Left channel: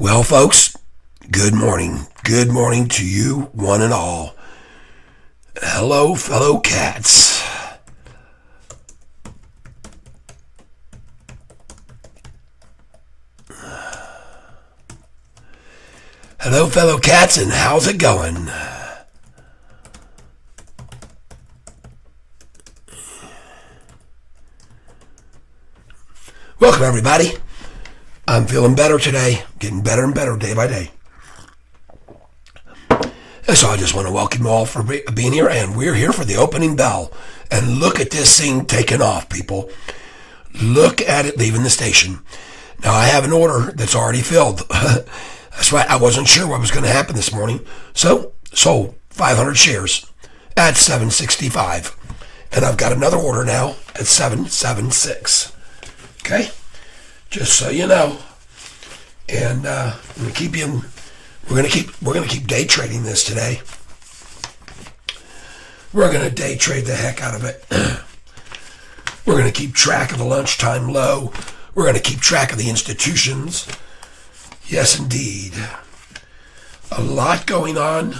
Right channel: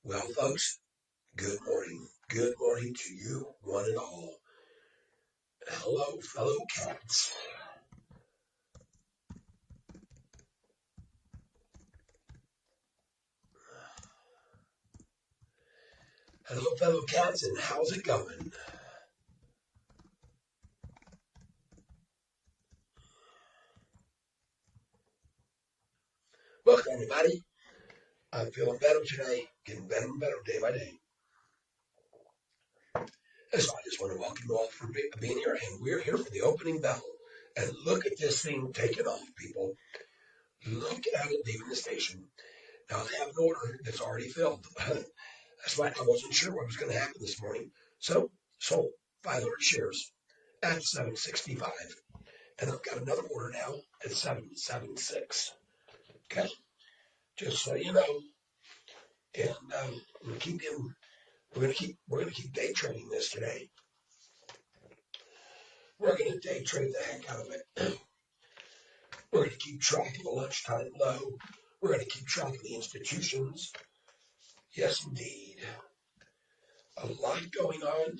Well, folks, good morning. Good morning to you, one and all. Hello, fellow cats. Hello, fellow cats, and how's it going? Welcome, everybody. I'm feeling better today, getting better and better day by day. And so I just want to welcome you all for being here, and we're here for the opening bell. And look at this thing taking off, people. Look at it leaving the station. Now, I have an order that's already filled. That's right, I wasn't sure what was going to happen this morning. So, sold 500 shares at 765. And I've got another order now at 776. Okay? Just so you know. And I'm going to keep you we're going to keep day trading this today. We're going to day trade the heck out of it. We're going to keep track of the lunchtime low. We're going to keep track of the institutions. Yes, indeed. A lot going on.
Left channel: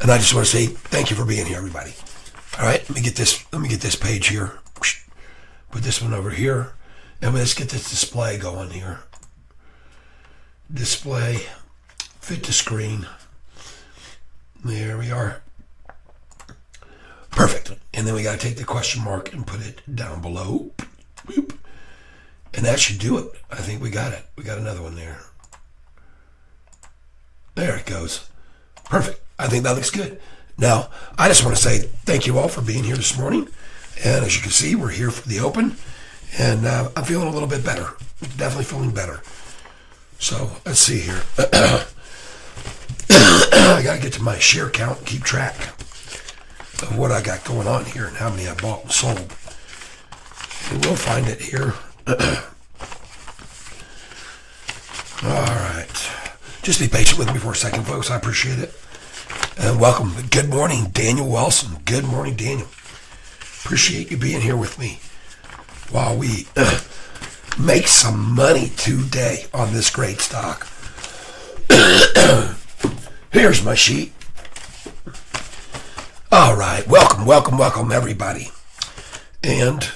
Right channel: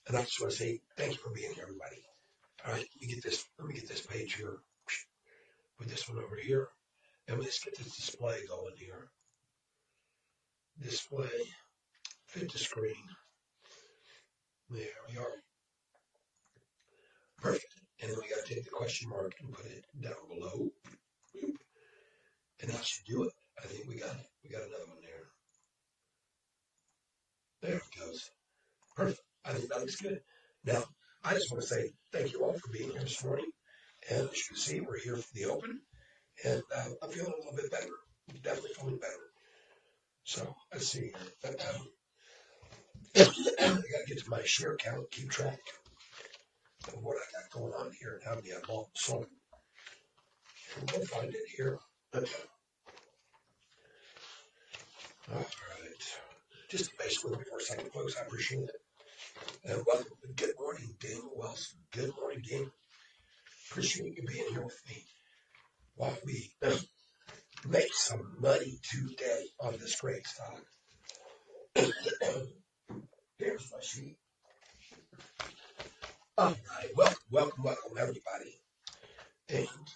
And I just want to say thank you for being here, everybody. All right, let me get this page here. Put this one over here. And let's get this display going here. Display. Fit to screen. There we are. Perfect. And then we got to take the question mark and put it down below. Boop. And that should do it. I think we got it. We got another one there. There it goes. Perfect. I think that looks good. Now, I just want to say thank you all for being here this morning. And as you can see, we're here for the open. And I'm feeling a little bit better. Definitely feeling better. So, let's see here. I got to get to my share count and keep track of what I got going on here and how many I bought and sold. And we'll find it here. All right. Just be patient with me for a second, folks. I appreciate it. And welcome. Good morning, Daniel Wilson. Good morning, Daniel. Appreciate you being here with me while we make some money today on this great stock. Here's my sheet. All right. Welcome, everybody. And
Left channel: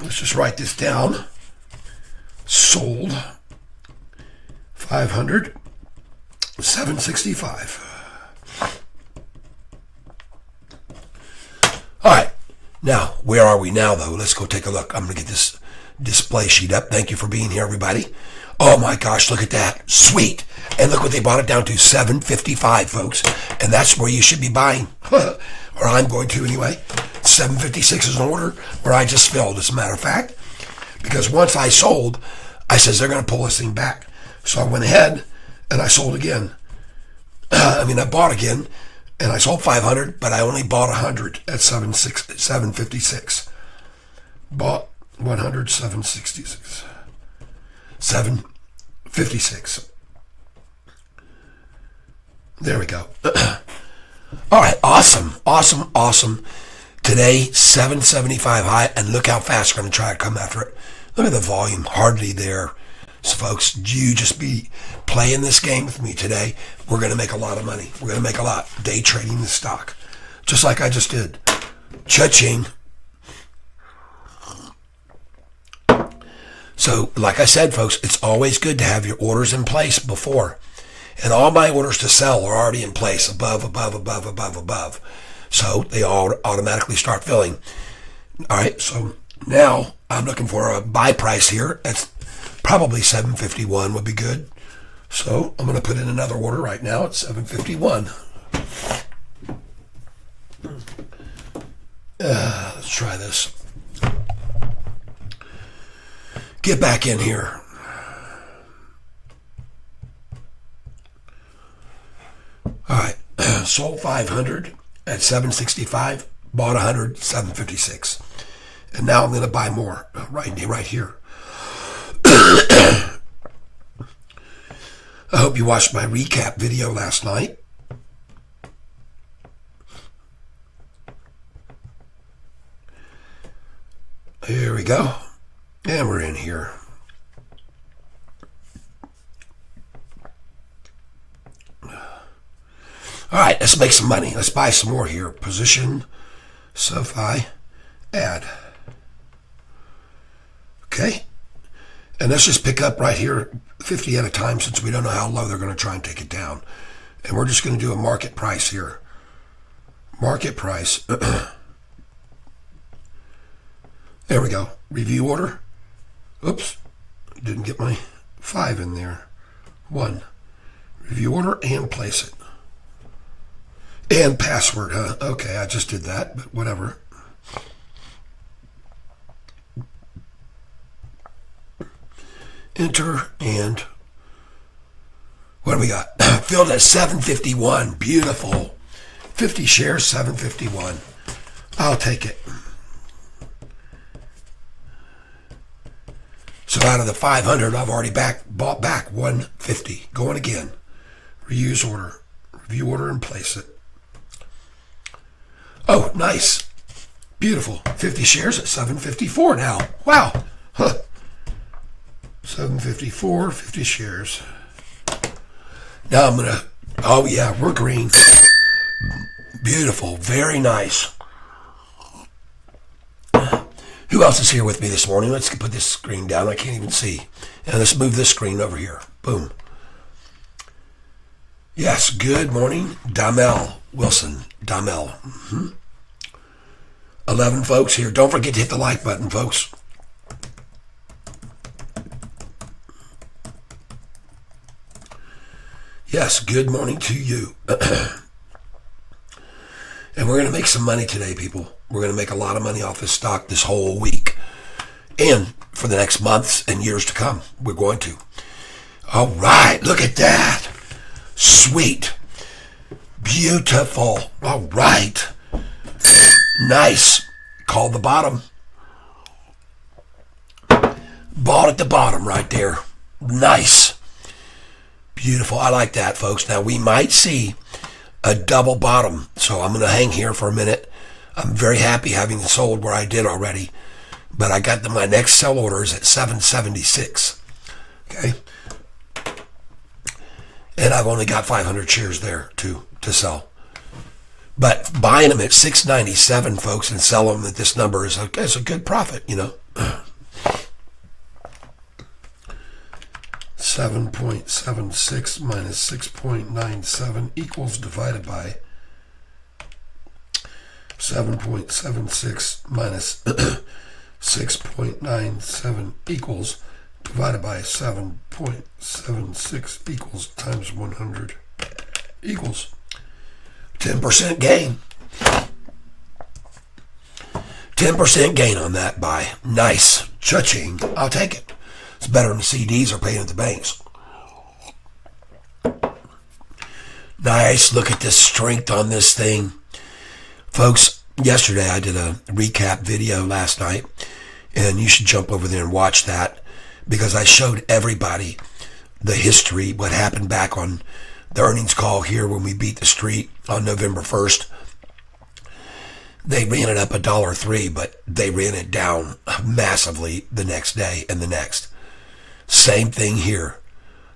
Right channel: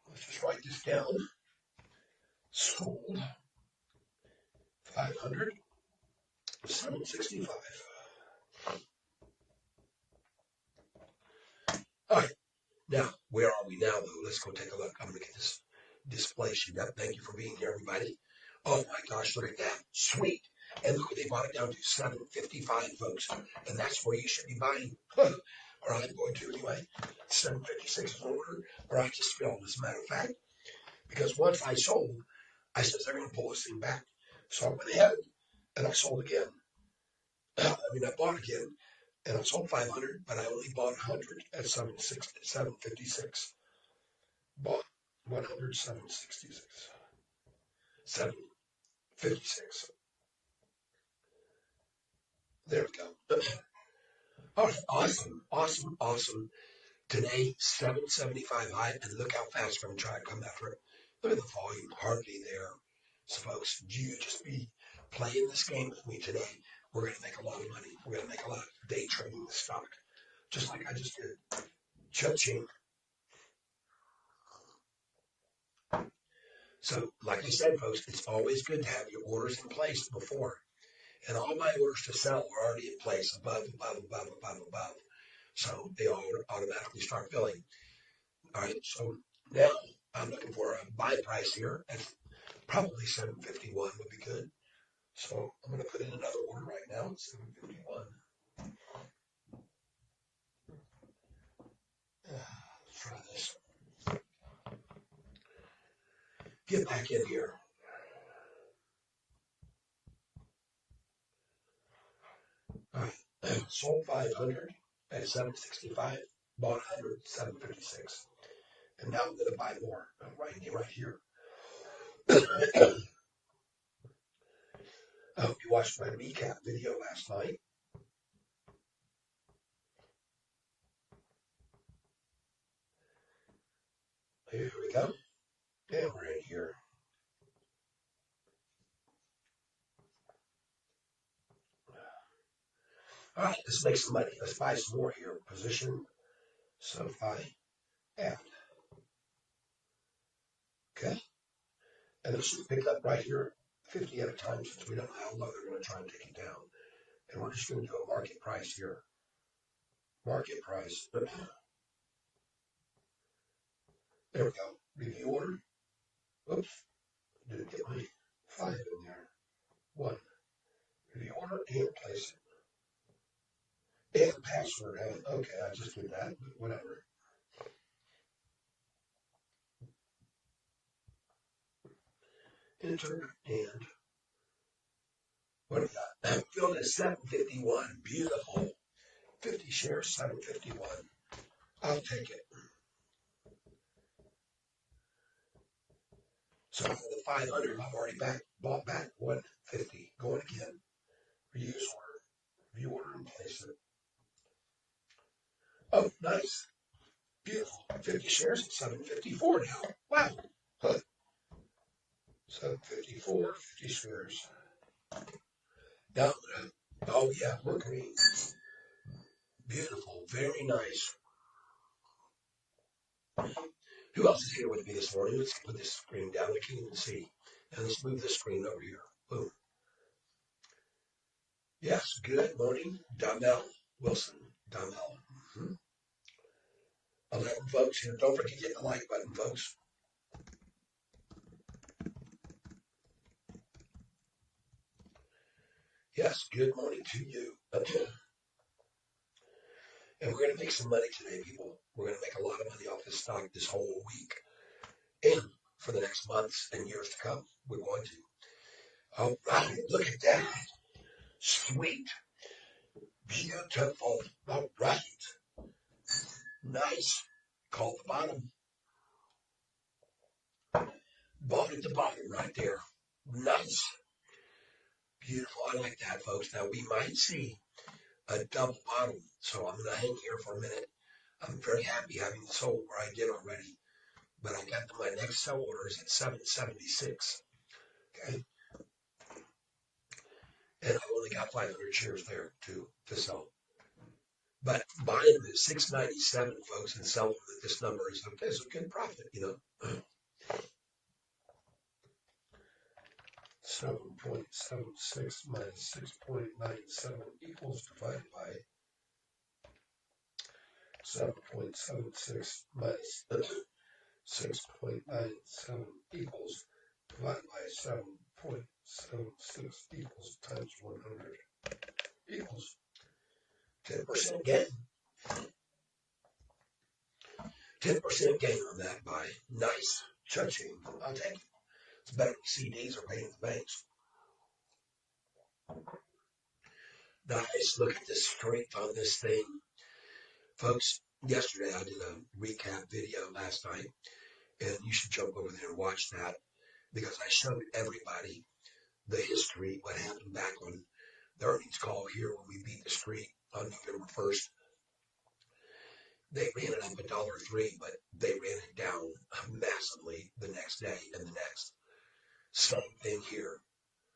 let's just write this down. Sold 500, 765. All right. Now, where are we now, though? Let's go take a look. I'm going to get this display sheet up. Thank you for being here, everybody. Oh, my gosh, look at that. Sweet. And look what they bought it down to, 755, folks. And that's where you should be buying. Or I'm going to anyway. 756 is an order where I just filled, as a matter of fact. Because once I sold, I says they're going to pull this thing back. So I went ahead and I sold again. I bought again. And I sold 500, but I only bought 100 at 756. Bought 100, 766. 756. There we go. All right, awesome. Today, 775 high, and look how fast we're going to try to come after it. Look at the volume, hardly there. So, folks, you just be playing this game with me today. We're going to make a lot of money. We're going to make a lot day trading the stock, just like I just did. Cha-ching. So, like I said, folks, it's always good to have your orders in place before. And all my orders to sell are already in place, above. So, they all automatically start filling. All right, so now I'm looking for a buy price here. That's probably 751 would be good. So I'm going to put in another order right now at 751. Let's try this. Get back in here. All right. Sold 500 at 765. Bought 100, 756. And now I'm going to buy more right here. I hope you watched my recap video last night. Here we go. And we're in here. All right, let's make some money. Let's buy some more here. Position, Sofi, add. Okay. And let's just pick up right here 50 at a time since we don't know how low they're going to try and take it down. And we're just going to do a market price here. Market price. There we go. Review order. Oops. Didn't get my 5 in there. 1. Review order and place it. And password, huh? Okay, I just did that, but whatever. Enter, and what do we got? Filled at 751. Beautiful. 50 shares, 751. I'll take it. So out of the 500, I've already bought back 150. Going again. Reuse order. Review order and place it. Oh, nice. Beautiful. 50 shares at 754 now. Wow. Huh. 754, 50 shares. Now I'm going to, oh yeah, we're green. Beautiful. Very nice. Who else is here with me this morning? Let's put this screen down. I can't even see. And let's move this screen over here. Boom. Yes, good morning. Damel Wilson. Damel. 11 folks here. Don't forget to hit the like button, folks. Yes, good morning to you. And we're going to make some money today, people. We're going to make a lot of money off this stock this whole week. And for the next months and years to come, we're going to. All right, look at that. Sweet. Beautiful. All right. Nice. Called the bottom. Bought at the bottom right there. Nice. Beautiful. I like that, folks. Now, we might see a double bottom, so I'm going to hang here for a minute. I'm very happy having sold where I did already, but I got my next sell orders at 776. Okay. And I've only got 500 shares there to sell. But buying them at 697, folks, and sell them at this number is a good profit, you know. 7.76 minus 6.97 equals divided by 7.76 minus 6.97 equals divided by 7.76 equals times 100 equals 10% gain. 10% gain on that buy. Nice. Cha-ching. I'll take it. It's better than the CDs are paying at the banks. Nice. Look at this strength on this thing. Folks, yesterday I did a recap video last night, and you should jump over there and watch that because I showed everybody the history, what happened back on the earnings call here when we beat the street on November 1st. They ran it up $1.03, but they ran it down massively the next day and the next. Same thing here.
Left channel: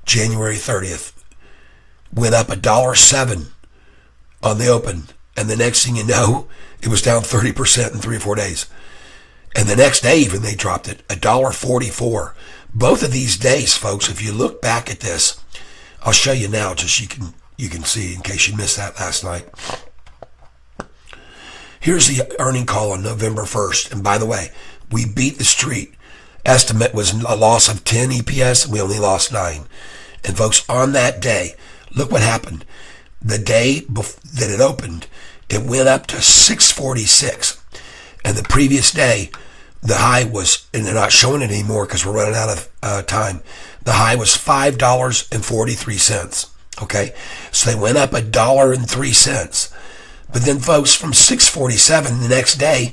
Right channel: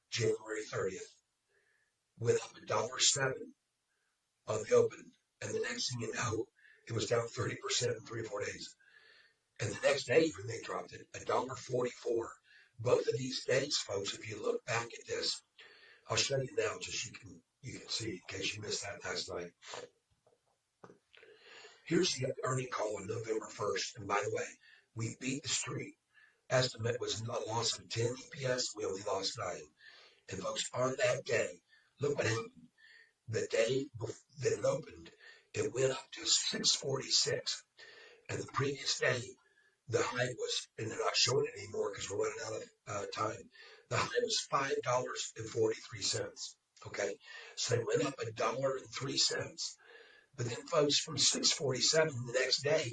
January 30th. Went up $1.07 on the open. And the next thing you know, it was down 30% in 3 or 4 days. And the next day even they dropped it, $1.44. Both of these days, folks, if you look back at this, I'll show you now just you can see in case you missed that last night. Here's the earning call on November 1st. And by the way, we beat the street. Estimate was a loss of 10 EPS, and we only lost 9. And folks, on that day, look what happened. The day that it opened, it went up to 646. And the previous day, the high was, and they're not showing it anymore because we're running out of time. The high was $5.43. Okay, so they went up $1.03. But then, folks, from 647 the next day,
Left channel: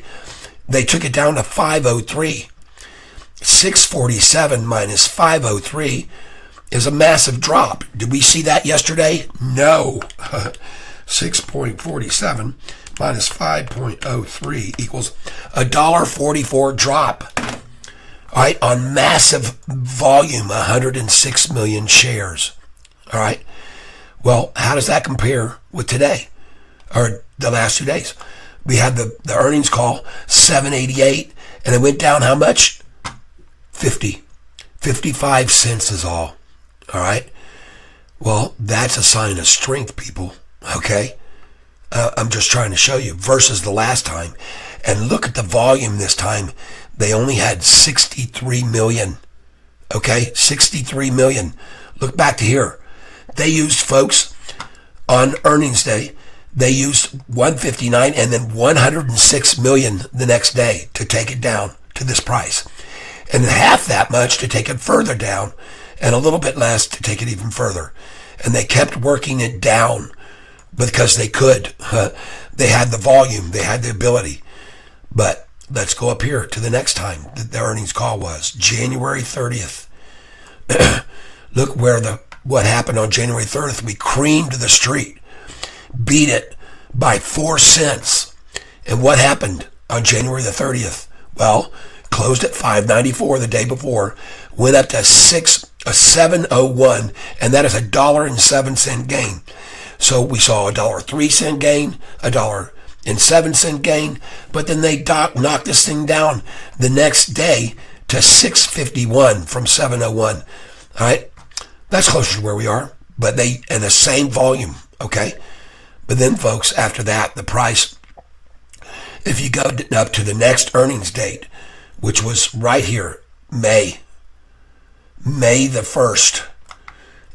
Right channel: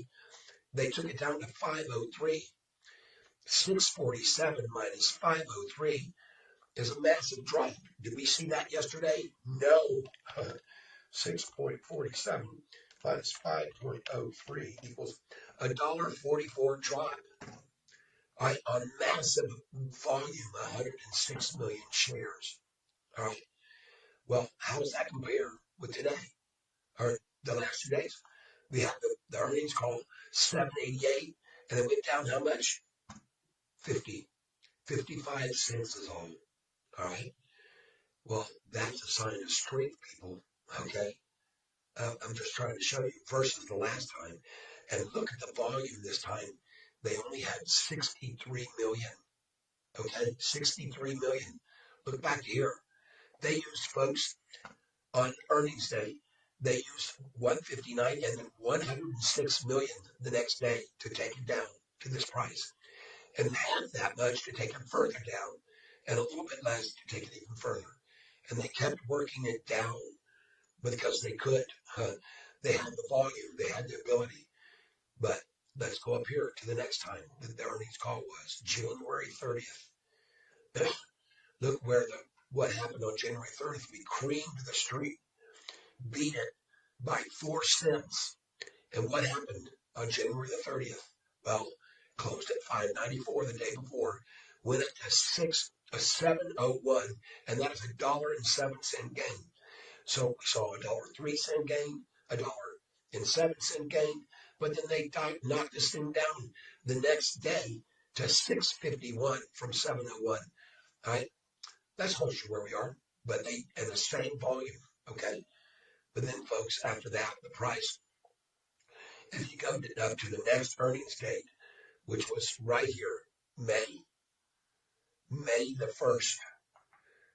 they took it down to 503. 647 minus 503 is a massive drop. Did we see that yesterday? No. 6.47 minus 5.03 equals $1.44 drop. All right, on massive volume, 106 million shares. All right. Well, how does that compare with today or the last 2 days? We had the earnings call, 788, and it went down how much? 55 cents is all. All right. Well, that's a sign of strength, people. Okay. I'm just trying to show you versus the last time. And look at the volume this time. They only had 63 million. Okay. 63 million. Look back to here. They used, folks, on earnings day, they used 159 and then 106 million the next day to take it down to this price. And half that much to take it further down, and a little bit less to take it even further. And they kept working it down because they could. They had the volume, they had the ability. But let's go up here to the next time the earnings call was January 30th. Look what happened on January 30th. We creamed the street, beat it by 4 cents. And what happened on January the 30th? Well, closed at 594 the day before, went up to 701, and that is $1.07 gain. So we saw $1.03 gain, $1.07 gain, but then they knocked this thing down the next day to 651 from 701. All right, that's closer to where we are, but they in the same volume. Okay, but then, folks, after that, the price, if you go up to the next earnings date, which was right here, May the 1st.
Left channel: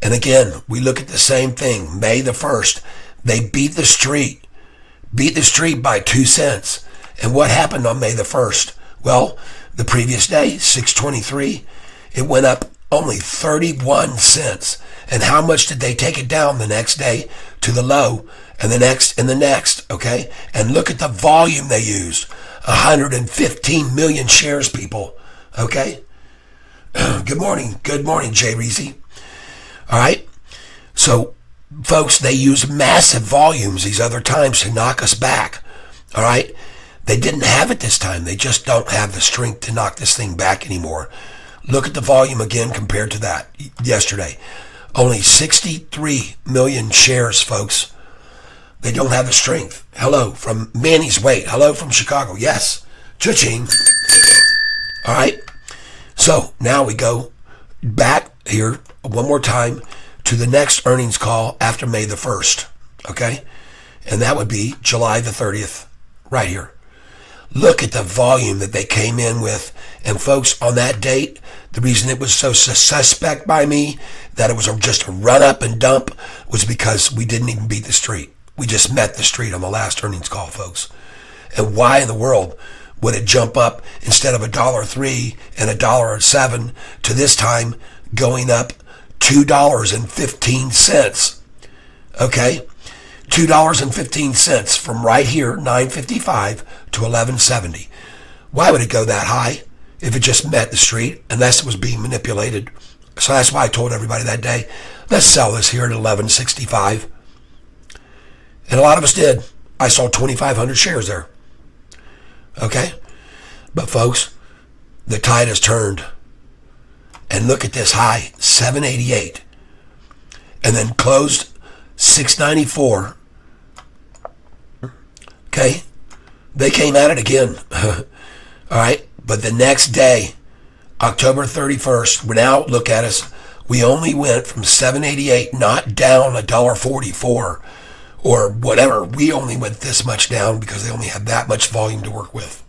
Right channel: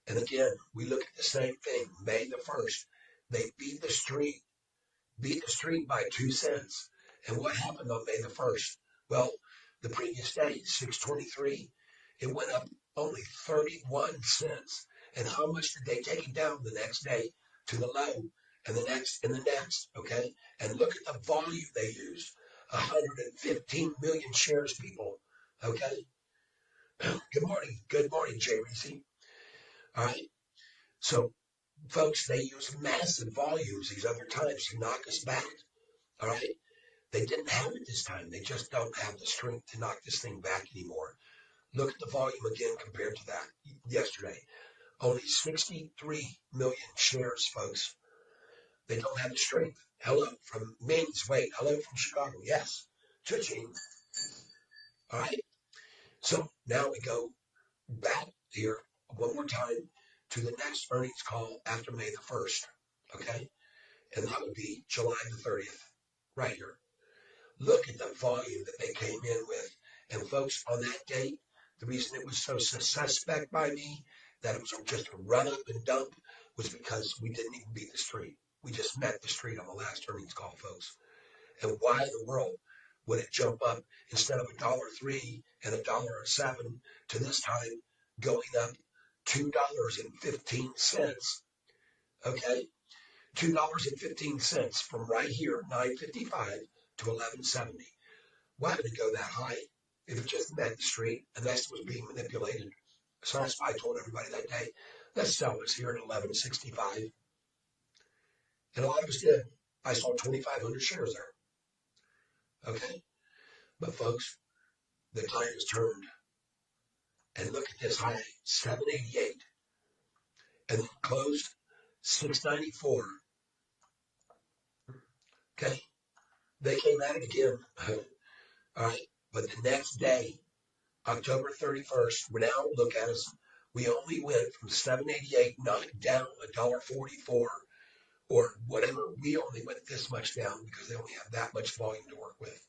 And again, we look at the same thing, May the 1st. They beat the street by 2 cents. And what happened on May the 1st? Well, the previous day, 623, it went up only 31 cents. And how much did they take it down the next day to the low and the next and the next, okay? And look at the volume they used. 115 million shares, people. Okay? Good morning, Jay Reezy. All right? So, folks, they use massive volumes these other times to knock us back. All right? They didn't have it this time. They just don't have the strength to knock this thing back anymore. Look at the volume again compared to that yesterday. Only 63 million shares, folks. They don't have the strength. Hello from Manny's Weight. Hello from Chicago. Yes. Cha-ching. All right. So now we go back here one more time to the next earnings call after May the 1st. Okay. And that would be July the 30th right here. Look at the volume that they came in with. And folks, on that date, the reason it was so suspect by me that it was just a run up and dump was because we didn't even beat the street. We just met the street on the last earnings call, folks. And why in the world would it jump up instead of $1.03 and $1.07 to this time going up $2.15? Okay? $2.15 from right here, 955 to 1170. Why would it go that high if it just met the street unless it was being manipulated? So that's why I told everybody that day, let's sell this here at 1165. And a lot of us did. I sold 2,500 shares there. Okay? But folks, the tide has turned. And look at this high, 788. And then closed 694. Okay? They came at it again. All right? But the next day, October 31st, now look at us. We only went from 788, not down $1.44 or whatever. We only went this much down because they only had that much volume to work with.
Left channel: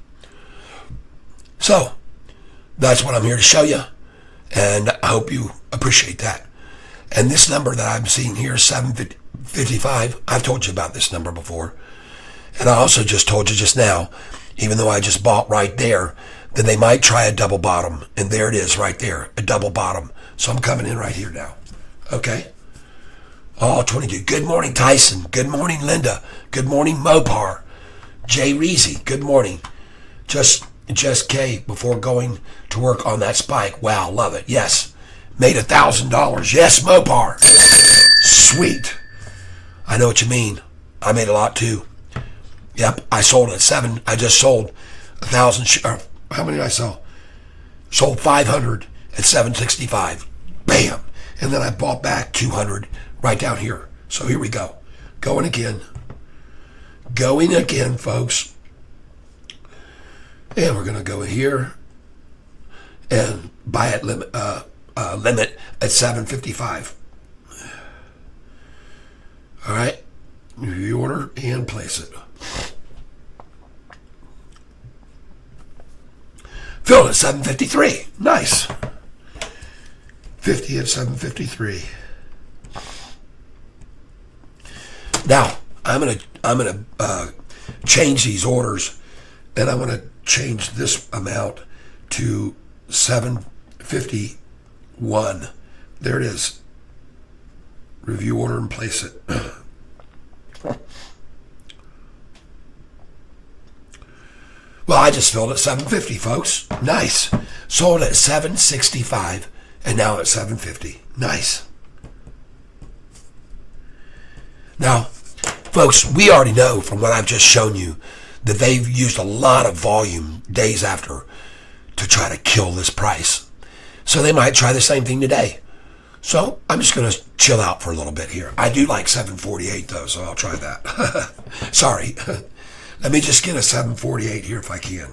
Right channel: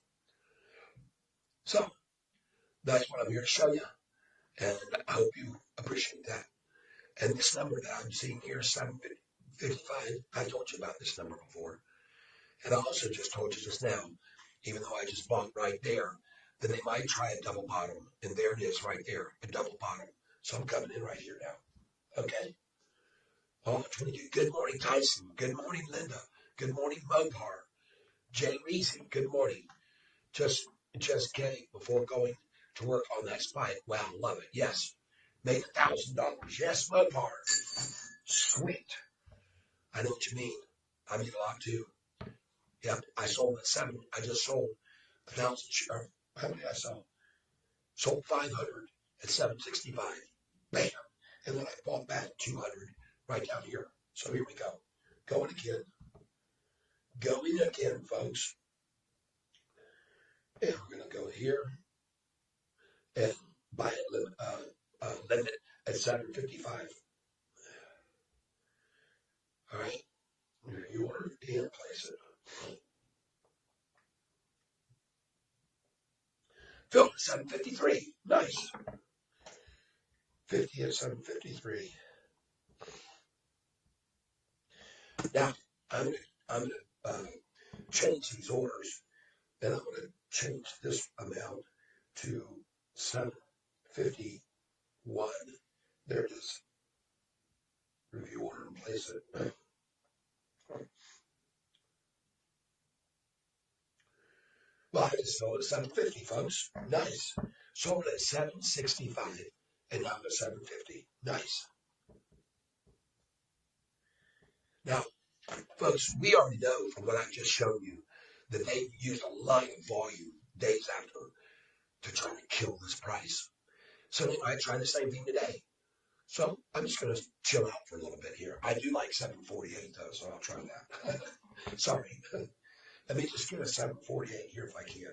So that's what I'm here to show you. And I hope you appreciate that. And this number that I'm seeing here, 755, I've told you about this number before. And I also just told you just now, even though I just bought right there, that they might try a double bottom. And there it is right there, a double bottom. So I'm coming in right here now. Okay? Oh, 22. Good morning, Tyson. Good morning, Linda. Good morning, Mopar. Jay Reezy. Good morning. Just K before going to work on that spike. Wow, love it. Yes. Made $1,000. Yes, Mopar. Sweet. I know what you mean. I made a lot too. Yep, I sold at 7. I just sold 1,000. How many did I sell? Sold 500 at 765. Bam. And then I bought back 200 right down here. So here we go. Going again. Going again, folks. And we're going to go here and buy at limit at 755. All right. You order and place it. Fill at 753. Nice. 50 at 753. Now I'm gonna change these orders, and I'm gonna change this amount to 751. There it is. Review order and place it. Well, I just filled at 750, folks. Nice. Sold at 765, and now at 750. Nice. Now, folks, we already know from what I've just shown you that they've used a lot of volume days after to try to kill this price. So they might try the same thing today. So I'm just going to chill out for a little bit here. I do like 748 though, so I'll try that. Sorry. Let me just get a 748 here if I can.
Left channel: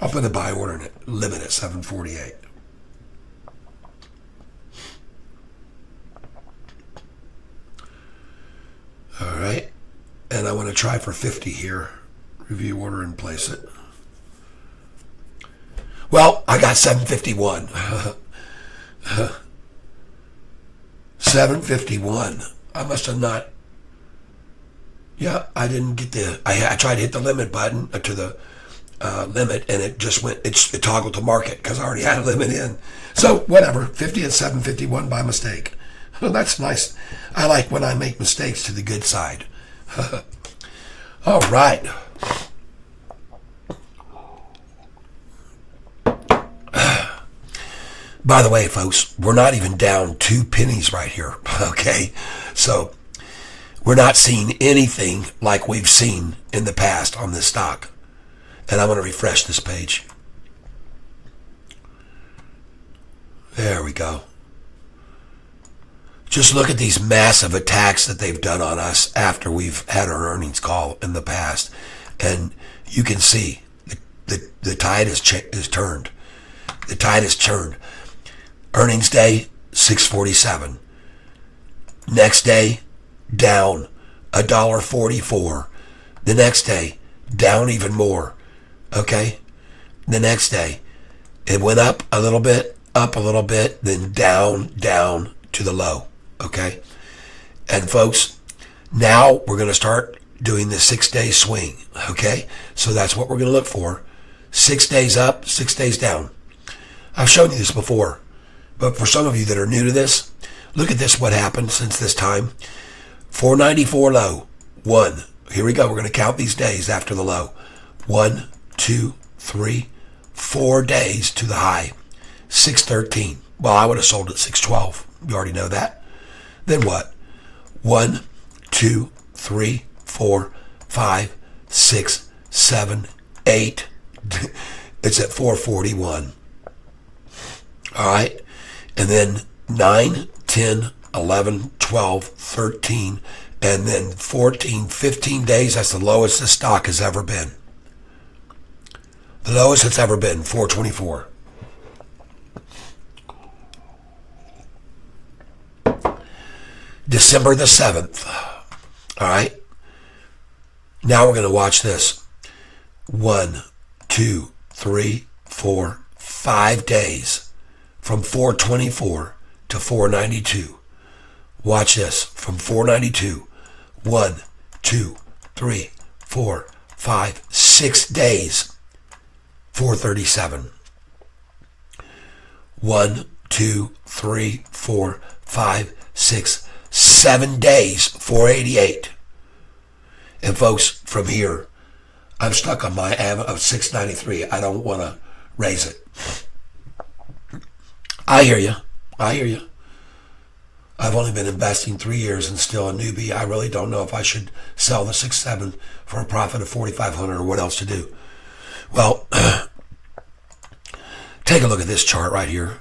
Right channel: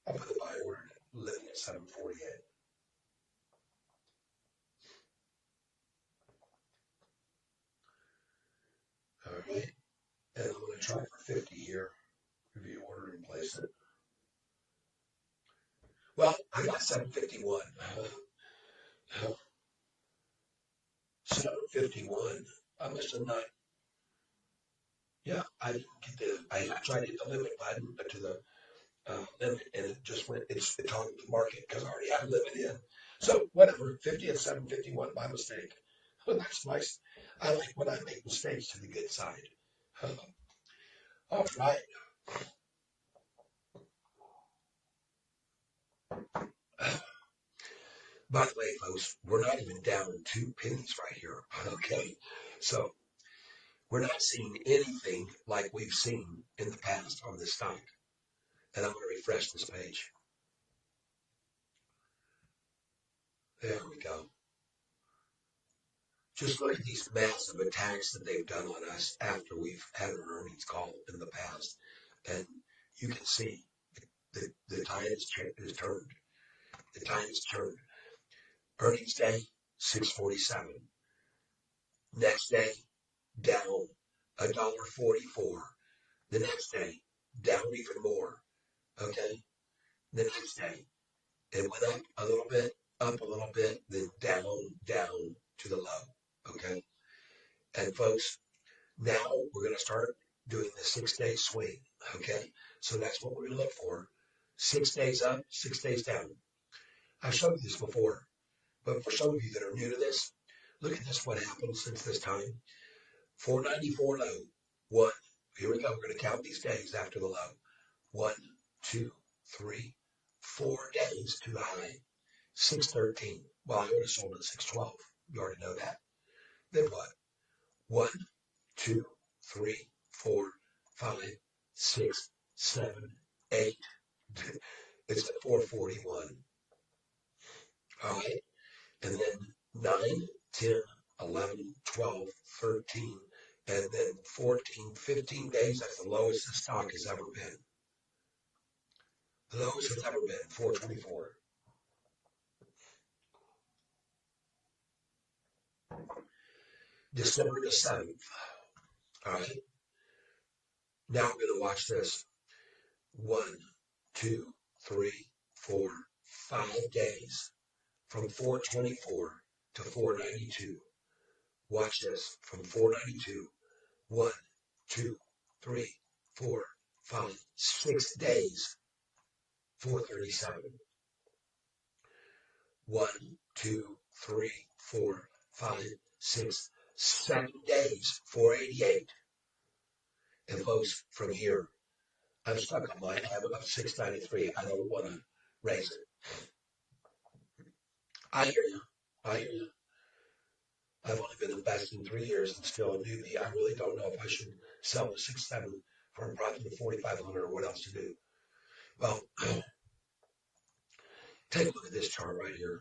I'll put the buy order and limit at 748. All right. And I want to try for 50 here. Review order and place it. Well, I got 751. 751. I must have not. Yeah, I didn't get I tried to hit the limit button to the limit, and it just went. It toggled to market because I already had a limit in. So whatever. 50 at 751 by mistake. Well, that's nice. I like when I make mistakes to the good side. All right. By the way, folks, we're not even down 2 pennies right here, okay? So we're not seeing anything like we've seen in the past on this stock. And I'm going to refresh this page. There we go. Just look at these massive attacks that they've done on us after we've had our earnings call in the past. And you can see the tide has turned. The tide has turned. Earnings day, 647. Next day, down $1.44. The next day, down even more. Okay? The next day, it went up a little bit, then down to the low. Okay? And folks, now we're going to start doing the 6-day swing. Okay? So that's what we're going to look for. 6 days up, 6 days down. I've shown you this before. But for some of you that are new to this, look at this, what happened since this time. 494 low, 1. Here we go. We're going to count these days after the low. 1, 2, 3, 4 days to the high. 613. Well, I would have sold at 612. You already know that. Then what? 1, 2, 3, 4, 5, 6, 7, 8. It's at 441. All right. And then 9, 10, 11, 12, 13, and then 14, 15 days. That's the lowest the stock has ever been. The lowest it's ever been, 424. December the 7th. All right. Now we're going to watch this. 1, 2, 3, 4, 5 days. From 424 to 492. Watch this. From 492. 1, 2, 3, 4, 5, 6 days. 437. 1, 2, 3, 4, 5, 6, 7 days. 488. And folks, from here, I'm stuck on my av of 693. I don't want to raise it. I hear you. I've only been investing 3 years and still a newbie. I really don't know if I should sell the 6.7 for a profit of 4,500 or what else to do. Well, take a look at this chart right here.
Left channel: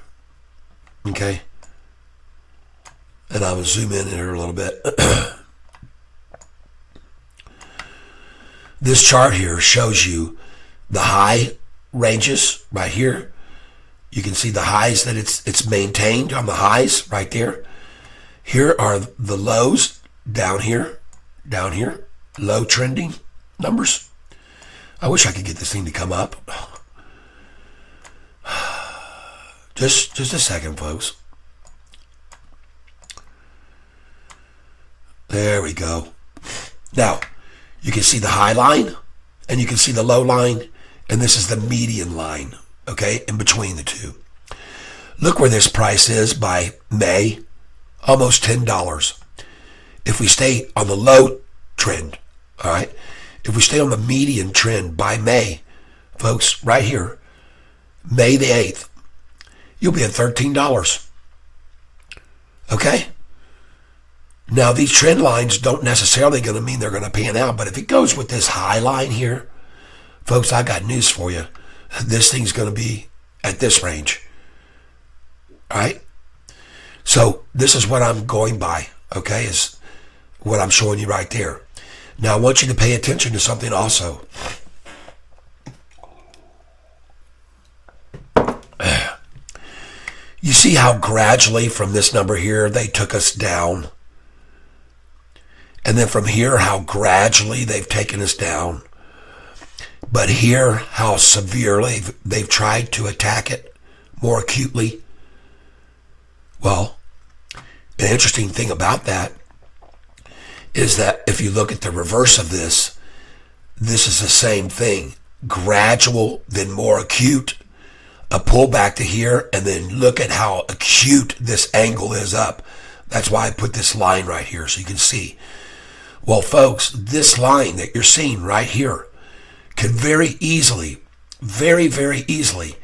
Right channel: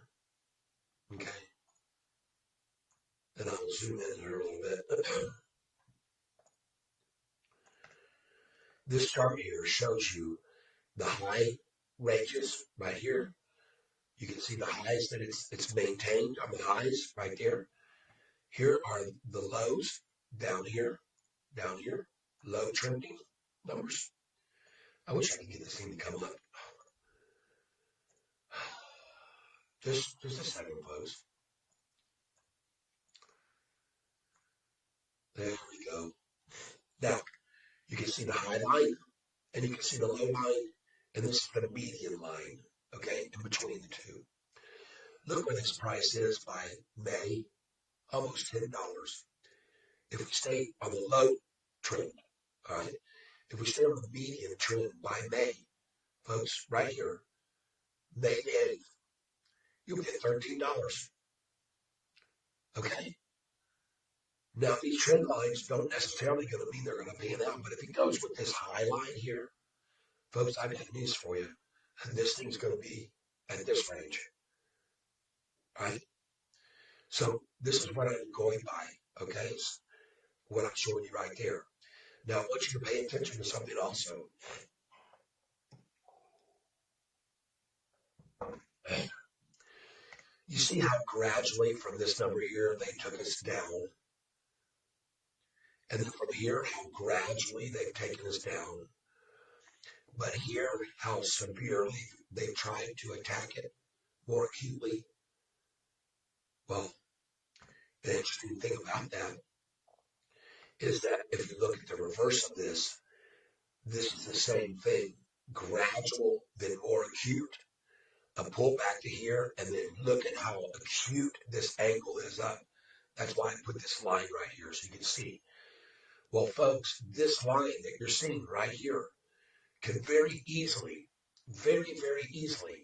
Okay. And I will zoom in here a little bit. This chart here shows you the high ranges right here. You can see the highs that it's maintained on the highs right there. Here are the lows down here, low trending numbers. I wish I could get this thing to come up. Just a second, folks. There we go. Now, you can see the high line and you can see the low line, and this is the median line, okay, in between the two. Look where this price is by May, almost $10. If we stay on the low trend, all right, if we stay on the median trend by May, folks, right here, May the 8th, you'll be at $13, okay? Now, these trend lines don't necessarily going to mean they're going to pan out, but if it goes with this high line here, folks, I got news for you. This thing's going to be at this range, all right? So this is what I'm going by, okay, is what I'm showing you right there. Now, I want you to pay attention to something also. You see how gradually from this number here, they took us down? And then from here, how gradually they've taken us down. But here, how severely they've tried to attack it more acutely. Well, the interesting thing about that is that if you look at the reverse of this, this is the same thing. Gradual, then more acute, a pullback to here, and then look at how acute this angle is up. That's why I put this line right here so you can see. Well, folks, this line that you're seeing right here can very easily, very, very easily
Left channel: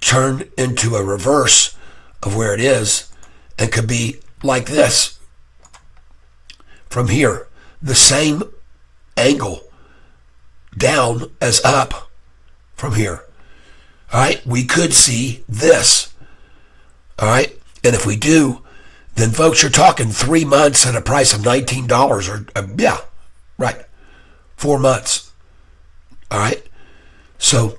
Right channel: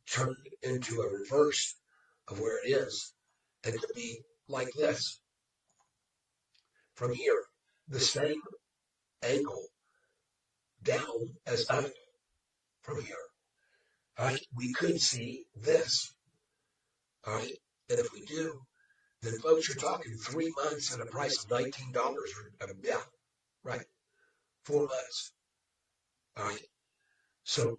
turn into a reverse of where it is and could be like this from here. The same angle down as up from here. All right, we could see this. All right, and if we do, then folks, you're talking 3 months at a price of $19 or, yeah, right, 4 months. All right, so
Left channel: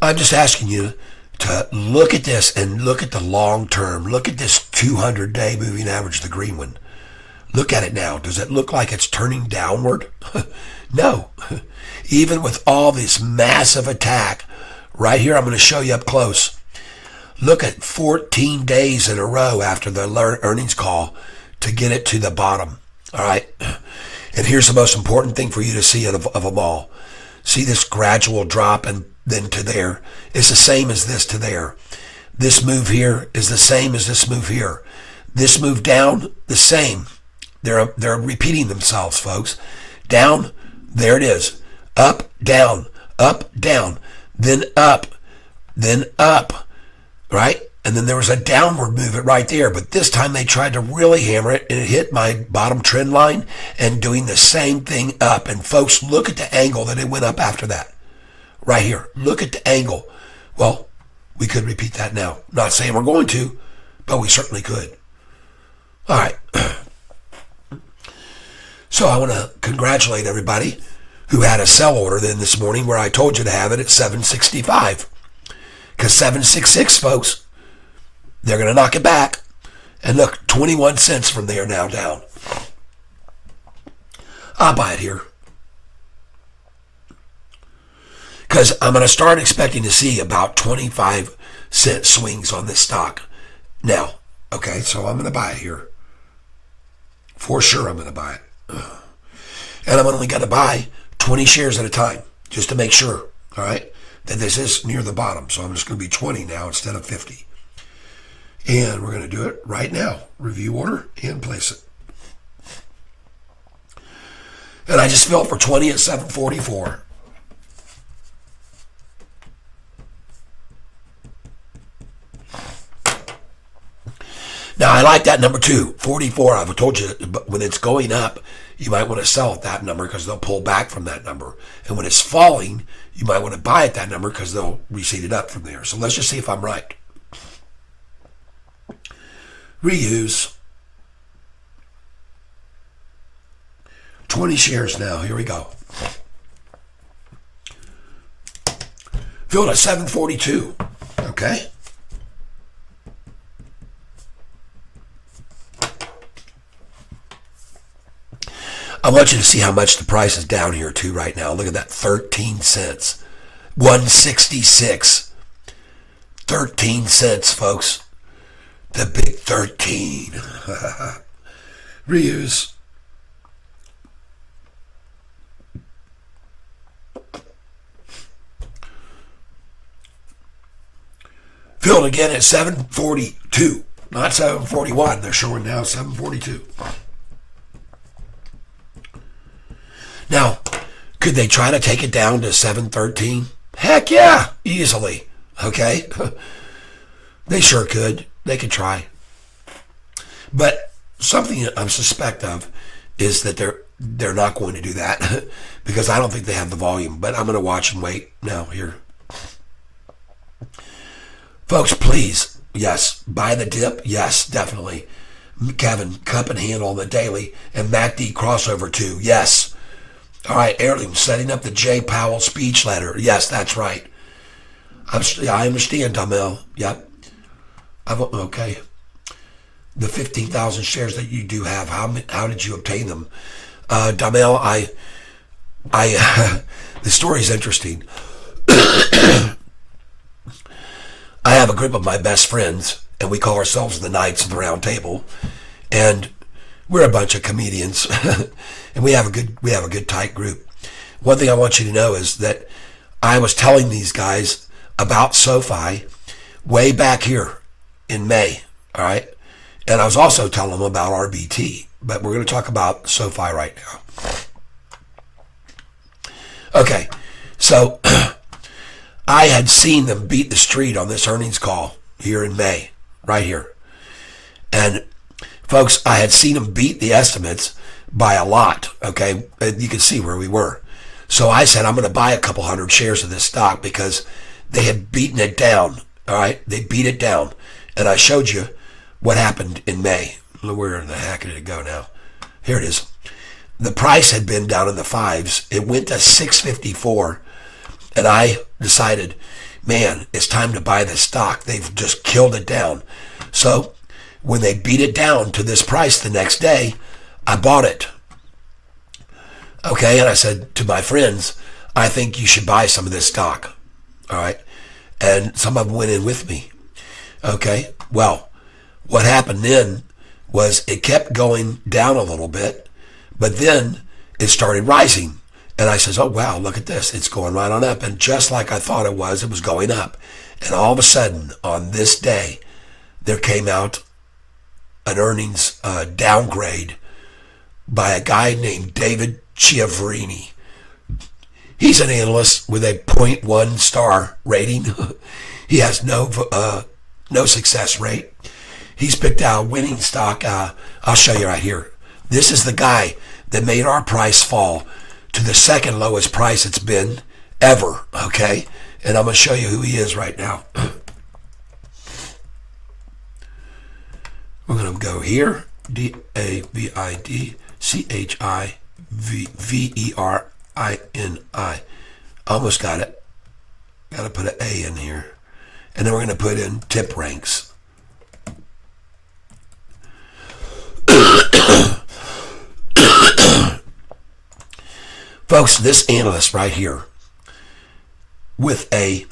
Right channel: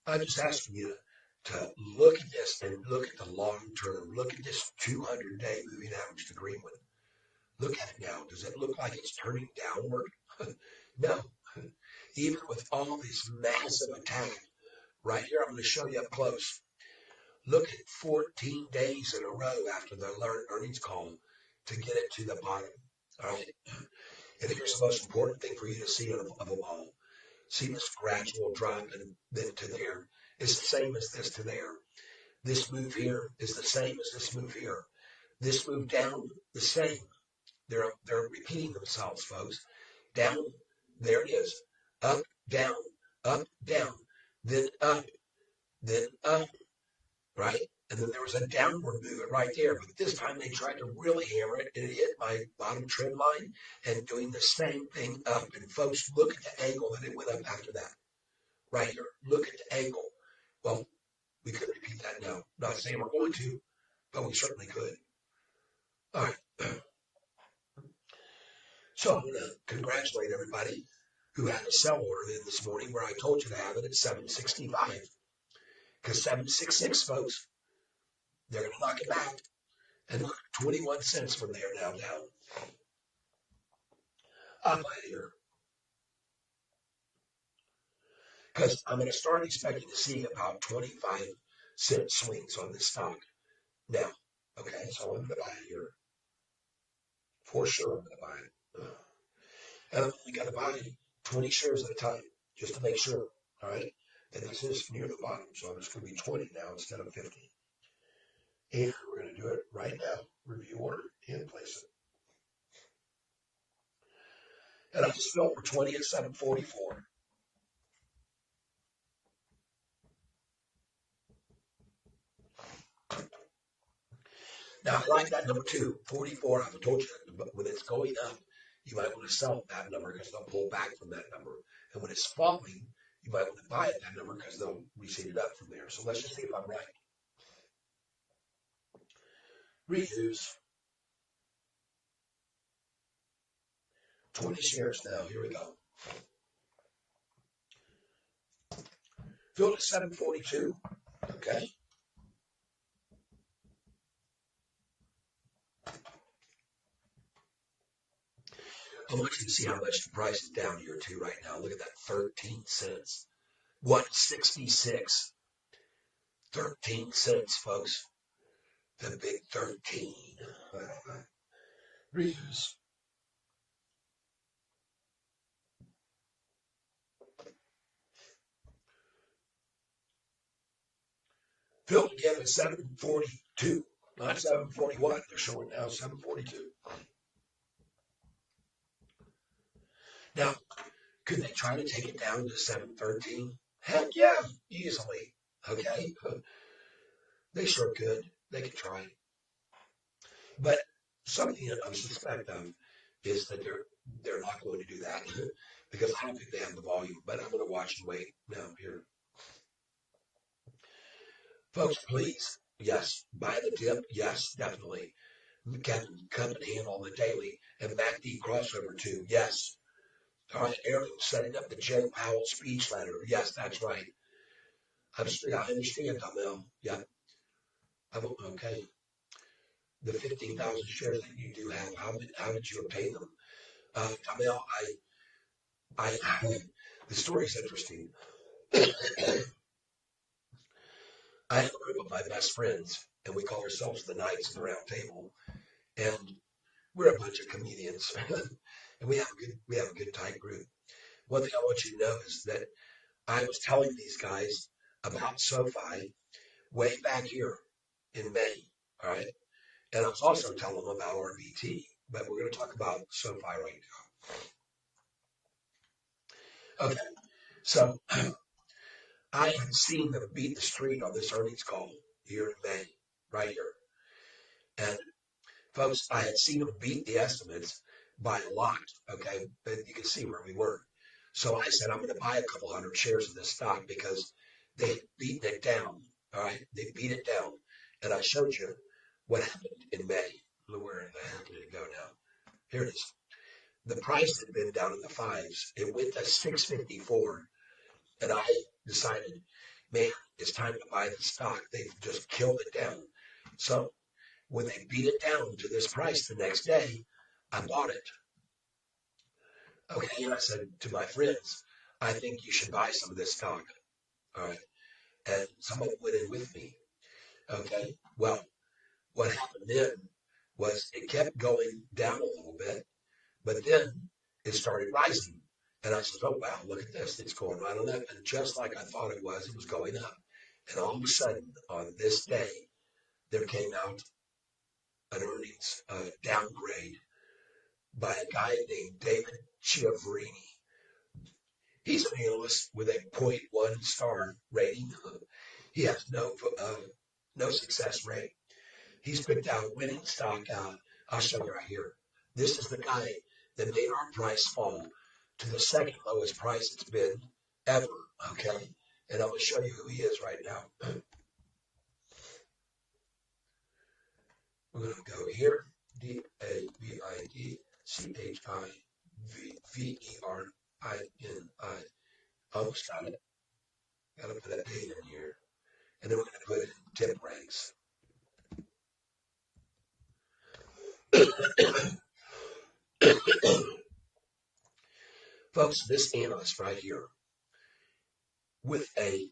I'm just asking you to look at this and look at the long term. Look at this 200-day moving average, the green one. Look at it now. Does it look like it's turning downward? No. Even with all this massive attack, right here, I'm going to show you up close. Look at 14 days in a row after the earnings call to get it to the bottom. All right. And here's the most important thing for you to see of them all. See this gradual drop and then to there. It's the same as this to there. This move here is the same as this move here. This move down, the same. They're repeating themselves, folks. Down, there it is. Up, down, then up, right? And then there was a downward movement right there. But this time they tried to really hammer it, and it hit my bottom trend line and doing the same thing up. And folks, look at the angle that it went up after that. Right here. Look at the angle. Well, we could repeat that now. Not saying we're going to, but we certainly could. All right. So I want to congratulate everybody who had a sell order then this morning where I told you to have it at 765. Because 766, folks, they're going to knock it back. And look, 21 cents from there now down. I'll buy it here. Because I'm going to start expecting to see about 25-cent swings on this stock now. Okay, so I'm going to buy it here. For sure I'm going to buy it. And I'm only going to buy 20 shares at a time, just to make sure, all right, that this is near the bottom. So I'm just going to be 20 now instead of 50. And we're going to do it right now. Review order and place it. And I just filled for 20 at 744. Now, I like that number too, 44. I've told you that when it's going up, you might want to sell at that number because they'll pull back from that number. And when it's falling, you might want to buy at that number because they'll reseed it up from there. So let's just see if I'm right. Reuse. 20 shares now. Here we go. Filled at 742. Okay. I want you to see how much the price is down here too right now. Look at that, 13 cents. 166. 13 cents, folks. The big 13. Reuse. Filled again at 742. Not 741. They're showing now 742. Now, could they try to take it down to 713? Heck yeah, easily. Okay? They sure could. They could try. But something I'm suspect of is that they're not going to do that because I don't think they have the volume. But I'm going to watch and wait now here. Folks, please, yes, buy the dip. Yes, definitely. Kevin, cup and handle on the daily. And MACD crossover too. Yes. All right, Heirloom, setting up the J. Powell speech letter. Yes, that's right. I understand, Damel. Yep. Okay. The 15,000 shares that you do have, how did you obtain them? Damel, the story's interesting. I have a group of my best friends, and we call ourselves the Knights of the Round Table, and we're a bunch of comedians, and we have a good tight group. One thing I want you to know is that I was telling these guys about Sofi way back here in May, all right? And I was also telling them about RBT, but we're going to talk about Sofi right now. Okay, so I had seen them beat the street on this earnings call here in May, right here. And folks, I had seen them beat the estimates by a lot, okay? And you can see where we were. So I said, I'm going to buy a couple hundred shares of this stock because they had beaten it down, all right? They beat it down. And I showed you what happened in May. Where in the heck did it go now? Here it is. The price had been down in the fives. It went to 654. And I decided, man, it's time to buy this stock. They've just killed it down. So when they beat it down to this price the next day, I bought it. Okay, and I said to my friends, I think you should buy some of this stock. All right. And some of them went in with me. Okay, well, what happened then was it kept going down a little bit, but then it started rising. And I says, oh, wow, look at this. It's going right on up. And just like I thought it was going up. And all of a sudden, on this day, there came out an earnings downgrade by a guy named David Chiavarini. He's an analyst with a 0.1 star rating. He has no success rate. He's picked out a winning stock. I'll show you right here. This is the guy that made our price fall to the second lowest price it's been ever, okay? And I'm going to show you who he is right now. We're going to go here, DAVIDCHIVERINI. Almost got it. Got to put an A in here. And then we're going to put in tip ranks. Folks, this analyst right here with a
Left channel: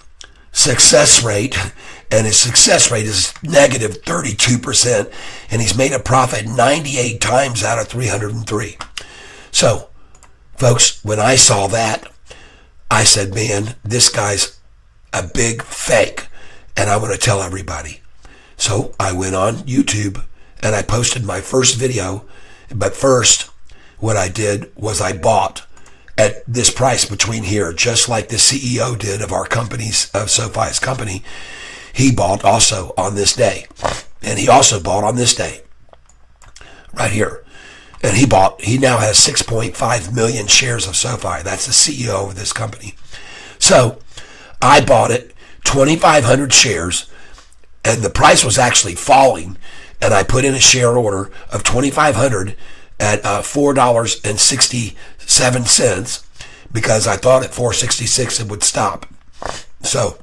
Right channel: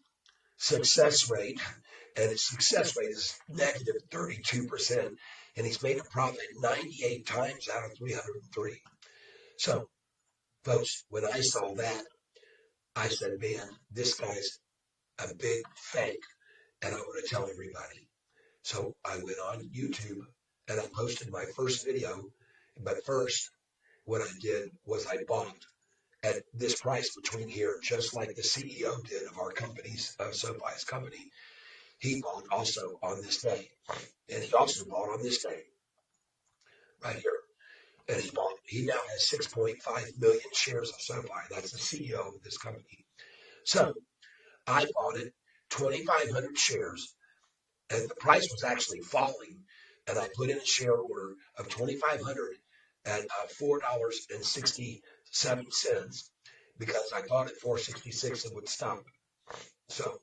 success rate, and his success rate is negative 32%, and he's made a profit 98 times out of 303. So, folks, when I saw that, I said, man, this guy's a big fake, and I want to tell everybody. So I went on YouTube, and I posted my first video, but first, what I did was I bought at this price between here, just like the CEO did of our company's, of Sofi's company. He bought also on this day. And he also bought on this day, right here. And he now has 6.5 million shares of Sofi. That's the CEO of this company. So I bought it, 2,500 shares, and the price was actually falling. And I put in a share order of 2,500, at $4.67 because I thought at 466 it would stop. So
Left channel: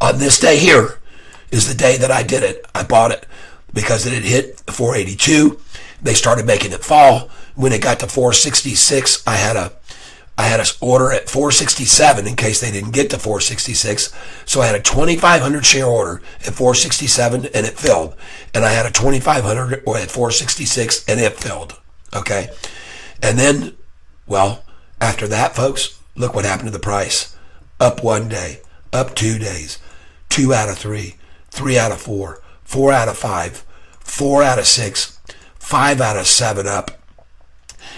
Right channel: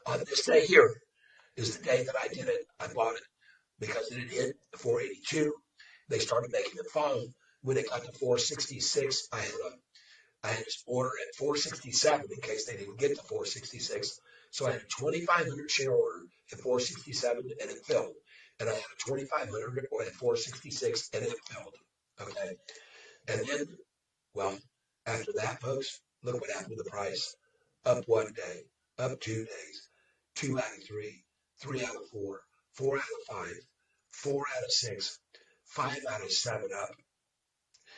on this day here is the day that I did it. I bought it because it had hit 482. They started making it fall. When it got to 466, I had a order at 467 in case they didn't get to 466. So I had a 2,500 share order at 467 and it filled. And I had a 2,500 at 466 and it filled. Okay. And then, well, after that, folks, look what happened to the price. Up one day, up 2 days, 2 out of 3, 3 out of 4, 4 out of 5, 4 out of 6, 5 out of 7 up,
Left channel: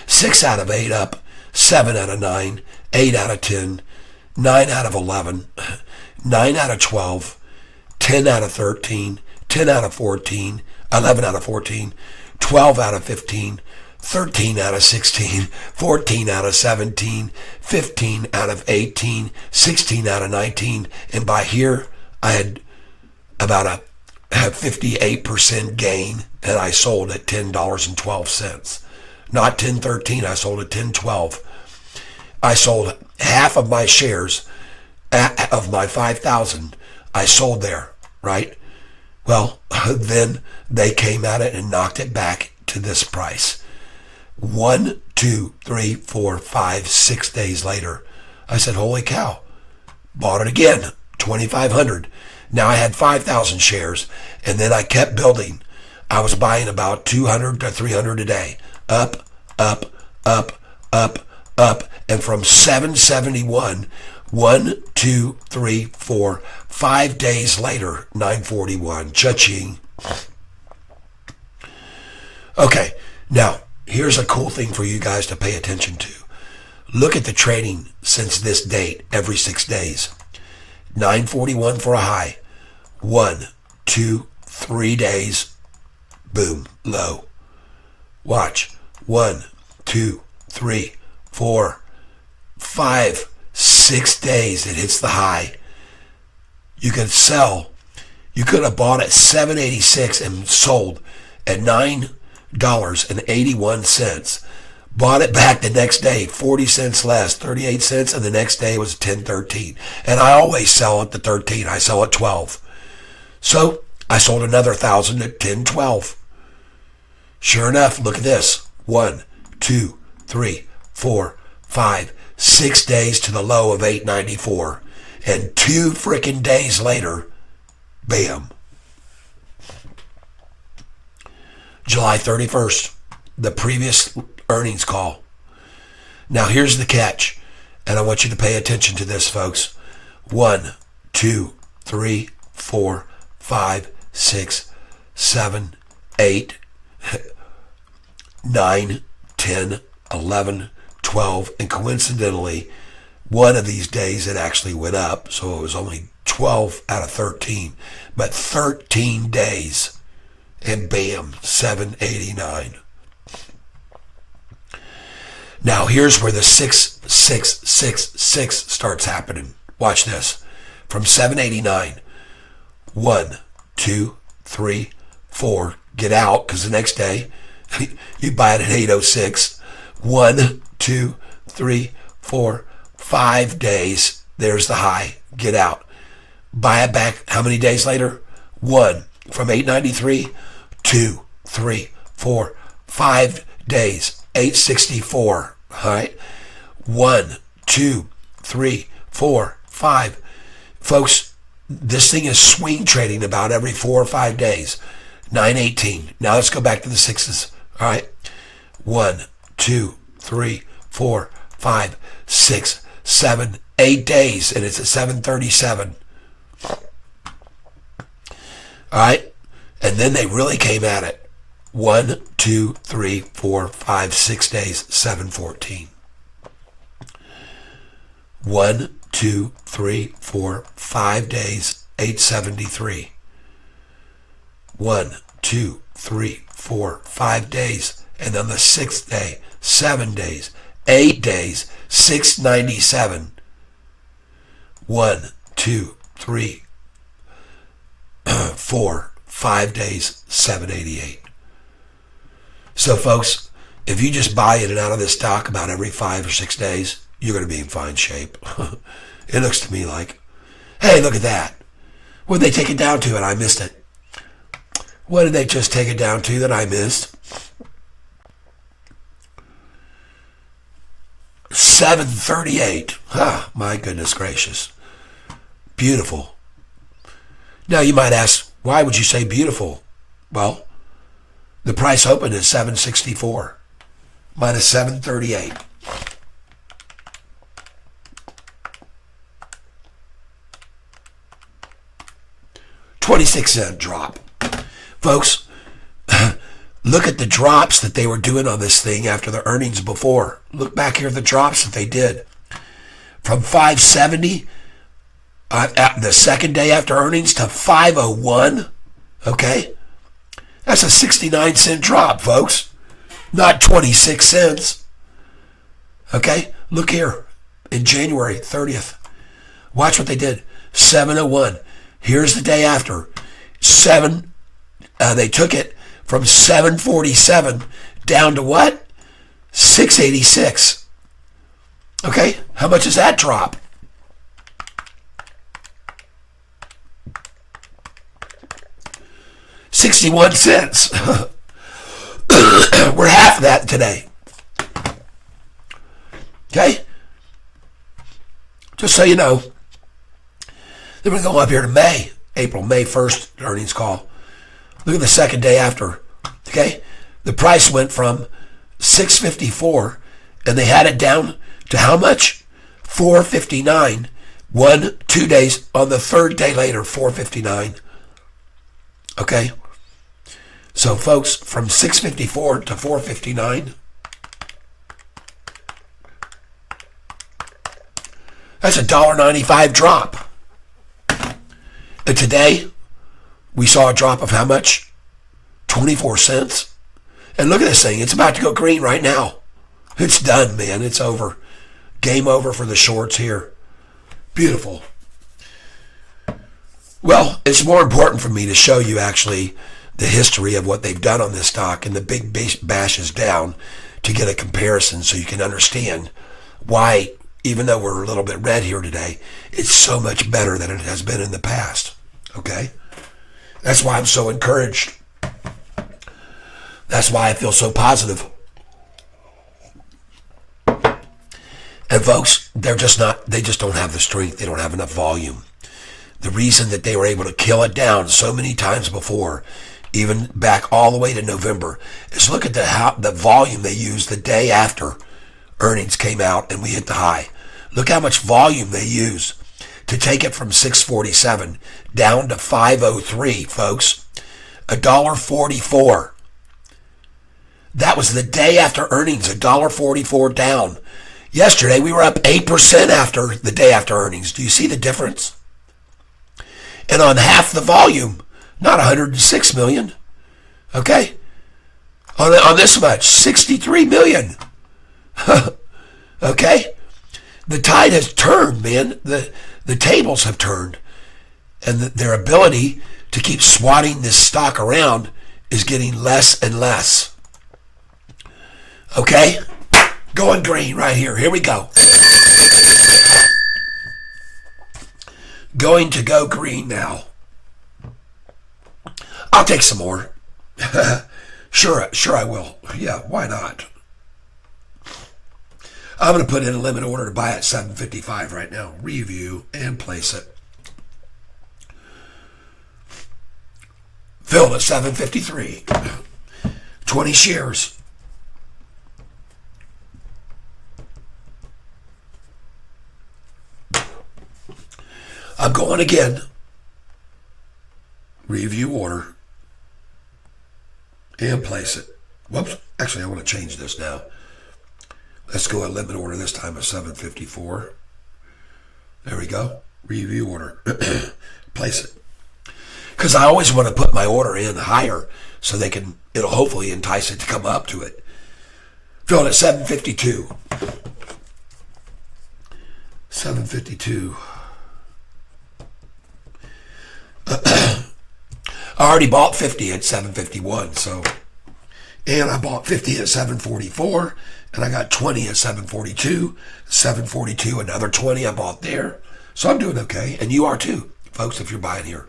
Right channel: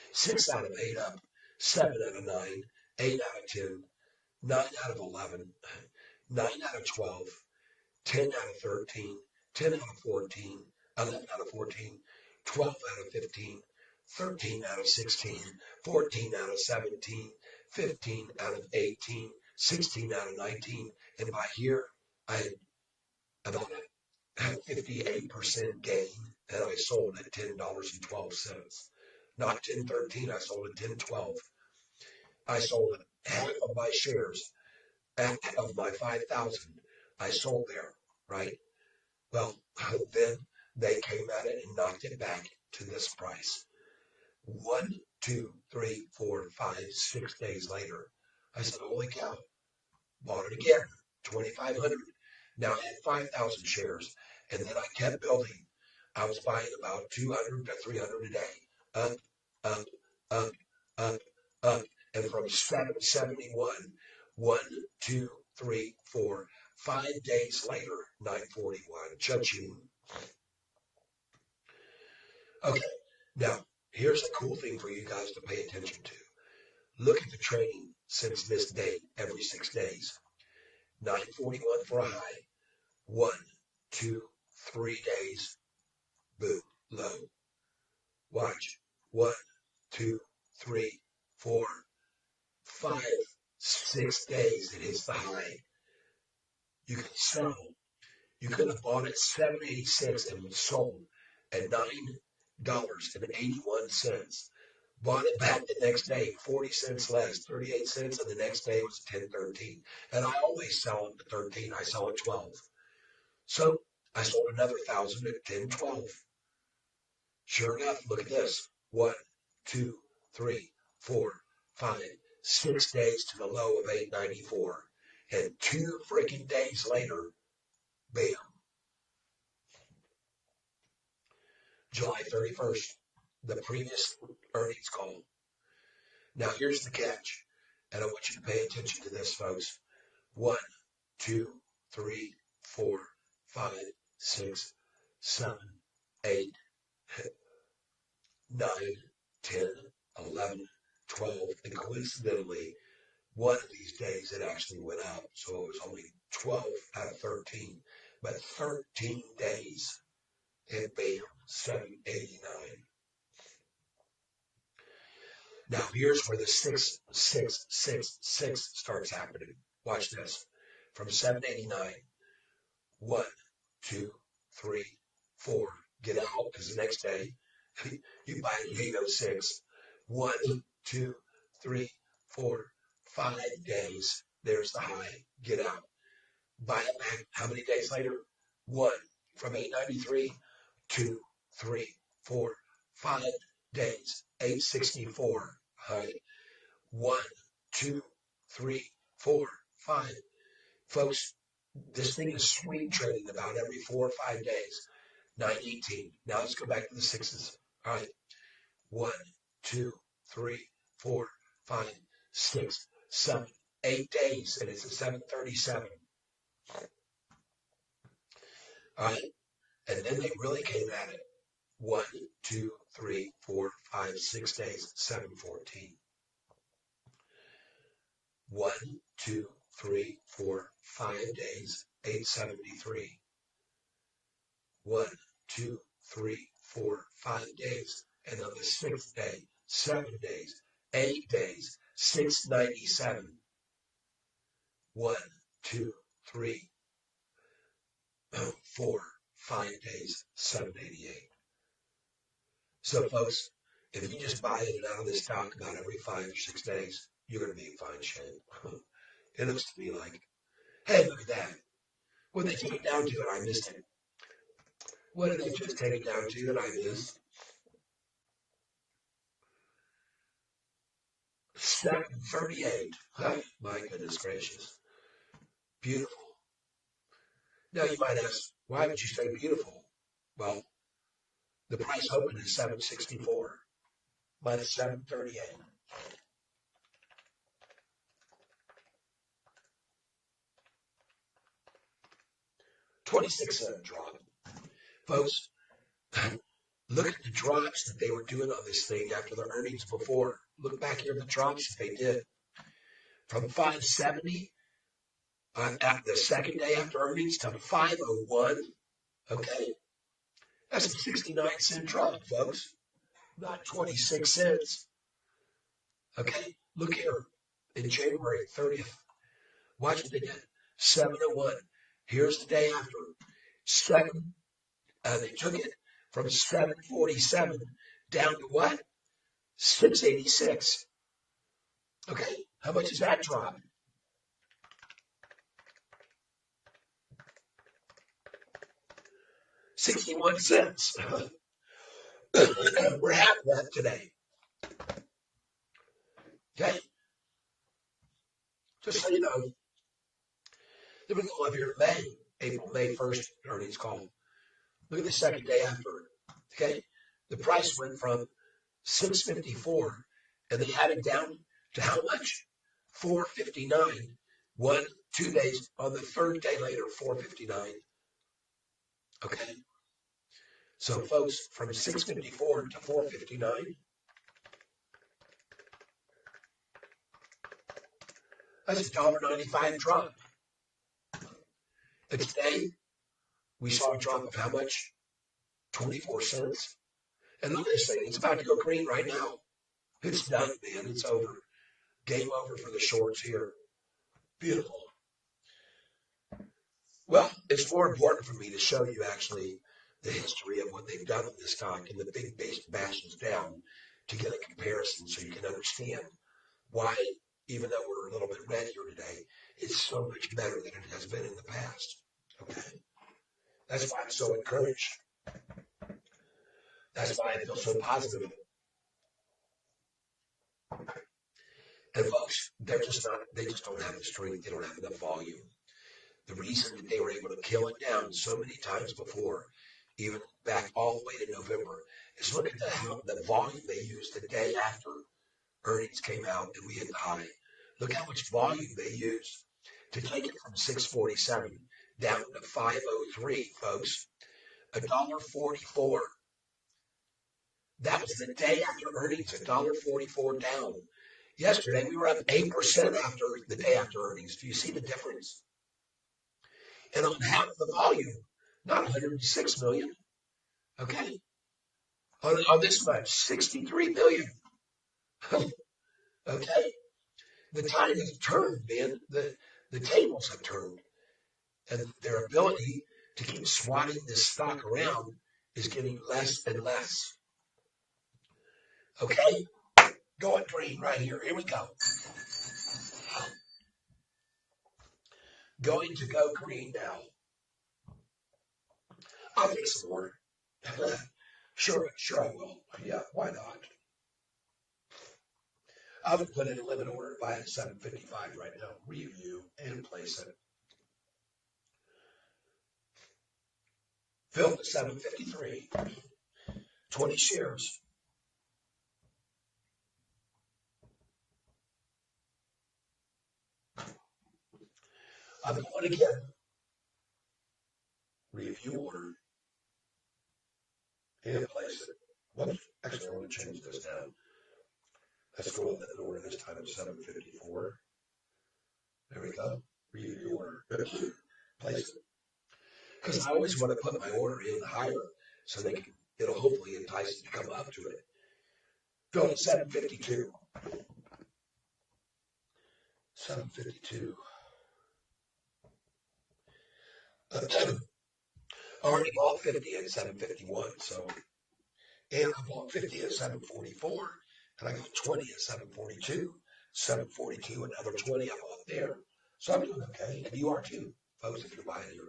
6 out of 8 up, 7 out of 9, 8 out of 10, 9 out of 11, 9 out of 12, 10 out of 13, 10 out of 14, 11 out of 14, 12 out of 15, 13 out of 16, 14 out of 17, 15 out of 18, 16 out of 19, and by here I had about a 58% gain, and I sold at $10.12. Not 10.13, I sold at 10.12. I sold half of my shares of my 5,000. I sold there, right? Well, then they came at it and knocked it back to this price. 1, 2, 3, 4, 5, 6 days later, I said, holy cow, bought it again, 2,500. Now I had 5,000 shares, and then I kept building. I was buying about 200 to 300 a day. Up, up, up, up, up. And from 771, 1, 2, 3, 4, 5 days later, 941. Cha-ching. Okay, now, here's a cool thing for you guys to pay attention to. Look at the trading since this date every 6 days. 941 for a high. 1, 2, 3 days. Boom, low. Watch. 1, 2, 3, 4, 5, 6 days. It hits the high. You can sell. You could have bought at $7.86 and sold at $9.81. Bought it back the next day, 40 cents less, 38 cents, and the next day was 10.13. And I always sell at the 13. I sell at 12. So I sold another 1,000 at 10.12. Sure enough, look at this. 1, 2, 3, 4, 5, 6 days to the low of 8.94. And 2 freaking days later, bam. July 31st, the previous earnings call. Now here's the catch, and I want you to pay attention to this, folks. 1, 2, 3, 4, 5, 6, 7, 8, 9, 10, 11, 12, and coincidentally, one of these days it actually went up, so it was only 12 out of 13, but 13 days, and bam, 789. Now here's where the 6666 starts happening. Watch this. From 789, 1, 2, 3, 4, get out, because the next day you buy it at 806. 1, 2, 3, 4, 5 days. There's the high. Get out. Buy it back. How many days later? 1. From 893, 2, 3, 4, 5 days. 864. All right. 1, 2, 3, 4, 5. Folks, this thing is swing trading about every 4 or 5 days. 918. Now let's go back to the sixes. All right. 1, 2, 3, 4, 5, 6, 7, 8 days, and it's at 737. All right. And then they really came at it. 1, 2, 3, 4, 5, 6 days, 714. 1, 2, 3, 4, 5 days, 873. 1, 2, 3, 4, 5 days, and on the 6th day, 7 days, 8 days, 697. 1, 2, 3, 4, 5 days, 788. So, folks, if you just buy in and out of this stock about every 5 or 6 days, you're going to be in fine shape. It looks to me like, hey, look at that. What did they take it down to and I missed it? What did they just take it down to that I missed? 738. My goodness gracious. Beautiful. Now you might ask, why would you say beautiful? Well, the price opened at 764 minus 738. $0.26 drop. Folks, look at the drops that they were doing on this thing after the earnings before. Look back here at the drops that they did. From 570 at the second day after earnings to 501. Okay? That's a 69-cent drop, folks. Not 26 cents. Okay? Look here. In January 30th. Watch what they did. 701. Here's the day after. They took it from 747 down to what? 686. Okay? How much is that drop? $0.61. We're half of that today. Okay? Just so you know. Then we're going to go up here to May 1st earnings call. Look at the second day after. Okay? The price went from 654 and they had it down to how much? 459. 2 days on the third day later, 459. Okay? So folks, from 654 to 459, that's a $1.95 drop. And today, we saw a drop of how much? 24 cents. And look at this thing. It's about to go green right now. It's done, man. It's over. Game over for the shorts here. Beautiful. Well, it's more important for me to show you actually the history of what they've done on this stock and the big bash is down to get a comparison so you can understand why, even though we're a little bit red here today, it's so much better than it has been in the past. Okay? That's why I'm so encouraged. That's why I feel so positive. And folks, they just don't have the strength. They don't have enough volume. The reason that they were able to kill it down so many times before, even back all the way to November, is look at the volume they used the day after earnings came out and we hit the high. Look how much volume they used to take it from 647 down to 503, folks. $1.44. That was the day after earnings, $1.44 down. Yesterday, we were up 8% after the day after earnings. Do you see the difference? And on half the volume, not 106 million. Okay? On this much, 63 million. Okay? The tide has turned, man. The tables have turned. And their ability to keep swatting this stock around is getting less and less. Okay? Going green right here. Here we go. Going to go green now. I'll take some more. Sure I will. Yeah, why not? I'm going to put in a limit order to buy at 755 right now. Review and place it. Filled at 753. 20 shares. I'm going again. Review order. And place it. Whoops. Actually, I want to change this now. Let's go a limit order this time at 754. There we go. Review order. Place it. Because I always want to put my order in higher so it'll hopefully entice it to come up to it. Filled at 752. 752. I already bought 50 at 751, so And I bought 50 at 744, and I got 20 at 742. 742, another 20 I bought there. So I'm doing okay, and you are too, folks, if you're buying here.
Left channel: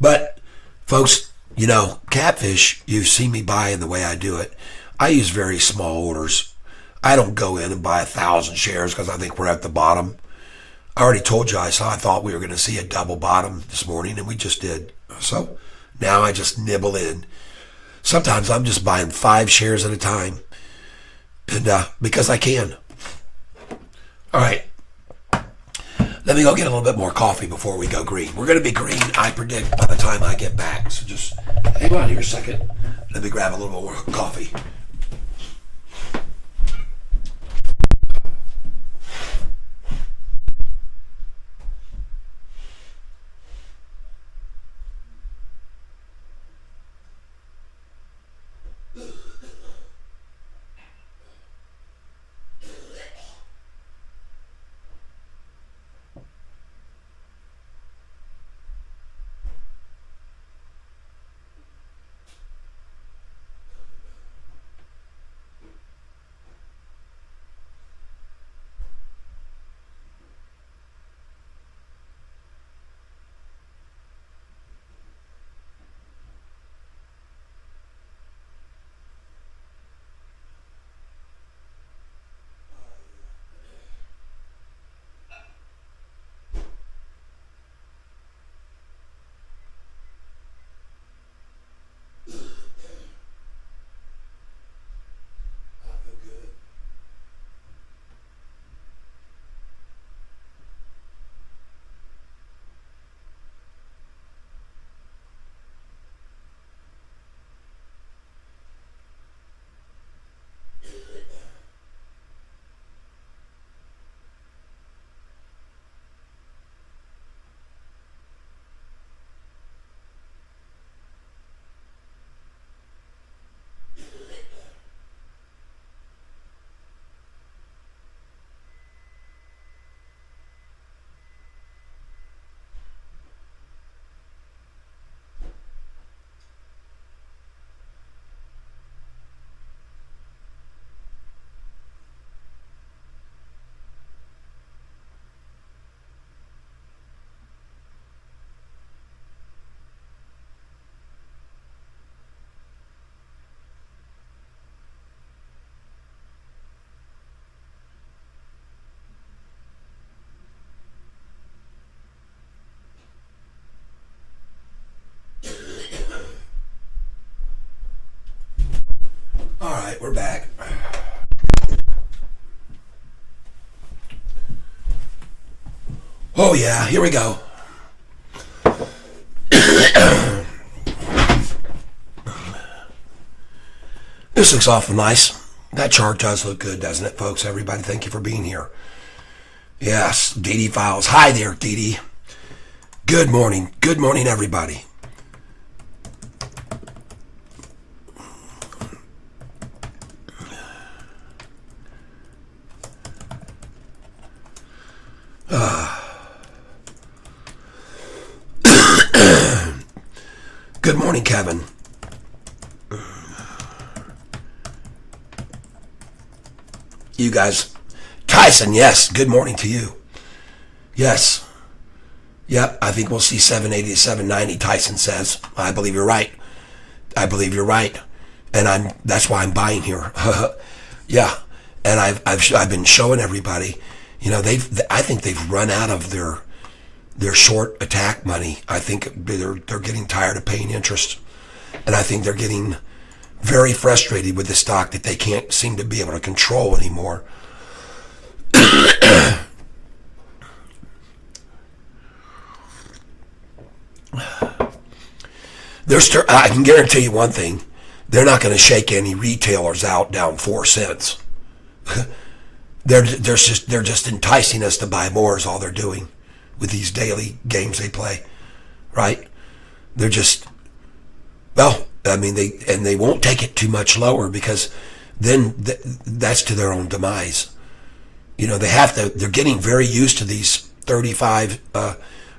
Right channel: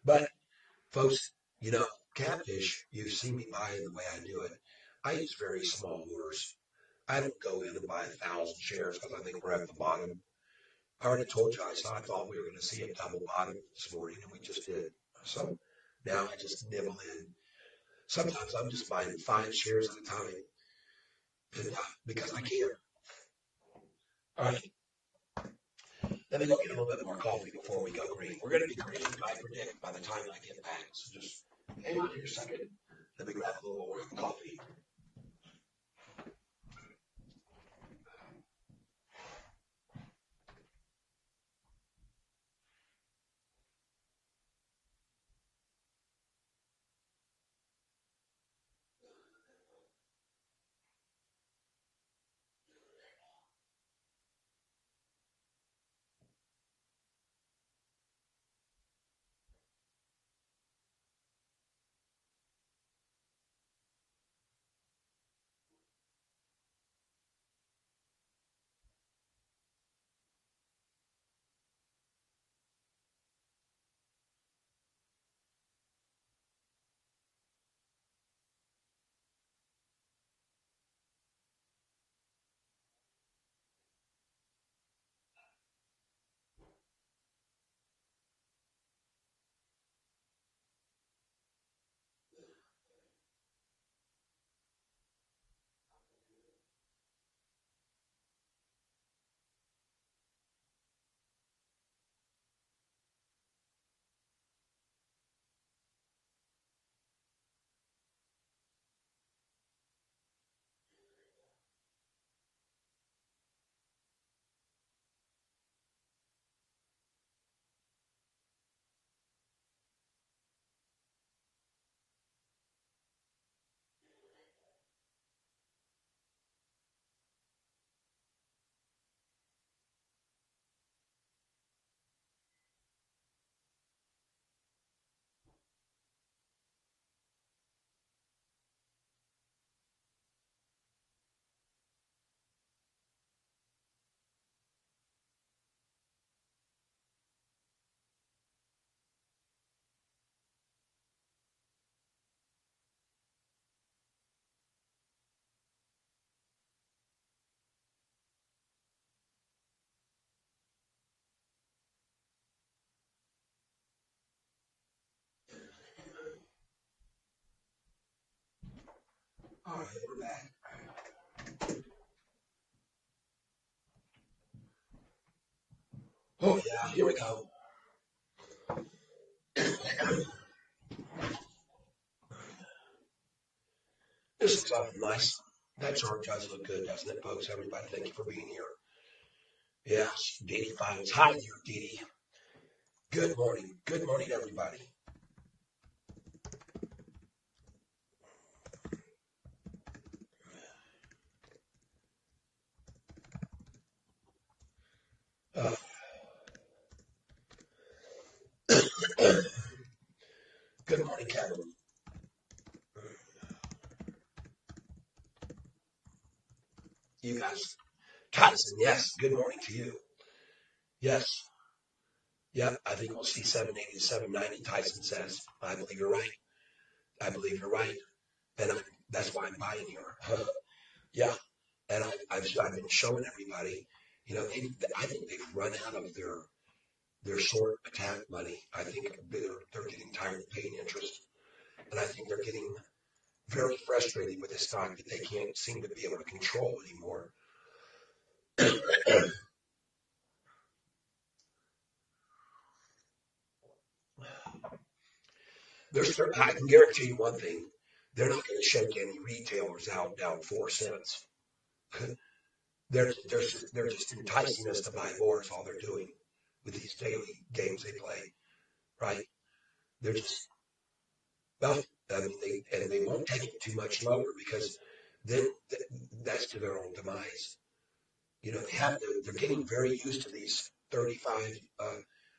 But, folks, you know, catfish, you've seen me buying the way I do it. I use very small orders. I don't go in and buy 1,000 shares because I think we're at the bottom. I already told you I thought we were going to see a double bottom this morning, and we just did. So now I just nibble in. Sometimes I'm just buying 5 shares at a time, and because I can. All right. Let me go get a little bit more coffee before we go green. We're going to be green, I predict, by the time I get back. So just hang on here a second. Let me grab a little more coffee. All right, we're back. Oh yeah, here we go. This looks awful nice. That chart does look good, doesn't it, folks? Everybody, thank you for being here. Yes, Dee Dee Files. Hi there, Dee Dee. Good morning. Good morning, everybody. Good morning, Kevin. You guys. Tyson, yes. Good morning to you. Yes. Yep, I think we'll see 780 to 790, Tyson says. I believe you're right. I believe you're right. And that's why I'm buying here. Yeah. And I've been showing everybody, you know, I think they've run out of their short attack money. I think they're getting tired of paying interest. And I think they're getting very frustrated with the stock that they can't seem to be able to control anymore. I can guarantee you one thing. They're not going to shake any retailers out down 4 cents. They're just enticing us to buy more is all they're doing with these daily games they play, right? They're just, well, I mean, they won't take it too much lower because then that's to their own demise. You know, they're getting very used to these 35,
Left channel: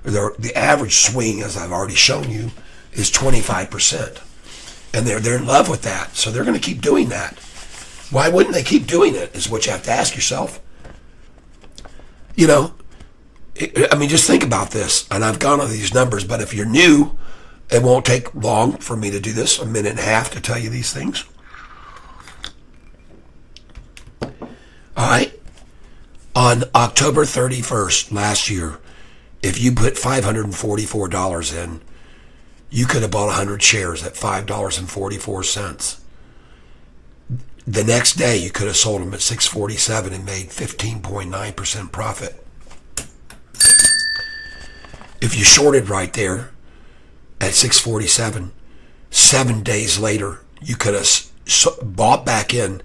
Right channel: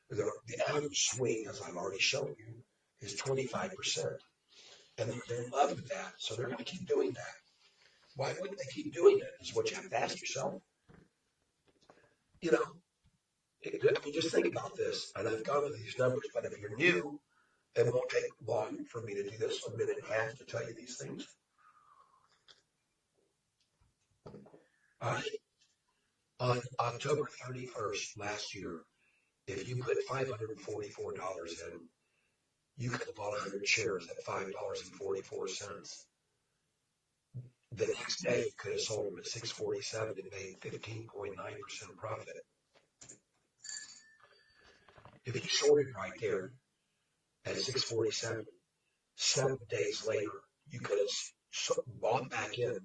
the average swing, as I've already shown you, is 25%. And they're in love with that. So they're going to keep doing that. Why wouldn't they keep doing it is what you have to ask yourself. You know, I mean, just think about this. And I've gone over these numbers, but if you're new, it won't take long for me to do this, a minute and a half to tell you these things. All right. On October 31st last year, if you put $544 in, you could have bought 100 shares at $5.44. The next day, you could have sold them at $6.47 and made 15.9% profit. If you shorted right there at $6.47, 7 days later, you could have bought back in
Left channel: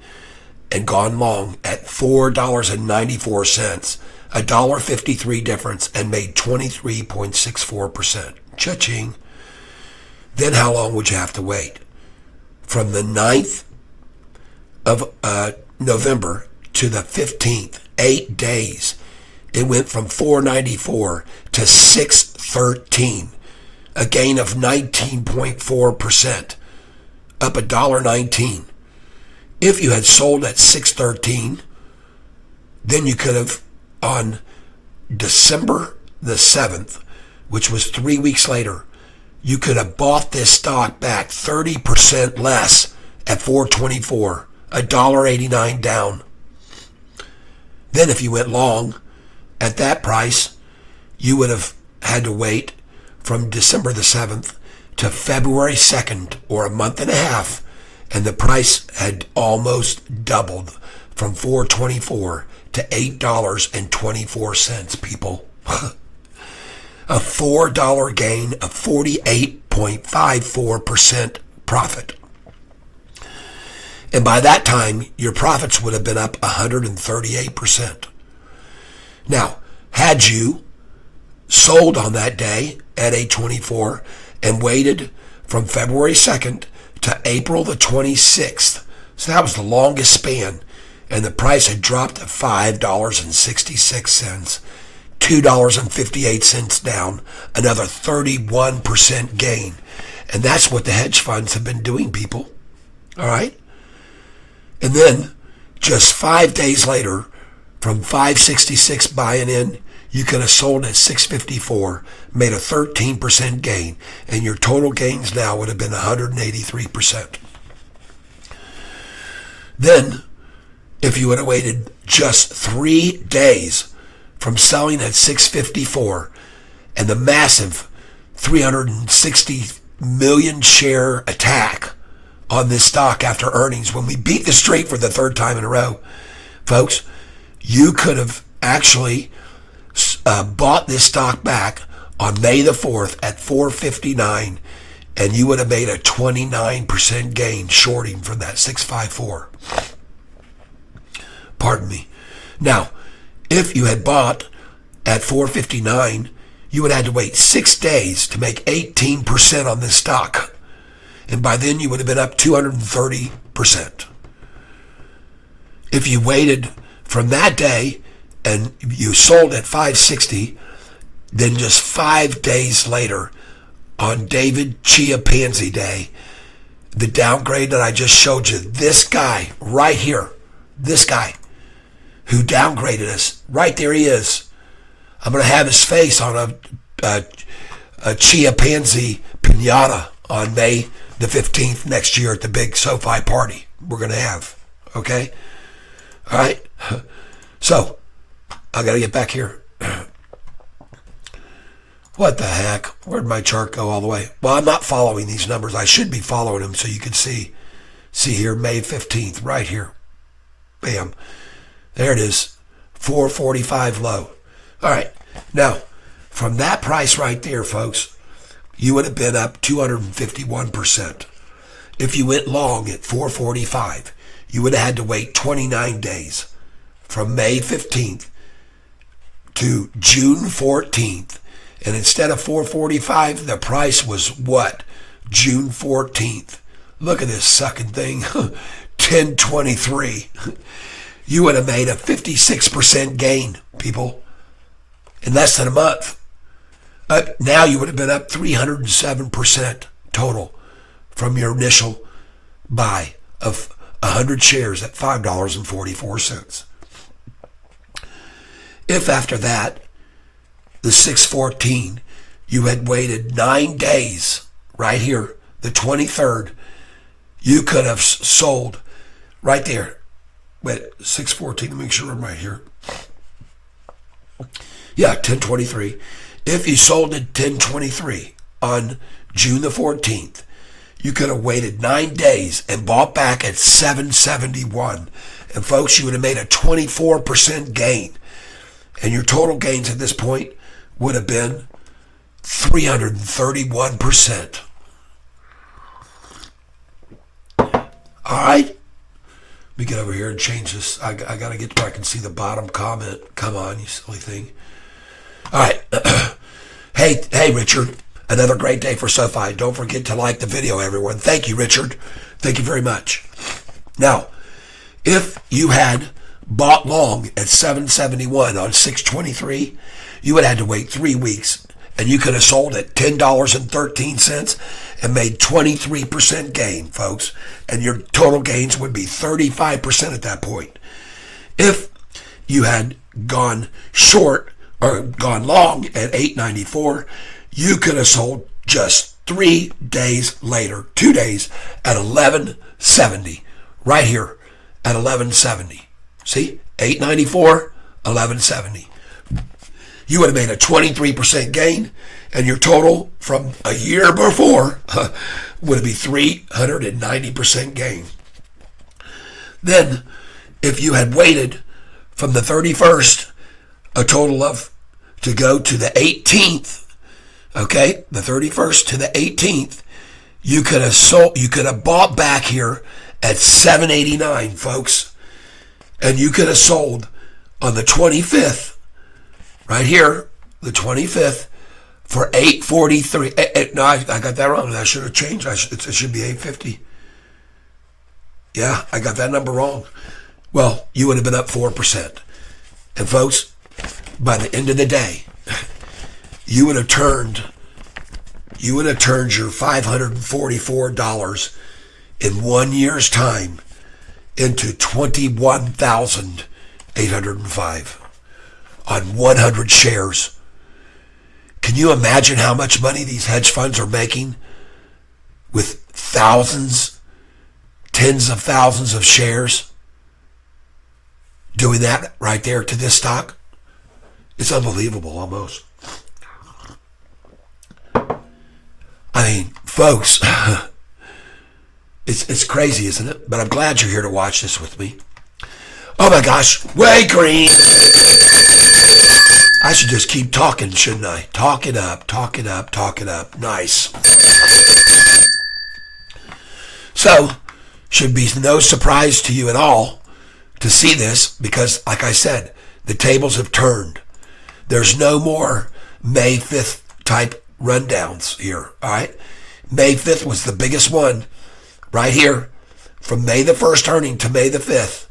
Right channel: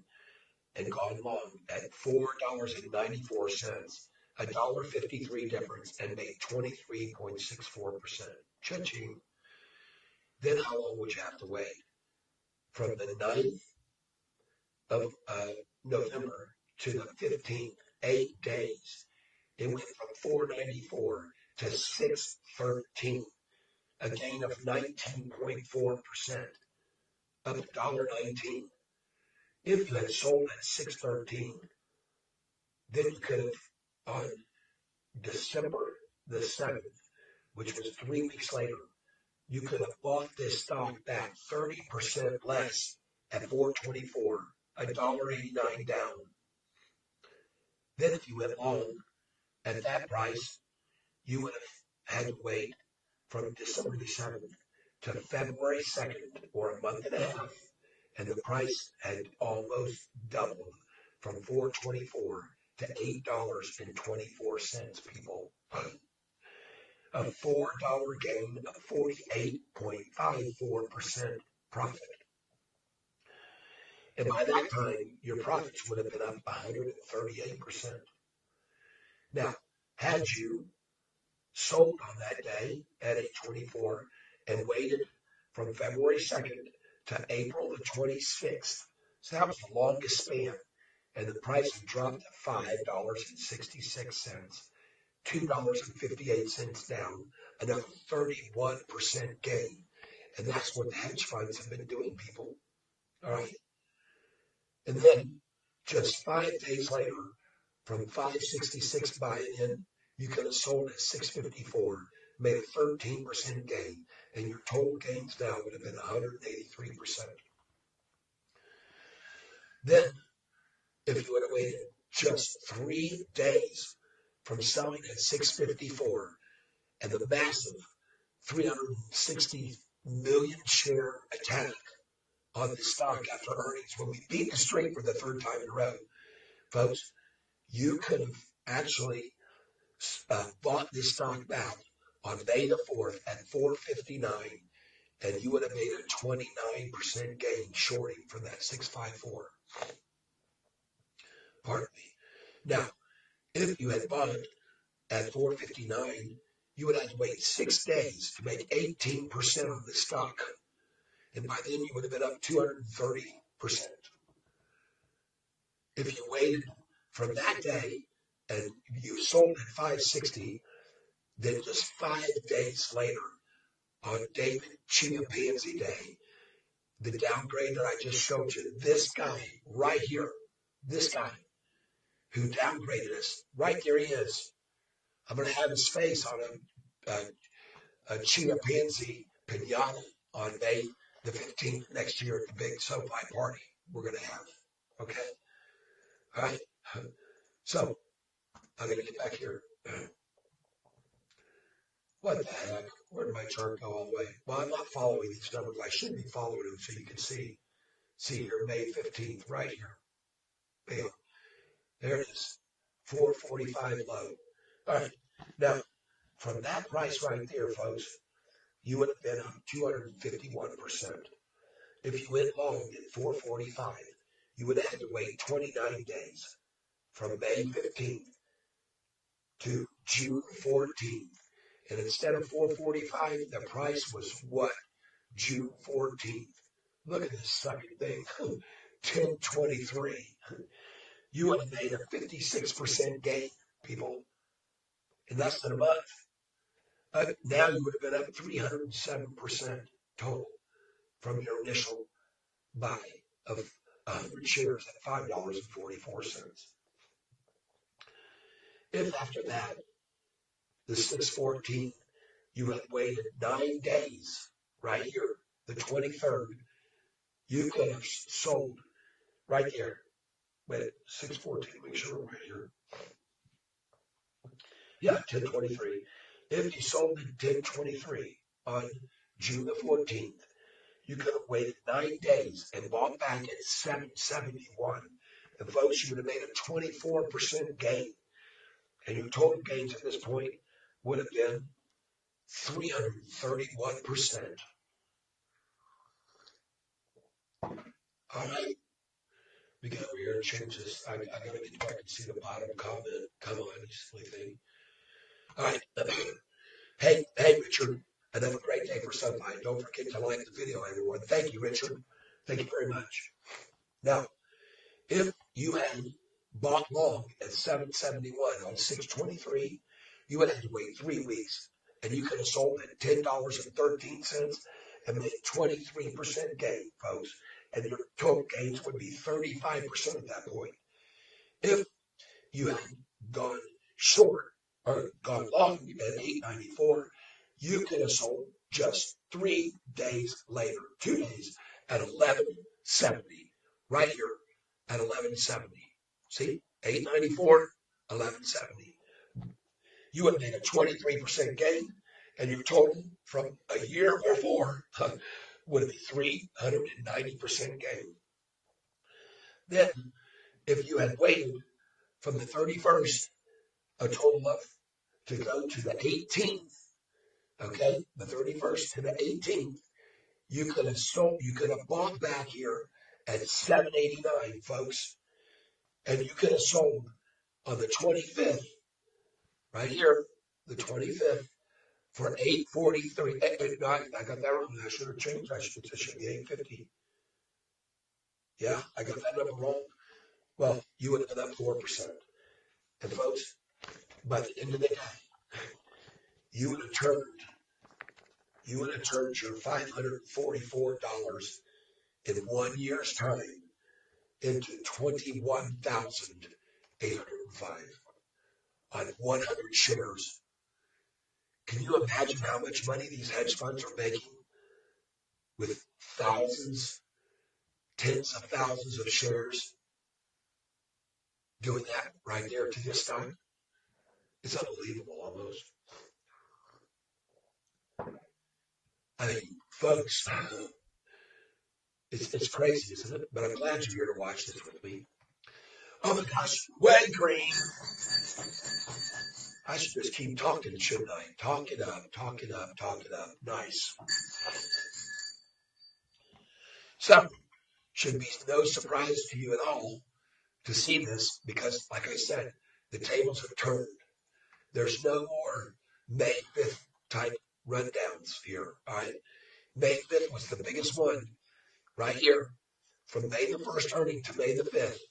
and gone long at $4.94, $1.53 difference, and made 23.64%. Cha-ching. Then how long would you have to wait? From the 9th of November to the 15th, 8 days. It went from $4.94 to $6.13, a gain of 19.4%, up $1.19. If you had sold at $6.13, then you could have, on December the 7th, which was 3 weeks later, you could have bought this stock back 30% less at $4.24, $1.89 down. Then if you went long at that price, you would have had to wait from December the 7th to February 2nd, or a month and a half, and the price had almost doubled from $4.24 to $8.24, people. A $4 gain of 48.54% profit. And by that time, your profits would have been up 138%. Now, had you sold on that day at $8.24 and waited from February 2nd to April the 26th, so that was the longest span, and the price had dropped to $5.66, $2.58 down, another 31% gain. And that's what the hedge funds have been doing, people. All right? And then, just 5 days later, from $5.66 buying in, you could have sold at $6.54, made a 13% gain, and your total gains now would have been 183%. Then, if you would have waited just 3 days from selling at $6.54 and the massive 360 million share attack on this stock after earnings, when we beat the streak for the third time in a row, folks, you could have actually bought this stock back on May the 4th at $4.59, and you would have made a 29% gain shorting from that $6.54. Pardon me. Now, if you had bought at $4.59, you would have had to wait 6 days to make 18% on this stock. And by then you would have been up 230%. If you waited from that day and you sold at $5.60, then just 5 days later, on David Chia Pansy Day, the downgrade that I just showed you, this guy right here, this guy who downgraded us, right there he is. I'm going to have his face on a Chia Pansy pinata on May the 15th next year at the big Sofi party we're going to have. Okay? All right? So, I got to get back here. What the heck? Where'd my chart go all the way? Well, I'm not following these numbers. I should be following them so you can see. See here, May 15th, right here. Bam. There it is. 445 low. All right. Now, from that price right there, folks, you would have been up 251%. If you went long at 445, you would have had to wait 29 days from May 15th to June 14th. And instead of 445, the price was what? June 14th. Look at this sucking thing. 1023. You would have made a 56% gain, people, in less than a month. Now you would have been up 307% total from your initial buy of 100 shares at $5.44. If after that, the 614, you had waited 9 days, right here, the 23rd, you could have sold right there. Wait, 614, let me make sure I'm right here. Yeah, 1023. If you sold at 1023 on June the 14th, you could have waited 9 days and bought back at 771. And folks, you would have made a 24% gain. And your total gains at this point would have been 331%. All right. Let me get over here and change this. I got to get where I can see the bottom comment. Come on, you silly thing. All right. Hey, Richard. Another great day for Sofi. Don't forget to like the video, everyone. Thank you, Richard. Thank you very much. Now, if you had bought long at 771 on 623, you would have had to wait 3 weeks, and you could have sold at $10.13 and made 23% gain, folks. And your total gains would be 35% at that point. If you had gone short or gone long at 894, you could have sold just 3 days later, 2 days at 1170, right here at 1170. See, 894, 1170. You would have made a 23% gain, and your total from a year before would be 390% gain. Then, if you had waited from the 31st, a total of, to go to the 18th, okay, the 31st to the 18th, you could have sold, you could have bought back here at 789, folks, and you could have sold on the 25th, right here, the 25th, for 843. No, I got that wrong. I should have changed. It should be 850. Yeah, I got that number wrong. Well, you would have been up 4%. And folks, by the end of the day, you would have turned your $544 in 1 year's time into $21,805 on 100 shares. Can you imagine how much money these hedge funds are making with thousands, tens of thousands of shares? Doing that right there to this stock? It's unbelievable almost. I mean, folks, it's crazy, isn't it? But I'm glad you're here to watch this with me. Oh my gosh, way green. I should just keep talking, shouldn't I? Talk it up. Nice. So, should be no surprise to you at all to see this because, like I said, the tables have turned. There's no more May 5th type rundowns here, all right? May 5th was the biggest one right here from May the 1st earning to May the 5th.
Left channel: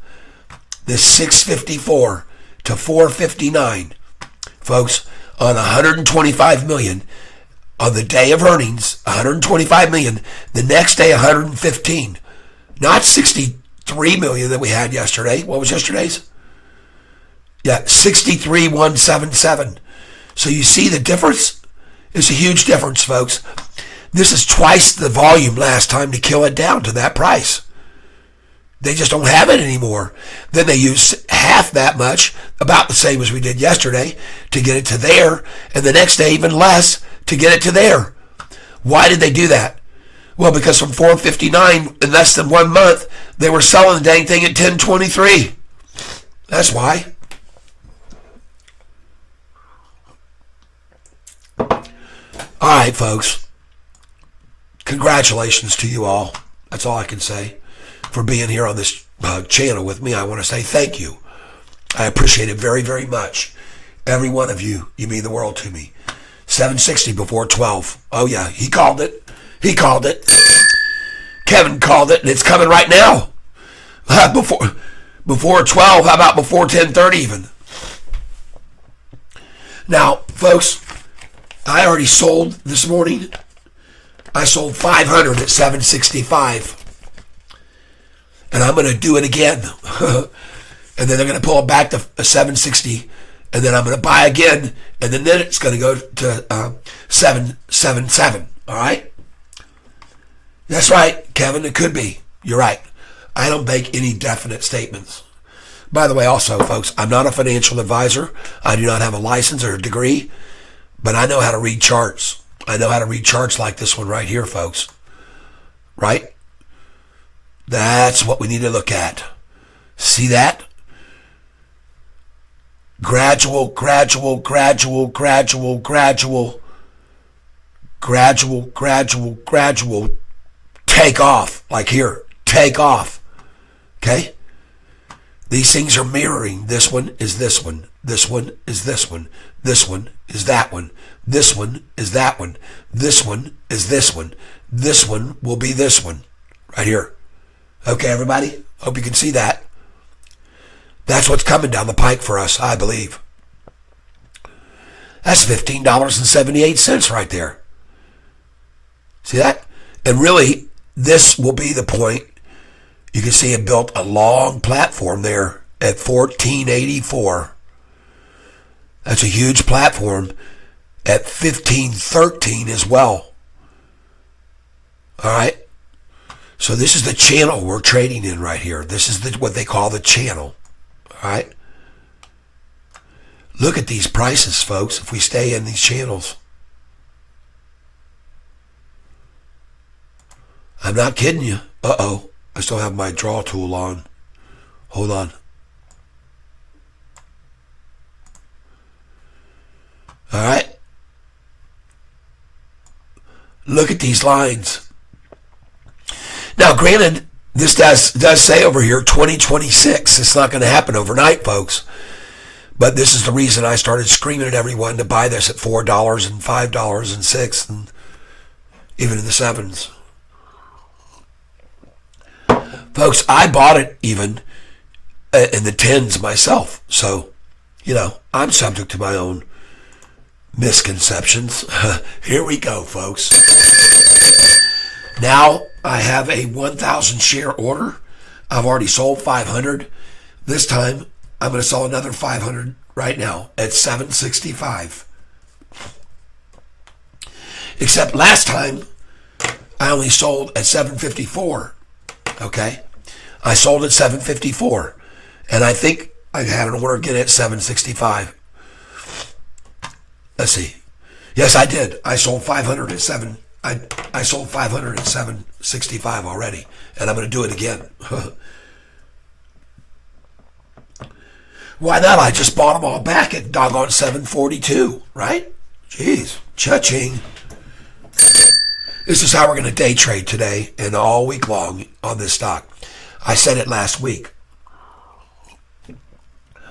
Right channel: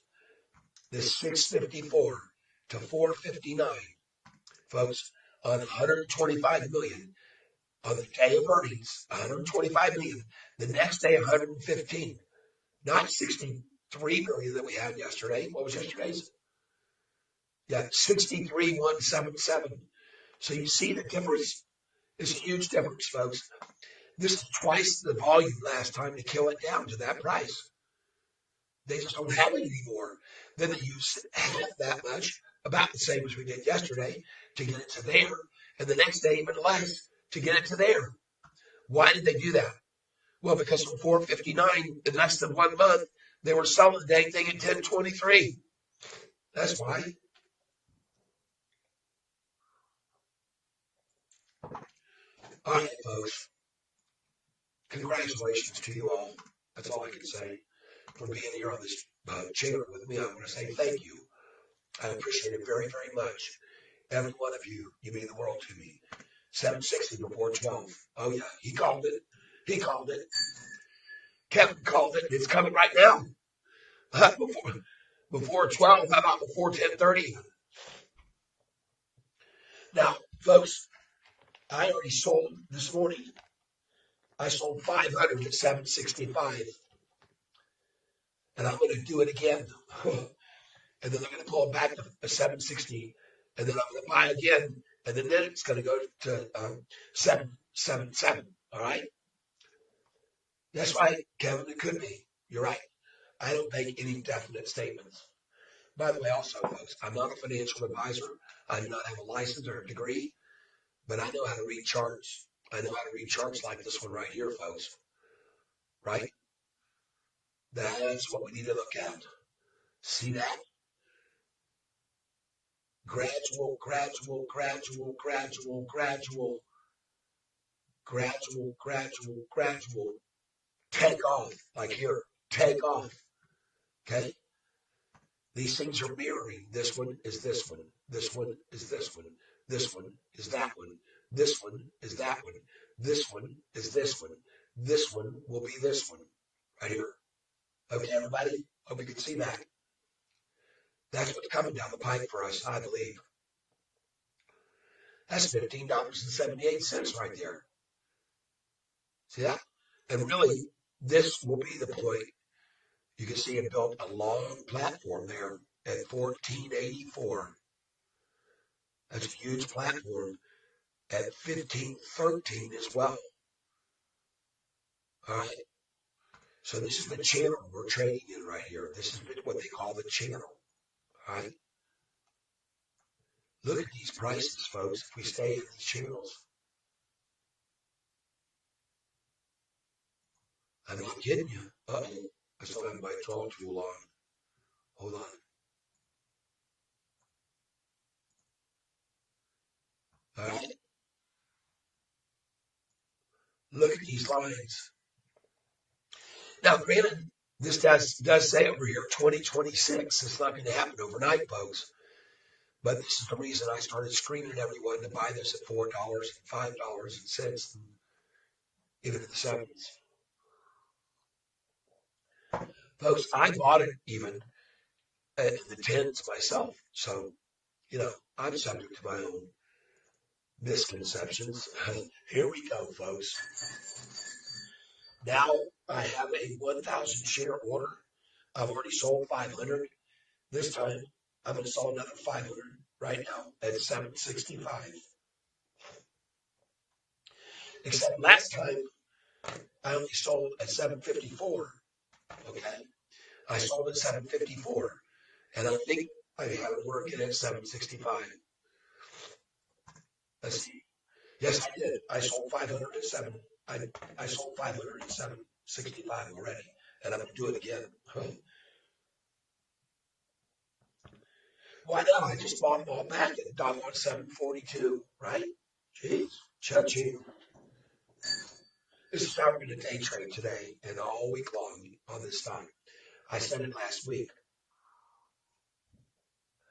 This 654 to 459, folks, on 125 million on the day of earnings, 125 million, the next day 115, not 63 million that we had yesterday. What was yesterday's? Yeah, 63,177. So you see the difference? It's a huge difference, folks. This is twice the volume last time to kill it down to that price. They just don't have it anymore. Then they use half that much, about the same as we did yesterday, to get it to there, and the next day even less to get it to there. Why did they do that? Well, because from 459 in less than 1 month, they were selling the dang thing at 1023. That's why. All right, folks. Congratulations to you all. That's all I can say. For being here on this channel with me, I want to say thank you. I appreciate it very, very much. Every one of you, you mean the world to me. 760 before 12. Oh yeah, he called it. He called it. Kevin called it, and it's coming right now. Before 12, how about before 10:30 even? Now, folks, I already sold this morning. I sold 500 at 765. And I'm going to do it again. And then they're going to pull it back to 760. And then I'm going to buy again. And then it's going to go to 777. All right? That's right, Kevin. It could be. You're right. I don't make any definite statements. By the way, also, folks, I'm not a financial advisor. I do not have a license or a degree. But I know how to read charts. I know how to read charts like this one right here, folks. Right? That's what we need to look at. See that? Gradual, gradual, gradual, gradual, gradual, gradual, gradual, gradual. Take off. Like here. Take off. Okay? These things are mirroring. This one is this one. This one is this one. This one is that one. This one is that one. This one is this one. This one will be this one. Right here. Okay, everybody? Hope you can see that. That's what's coming down the pike for us, I believe. That's $15.78 right there. See that? And really, this will be the point. You can see it built a long platform there at 1484. That's a huge platform at 1513 as well. All right? So this is the channel we're trading in right here. This is what they call the channel. All right? Look at these prices, folks, if we stay in these channels. I'm not kidding you. Uh-oh. I still have my draw tool on. Hold on. All right? Look at these lines. Now, granted, this does say over here 2026. It's not going to happen overnight, folks. But this is the reason I started screaming at everyone to buy this at $4 and $5 and $6 and even in the $7s. Folks, I bought it even in the $10s myself. So, you know, I'm subject to my own misconceptions. Here we go, folks. Now I have a 1,000 share order. I've already sold 500. This time I'm going to sell another 500 right now at 765. Except last time I only sold at 754. Okay? I sold at 754. And I think I had an order again at 765. Let's see. Yes, I did. I sold 500 at 7. I sold 500 at 765 already, and I'm going to do it again. Why not? I just bought them all back at doggone 742, right? Jeez, cha-ching. This is how we're going to day trade today and all week long on this stock. I said it last week.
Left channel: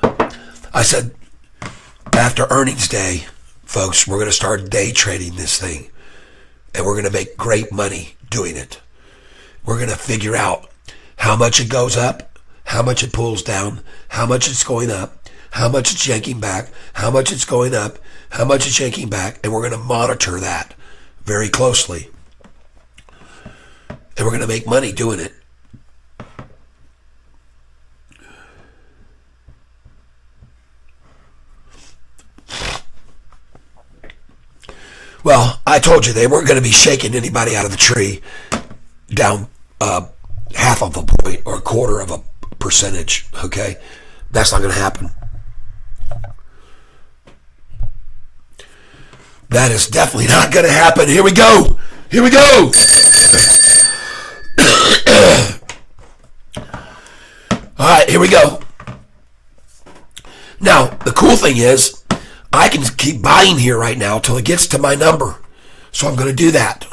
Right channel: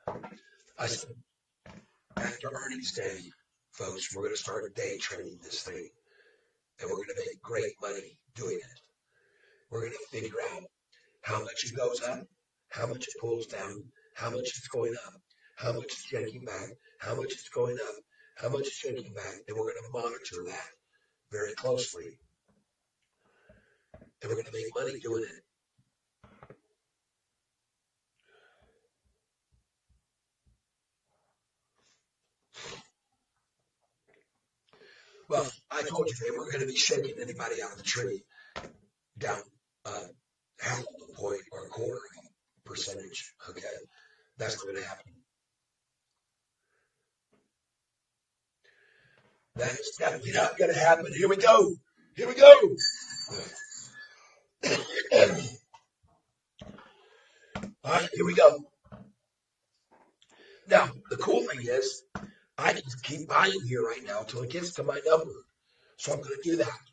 I said after earnings day, folks, we're going to start day trading this thing. And we're going to make great money doing it. We're going to figure out how much it goes up, how much it pulls down, how much it's going up, how much it's yanking back, how much it's going up, how much it's yanking back, and we're going to monitor that very closely. And we're going to make money doing it. Well, I told you they weren't going to be shaking anybody out of the tree down half of a point or a quarter of a percentage, okay? That's not going to happen. That is definitely not going to happen. Here we go. Here we go. All right, here we go. Now, the cool thing is, I can keep buying here right now till it gets to my number. So I'm going to do that.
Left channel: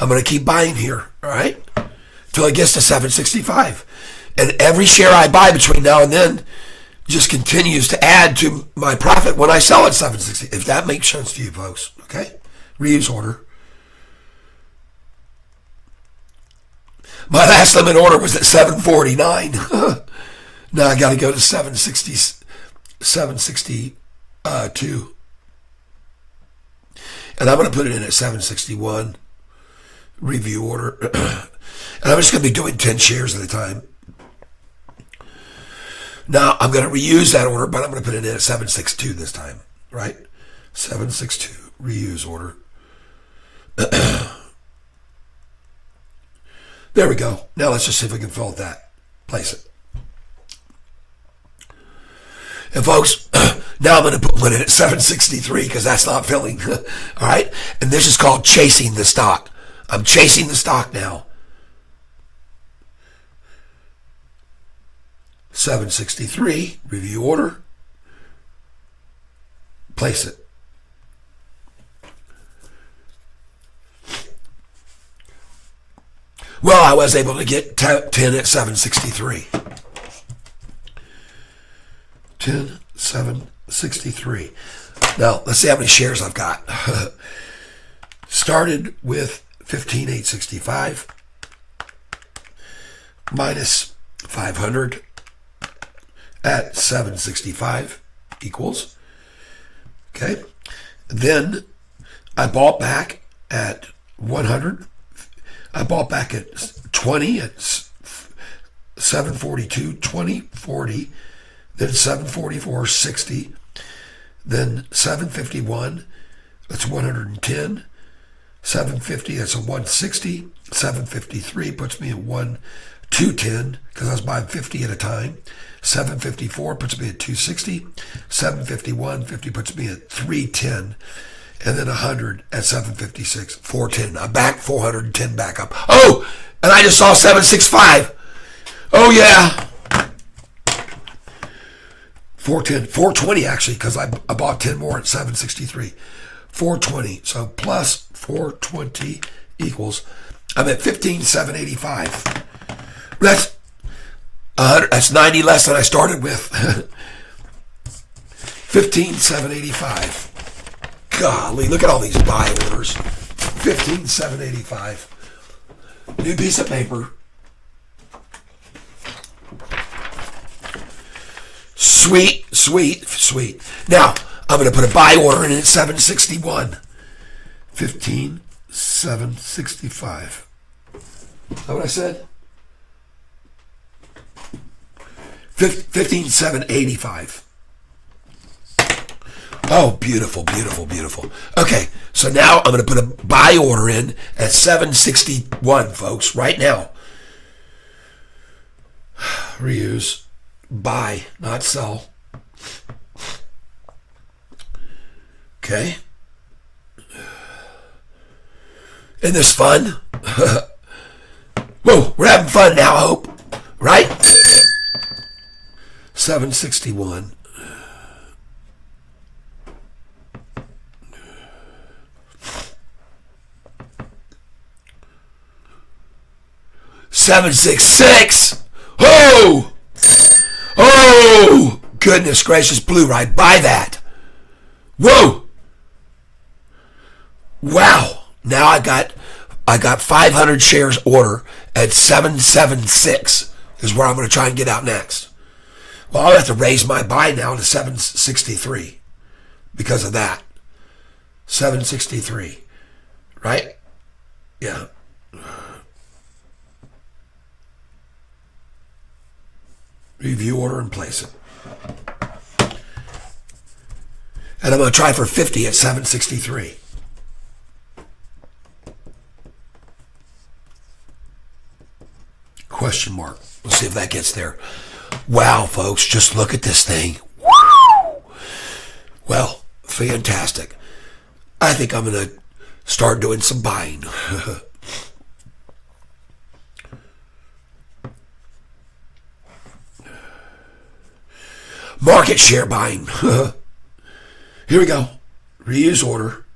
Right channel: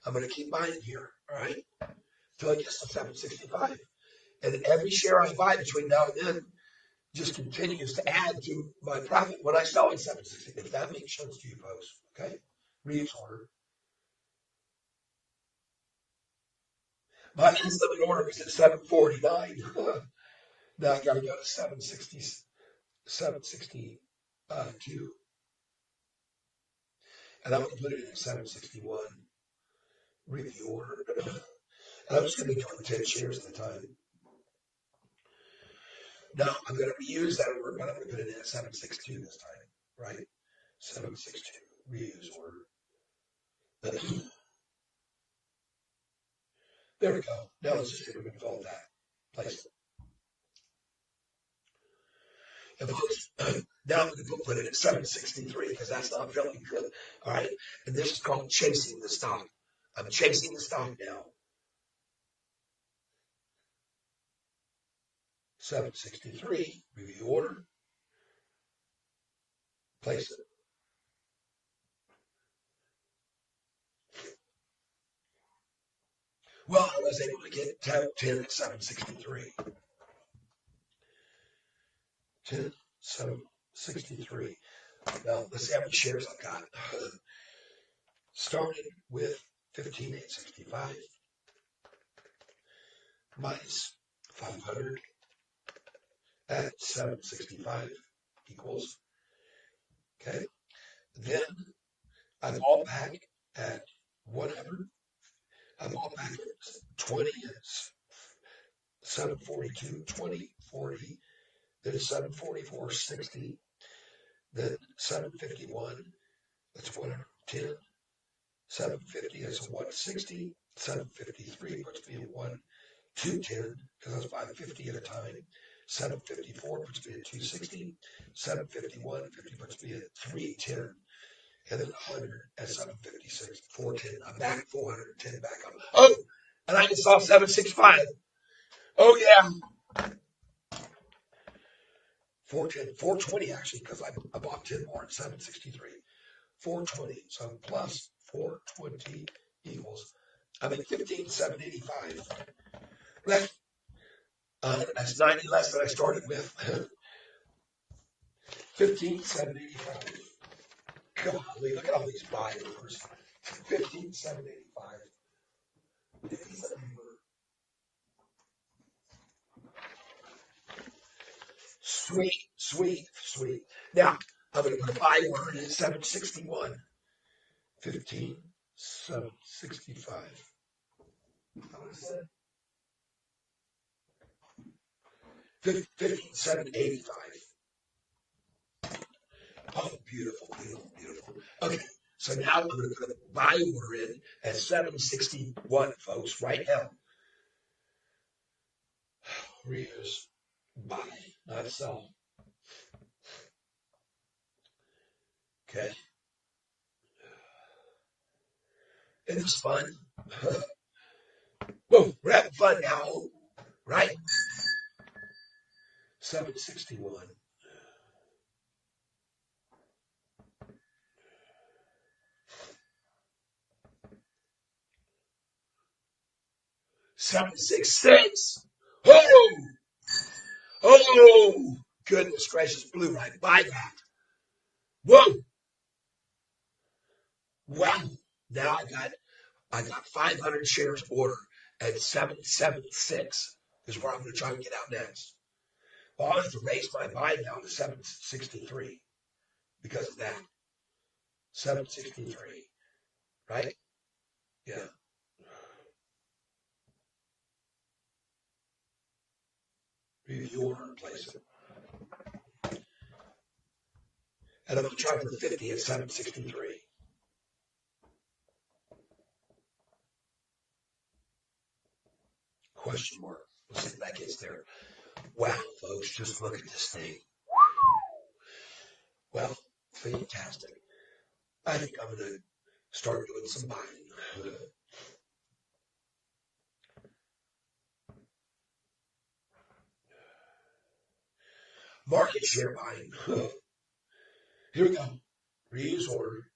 I'm going to keep buying here, all right? Till it gets to 765. And every share I buy between now and then just continues to add to my profit when I sell at 760. If that makes sense to you folks, okay? Reuse order. My last limit order was at 749. Now I got to go to 762. And I'm going to put it in at 761. Review order. And I'm just going to be doing 10 shares at a time. Now, I'm going to reuse that order, but I'm going to put it in at 762 this time, right? 762, reuse order. There we go. Now let's just see if we can fill that. Place it. And folks, now I'm going to put one in at 763 because that's not filling. All right? And this is called chasing the stock. I'm chasing the stock now. 763, review order. Place it. Well, I was able to get 10 at 763. 10, 763. Now, let's see how many shares I've got. Started with 15,865 minus 500 at 765 equals. Okay. Then I bought back at 100. I bought back at 20 at 742, 20, 40, then 744, 60, then 751, that's 110, 750, that's a 160, 753 puts me at 210 because I was buying 50 at a time. 754 puts me at 260, 751, 50 puts me at 310, and then 100 at 756, 410. I'm back 410 back up. Oh, and I just saw 765. Oh yeah. 410, 420 actually, because I bought 10 more at 763. 420. So plus 420 equals, I'm at 15,785. That's 90 less than I started with. 15,785. Golly, look at all these buy orders. 15,785. New piece of paper. Sweet, sweet, sweet. Now, I'm going to put a buy order in at 761. 15,765. Is that what I said? 15,785. Oh, beautiful, beautiful, beautiful. Okay, so now I'm going to put a buy order in at 761, folks, right now. Reuse. Buy, not sell. Okay. Isn't this fun? Whoa, we're having fun now, I hope. Right? 761. $766. Oh! Oh! Goodness gracious, blue, right? Buy that. Whoa! Wow. Now I got 500 shares order at 776 is where I'm going to try and get out next. Well, I'll have to raise my buy now to 763 because of that. 763. Right? Yeah. Review order and place it. And I'm going to try for 50 at 763. Question mark. We'll see if that gets there. Wow, folks, just look at this thing. Woo! Well, fantastic. I think I'm going to start doing some buying. Market share buying. Here we go. Reuse order.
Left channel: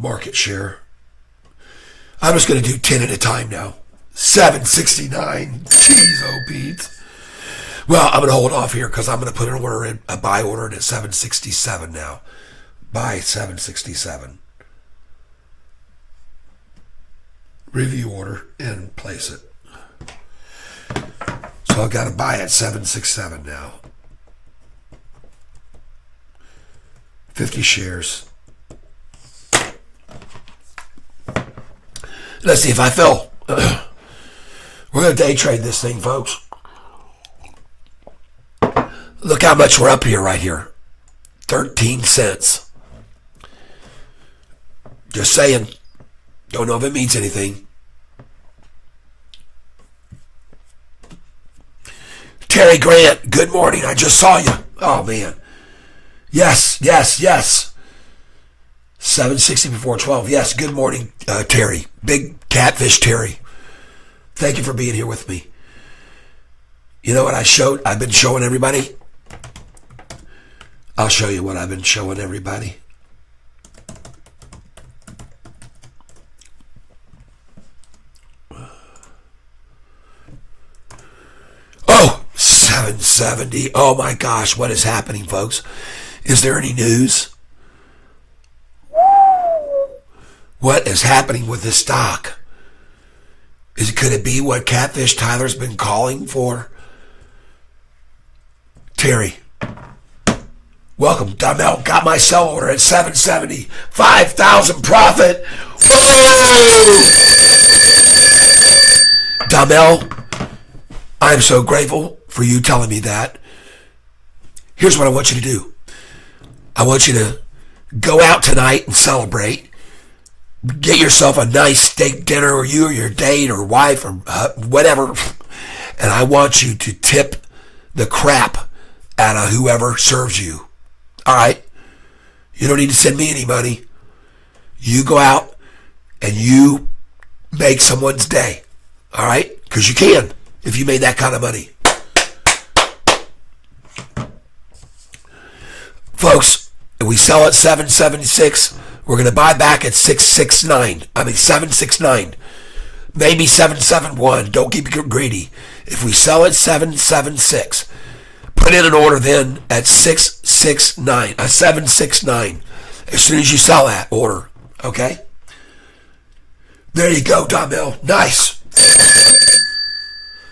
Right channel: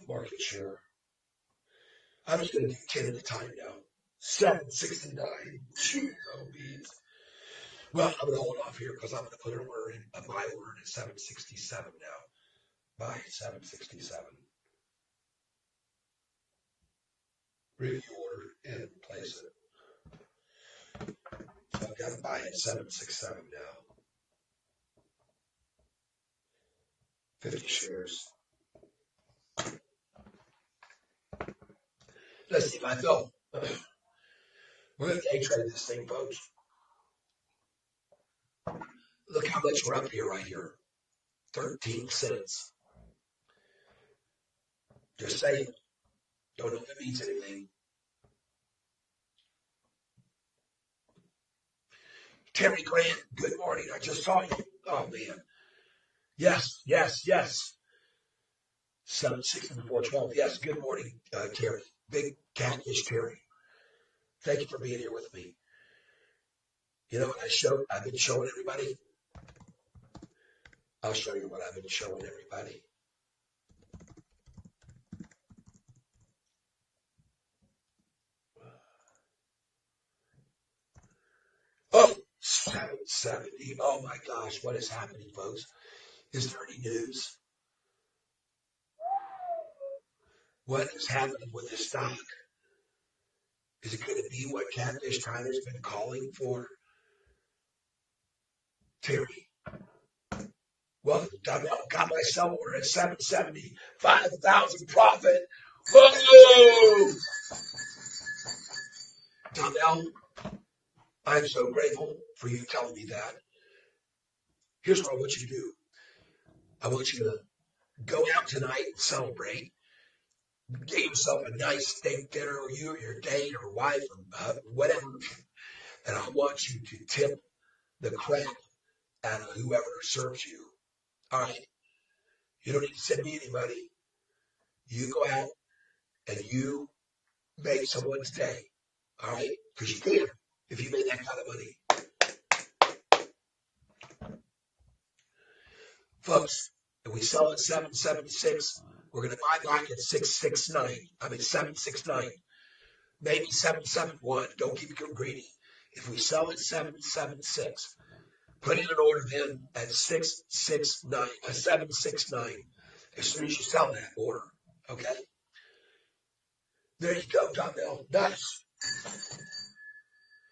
Market share. I'm just going to do 10 at a time now. 769. Jeez, oh, Pete. Well, I'm going to hold off here because I'm going to put an order in, a buy order in at 767 now. Buy 767. Review order and place it. So I've got to buy at 767 now. 50 shares. Let's see if I fell. We're going to day trade this thing, folks. Look how much we're up here right here. 13 cents. Just saying. Don't know if it means anything. Terry Grant, good morning. I just saw you. Oh, man. Yes. 760 before 12. Yes, good morning, Terry. Big Catfish Terry. Thank you for being here with me. You know what I've been showing everybody? I'll show you what I've been showing everybody. Oh, 770. Oh my gosh, what is happening, folks? Is there any news? What is happening with this stock? Could it be what Catfish Tyler's been calling for? Terry, welcome. Dumel, got my sell order at 770. 5,000 profit. Whoa! Dumel, I'm so grateful for you telling me that. Here's what I want you to do. I want you to go out tonight and celebrate. Get yourself a nice steak dinner, or you or your date or wife or whatever. And I want you to tip the crap out of whoever serves you. All right? You don't need to send me any money. You go out and you make someone's day. All right? Because you can if you made that kind of money. Folks, if we sell at 776, we're going to buy back at 769. Maybe 771. Don't keep greedy. If we sell at 776, put in an order then at 769. As soon as you sell that order, okay? There you go, Domel. Nice.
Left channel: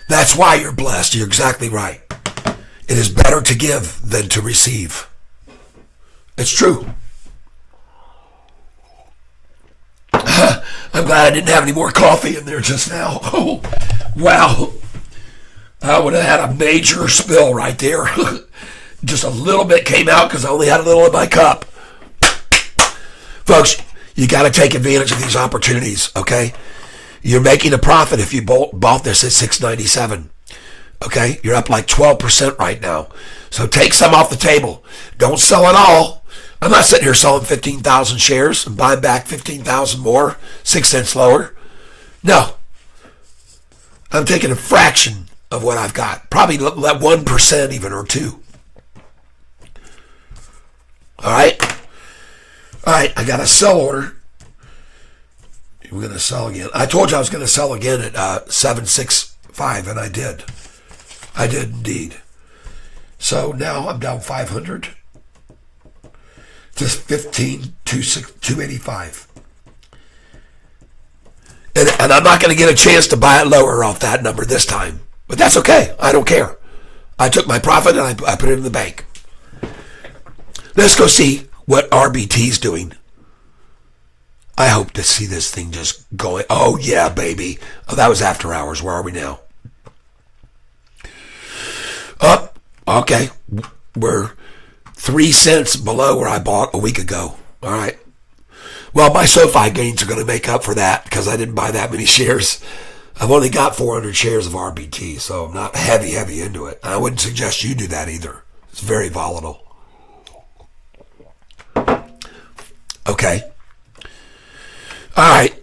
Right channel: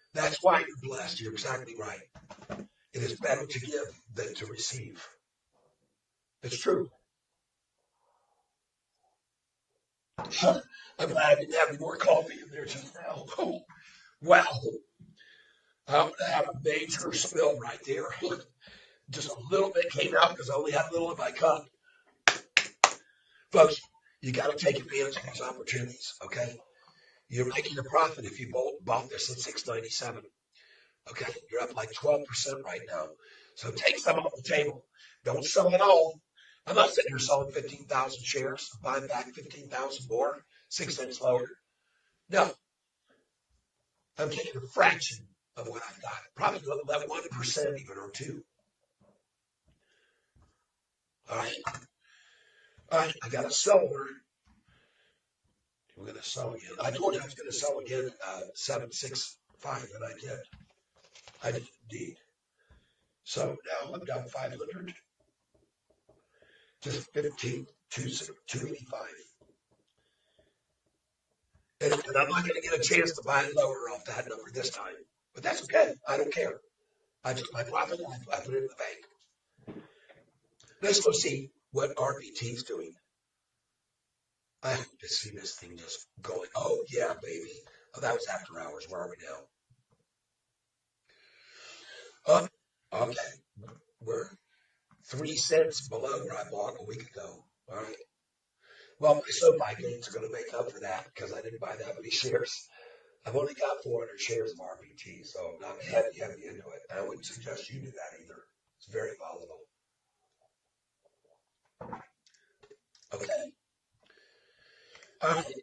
That's why you're blessed. You're exactly right. It is better to give than to receive. It's true. I'm glad I didn't have any more coffee in there just now. Oh, wow. I would have had a major spill right there. Just a little bit came out because I only had a little in my cup. Folks, you got to take advantage of these opportunities, okay? You're making a profit if you bought this at $6.97. Okay? You're up like 12% right now. So take some off the table. Don't sell it all. I'm not sitting here selling 15,000 shares and buying back 15,000 more, 6 cents lower. No. I'm taking a fraction of what I've got. Probably let 1% even, or 2. All right? All right, I got a sell order. We're going to sell again. I told you I was going to sell again at 765, and I did. I did indeed. So now I'm down 500. Just 15,285. And I'm not going to get a chance to buy it lower off that number this time. But that's okay. I don't care. I took my profit and I put it in the bank. Let's go see what RBT's doing. I hope to see this thing just going. Oh, yeah, baby. Oh, that was after hours. Where are we now? Oh, okay. We're 3 cents below where I bought a week ago. All right. Well, my Sofi gains are going to make up for that because I didn't buy that many shares. I've only got 400 shares of RBT, so I'm not heavy into it. And I wouldn't suggest you do that either. It's very volatile. Okay. All right.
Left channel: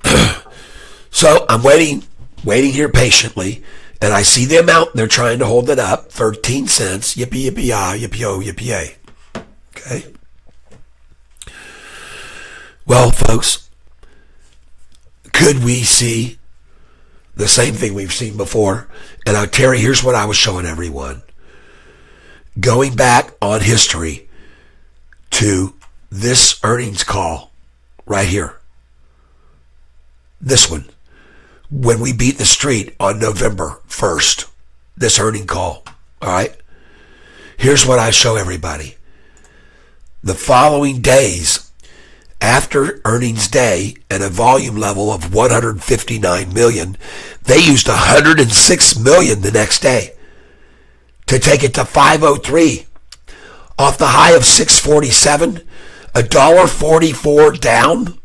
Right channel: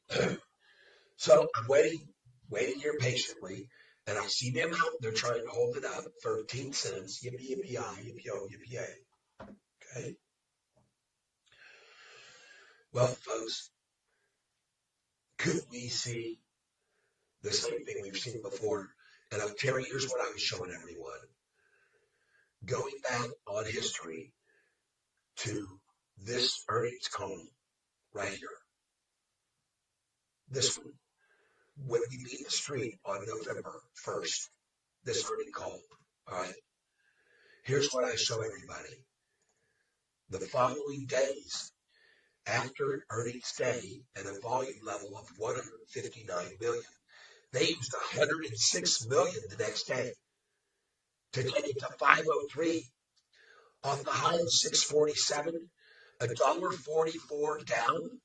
So I'm waiting here patiently, and I see the amount. They're trying to hold it up. 13 cents. Yippee, yippee, yah, yippee-oh, yippee-yay. Okay. Well, folks, could we see the same thing we've seen before? And Terry, here's what I was showing everyone. Going back on history to this earnings call right here. This one. When we beat the street on November 1st. This earning call. All right? Here's what I show everybody. The following days, after earnings day and a volume level of 159 million, they used 106 million the next day to take it to 503 off the high of 647, $1.44 down.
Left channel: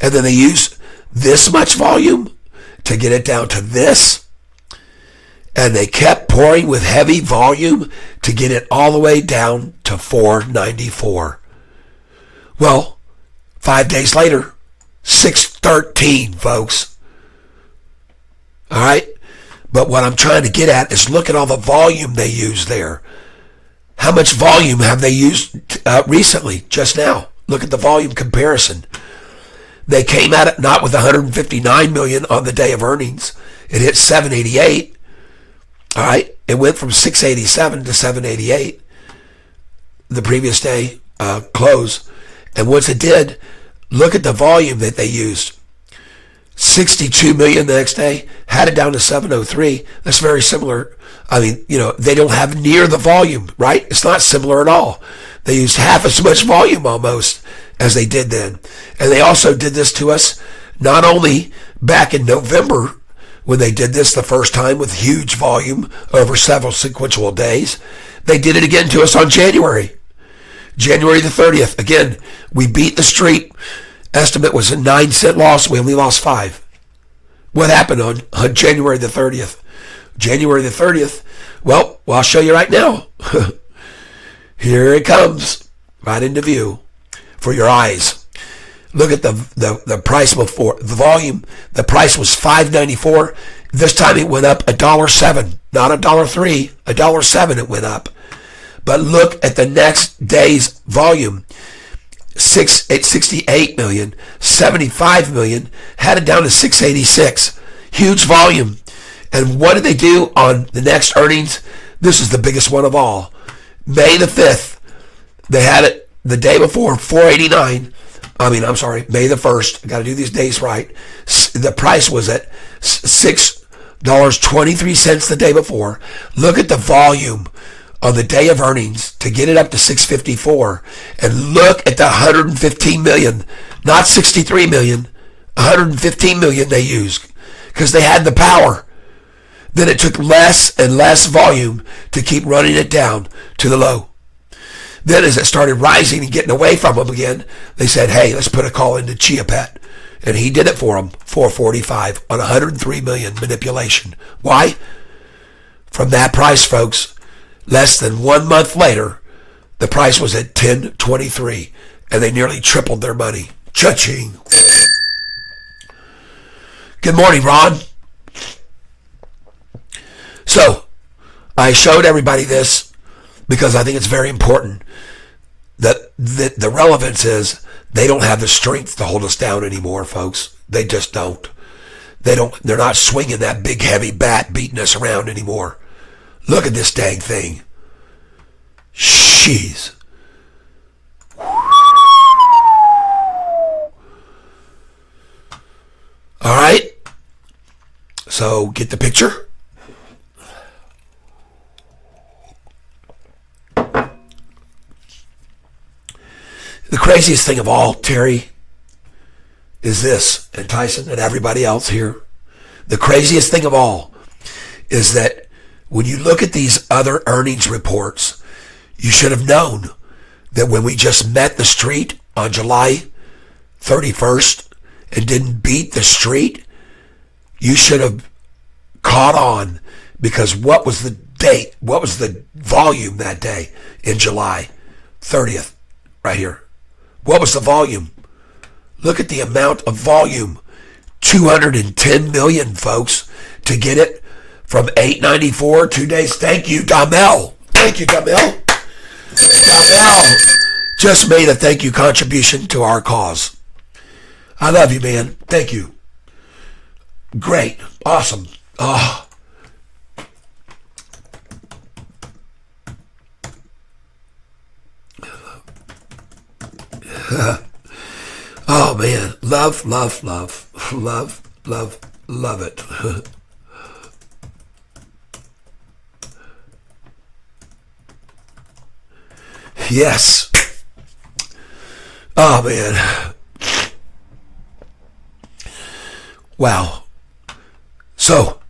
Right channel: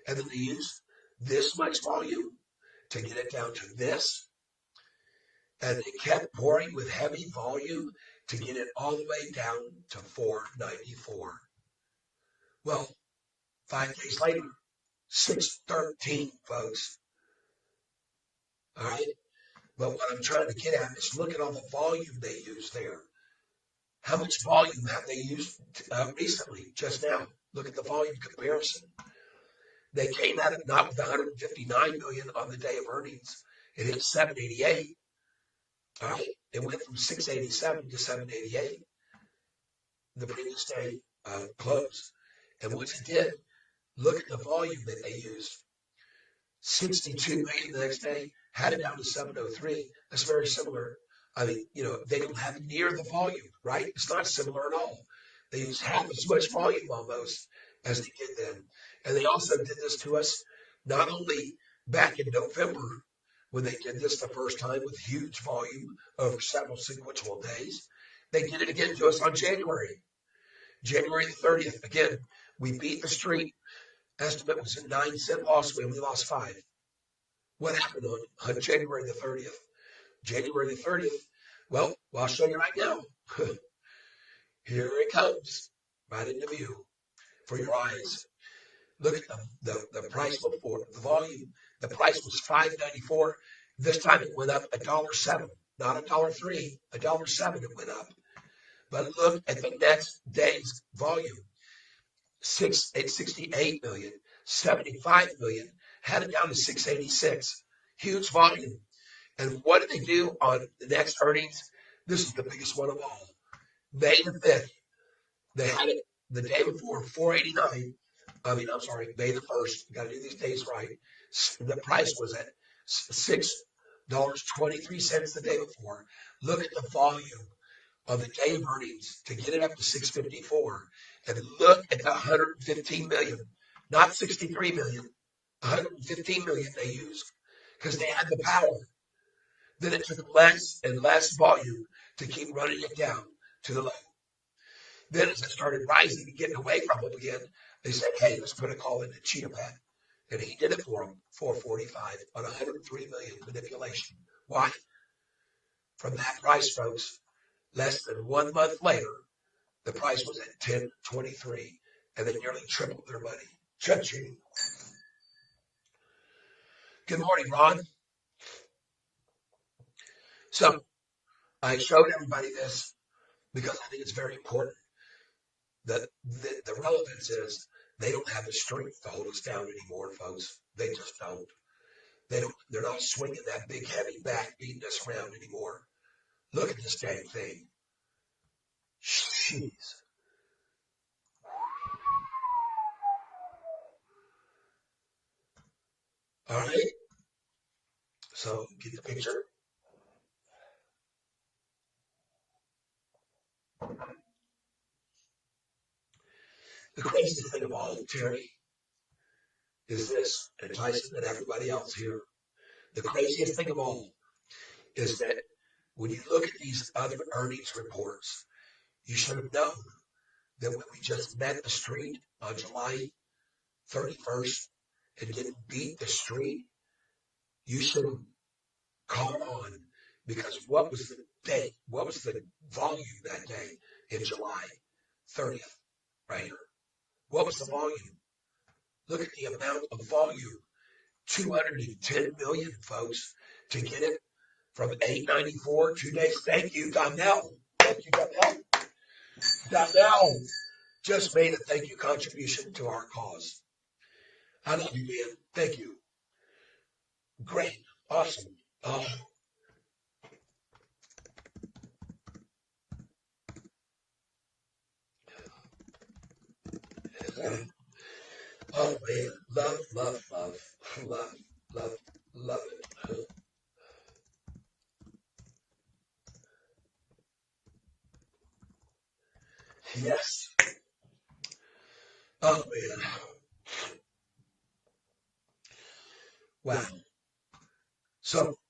And then they use this much volume to get it down to this. And they kept pouring with heavy volume to get it all the way down to 494. Well, 5 days later, 613, folks. All right? But what I'm trying to get at is look at all the volume they use there. How much volume have they used recently, just now? Look at the volume comparison. They came at it not with 159 million on the day of earnings. It hit 788. All right? It went from 687 to 788 the previous day close. And once it did, look at the volume that they used. 62 million the next day, had it down to 703. That's very similar. I mean, they don't have near the volume, right? It's not similar at all. They used half as much volume almost as they did then. And they also did this to us not only back in November when they did this the first time with huge volume over several sequential days. They did it again to us on January the 30th. Again, we beat the street. Estimate was a 9-cent loss. We only lost 5. What happened on January the 30th? January the 30th, well, I'll show you right now. Here it comes, right into view for your eyes. Look at the price before, the volume. The price was $5.94. This time it went up $1.07, not $1.03, $1.07 it went up. But look at the next day's volume. 68 million, 75 million, had it down to 686. Huge volume. And what did they do on the next earnings? This is the biggest one of all. May the 5th, they had it the day before, 489. May the 1st. Got to do these days right. The price was at $6.23 the day before. Look at the volume on the day of earnings to get it up to 654. And look at the 115 million, not 63 million, 115 million they used because they had the power. Then it took less and less volume to keep running it down to the low. Then as it started rising and getting away from them again, they said, hey, let's put a call into Chiapet. And he did it for them, 445 on 103 million manipulation. Why? From that price, folks, less than 1 month later, the price was at 1023, and they nearly tripled their money. Cha-ching. Good morning, Ron. So, I showed everybody this because I think it's very important that the relevance is they don't have the strength to hold us down anymore, folks. They just don't. They're not swinging that big heavy bat beating us around anymore. Look at this dang thing. Jeez. All right. So, get the picture. The craziest thing of all, Terry, is this, and Tyson and everybody else here. The craziest thing of all is that when you look at these other earnings reports, you should have known that when we just met the street on July 31st and didn't beat the street, you should have caught on, because what was the date? What was the volume that day in July 30th? Right here. What was the volume? Look at the amount of volume. 210 million, folks, to get it from 894 2 days. Thank you, Damel. Thank you, Damel. Damel just made a thank you contribution to our cause. I love you, man. Thank you. Great. Awesome. Oh. Oh man, love, love, love, love, love, love it. Yes. Oh, man. Wow. So,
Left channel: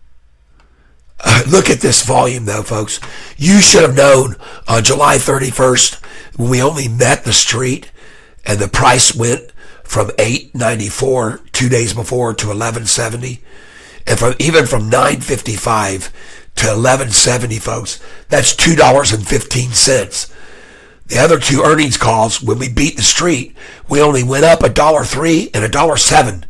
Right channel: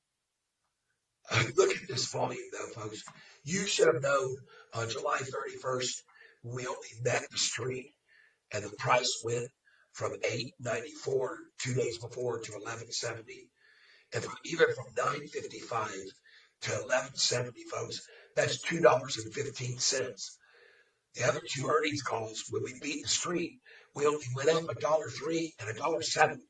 look at this volume, though, folks. You should have known on July 31st when we only met the street and the price went from $8.94 2 days before to $11.70, and even from $9.55 to $11.70, folks. That's $2.15. The other two earnings calls, when we beat the street, we only went up $1.03 and $1.07.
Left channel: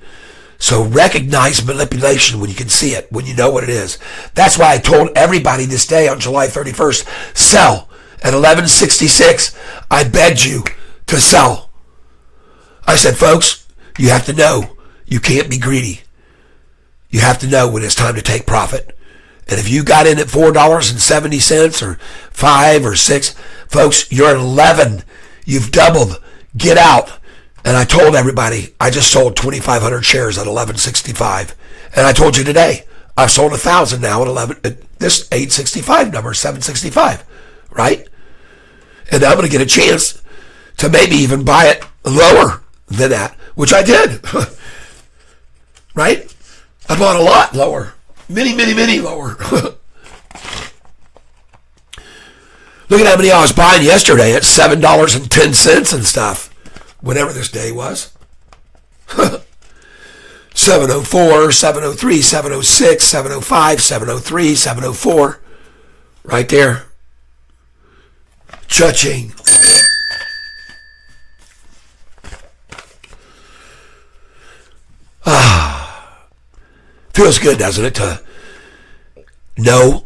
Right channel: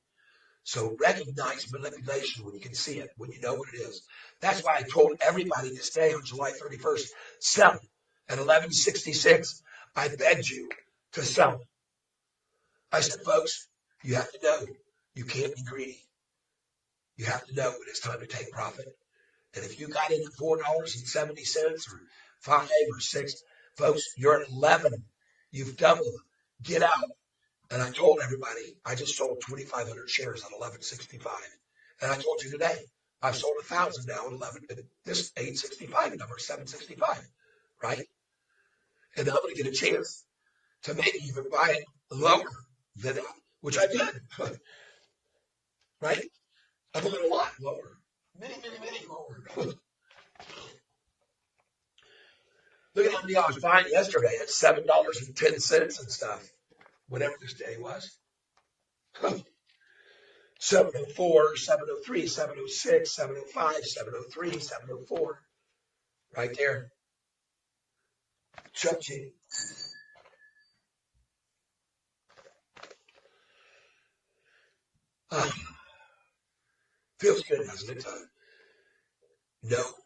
So recognize manipulation when you can see it, when you know what it is. That's why I told everybody this day on July 31st, sell at 11.66. I begged you to sell. I said, folks, you have to know you can't be greedy. You have to know when it's time to take profit. And if you got in at $4.70 or $5 or $6, folks, you're at 11. You've doubled. Get out. And I told everybody, I just sold 2,500 shares at 11.65. And I told you today, I've sold 1,000 now at this 865 number, 765, right? And I'm going to get a chance to maybe even buy it lower than that, which I did, right? I bought a lot lower, many lower. Look at how many I was buying yesterday at $7.10 and stuff. Whatever this day was. 704, 703, 706, 705, 703, 704. Right there. Cha-ching. Feels good, doesn't it, to know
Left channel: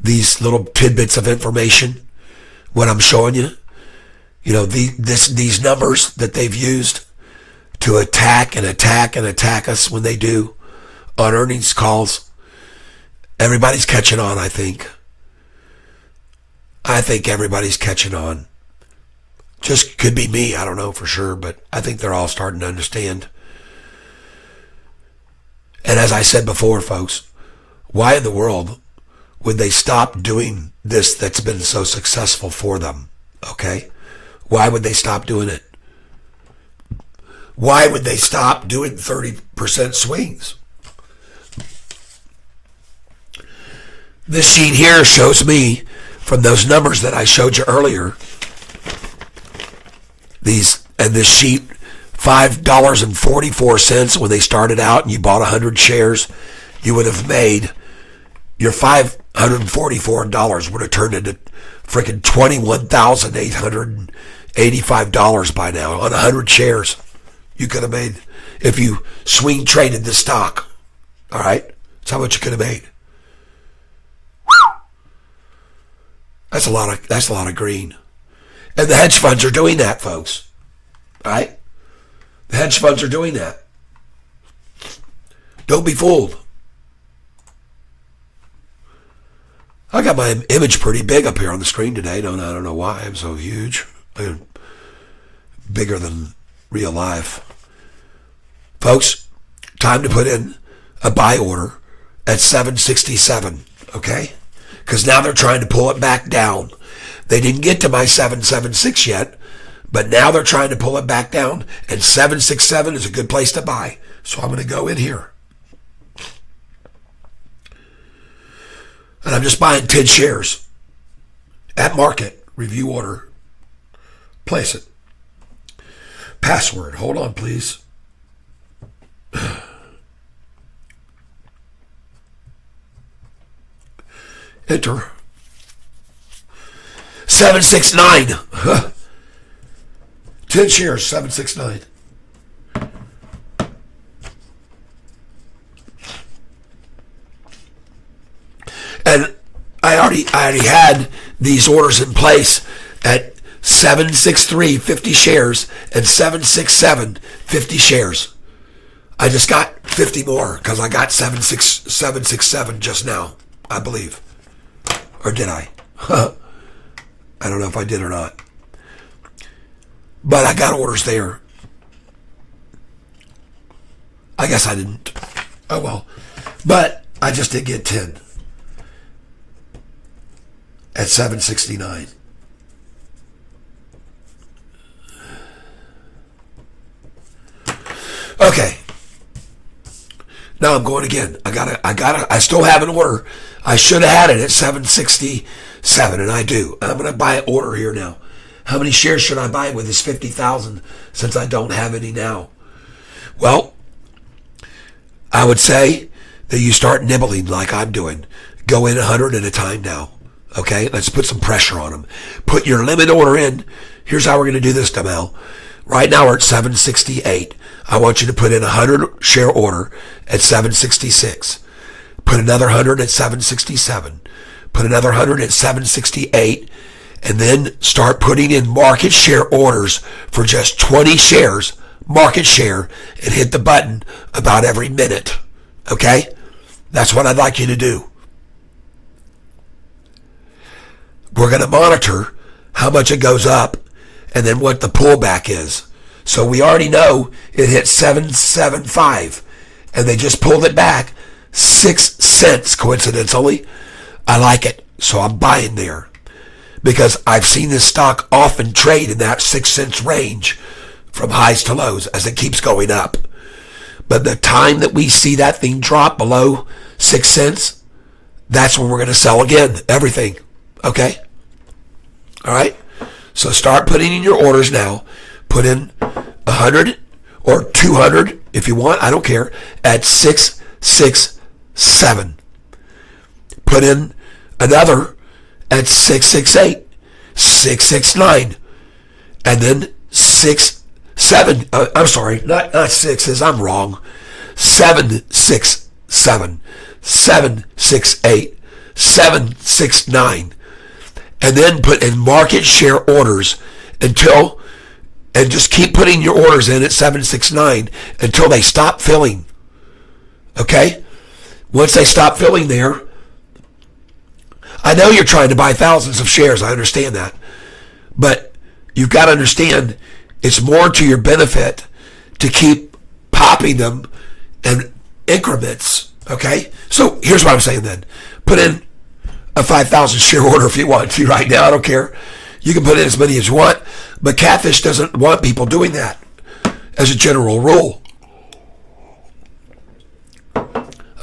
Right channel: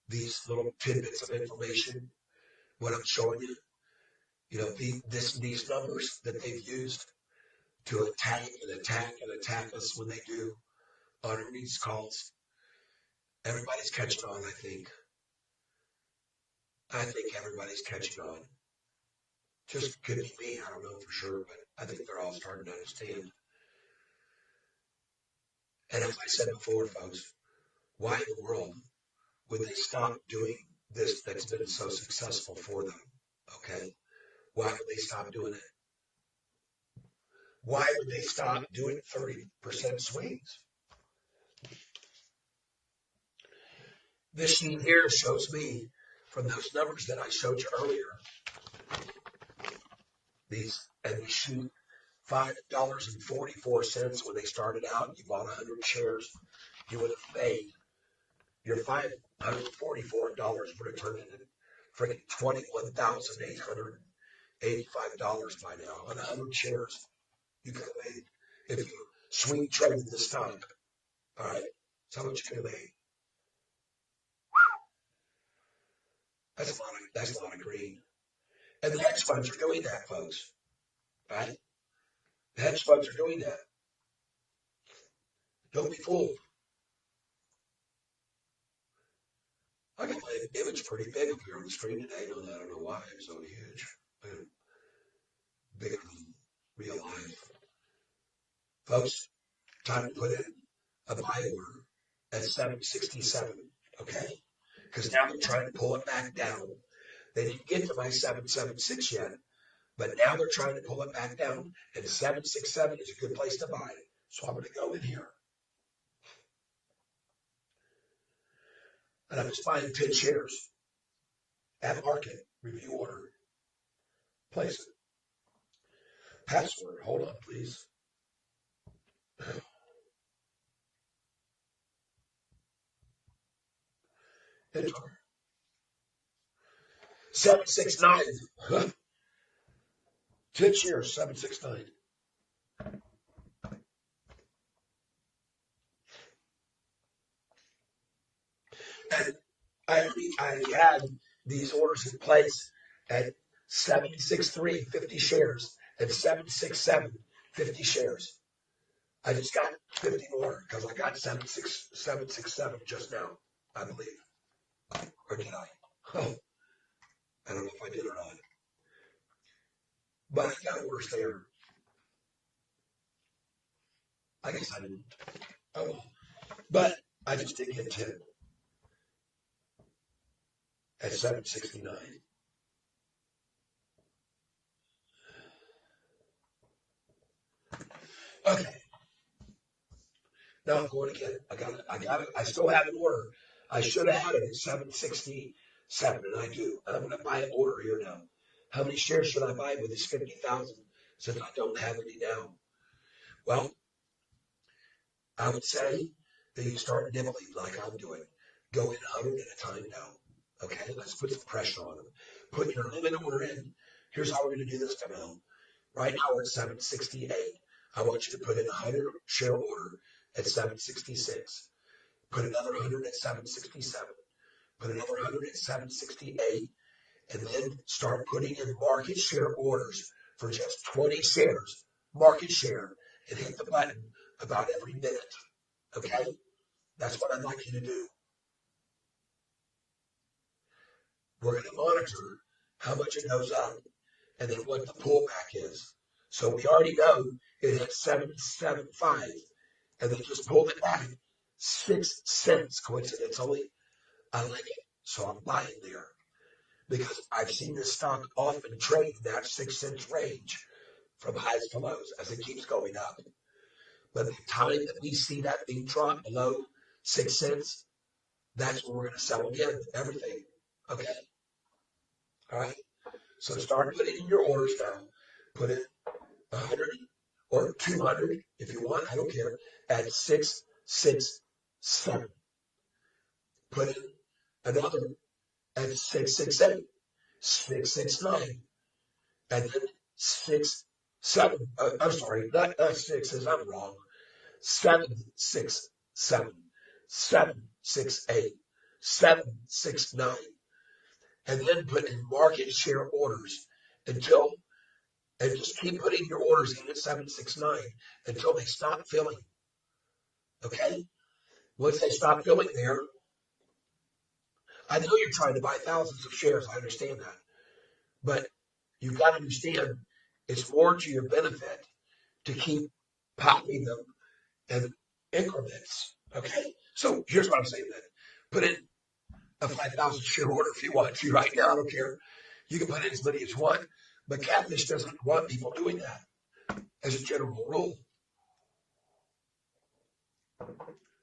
these little tidbits of information, what I'm showing you? You know, these numbers that they've used to attack us when they do on earnings calls. Everybody's catching on, I think. I think everybody's catching on. Just could be me, I don't know for sure, but I think they're all starting to understand. And as I said before, folks, why in the world would they stop doing this that's been so successful for them? Okay? Why would they stop doing it? Why would they stop doing 30% swings? This sheet here shows me, from those numbers that I showed you earlier, this sheet, $5.44 when they started out and you bought 100 shares, you would have made your $544 would have turned into freaking $21,885 by now on 100 shares. You could have made if you swing traded the stock. All right, that's how much you could have made. That's a lot of green, and the hedge funds are doing that, folks. All right, the hedge funds are doing that. Don't be fooled. I got my image pretty big up here on the screen today. I don't know why I'm so huge. I'm bigger than real life. Folks, time to put in a buy order at 767, okay? Because now they're trying to pull it back down. They didn't get to my 776 yet, but now they're trying to pull it back down, and 767 is a good place to buy. So I'm going to go in here. And I'm just buying 10 shares at market, review order, place it. Password, hold on please. Enter. 769. 10 shares, 769. And I already had these orders in place at 763, 50 shares, and 767, 50 shares. I just got 50 more because I got 767 just now, I believe. Or did I? I don't know if I did or not. But I got orders there. I guess I didn't. Oh well. But I just did get 10 at 769. Okay. Now I'm going again. I still have an order. I should have had it at 767, and I do. I'm going to buy an order here now. How many shares should I buy with this 50,000 since I don't have any now? Well, I would say that you start nibbling like I'm doing. Go in 100 at a time now. Okay, let's put some pressure on them. Put your limit order in. Here's how we're going to do this, Damel. Right now we're at 768. I want you to put in a 100 share order at 766. Put another 100 at 767. Put another 100 at 768. And then start putting in market share orders for just 20 shares, market share, and hit the button about every minute. Okay? That's what I'd like you to do. We're going to monitor how much it goes up and then what the pullback is. So we already know it hit 775 and they just pulled it back 6 cents coincidentally. I like it. So I'm buying there because I've seen this stock often trade in that 6 cents range from highs to lows as it keeps going up. But the time that we see that thing drop below 6 cents, that's when we're going to sell again, everything. Okay? All right? So start putting in your orders now. Put in 100 or 200 if you want, I don't care, at 667. Put in another at 668, 669, and then 67. I'm sorry, not sixes, I'm wrong. 767, 768, 769. And then put in market share orders and just keep putting your orders in at 769 until they stop filling. Okay? Once they stop filling there, I know you're trying to buy thousands of shares. I understand that. But you've got to understand it's more to your benefit to keep popping them in increments. Okay? So here's what I'm saying then. Put in a 5,000 share order if you want to right now. I don't care. You can put in as many as you want, but Catfish doesn't want people doing that as a general rule.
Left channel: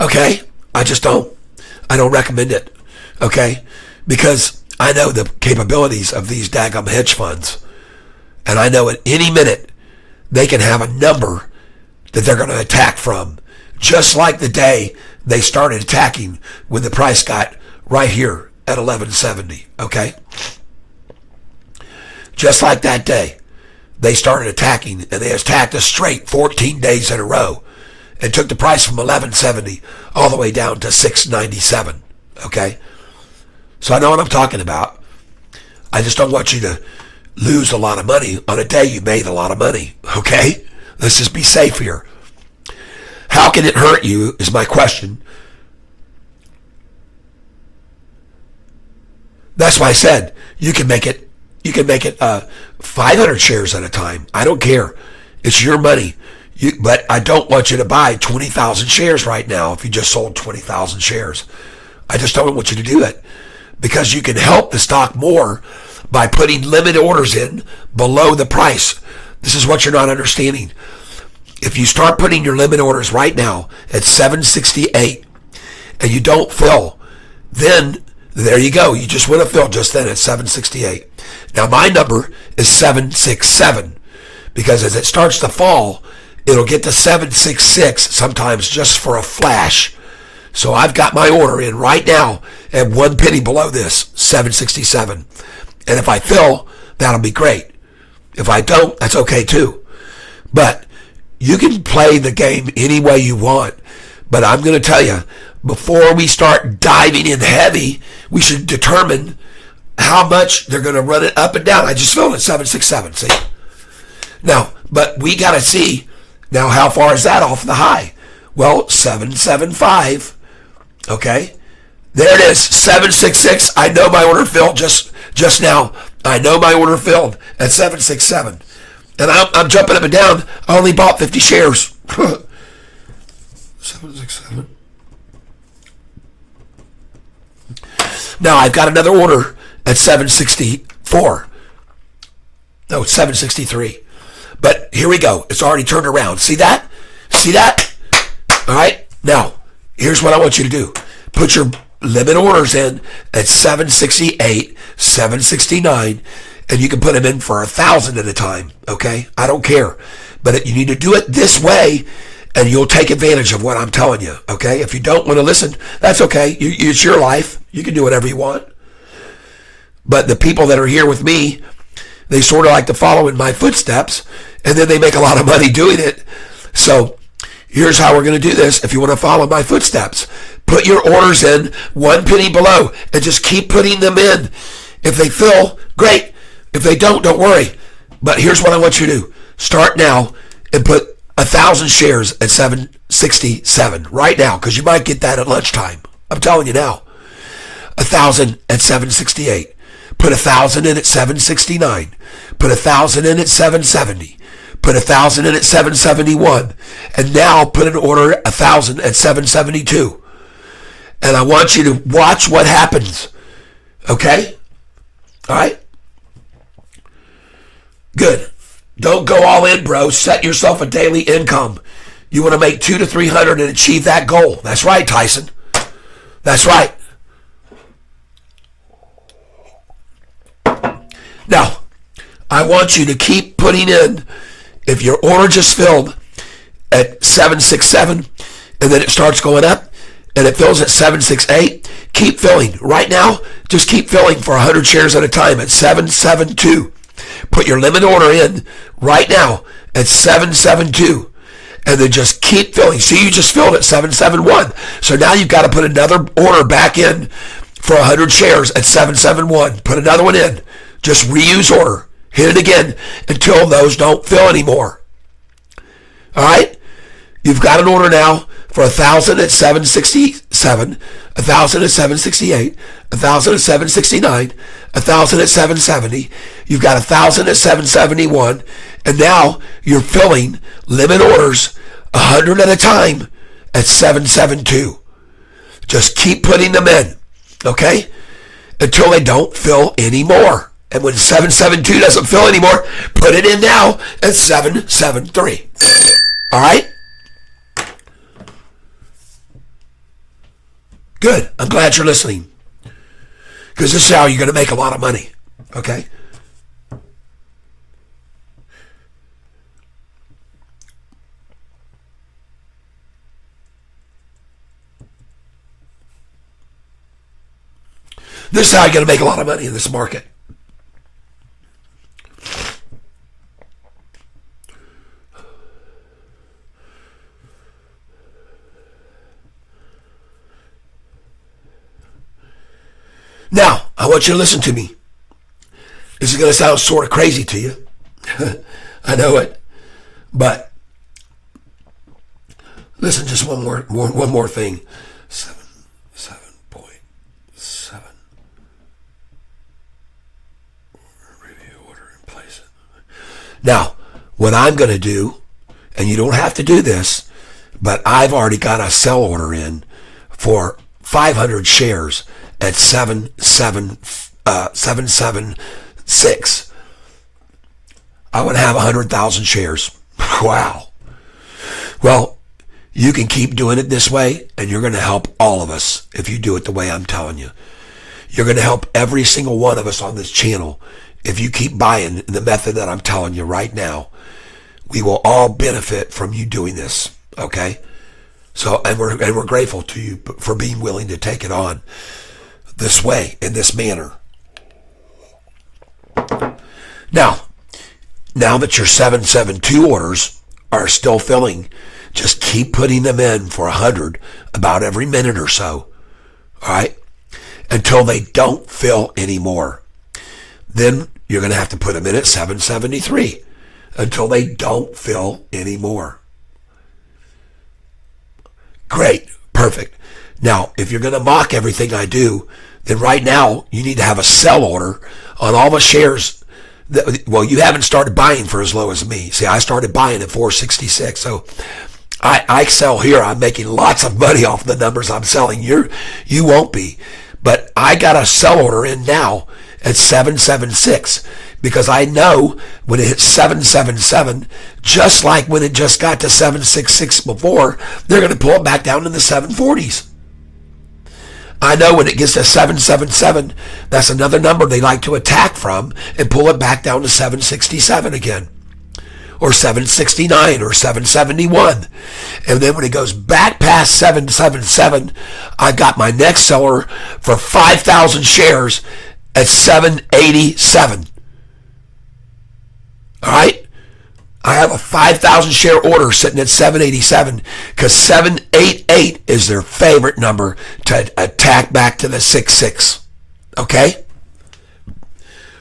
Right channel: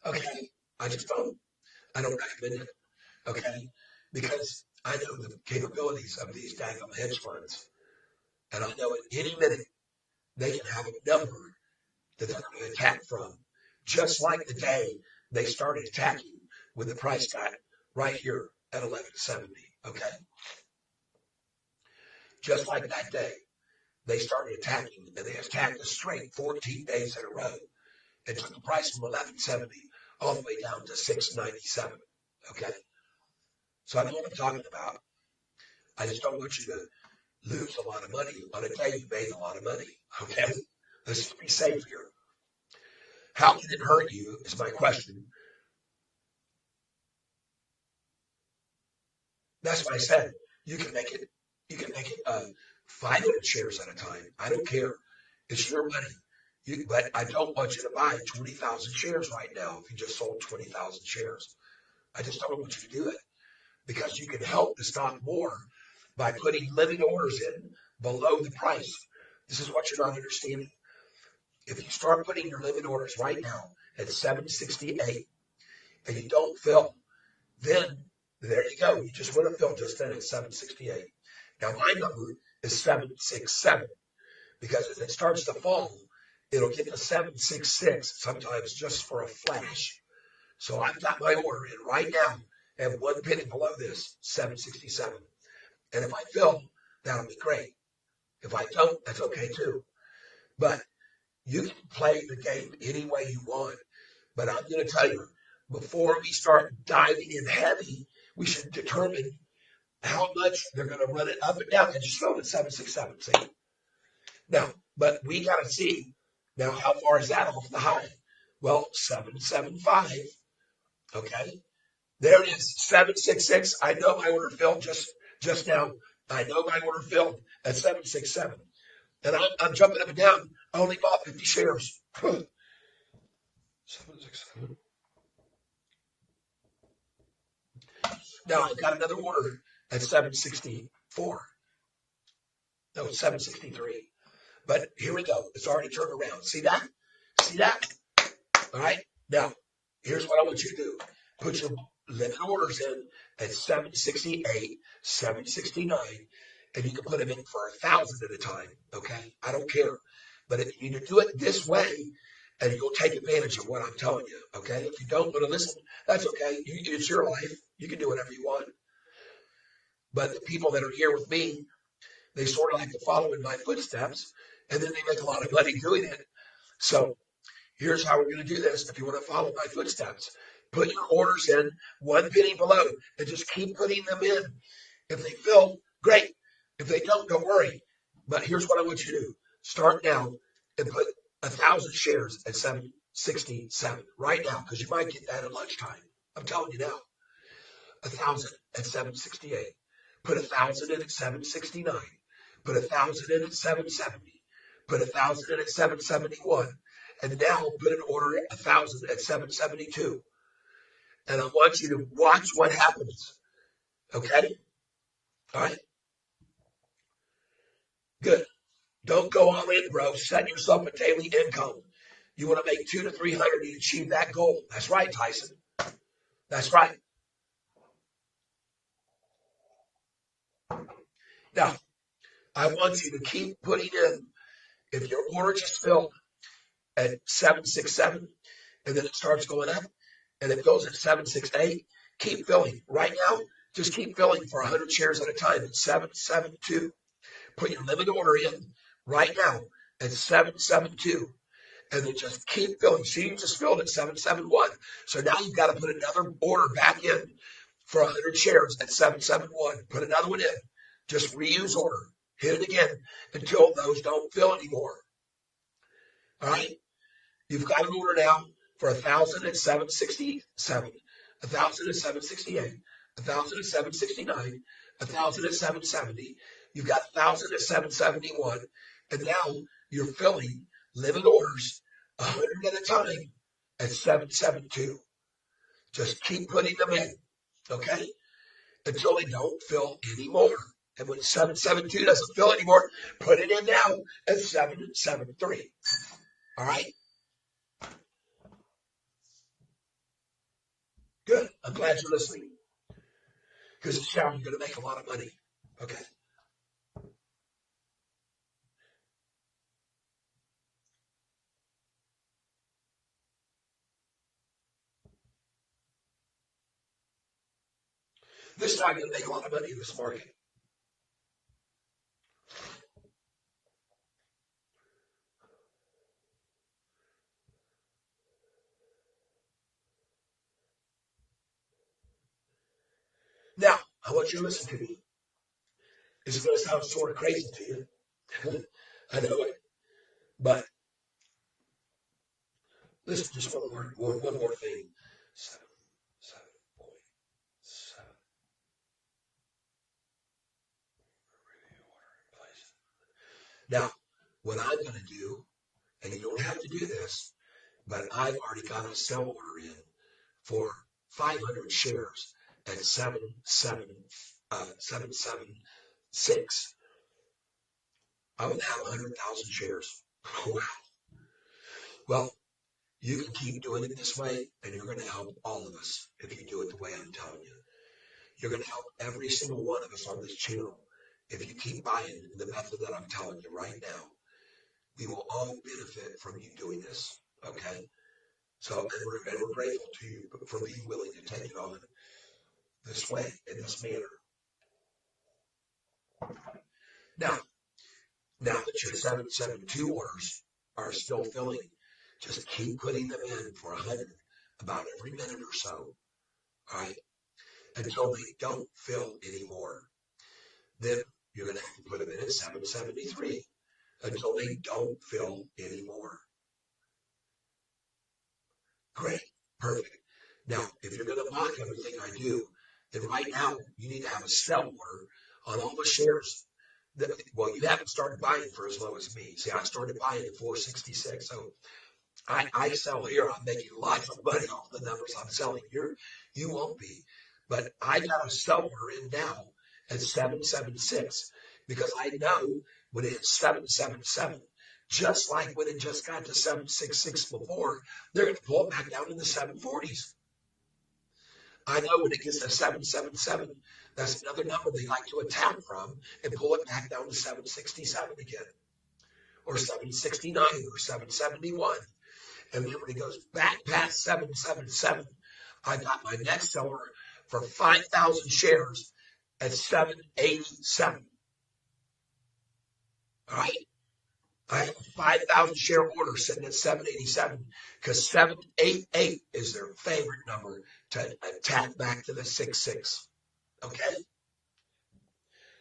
Okay? I just don't. I don't recommend it. Okay? Because I know the capabilities of these daggum hedge funds. And I know at any minute they can have a number that they're going to attack from. Just like the day they started attacking when the price got right here at 1170, okay? Just like that day, they started attacking, and they attacked us straight 14 days in a row and took the price from 1170 all the way down to 697, okay? So I know what I'm talking about. I just don't want you to lose a lot of money on a day you made a lot of money, okay? Let's just be safe here. How can it hurt you is my question. That's why I said you can make it 500 shares at a time. I don't care. It's your money. But I don't want you to buy 20,000 shares right now if you just sold 20,000 shares. I just don't want you to do it because you can help the stock more by putting limit orders in below the price. This is what you're not understanding. If you start putting your limit orders right now at 768 and you don't fill, then there you go. You just went to fill just then at 768. Now my number is 767 because as it starts to fall, it'll get to 766 sometimes just for a flash. So I've got my order in right now at 1 penny below this, 767. And if I fill, that'll be great. If I don't, that's okay too. But you can play the game any way you want. But I'm going to tell you, before we start diving in heavy, we should determine how much they're going to run it up and down. I just filled it 767, see? Now, but we got to see, now how far is that off the high? Well, 775, okay? There it is, 766. I know my order filled just now. I know my order filled at 767. And I'm jumping up and down. I only bought 50 shares. 767. Now I've got another order at 764. No, it's 763. But here we go. It's already turned around. See that? See that? All right. Now, here's what I want you to do. Put your limit orders in at 768, 769, and you can put them in for 1,000 at a time. Okay? I don't care. But you need to do it this way, and you'll take advantage of what I'm telling you. Okay? If you don't want to listen, that's okay. It's your life. You can do whatever you want. But the people that are here with me, they sort of like to follow in my footsteps, and then they make a lot of money doing it. So here's how we're going to do this. If you want to follow my footsteps, put your orders in 1 penny below and just keep putting them in. If they fill, great. If they don't worry. But here's what I want you to do. Start now and put 1,000 shares at 767 right now, because you might get that at lunchtime. I'm telling you now. 1,000 at 768. Put 1,000 in at 769. Put 1,000 in at 770. Put 1,000 in at 771. And now put an order 1,000 at 772. And I want you to watch what happens. Okay? All right? Good. Don't go all in, bro. Set yourself a daily income. You want to make 200 to 300 and achieve that goal. That's right, Tyson. That's right. Now, I want you to keep putting in, if your order just filled at 767 and then it starts going up and it fills at 768, keep filling. Right now, just keep filling for 100 shares at a time at 772. Put your limit order in right now at 772 and then just keep filling. See, you just filled at 771. So now you've got to put another order back in for 100 shares at 771. Put another one in. Just reuse order. Hit it again until those don't fill anymore. All right? You've got an order now for 1,000 at 767, 1,000 at 768, 1,000 at 769, 1,000 at 770. You've got 1,000 at 771. And now you're filling limit orders 100 at a time at 772. Just keep putting them in. Okay? Until they don't fill anymore. And when 772 doesn't fill anymore, put it in now at 773. All right? Good. I'm glad you're listening. Because this is how you're going to make a lot of money. Okay? This is how you're going to make a lot of money in this market. Now, I want you to listen to me. This is going to sound sort of crazy to you. I know it. But listen, just one more thing. 7.7. Review order and place it. Now, what I'm going to do, and you don't have to do this, but I've already got a sell order in for 500 shares at 776. I would have 100,000 shares. Wow. Well, you can keep doing it this way, and you're going to help all of us if you do it the way I'm telling you. You're going to help every single one of us on this channel if you keep buying the method that I'm telling you right now. We will all benefit from you doing this, okay? So, and we're grateful to you for being willing to take it on this way, in this manner. Now that your 772 orders are still filling, just keep putting them in for 100 about every minute or so, all right, until they don't fill anymore. Then you're going to have to put them in at 773 until they don't fill anymore. Great, perfect. Now, if you're going to mock everything I do, then right now you need to have a sell order on all the shares. Well, you haven't started buying for as low as me. See, I started buying at 466. So I sell here. I'm making lots of money off the numbers I'm selling. You won't be. But I got a sell order in now at 776 because I know when it hits 777, just like when it just got to 766 before, they're going to pull it back down in the 740s. I know when it gets to 777, that's another number they like to attack from and pull it back down to 767 again, or 769 or 771. And then when it goes back past 777, I've got my next seller for 5,000 shares at 787. All right? I have a 5,000 share order sitting at 787 because 788 is their favorite number to attack back to the 66. Okay?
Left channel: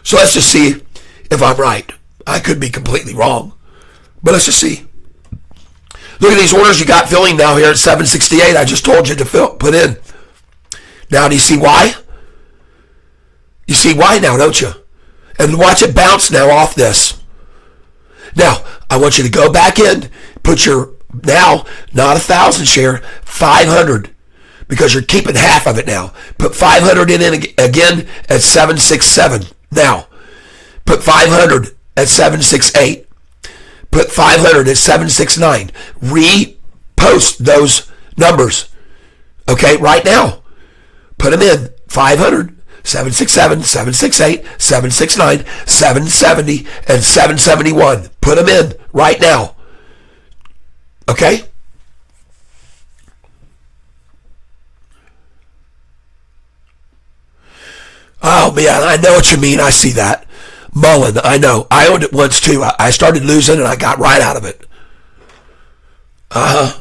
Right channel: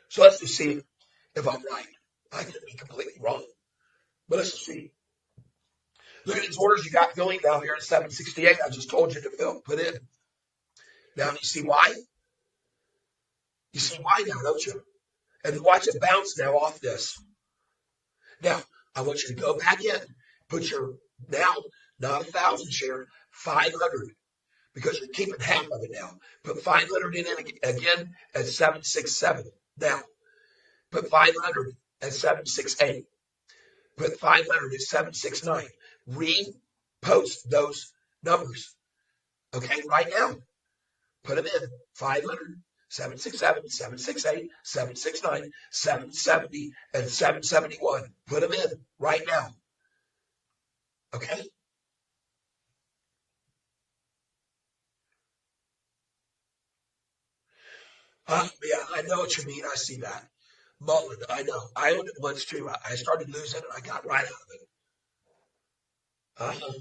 So let's just see if I'm right. I could be completely wrong, but let's just see. Look at these orders you got filling now here at 768. I just told you to put in. Now, do you see why? You see why now, don't you? And watch it bounce now off this. Now, I want you to go back in, put your, now, not 1,000 share, 500, because you're keeping half of it now. Put 500 in again at 767. Now, put 500 at 768. Put 500 at 769. Repost those numbers, okay, right now. Put them in, 500. 767, 768, 769, 770, and 771. Put them in right now. Okay? Oh, man, I know what you mean. I see that. Mullen, I know. I owned it once, too. I started losing, and I got right out of it. Uh-huh.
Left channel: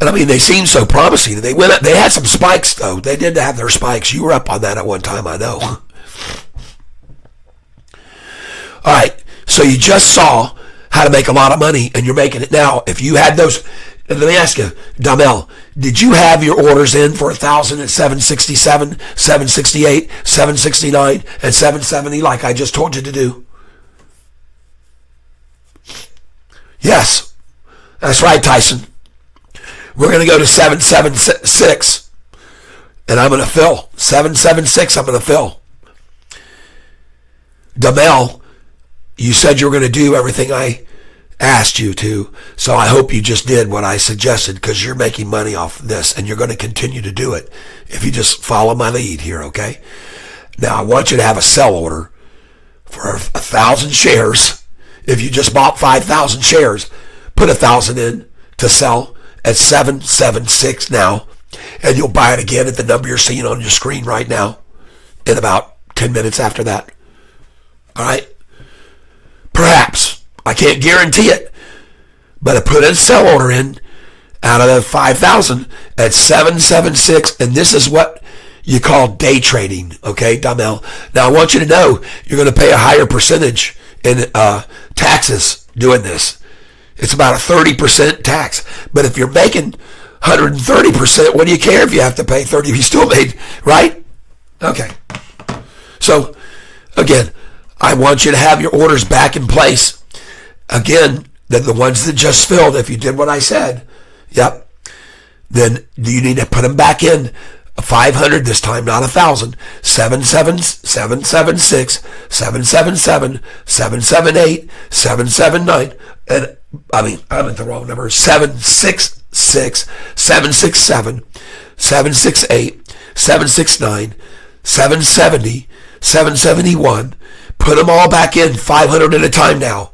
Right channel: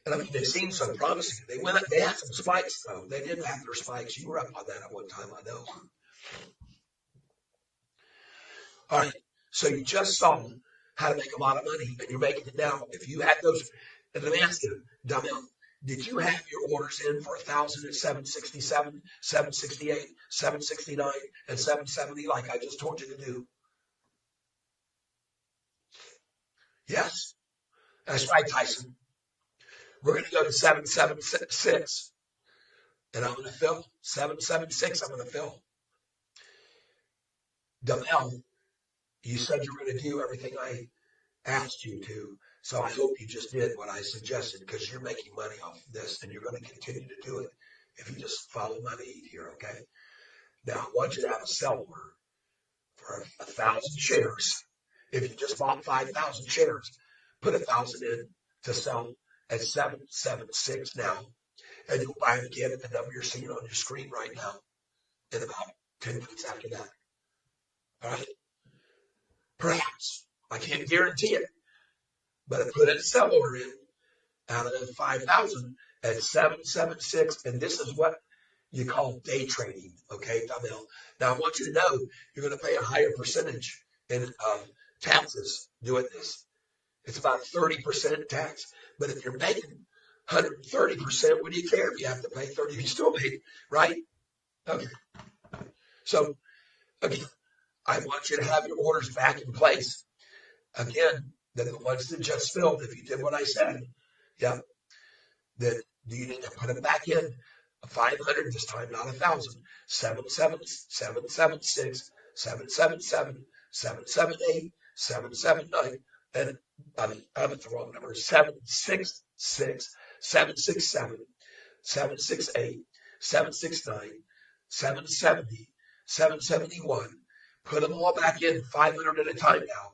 And I mean, they seem so promising. They went up, they had some spikes, though. They did have their spikes. You were up on that at one time, I know. All right, so you just saw how to make a lot of money, and you're making it now. If you had those, let me ask you, Damel, did you have your orders in for 1,000 at 767, 768, 769, and 770 like I just told you to do? Yes, that's right, Tyson. We're going to go to 776, and I'm going to fill. 776, I'm going to fill. Damel, you said you were going to do everything I asked you to, so I hope you just did what I suggested, because you're making money off this, and you're going to continue to do it if you just follow my lead here, okay? Now, I want you to have a sell order for 1,000 shares. If you just bought 5,000 shares, put 1,000 in to sell at 776 now, and you'll buy it again at the number you're seeing on your screen right now in about 10 minutes after that. All right? Perhaps. I can't guarantee it, but I put a sell order in out of the 5,000 at 776, and this is what you call day trading, okay, Damel? Now, I want you to know you're going to pay a higher percentage in taxes doing this. It's about a 30% tax. But if you're making 130%, what do you care if you have to pay 30? You still made, right? Okay. So, again, I want you to have your orders back in place. Again, the ones that just filled, if you did what I said, yep, then you need to put them back in. 500 this time, not 1,000. 776, 777, 778, 779, and I'm at the wrong number. 766, 767, 768, 769, 770, 771. Put them all back in, 500 at a time now.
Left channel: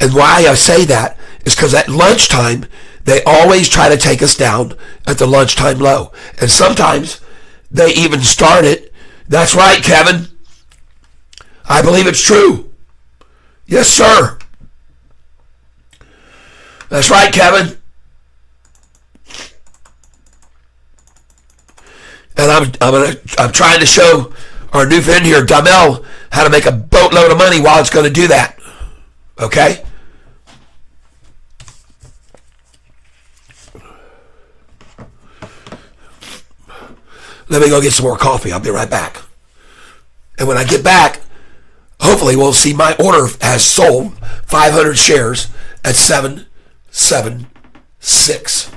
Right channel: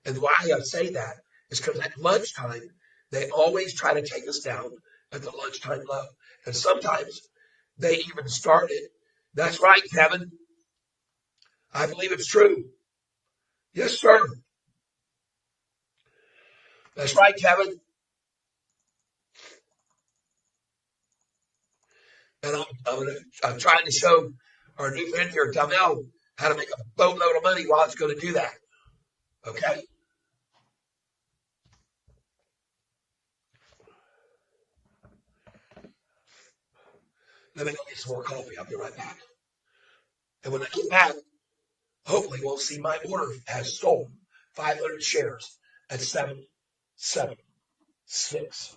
And why I say that is because at lunchtime, they always try to take us down at the lunchtime low. And sometimes they even start it. That's right, Kevin. I believe it's true. Yes, sir. That's right, Kevin. And I'm trying to show our new friend here, Damel, how to make a boatload of money while it's going to do that. Okay? Let me go get some more coffee. I'll be right back. And when I get back, hopefully we'll see my order has sold 500 shares at 776.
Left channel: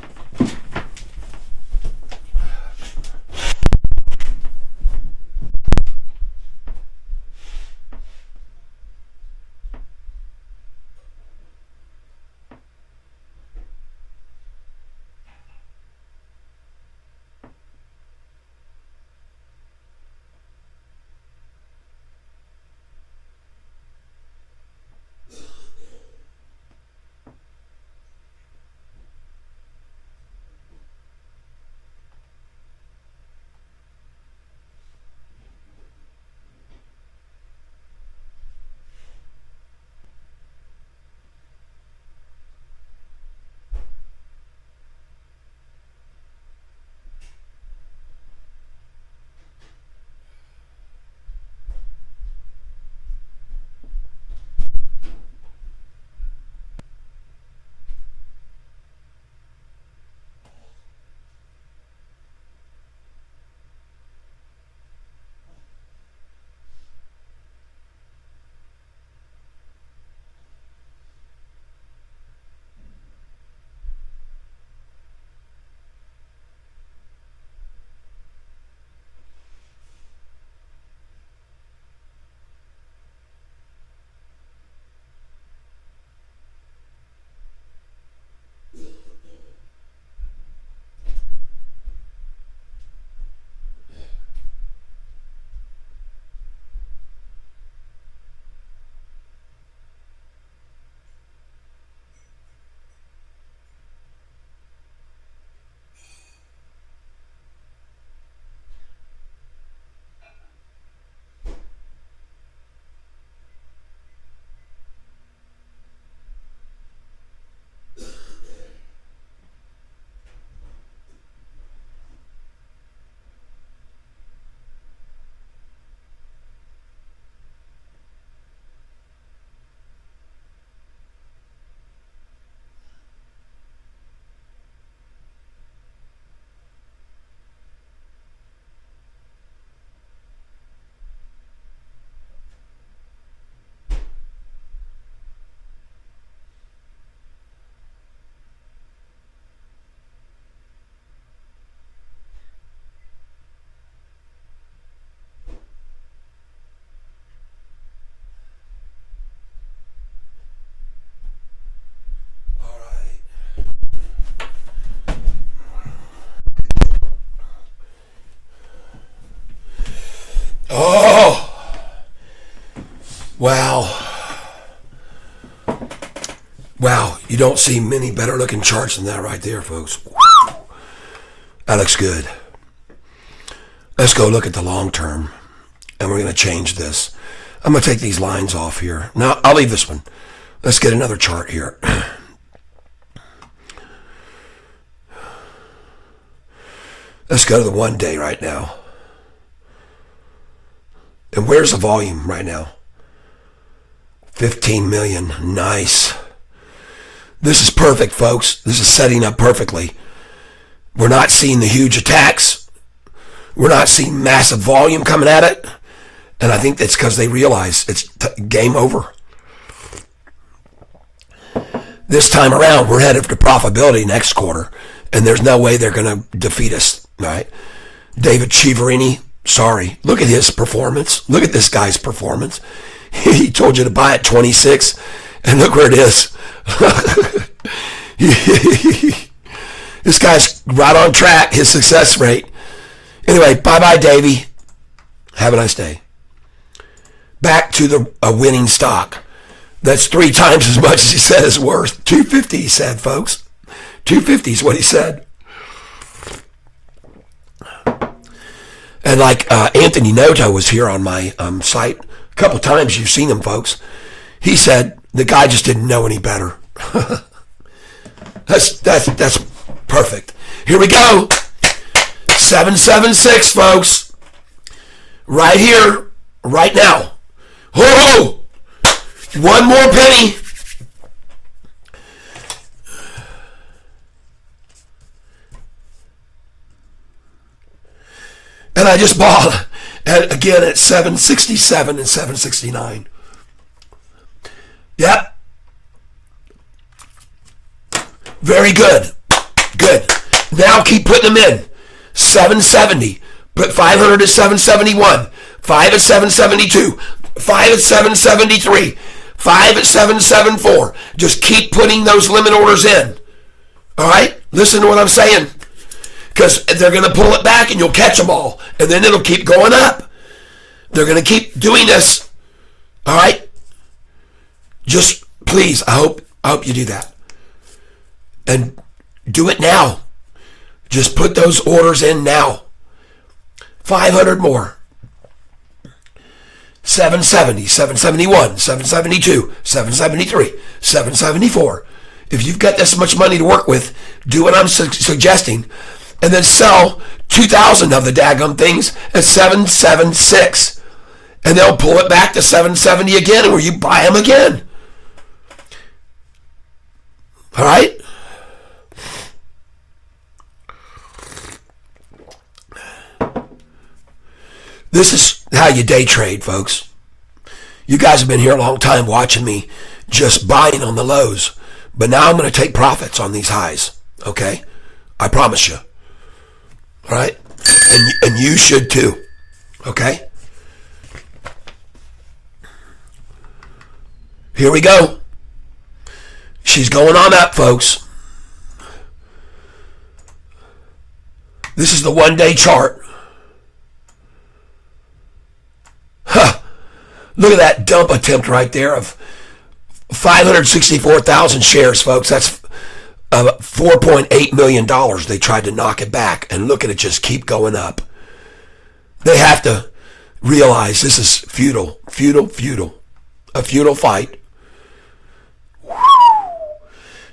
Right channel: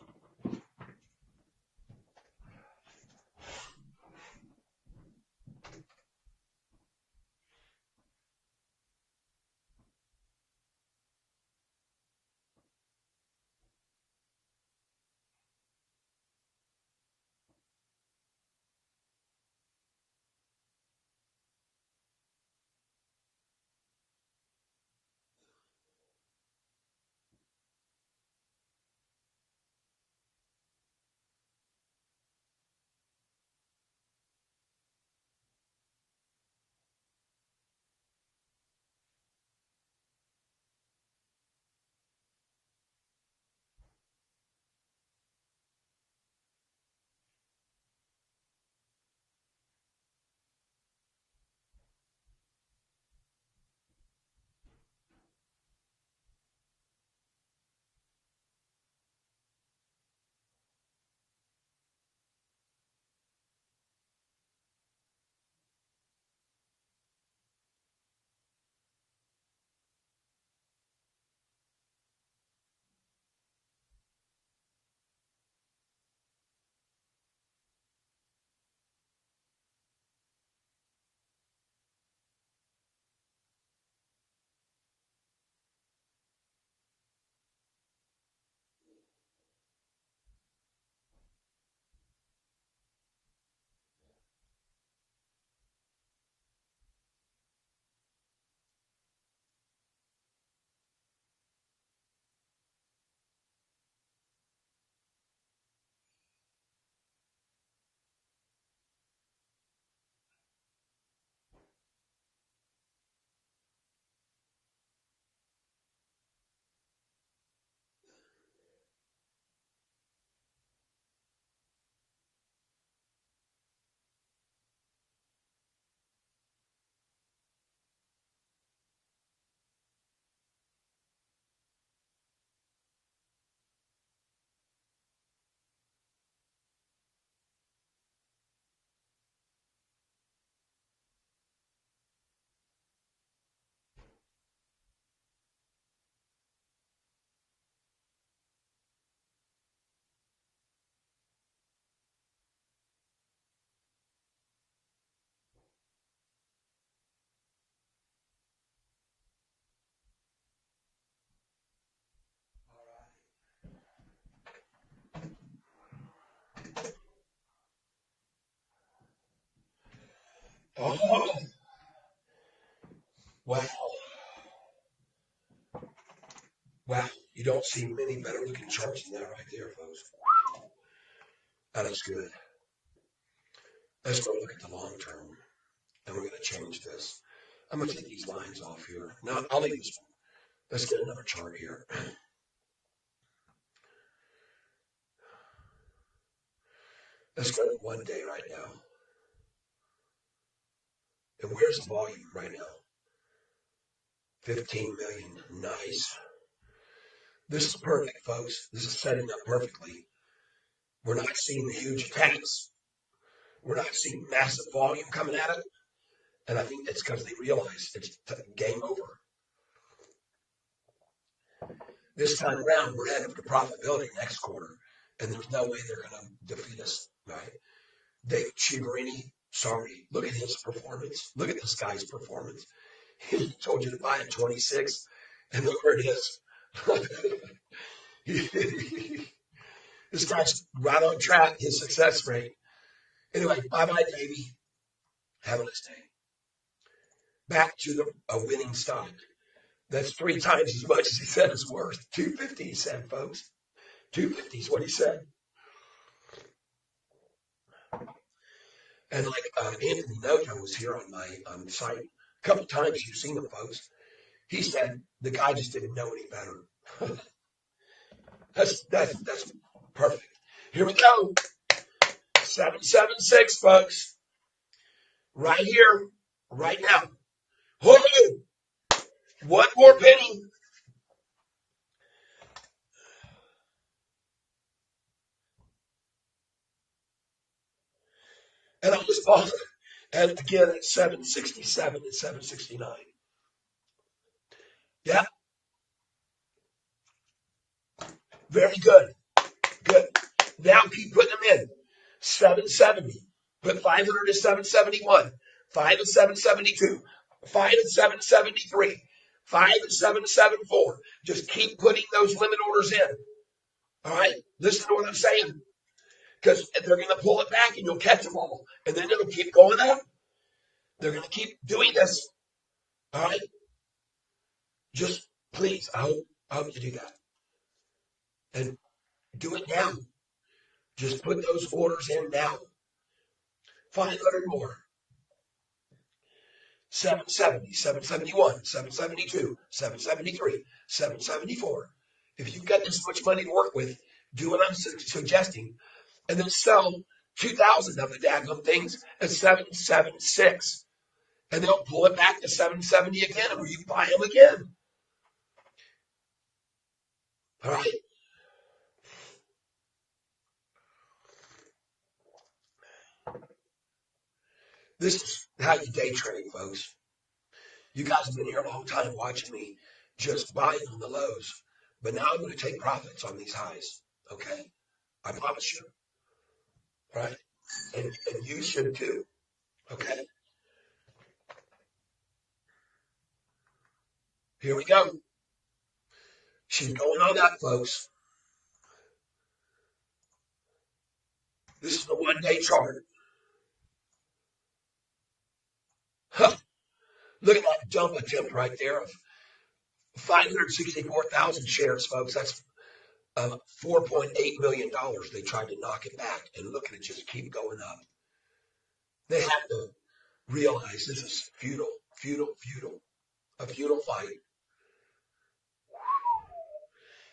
Wow. Wow, you don't see many better looking charts than that right there, folks. That looks good. Let's go look at the long term, and we're going to change this. I'm going to take these lines off here. Now, I'll leave this one. Let's get another chart here. Let's go to the 1 day right now. And where's the volume right now? 15 million. Nice. This is perfect, folks. This is setting up perfectly. We're not seeing the huge attacks. We're not seeing massive volume coming at it. And I think that's because they realize it's game over. This time around, we're headed for profitability next quarter. And there's no way they're going to defeat us. All right? David Chiaverini, sorry. Look at his performance. Look at this guy's performance. He told you to buy at 26. And look where it is. This guy's right on track, his success rate. Anyway, bye-bye, Davey. Have a nice day. Back to a winning stock. That's 3 times as much as he said it's worth. 250, he said, folks. 250 is what he said. And like Anthony Noto was here on my site a couple times. You've seen him, folks. He said the guy just didn't know any better. That's perfect. Here we go. 776, folks. Right here, right now. Oh, one more penny. And I just bought again at 767 and 769. Yep. Very good. Good. Now keep putting them in. 770. Put 500 at 771. 5 at 772. 5 at 773. 5 at 774. Just keep putting those limit orders in. All right? Listen to what I'm saying. Because they're going to pull it back and you'll catch them all. And then it'll keep going up. They're going to keep doing this. All right? Just please, I hope you do that. And do it now. Just put those orders in now. 500 more. 770, 771, 772, 773, 774. If you've got this much money to work with, do what I'm suggesting. And then sell 2,000 of the daggum things at 776. And they'll pull it back to 770 again, or you buy them again. All right? This is how you day trade, folks. You guys have been here a long time watching me just buying on the lows. But now I'm going to take profits on these highs. Okay? I promise you. All right? And you should too. Okay? Here we go. She's going on up, folks. This is the 1 day chart. Huh. Look at that dump attempt right there of 564,000 shares, folks. That's $4.8 million. They tried to knock it back, and look at it just keep going up. They have to realize this is futile. A futile fight.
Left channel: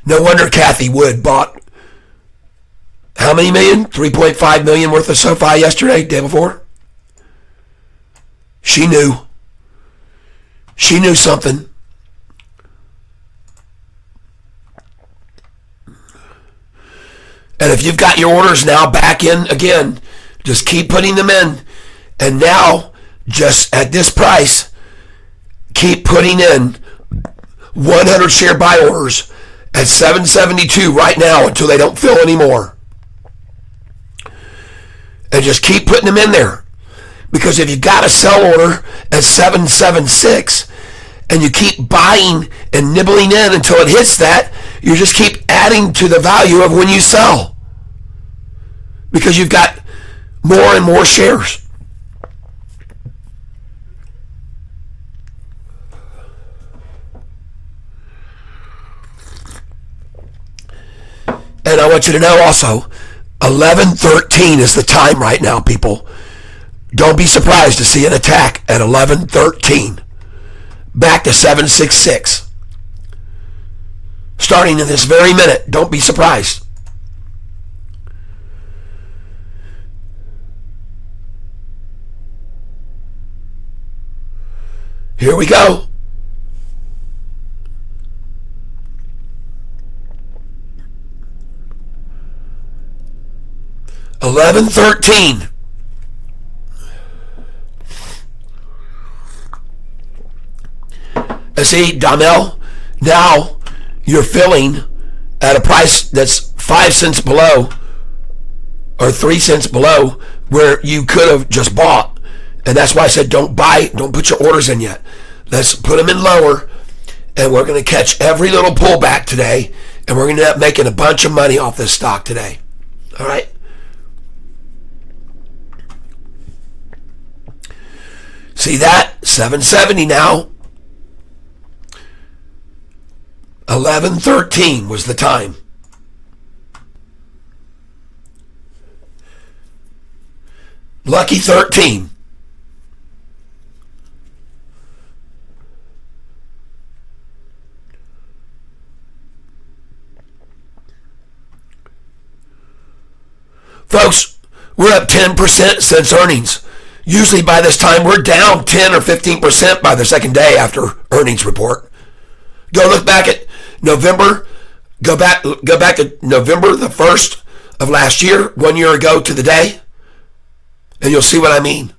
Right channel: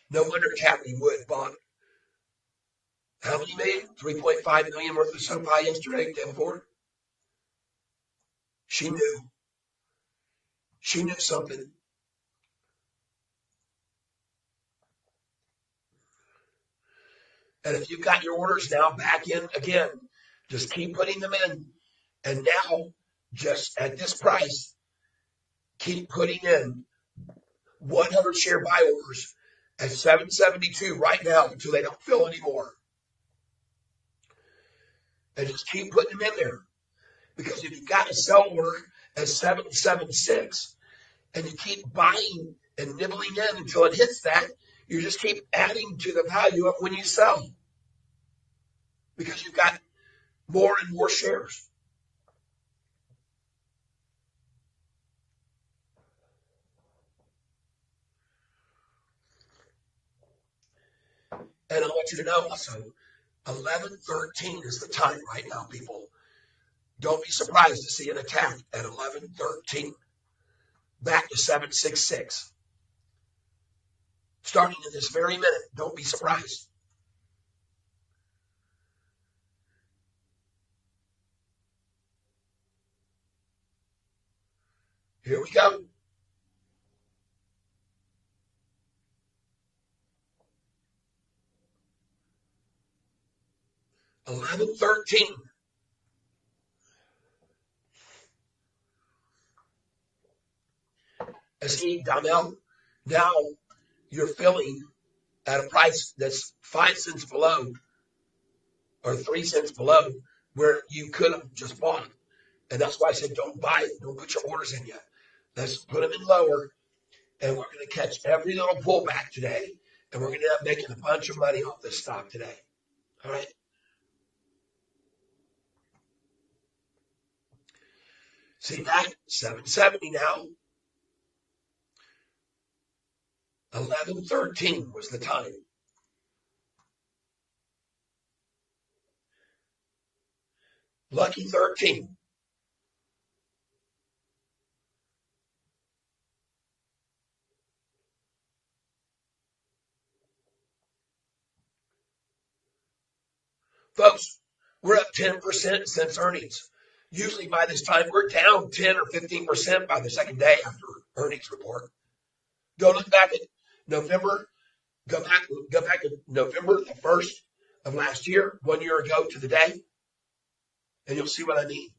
No wonder Kathy Wood bought how many million? 3.5 million worth of Sofi yesterday, day before. She knew. She knew something. And if you've got your orders now back in again, just keep putting them in. And now, just at this price, keep putting in 100 share buy orders at 772 right now until they don't fill anymore. And just keep putting them in there. Because if you got a sell order at 776 and you keep buying and nibbling in until it hits that, you just keep adding to the value of when you sell. Because you've got more and more shares. And I want you to know also, 11:13 is the time right now, people. Don't be surprised to see an attack at 11:13. Back to 766. Starting in this very minute. Don't be surprised. Here we go. $11.13. See, Donnell, now you're filling at a price that's 5 cents below or 3 cents below where you could have just bought. And that's why I said don't buy, don't put your orders in yet. Let's put them in lower, and we're going to catch every little pullback today, and we're going to end up making a bunch of money off this stock today. All right? See that? 770 now. 11:13 was the time. Lucky 13. Folks, we're up 10% since earnings. Usually by this time, we're down 10 or 15% by the second day after earnings report. Go look back at November. Go back to November the 1st of last year, 1 year ago to the day, and you'll see what I mean.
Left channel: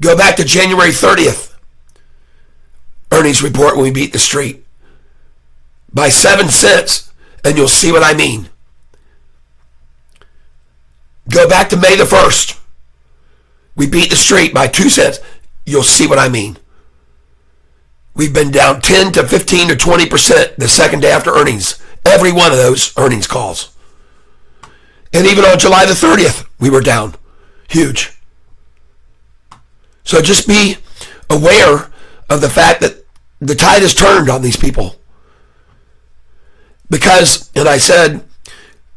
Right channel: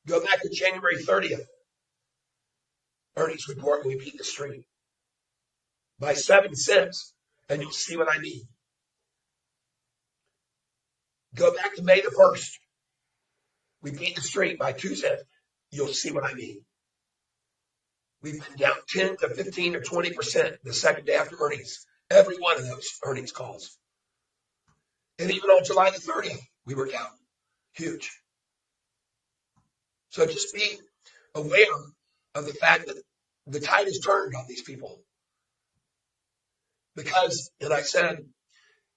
Go back to January 30th, earnings report when we beat the street by 7 cents, and you'll see what I mean. Go back to May the 1st. We beat the street by 2 cents. You'll see what I mean. We've been down 10 to 15 to 20% the second day after earnings. Every one of those earnings calls. And even on July the 30th, we were down. Huge. So just be aware of the fact that the tide has turned on these people. Because, and I said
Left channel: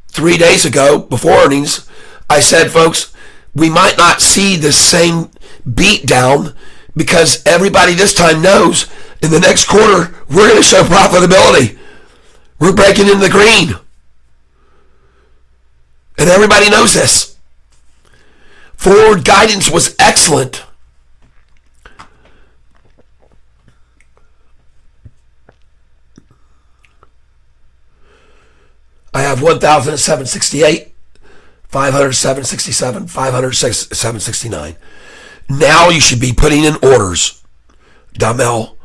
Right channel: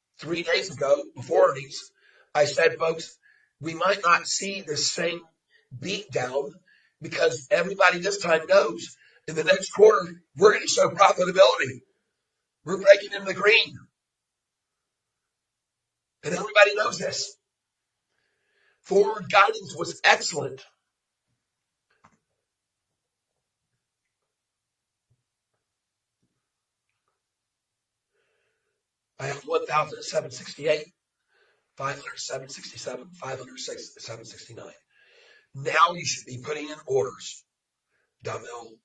3 days ago before earnings, I said, folks, we might not see the same beat down because everybody this time knows in the next quarter, we're going to show profitability. We're breaking into the green. And everybody knows this. Forward guidance was excellent. I have 1,768, 500, 767, 500, 769. Now you should be putting in orders. Damel.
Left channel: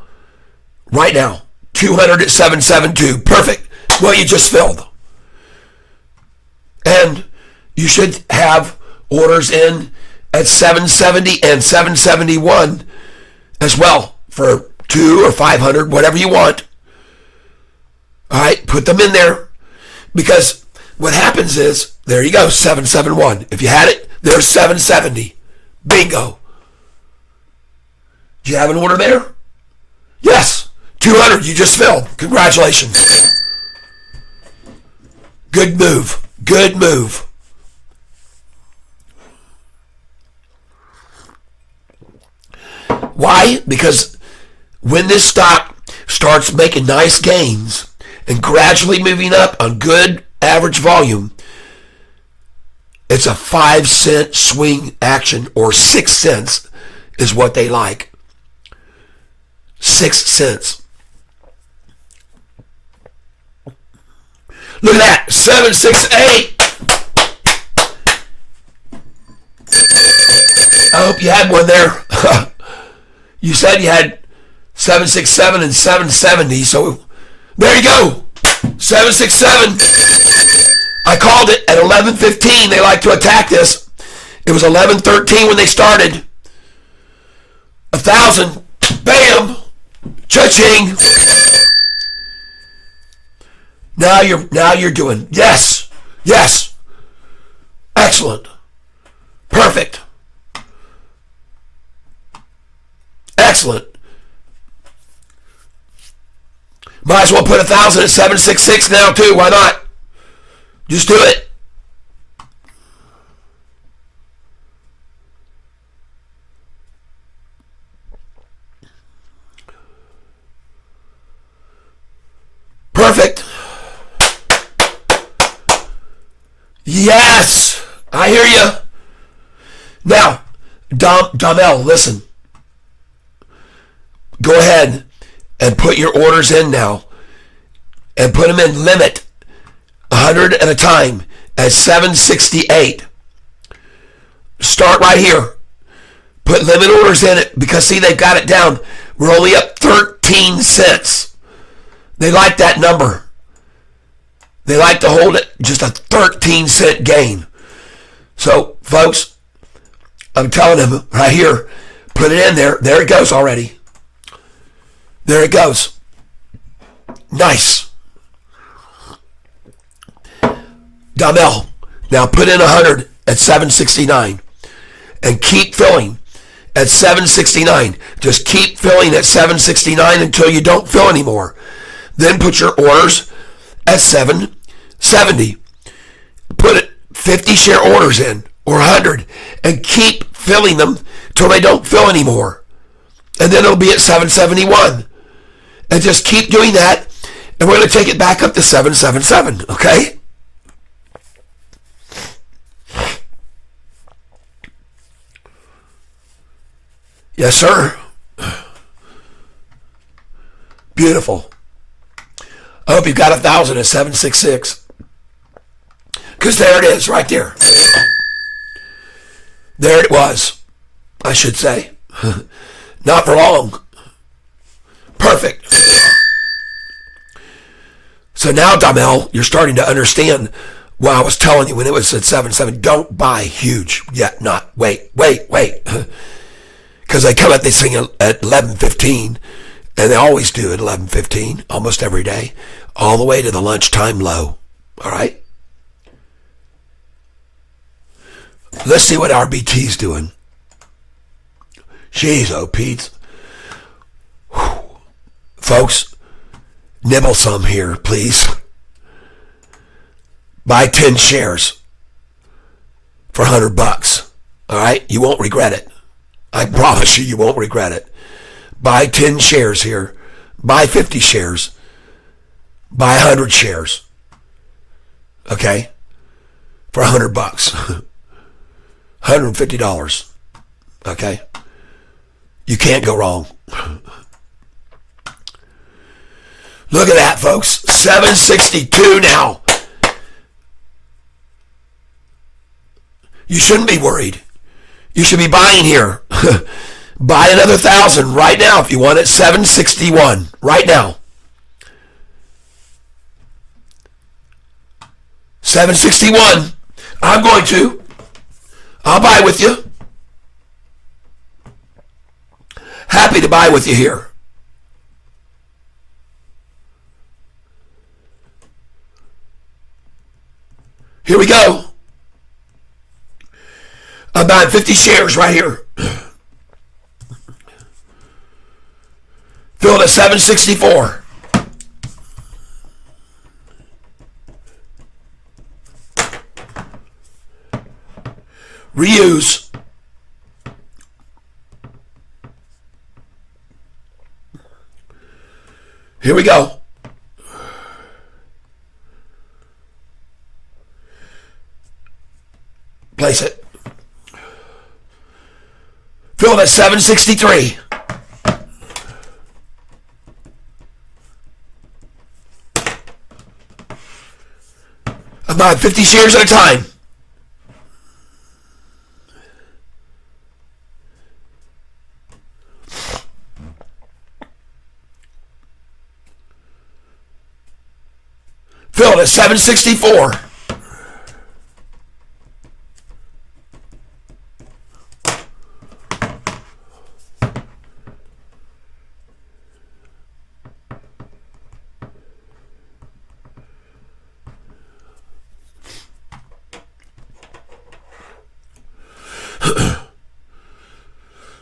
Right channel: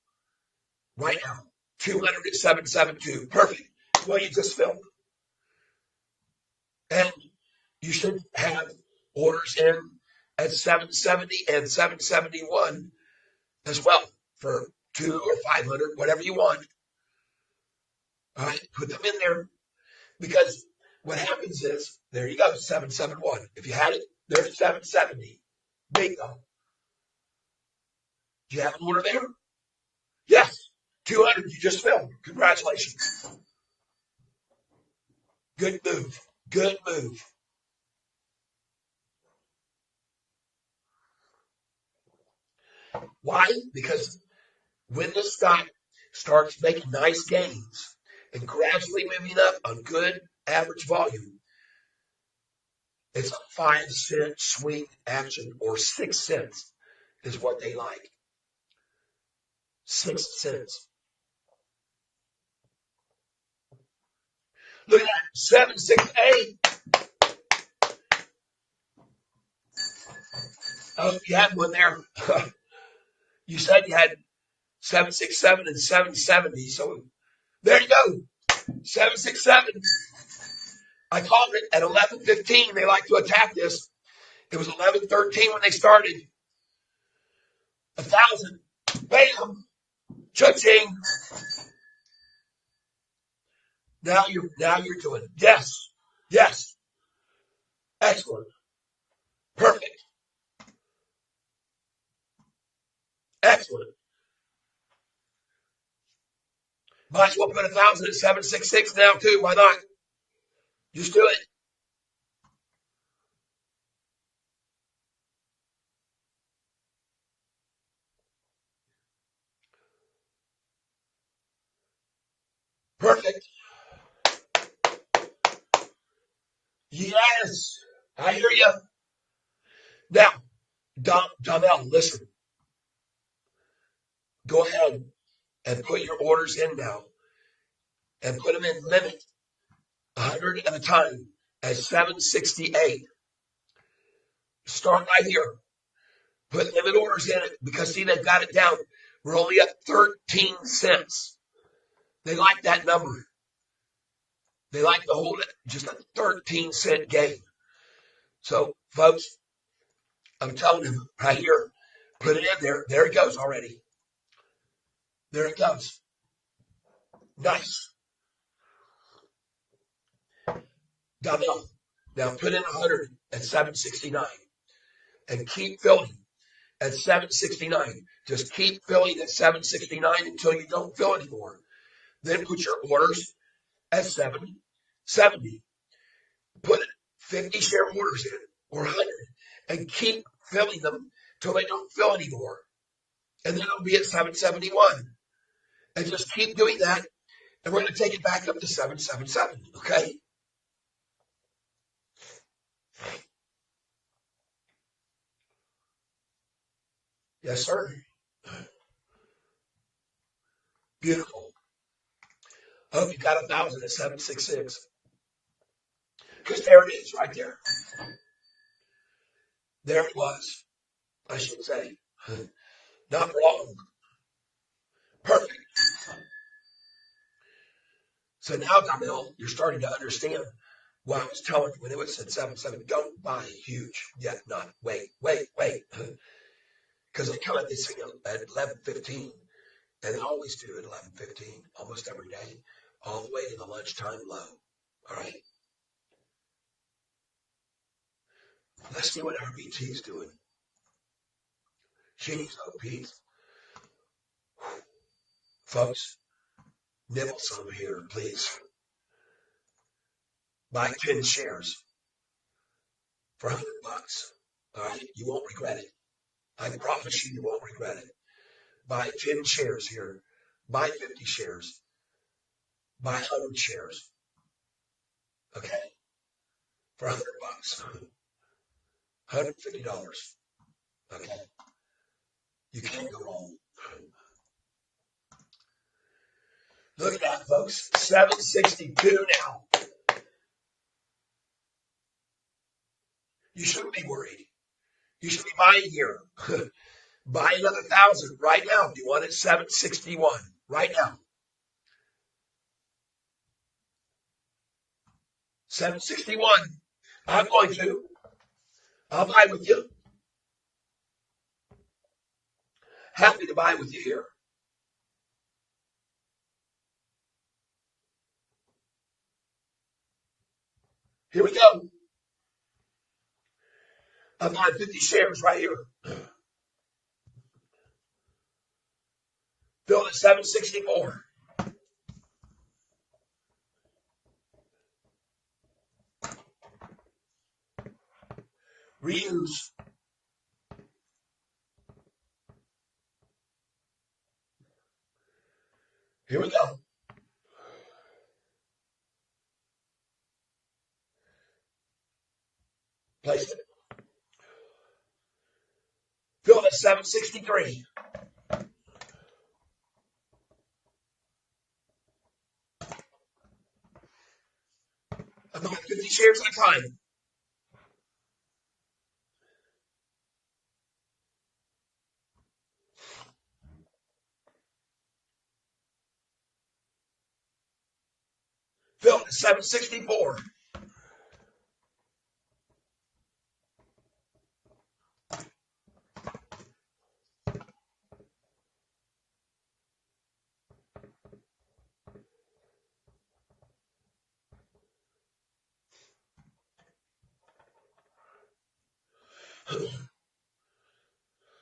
Right now, 200 at 772. Perfect. Well, you just filled. And you should have orders in at 770 and 771 as well for 2 or 500, whatever you want. All right, put them in there. Because what happens is, there you go, 771. If you had it, there's 770. Bingo. Do you have an order there? Yes. 200, you just filled. Congratulations. Good move. Good move. Why? Because when this stock starts making nice gains and gradually moving up on good average volume, it's a 5 cent swing action, or 6 cents is what they like. 6 cents. Look at that, 768. I hope you had one there. You said you had 767 and 770, so there you go. 767. I called it at 11:15. They like to attack this. It was 11:13 when they started. 1,000. Bam. Cha-ching. Now you're doing. Yes. Yes. Excellent. Perfect. Excellent. Might as well put 1,000 at 766 now too. Why not? Just do it. Perfect. Yes, I hear you. Now, Domel, listen. Go ahead and put your orders in now, and put them in limit 100 at a time at 768. Start right here. Put limit orders in it because see they've got it down. We're only up 13 cents. They like that number. They like to hold it just a 13-cent gain. So, folks, I'm telling them right here, put it in there. There it goes already. There it goes. Nice. Domel, now put in 100 at 769 and keep filling at 769. Just keep filling at 769 until you don't fill anymore. Then put your orders at 770. Put it 50 share orders in or 100 and keep filling them till they don't fill anymore. And then it'll be at 771. And just keep doing that, and we're going to take it back up to 777, okay? Yes, sir. Beautiful. I hope you've got 1,000 at 766. Because there it is, right there. There it was, I should say. Not for long. Perfect. So now, Domel, you're starting to understand why I was telling you when it was at 7.7, don't buy huge yet. Not wait. Because they come at this thing at 11:15, and they always do at 11:15, almost every day, all the way to the lunchtime low. All right? Let's see what RBT's doing. Jeez, oh, Pete. Folks, nibble some here, please. Buy 10 shares for $100. All right? You won't regret it. I promise you won't regret it. Buy 10 shares here. Buy 50 shares. Buy 100 shares. Okay? For $100. $150. Okay? You can't go wrong. Look at that, folks. 762 now. You shouldn't be worried. You should be buying here. Buy another 1,000 right now if you want it. 761 right now. 761. I'm going to. I'll buy with you. Happy to buy with you here. Here we go. I'm buying 50 shares right here. Filled at 764. Reuse. Here we go. Place it. Filled at 763. I'm buying 50 shares at a time. Filled at 764.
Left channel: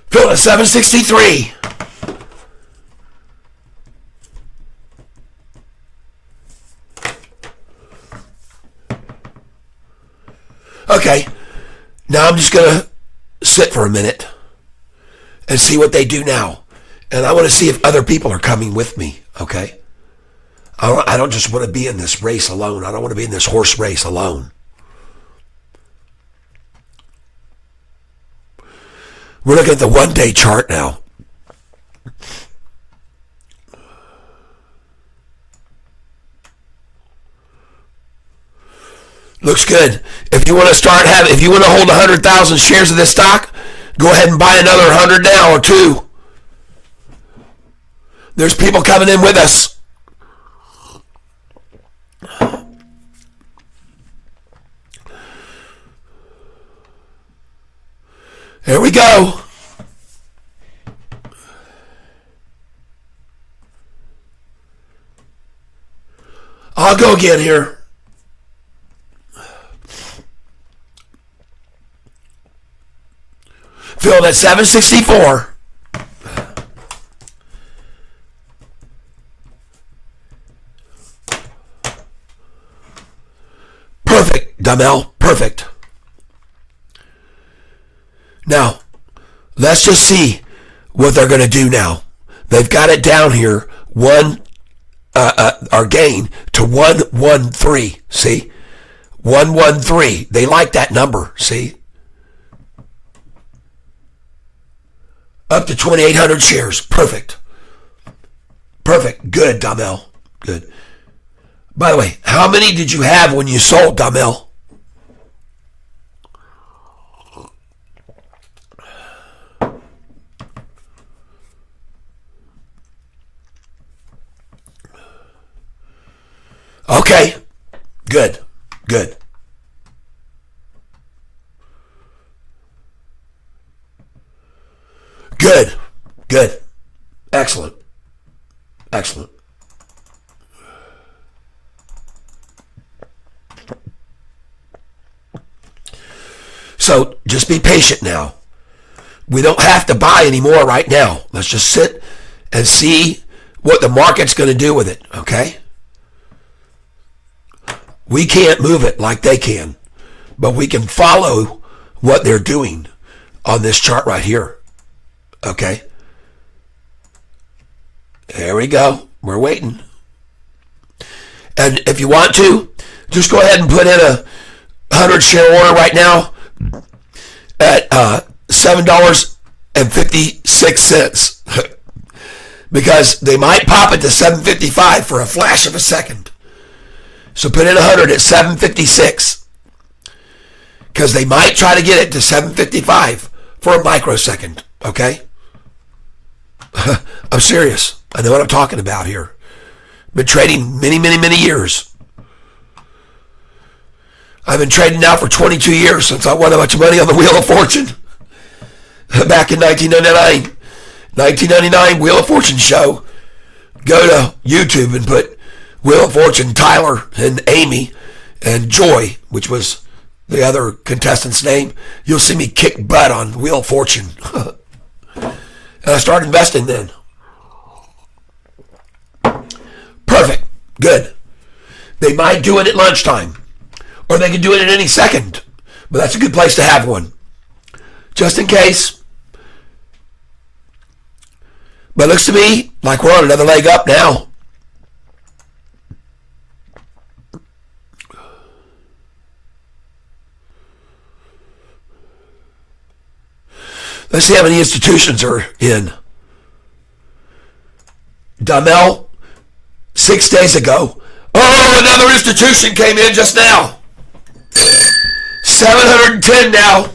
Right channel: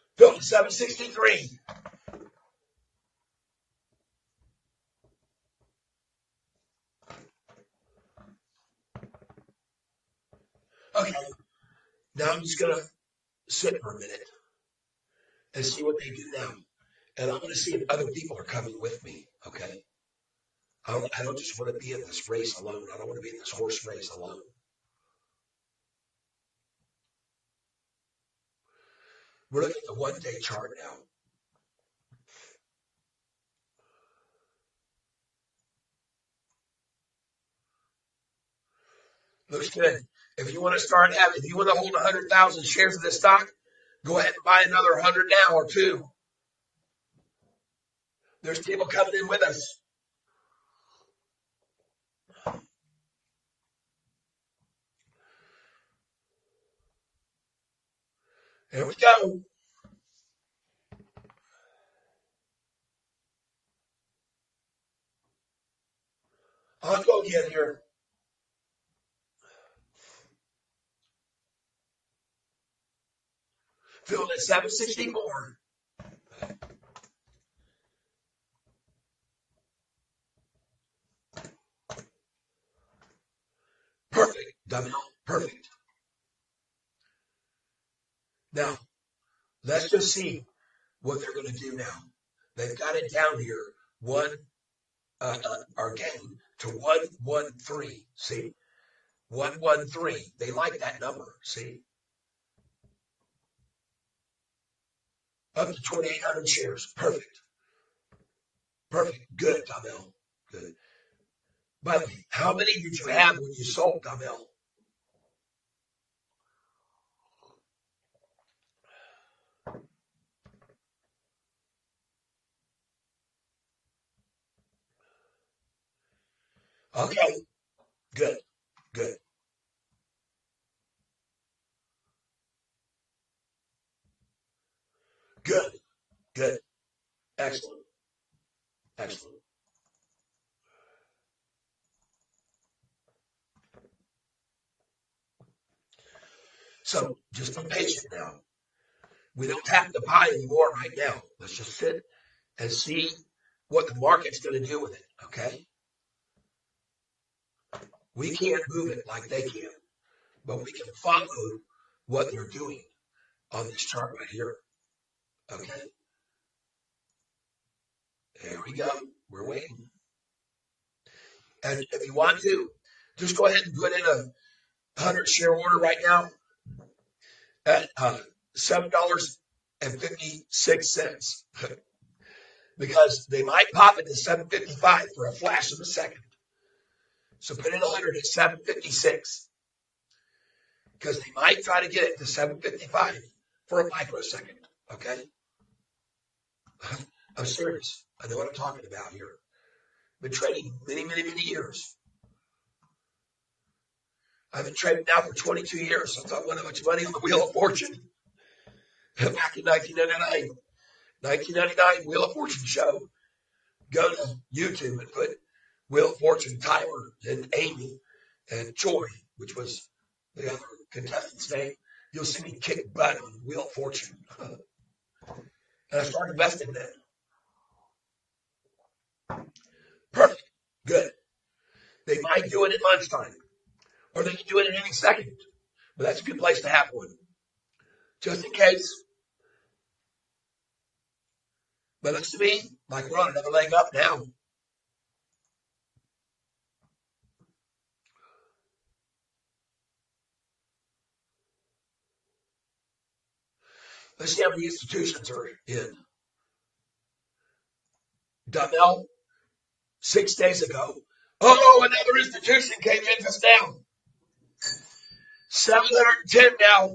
Filled at 763. Okay, now I'm just going to sit for a minute and see what they do now. And I want to see if other people are coming with me, okay? I don't just want to be in this race alone. I don't want to be in this horse race alone. We're looking at the one-day chart now. Looks good. If you want to hold 100,000 shares of this stock, go ahead and buy another 100 now or two. There's people coming in with us. Here we go. I'll go again here. Filled at 764. Perfect, Damel. Perfect. Now, let's just see what they're going to do now. They've got it down here, our gain to 113. See? 113. They like that number. See? Up to 2,800 shares. Perfect. Perfect. Good, Damel. Good. By the way, how many did you have when you sold, Damel? Okay. Good. Good. Good. Good. Excellent. Excellent. So just be patient now. We don't have to buy anymore right now. Let's just sit and see what the market's going to do with it, okay? We can't move it like they can, but we can follow what they're doing on this chart right here. Okay. There we go. We're waiting. And if you want to, just go ahead and put in a 100 share order right now at $7.56 because they might pop it to $7.55 for a flash of a second. So put in 100 at $7.56 because they might try to get it to $7.55 for a microsecond. Okay? I'm serious. I know what I'm talking about here. Been trading many years. I've been trading now for 22 years since I won a bunch of money on the Wheel of Fortune. Back in 1999. 1999 Wheel of Fortune show. Go to YouTube and put Wheel of Fortune, Tyler and Amy and Joy, which was the other contestant's name. You'll see me kick butt on Wheel of Fortune. And I started investing then. Perfect. Good. They might do it at lunchtime. Or they can do it at any second. But that's a good place to have one. Just in case. But it looks to me like we're on another leg up now. Let's see how many institutions are in. Damel, 6 days ago. Oh, another institution came in just now. 710 now.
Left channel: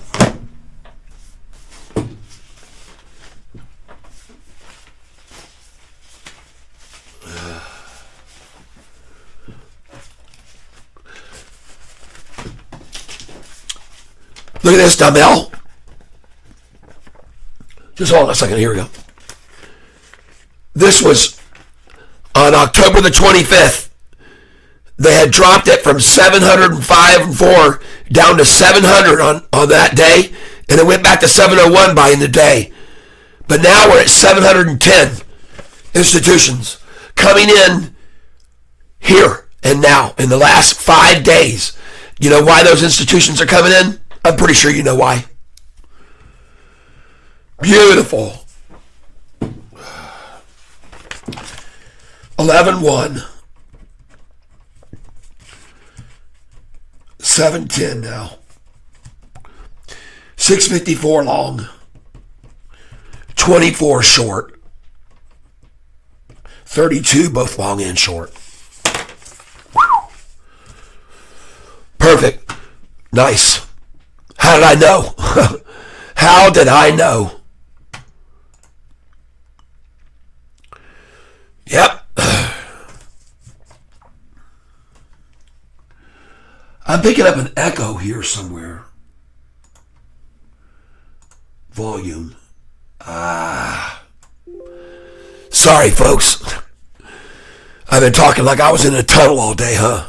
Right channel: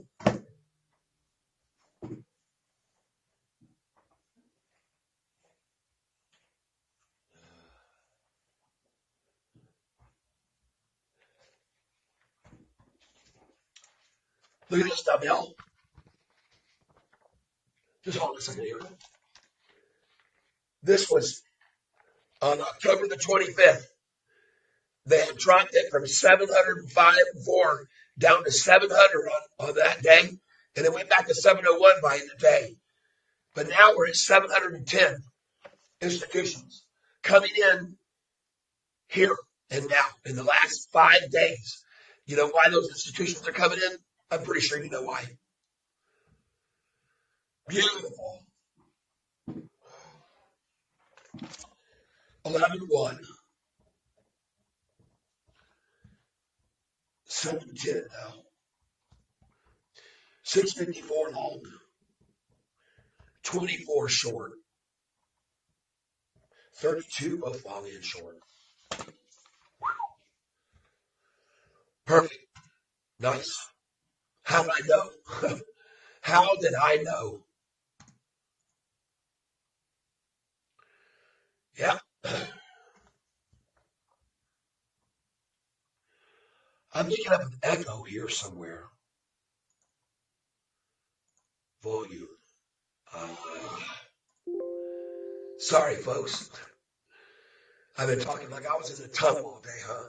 Look at this, Damel. Just hold on a second. Here we go. This was on October the 25th. They had dropped it from 705.4 down to 700 on that day, and it went back to 701 by the day. But now we're at 710 institutions coming in here and now in the last 5 days. You know why those institutions are coming in? I'm pretty sure you know why. Beautiful. 11-1. 7-10 now. 654 long. 24 short. 32 both long and short. Perfect. Nice. How did I know? How did I know? Yep. I'm picking up an echo here somewhere. Volume. Sorry, folks. I've been talking like I was in a tunnel all day, huh?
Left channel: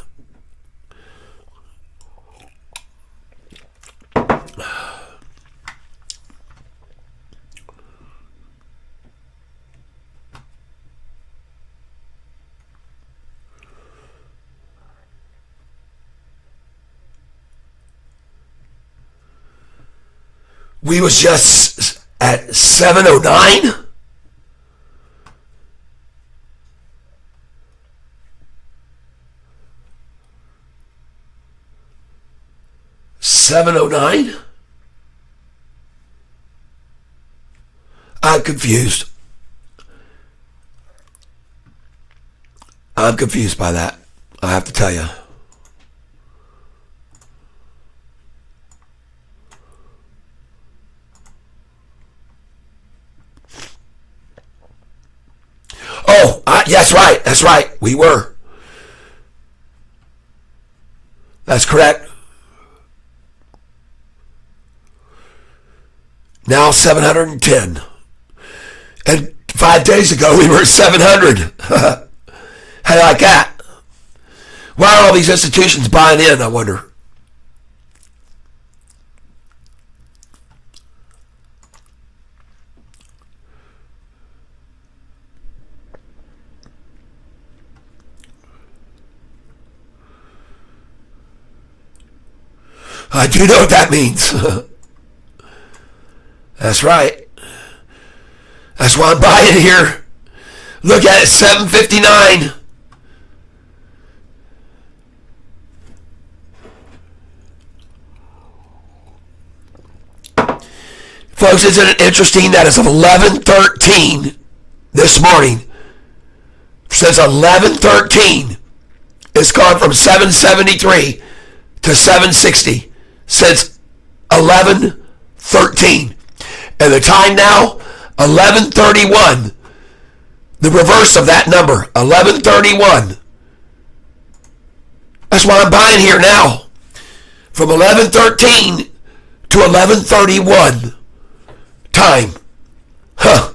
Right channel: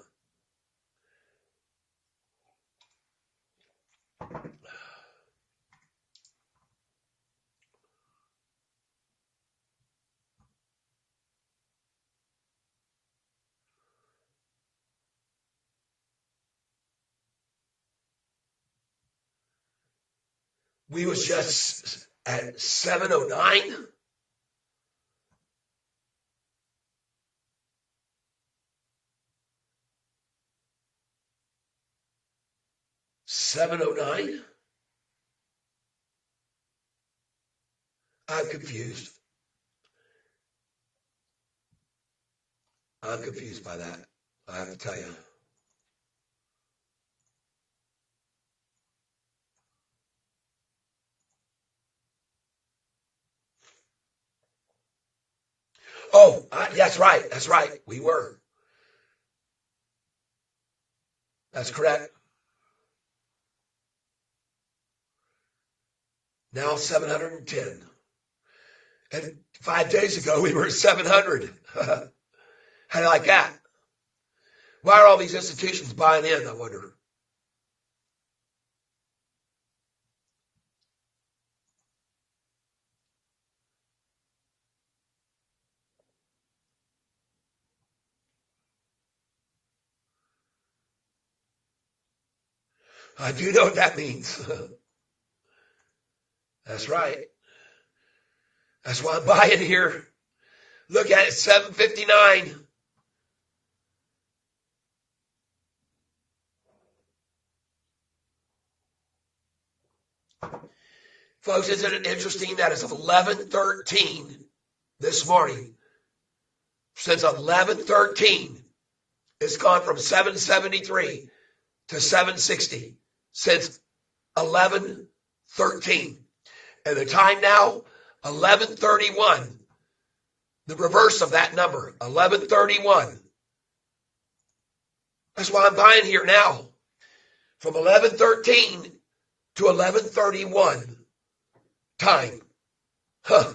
We was just at 7:09. $7.09? I'm confused. I'm confused by that. I have to tell you. Oh, that's right. That's right. We were. That's correct. Now 710. And 5 days ago we were at 700. How do you like that? Why are all these institutions buying in, I wonder? I do know what that means. That's right. That's why I'm buying here. Look at it, 759. Folks, isn't it interesting that it's 11:13 this morning? It says 11:13. It's gone from 773 to 760 since 11:13. And the time now, 11:31. The reverse of that number, 11:31. That's why I'm buying here now. From 11:13 to 11:31 time. Huh.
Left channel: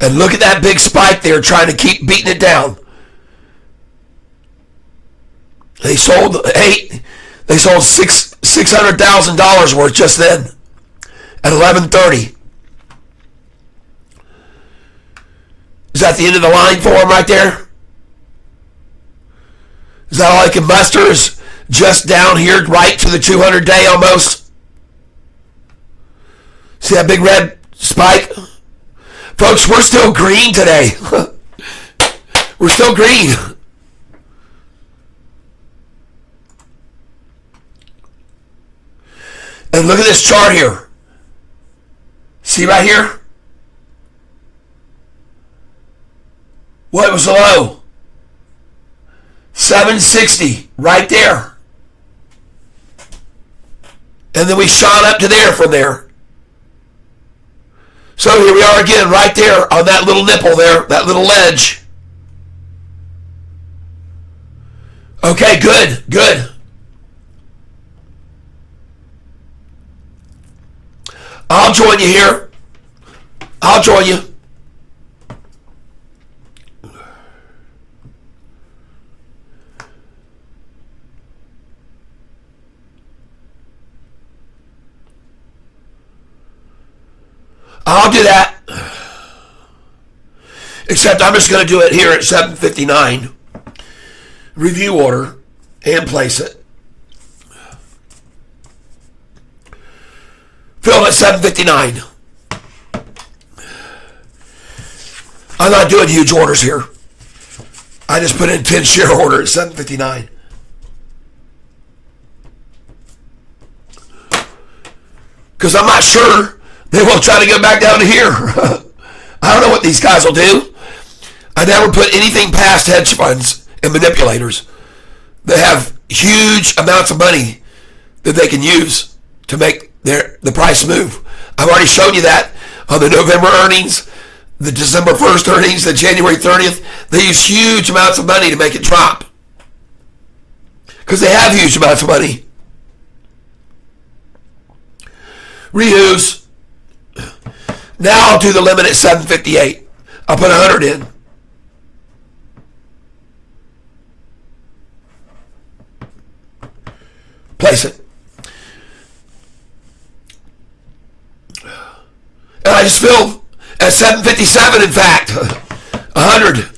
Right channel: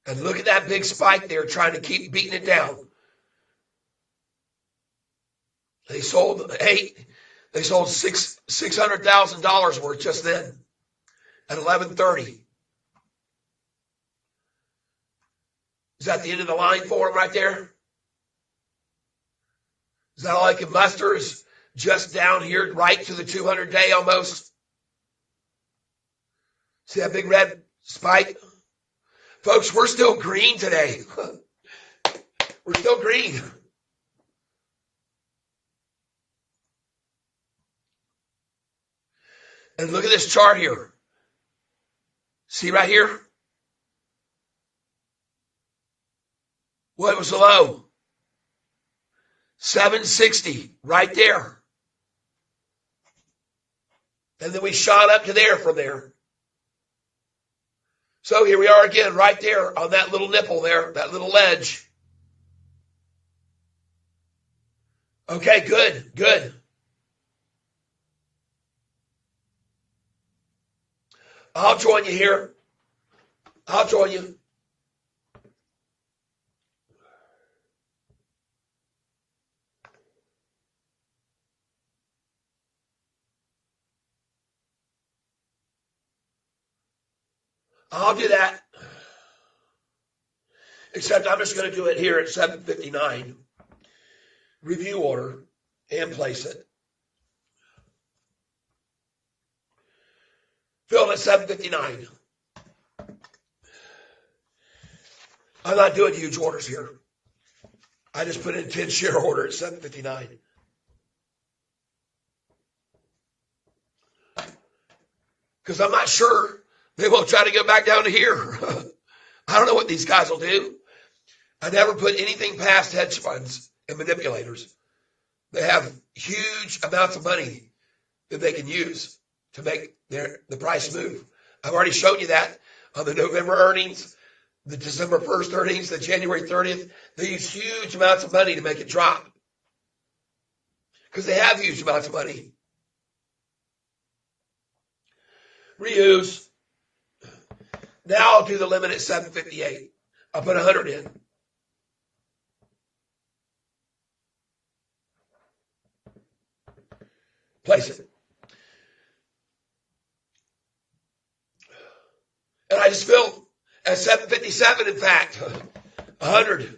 And look at that big spike there trying to keep beating it down. They sold $600,000 worth just then at 11:30. Is that the end of the line for them right there? Is that all I can muster? Is just down here right to the 200-day almost? See that big red spike? Folks, we're still green today. We're still green. And look at this chart here. See right here? What was the low? 760, right there. And then we shot up to there from there. So here we are again, right there on that little nipple there, that little ledge. Okay, good, good. I'll join you here. I'll join you. I'll do that. Except I'm just going to do it here at 7:59. review order and place it. Fill at 759. I'm not doing huge orders here. I just put in 10 share order at 759. Because I'm not sure they will try to get back down to here. I don't know what these guys will do. I never put anything past hedge funds and manipulators that have huge amounts of money that they can use to make the price move. I've already shown you that on the November earnings, the December 1st earnings, the January 30th. They use huge amounts of money to make it drop. Because they have huge amounts of money. Reuse. Now I'll do the limit at 758. I'll put 100 in. Place it. And I just filled at 757, in fact. 100.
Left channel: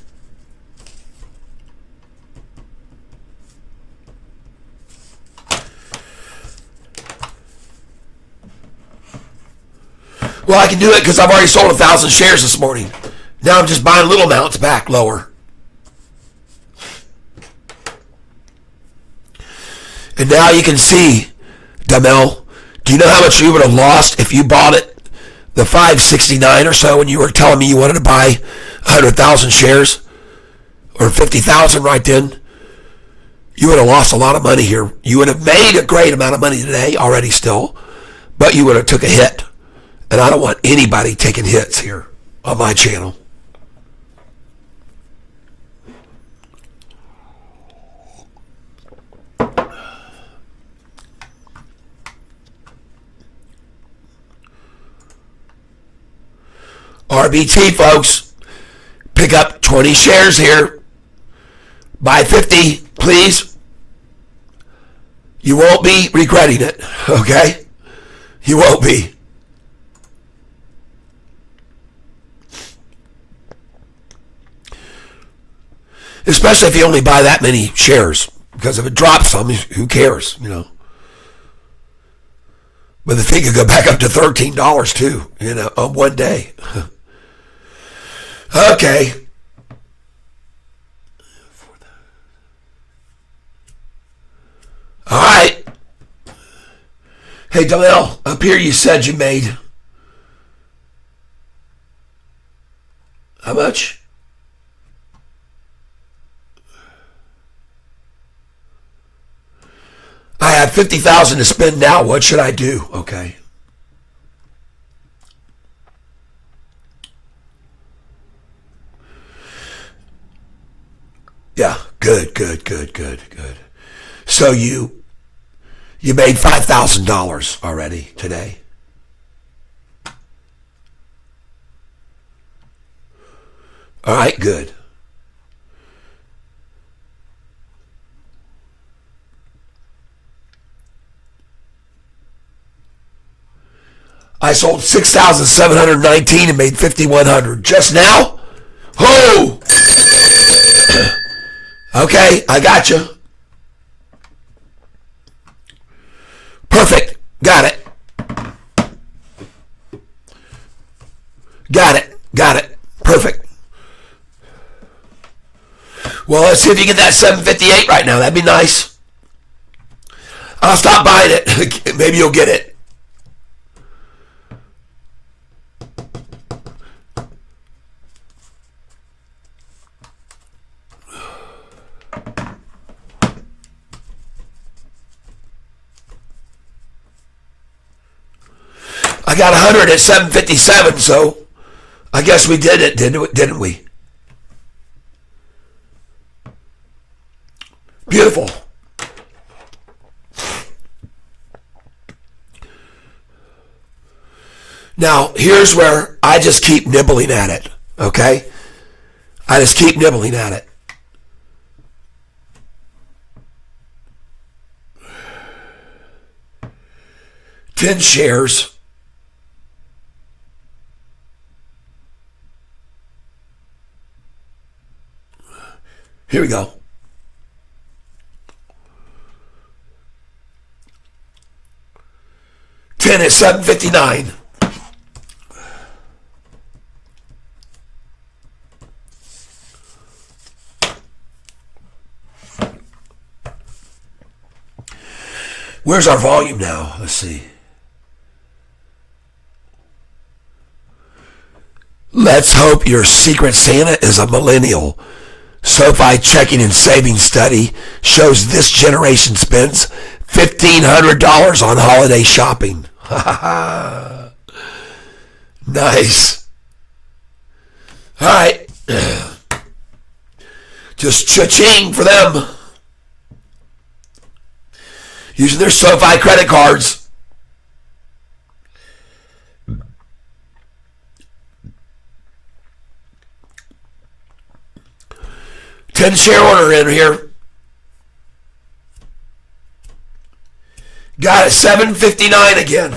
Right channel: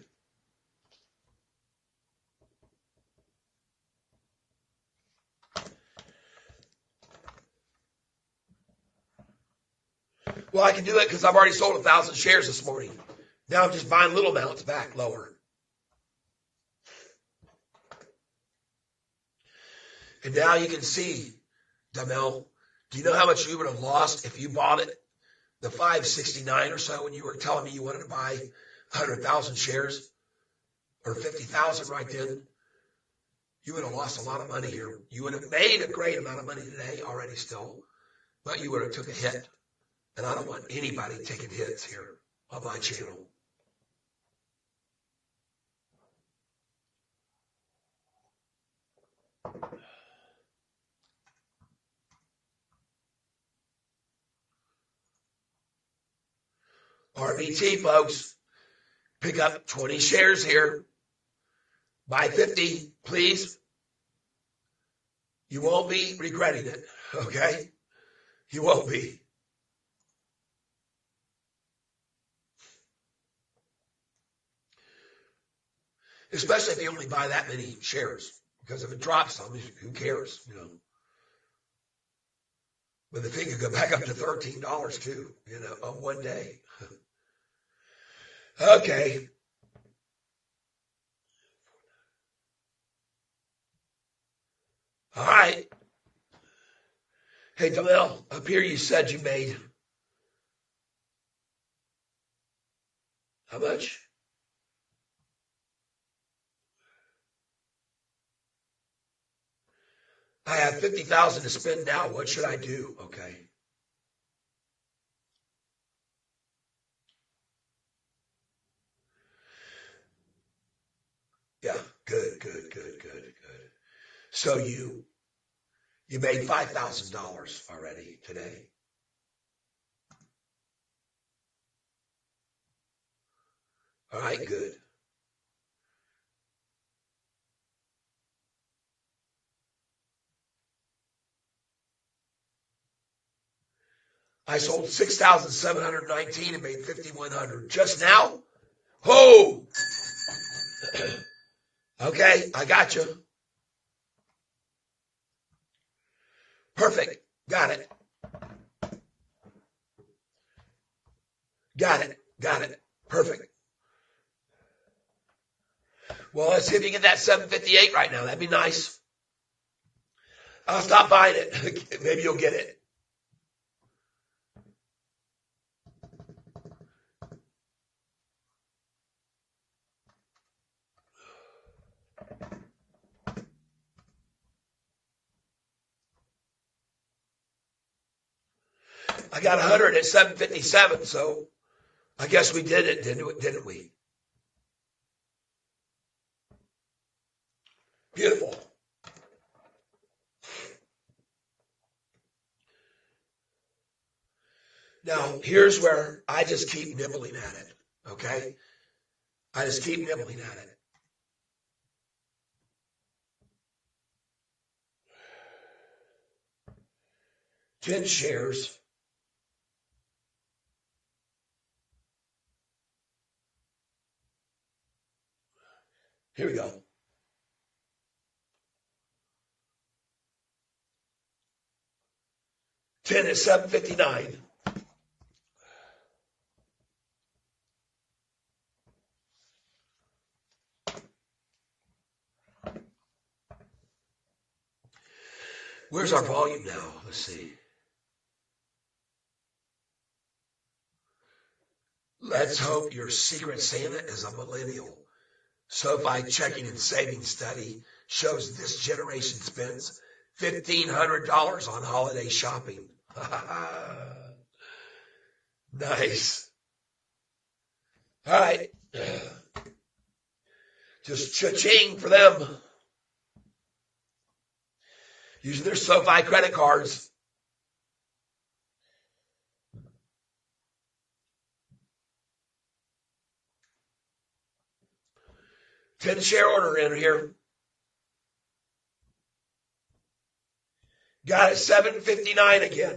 Well, I can do it because I've already sold 1,000 shares this morning. Now I'm just buying little amounts back lower. And now you can see, Damel, do you know how much you would have lost if you bought it the 569 or so when you were telling me you wanted to buy 100,000 shares or 50,000 right then? You would have lost a lot of money here. You would have made a great amount of money today already still, but you would have took a hit. And I don't want anybody taking hits here on my channel. RBT, folks. Pick up 20 shares here. Buy 50, please. You won't be regretting it, okay? You won't be. Especially if you only buy that many shares. Because if it drops some, who cares, you know? But the thing could go back up to $13 too, you know, on one day. Okay. All right. Hey, Donnell, up here you said you made how much? I have 50,000 to spend now. What should I do? Okay. Yeah, good. So you made $5,000 already today. All right, good. I sold 6,719 and made 5,100 just now. Oh, okay, I got you. Perfect. Got it. Perfect. Well, let's see if you get that 758 right now. That'd be nice. I'll stop buying it. Maybe you'll get it. I got 100 at 757, so I guess we did it, didn't we? Beautiful. Now, here's where I just keep nibbling at it, okay? I just keep nibbling at it. $10 shares. Here we go. 759. Where's our volume now? Let's see. Let's hope your secret Santa is a millennial. Sofi checking and savings study shows this generation spends $1,500 on holiday shopping. Nice. All right. Just cha-ching for them. Using their Sofi credit cards. $10 order in here. Got it, $7.59 again.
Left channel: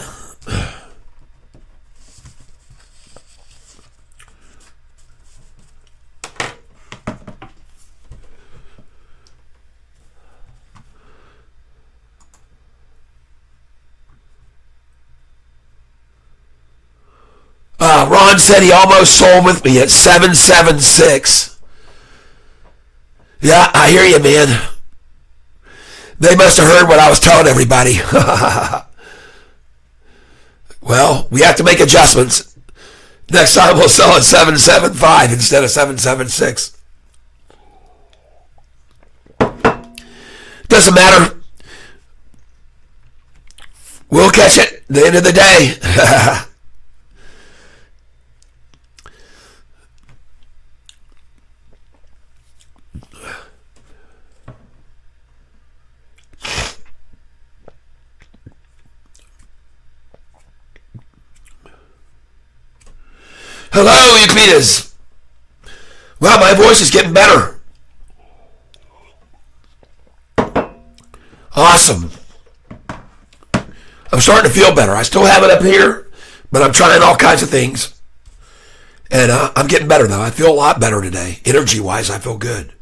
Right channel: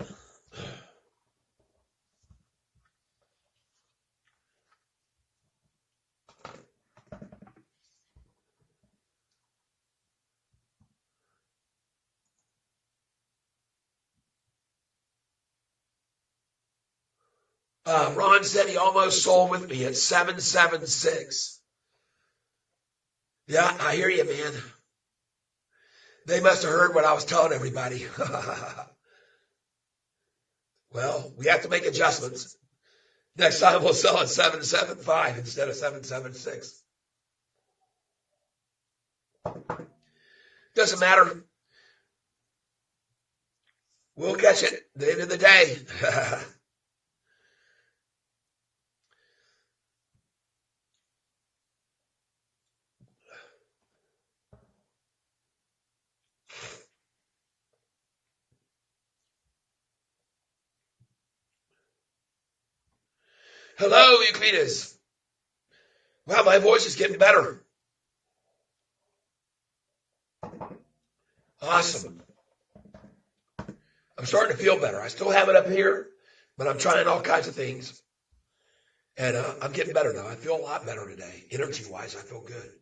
Ron said he almost sold with me at 776. Yeah, I hear you, man. They must have heard what I was telling everybody. Well, we have to make adjustments. Next time we'll sell at 775 instead of 776. Doesn't matter. We'll catch it at the end of the day. Hello, you Peters. Wow, my voice is getting better. Awesome. I'm starting to feel better. I still have it up here, but I'm trying all kinds of things. And I'm getting better, though. I feel a lot better today. Energy-wise, I feel good.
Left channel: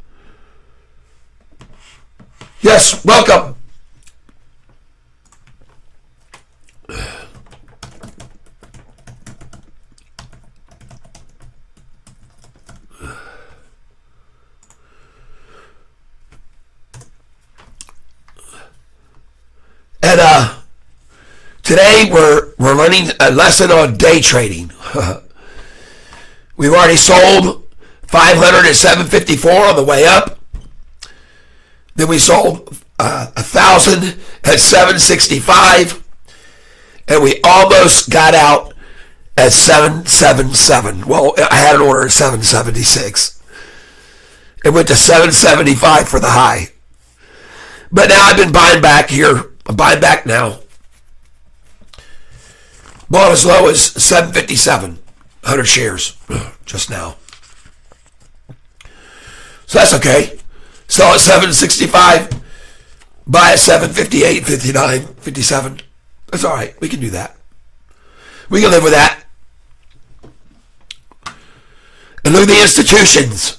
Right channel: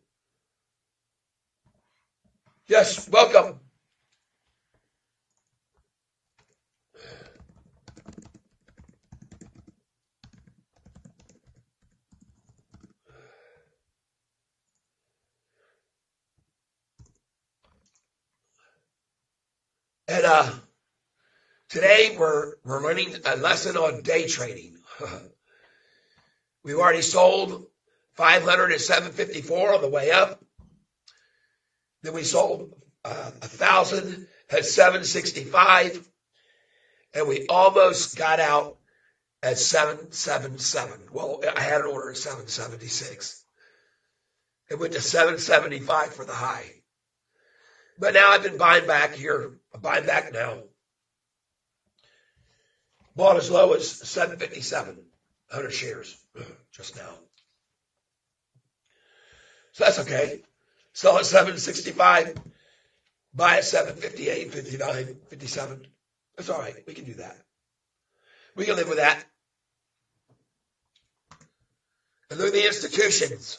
Yes, welcome. And today we're learning a lesson on day trading. We've already sold 500 at 754 on the way up. Then we sold 1,000 at 765, and we almost got out at 777. Well, I had an order at 776. It went to 775 for the high. But now I've been buying back here. I'm buying back now. Bought as low as 757, 100 shares just now. So that's okay. Sell at 765, buy at 758, 59, 57. That's all right. We can do that. We can live with that. And look at the institutions.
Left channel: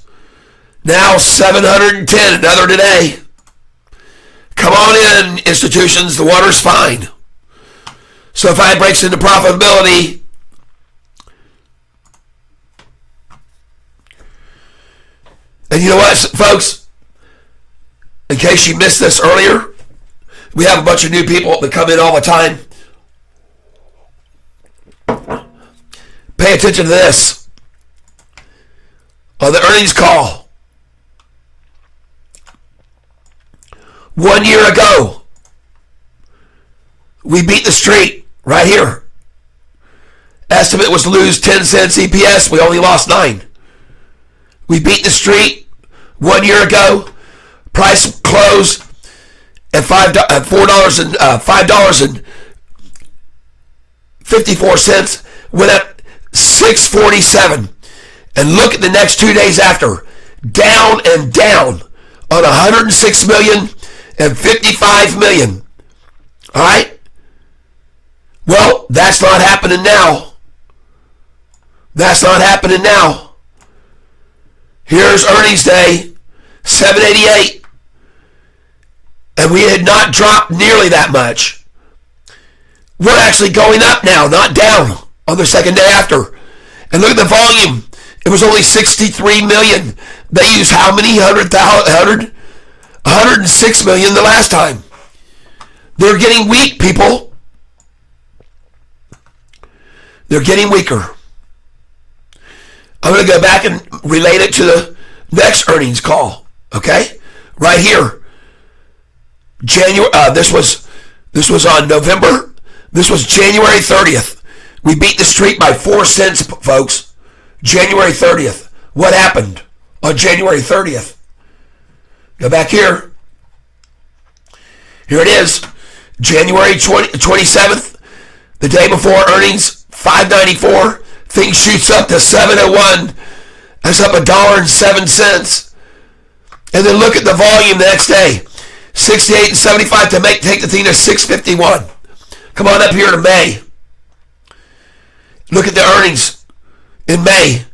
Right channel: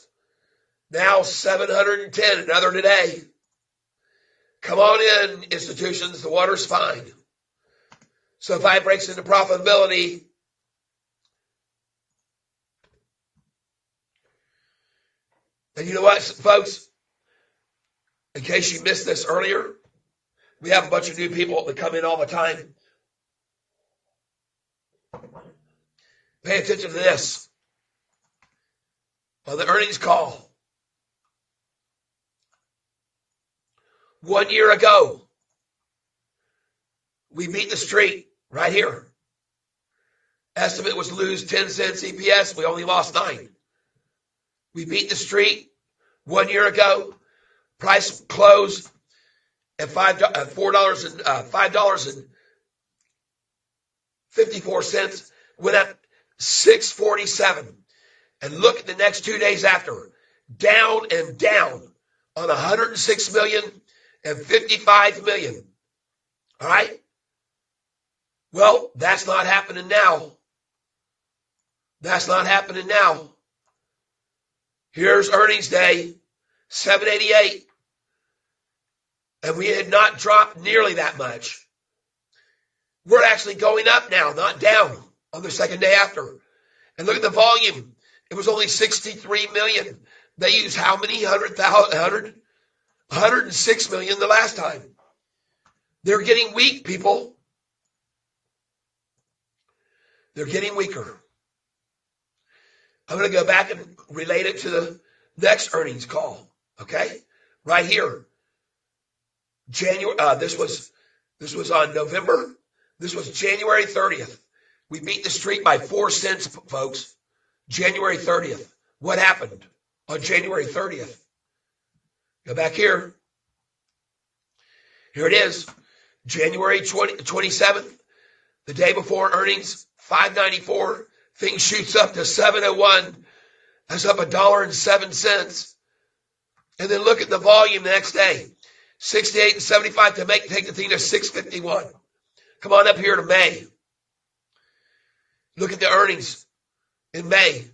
Now 710, another today. Come on in, institutions. The water's fine. So if I breaks into profitability, and you know what, folks? In case you missed this earlier, we have a bunch of new people that come in all the time. Pay attention to this. On the earnings call, 1 year ago, we beat the street right here. Estimate was to lose 10 cents EPS. We only lost 9. We beat the street 1 year ago. Price closed at $5.54. Went up 647. And look at the next 2 days after. Down and down on 106 million and 55 million. All right? Well, that's not happening now. That's not happening now. Here's earnings day, 788. And we had not dropped nearly that much. We're actually going up now, not down on the second day after. And look at the volume. It was only 63 million. They used how many? 106 million the last time. They're getting weak, people. They're getting weaker. I'm going to go back and relate it to the next earnings call. Okay? Right here. January. This was on November. This was January 30th. We beat the streak by 4 cents, folks. January 30th. What happened on January 30th? Go back here. Here it is. January 27th. The day before earnings, $5.94. Thing shoots up to $7.01. That's up $1.07. And then look at the volume the next day. 68.75 to take the thing to 651. Come on up here to May. Look at the earnings in May.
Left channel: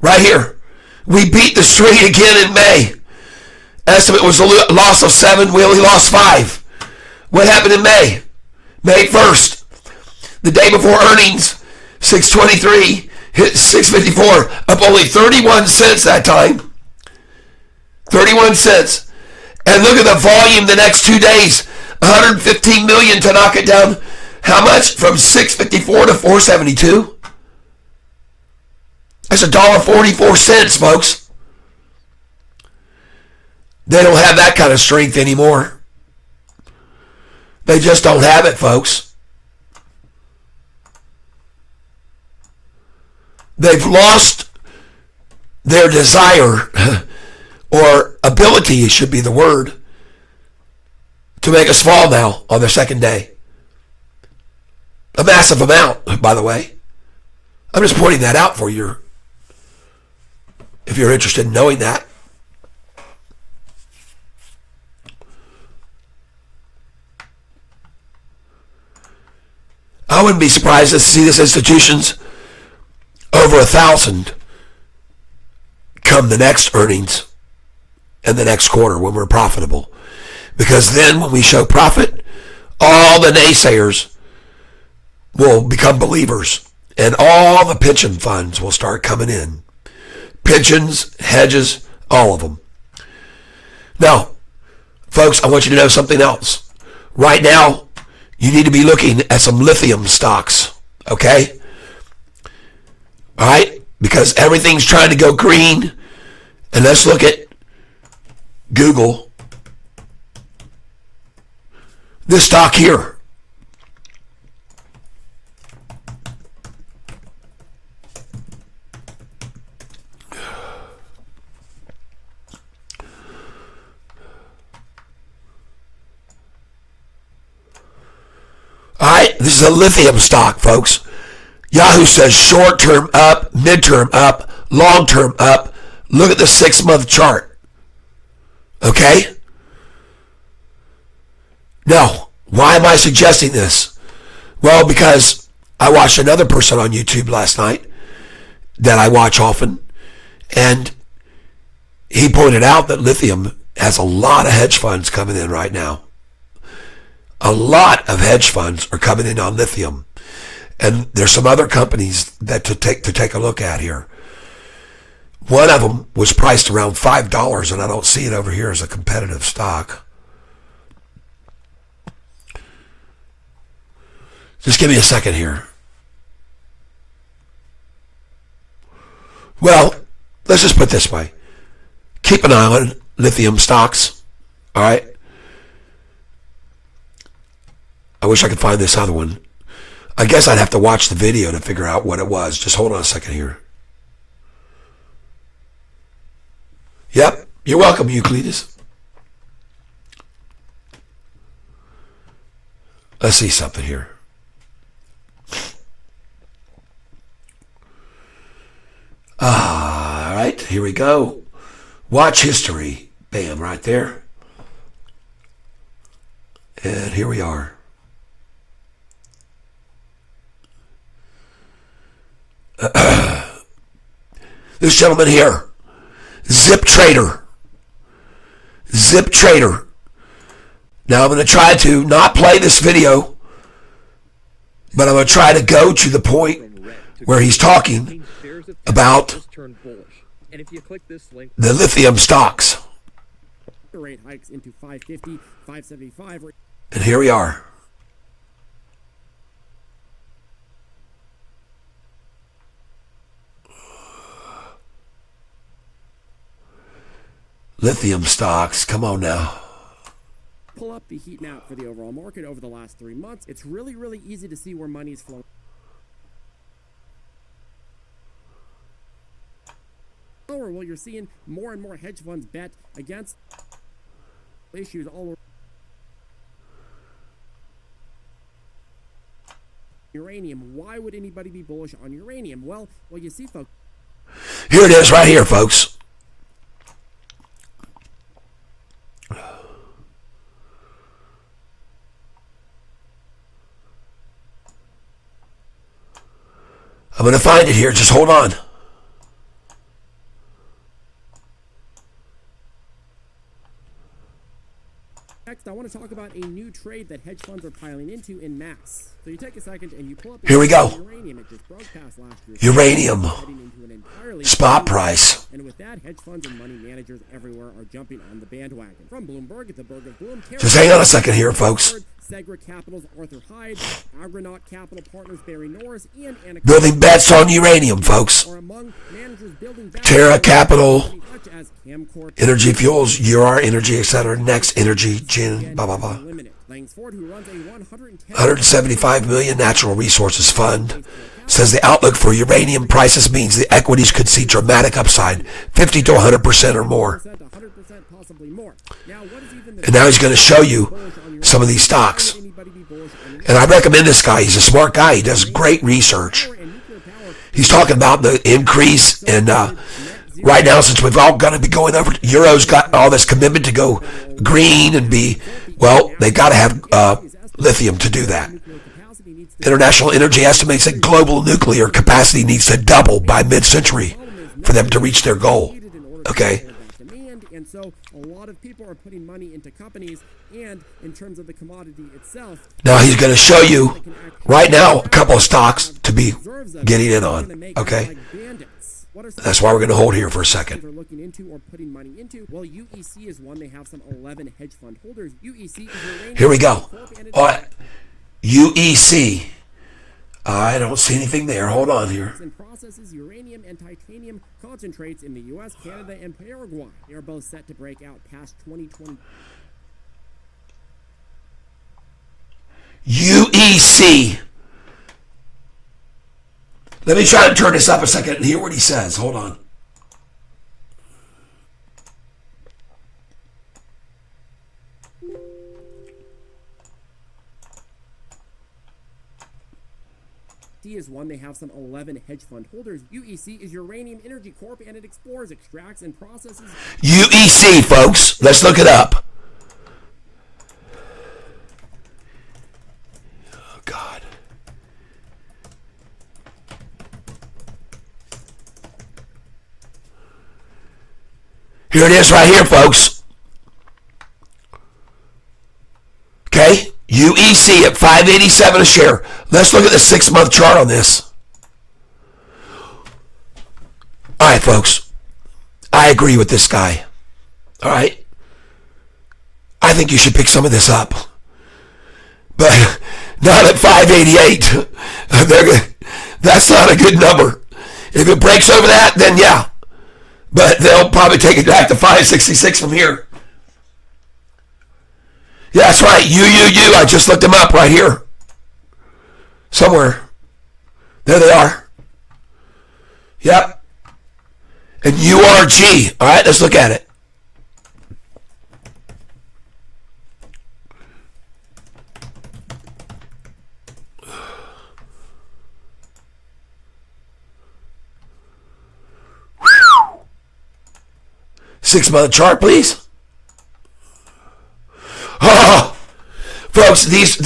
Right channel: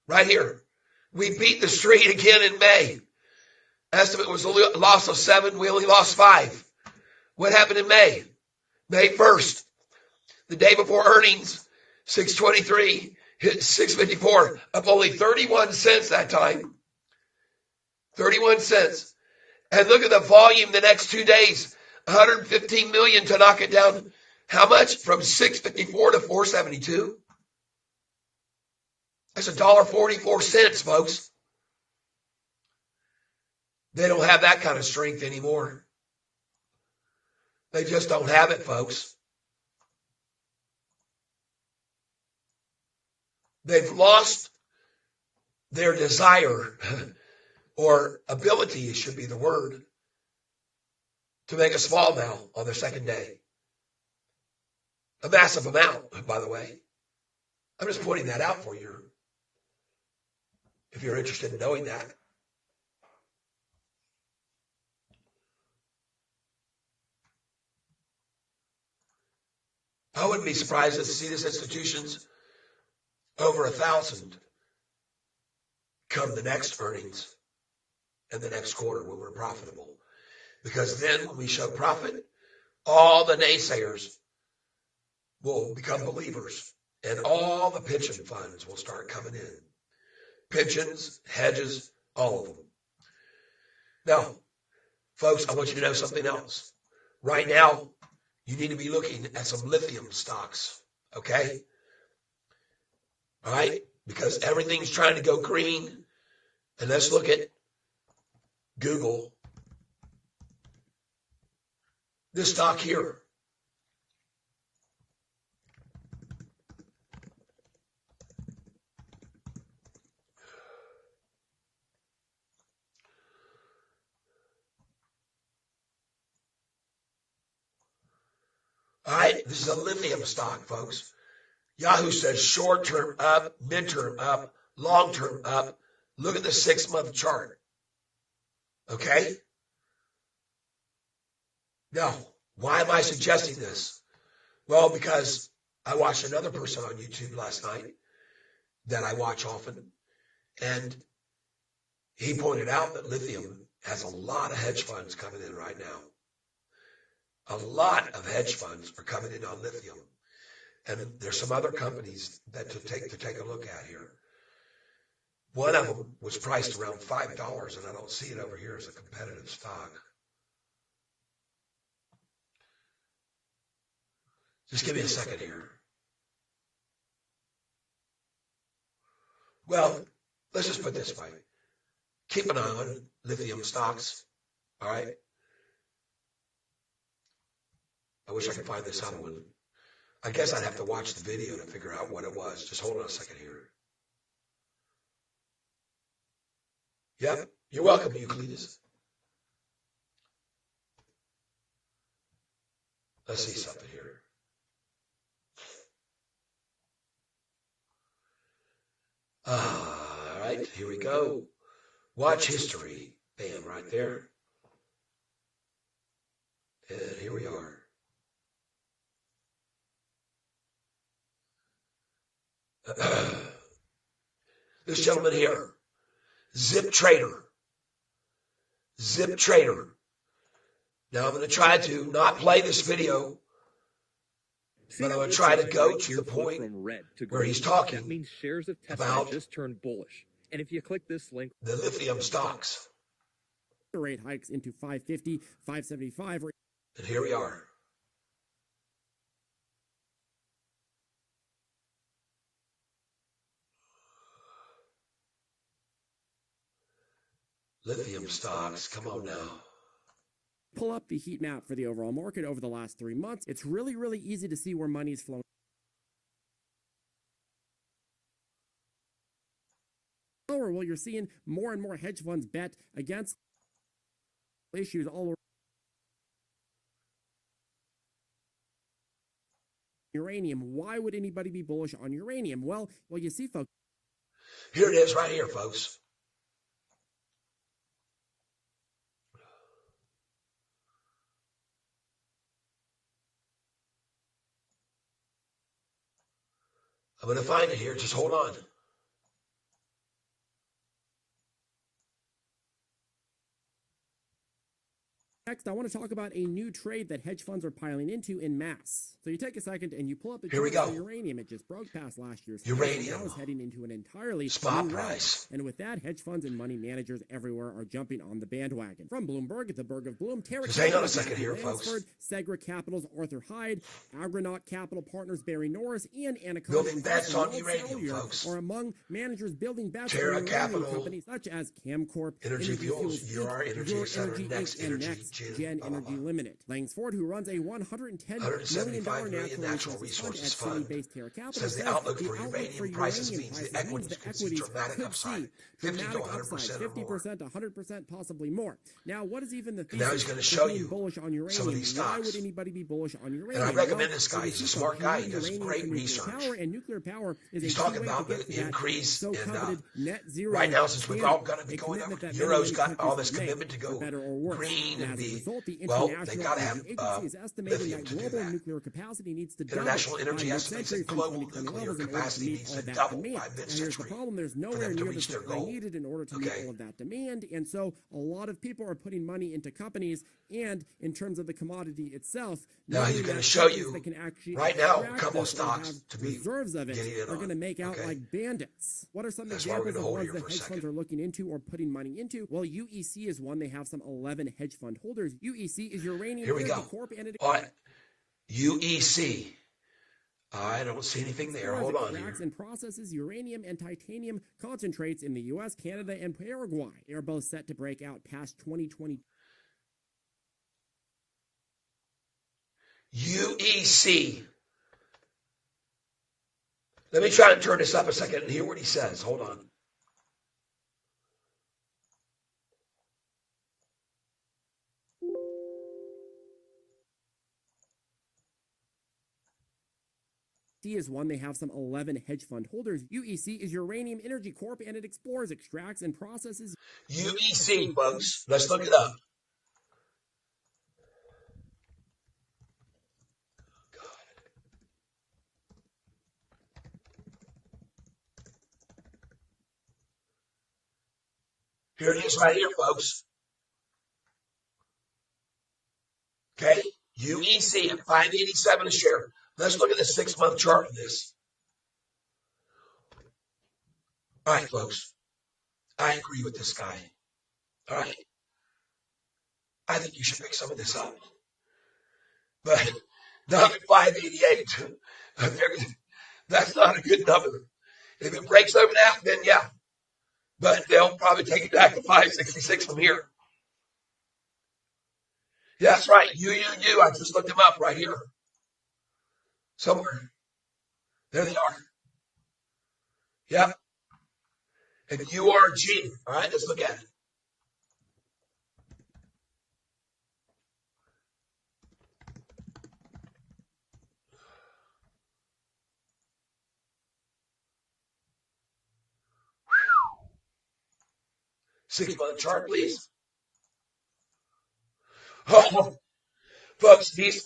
Right here. We beat the streak again in May. Estimate was a loss of 7. We only lost 5. What happened in May? May 1st. The day before earnings, 623 hit 654. Up only 31 cents that time. 31 cents. And look at the volume the next 2 days. 115 million to knock it down. How much? From 654 to 472. That's $1.44, folks. They don't have that kind of strength anymore. They just don't have it, folks. They've lost their desire, or ability should be the word, to make us fall now on their second day. A massive amount, by the way. I'm just pointing that out for you, if you're interested in knowing that. I wouldn't be surprised to see this institution's over 1,000 come the next earnings and the next quarter when we're profitable. Because then when we show profit, all the naysayers will become believers, and all the pension funds will start coming in. Pensions, hedges, all of them. Now, folks, I want you to know something else. Right now, you need to be looking at some lithium stocks, okay? All right? Because everything's trying to go green. And let's look at Google. This stock here. All right, this is a lithium stock, folks. Yahoo says short-term up, mid-term up, long-term up. Look at the 6-month chart. Okay? Now, why am I suggesting this? Well, because I watched another person on YouTube last night that I watch often, and he pointed out that lithium has a lot of hedge funds coming in right now. A lot of hedge funds are coming in on lithium. And there's some other companies that to take a look at here. One of them was priced around $5, and I don't see it over here as a competitive stock. Just give me a second here. Well, let's just put it this way. Keep an eye on lithium stocks, all right? I wish I could find this other one. I guess I'd have to watch the video to figure out what it was. Just hold on a second here. Yep, you're welcome, Euclides. Let's see something here. All right, here we go. Watch history. Bam, right there. And here we are. This gentleman here, Zip Trader. Zip Trader. Now I'm going to try to not play this video But I'm going to try to go to the point where he's talking about the lithium stocks. Rate hikes into 550, 575. And here we are. Lithium stocks, come on now. Pull up the heat map for the overall market over the last 3 months. It's really, really easy to see where money is flowing. Well, you're seeing more and more hedge funds bet against issues all over. Uranium. Why would anybody be bullish on uranium? Well, you see, folks. Here it is right here, folks. I'm going to find it here. Just hold on. Next, I want to talk about a new trade that hedge funds are piling into in mass. So you take a second and you pull up. Here we go. Uranium. It just broke past last year's uranium heading into an entirely spot price. And with that, hedge funds and money managers everywhere are jumping on the bandwagon. From Bloomberg, the Berg of Bloom. Just hang on a second here, folks. Segra Capital's Arthur Hyde, Agronaut Capital Partners Barry Norris, and building bets on uranium, folks. Are among managers building Terra Capital, such as Camcorp, Energy Fuels, UR Energy, etc. Next Energy, Gin, blah blah blah. Langsford, who runs a 175 million natural resources fund, says the outlook for uranium prices means the equities could see dramatic upside, 50 to 100% or more. 100% possibly more. And now he's going to show you some of these stocks. And I recommend this guy. He's a smart guy. He does great research. He's talking about the increase in right now, since we've all got to be going over, Euro's got all this commitment to go green and be, well, they've got to have lithium to do that. International Energy estimates that global nuclear capacity needs to double by mid-century for them to reach their goal. Okay. And so a lot of people are putting money into companies, and in terms of the commodity itself. Now he's going to show you right now a couple of stocks to be getting in on. Okay. That's why we're going to hold here for a second. Are looking into or putting money into. Well, UEC is one. They have some 11 hedge fund holders. UEC is uranium. Here we go. All right. UEC. I don't see anything there. Hold on here. And processes uranium and titanium concentrates in the U.S., Canada, and Paraguay. They are both set to break out past 2020. UEC. Let me try to turn this up a second and hear what he says. Hold on. Is one. They have some 11 hedge fund holders. UEC is Uranium Energy Corp, and it explores, extracts, and processes. UEC, folks. Let's look it up. Oh, God. Here it is right here, folks. Okay? UEC at $5.87 a share. Let's look at the 6-month chart on this. All right, folks. I agree with this guy. All right? I think you should pick some of this up. But not at 588. That's not a good number. If it breaks over that, then yeah. But they'll probably take it back to 566 from here. Yeah, that's right. I just looked them up right here. Somewhere. There they are. Yep. And URG. All right, let's look at it. Six-month chart, please. Oh, folks, these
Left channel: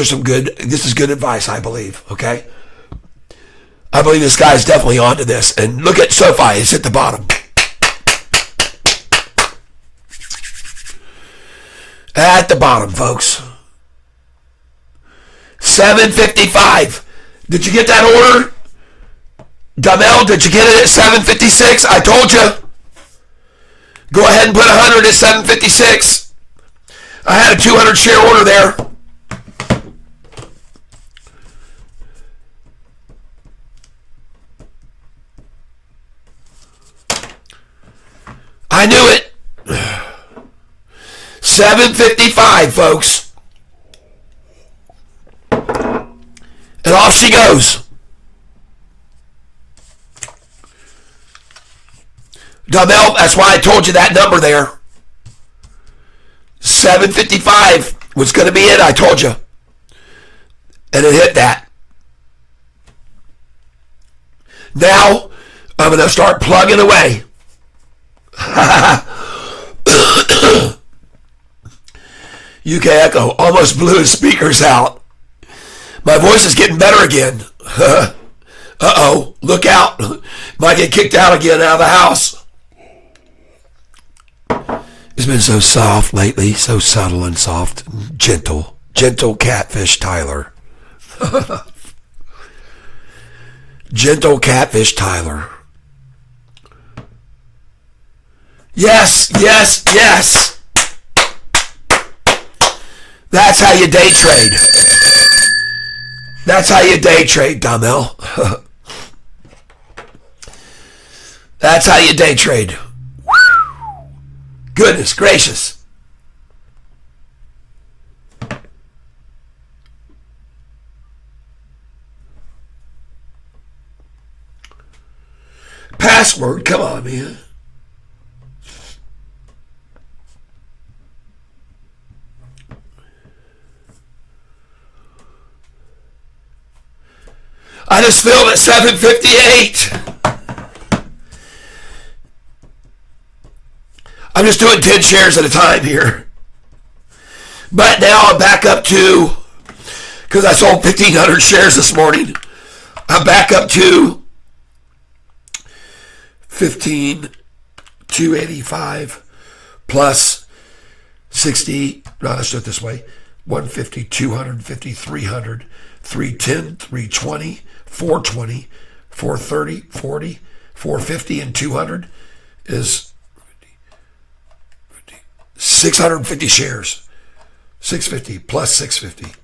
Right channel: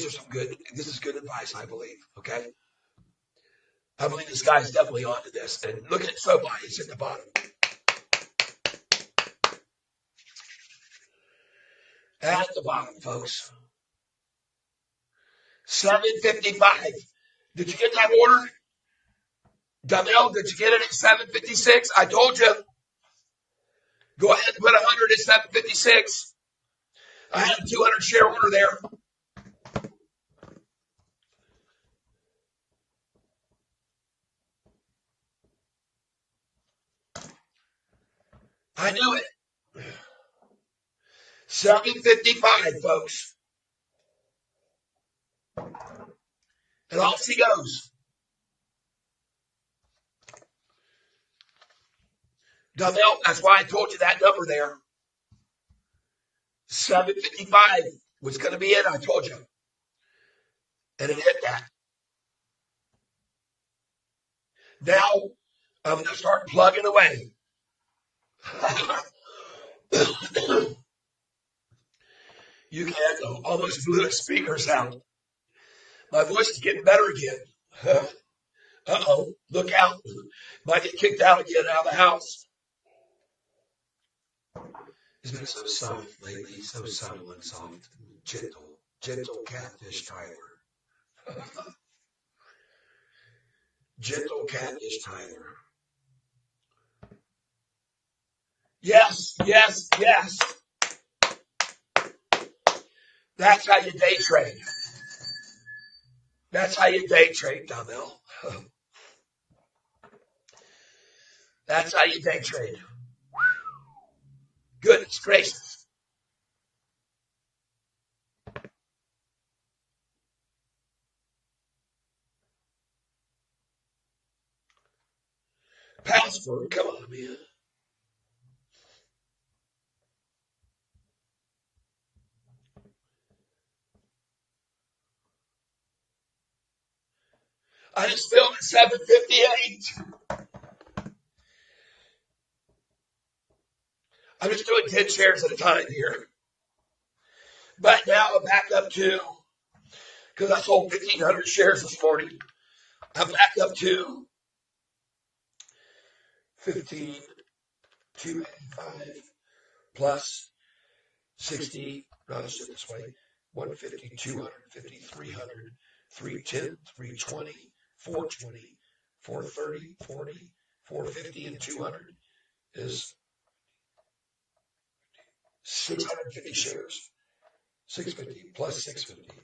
are some good. This is good advice, I believe. Okay, I believe this guy's definitely onto this. And look at Sofi; it's at the bottom. At the bottom, folks. 755. Did you get that order? Damel, did you get it at 756? I told you. Go ahead and put 100 at 756. I had a 200 share order there. I knew it. 755, folks. And off she goes. Dumel, that's why I told you that number there. 755 was going to be it, I told you. And it hit that. Now, I'm going to start plugging away. UK Echo almost blew his speakers out. My voice is getting better again. Uh-oh, look out. Might get kicked out again out of the house. It's been so soft lately, so subtle and soft. Gentle. Gentle catfish Tyler. Gentle catfish Tyler. Yes, yes, yes. That's how you day trade. That's how you day trade, Damel. That's how you day trade. Goodness gracious. Password, come on, man. I just filled at 758. I'm just doing 10 shares at a time here. But now I'm back up to, because I sold 1,500 shares this morning, I'm back up to 15,285 plus 60, no, let's do it this way, 150, 250, 300, 310, 320, 420, 430, 40, 450, and 200 is 650 shares. 650 plus 650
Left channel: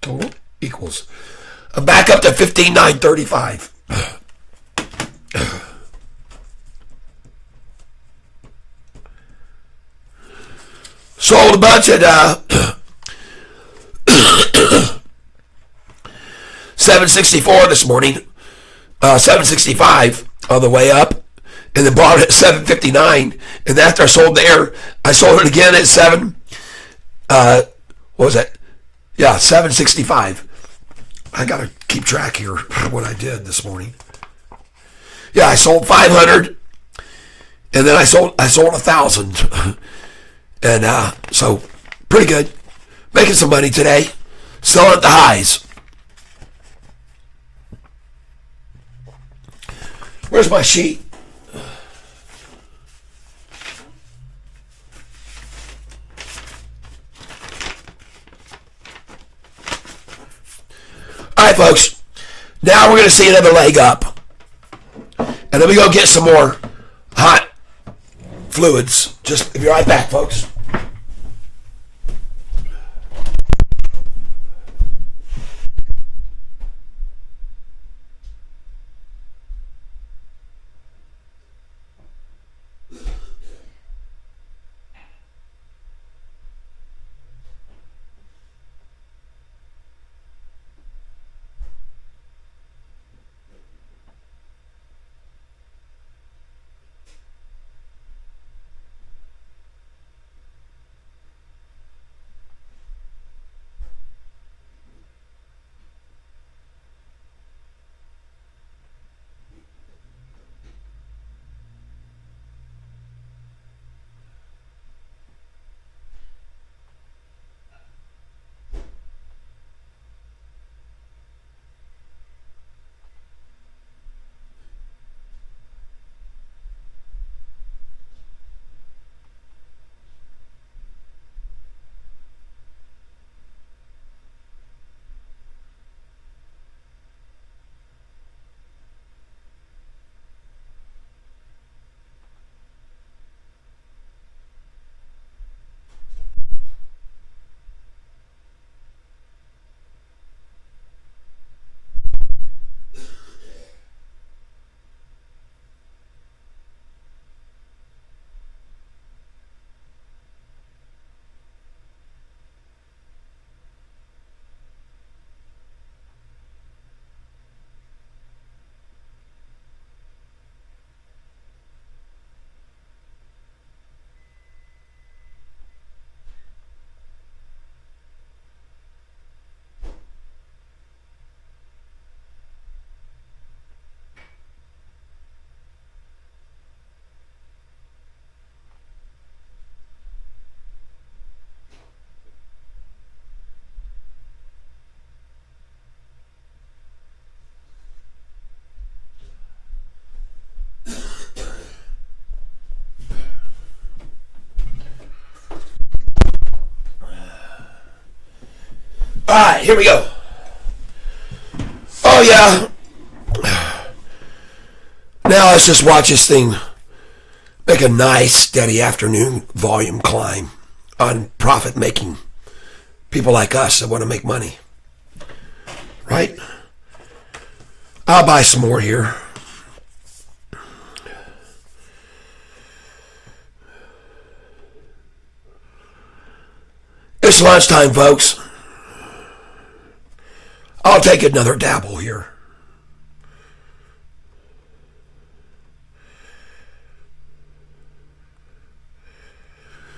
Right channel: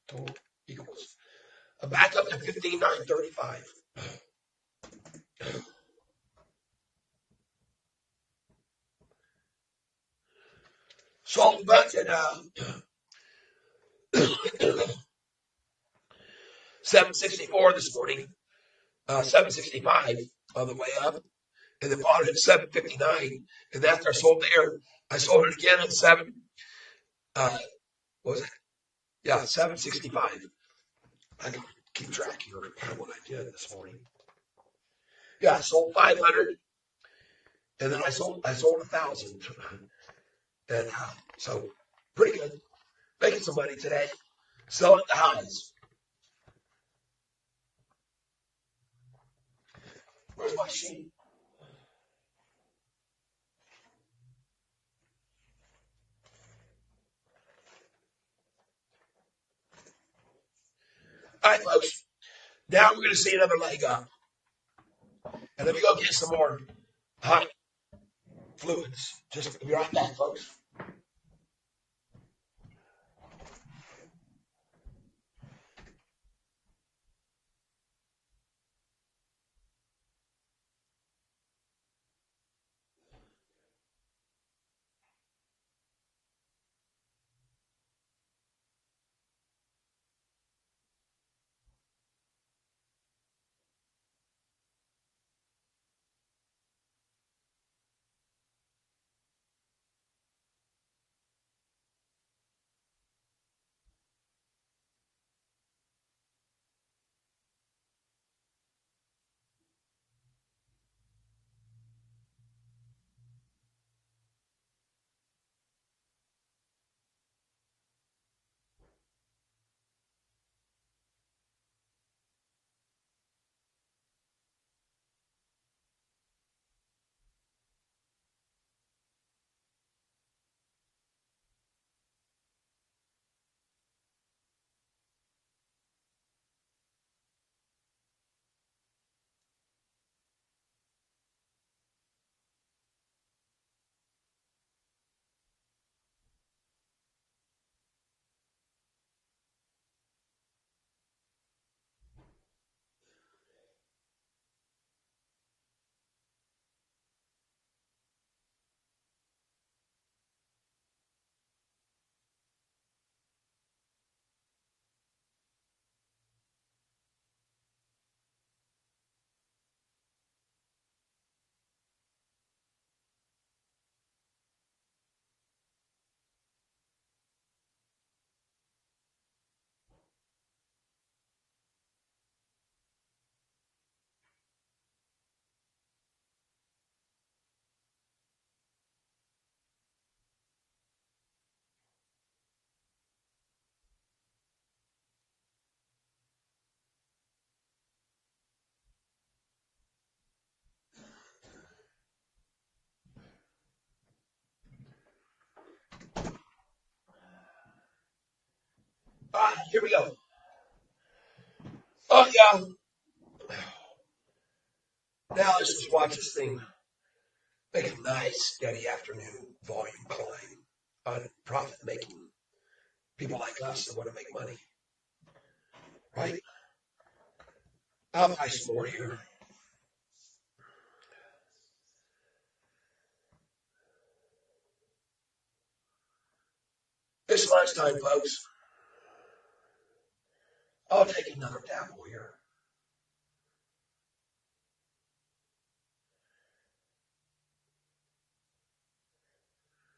total equals. I'm back up to 15,935. Sold a bunch at 764 this morning, 765 on the way up, and then bought it at 759. And after I sold there, I sold it again at what was that? Yeah, 765. I gotta keep track here of what I did this morning. Yeah, I sold 500, and then I sold 1,000, and so pretty good, making some money today, selling at the highs. Where's my sheet? All right, folks. Now we're going to see another leg up. And then we go get some more hot fluids. Just be right back, folks. right, here we go. Oh, yeah. Now let's just watch this thing make a nice, steady afternoon volume climb on profit-making people like us that want to make money. Right? I'll buy some more here. It's lunchtime, folks. I'll take another dabble here.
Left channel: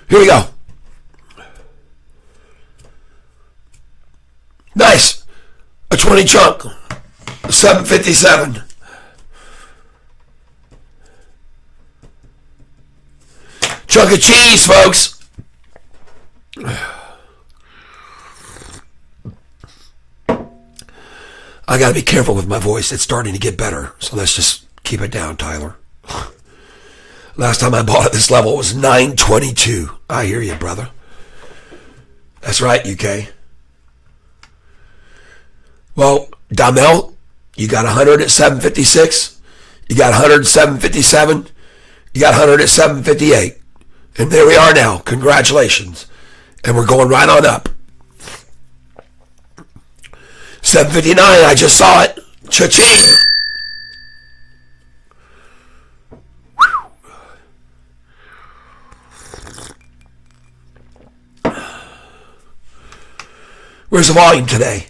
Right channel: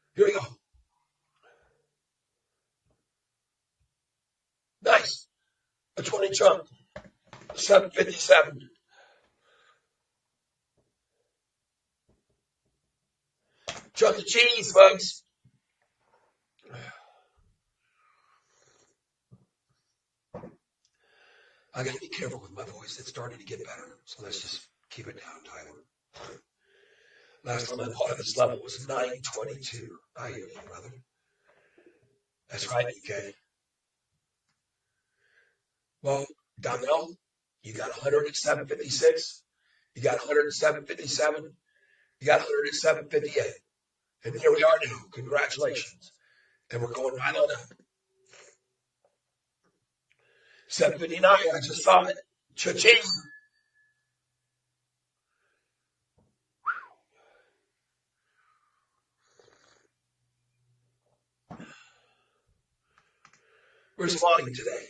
Here we go. Nice. A 20 chunk. A 757. Chunk of cheese, folks. I got to be careful with my voice. It's starting to get better. So let's just keep it down, Tyler. Last time I bought at this level, it was 922. I hear you, brother. That's right, UK. Well, Damel, you got 100 at 756. You got 100 at 757. You got 100 at 758. And there we are now. Congratulations. And we're going right on up. 759, I just saw it. Cha-ching. Where's the volume today?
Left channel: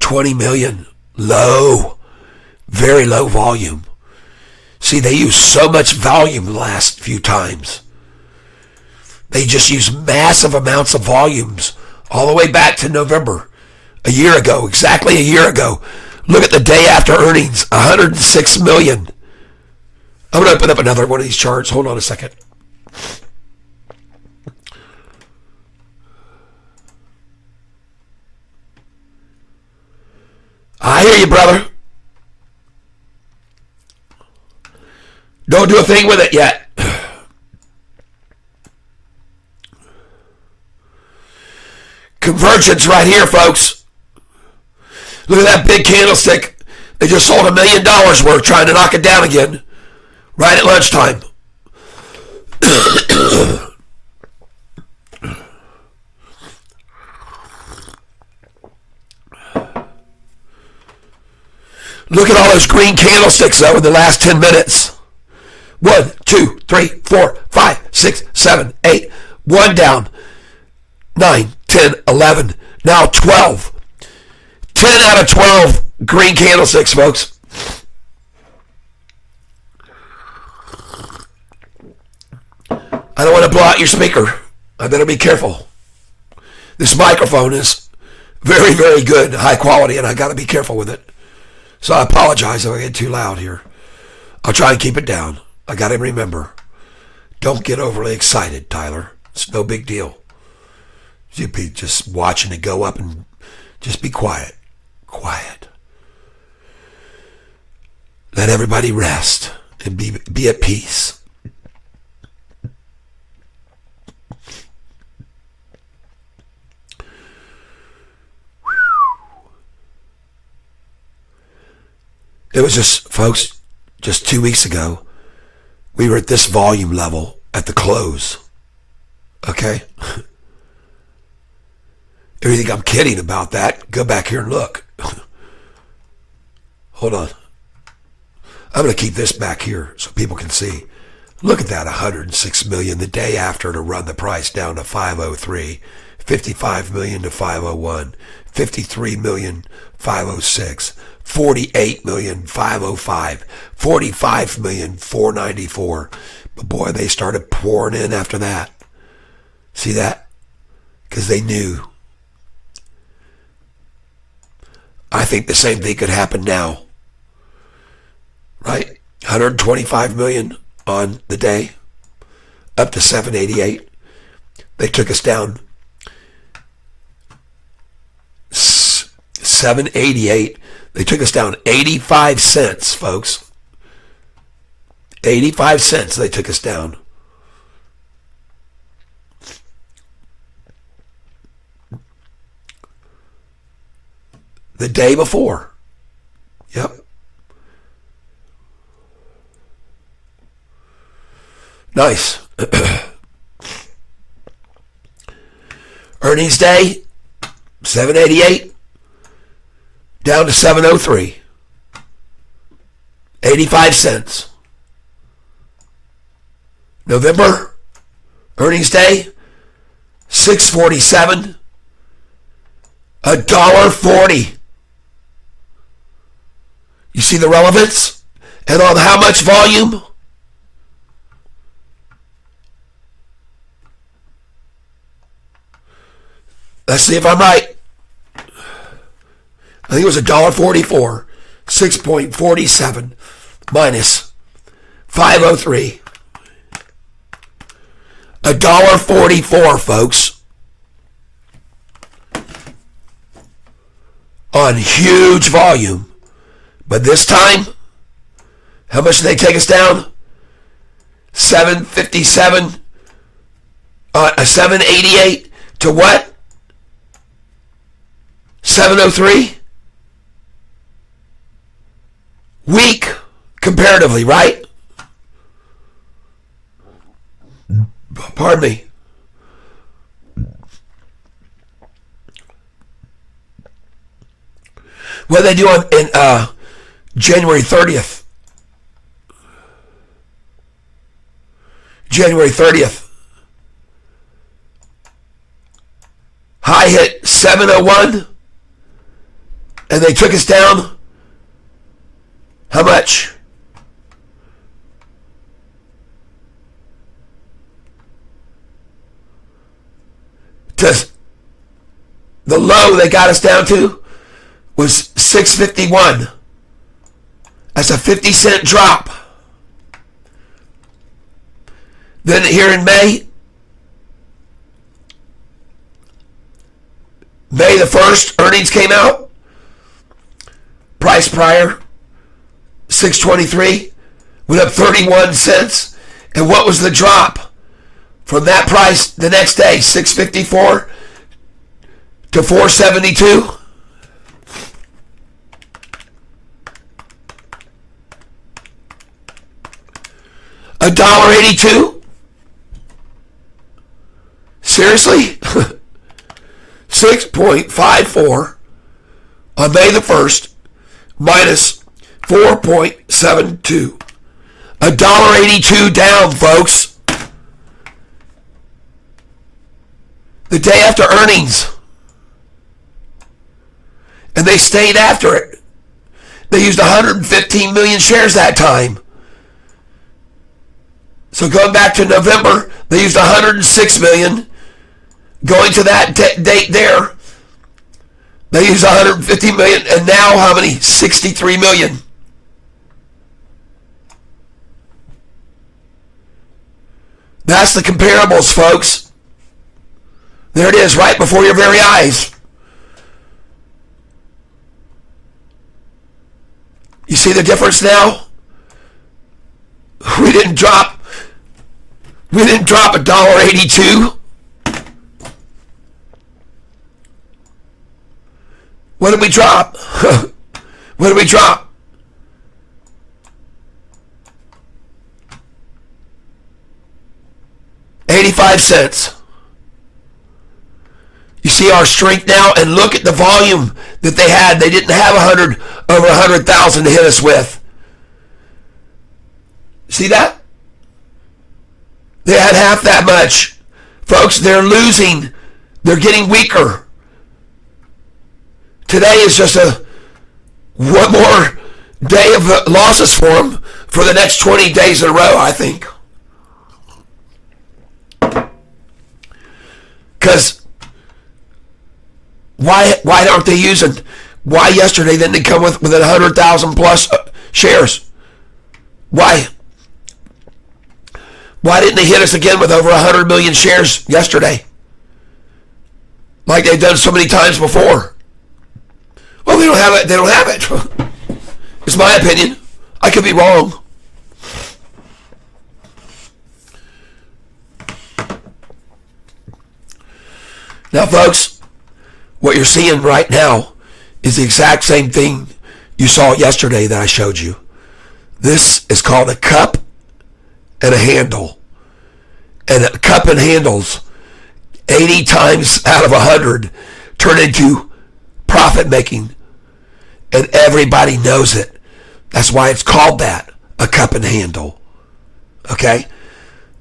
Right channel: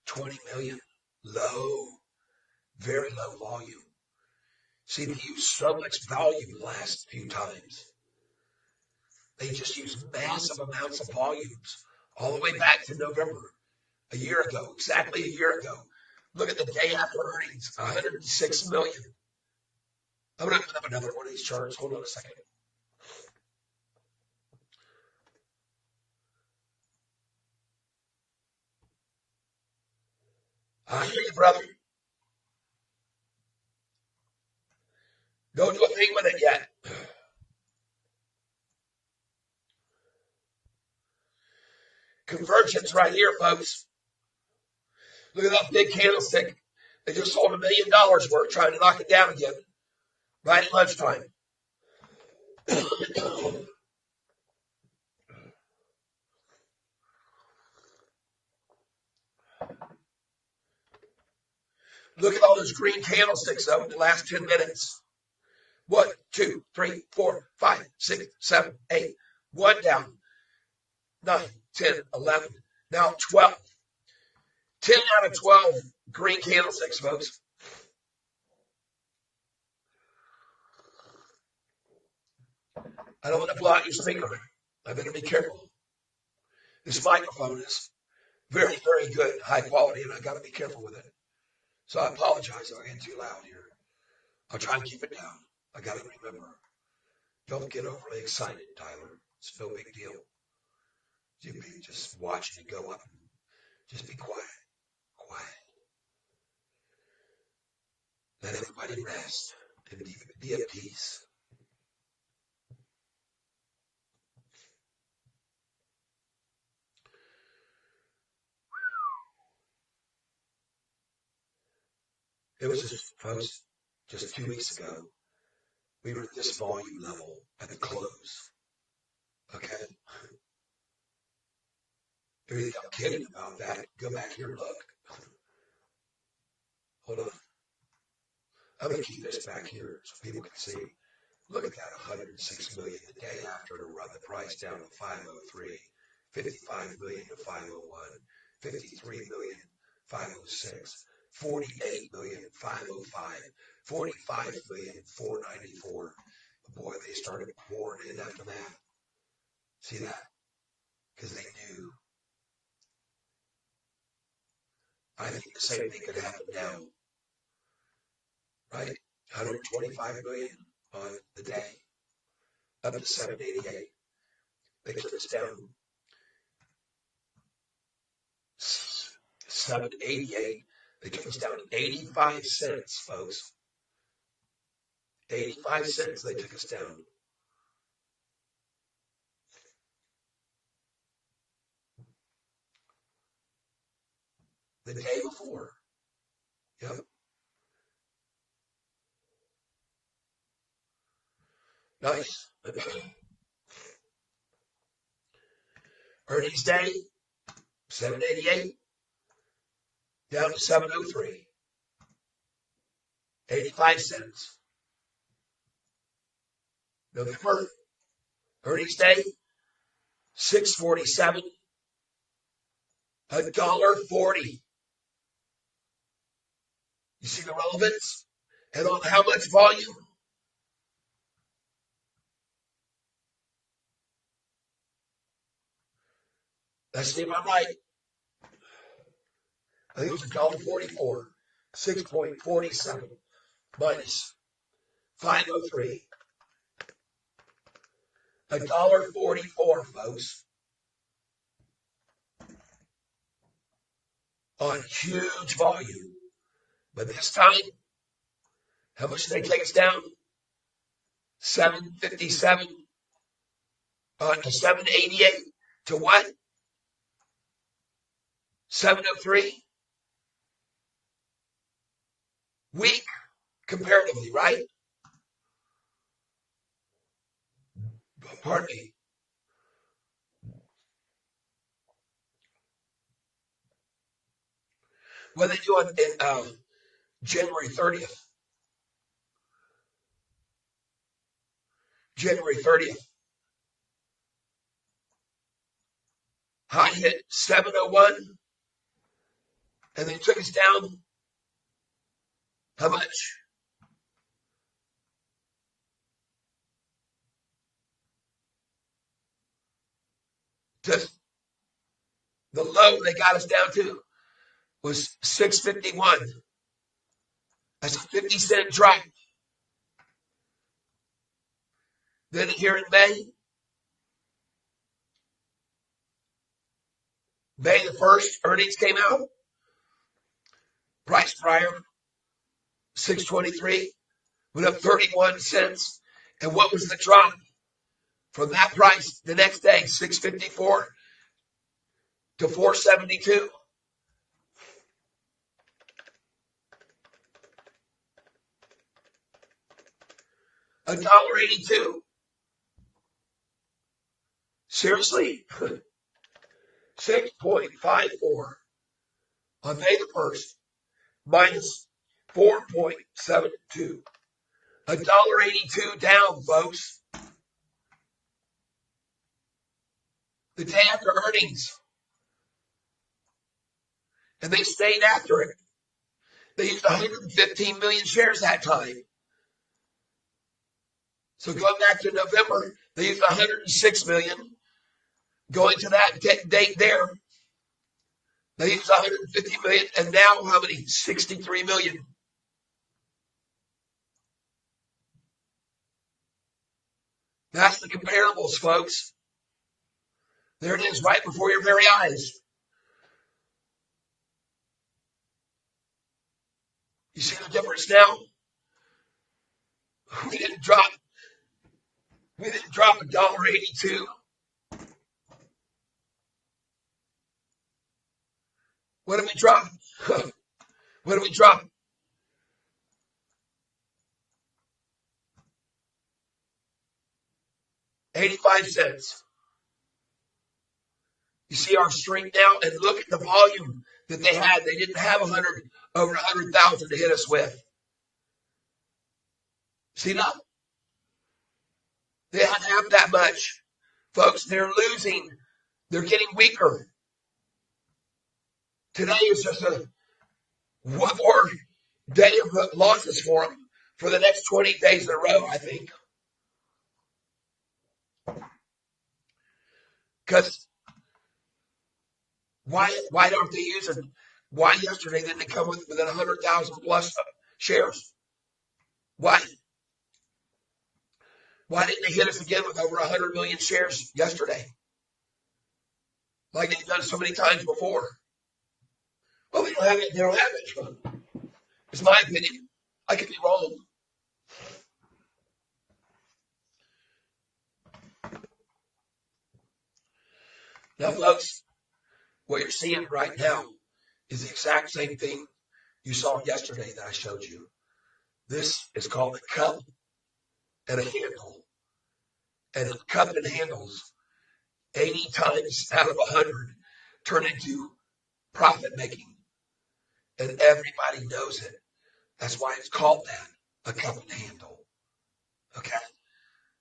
20 million. Low. Very low volume. See, they use so much volume the last few times. They just use massive amounts of volumes all the way back to November. A year ago. Exactly a year ago. Look at the day after earnings. 106 million. I'm going to open up another one of these charts. Hold on a second. I hear you, brother. Don't do a thing with it yet. Convergence right here, folks. Look at that big candlestick. They just sold $1 million worth trying to knock it down again. Right at lunchtime. Look at all those green candlesticks though in the last 10 minutes. 1, 2, 3, 4, 5, 6, 7, 8. 1 down. 9, 10, 11. Now 12. 10 out of 12 green candlesticks, folks. I don't want to blow out your speaker. I better be careful. This microphone is very, very good, high quality, and I got to be careful with it. So I apologize if I get too loud here. I'll try and keep it down. I got to remember, don't get overly excited, Tyler. It's no big deal. You'd be just watching it go up and just be quiet. Quiet. Let everybody rest and be at peace. It was just, folks, just 2 weeks ago, we were at this volume level at the close. Okay? If you think I'm kidding about that, go back here and look. Hold on. I'm going to keep this back here so people can see. Look at that, 106 million the day after to run the price down to 503, 55 million to 501, 53 million 506, 48 million 505, 45 million 494. But boy, they started pouring in after that. See that? Because they knew. I think the same thing could happen now. Right? 125 million on the day, up to 788. They took us down 788. They took us down 85 cents, folks. 85 cents they took us down. the day before. Yep. Nice. Earnings day, 788, down to 703. 85 cents. November, earnings day, 647, $1.40. You see the relevance? And on how much volume? Let's see if I'm right. I think it was $1.44, 6.47 minus 503. $1.44, folks. On huge volume. But this time, how much did they take us down? 757, 788 to what? 703? Weak, comparatively, right? Pardon me. What did they do in January 30th? January 30th. High hit 701. And they took us down. How much? To the low they got us down to was 651. That's a 50-cent drop. Then here in May the 1st, earnings came out. Price prior, 623, went up 31 cents. And what was the drop from that price the next day? 654 to 472. $1.82. Seriously? 6.54 on May the 1st minus 4.72. $1.82 down, folks. The day after earnings. And they stayed after it. They used 115 million shares that time. So going back to November, they used 106 million. Going to that date there, they used 150 million. And now how many? 63 million. That's the comparables, folks. There it is, right before your very eyes. You see the difference now? We didn't drop $1.82. What did we drop? What did we drop? $0.85. You see our strength now, and look at the volume that they had. They didn't have over 100,000 to hit us with. See that? They had half that much. Folks, they're losing. They're getting weaker. Today is just one more day of losses for them for the next 20 days in a row, I think. Because why aren't they using? Why yesterday didn't they come with 100,000 plus shares? Why? Why didn't they hit us again with over 100 million shares yesterday? Like they've done so many times before. Well, they don't have it. They don't have it. It's my opinion. I could be wrong. Now, folks, what you're seeing right now is the exact same thing you saw yesterday that I showed you. This is called a cup and a handle. And a cup and handles 80 times out of 100 turn into profit making. And everybody knows it. That's why it's called that, a cup and handle. Okay?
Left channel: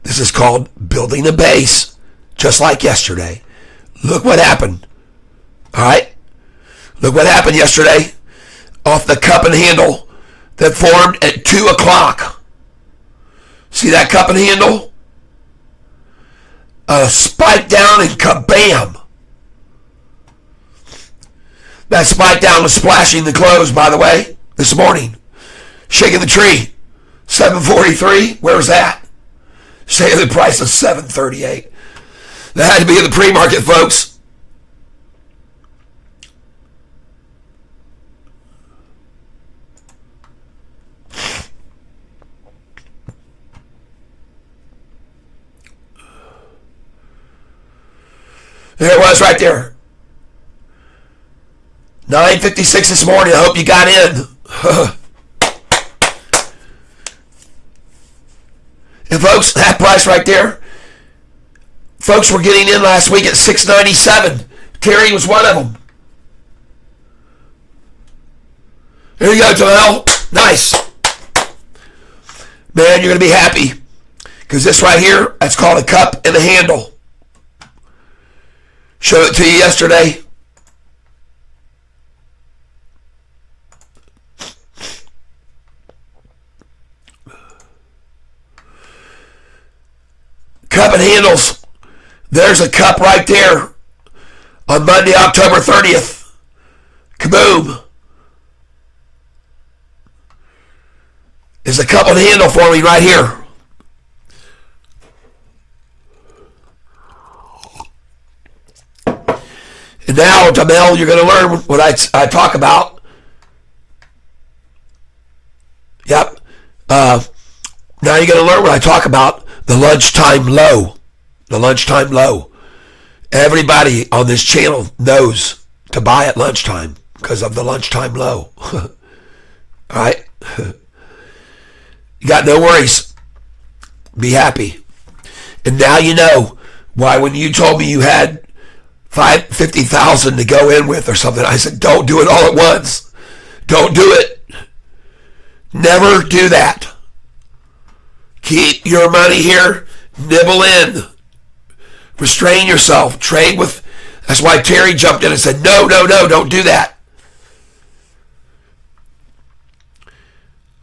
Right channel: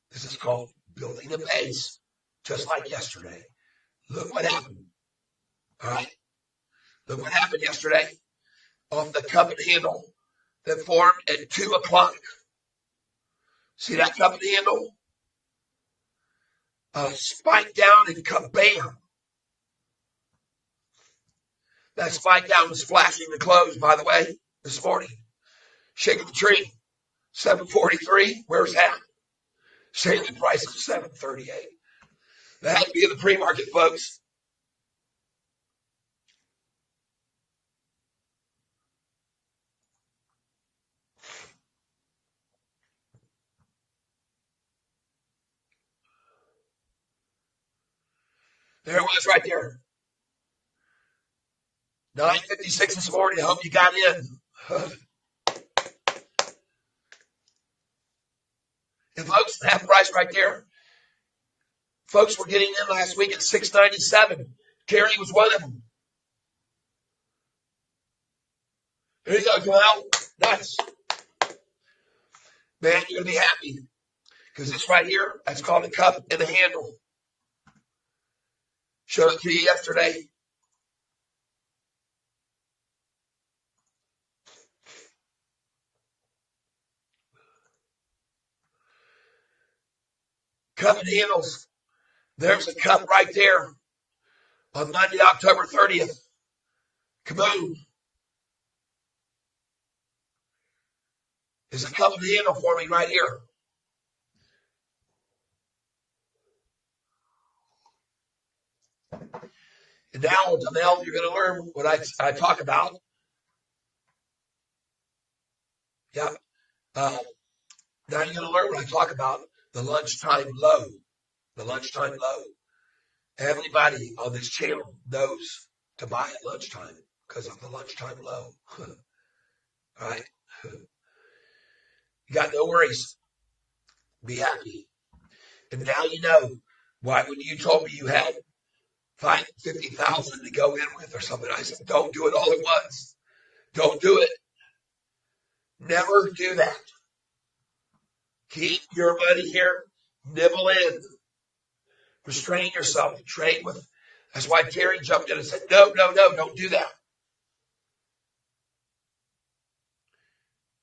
This is called building a base, just like yesterday. Look what happened. All right? Look what happened yesterday off the cup and handle that formed at 2 o'clock. See that cup and handle? A spike down and kabam. That spike down was splashing the clothes, by the way, this morning. Shaking the tree. 743, where was that? Saying the price of 738. That had to be in the pre-market, folks. There it was right there. 9:56 this morning. I hope you got in. And folks, that price right there, folks were getting in last week at 697. Terry was one of them. There you go, Joel. Nice. Man, you're going to be happy. Because this right here, that's called a cup and a handle. Showed it to you yesterday. Cup and handles. There's a cup right there on Monday, October 30th. Kaboom. There's a cup and handle for me right here. And now, Jamel, you're going to learn what I talk about. Yep. Now you're going to learn what I talk about. The lunchtime low. The lunchtime low. Everybody on this channel knows to buy at lunchtime because of the lunchtime low. All right? You got no worries. Be happy. And now you know why when you told me you had 50,000 to go in with or something, I said, don't do it all at once. Don't do it. Never do that. Keep your money here. Nibble in. Restrain yourself. Trade with. That's why Terry jumped in and said, no, don't do that.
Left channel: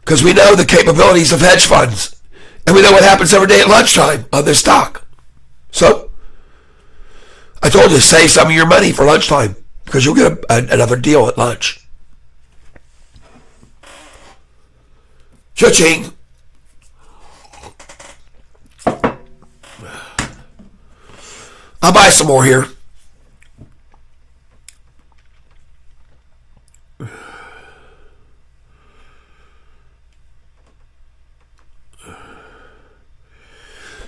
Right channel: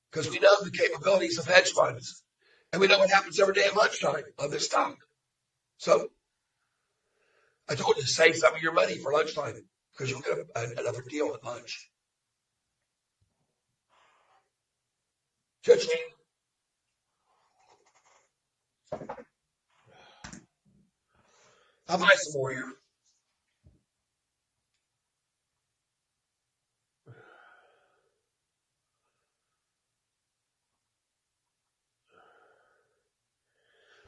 Because we know the capabilities of hedge funds. And we know what happens every day at lunchtime on this stock. So, I told you to save some of your money for lunchtime because you'll get another deal at lunch. Cha-ching. I'll buy some more here.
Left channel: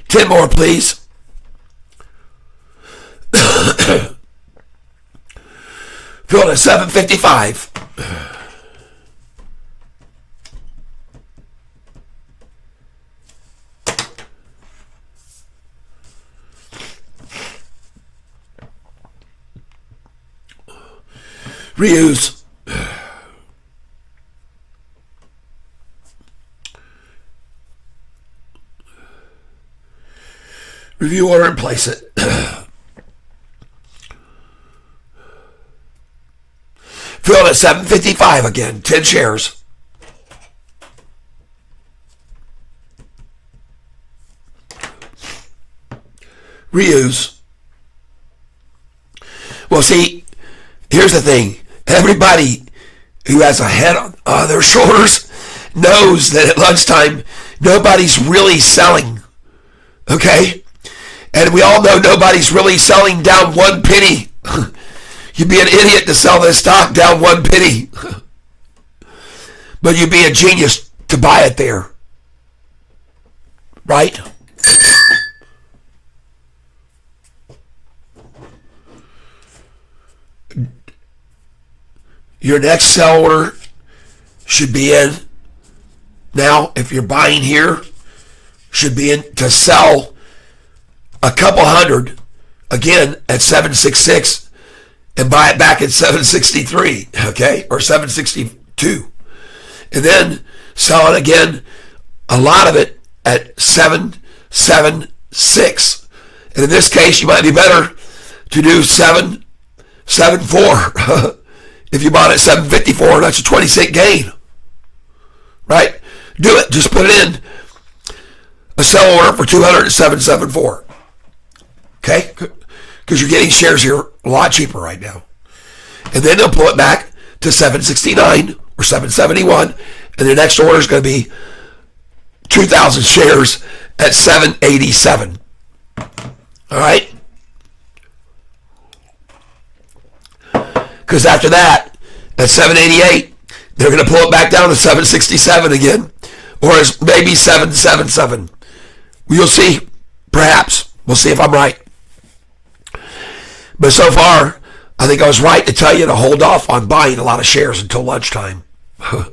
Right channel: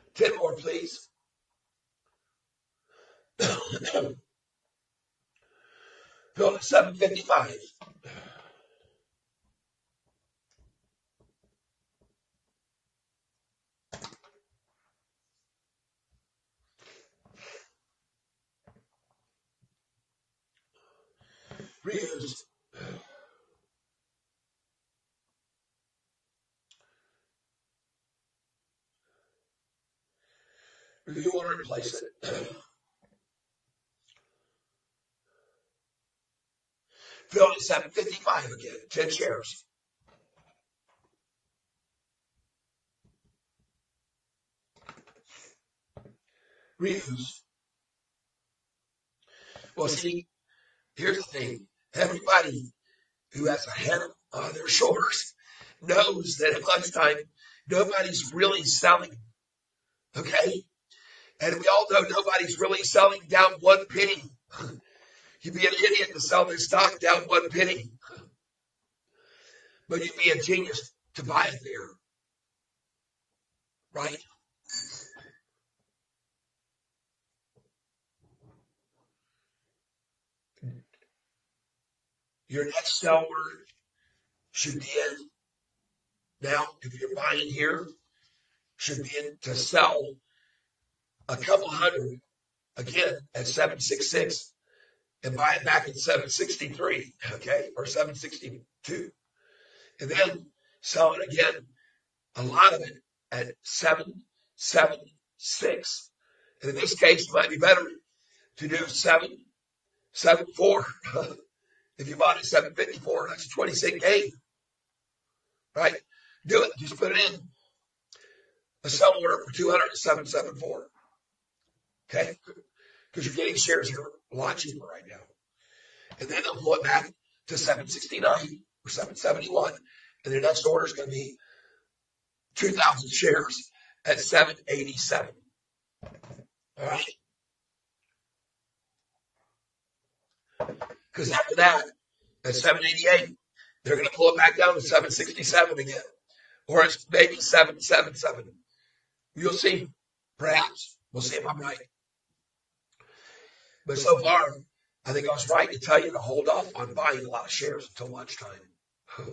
$10 more, please. Fill at 755. Reuse. Review order and place it. Fill at 755 again. 10 shares. Reuse. Well, see, here's the thing. Everybody who has a head on their shoulders knows that at lunchtime, nobody's really selling. Okay? And we all know nobody's really selling down 1 penny. You'd be an idiot to sell this stock down 1 penny. But you'd be a genius to buy it there. Right? Your next sell order should be in now. If you're buying here, should be in to sell a couple hundred again at 766 and buy it back at 763, okay, or 762, and then sell it again, a lot of it at 776. And in this case, you might be better to do 774. If you bought it at 754, that's a 20-cent gain, right? Do it. Just put it in a sell order for 207.74. Okay? Because you're getting shares here a lot cheaper right now. And then they'll pull it back to 769 or 771, and the next order is going to be 2,000 shares at 787. All right? Because after that, at 788, they're going to pull it back down to 767 again, or maybe 777. You'll see, perhaps. We'll see if I'm right. But so far, I think I was right to tell you to hold off on buying a lot of shares until lunchtime. I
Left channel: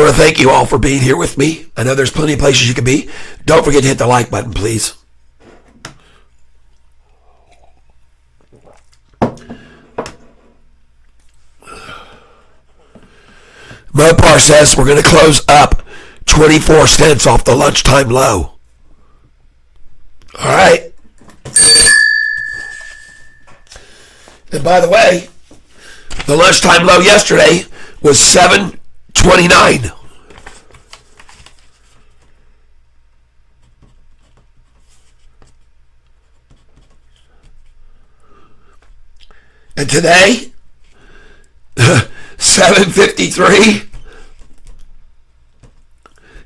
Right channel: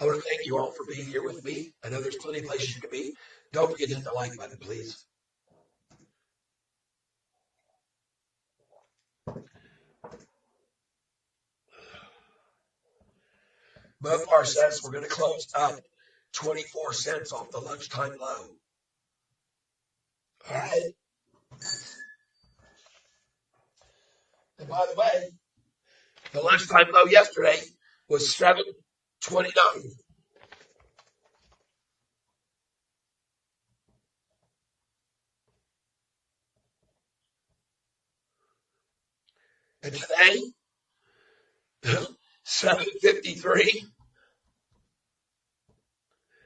want to thank you all for being here with me. I know there's plenty of places you can be. Don't forget to hit the like button, please. Mopar says we're going to close up 24 cents off the lunchtime low. All right. And by the way, the lunchtime low yesterday was 7.29. And today, 7.53.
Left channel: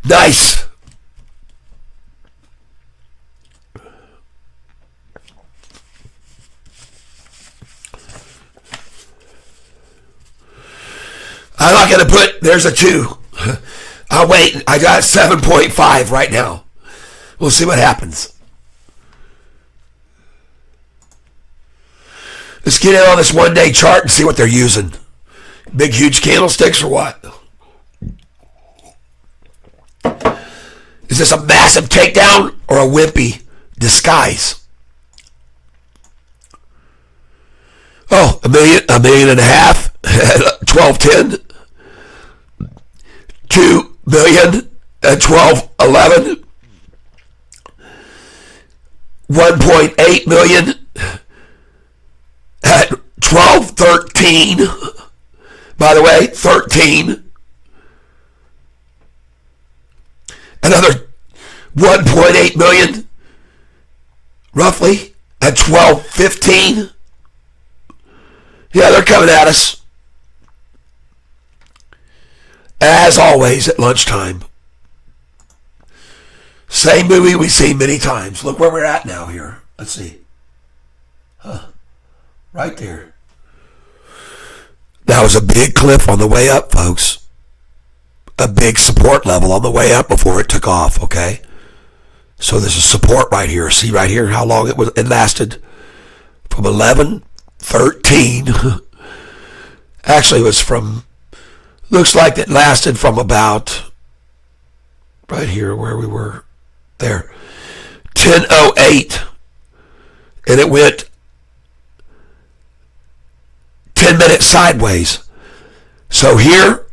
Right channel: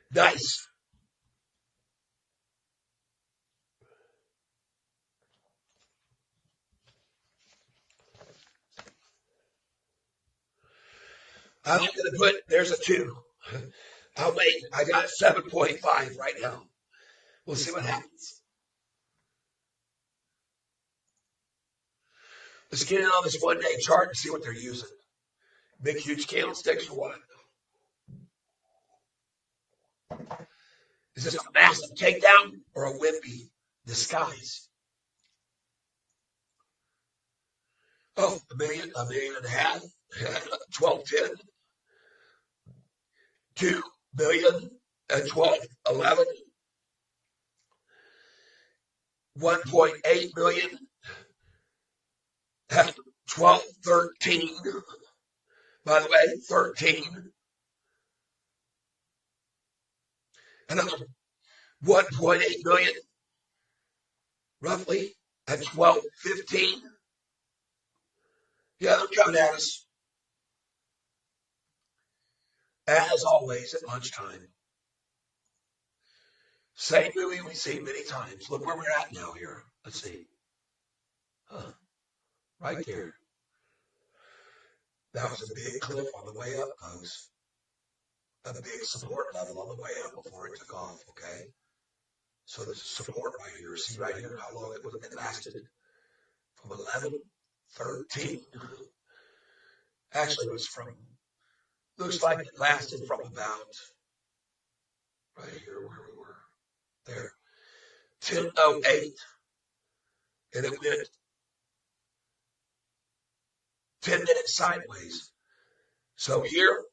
Nice. I'm not going to put, there's a 2. I'll wait. I got 7.5 right now. We'll see what happens. Let's get in on this one-day chart and see what they're using. Big, huge candlesticks or what? Is this a massive takedown or a wimpy disguise? Oh, a million and a half at 12.10. 2 million at 12.11. 1.8 million at 12.13. By the way, 13. Another 1.8 million, roughly, at 12.15. Yeah, they're coming at us. As always at lunchtime. Same movie we've seen many times. Look where we're at now here. Let's see. Right there. That was a big cliff on the way up, folks. A big support level on the way up before it took off, okay? So there's a support right here. See right here how long it lasted? From 11.13. Actually, it was from, looks like it lasted from about, right here where we were, there, 10.08. And it went 10 minutes sideways. So here,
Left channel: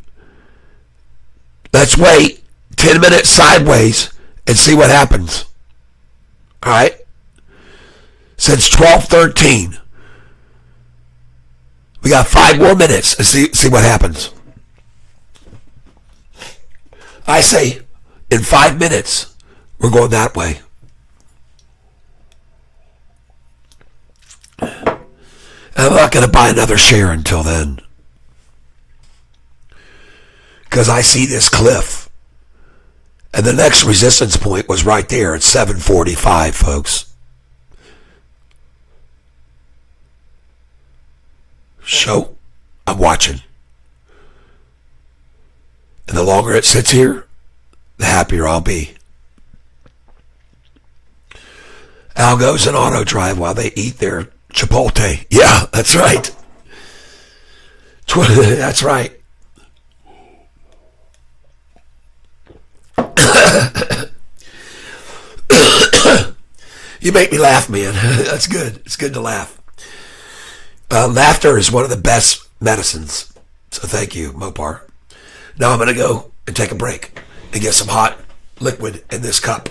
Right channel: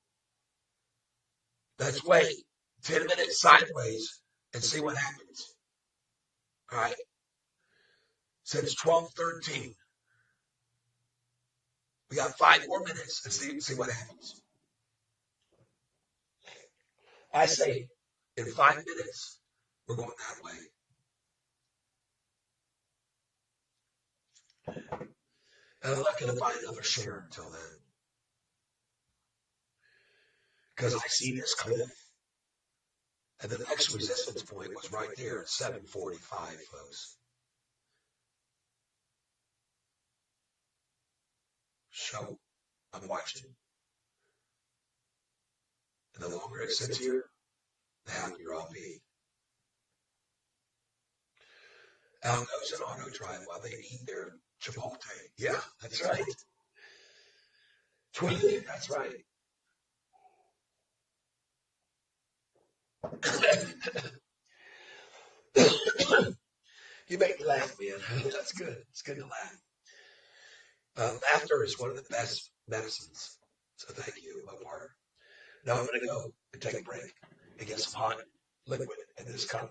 let's wait 10 minutes sideways and see what happens. All right? Since 12:13. We got 5 more minutes and see what happens. I say in 5 minutes, we're going that way. I'm not going to buy another share until then. Because I see this cliff. And the next resistance point was right there at 7.45, folks. So, I'm watching. And the longer it sits here, the happier I'll be. Al goes in auto drive while they eat their Chipotle. Yeah, that's right. That's right. You make me laugh, man. That's good. It's good to laugh. Laughter is one of the best medicines. So thank you, Mopar. Now I'm going to go and take a break and get some hot liquid in this cup,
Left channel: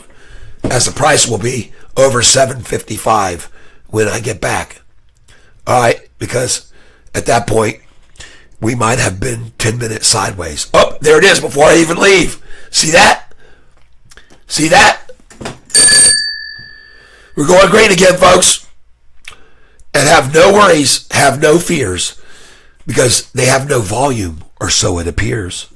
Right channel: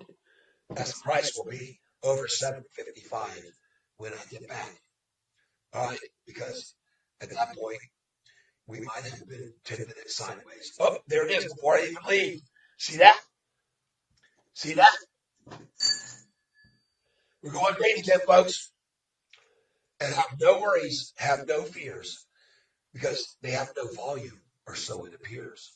as the price will be over $7.55 when I get back. All right, because at that point, we might have been 10 minutes sideways. Oh, there it is before I even leave. See that? See that? We're going green again, folks. And have no worries, have no fears, because they have no volume, or so it appears.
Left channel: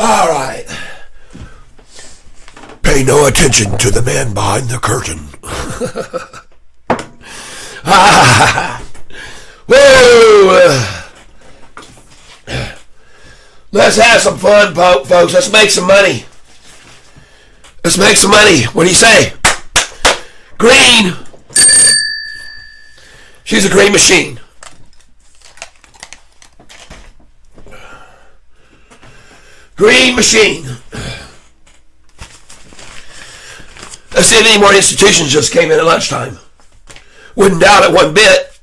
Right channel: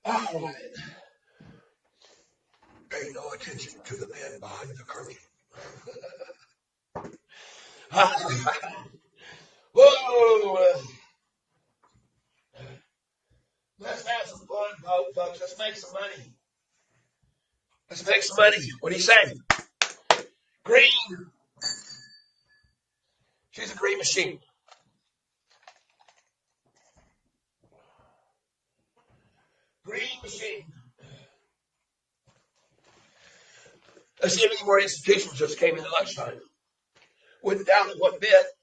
All right. Pay no attention to the man behind the curtain. Whoa! Let's have some fun, folks. Let's make some money. Let's make some money. What do you say? Green. She's a green machine. Green machine. Let's see if any more institutions just came in at lunchtime. Wouldn't doubt it one bit.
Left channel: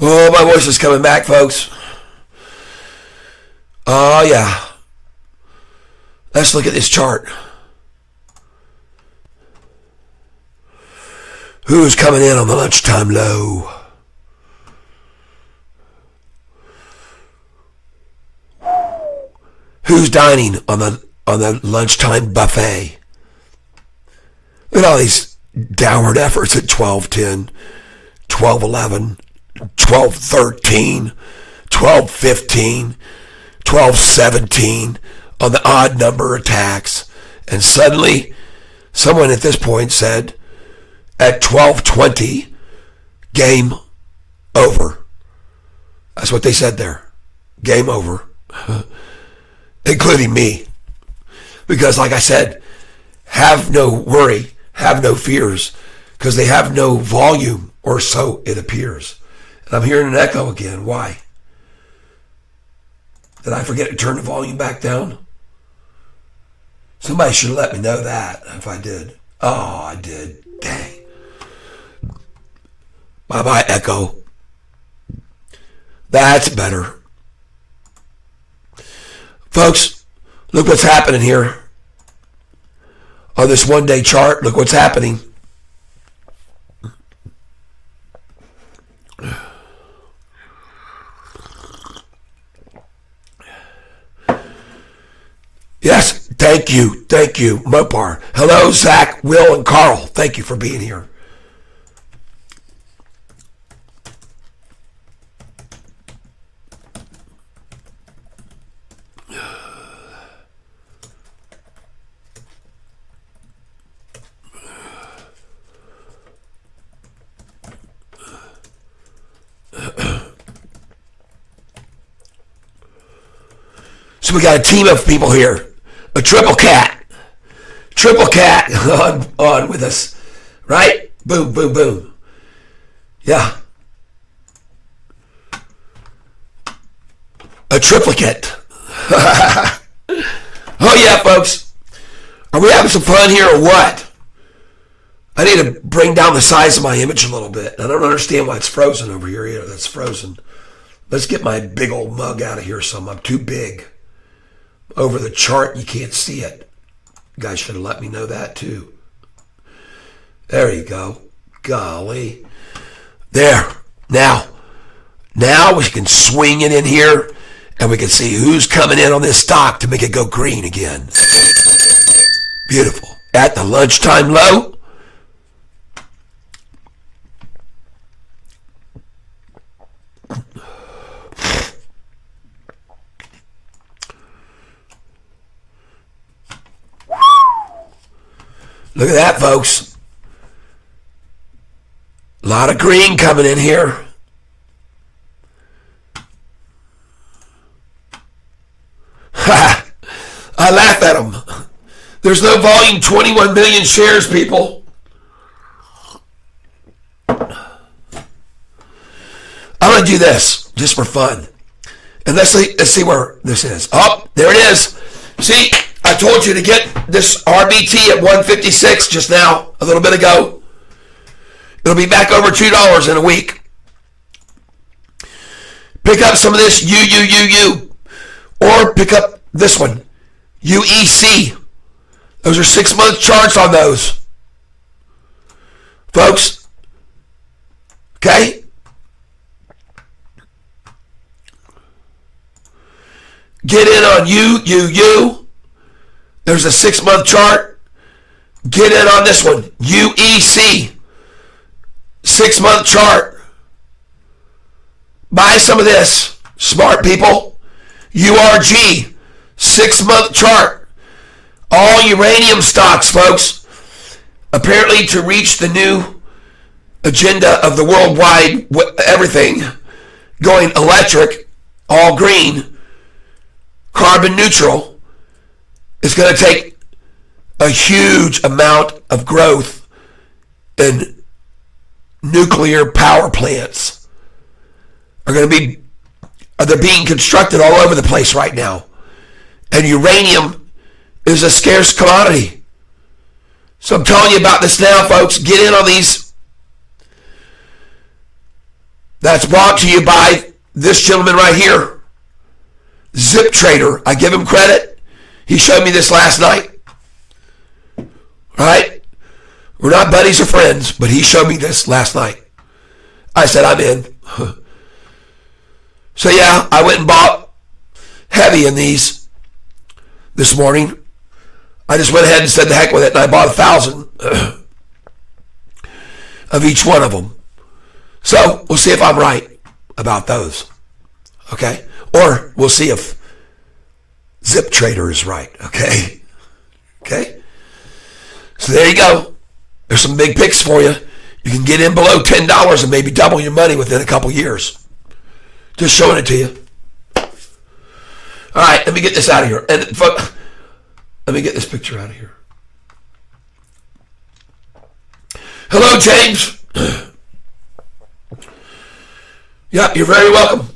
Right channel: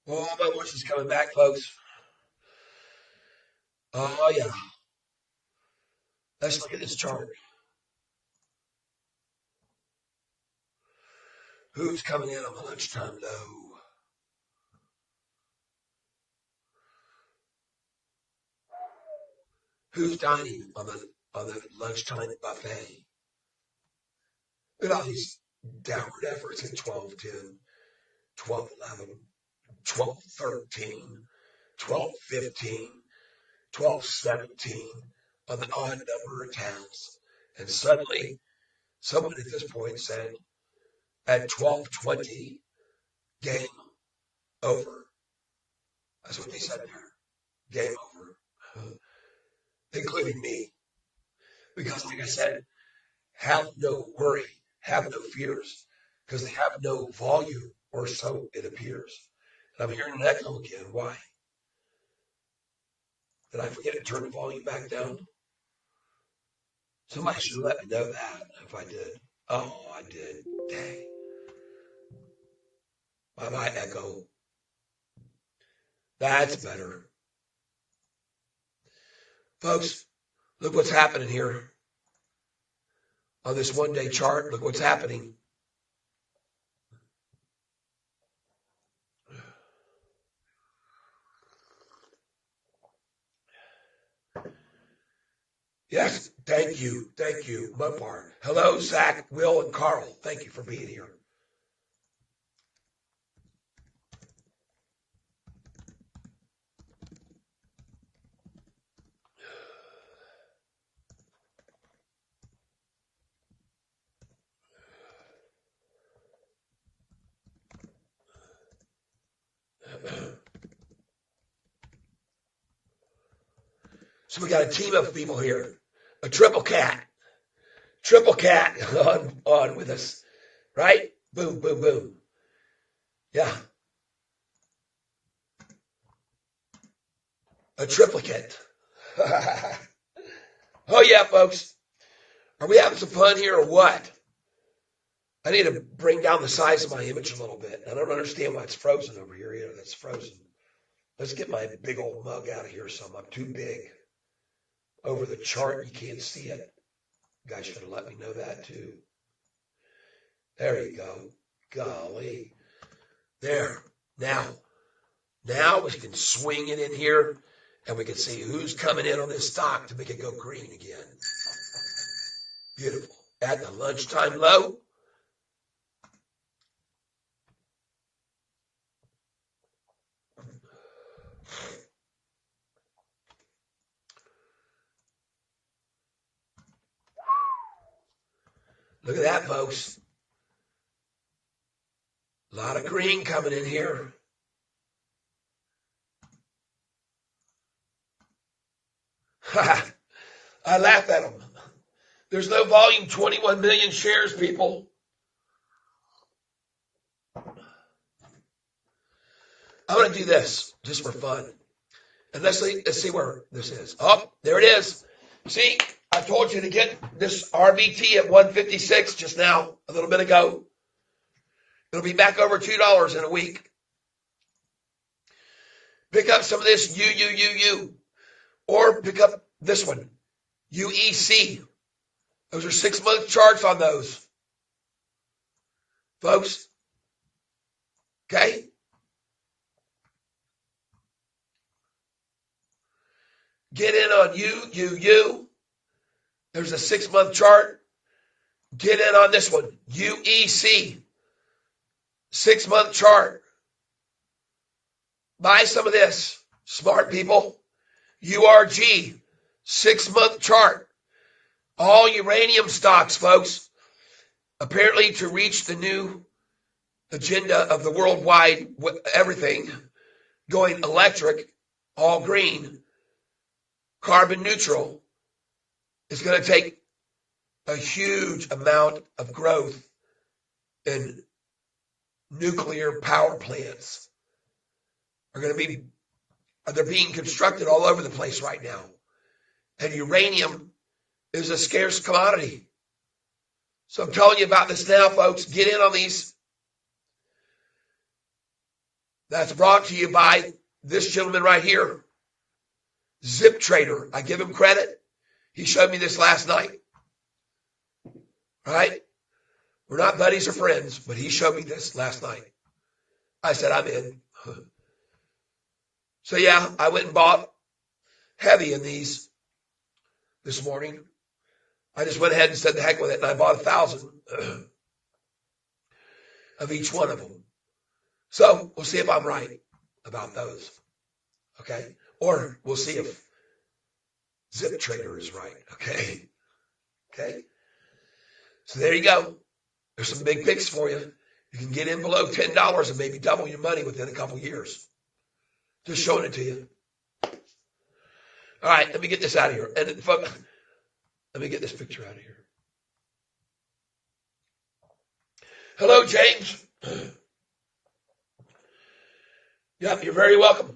Oh, my voice is coming back, folks. Oh, yeah. Let's look at this chart. Who's coming in on the lunchtime low? Who's dining on the lunchtime buffet? Look at all these downward efforts at 12:10, 12:11, 12:13, 12:15, 12:17 on the odd number attacks. And suddenly, someone at this point said, at 12:20, game over. That's what they said there. Game over. Including me. Because like I said, have no worry, have no fears, because they have no volume, or so it appears. And I'm hearing an echo again. Why? Did I forget to turn the volume back down? Somebody should have let me know that if I did. Oh, I did. Dang. Bye-bye, echo. That's better. Folks, look what's happening here. On this one-day chart, look what's happening. Yes, thank you, Mopar. Hello, Zach, Will, and Carl. Thank you for being here. So we got a team of people here. A triple cat on with us, right? Boom, boom, boom. Yeah. A triplicate. Oh yeah, folks. Are we having some fun here or what? I need to bring down the size of my image a little bit. I don't understand why it's frozen over here either. That's frozen. Let's get my big old mug out of here some. I'm too big. Over the chart, you can't see it. You guys should have let me know that too. There you go. Golly. There. Now we can swing it in here and we can see who's coming in on this stock to make it go green again. Beautiful. At the lunchtime low. Look at that, folks. A lot of green coming in here. Ha! I laugh at them. There's no volume, 21 million shares, people. I'm going to do this just for fun. And let's see where this is. Oh, there it is. See? I told you to get this RBT at 156 just now, a little bit ago. It'll be back over $2 in a week. Pick up some of this UUUU, or pick up this one, UEC. Those are 6-month charts on those, folks. Okay? Get in on UUU. There's a 6-month chart. Get in on this one. UEC. 6-month chart. Buy some of this. Smart people. URG. 6-month chart. All uranium stocks, folks. Apparently to reach the new agenda of the worldwide everything, going electric, all green, carbon neutral, it's going to take a huge amount of growth in nuclear power plants. They're being constructed all over the place right now. And uranium is a scarce commodity. So I'm telling you about this now, folks. Get in on these. That's brought to you by this gentleman right here, Zip Trader. I give him credit. He showed me this last night. Right? We're not buddies or friends, but he showed me this last night. I said, I'm in. So yeah, I went and bought heavy in these this morning. I just went ahead and said the heck with it, and I bought 1,000 of each one of them. So we'll see if I'm right about those. Okay? Or we'll see if Zip Trader is right, okay? Okay? So there you go. There's some big picks for you. You can get in below $10 and maybe double your money within a couple years. Just showing it to you. All right, let me get this out of here. And let me get this picture out of here. Hello, James. Yep, you're very welcome.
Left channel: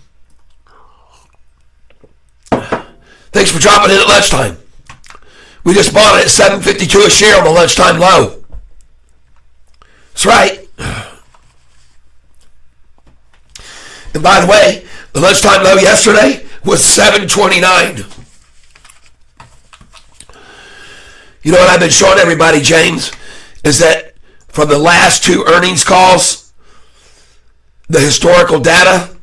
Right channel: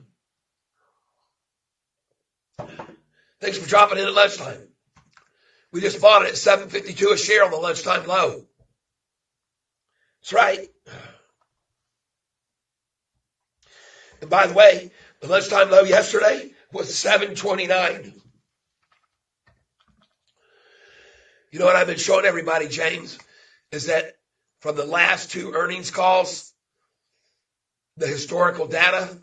Thanks for dropping in at lunchtime. We just bought it at $7.52 a share on the lunchtime low. That's right. And by the way, the lunchtime low yesterday was $7.29. You know what I've been showing everybody, James, is that from the last two earnings calls, the historical data,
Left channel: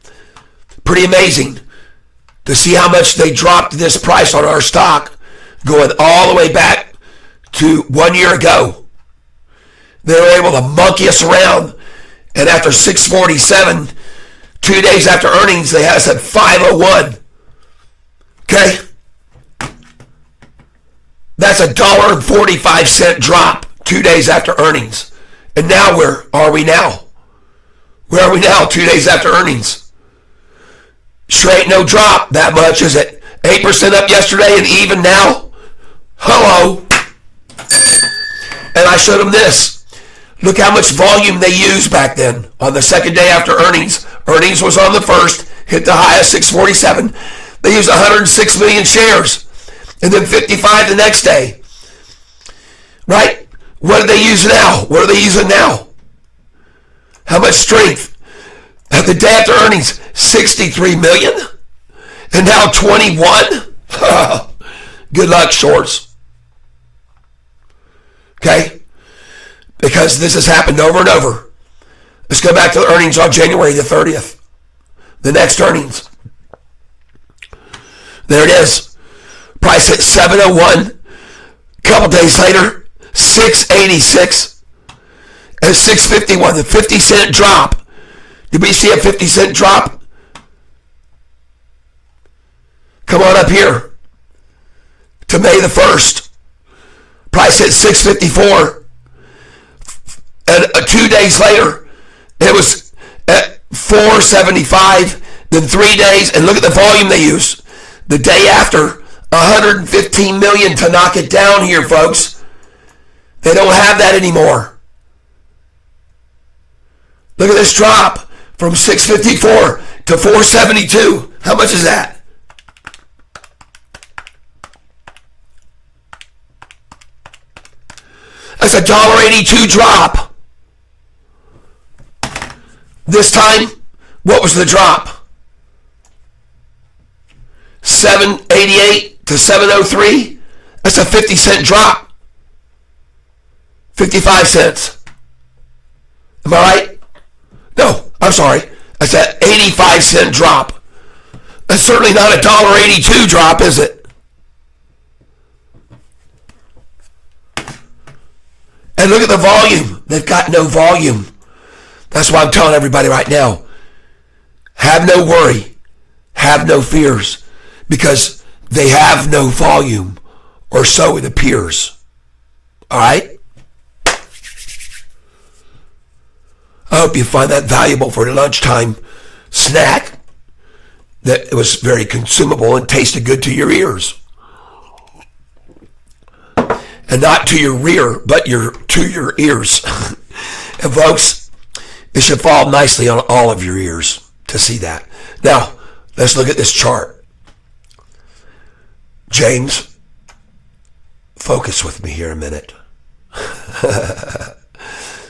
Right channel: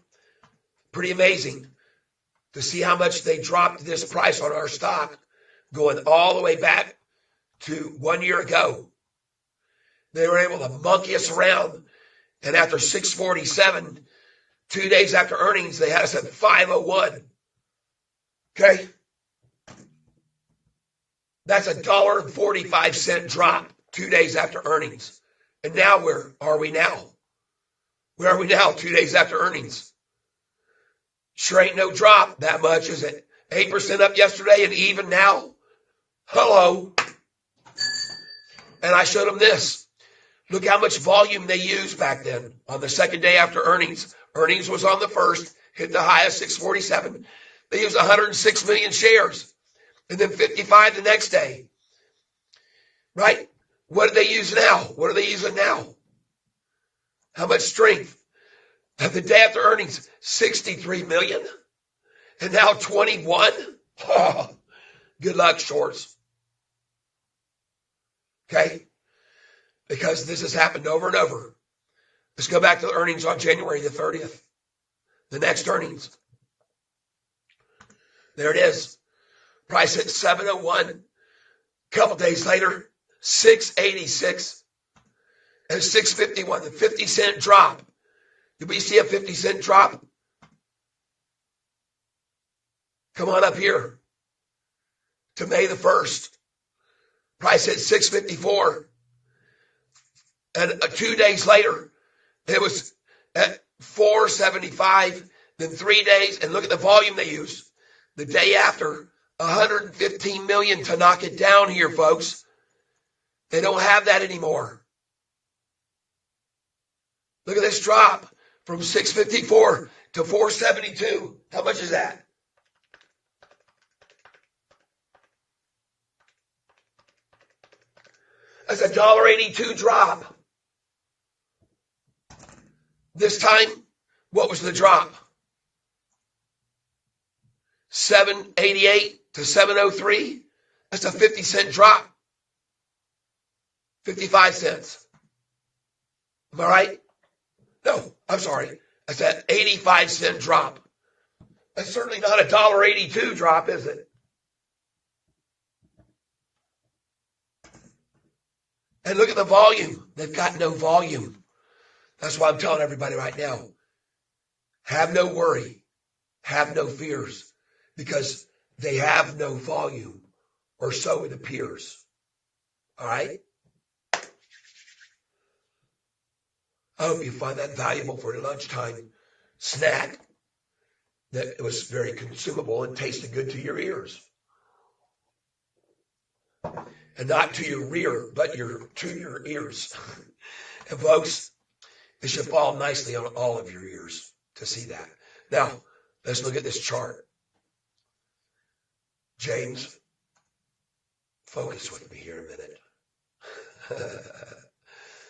pretty amazing to see how much they dropped this price on our stock going all the way back to 1 year ago. They were able to monkey us around, and after 647, 2 days after earnings, they had us at 501. Okay? That's $1.45 drop 2 days after earnings. And now where are we now? Where are we now 2 days after earnings? Sure ain't no drop that much, is it? 8% up yesterday and even now? Hello. And I showed them this. Look how much volume they used back then on the second day after earnings. Earnings was on the first, hit the high of 647. They used 106 million shares. And then 55 the next day. Right? What are they using now? What are they using now? How much strength? At the day after earnings, 63 million? And now 21? Good luck, shorts. Okay? Because this has happened over and over. Let's go back to the earnings on January the 30th. The next earnings. There it is. Price at 701. Couple days later, 686. And 651. The 50-cent drop. Did we see a 50-cent drop? Come on up here. To May the 1st. Price at 654. And 2 days later, it was at 475. Then 3 days, and look at the volume they used. The day after, 115 million to knock it down here, folks. They don't have that anymore. Look at this drop from 654 to 472. How much is that? That's $1.82 drop. This time, what was the drop? 788 to 703. That's a 50-cent drop. 55 cents. Am I right? No, I'm sorry. That's an 85-cent drop. That's certainly not a $1.82 drop, is it? And look at the volume. They've got no volume. That's why I'm telling everybody right now. Have no worry. Have no fears. Because they have no volume. Or so it appears. All right? I hope you find that valuable for the lunchtime snack. That it was very consumable and tasted good to your ears. And not to your rear, but to your ears. And folks, it should fall nicely on all of your ears to see that. Now, let's look at this chart. James, focus with me here a minute.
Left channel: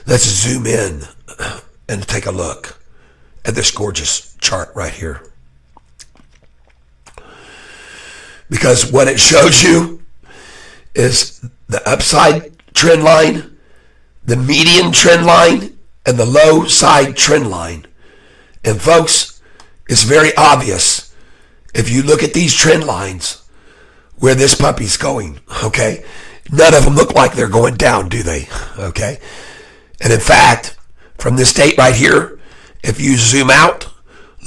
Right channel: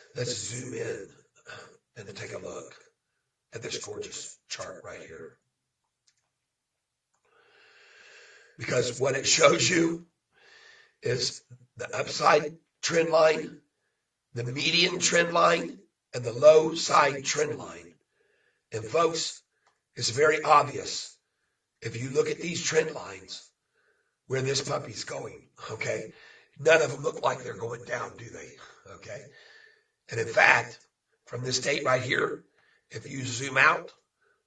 Let's zoom in and take a look at this gorgeous chart right here. Because what it shows you is the upside trend line, the median trend line, and the low side trend line. And folks, it's very obvious if you look at these trend lines where this puppy's going, okay? None of them look like they're going down, do they? Okay? And in fact, from this date right here, if you zoom out,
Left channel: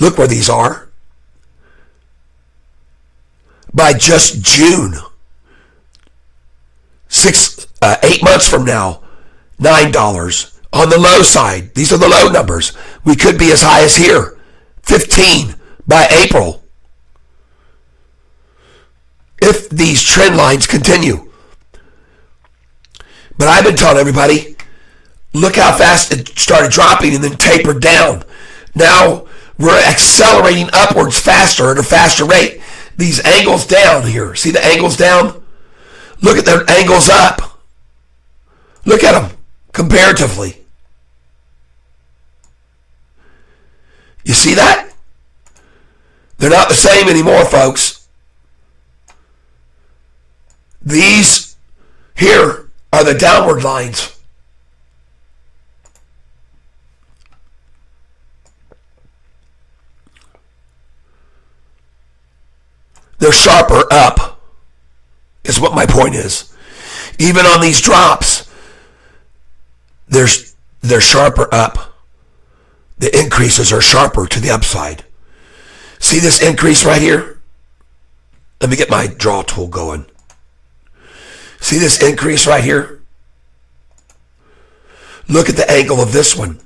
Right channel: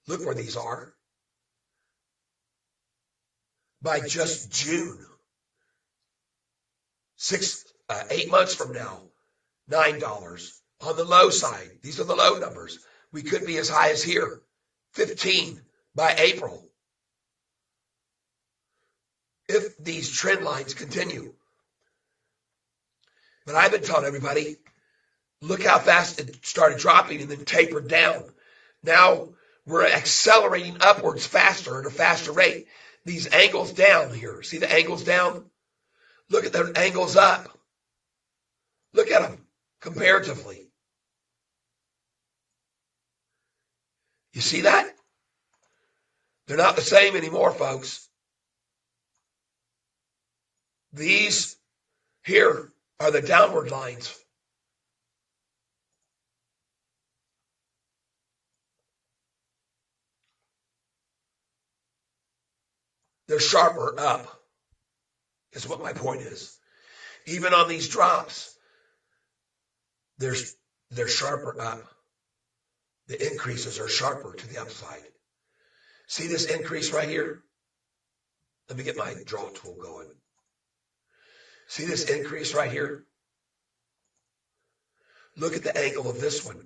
look where these are. By just June, 8 months from now, $9. On the low side, these are the low numbers. We could be as high as here, 15 by April. If these trend lines continue. But I've been telling everybody, Look how fast it started dropping and then tapered down. Now we're accelerating upwards faster at a faster rate. These angles down here, see the angles down? Look at the angles up. Look at them comparatively. You see that? They're not the same anymore, folks. These here are the downward lines. They're sharper up, is what my point is. Even on these drops, they're sharper up. The increases are sharper to the upside. See this increase right here? Let me get my draw tool going. See this increase right here? Look at the angle of this one.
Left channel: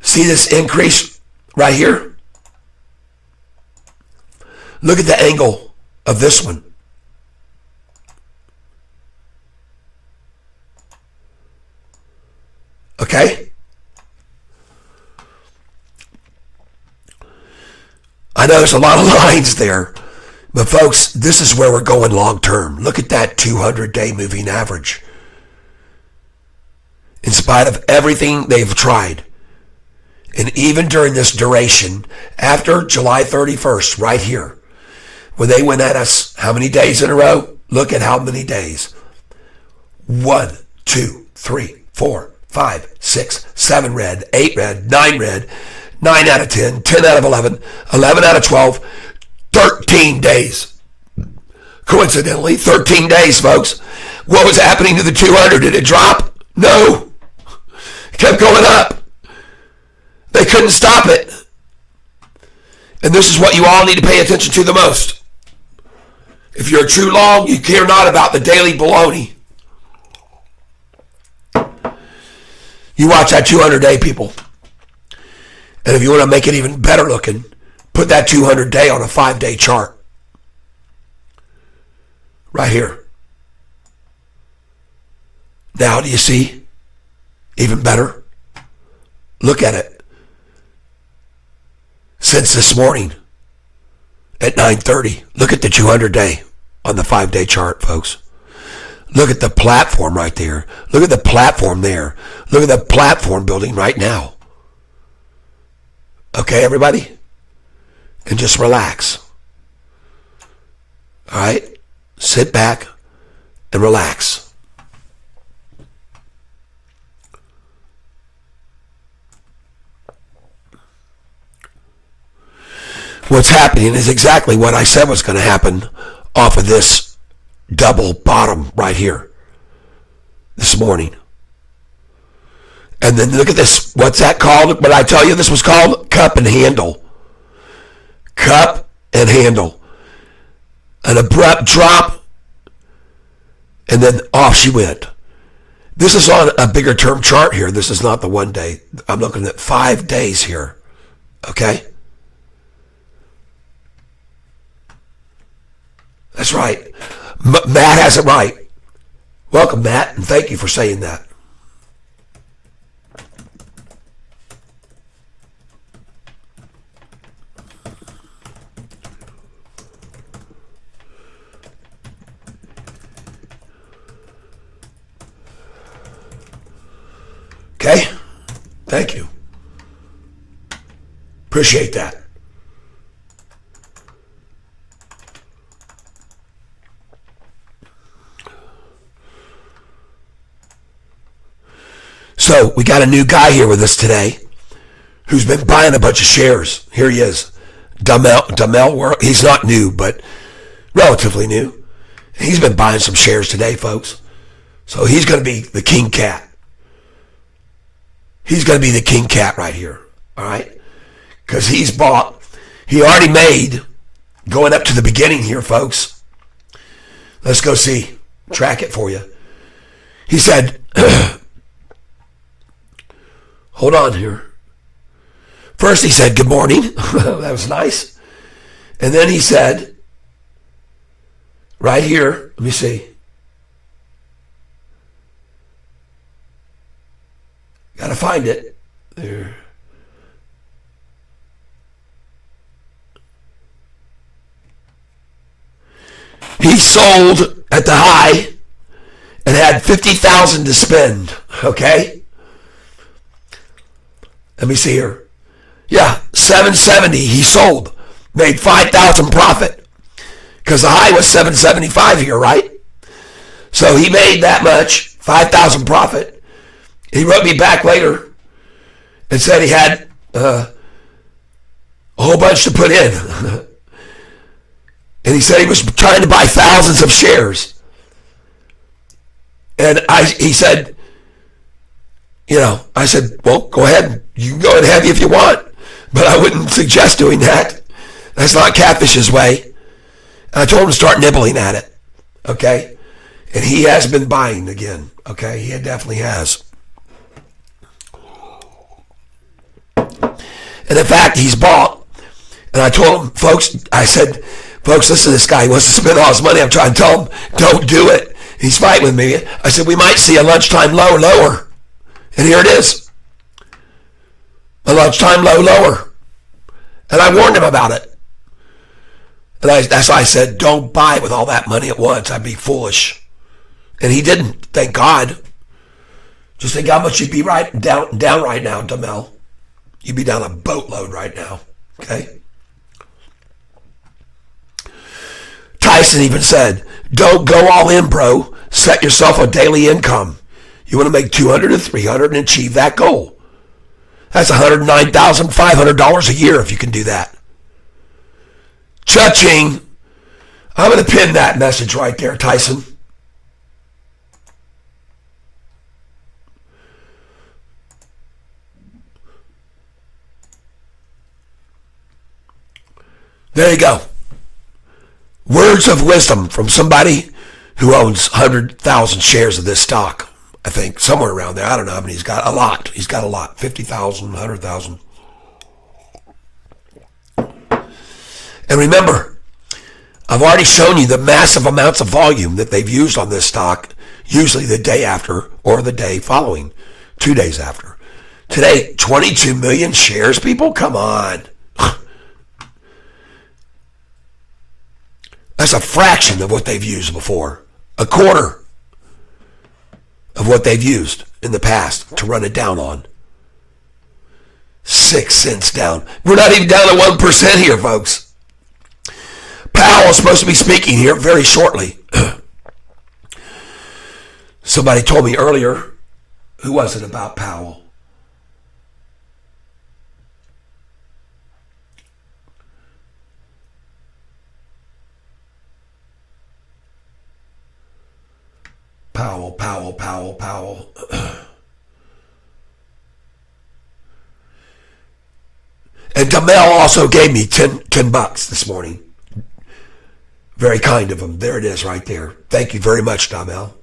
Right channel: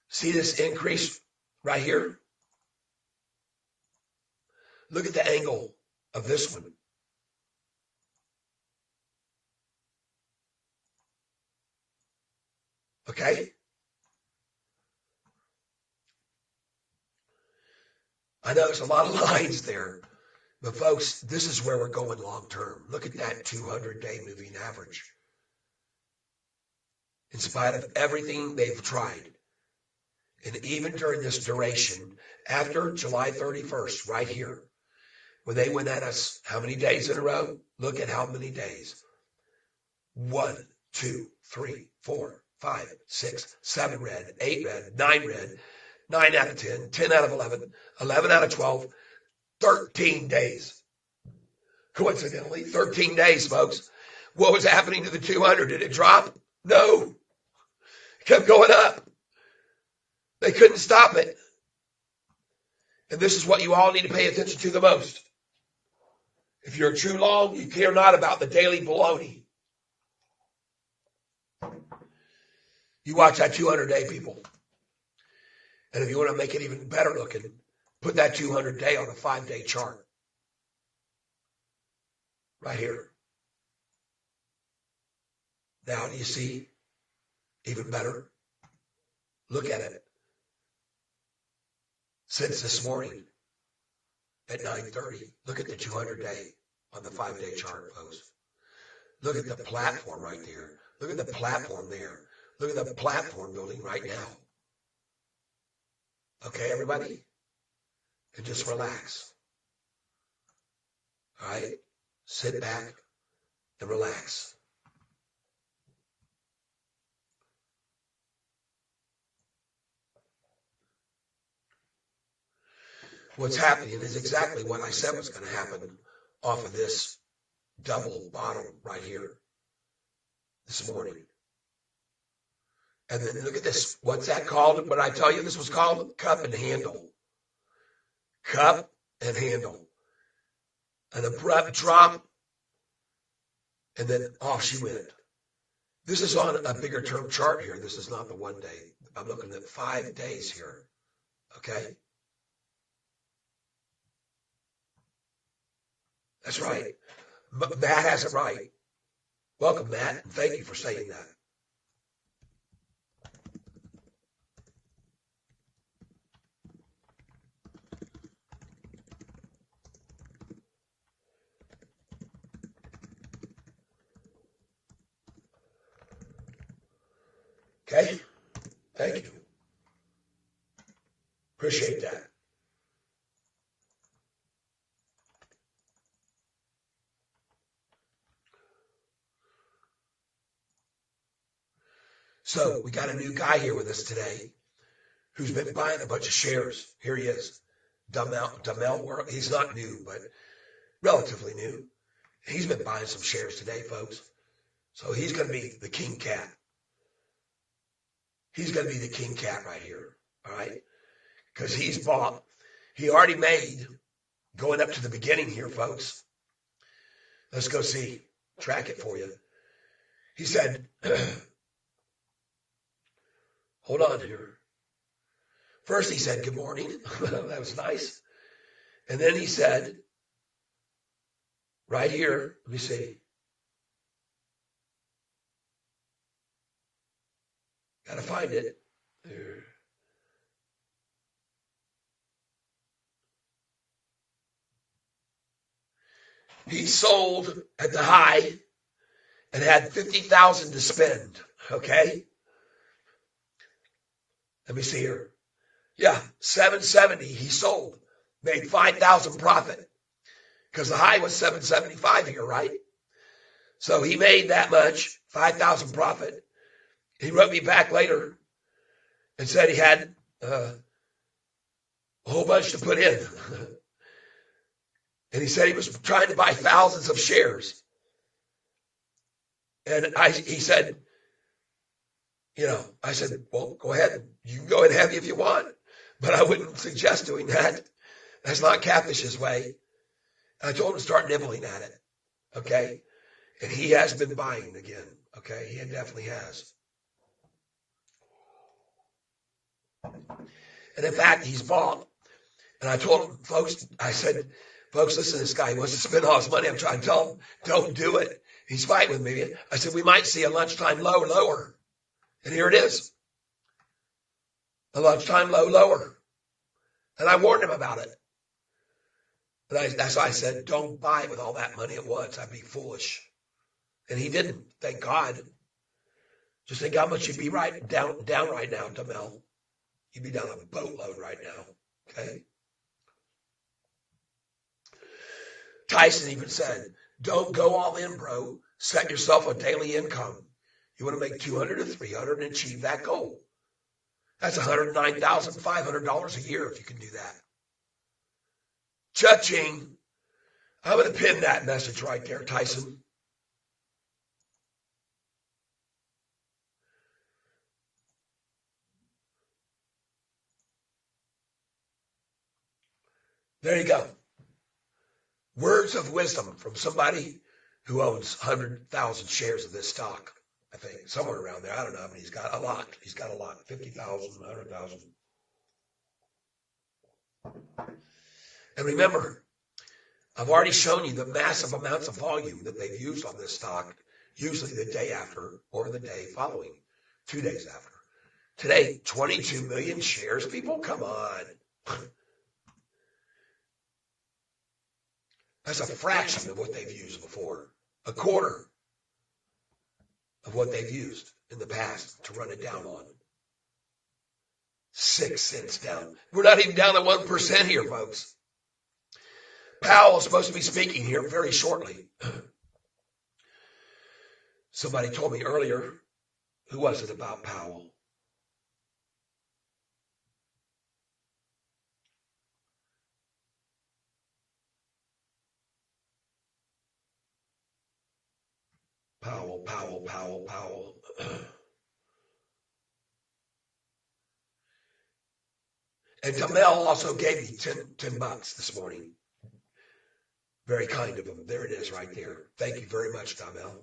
See this increase right here? Look at the angle of this one. Okay? I know there's a lot of lines there, but folks, this is where we're going long term. Look at that 200-day moving average. In spite of everything they've tried, and even during this duration, after July 31st, right here, when they went at us how many days in a row? Look at how many days. 1, 2, 3, 4, 5, 6, 7 red, 8 red, 9 red, 9 out of 10, 10 out of 11, 11 out of 12, 13 days. Coincidentally, 13 days, folks. What was happening to the 200? Did it drop? No. It kept going up. They couldn't stop it. And this is what you all need to pay attention to the most. If you're a true long, you care not about the daily baloney. You watch that 200-day, people. And if you want to make it even better looking, put that 200-day on a 5-day chart. Right here. Now, do you see? Even better. Look at it. Since this morning at 9:30, look at the 200-day on the 5-day chart, folks. Look at the platform right there. Look at the platform there. Look at the platform building right now. Okay, everybody? And just relax. All right? Sit back and relax. What's happening is exactly what I said was going to happen off of this double bottom right here this morning. And then look at this. What's that called? But I tell you this was called cup and handle. Cup and handle. An abrupt drop, and then off she went. This is on a bigger term chart here. This is not the 1 day. I'm looking at 5 days here. Okay? That's right. Matt has it right. Welcome, Matt, and thank you for saying that. Okay? Thank you. Appreciate that. So we got a new guy here with us today who's been buying a bunch of shares. Here he is. Dumel, he's not new, but relatively new. He's been buying some shares today, folks. So he's going to be the king cat. He's going to be the king cat right here, all right? Because he already made, going up to the beginning here, folks. Let's go see, track it for you. He said, hold on here. First he said, good morning. That was nice. And then he said, right here, let me see. Gotta find it. There. He sold at the high and had 50,000 to spend. Okay? Let me see here. Yeah, 770 he sold. Made 5,000 profit. Because the high was 775 here, right? So he made that much, 5,000 profit. He wrote me back later and said he had a whole bunch to put in. And he said he was trying to buy thousands of shares. And he said, I said, well, go ahead. You can go and have it if you want. But I wouldn't suggest doing that. That's not Catfish's way. And I told him to start nibbling at it. Okay? And he has been buying again. Okay? He definitely has. And in fact, he's bought. And I told him, folks, listen to this guy. He wants to spend all his money. I'm trying to tell him, don't do it. He's fighting with me. I said, we might see a lunchtime low lower. And here it is. A lunchtime low lower. And I warned him about it. And that's why I said, don't buy with all that money at once. I'd be foolish. And he didn't, thank God. Just think how much you'd be down right now, Damel. You'd be down a boatload right now. Okay? Tyson even said, don't go all in, bro. Set yourself a daily income. You want to make 200 to 300 and achieve that goal. That's $109,500 a year if you can do that. Cha-ching. I'm going to pin that message right there, Tyson. There you go. Words of wisdom from somebody who owns 100,000 shares of this stock. I think somewhere around there. I don't know how many he's got. A lot. He's got a lot. 50,000, 100,000. And remember, I've already shown you the massive amounts of volume that they've used on this stock, usually the day after or the day following, 2 days after. Today, 22 million shares, people? Come on. That's a fraction of what they've used before. A quarter of what they've used in the past to run it down on. 6 cents down. We're not even down to 1% here, folks. Powell is supposed to be speaking here very shortly. Somebody told me earlier, who was it about Powell? Powell. And Damel also gave me $10 this morning. Very kind of him. There it is right there. Thank you very much, Damel.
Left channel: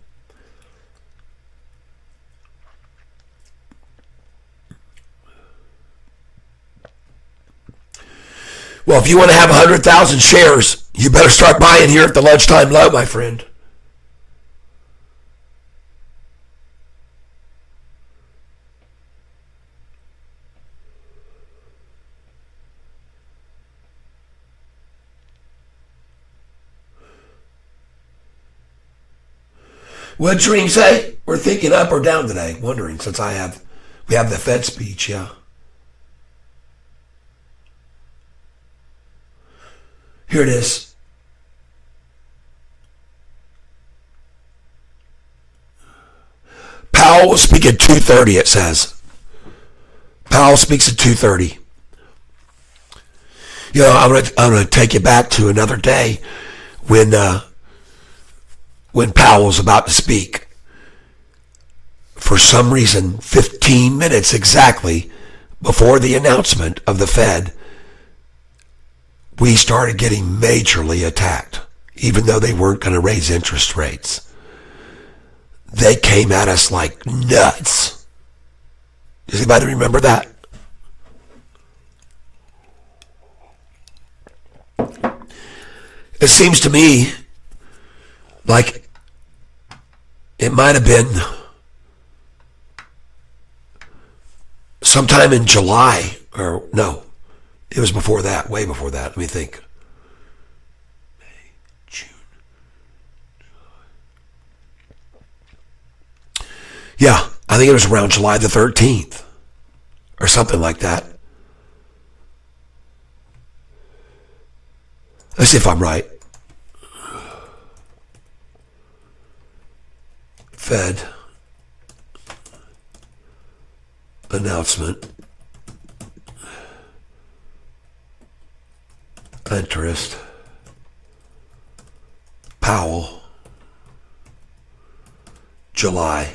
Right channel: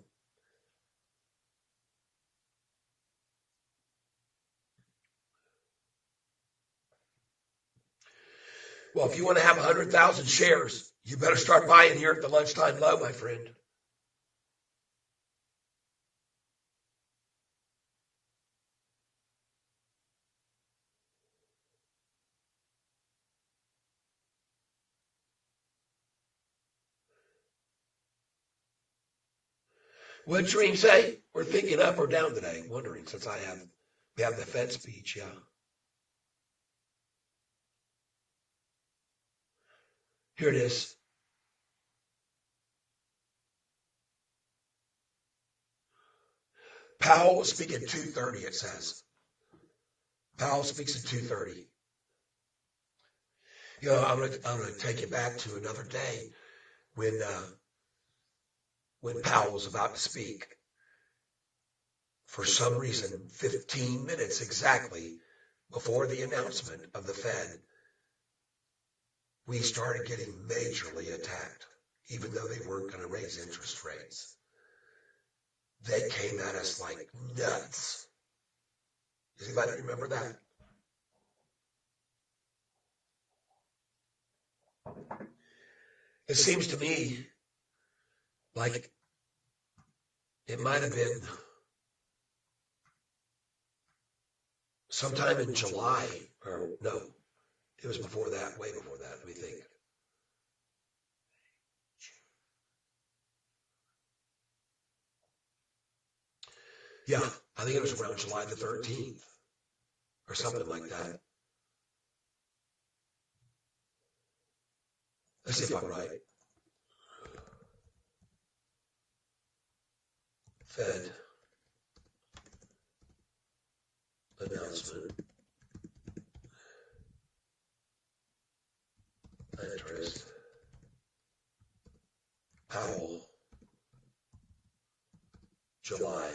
Well, if you want to have 100,000 shares, you better start buying here at the lunchtime low, my friend. What did Shereen say? We're thinking up or down today. Wondering, since we have the Fed speech, yeah. Here it is. Powell will speak at 2:30, it says. Powell speaks at 2:30. I'm gonna take you back to another day when Powell was about to speak. For some reason, 15 minutes exactly before the announcement of the Fed, we started getting majorly attacked, even though they weren't going to raise interest rates. They came at us like nuts. Does anybody remember that? It seems to me like it might have been sometime in July, or no, it was before that, way before that. Let me think. May, June. Yeah, I think it was around July the 13th or something like that. Let's see if I'm right. Fed announcement. Interest. Powell. July.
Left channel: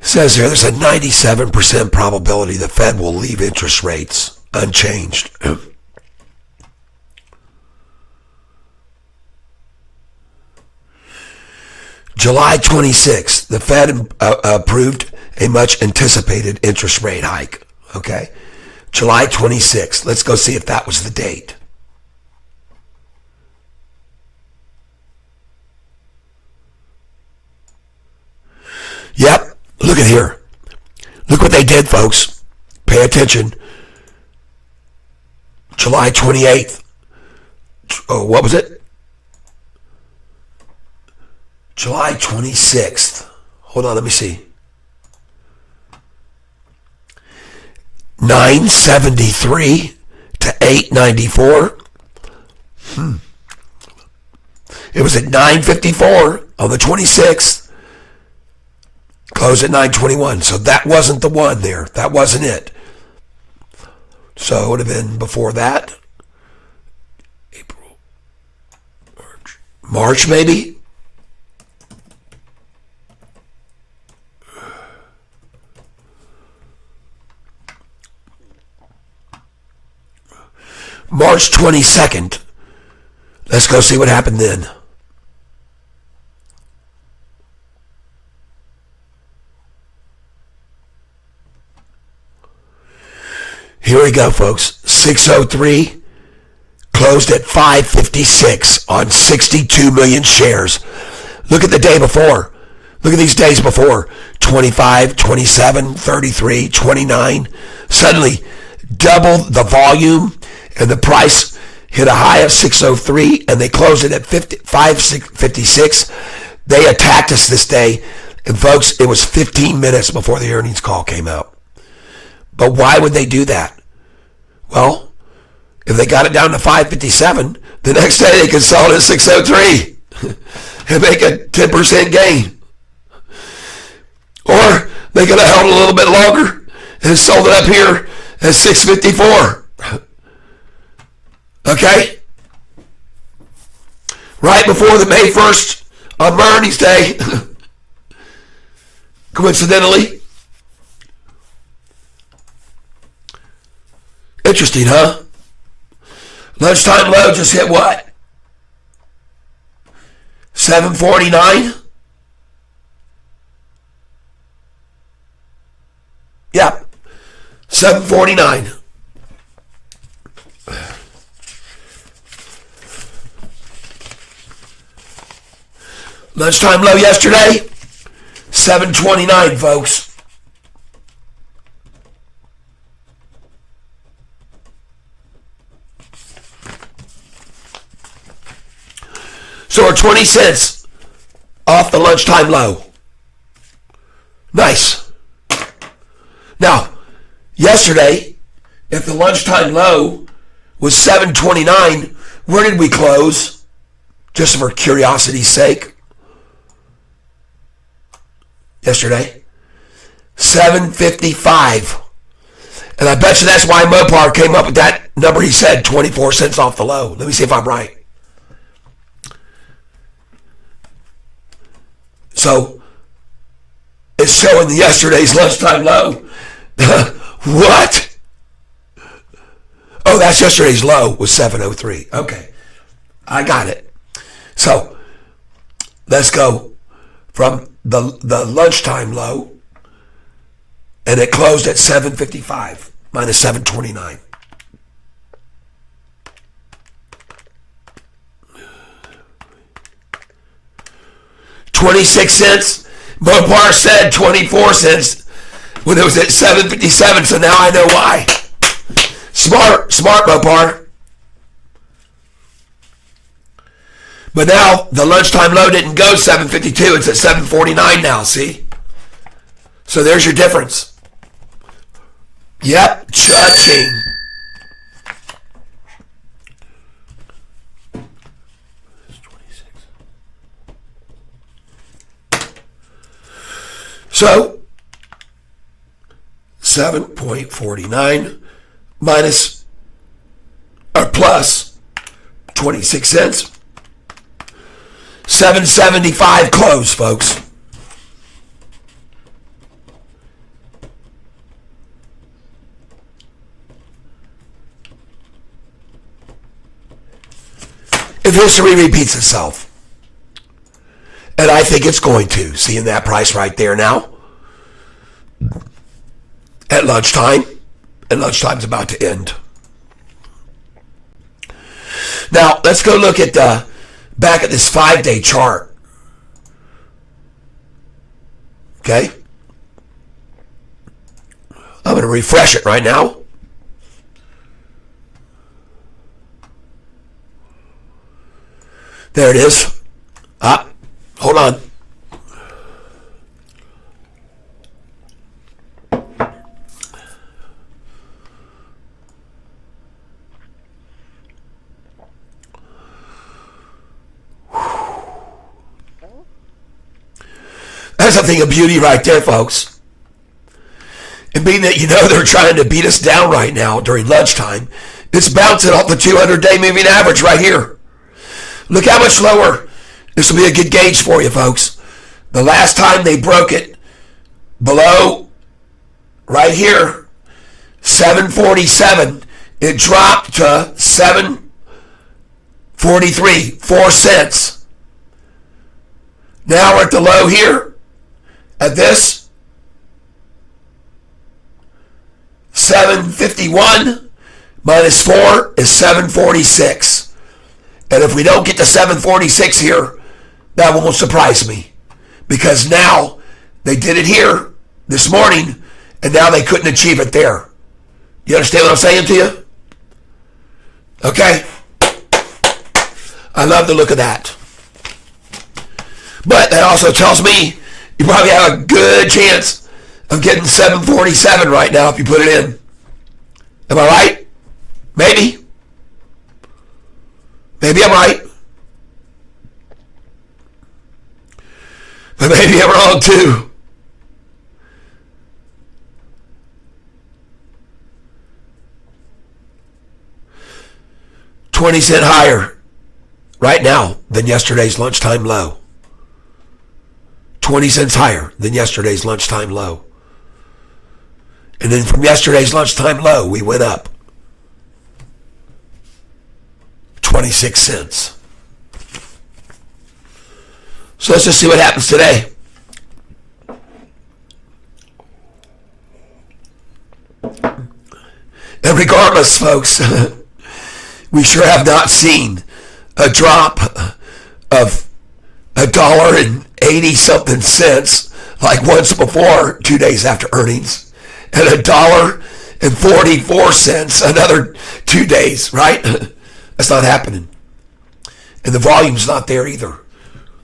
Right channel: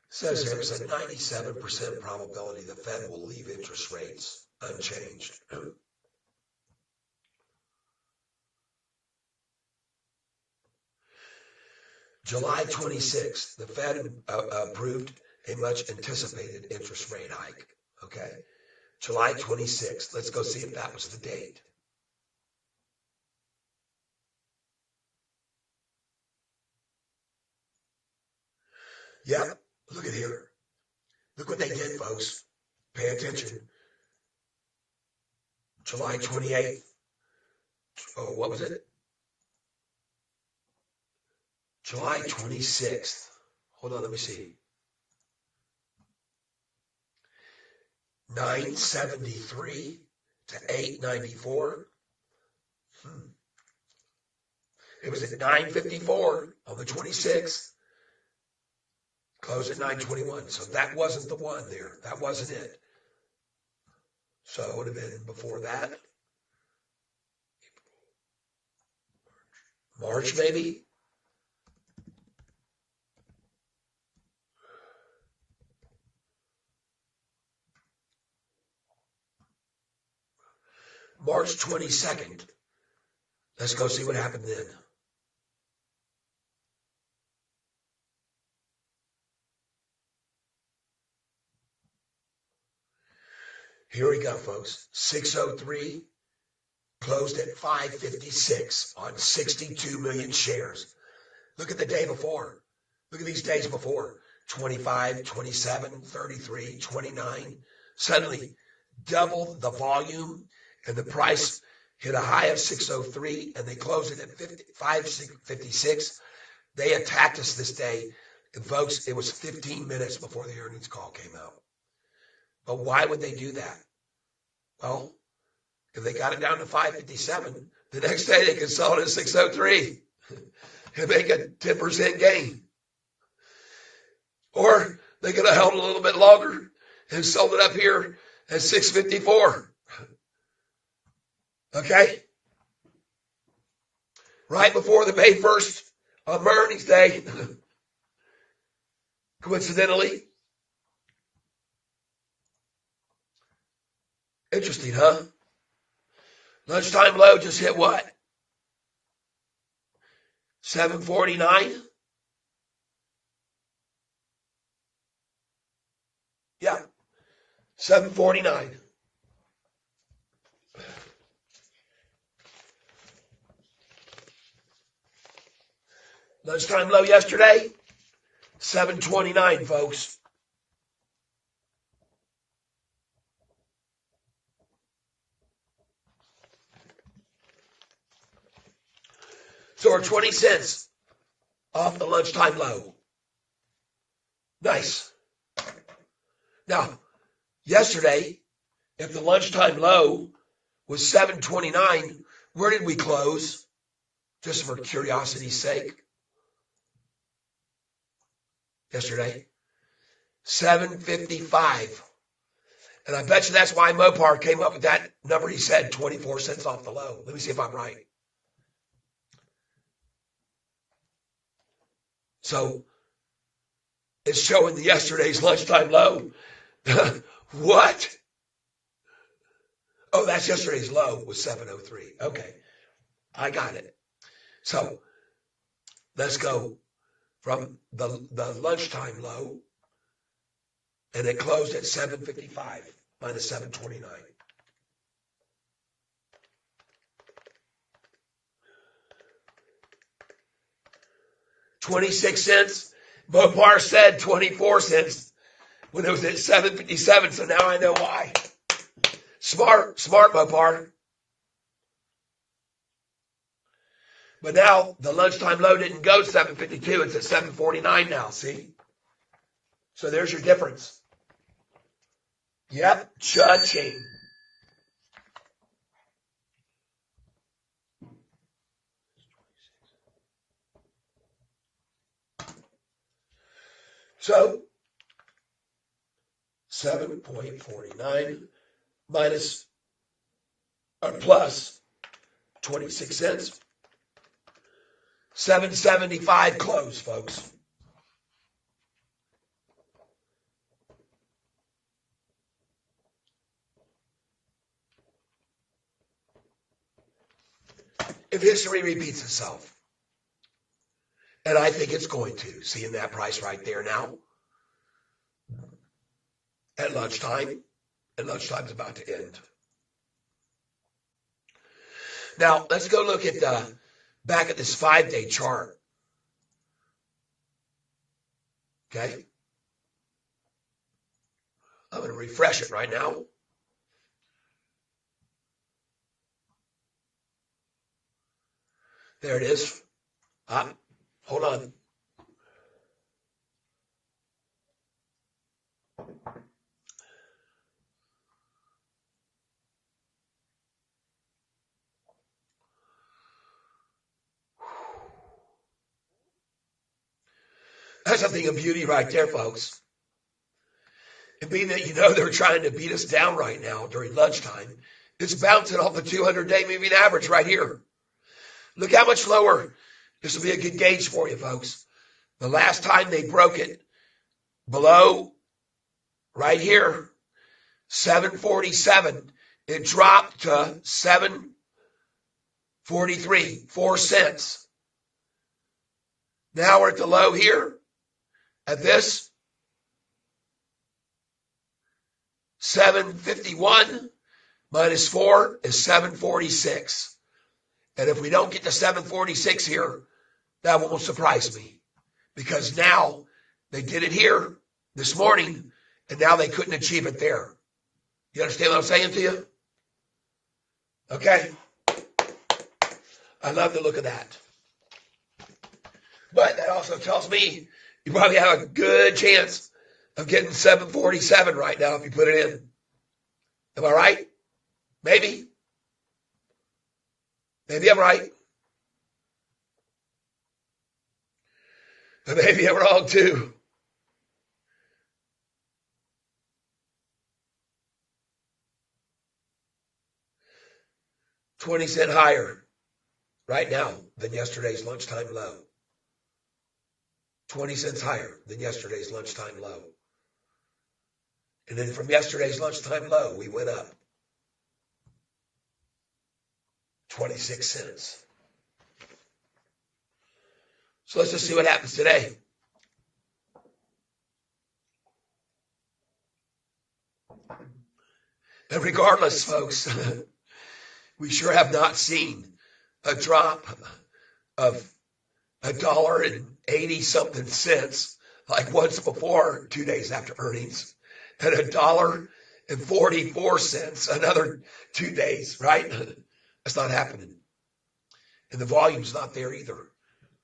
Says here, there's a 97% probability the Fed will leave interest rates unchanged. July 26th, the Fed approved a much anticipated interest rate hike. Okay? July 26th. Let's go see if that was the date. Yep. Look at here. Look what they did, folks. Pay attention. July 28th. Oh, what was it? July 26th. Hold on, let me see. 973 to 894. It was at 954 on the 26th. Closed at 921. So that wasn't the one there. That wasn't it. So it would have been before that. April. March maybe? March 22nd. Let's go see what happened then. Here we go, folks. 603 closed at 556 on 62 million shares. Look at the day before. Look at these days before. 25, 27, 33, 29. Suddenly, double the volume, and the price hit a high of 603, and they closed it at 556. They attacked us this day, and folks, it was 15 minutes before the earnings call came out. But why would they do that? Well, if they got it down to 557, the next day they could sell it at 603 and make a 10% gain. Or they could have held a little bit longer and sold it up here at 654. Okay? Right before the May 1st on earnings day, coincidentally. Interesting, huh? Lunchtime low just hit what? 749? Yeah, 749. Lunchtime low yesterday, 729, folks. So we're 20 cents off the lunchtime low. Nice. Now, yesterday, if the lunchtime low was 729, where did we close? Just for curiosity's sake. Yesterday, 755. And I bet you that's why Mopar came up with that number he said, 24 cents off the low. Let me see if I'm right. So, it's showing yesterday's lunchtime low. What? Oh, that's yesterday's low was 703. Okay, I got it. So, let's go from the lunchtime low, and it closed at 755 minus 729. $0.26. Mopar said 24 cents when it was at 757, so now I know why. Smart Mopar. But now the lunchtime low didn't go 752, it's at 749 now, see? So there's your difference. Yep, cha-ching. So 7.49 minus or plus 26 cents. 775 close, folks. If history repeats itself, and I think it's going to, seeing that price right there now, at lunchtime, and lunchtime's about to end. Now, let's go look at back at this 5-day chart. Okay? I'm going to refresh it right now. There it is. Hold on. That's a thing of beauty right there, folks. And being that they're trying to beat us down right now during lunchtime, it's bouncing off the 200-day moving average right here. Look how much lower. This will be a good gauge for you, folks. The last time they broke it below right here, 747, it dropped to 743, 4 cents. Now we're at the low here. At this, 751 minus 4 is 746. And if we don't get to 746 here, that won't surprise me. Because now they did it here this morning, and now they couldn't achieve it there. You understand what I'm saying to you? Okay? I love the look of that. But that also tells me you probably have a good chance of getting 747 right now if you put it in. Am I right? Maybe. Maybe I'm right. But maybe I'm wrong too. $0.20 higher right now than yesterday's lunchtime low. 20 cents higher than yesterday's lunchtime low. And then from yesterday's lunchtime low, we went up 26 cents. So let's just see what happens today. And regardless, folks, we sure have not seen a drop of $1.80-something like once before 2 days after earnings, and $1.44 another 2 days, right? That's not happening. And the volume's not there either.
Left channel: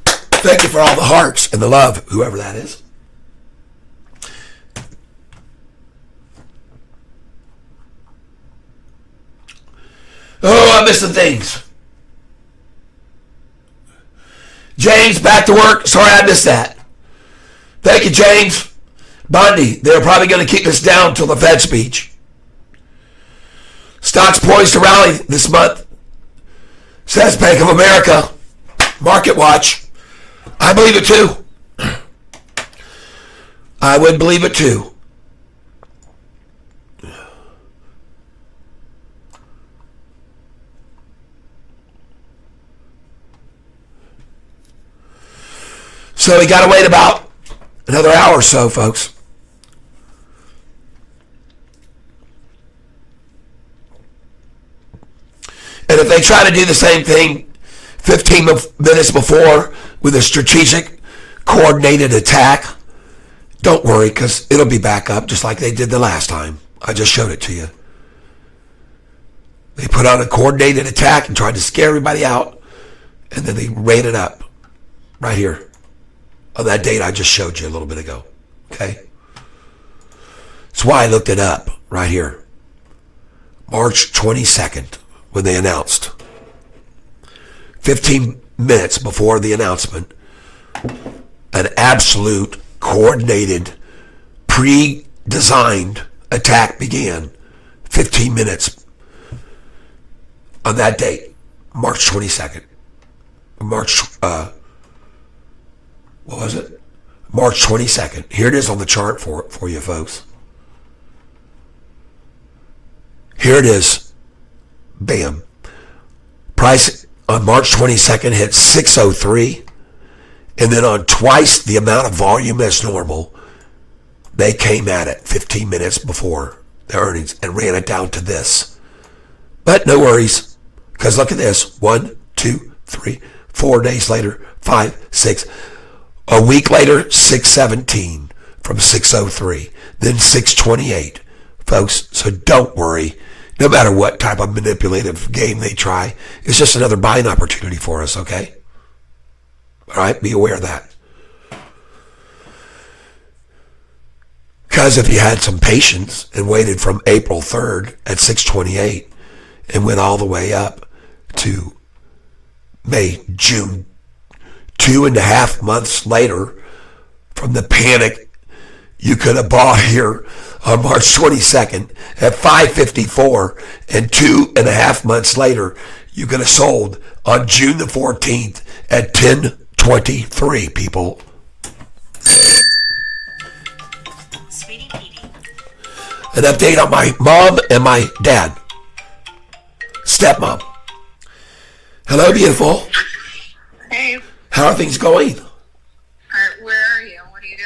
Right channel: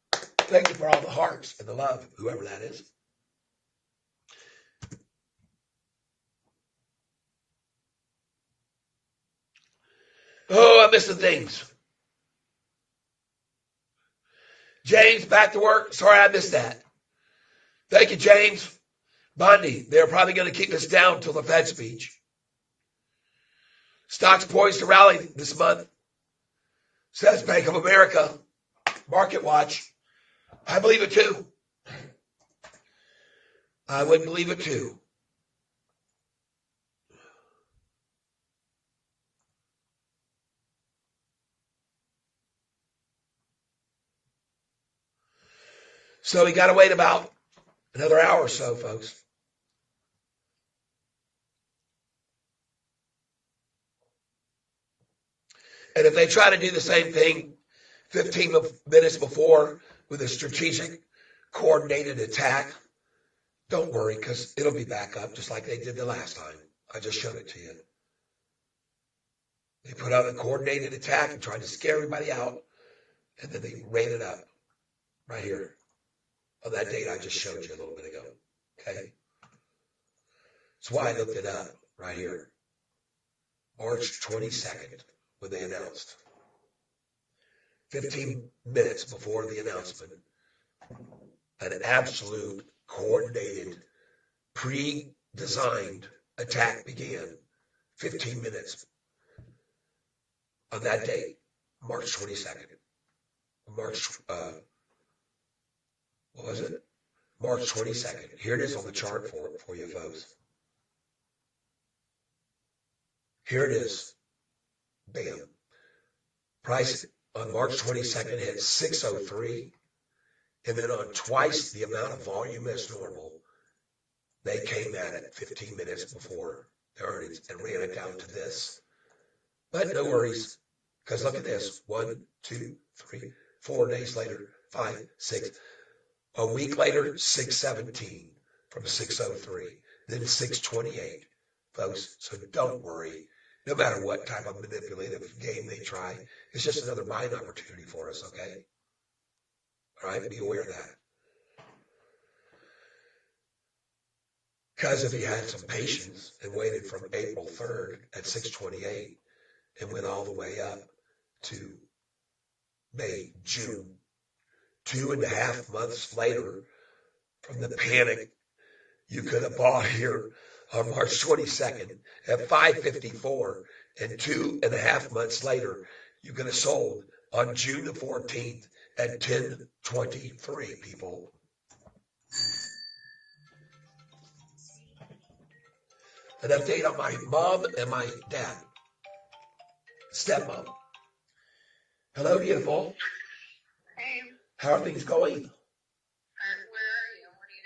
Thank you for all the hearts and the love, whoever that is. Oh, I miss the things. James, back to work. Sorry I missed that. Thank you, James. Bundy, they're probably going to keep us down till the Fed speech. Stocks poised to rally this month, says Bank of America. Market watch. I believe it too. I would believe it too. So we got to wait about another hour or so, folks. And if they try to do the same thing 15 minutes before with a strategic, coordinated attack, don't worry, because it'll be back up just like they did the last time. I just showed it to you. They put on a coordinated attack and tried to scare everybody out, and then they ran it up right here on that date I just showed you a little bit ago. Okay? That's why I looked it up right here. March 22nd, when they announced. 15 minutes before the announcement, an absolute, coordinated, pre-designed attack began. 15 minutes on that date, March 22nd. What was it? March 22nd. Here it is on the chart for you folks. Here it is. Bam. Price on March 22nd hit 603, and then on twice the amount of volume as normal, they came at it 15 minutes before the earnings and ran it down to this. But no worries, because look at this. 1, 2, 3, 4 days later, 5, 6. A week later, 617 from 603, then 628. Folks, so don't worry. No matter what type of manipulative game they try, it's just another buying opportunity for us, okay? All right, be aware of that. Because if you had some patience and waited from April 3rd at 628 and went all the way up to May, June, 2.5 months later from the panic, you could have bought here on March 22nd at 554, and 2.5 months later, you could have sold on June the 14th at 1023, people. An update on my mom and my dad. Stepmom. Hello, beautiful. Hey, How are things going? where are you? What are you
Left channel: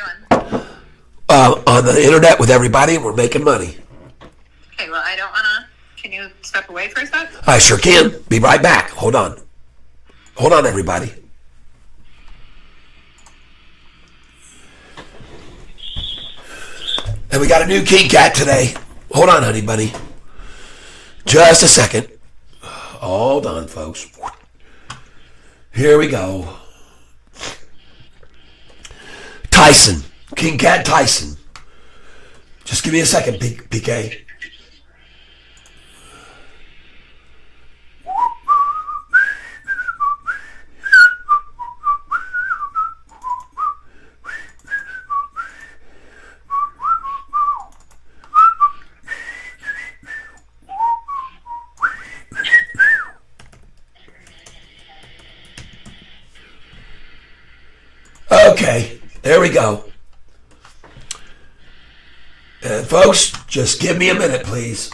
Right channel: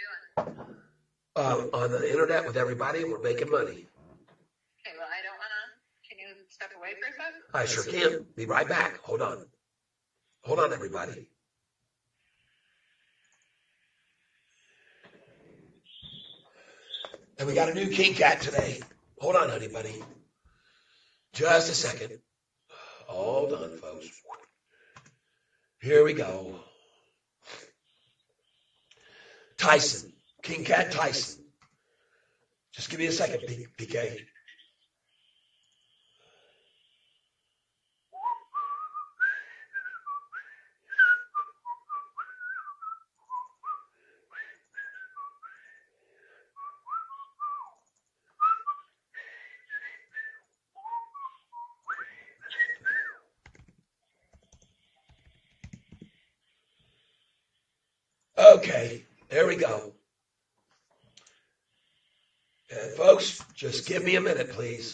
doing? On the internet with everybody, and we're making money. Okay, well, I don't want to... Can you step away for a sec? I sure can. Be right back. Hold on. Hold on, everybody. And we got a new King Cat today. Hold on, honey bunny. Just a second. Hold on, folks. Here we go. Tyson. King Cat Tyson. Just give me a second, PK. Okay, there we go. And folks, just give me a minute, please.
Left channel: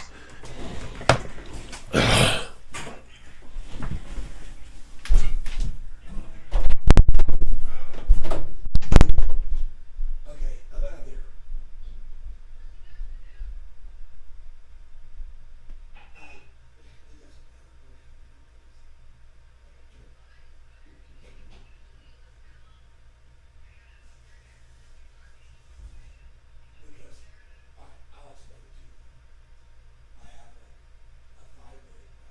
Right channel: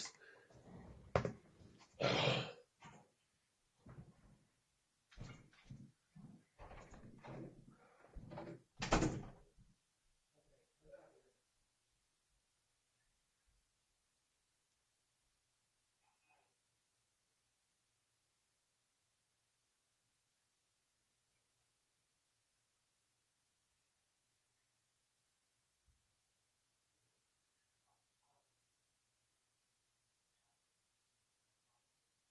I'll explain it to you. I have a 5-minute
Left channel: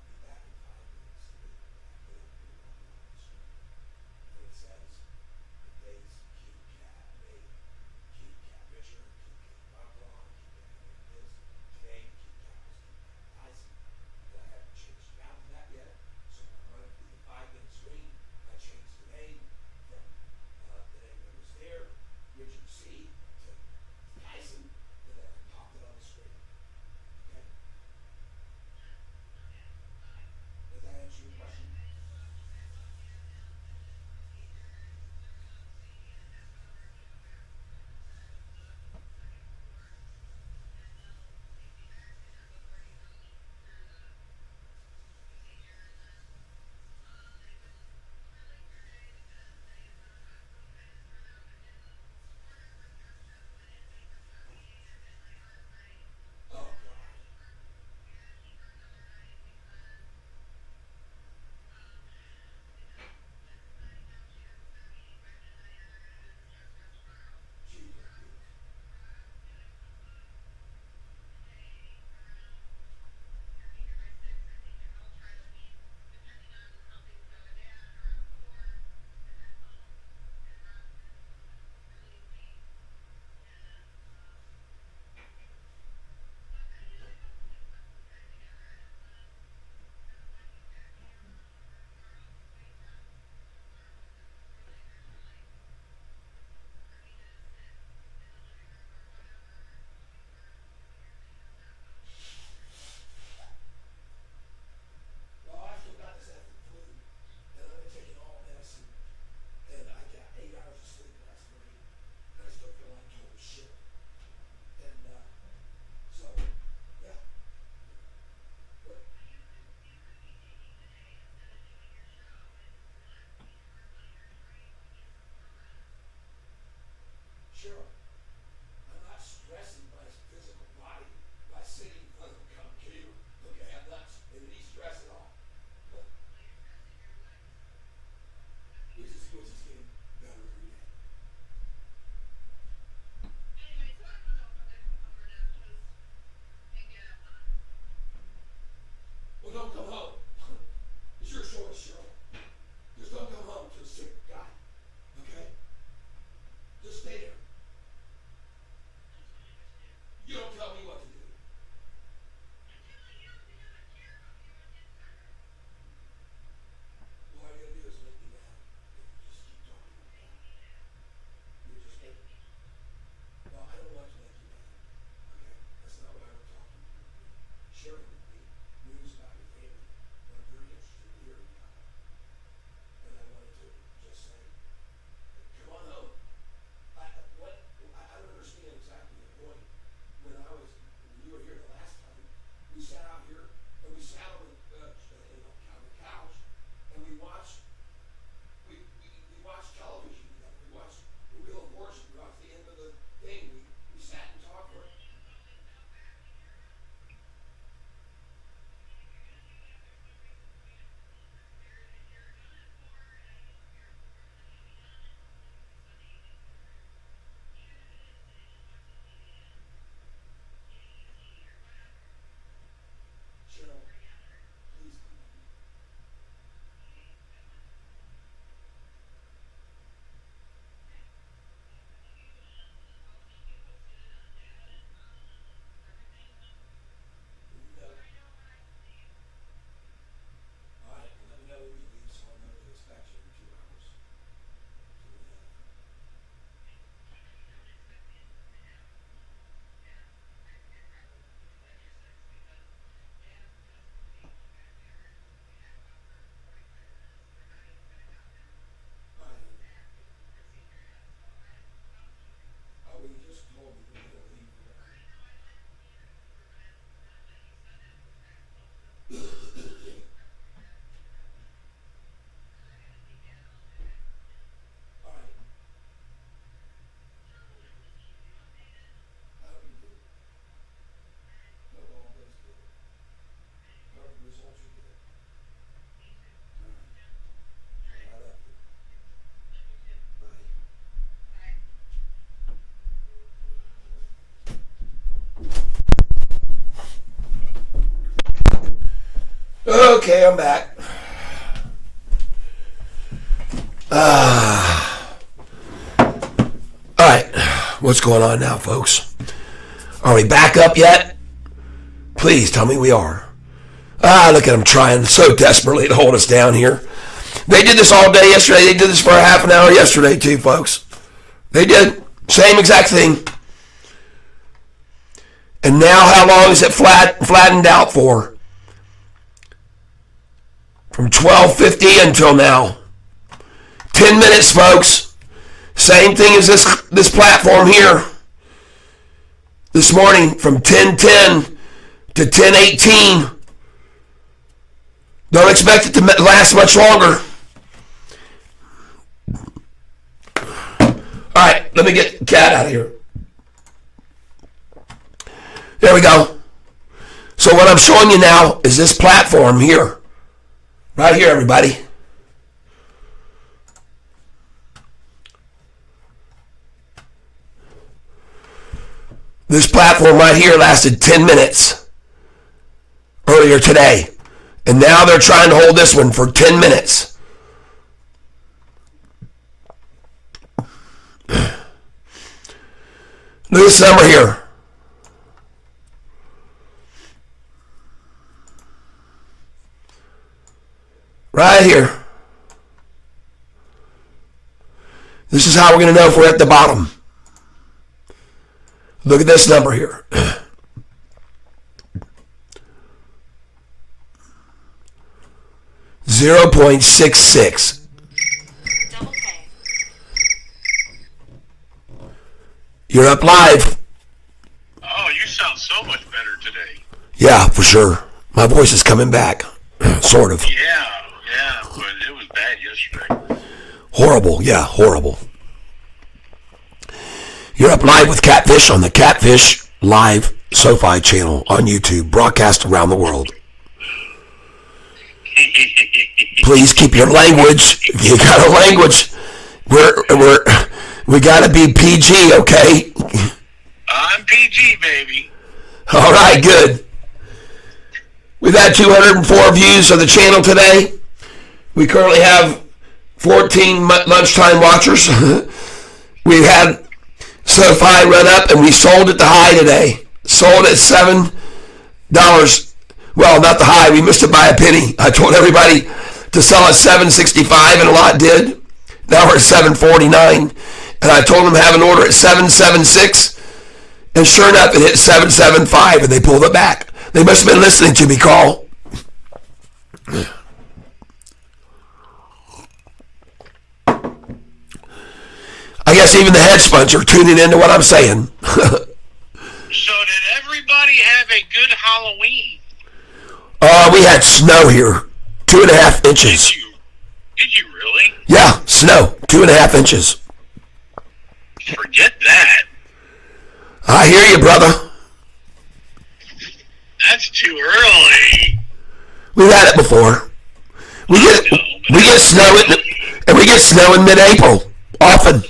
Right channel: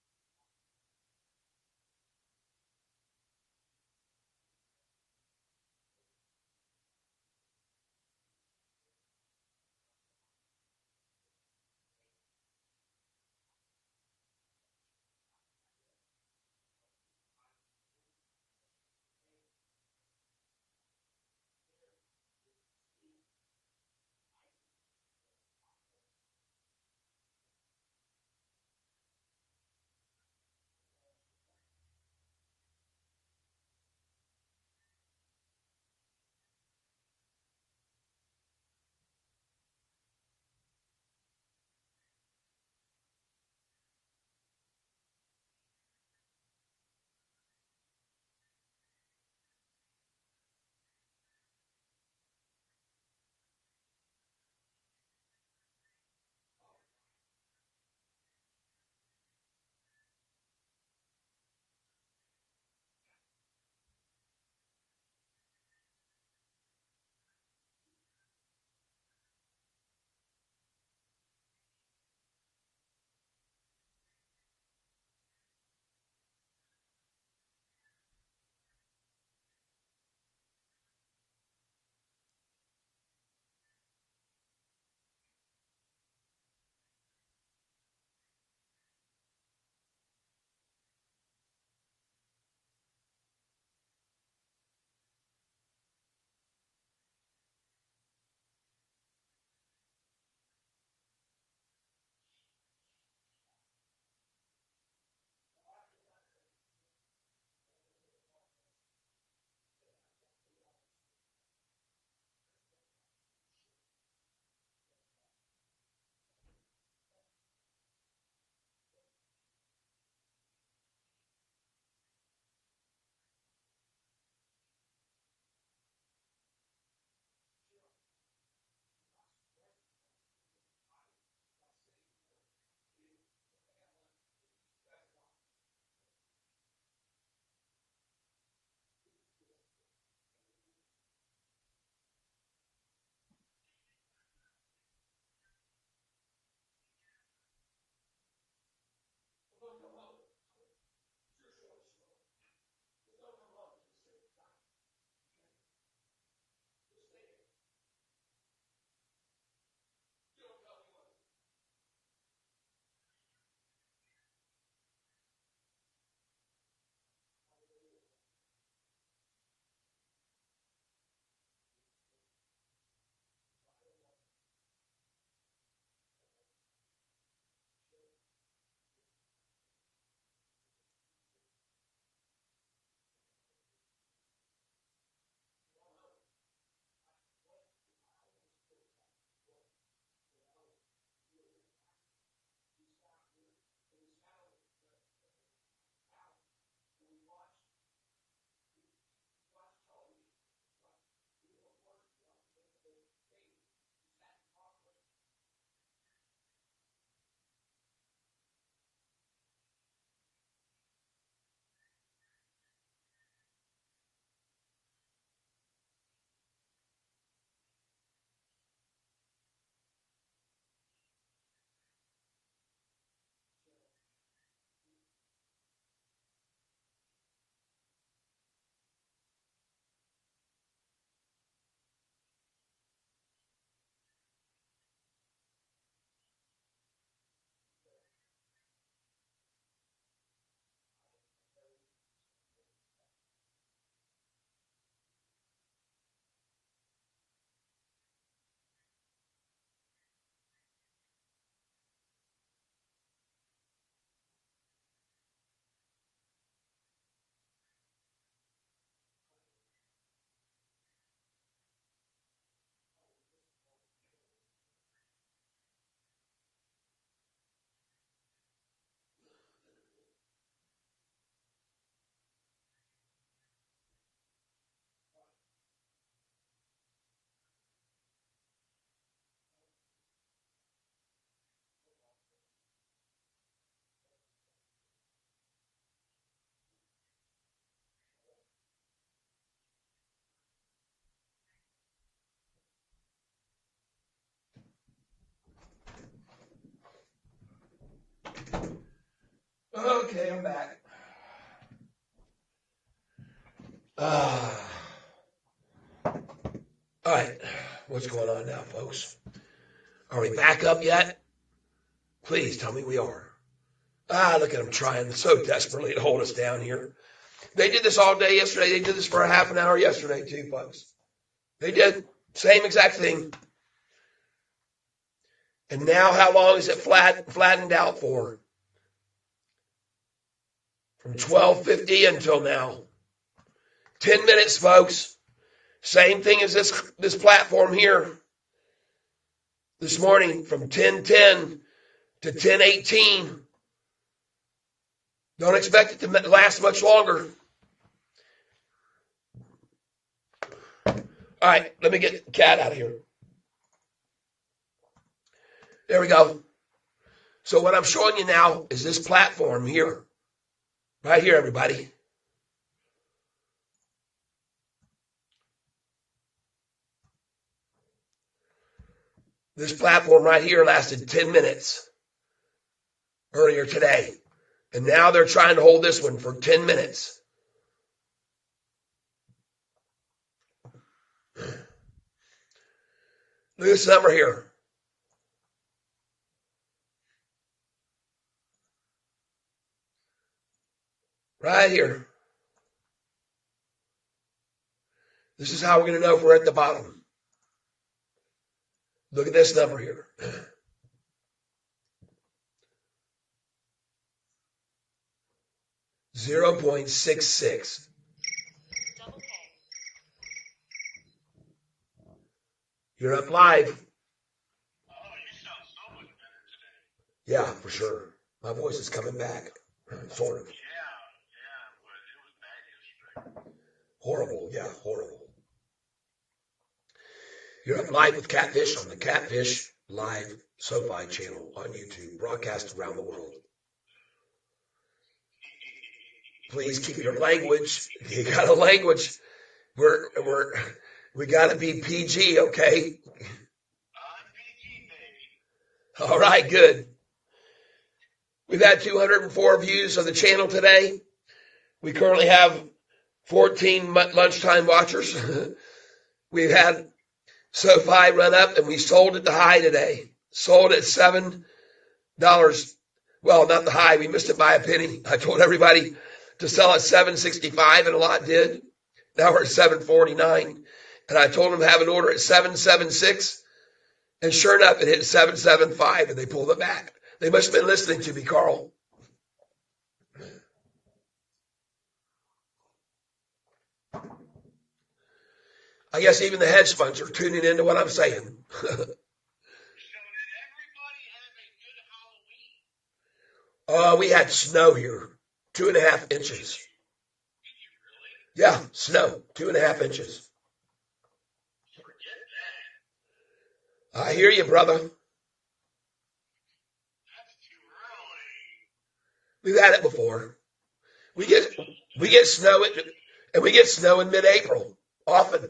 Okay, I'm back. All right, what's going on now, folks? Are we back up yet? Please tell me we are. Look at them trying so desperately to hold us down here. They did this all day yesterday. They did this for a half an hour yesterday too, folks. They did. Same exact thing. And now how long is it flattened out for? From 12:50 until now. 10 minutes, folks. Same thing as this platform here. This morning from 10:10 to 10:18. Don't expect it to last much longer. All right, let me get the cat out of here. There we go. So what I'm showing you now is this platform here. Right here, everybody. This platform right here lasted 10 minutes earlier today. And now they're trying to hold this one for 10 minutes. Look at this number here. Right here. This is how we're going to know if we're at the bottom. Look at this number here. 0.66. You're up live. Oh, you sound so much better today. Yeah, for sure. My voice is coming back. Sort of. Yeah, but it was bad yesterday. Horrible, yeah, horrible. You're up live with Catfish on the Catfish Live Sofi channel on YouTube, broadcast around the world. Please keep your language. If you got a language, we gotta be PG, okay? I'm PG, baby. All right, good. We've had 204 views of the channel today. We currently have 14 lunchtime watchers. We had Sofi run up and we sold at the high today. Sold at $7. Well, not the high. We missed it by a penny. I told everybody to sell at $7.65 and a lot did. Now we're at $7.49. And I told them have an order at $7.76. And sure enough, it hit $7.75 and they pulled it back. They must have been listening to me call. I guess even the hedge funds are tuning into what I'm saying. So did everybody have a good Halloween? We had snow here. 2.5 inches. Did you really? Yeah, snow. 2.5 inches. Forget that. I hear you, brother. That's too early. We've had it before. We get snow in mid-April often.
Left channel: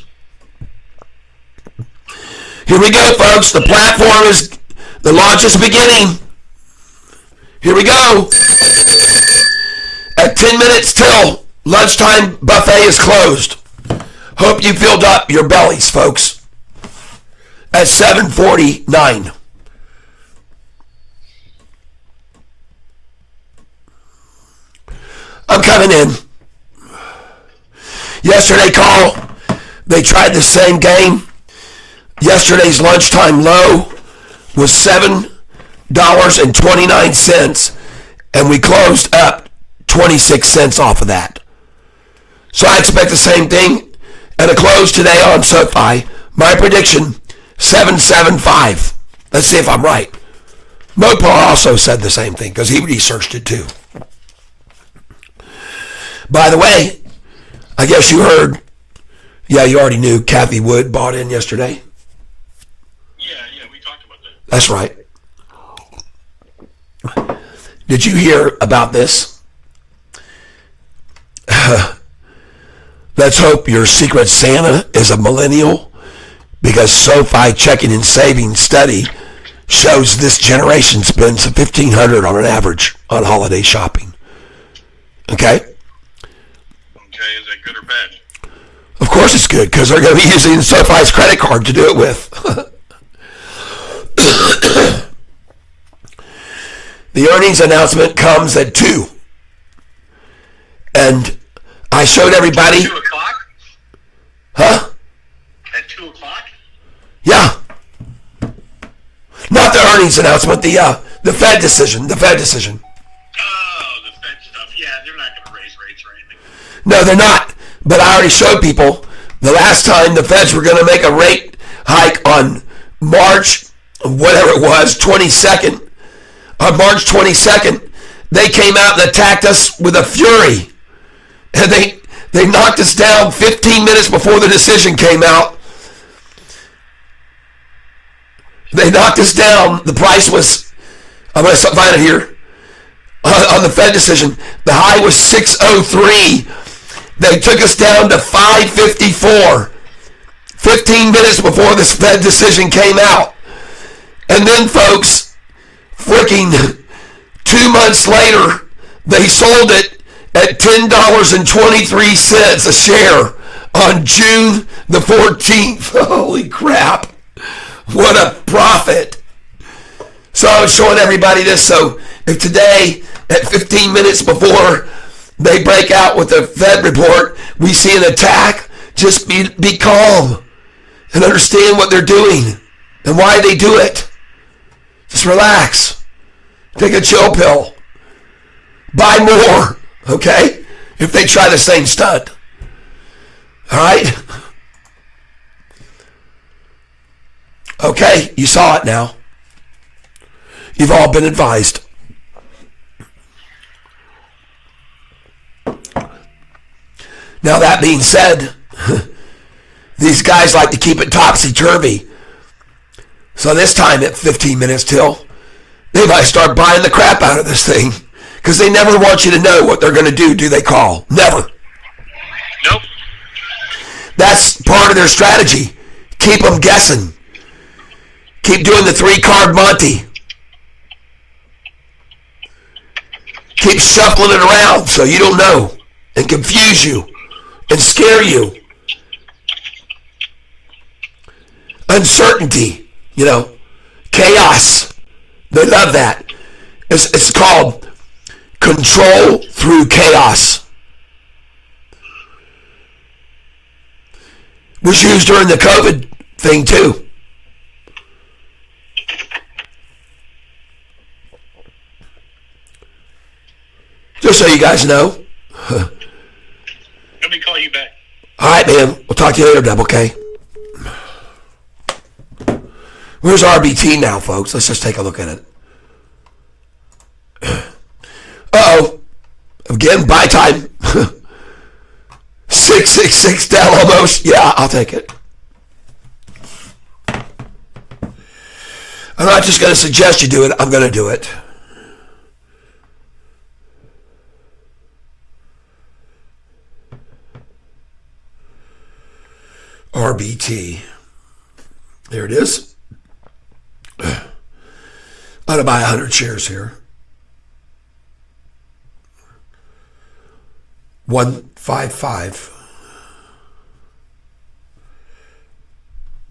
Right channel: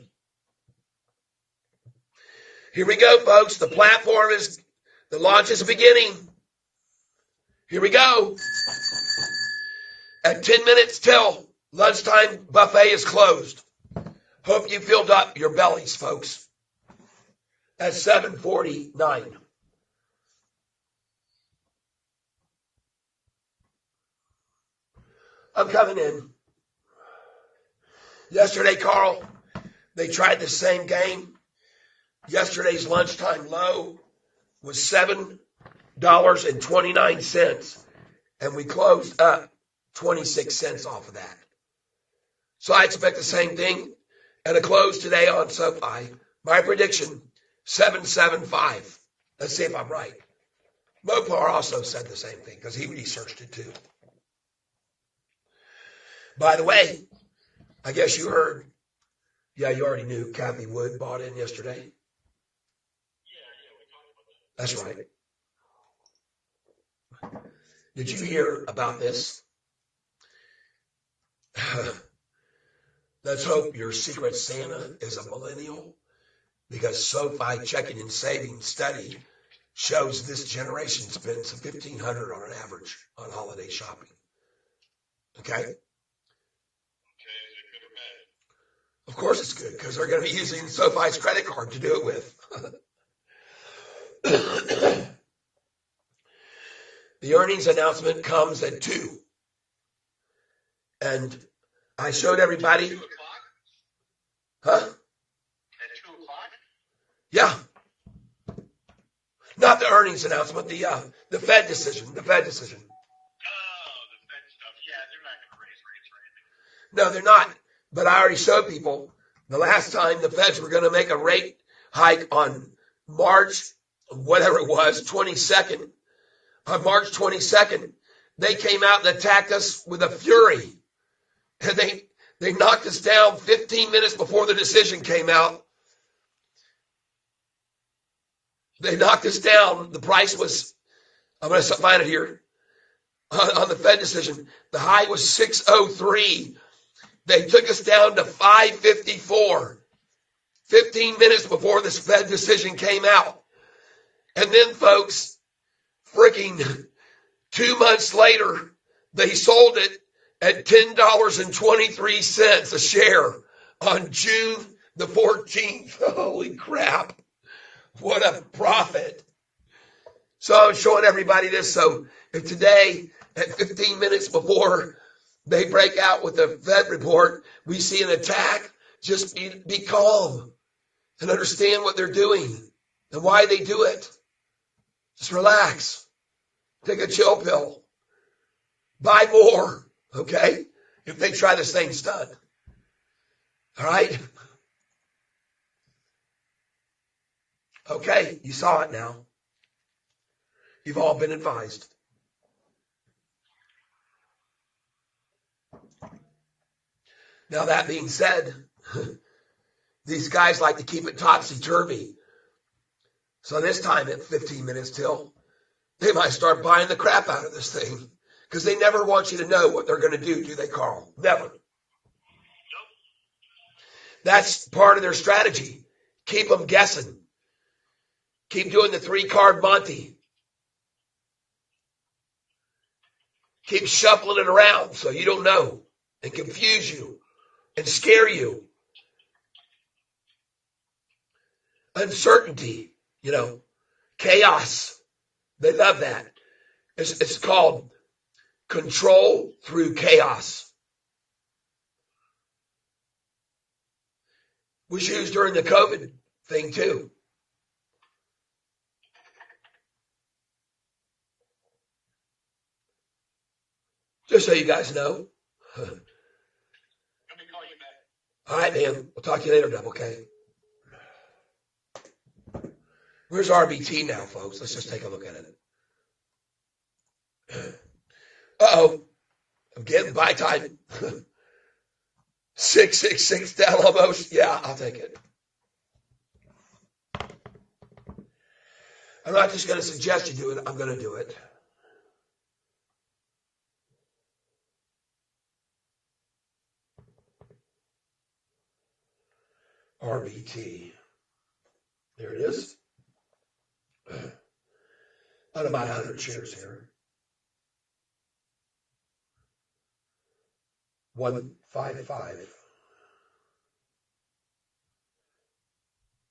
Here we go, folks. The platform is the launch is beginning. Here we go. At 10 minutes till lunchtime buffet is closed. Hope you filled up your bellies, folks. At 7:49. I'm coming in. Yesterday, Carl, they tried the same game. Yesterday's lunchtime low was $7.29, and we closed up 26 cents off of that. So I expect the same thing at a close today on SoFi. My prediction, 7.75. Let's see if I'm right. Mopar also said the same thing because he researched it too. By the way, I guess you heard, yeah, you already knew Kathy Wood bought in yesterday. Yeah, we talked about that. That's right. Did you hear about this? Let's hope your secret Santa is a millennial, because SoFi checking and savings study shows this generation spends $1,500 on an average on holiday shopping. Okay? Okay, is that good or bad? Of course it's good, because they're going to be using Sofi's credit card to do it with. The earnings announcement comes at 2. And I showed everybody... 2 o'clock? Huh? At 2 o'clock? Yeah. Not the earnings announcement, the Fed decision. The Fed decision. Oh, the Fed stuff. Yeah, they're not going to raise rates or anything. No, they're not. But I already showed people the last time the Feds were going to make a rate hike on March, whatever it was, 22nd. On March 22nd, they came out and attacked us with a fury. And they knocked us down 15 minutes before the decision came out. They knocked us down. The price was, I'm going to find it here, on the Fed decision. The high was 603. They took us down to 554. 15 minutes before this Fed decision came out. And then, folks, freaking 2 months later, they sold it at $10.23 a share on June the 14th. Holy crap. What a profit. So I was showing everybody this. So if today, at 15 minutes before they break out with the Fed report, we see an attack, just be calm and understand what they're doing and why they do it. Just relax. Take a chill pill. Buy more, okay? If they try the same stunt. All right? Okay, you saw it now. You've all been advised. Now that being said, these guys like to keep it topsy-turvy. So this time at 15 minutes till, they might start buying the crap out of this thing. Because they never want you to know what they're going to do they call? Never. Nope. That's part of their strategy. Keep them guessing. Keep doing the 3-card Monty. Keep shuffling it around so you don't know. And confuse you. And scare you. Uncertainty. Chaos. They love that. It's called control through chaos. Was used during the COVID thing too. Just so you guys know. Let me call you back. All right, man. We'll talk to you later, Deb, okay? Where's RBT now, folks? Let's just take a look at it. Uh-oh. Again, buy time. 666 down almost. Yeah, I'll take it. I'm not just going to suggest you do it. I'm going to do it. RBT. There it is. I'm going to buy 100 shares here. 155.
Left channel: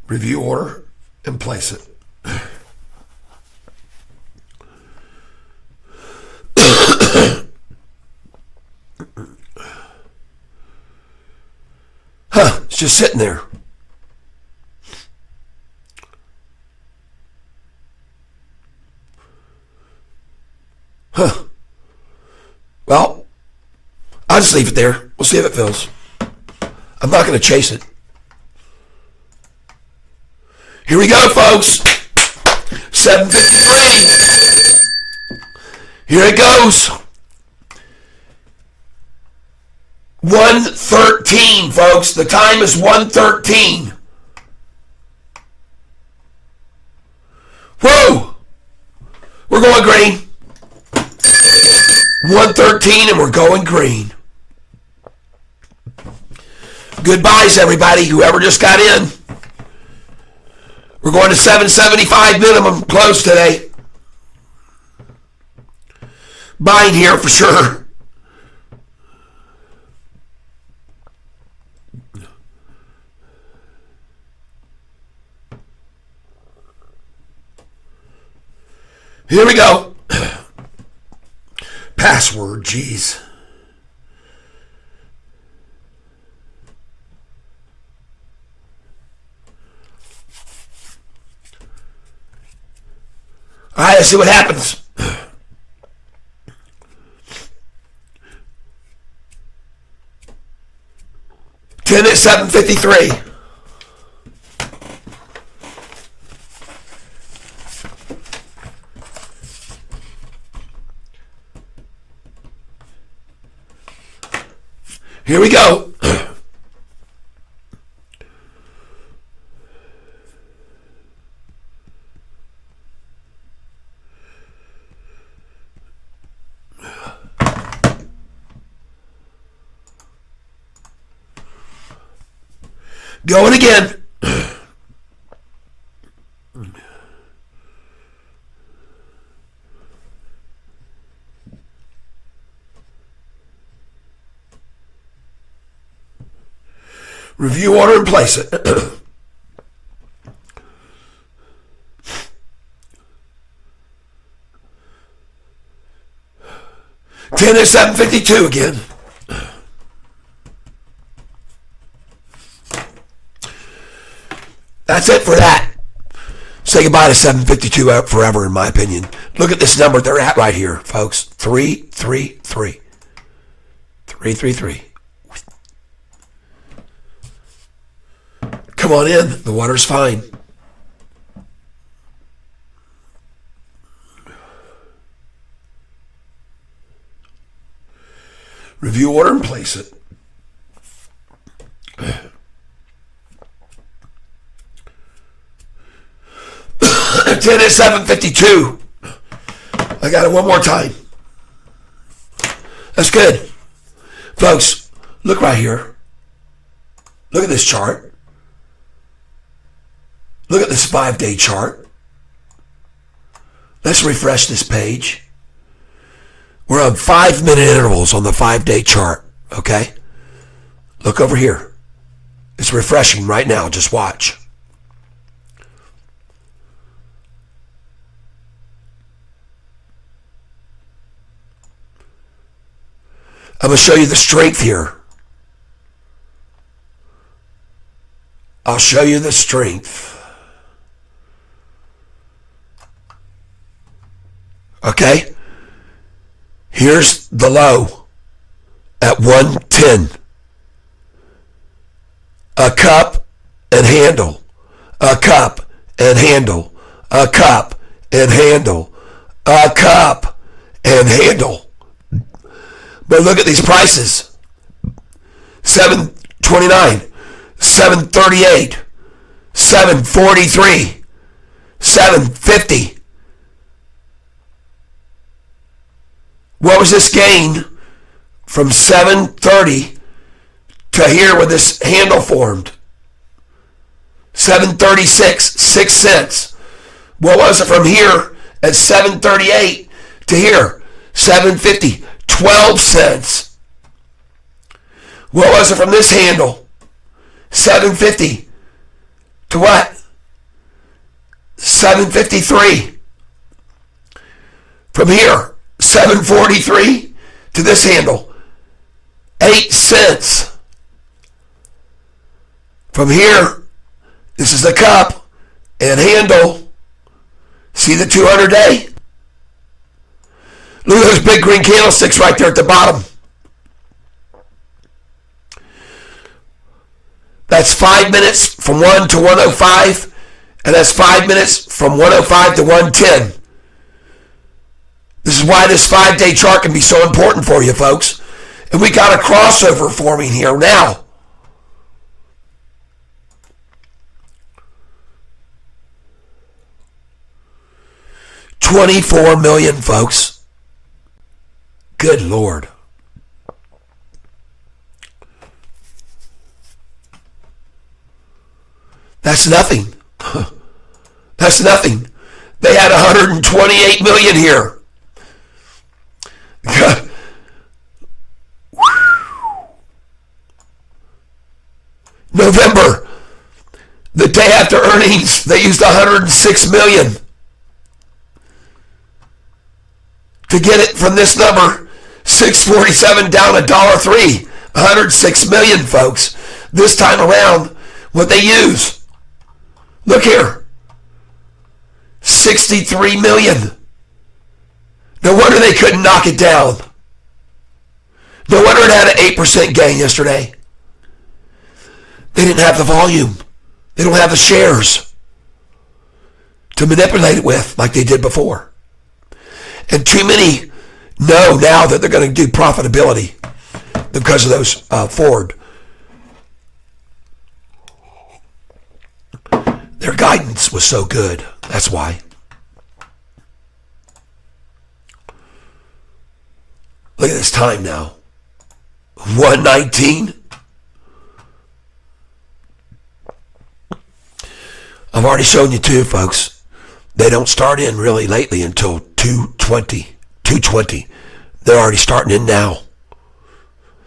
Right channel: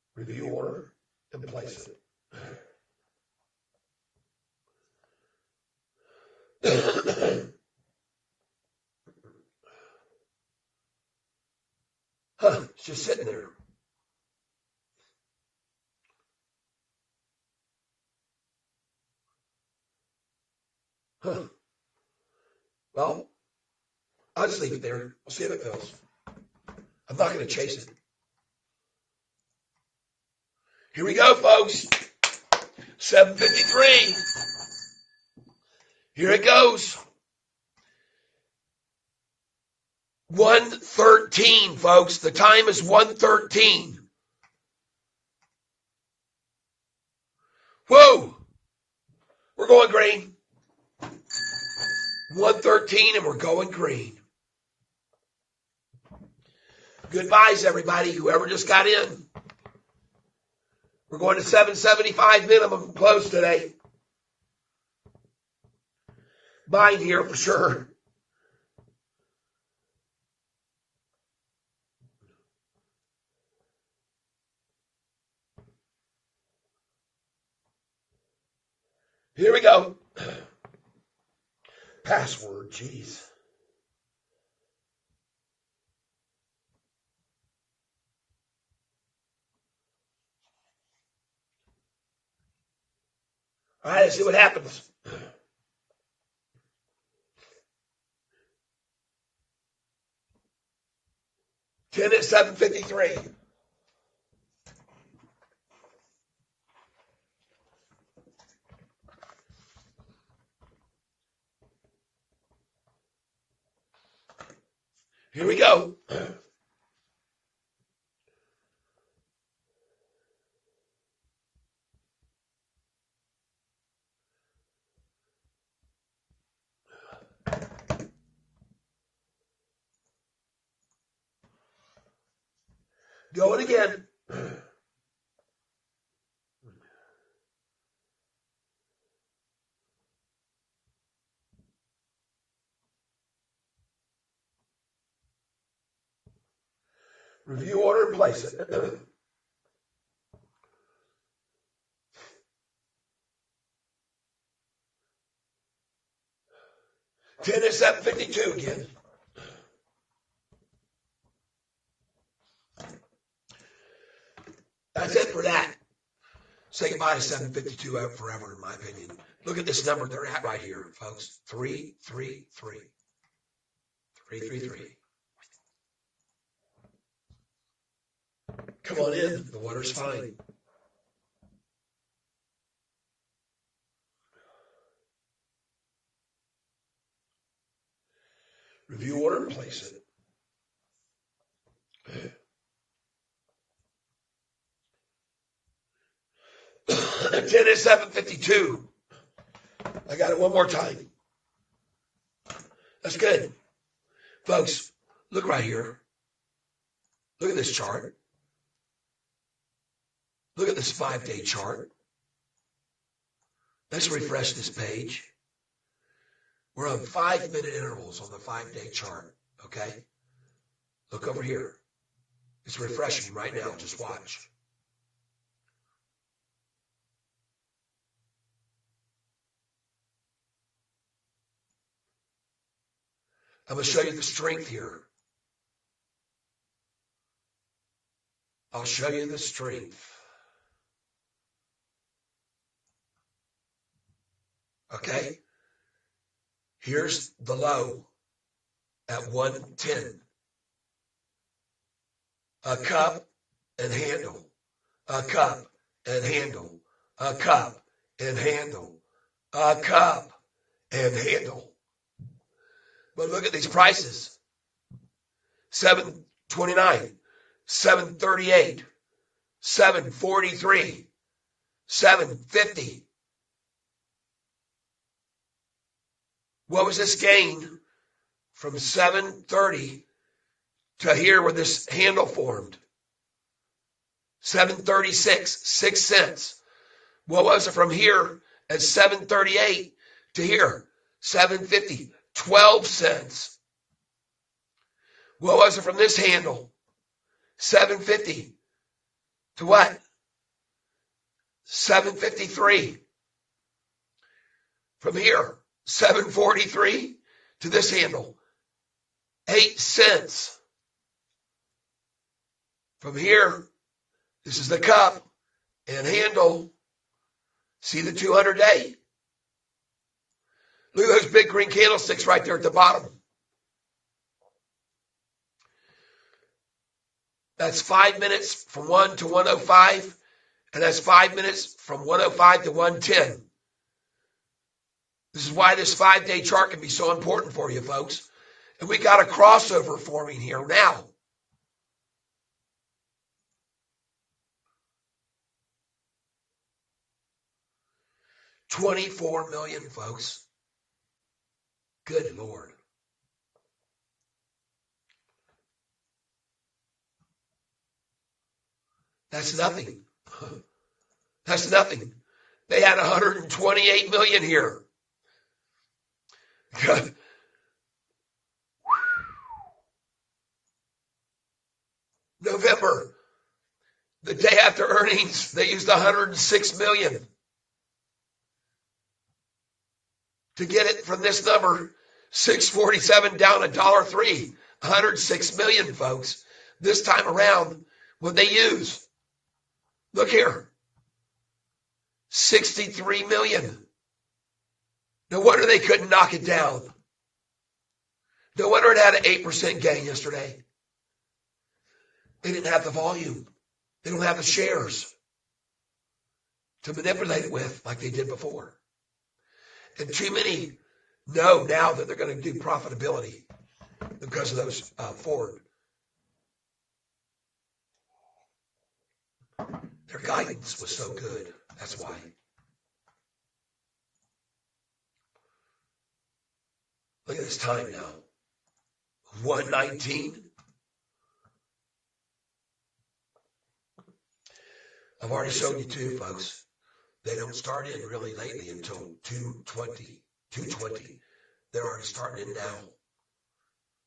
Review order and place it. It's just sitting there. Well, I'll just leave it there. We'll see if it fills. I'm not going to chase it. Here we go, folks. 7:53. Here it goes. 1:13, folks. The time is 1:13. Whoa! We're going green. 1:13 and we're going green. Goodbyes, everybody. Whoever just got in. We're going to 775 minimum close today. Buying here for sure. Here we go. Password, geez. All right, let's see what happens. Ten at 7:53. Here we go. Going again. Review order and place it. 10 at 7:52 again. That's it for that. Say goodbye to 752 forever, in my opinion. Look at this number they're at right here, folks. 333. 333. Come on in. The water's fine. Review order and place it. 10 at 7:52. I got it one more time. That's good. Folks, look right here. Look at this chart. Look at this 5-day chart. Let's refresh this page. We're on 5-minute intervals on the 5-day chart, okay? Look over here. It's refreshing right now. Just watch. I'm going to show you the strength here. I'll show you the strength. Okay? Here's the low at 110. A cup and handle. A cup and handle. A cup and handle. A cup and handle. But look at these prices. 729, 738, 743, 750. What was this gain from 730 to here where this handle formed? 736, 6 cents. What was it from here at 738 to here? 750, 12 cents. What was it from this handle? 750 to what? 753. From here, 743 to this handle, 8 cents. From here, this is the cup and handle. See the 200-day? Look at those big green candlesticks right there at the bottom. That's 5 minutes from 1 to 105, and that's 5 minutes from 105 to 110. This is why this 5-day chart can be so important for you, folks. And we got a crossover forming here now. $24 million, folks. Good Lord. That's nothing. That's nothing. They had 128 million here. November, the day after earnings, they used 106 million. to get it from this number, 647 down $1.03, 106 million, folks. This time around, what they use. Look here. 63 million. No wonder they couldn't knock it down. No wonder it had an 8% gain yesterday. They didn't have the volume. They don't have the shares to manipulate it with like they did before. And too many know now that they're going to do profitability because of those forward. Their guidance was so good. That's why. Look at this time now. 119. I've already shown you two, folks. They don't start in really lately until 220. They're already starting in now.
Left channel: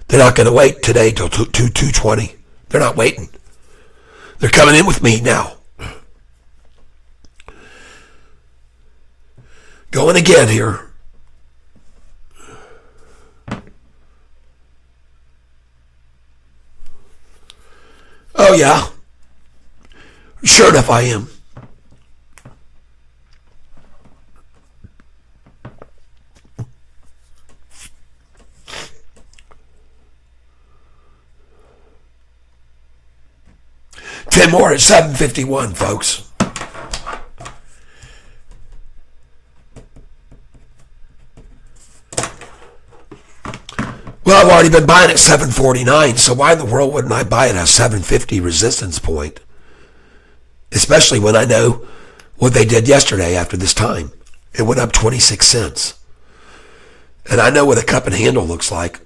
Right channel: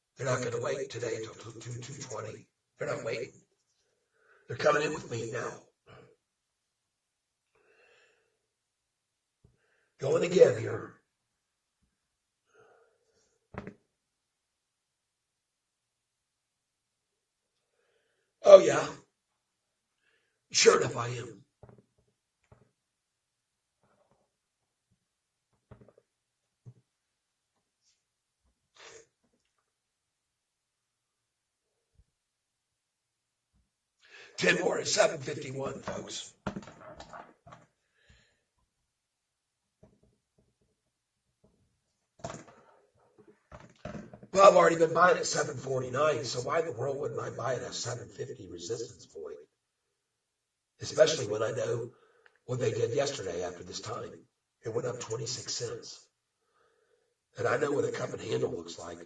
They're not going to wait today till 220. They're not waiting. They're coming in with me now. Going again here. Oh, yeah. Sure enough, I am. Ten more at 7:51, folks. Well, I've already been buying at 749, so why in the world wouldn't I buy it at a 750 resistance point? Especially when I know what they did yesterday after this time. It went up 26 cents. And I know what a cup and handle looks like.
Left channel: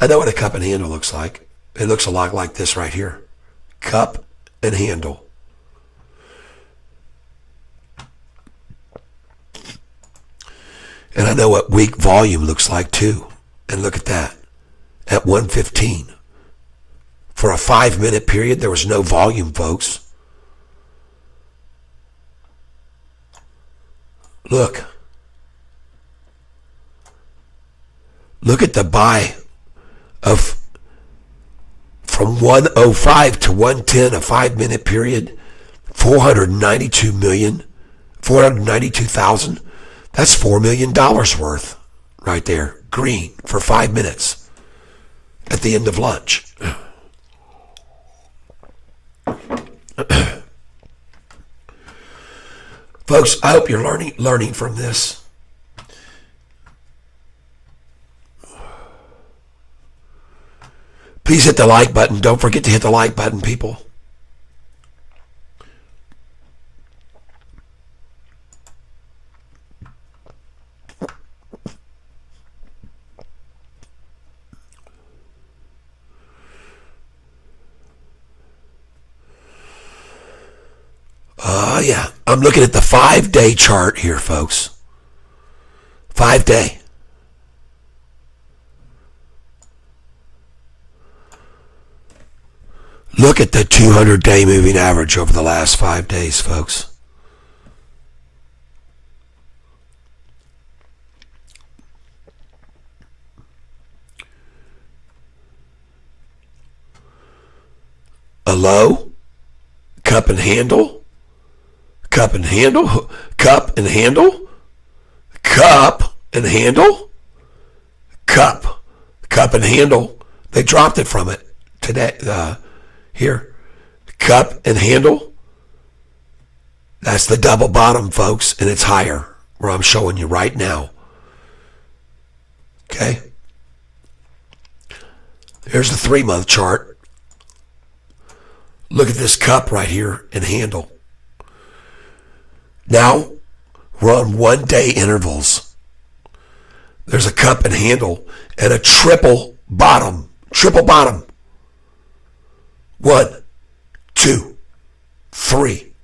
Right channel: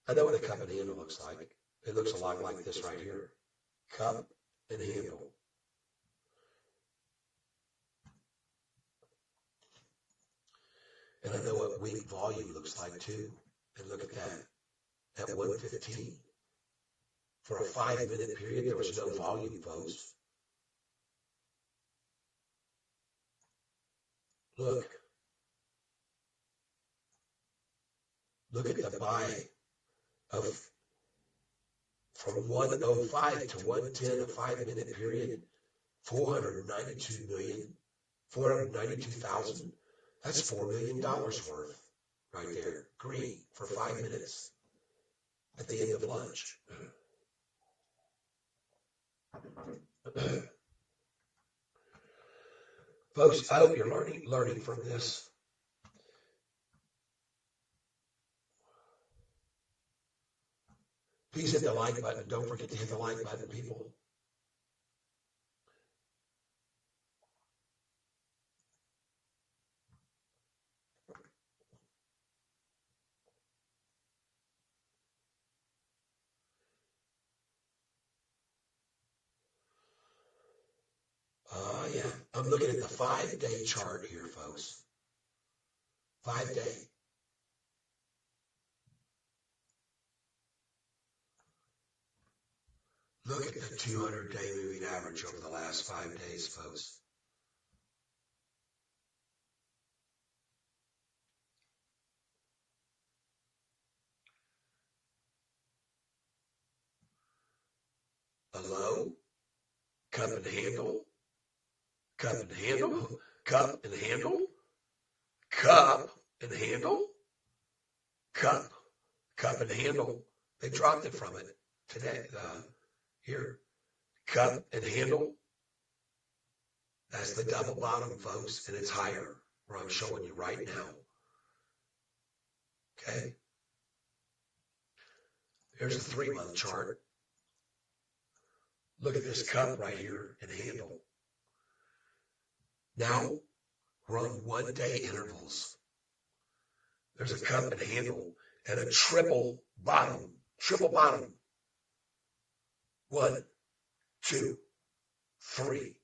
It looks a lot like this right here. Cup and handle. And I know what weak volume looks like too. And look at that, at 115. For a 5-minute period, there was no volume, folks. Look. Look at the buy of from 105 to 110, a 5-minute period, 492,000. That's $4 million worth right there. Green for 5 minutes at the end of lunch. Folks, I hope you're learning from this. Please hit the like button. Don't forget to hit the like button, people. Yeah, I'm looking at the 5-day chart here, folks. 5-day. Look at the 200-day moving average over the last 5 days, folks. A low, cup and handle. Cup and handle, cup and handle, cup and handle, cup and handle. They dropped it from it today. Here, cup and handle. That's the double bottom, folks, and it's higher where I'm showing you right now. Okay. Here's the 3-month chart. Look at this cup right here and handle. Now, we're on 1-day intervals. There's a cup and handle and a triple bottom. 1, 2, 3.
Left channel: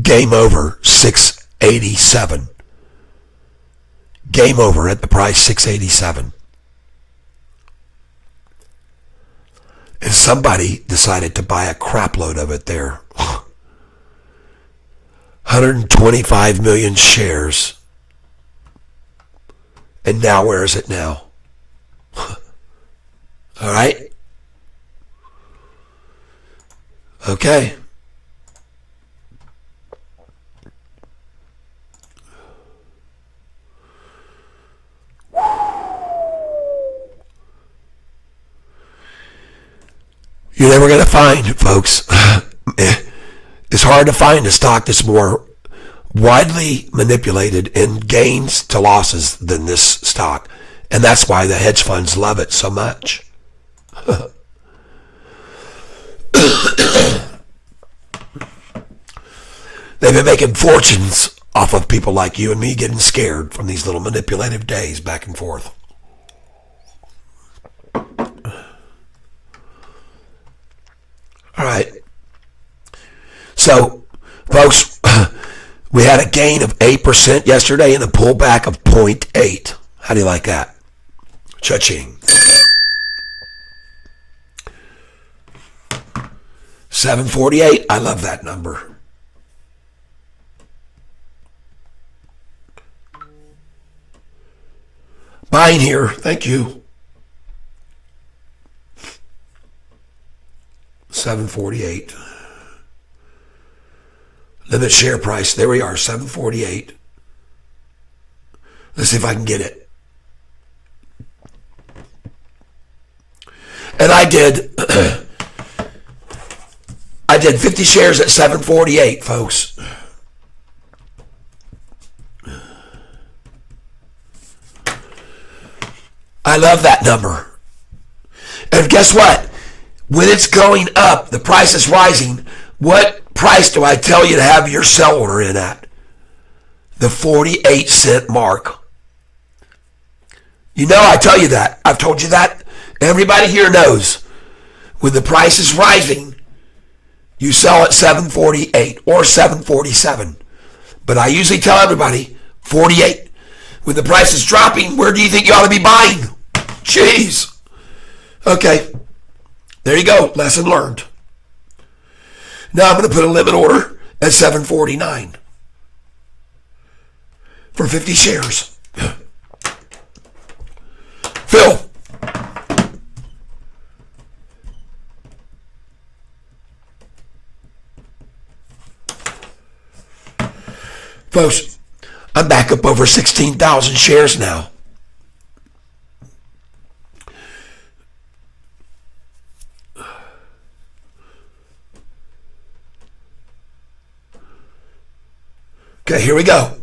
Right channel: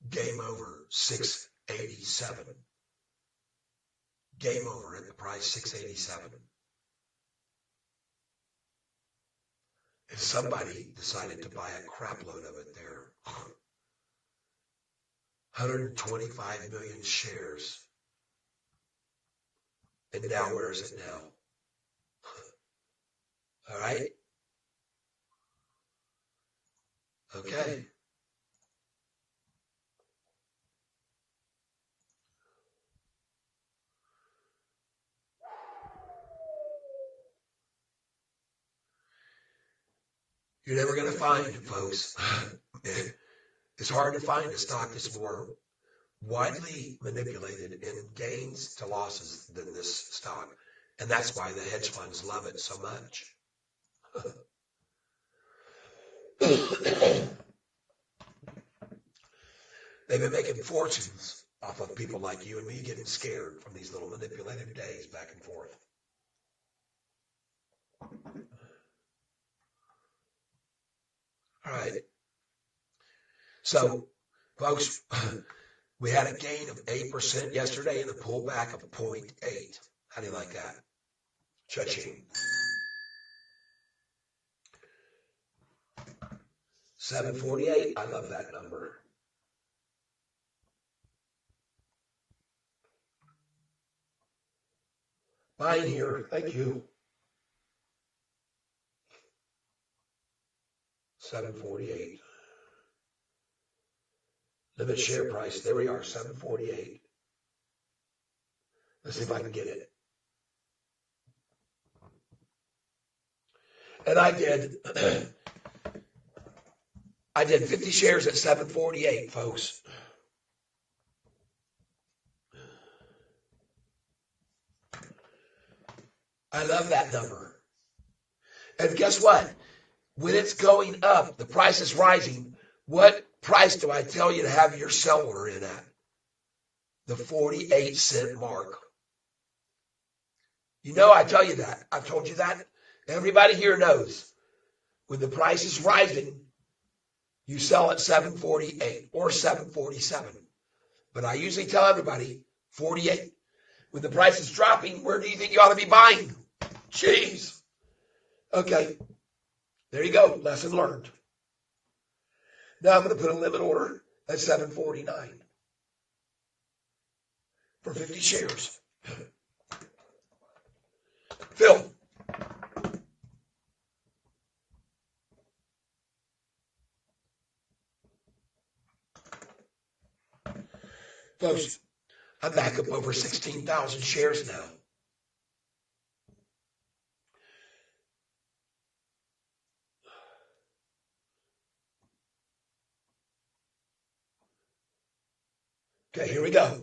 Game over, 687. Game over at the price 687. And somebody decided to buy a crap load of it there. 125 million shares And now where is it now? All right? Okay. You're never going to find, folks. It's hard to find a stock that's more widely manipulated in gains to losses than this stock. And that's why the hedge funds love it so much. They've been making fortunes off of people like you and me getting scared from these little manipulative days back and forth. All right. So, folks, we had a gain of 8% yesterday and a pullback of 0.8. How do you like that? Cha-ching. 748. I love that number. Buying here. Thank you. 748. Limit share price. There we are, 748. Let's see if I can get it. And I did 50 shares at 748, folks. I love that number. And guess what? When it's going up, the price is rising. What price do I tell you to have your sell order in at? The 48-cent mark. You know I tell you that. I've told you that. Everybody here knows. When the price is rising, you sell at 748 or 747. But I usually tell everybody 48. When the price is dropping, where do you think you ought to be buying? Jeez. Okay. There you go. Lesson learned. Now I'm going to put a limit order at 749 for 50 shares. Phil. Folks, I'm back up over 16,000 shares now. Okay, here we go.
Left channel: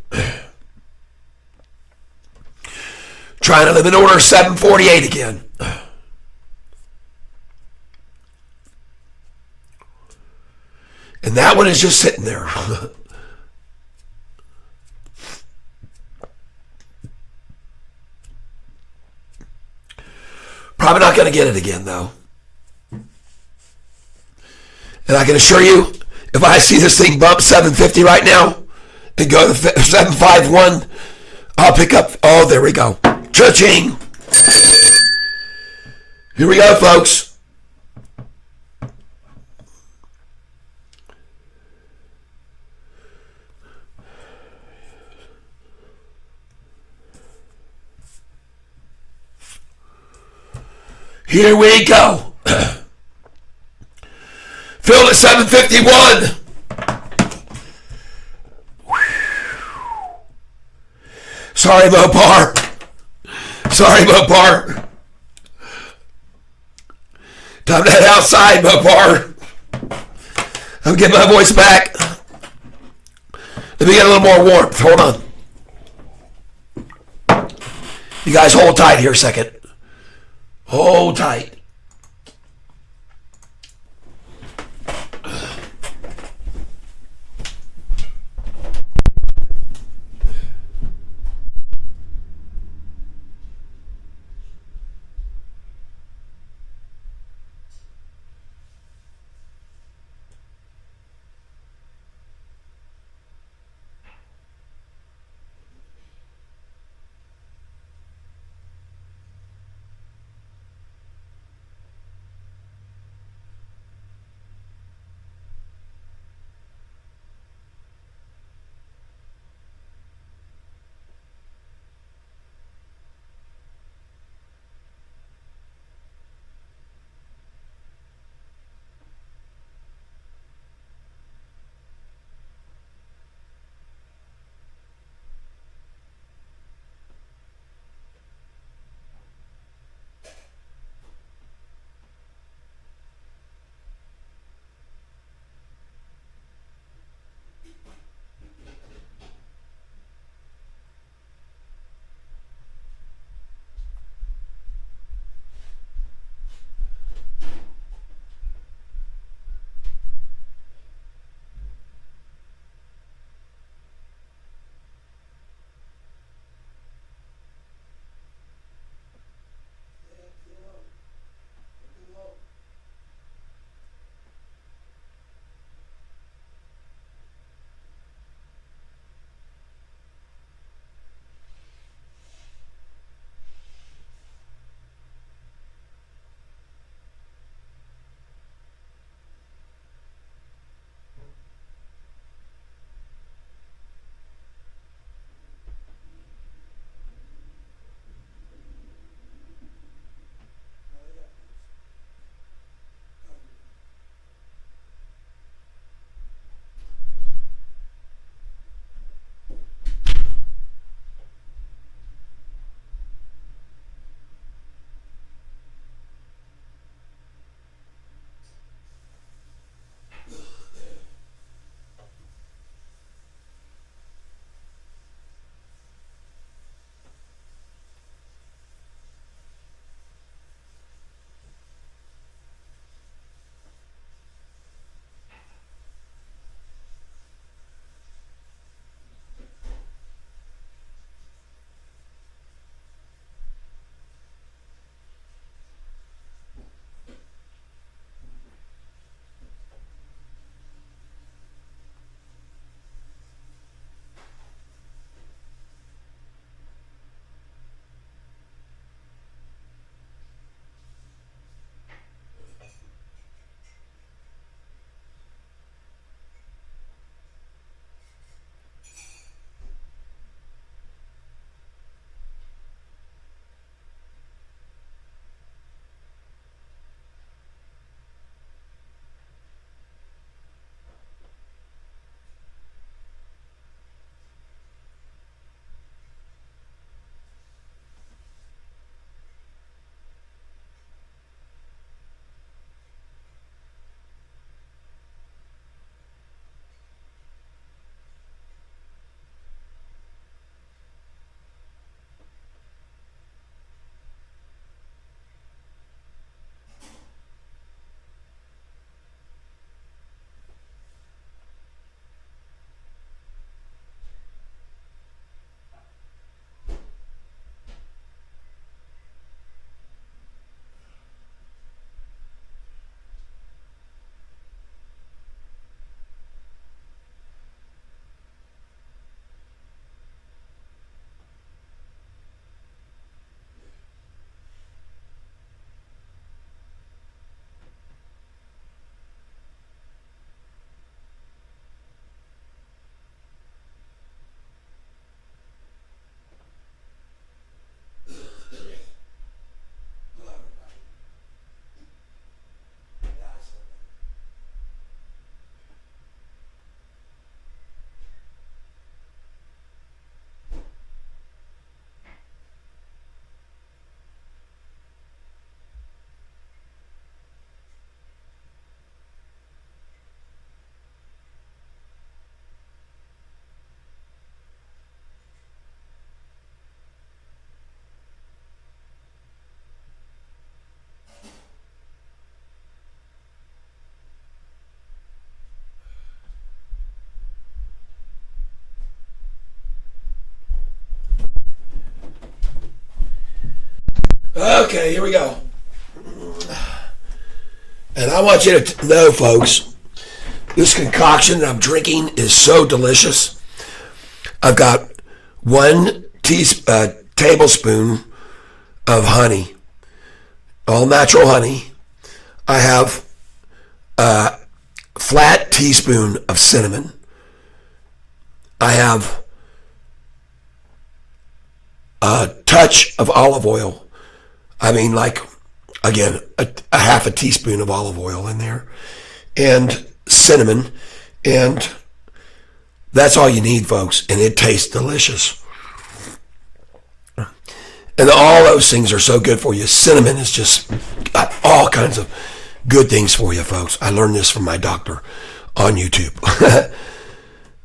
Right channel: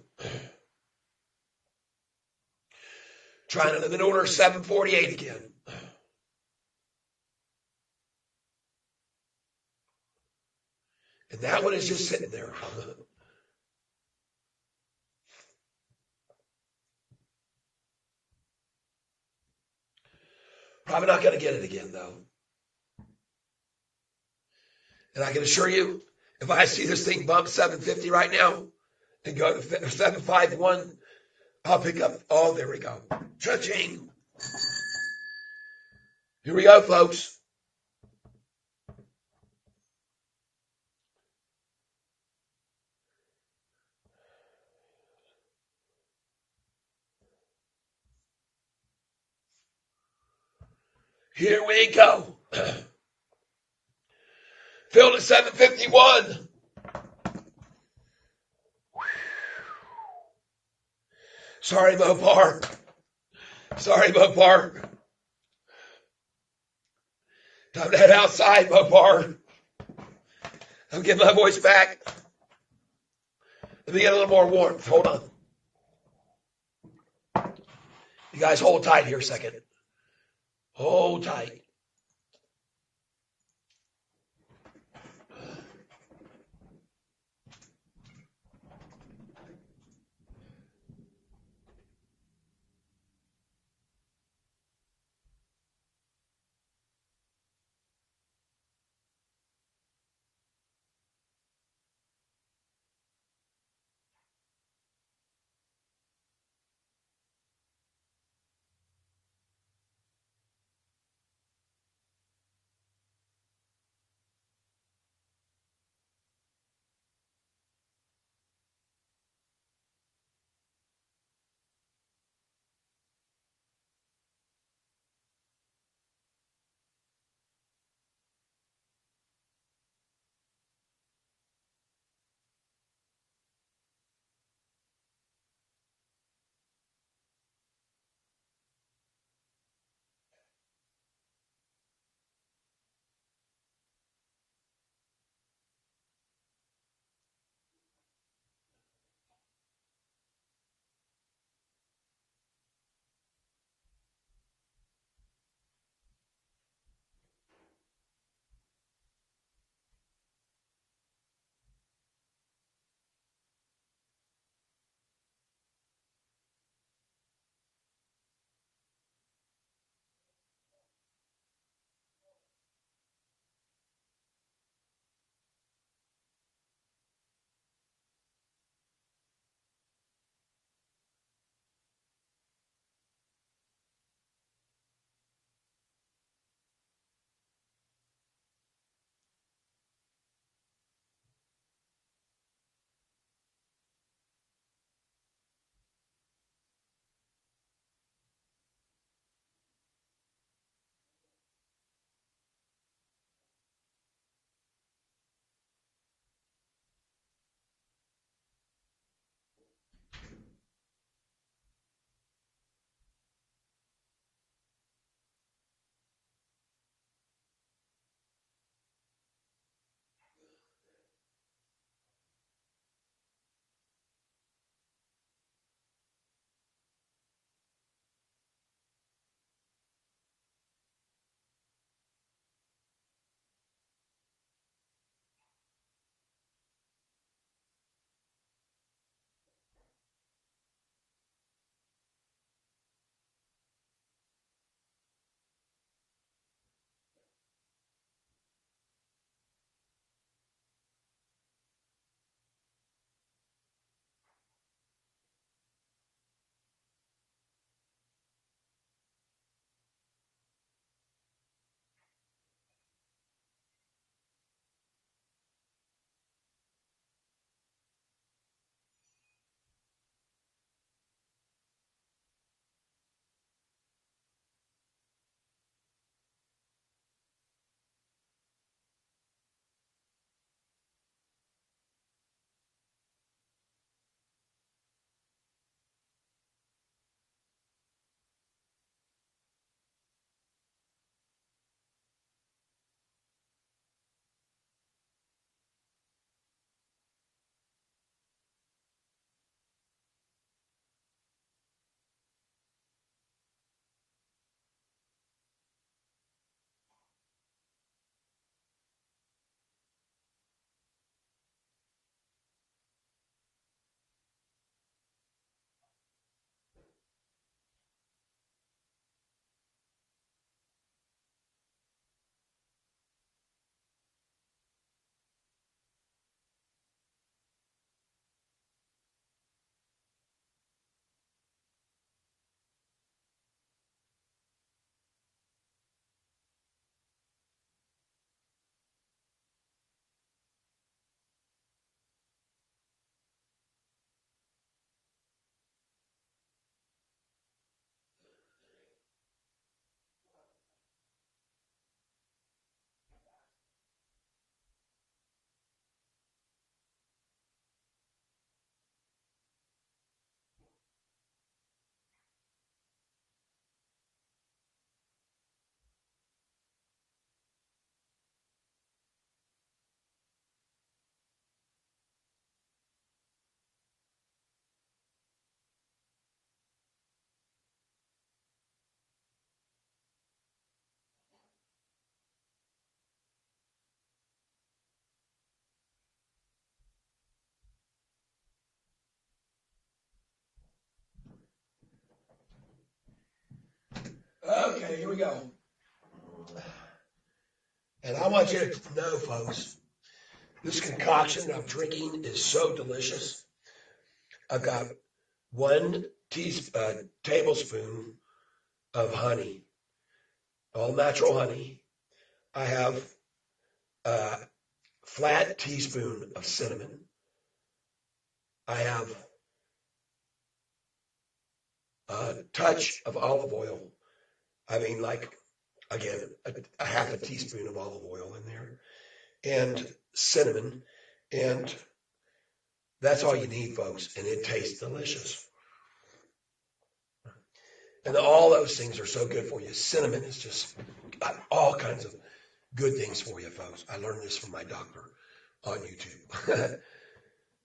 Trying to live in order 748 again. And that one is just sitting there. Probably not going to get it again, though. And I can assure you, if I see this thing bump 750 right now and go to 751, I'll pick up. Oh, there we go. Cha-ching. Here we go, folks. Here we go. Filled at 751. Sorry, Mopar. Sorry, Mopar. Time to head outside, Mopar. I'm getting my voice back. Let me get a little more warmth. Hold on. You guys hold tight here a second. Hold tight. Okay, here we go. And I want you to know, folks, this concoction that I'm drinking is so delicious. I've got 1 tablespoon of honey, all natural honey. I have a flat teaspoon of cinnamon. I have a touch of olive oil. I mean, like, again, a half a teaspoon of olive oil in there, and cinnamon, and that's all you need, folks, and it tastes delicious. And all those things are so good for you. Cinnamon is just got all kinds of good things for you, folks. I learned this from my doctor on YouTube.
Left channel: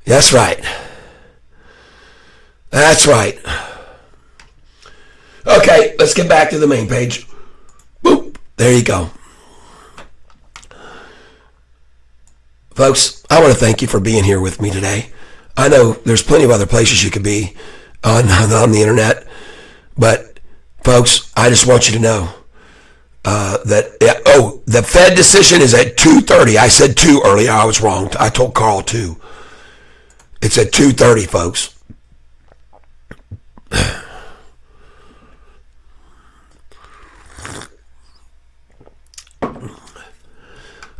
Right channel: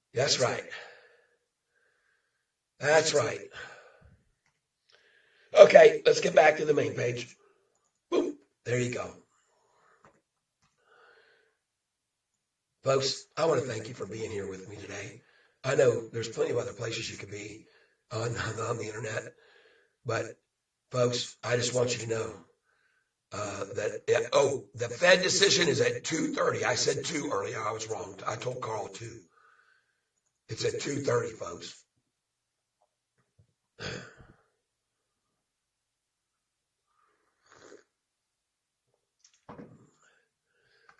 That's right. That's right. Okay, let's get back to the main page. Boop. There you go. Folks, I want to thank you for being here with me today. I know there's plenty of other places you could be on the internet, but folks, I just want you to know the Fed decision is at 2:30. I said 2 earlier. I was wrong. I told Carl 2. It's at 2:30, folks.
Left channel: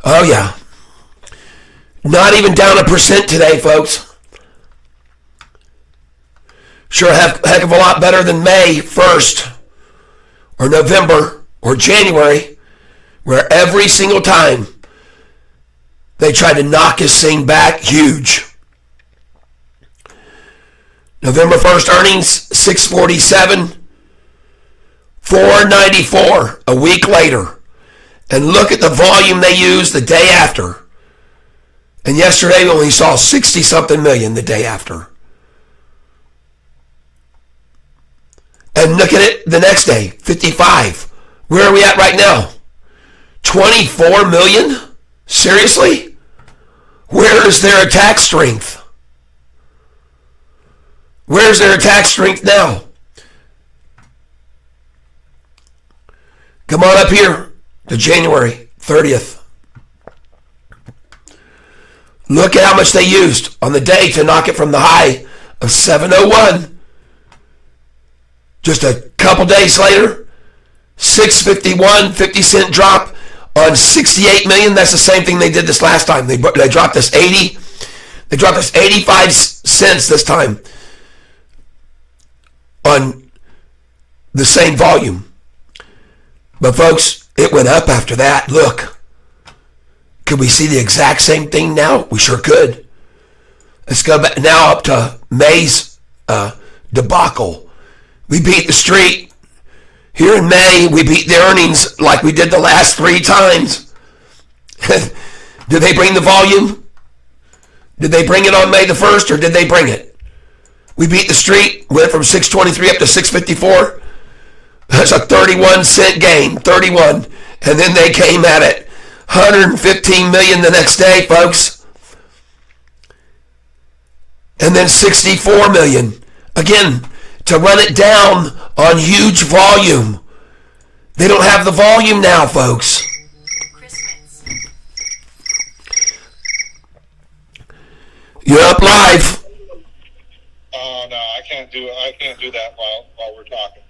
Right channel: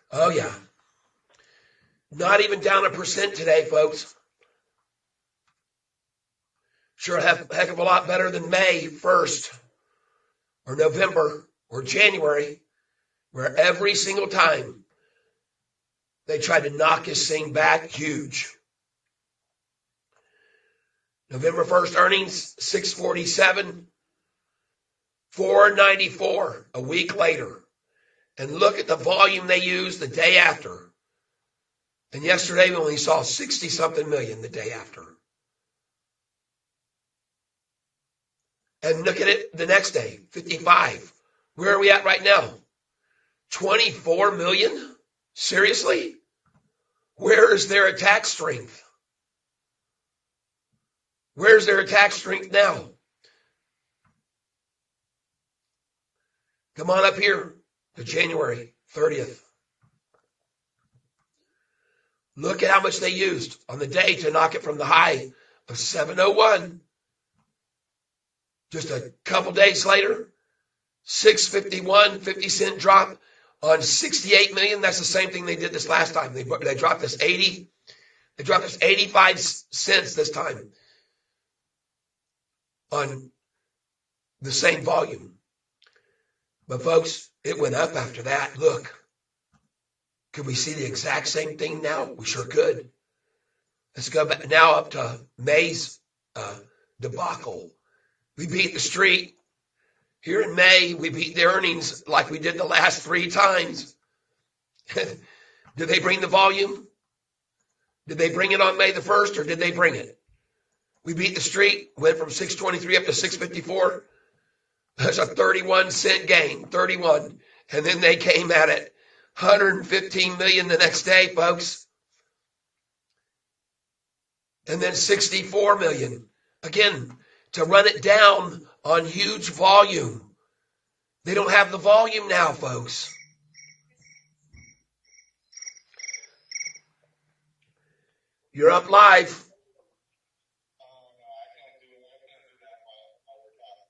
Oh, yeah. Not even down 1% today, folks. Sure, heck of a lot better than May 1st or November or January, where every single time they tried to knock this thing back huge. November 1st earnings, 647, 494 a week later. And look at the volume they used the day after. And yesterday we only saw 60-something million the day after. And look at it the next day, 55. Where are we at right now? 24 million? Seriously? Where is their attack strength? Where's their attack strength now? Come on up here to January 30th. Look at how much they used on the day to knock it from the high of 701. Just a couple days later, 651, 50-cent drop on 68 million. That's the same thing they did this last time. They dropped this 80. They dropped this 85 cents this time on the same volume. But folks, it went up after that. Look, could we see the exact same thing now? We sure could. Let's go back now up to May's debacle. We beat the street. Here in May, we beat the earnings like we did the last 3 times. Did they bring the volume? Did they bring it on May the 1st, or did they bring it? We beat the street, went from 623 up to 654. That's a 31-cent gain, 31. And then they came at it, 115 million the next day, folks. And then 64 million. Again, to run it down on huge volume. They don't have the volume now, folks. You're up live. Oh no, I can't do that while we're talking.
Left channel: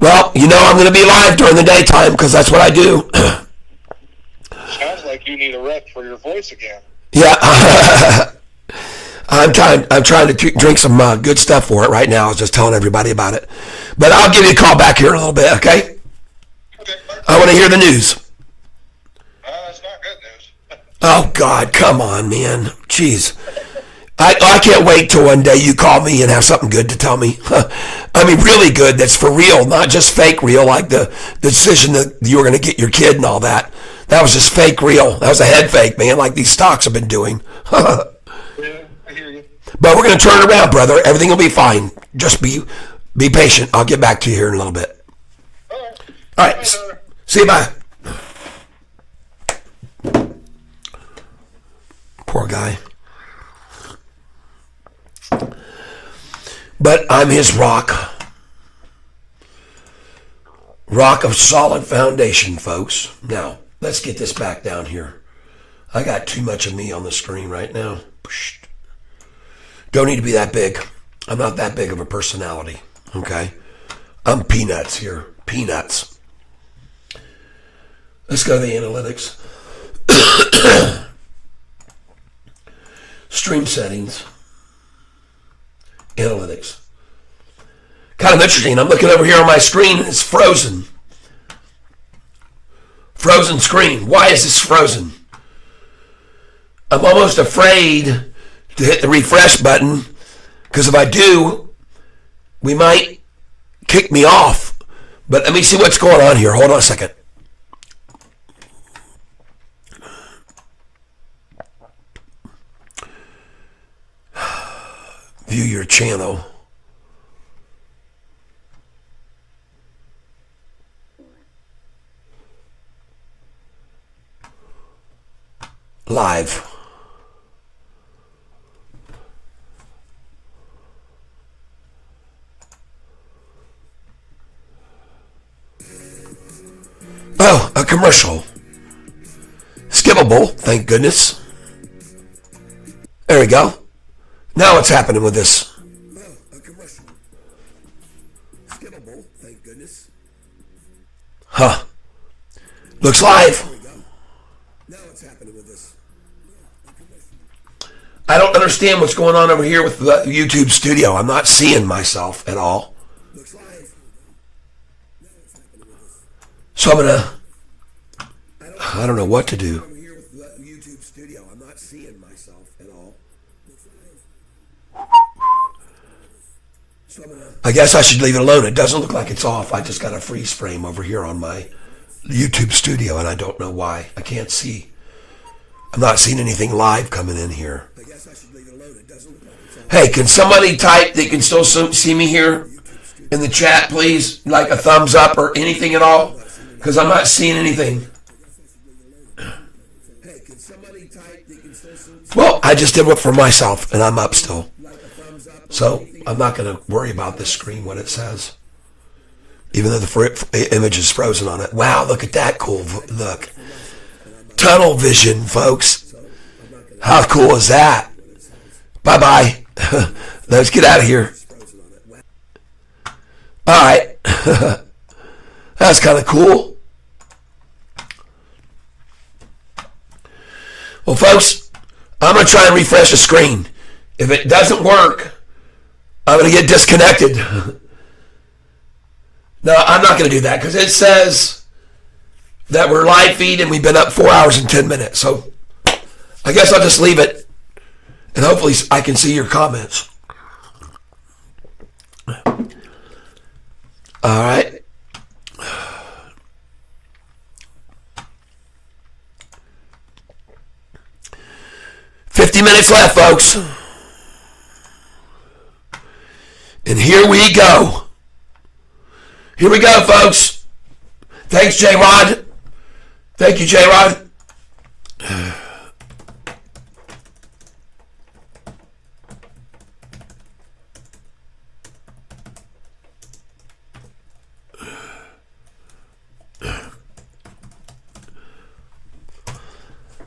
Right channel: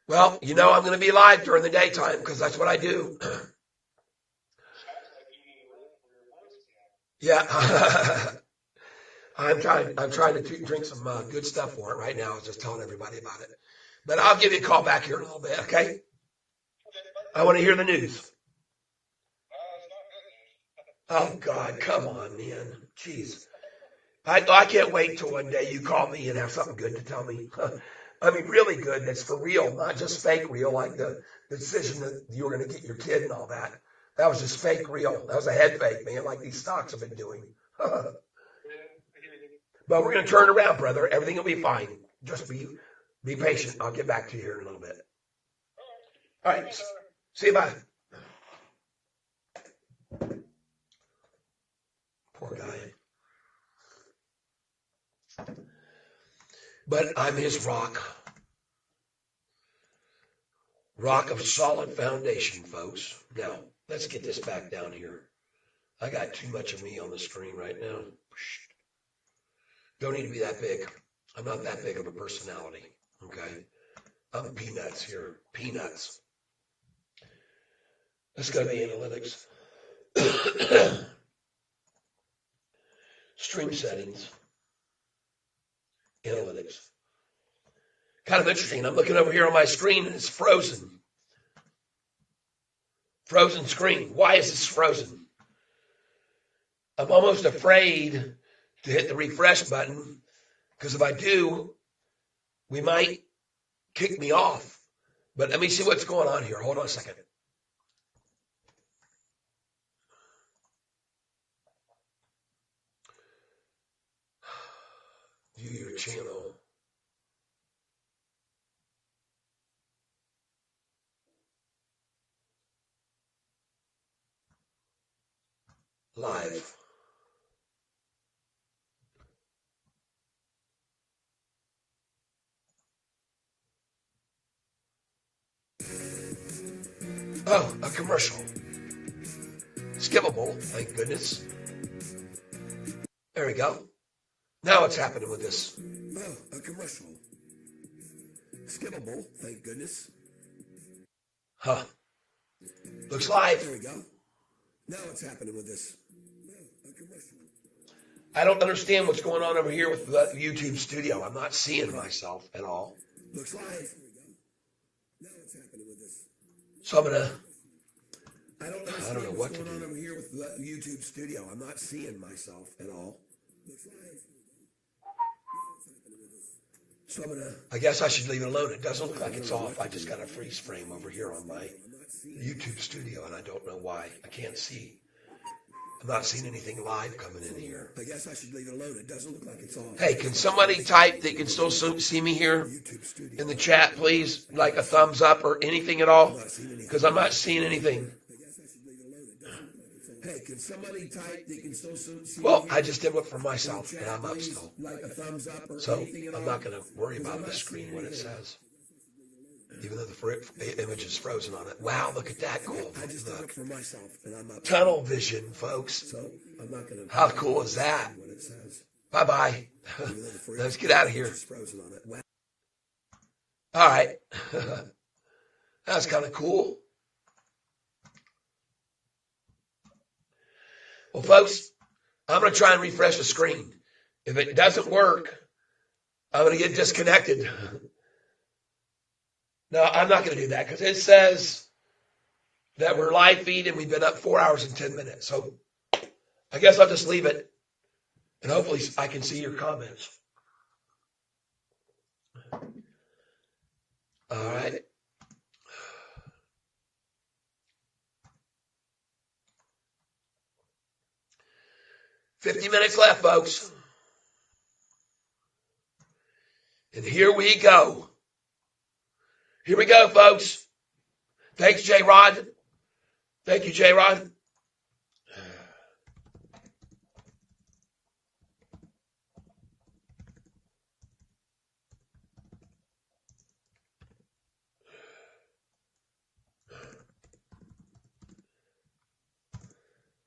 Well, you know I'm going to be live during the daytime because that's what I do. Sounds like you need a rep for your voice again. Yeah. I'm trying to drink some good stuff for it right now. I was just telling everybody about it. But I'll give you a call back here in a little bit, okay? Okay. I want to hear the news. It's not good news. Oh, God, come on, man. Jeez. I can't wait till one day you call me and have something good to tell me. I mean, really good, that's for real, not just fake real, like the decision that you were going to get your kid and all that. That was just fake real. That was a head fake, man, like these stocks have been doing. Yeah, I hear you. But we're going to turn it around, brother. Everything will be fine. Just be patient. I'll get back to you here in a little bit. All right. See you, bye. Poor guy. But I'm his rock. Rock of solid foundation, folks. Now, let's get this back down here. I got too much of me on the screen right now. Don't need to be that big. I'm not that big of a personality, okay? I'm peanuts here. Peanuts. Let's go to the analytics. Stream settings. Analytics. Kind of interesting. I'm looking over here on my screen and it's frozen. Frozen screen. Why is this frozen? I'm almost afraid to hit the refresh button because if I do, we might kick me off. But let me see what's going on here. Hold on a second. View your channel. Live. Oh, a commercial. Skippable, thank goodness. There we go. Now what's happening with this? Oh, a commercial. Skippable, thank goodness. Huh. Looks live. There we go. Now what's happening with this? I don't understand what's going on over here with the YouTube studio. I'm not seeing myself at all. Looks live. So I'm gonna. I don't know what to do. Over here with the YouTube studio. I'm not seeing myself at all. So I guess I should leave it alone. It doesn't look like it's off. I just got a freeze frame over here on my YouTube studio, and I don't know why. I can't see. I'm not seeing anything live coming in here. I guess I should leave it alone. It doesn't look like it's off. Hey, can somebody type they can still see me here in the chat, please? Like a thumbs up or anything at all? Because I'm not seeing anything. Hey, can somebody type they can still see? Well, I just did it for myself, and I'm up still. So I'm not going to worry about this screen, what it says. Even though the image is frozen on it. Wow, look at that cool look. Tunnel vision, folks. How cool is that? Bye-bye. Let's get out of here. All right. That's kind of cool. Well, folks, I'm going to try and refresh the screen. If it doesn't work, I'm going to get disconnected. No, I'm not going to do that because it says that we're live feed and we've been up 4 hours and 10 minutes. So I guess I'll just leave it and hopefully I can see your comments. All right. $50 minutes left, folks. And here we go. Here we go, folks. Thanks, J-Rod. Thank you, J-Rod.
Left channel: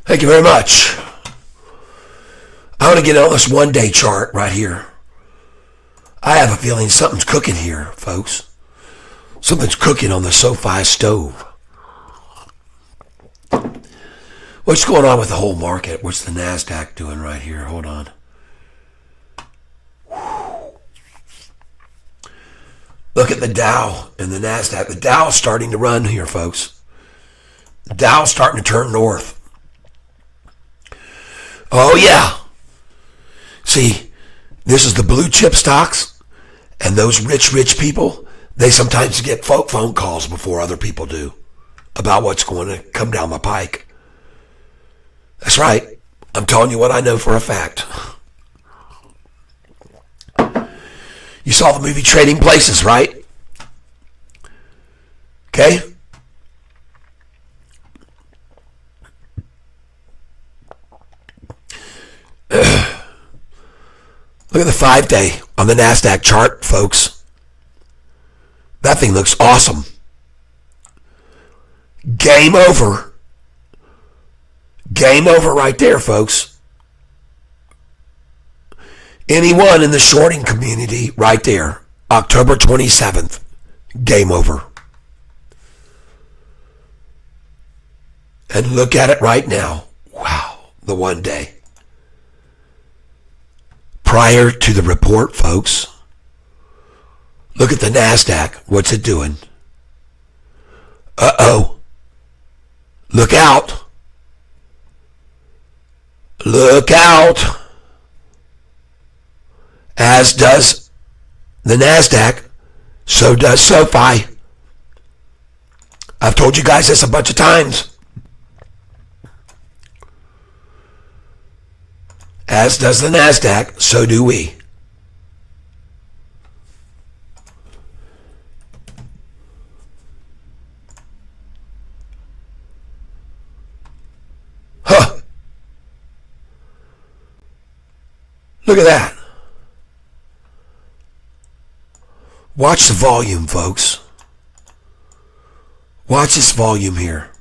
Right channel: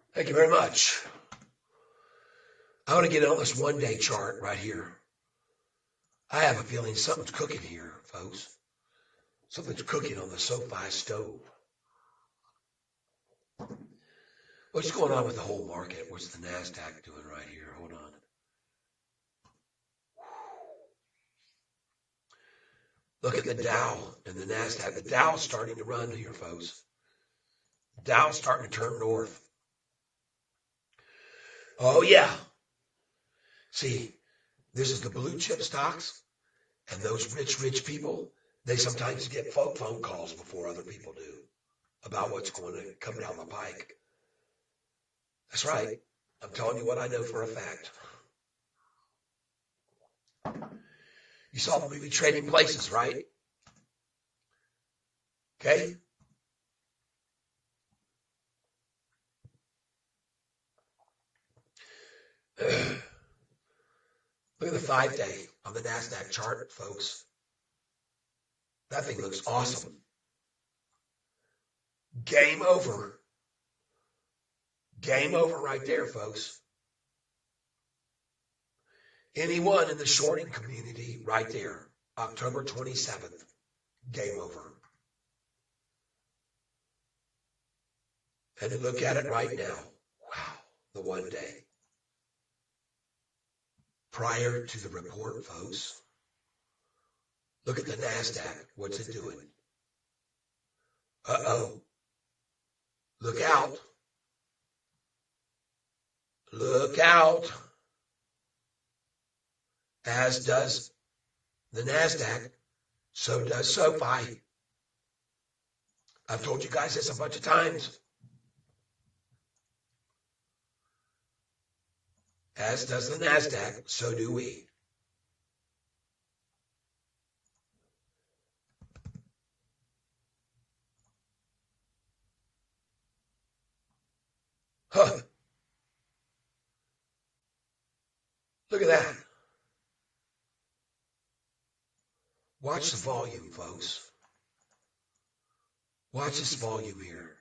Thank you very much. I want to get on this one-day chart right here. I have a feeling something's cooking here, folks. Something's cooking on the Sofi stove. What's going on with the whole market? What's the NASDAQ doing right here? Hold on. Look at the Dow and the NASDAQ. The Dow's starting to run here, folks. The Dow's starting to turn north. Oh, yeah. See, this is the blue chip stocks, and those rich people, they sometimes get phone calls before other people do about what's going to come down the pike. That's right. I'm telling you what I know for a fact. You saw the movie Trading Places, right? Okay? Look at the 5-day on the NASDAQ chart, folks. That thing looks awesome. Game over. Game over right there, folks. Anyone in the shorting community right there, October 27th, game over. And look at it right now. Wow, the one day. Prior to the report, folks, look at the NASDAQ. What's it doing? Uh-oh. Look out. Look out. As does the NASDAQ, so does Sofi. I've told you guys this a bunch of times. As does the NASDAQ, so do we. Huh. Look at that. Watch the volume, folks. Watch this volume here.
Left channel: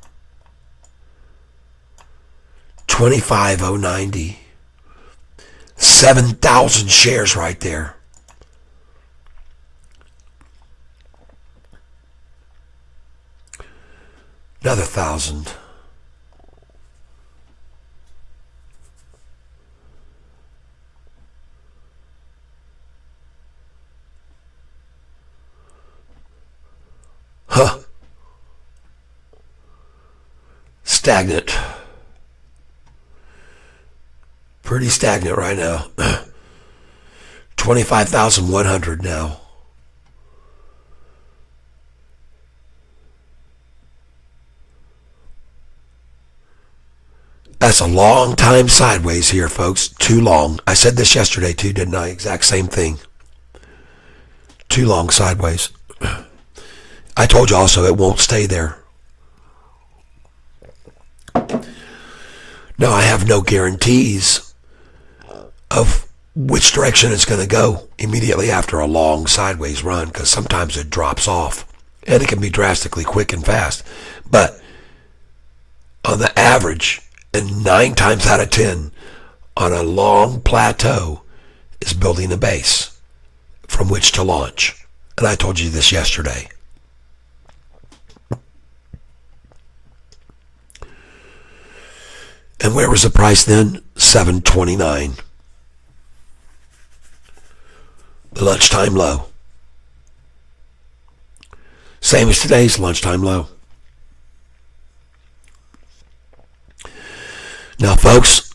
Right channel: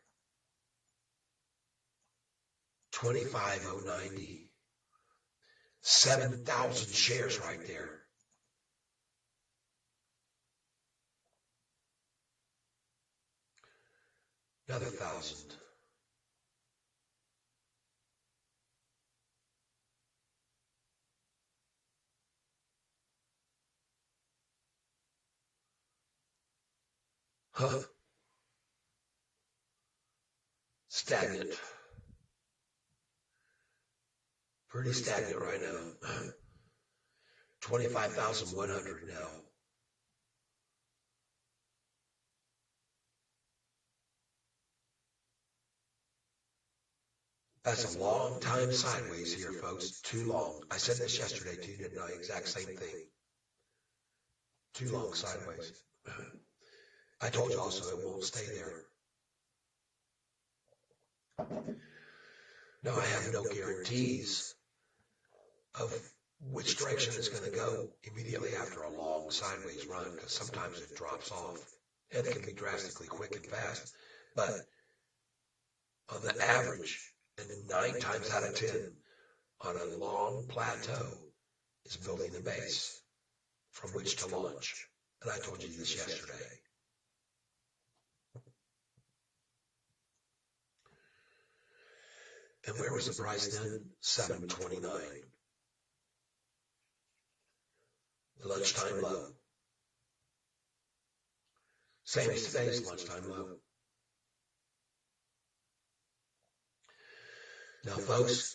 25,090. 7,000 shares right there. Another 1,000. Huh. Stagnant. Pretty stagnant right now. 25,100 now. That's a long time sideways here, folks. Too long. I said this yesterday too, didn't I? Exact same thing. Too long sideways. I told you also it won't stay there. Now I have no guarantees of which direction it's going to go immediately after a long sideways run, because sometimes it drops off and it can be drastically quick and fast. But on the average, and 9 times out of 10 on a long plateau, is building a base from which to launch. And I told you this yesterday. And where was the price then? $7.29. The lunchtime low. Same as today's lunchtime low. Now, folks,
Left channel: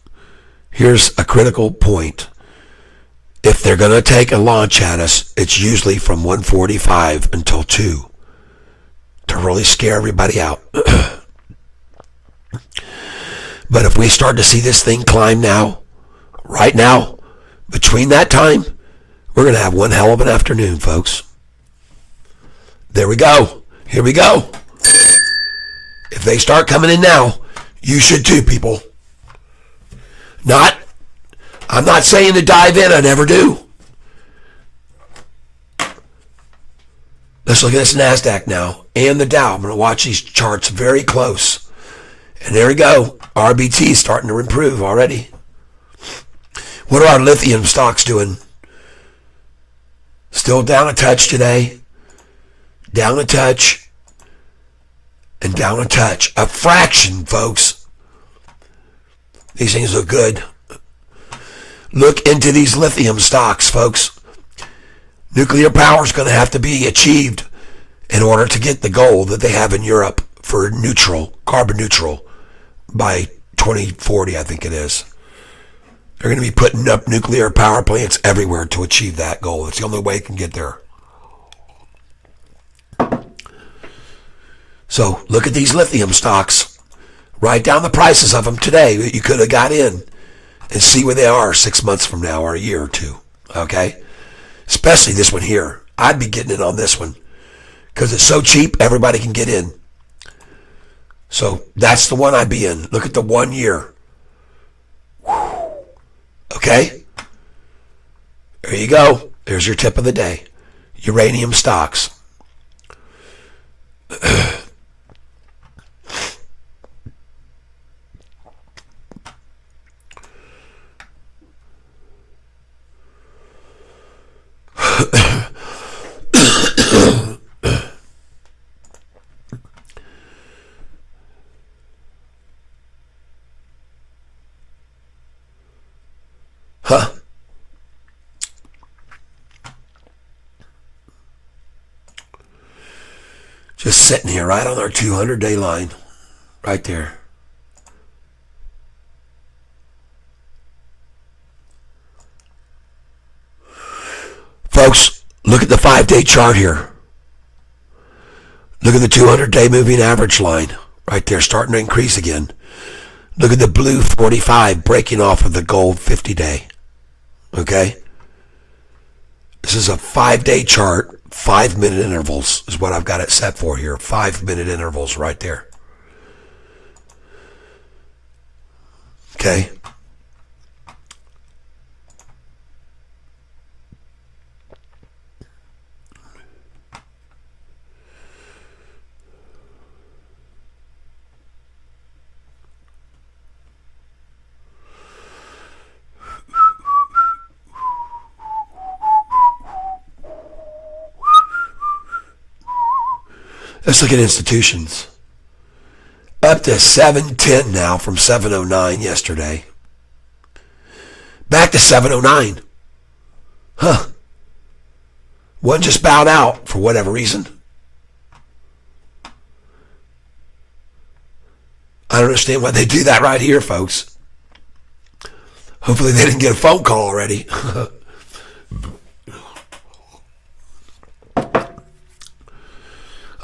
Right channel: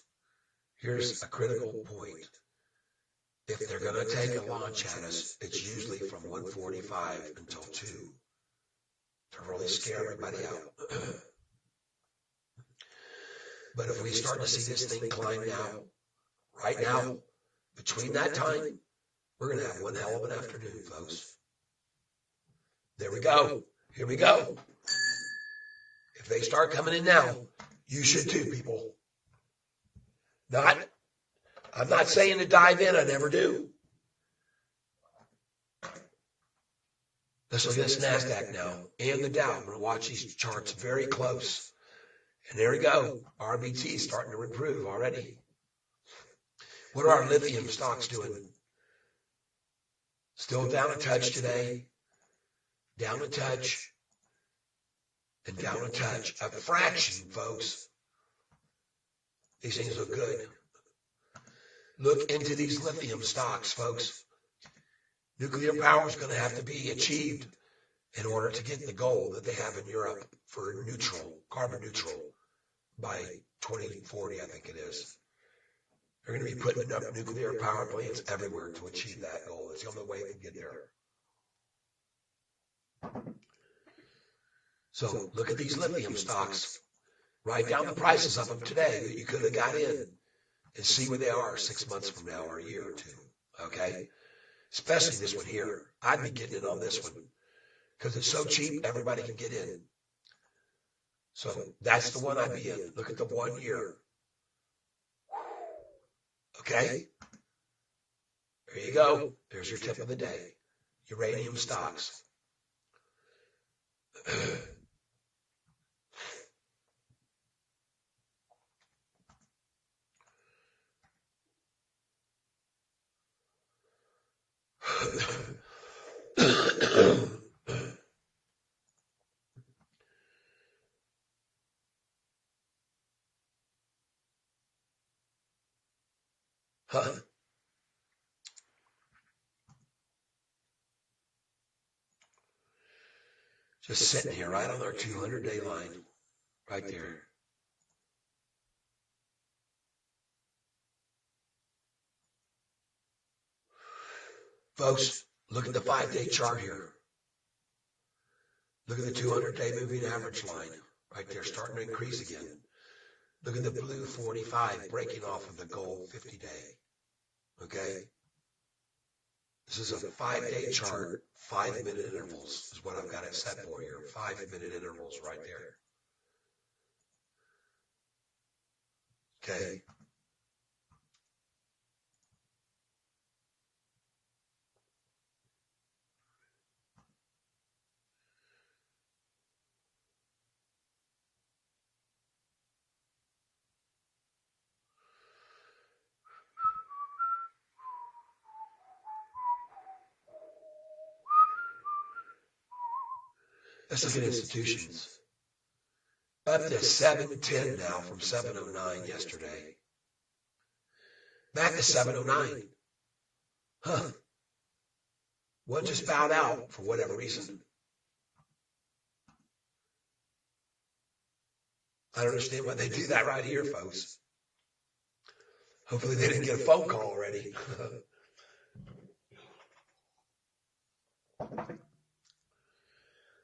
here's a critical point. If they're going to take a launch at us, it's usually from 1:45 until 2 to really scare everybody out. But if we start to see this thing climb now, right now, between that time, we're going to have one hell of an afternoon, folks. There we go. Here we go. If they start coming in now, you should too, people. I'm not saying to dive in, I never do. Let's look at this NASDAQ now and the Dow. I'm going to watch these charts very close. And there we go. RBT is starting to improve already. What are our lithium stocks doing? Still down a touch today. Down a touch. And down a touch. A fraction, folks. These things look good. Look into these lithium stocks, folks. Nuclear power is going to have to be achieved in order to get the goal that they have in Europe for neutral, carbon neutral, by 2040, I think it is. They're going to be putting up nuclear power plants everywhere to achieve that goal. It's the only way it can get there. So look at these lithium stocks. Write down the prices of them today that you could have got in and see where they are 6 months from now or a year or two. Okay? Especially this one here. I'd be getting in on this one because it's so cheap, everybody can get in. So that's the one I'd be in. Look at the 1 year. Okay? There you go. There's your tip of the day. Uranium stocks. Just sitting here right on our 200-day line. Right there. Folks, look at the 5-day chart here. Look at the 200-day moving average line right there, starting to increase again. Look at the blue 45 breaking off of the gold 50-day. Okay? This is a 5-day chart, 5-minute intervals is what I've got it set for here. 5-minute intervals right there. Okay? Let's look at institutions. Up to 710 now from 709 yesterday. Back to 709. Huh. One just bowed out for whatever reason. I don't understand why they do that right here, folks. Hopefully they didn't get a phone call already.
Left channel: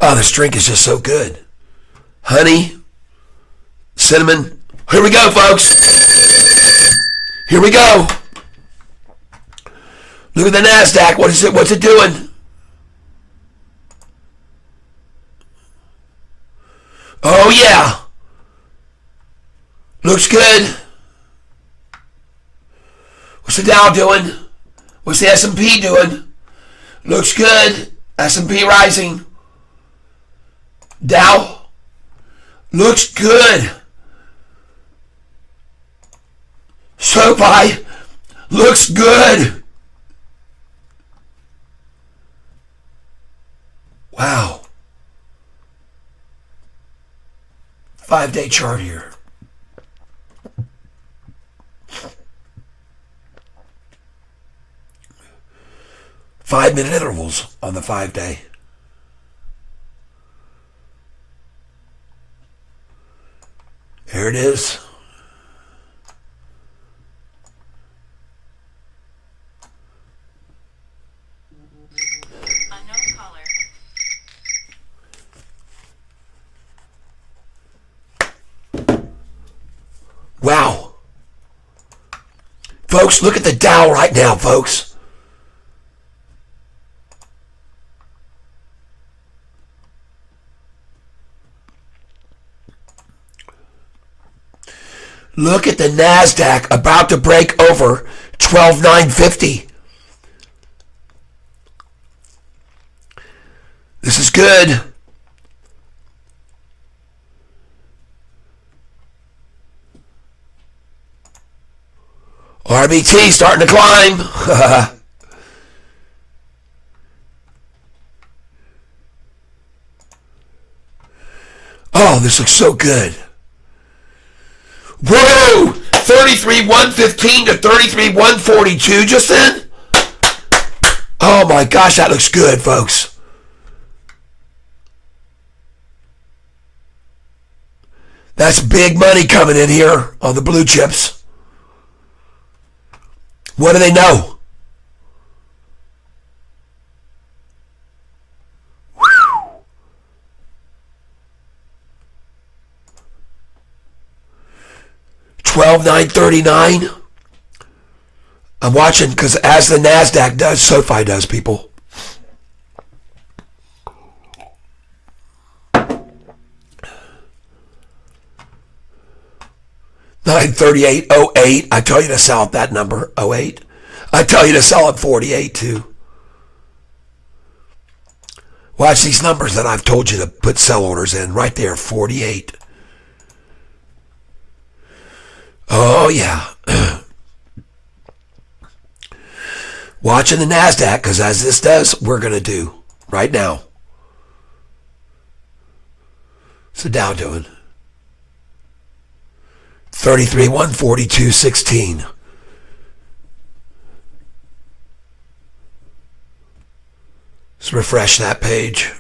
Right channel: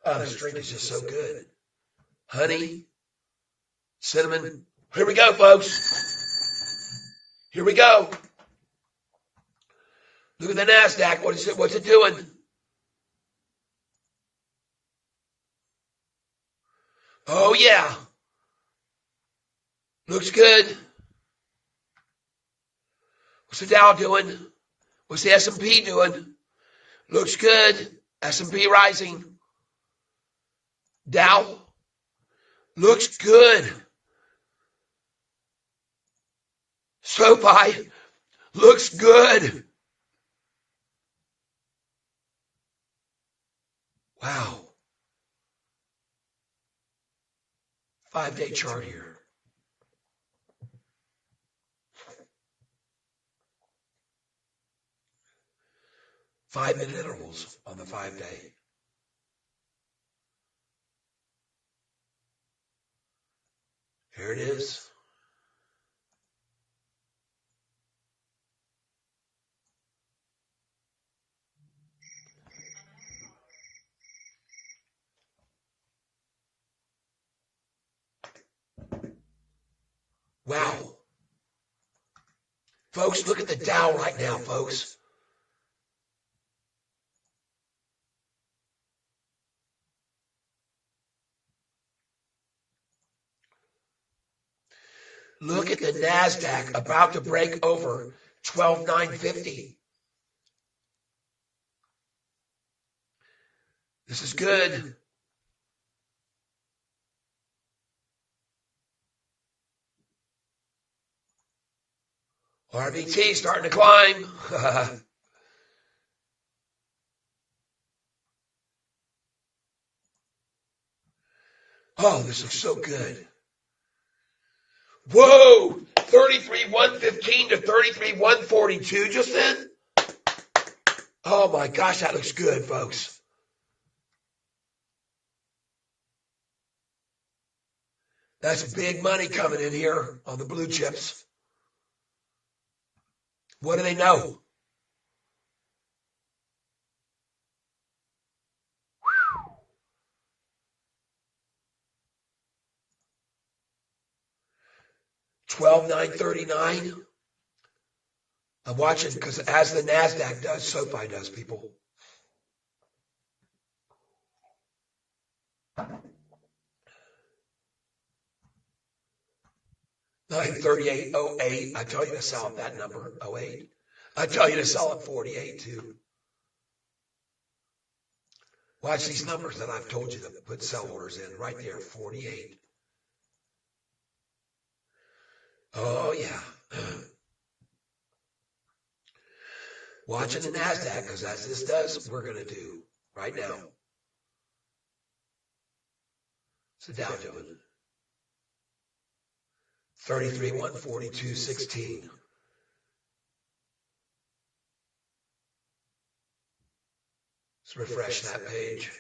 Oh, this drink is just so good. Honey, cinnamon. Here we go, folks. Here we go. Look at the NASDAQ. What is it? What's it doing? Oh, yeah. Looks good. What's the Dow doing? What's the S&P doing? Looks good. S&P rising. Dow looks good. Sofi looks good. Wow. 5-day chart here. Five-minute intervals on the 5-day. There it is. Unknown caller. Wow. Folks, look at the Dow right now, folks. Look at the NASDAQ about to break over 12,950. This is good. RBT starting to climb. Oh, this looks so good. Whoa! 33,115 to 33,142 just then? Oh my gosh, that looks good, folks. That's big money coming in here on the blue chips. What do they know? 12,939. I'm watching because as the NASDAQ does, SoFi does, people. $938.08. I tell you to sell at that number, 08. I tell you to sell at 48 too. Watch these numbers that I've told you to put sell orders in right there, 48. Oh, yeah. Watching the NASDAQ, because as this does, we're going to do right now. What's the Dow doing? 33,142.16. Let's refresh that page.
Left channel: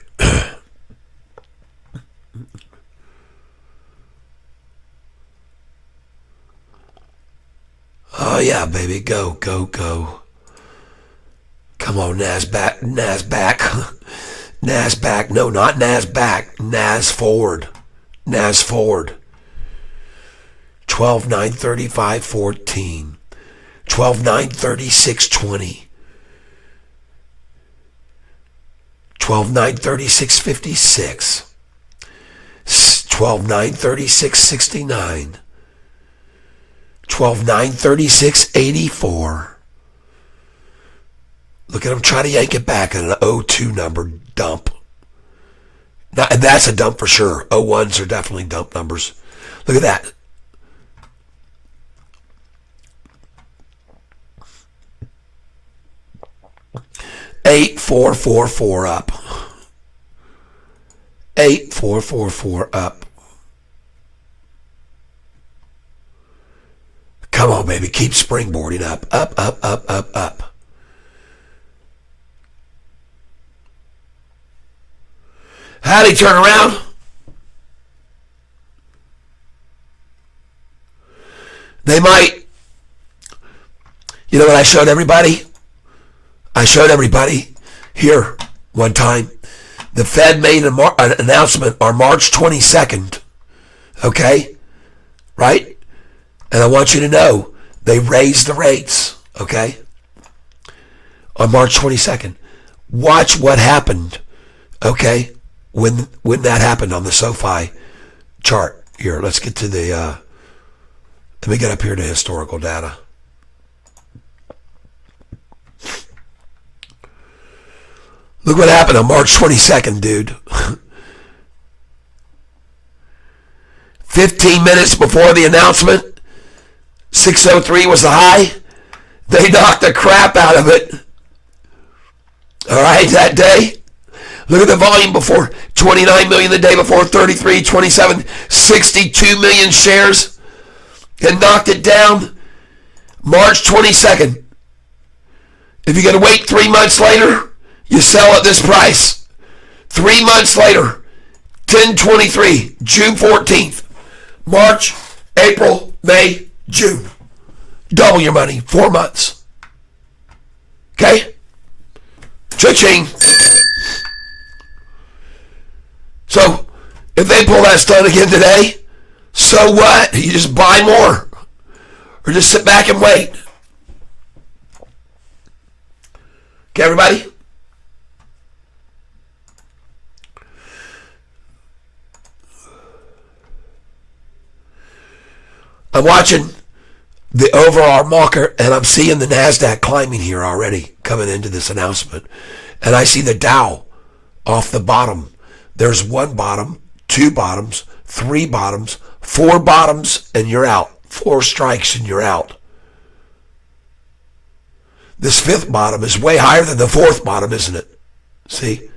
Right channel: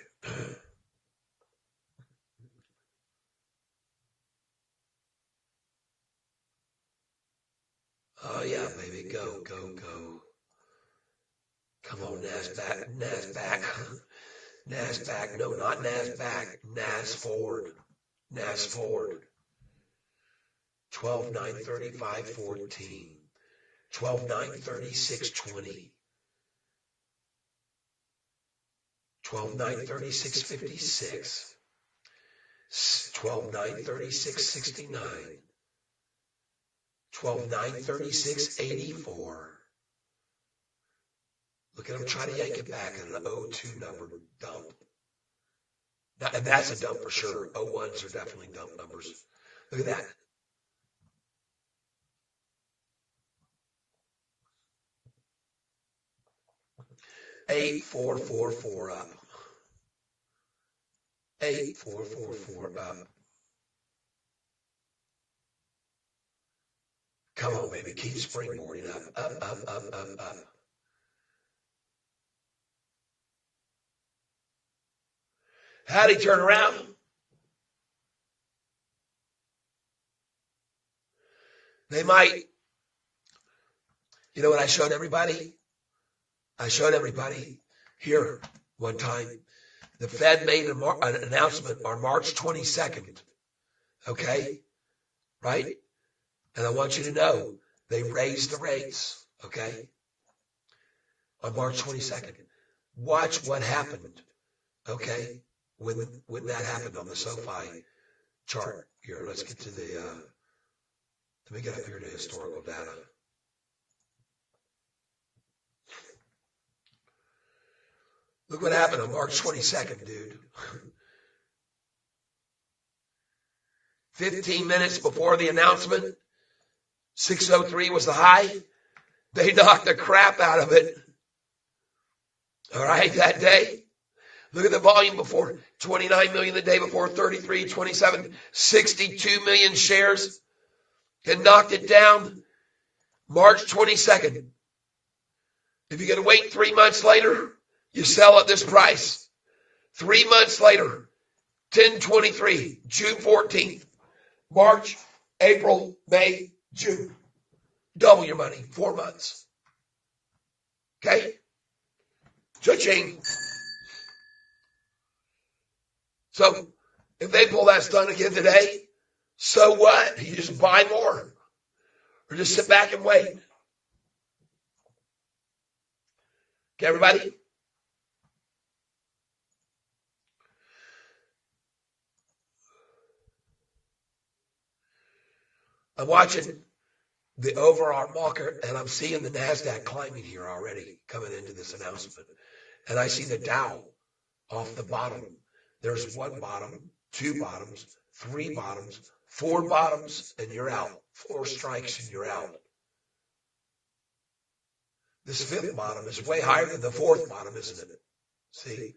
Oh yeah, baby, go, go, go. Come on, NASDAQ, NASDAQ, no, not NASDAQ, NAS forward, NAS forward. 12 9 35 14, 12 9 36 20, 12 9 36 56, 12 9 36 69, 12 9 36 84. Look at him try to yank it back at an 02 number dump. Now, and that's a dump for sure. 01s are definitely dump numbers. Look at that. Eight four four four up. 8444 up. Come on, baby. Keep springboarding up. Up, up, up, up, up. How'd he turn around? They might. You know what I showed everybody? I showed everybody here one time. The Fed made an announcement on March 22nd. Okay? Right? And I want you to know they raised the rates. Okay? On March 22nd. Watch what happened. Okay? When that happened on the Sofi chart. Here, let's get to the, let me get up here to historical data. Look what happened on March 22nd, dude. 15 minutes before the announcement, 603 was the high. They knocked the crap out of it. All right, that day. Look at the volume before. 29 million the day before, 33, 27, 62 million shares. And knocked it down March 22nd. If you're going to wait 3 months later, you sell at this price. 3 months later, 10/23, June 14th, March, April, May, June. Double your money, 4 months. Okay? Cha-ching. So, if they pull that stunt again today, so what? You just buy more. Or just sit back and wait. Okay, everybody? I'm watching the overall market, and I'm seeing the NASDAQ climbing here already, coming into this announcement. And I see the Dow off the bottom. There's one bottom, two bottoms, three bottoms, four bottoms, and you're out. 4 strikes and you're out. This fifth bottom is way higher than the fourth bottom, isn't it? See?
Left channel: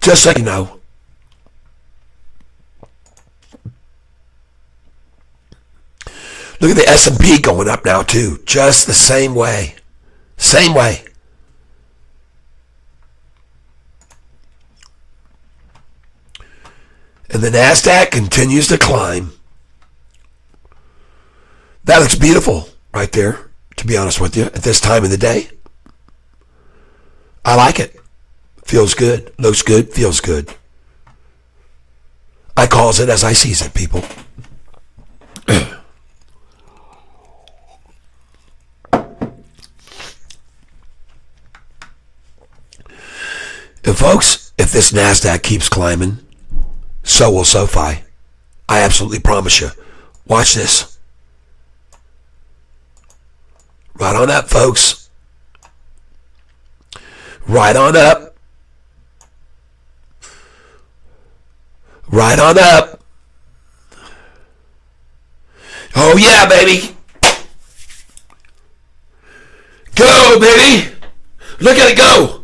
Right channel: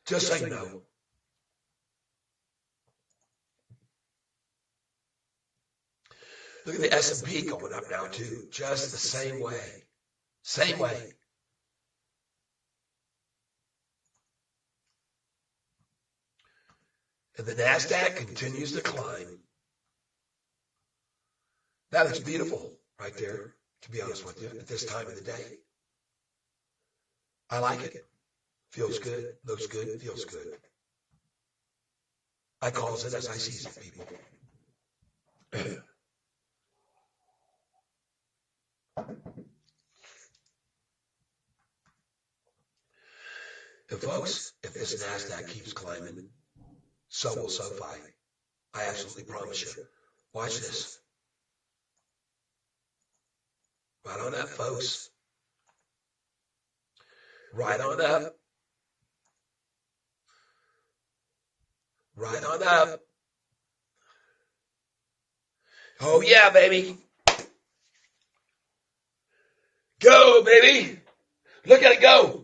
Just so you know. Look at the S&P going up now too. Just the same way. Same way. And the NASDAQ continues to climb. That looks beautiful right there, to be honest with you, at this time of the day. I like it. Feels good. Looks good. Feels good. I calls it as I sees it, people. And folks, if this NASDAQ keeps climbing, so will Sofi. I absolutely promise you. Watch this. Right on up, folks. Right on up. Right on up. Oh yeah, baby. Go, baby. Look at it go.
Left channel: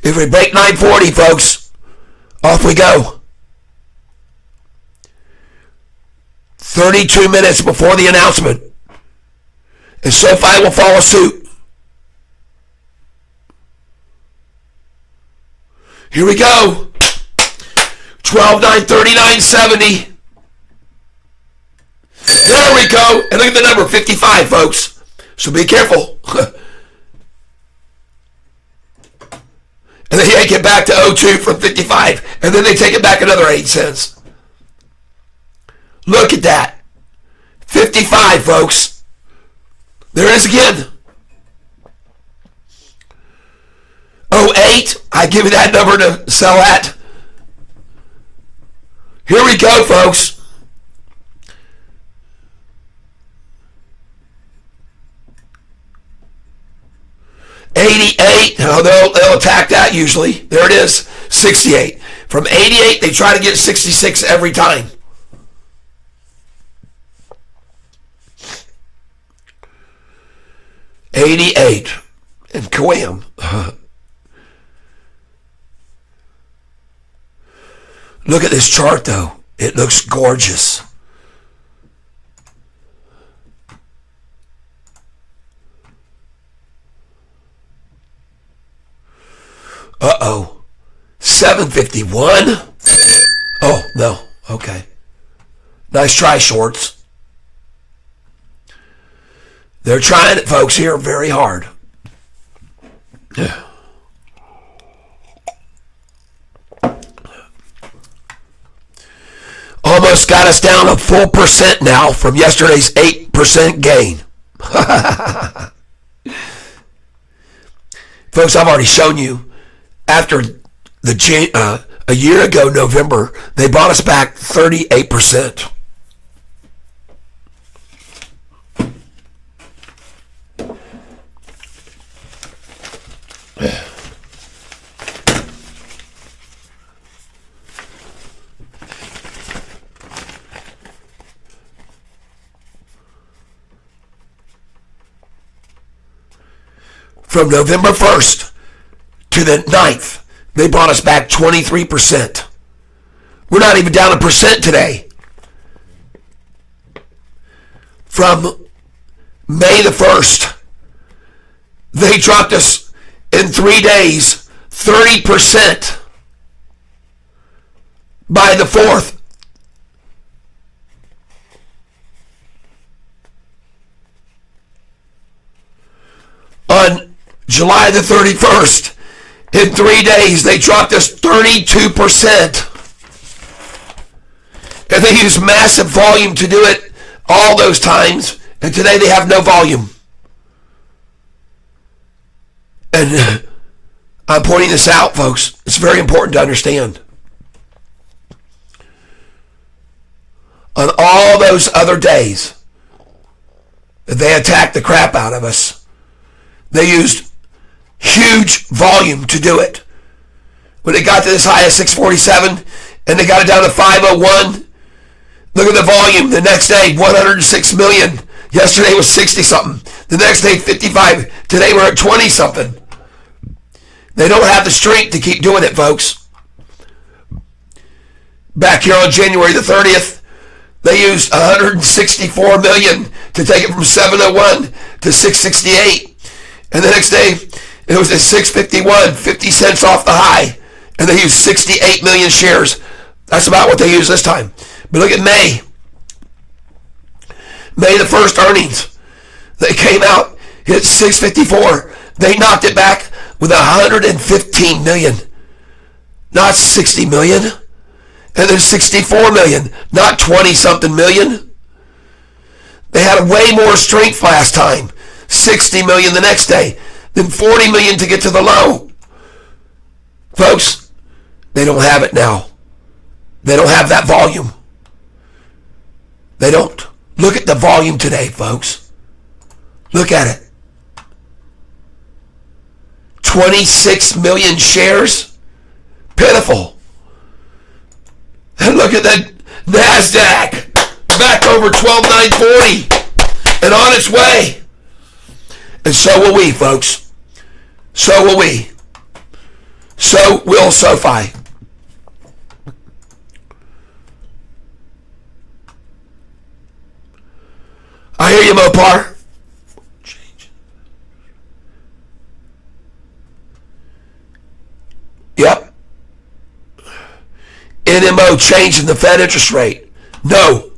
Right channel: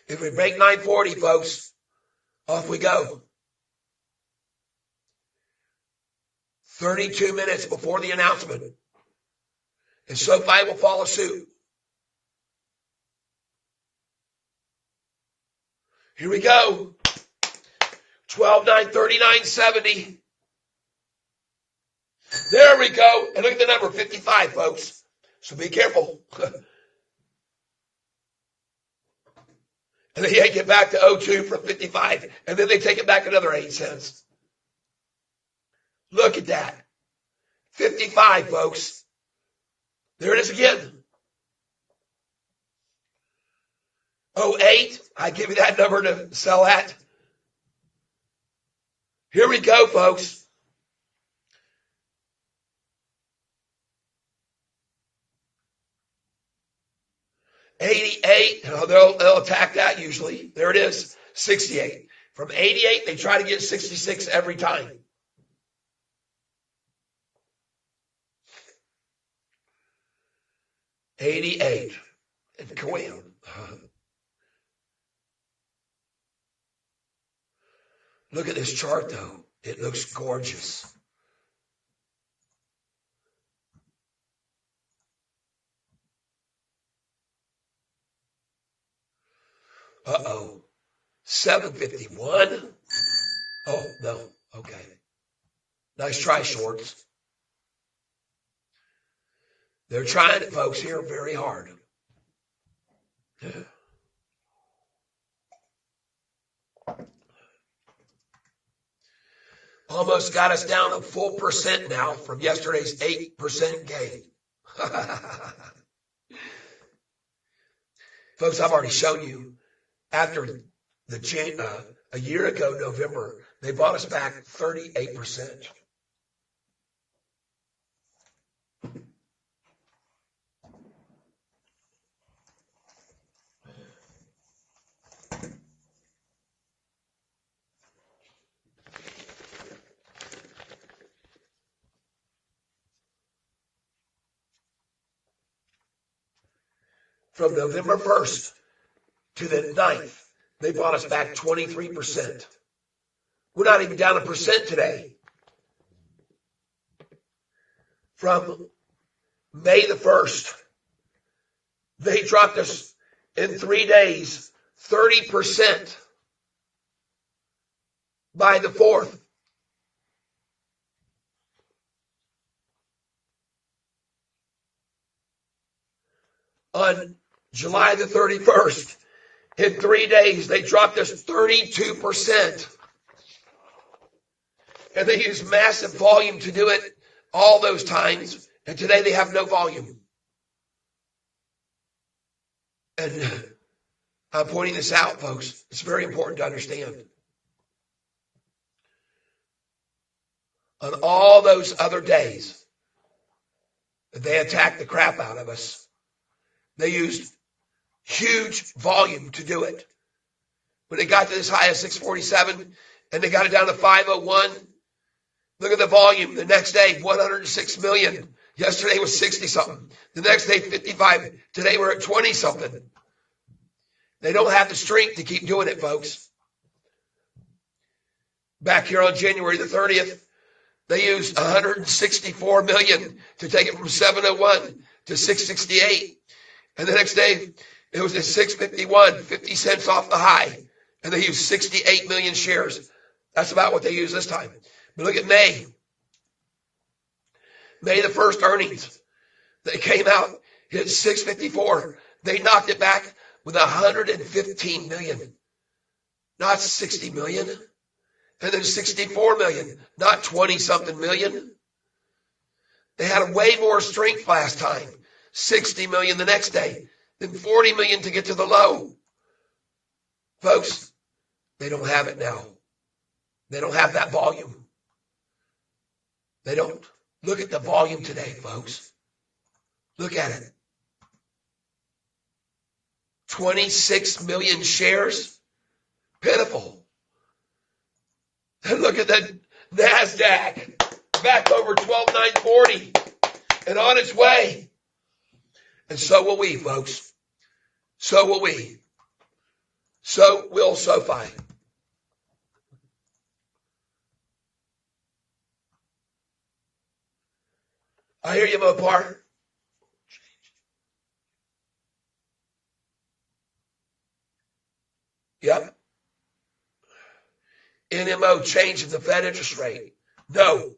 If we break 940, folks, off we go. 32 minutes before the announcement. And Sofi will follow suit. Here we go. 12, 9, 39, 70. There we go. And look at the number, 55, folks. So be careful. And they yank it back to 02 from 55. And then they take it back another 8 cents. Look at that. 55, folks. There it is again. 08, I give you that number to sell at. Here we go, folks. $88, they'll attack that usually. There it is, $68. From $88, they try to get $66 every time. $88, and Kawam. Look at this chart, though. It looks gorgeous. Uh-oh. 751? Oh, no. Okay. Nice try, shorts. They're trying it, folks, here very hard. Almost got us down a full percent now from yesterday's 8% gain. Folks, I've already shown you after a year ago, November, they bought us back 38%. From November 1st to the 9th, they brought us back 23%. We're not even down a percent today. From May the 1st, they dropped us in 3 days 30%. By the 4th, on July the 31st, in 3 days, they dropped us 32%. And they used massive volume to do it all those times. And today they have no volume. And I'm pointing this out, folks. It's very important to understand. On all those other days, they attacked the crap out of us. They used huge volume to do it. When it got to this high of 647 and they got it down to 501, look at the volume. The next day, 106 million. Yesterday was 60 something. The next day, 55. Today we're at 20 something. They don't have the strength to keep doing it, folks. Back here on January the 30th, they used 164 million to take it from 701 to 668. And the next day, it was at 651, 50 cents off the high. And they used 68 million shares. That's about what they used this time. But look at May. May the 1st earnings. They came out, hit 654. They knocked it back with 115 million. Not 60 million. And then 64 million. Not 20 something million. They had way more strength last time. 60 million the next day. Then 40 million to get to the low. Folks, they don't have it now. They don't have that volume. They don't. Look at the volume today, folks. Look at it. 26 million shares. Pitiful. And look at that NASDAQ. Back over 12,940. And on its way. And so will we, folks. So will we. So will Sofi. I hear you, Mopar. Yep. It CMO change in the Fed interest rate. No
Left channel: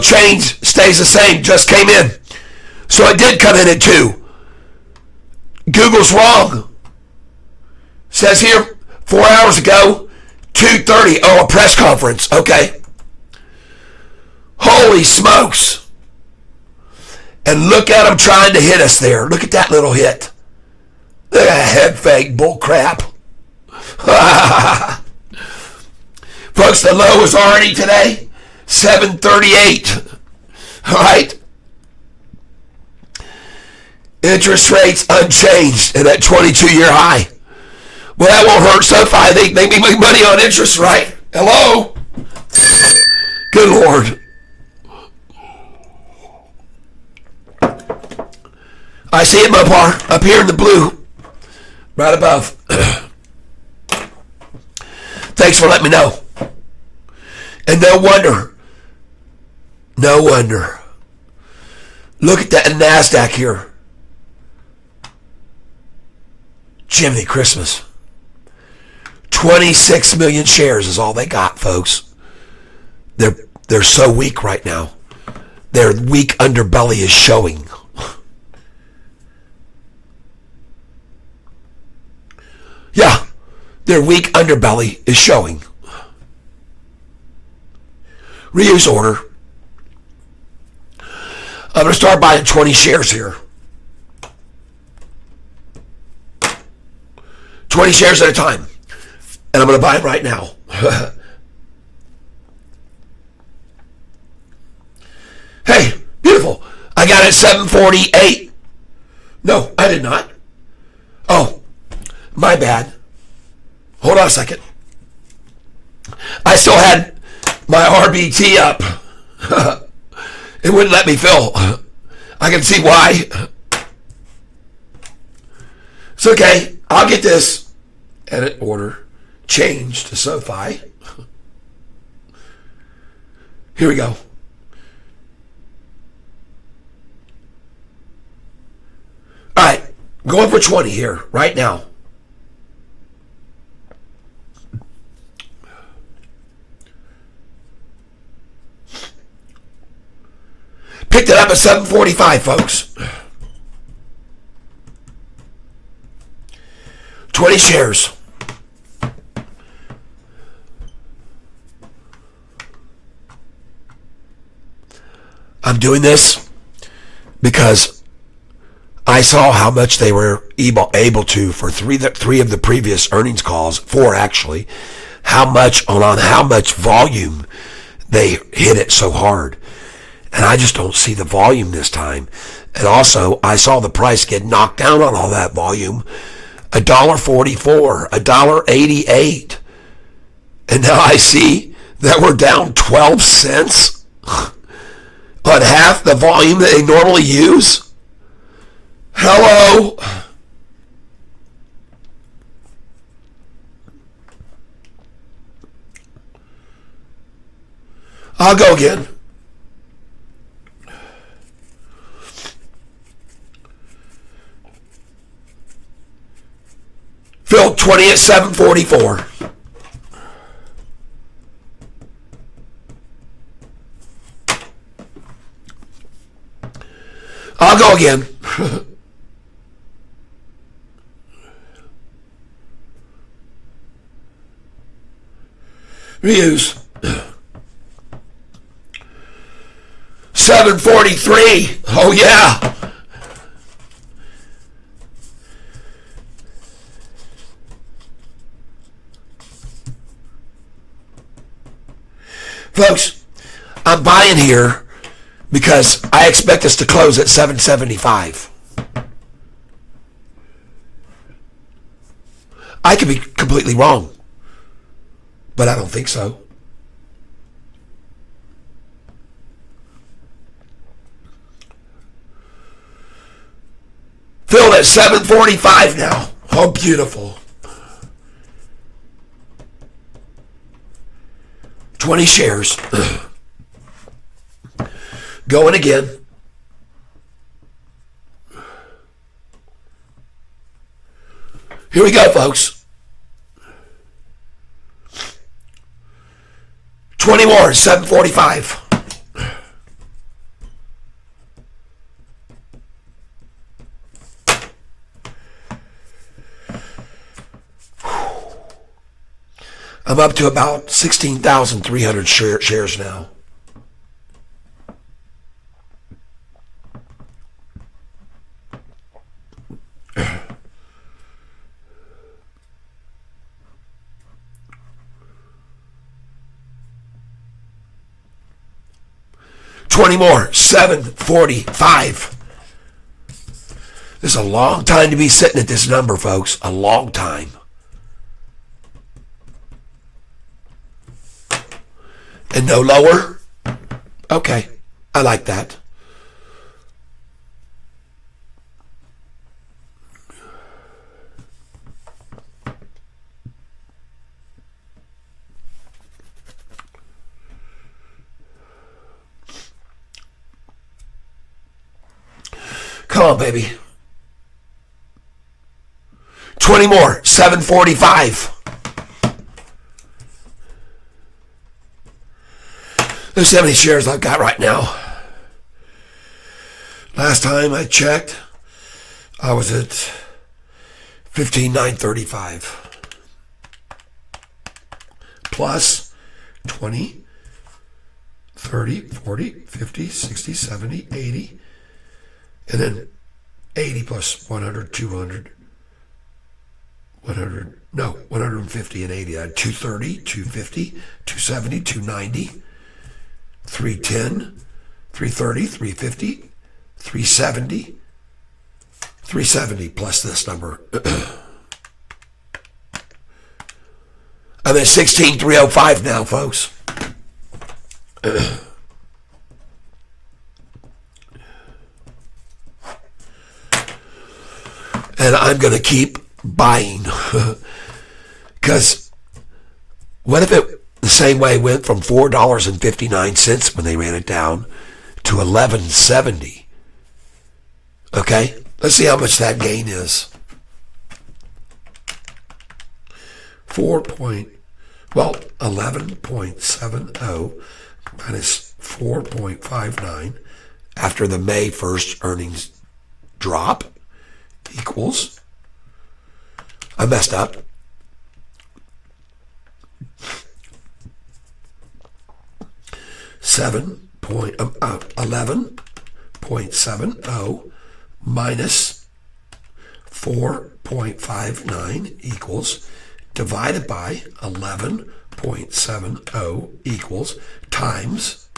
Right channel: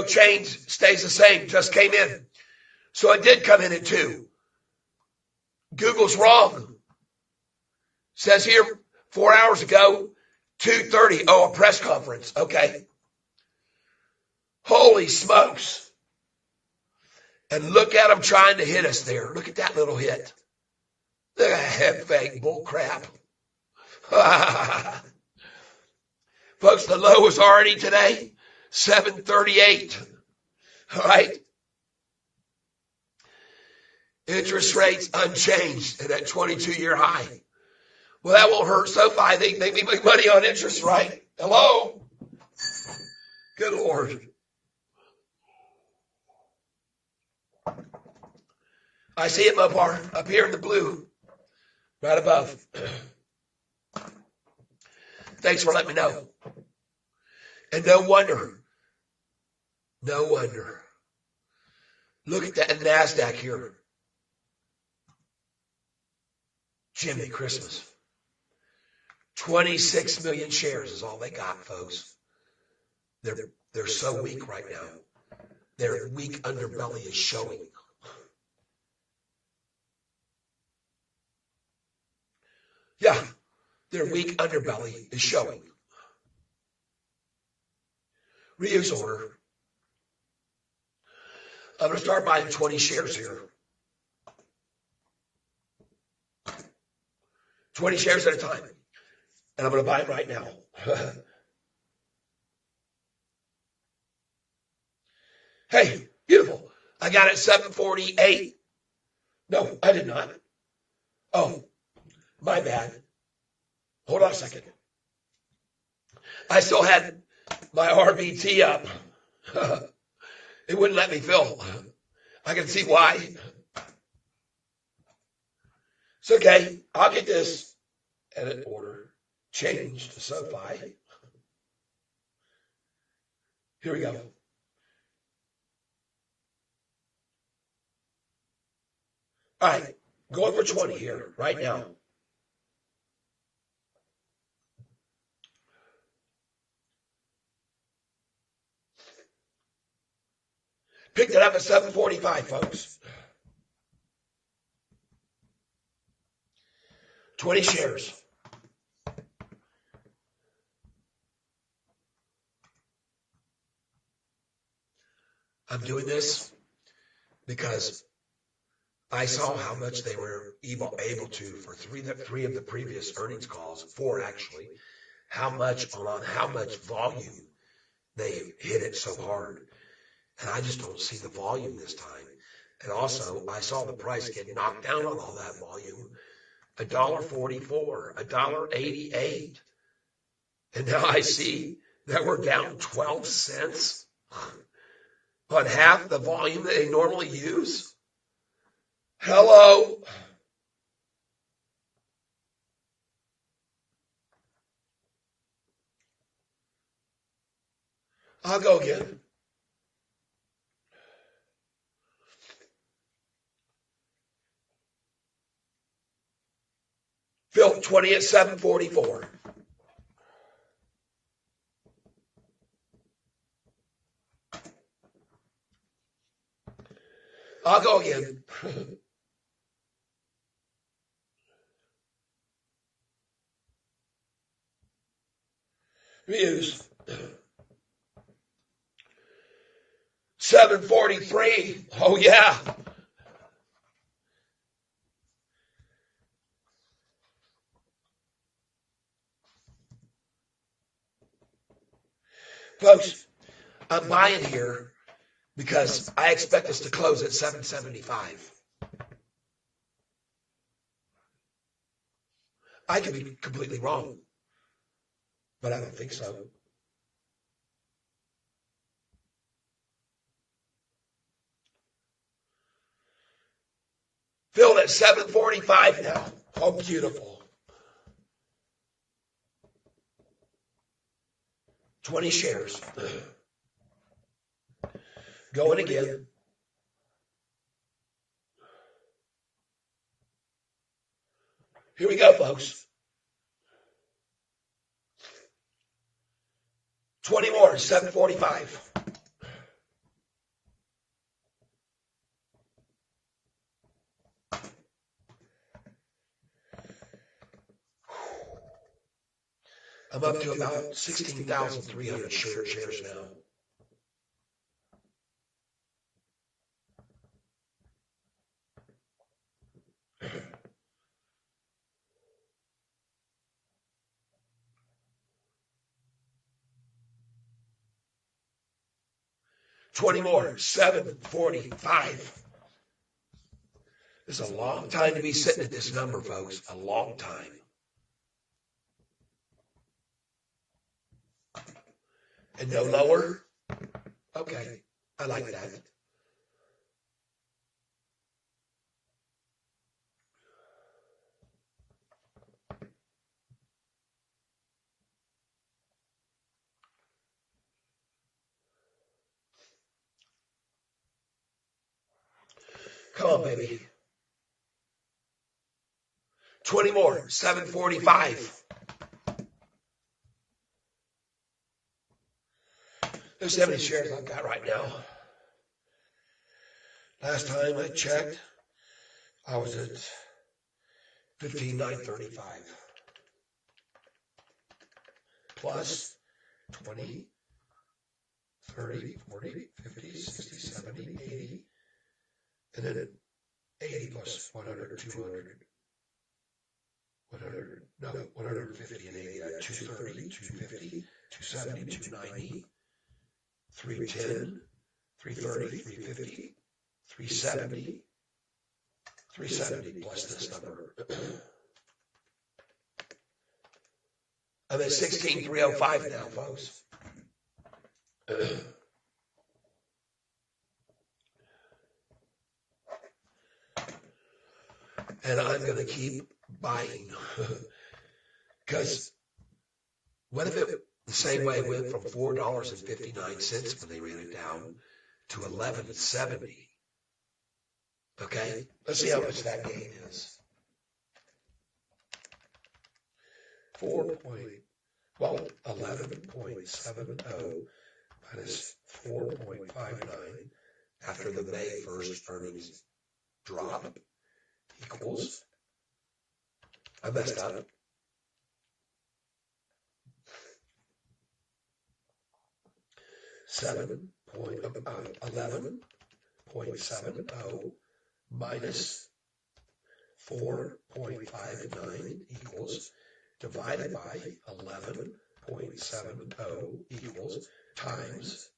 change, stays the same, just came in. So it did come in at 2. Google's wrong. Says here 4 hours ago, 2:30. Oh, a press conference. Okay. Holy smokes. And look at them trying to hit us there. Look at that little hit. Look at that head fake bull crap. Folks, the low is already today 738. All right. Interest rates unchanged and at 22-year high. Well, that won't hurt Sofi. They make money on interest, right? Hello? Good Lord. I see it, Mopar, up here in the blue, right above. Thanks for letting me know. And no wonder. Look at that NASDAQ here. Jiminy Christmas. 26 million shares is all they got, folks. They're so weak right now. Their weak underbelly is showing. Yeah, their weak underbelly is showing. Reuse order. I'm going to start buying 20 shares here. 20 shares at a time. And I'm going to buy it right now. Hey, beautiful. I got it at 748. No, I did not. Oh, my bad. Hold on a second. I still had my RBT up. It wouldn't let me fill. I can see why. It's okay. I'll get this edit order changed to Sofi. Here we go. All right. Going for 20 here right now. Picked it up at 745, folks. 20 shares. I'm doing this because I saw how much they were able to for three of the previous earnings calls, 4 actually, how much volume they hit it so hard. And I just don't see the volume this time. And also, I saw the price get knocked down on all that volume. $1.44, $1.88. And now I see that we're down 12 cents on half the volume that they normally use. Hello? I'll go again. Phil, 20 at 744. I'll go again. Reuse. 743. Oh yeah. Folks, I'm buying here because I expect us to close at 775. I could be completely wrong, but I don't think so. Filled at 745 now. Oh, beautiful. 20 shares. Going again. Here we go, folks. 20 more, 745. I'm up to about 16,300 shares now. $20 more, 745. This is a long time to be sitting at this number, folks. A long time. And no lower? Okay, I like that. Come on, baby. 20 more, 745. Let's see how many shares I've got right now. Last time I checked, I was at 15,935. Plus 20, 30, 40, 50, 60, 70, 80. And then 80 plus 100, 200. 150 and 80. I had 230, 250, 270, 290. 310, 330, 350, 370, 370 plus this number. I'm at 16,305 now, folks. And I'm going to keep buying. Because what if it the same way went from $4.59 when they ran it down to $11.70. Okay, let's see how much that gain is. 11.70 minus 4.59 after the May 1st earnings drop equals, I messed up, 11.70 minus 4.59 equals, divided by 11.70 equals, times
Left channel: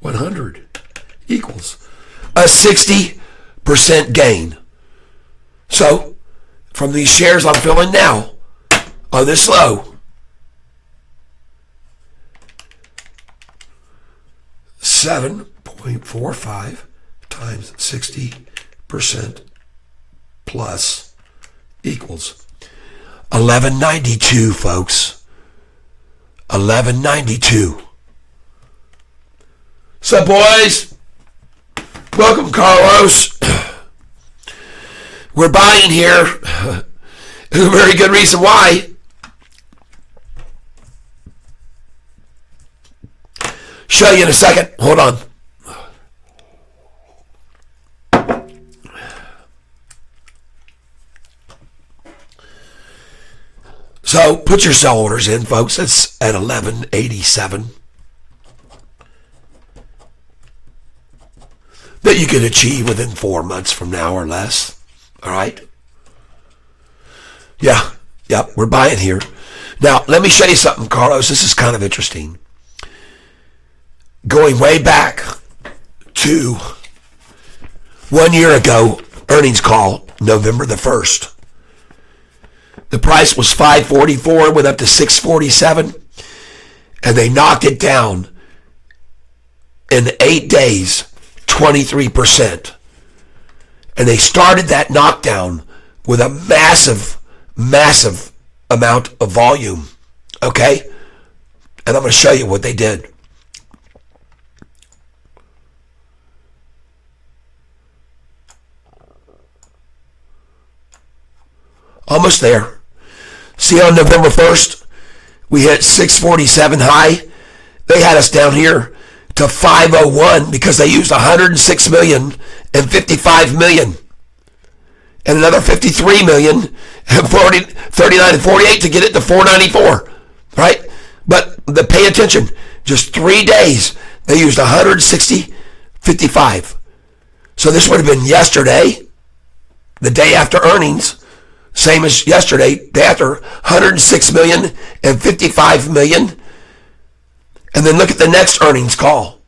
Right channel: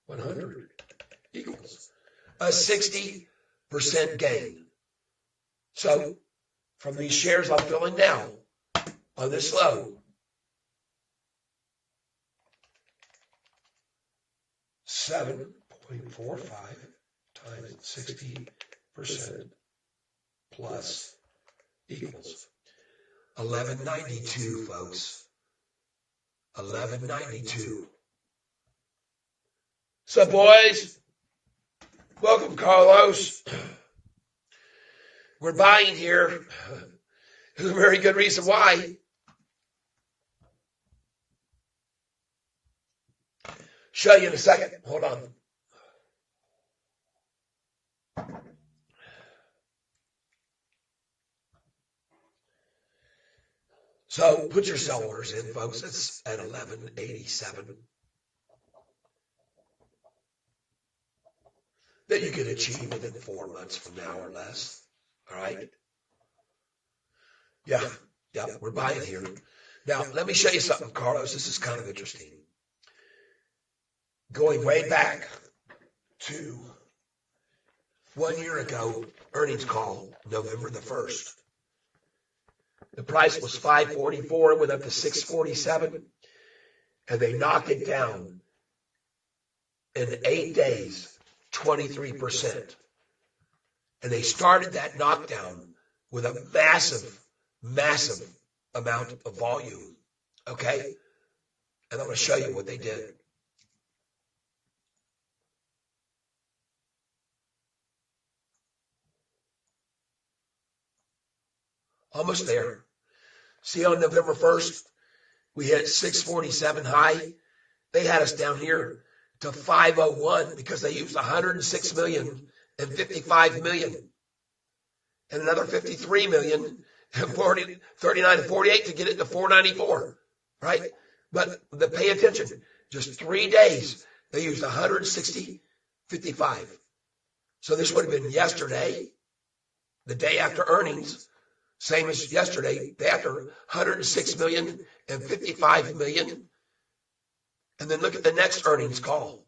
100 equals a 60% gain. So from these shares I'm filling now on this low, 7.45 times 60% plus equals 1192, folks. 1192. So, boys, welcome, Carlos. We're buying here. There's a very good reason why. Show you in a second. Hold on. So put your sell orders in, folks. It's at 1187. That you can achieve within 4 months from now or less. All right? Yeah, we're buying here. Now, let me show you something, Carlos. This is kind of interesting. Going way back to 1 year ago, earnings call, November the 1st. The price was $5.44, went up to $6.47, and they knocked it down in 8 days, 23%. And they started that knockdown with a massive, massive amount of volume, okay? And I'm going to show you what they did. Almost there. See, on November 1st, we hit 647 high, They had us down here to 501 because they used 106 million and 55 million and another 53 million and 39 and 48 to get it to 494, right? But pay attention, just 3 days they used 160, 55. So this would have been yesterday, the day after earnings, same as yesterday, day after 106 million and 55 million. And then look at the next earnings call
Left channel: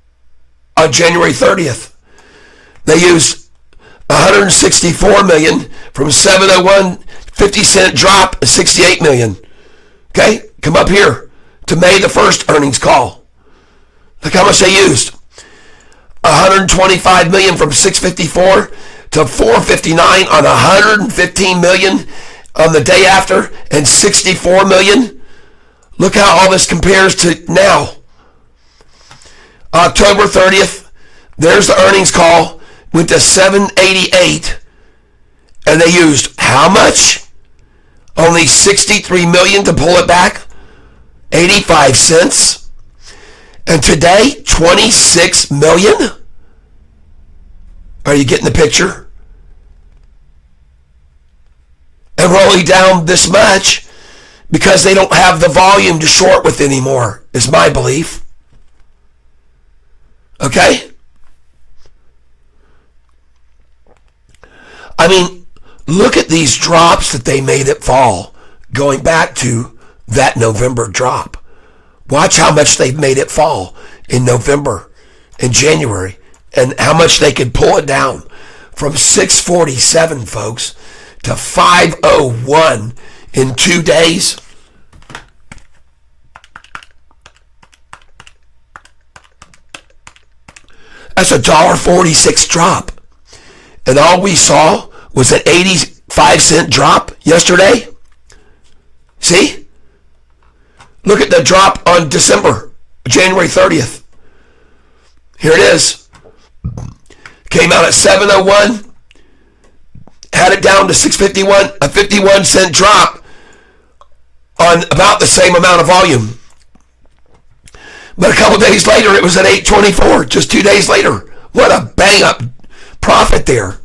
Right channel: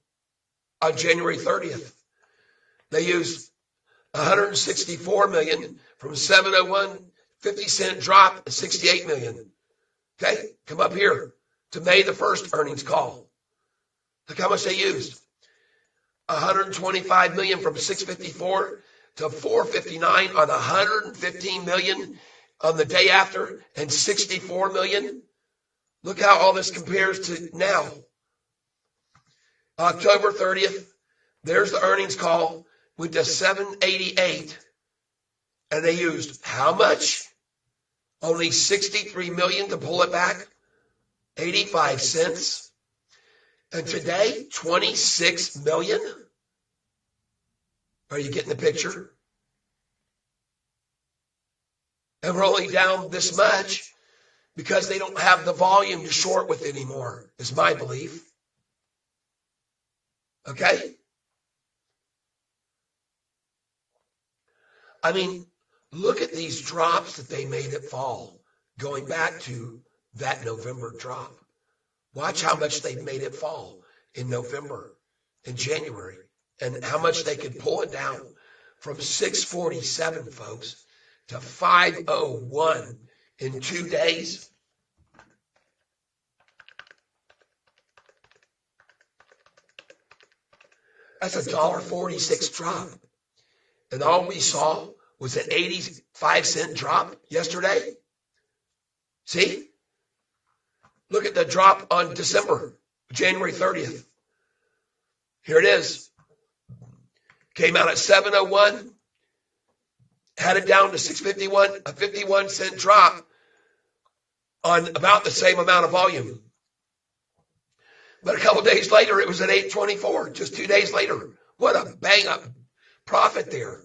on January 30th. They used 164 million from 701, 50-cent drop, 68 million. Okay, come up here to May the 1st earnings call. Look how much they used. 125 million from 654 to 459 on 115 million on the day after and 64 million. Look how all this compares to now. October 30th, there's the earnings call, went to 788, and they used how much? Only 63 million to pull it back, 85 cents. And today, 26 million? Are you getting the picture? And we're only down this much because they don't have the volume to short with anymore, is my belief. Okay? I mean, look at these drops that they made it fall, going back to that November drop. Watch how much they've made it fall in November and January, and how much they could pull it down from 647, folks, to 501 in 2 days. That's a $1.46 drop. And all we saw was an 85-cent drop yesterday. See? Look at the drop on January 30th. Here it is. Came out at 701. Had it down to 651, a 51-cent drop on about the same amount of volume. But a couple days later, it was at 824, just 2 days later. What a bang-up profit there.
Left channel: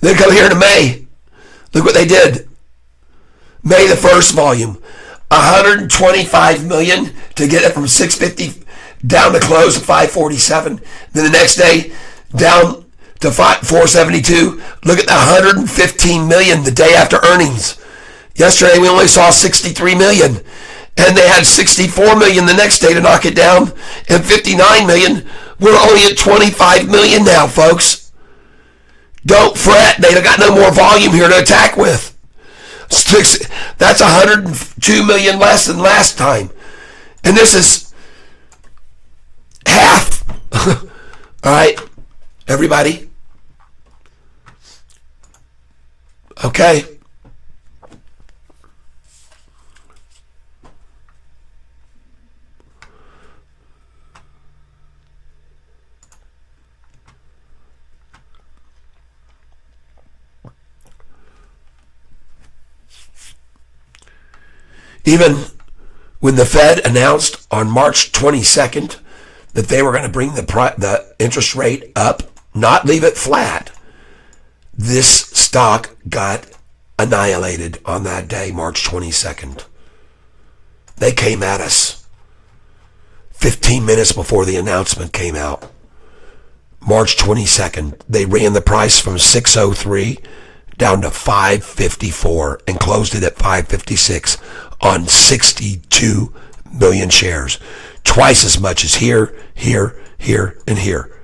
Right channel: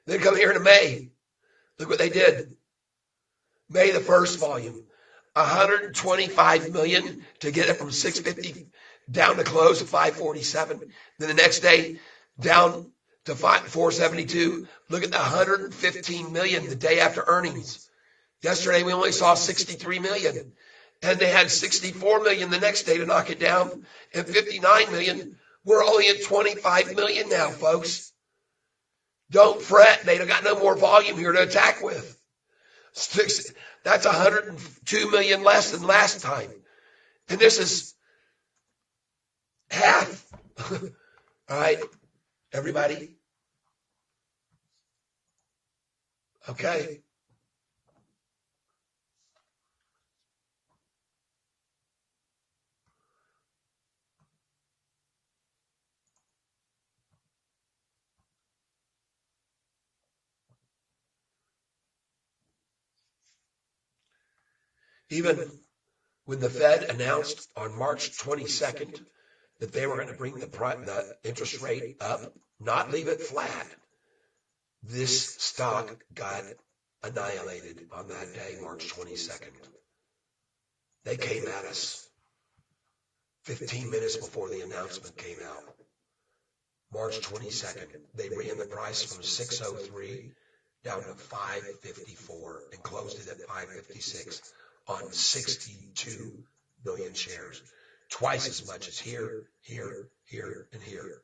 Then come here to May. Look what they did. May the 1st volume, 125 million to get it from 650 down to close at 547. Then the next day, down to 472. Look at the 115 million the day after earnings. Yesterday, we only saw 63 million. And they had 64 million the next day to knock it down, and 59 million. We're only at 25 million now, folks. Don't fret. They got no more volume here to attack with. That's 102 million less than last time. And this is half. All right, everybody? Okay. Even when the Fed announced on March 22nd that they were going to bring the interest rate up, not leave it flat, this stock got annihilated on that day, March 22nd. They came at us 15 minutes before the announcement came out. March 22nd, they ran the price from 603 down to 554 and closed it at 556 on 62 million shares. Twice as much as here, here, here, and here.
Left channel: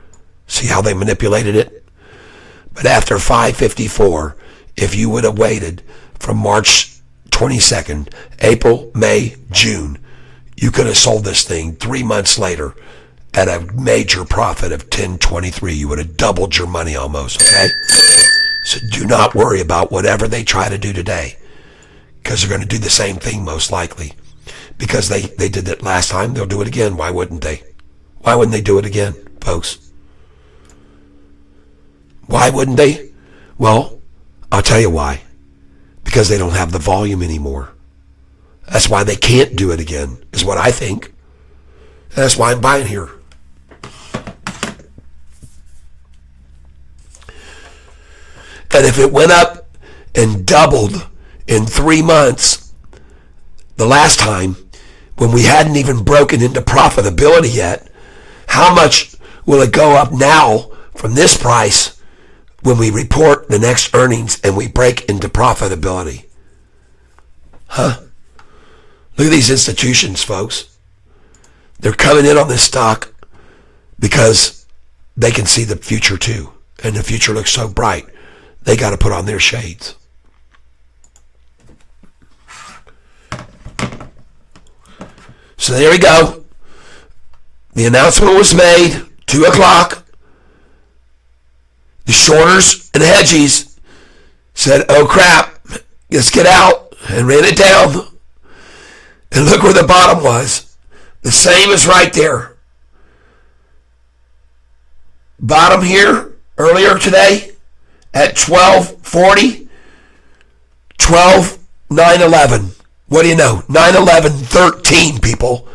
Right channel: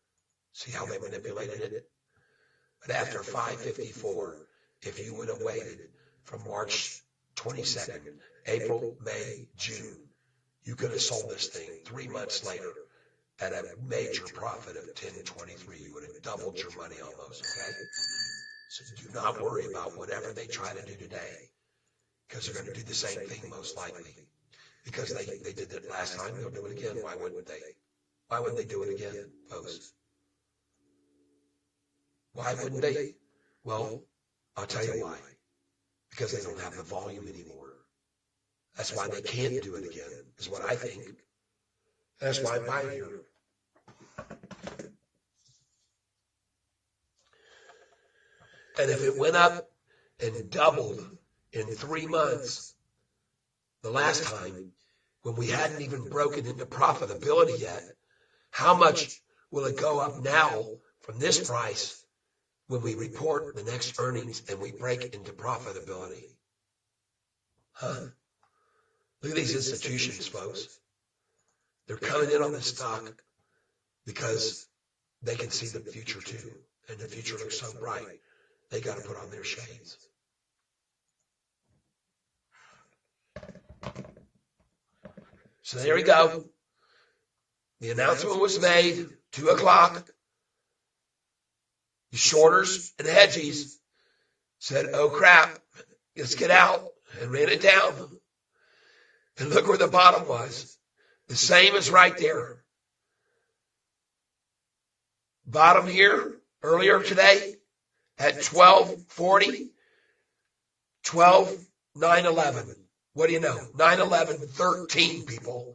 See how they manipulated it? But after 554, if you would have waited from March 22nd, April, May, June, you could have sold this thing 3 months later at a major profit of 1023. You would have doubled your money almost, okay? So do not worry about whatever they try to do today, because they're going to do the same thing most likely. Because they did it last time, they'll do it again. Why wouldn't they? Why wouldn't they do it again, folks? Why wouldn't they? Well, I'll tell you why. Because they don't have the volume anymore. That's why they can't do it again, is what I think. That's why I'm buying here. And if it went up and doubled in 3 months, the last time, when we hadn't even broken into profitability yet, how much will it go up now from this price when we report the next earnings and we break into profitability? Huh? Look at these institutions, folks. They're coming in on this stock because they can see the future too. And the future looks so bright. They got to put on their shades. So there we go. The announcement was made, 2 o'clock. The shorters and hedgies said, oh crap, let's get out, and ran it down. And look where the bottom was. The same as right there. Bottom here, earlier today, at 12:40, 12,911. What do you know? 911.13, people.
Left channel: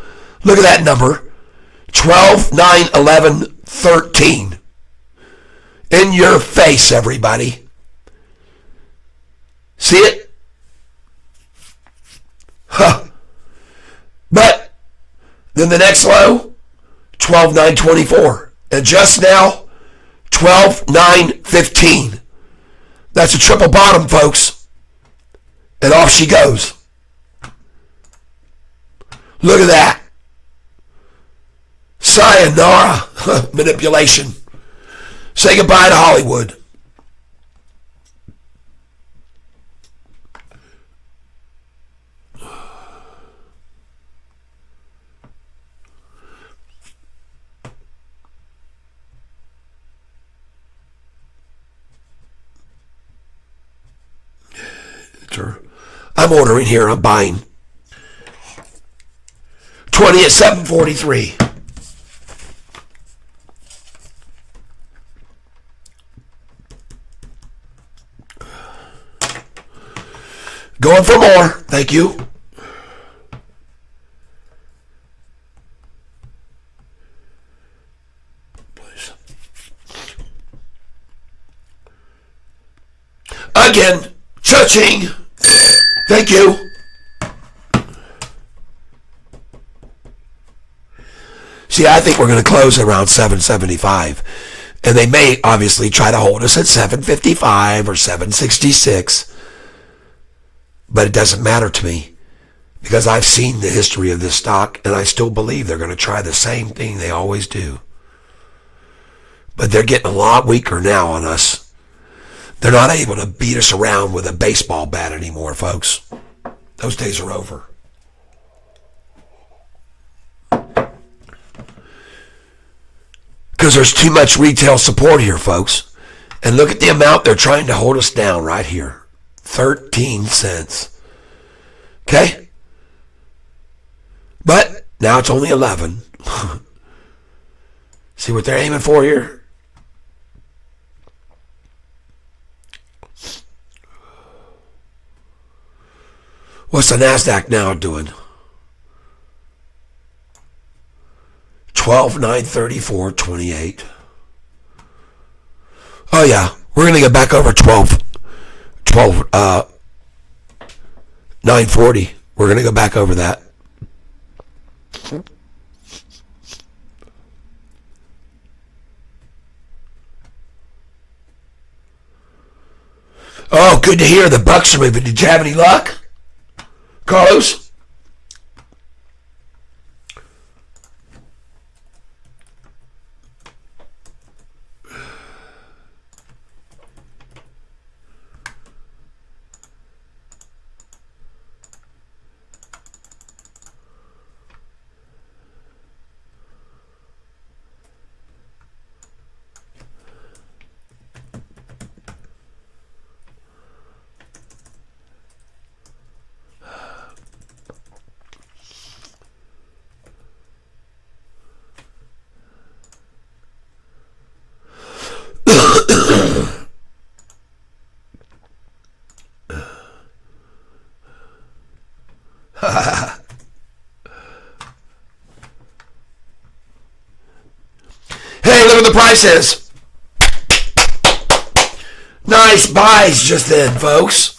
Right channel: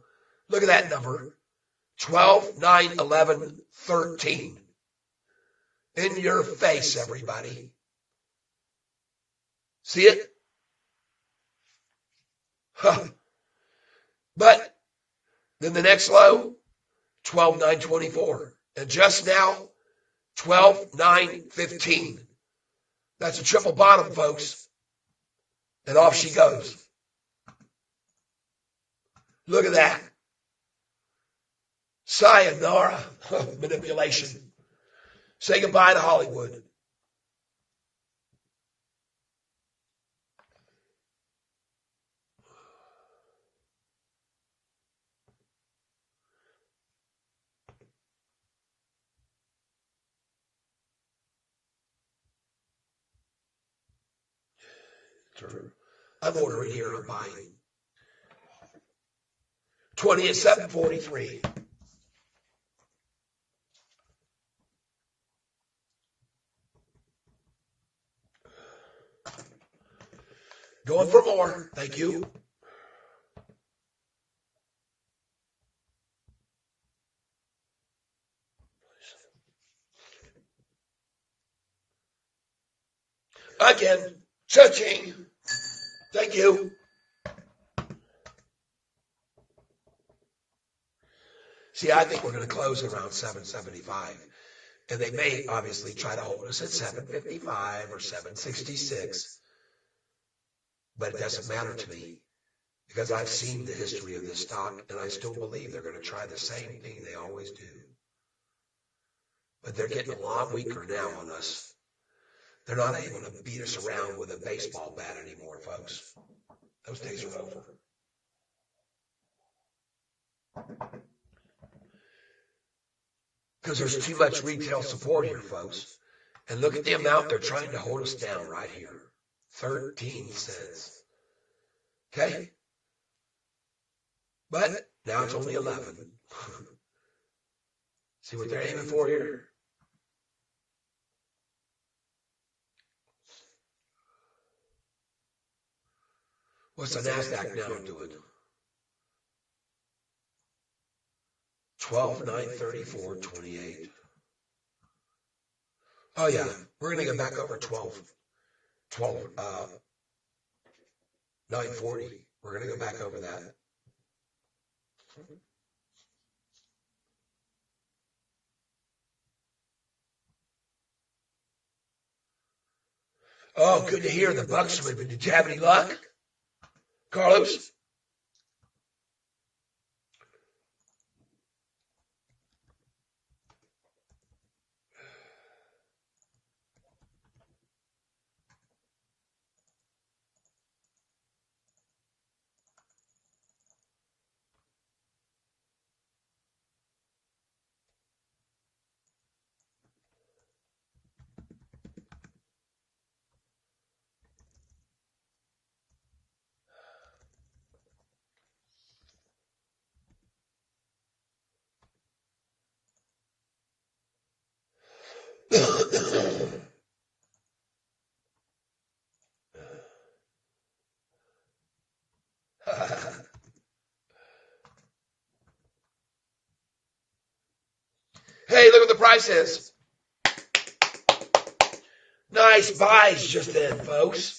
Look at that number. 12,911.13. In your face, everybody. See it? Huh. But then the next low, 12,924. And just now, 12,915. That's a triple bottom, folks. And off she goes. Look at that. Sayonara manipulation. Say goodbye to Hollywood. I'm ordering here. I'm buying. 20 at 743. Going for more. Thank you. Please. Again. Cha-ching. Thank you. See, I think we're going to close around 775. And they may obviously try to hold us at 755 or 766. But it doesn't matter to me because I've seen the history of this stock and I still believe they're going to try the same thing they always do. But they're getting a lot weaker now on us. They're not able to beat us around with a baseball bat anymore, folks. Those days are over. Because there's too much retail support here, folks. And look at the amount they're trying to hold us down right here. 13 cents. Okay? But now it's only 11. See what they're aiming for here? What's the NASDAQ now doing? 12,934.28. Oh yeah, we're going to get back over 940. We're going to go back over that. Oh, good to hear the Bucks are moving. Did you have any luck, Carlos? price is. Nice buys just then, folks.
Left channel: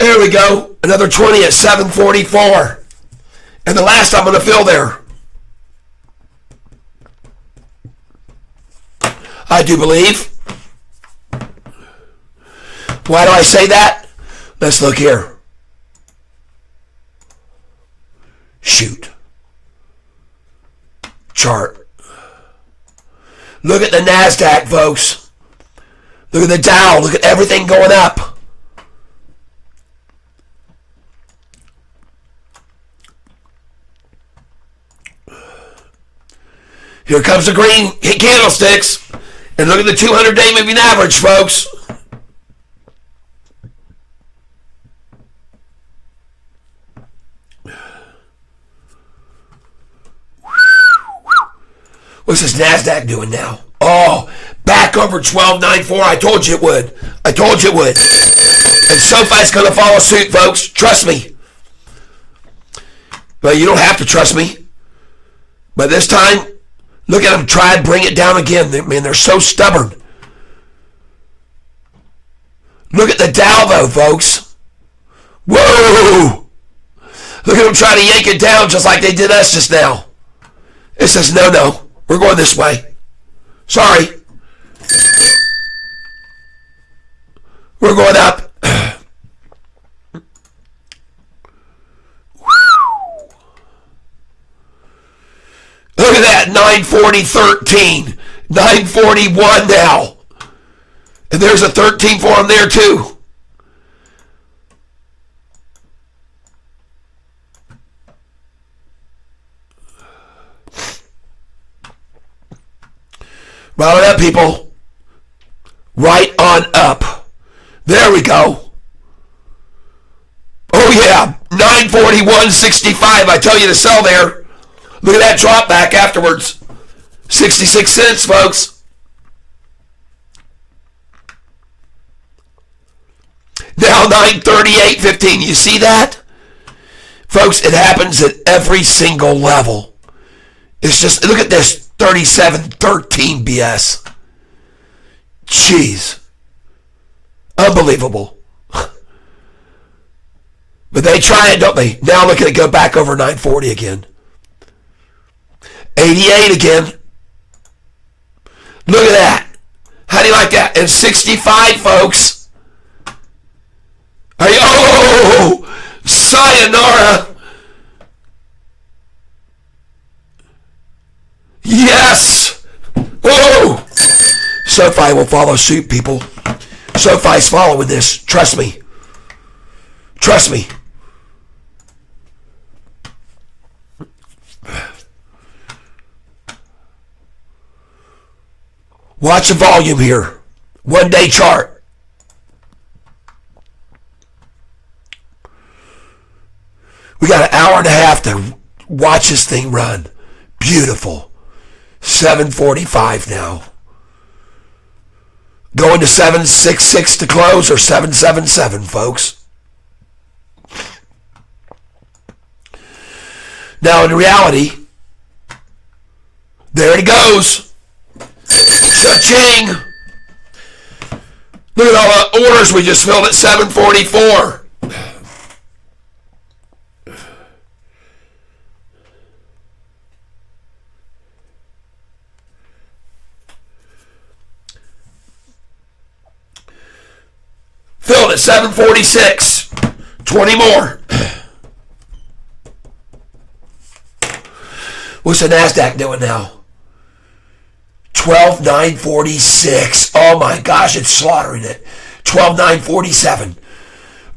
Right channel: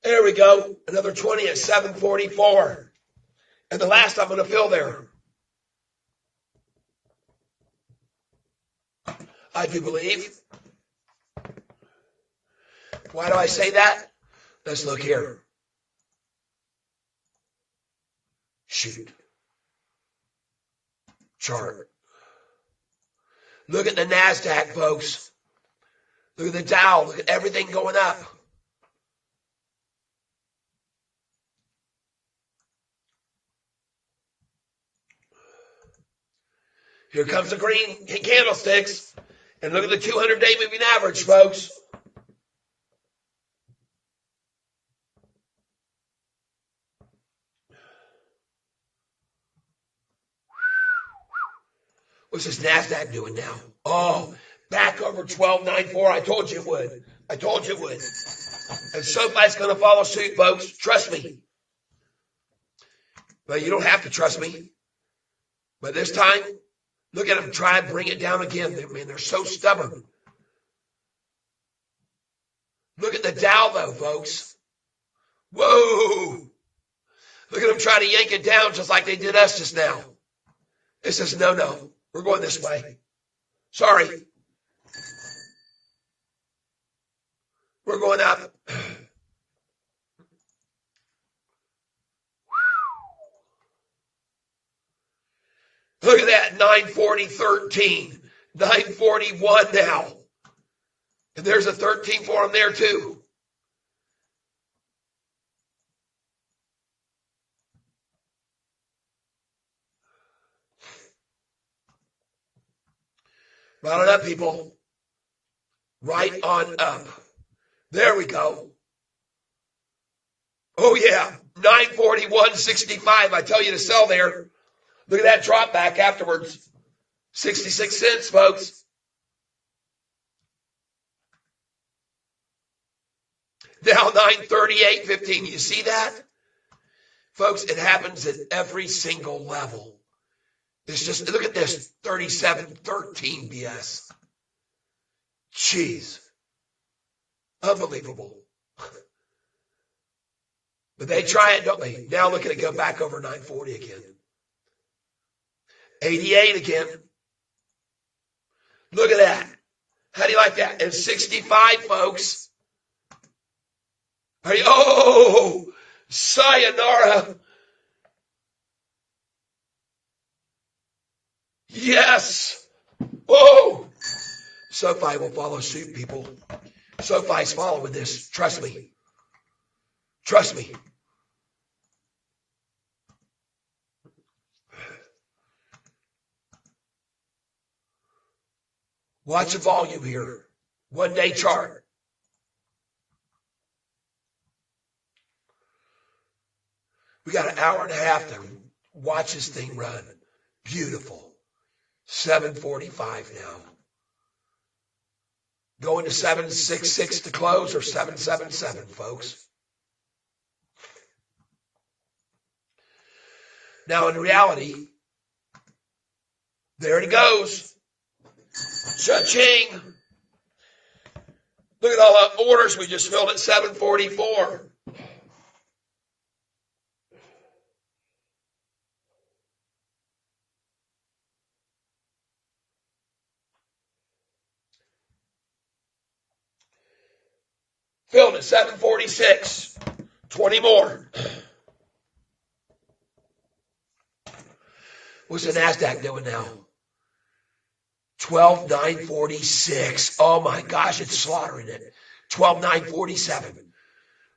There we go. Another 20 at 744. And the last I'm going to fill there. I do believe. Why do I say that? Let's look here. Shoot. Chart. Look at the NASDAQ, folks. Look at the Dow. Look at everything going up. Here comes the green candlesticks. And look at the 200-day moving average, folks. What's this NASDAQ doing now? Oh, back over 1294. I told you it would. I told you it would. And SoFi's going to follow suit, folks. Trust me. But you don't have to trust me. But this time, look at them try and bring it down again. Man, they're so stubborn. Look at the Dow, though, folks. Whoa! Look at them trying to yank it down just like they did us just now. It says, no. We're going this way. Sorry. We're going up. Look at that, 940.13. 941 now. And there's a 13 for them there too. Roll it up, people. Right on up. There we go. Oh yeah, 941.65. I tell you to sell there. Look at that drop back afterwards. 66 cents, folks. Now 938.15. You see that? Folks, it happens at every single level. It's just, look at this 37.13 BS. Jeez. Unbelievable. But they try it, don't they? Now look at it go back over 940 again. 88 again. Look at that. How do you like that? And 65, folks. Oh, sayonara. Yes. Whoa. SoFi will follow suit, people. SoFi's following this. Trust me. Trust me. Watch the volume here. 1 day chart. We got an hour and a half to watch this thing run. Beautiful. 7:45 now. Going to 766 to close or 777, folks. Now in reality, there it goes. Cha-ching! Look at all the orders we just filled at 744. Filled at 746. 20 more. What's the NASDAQ doing now? 12,946. Oh my gosh, it's slaughtering it. 12,947.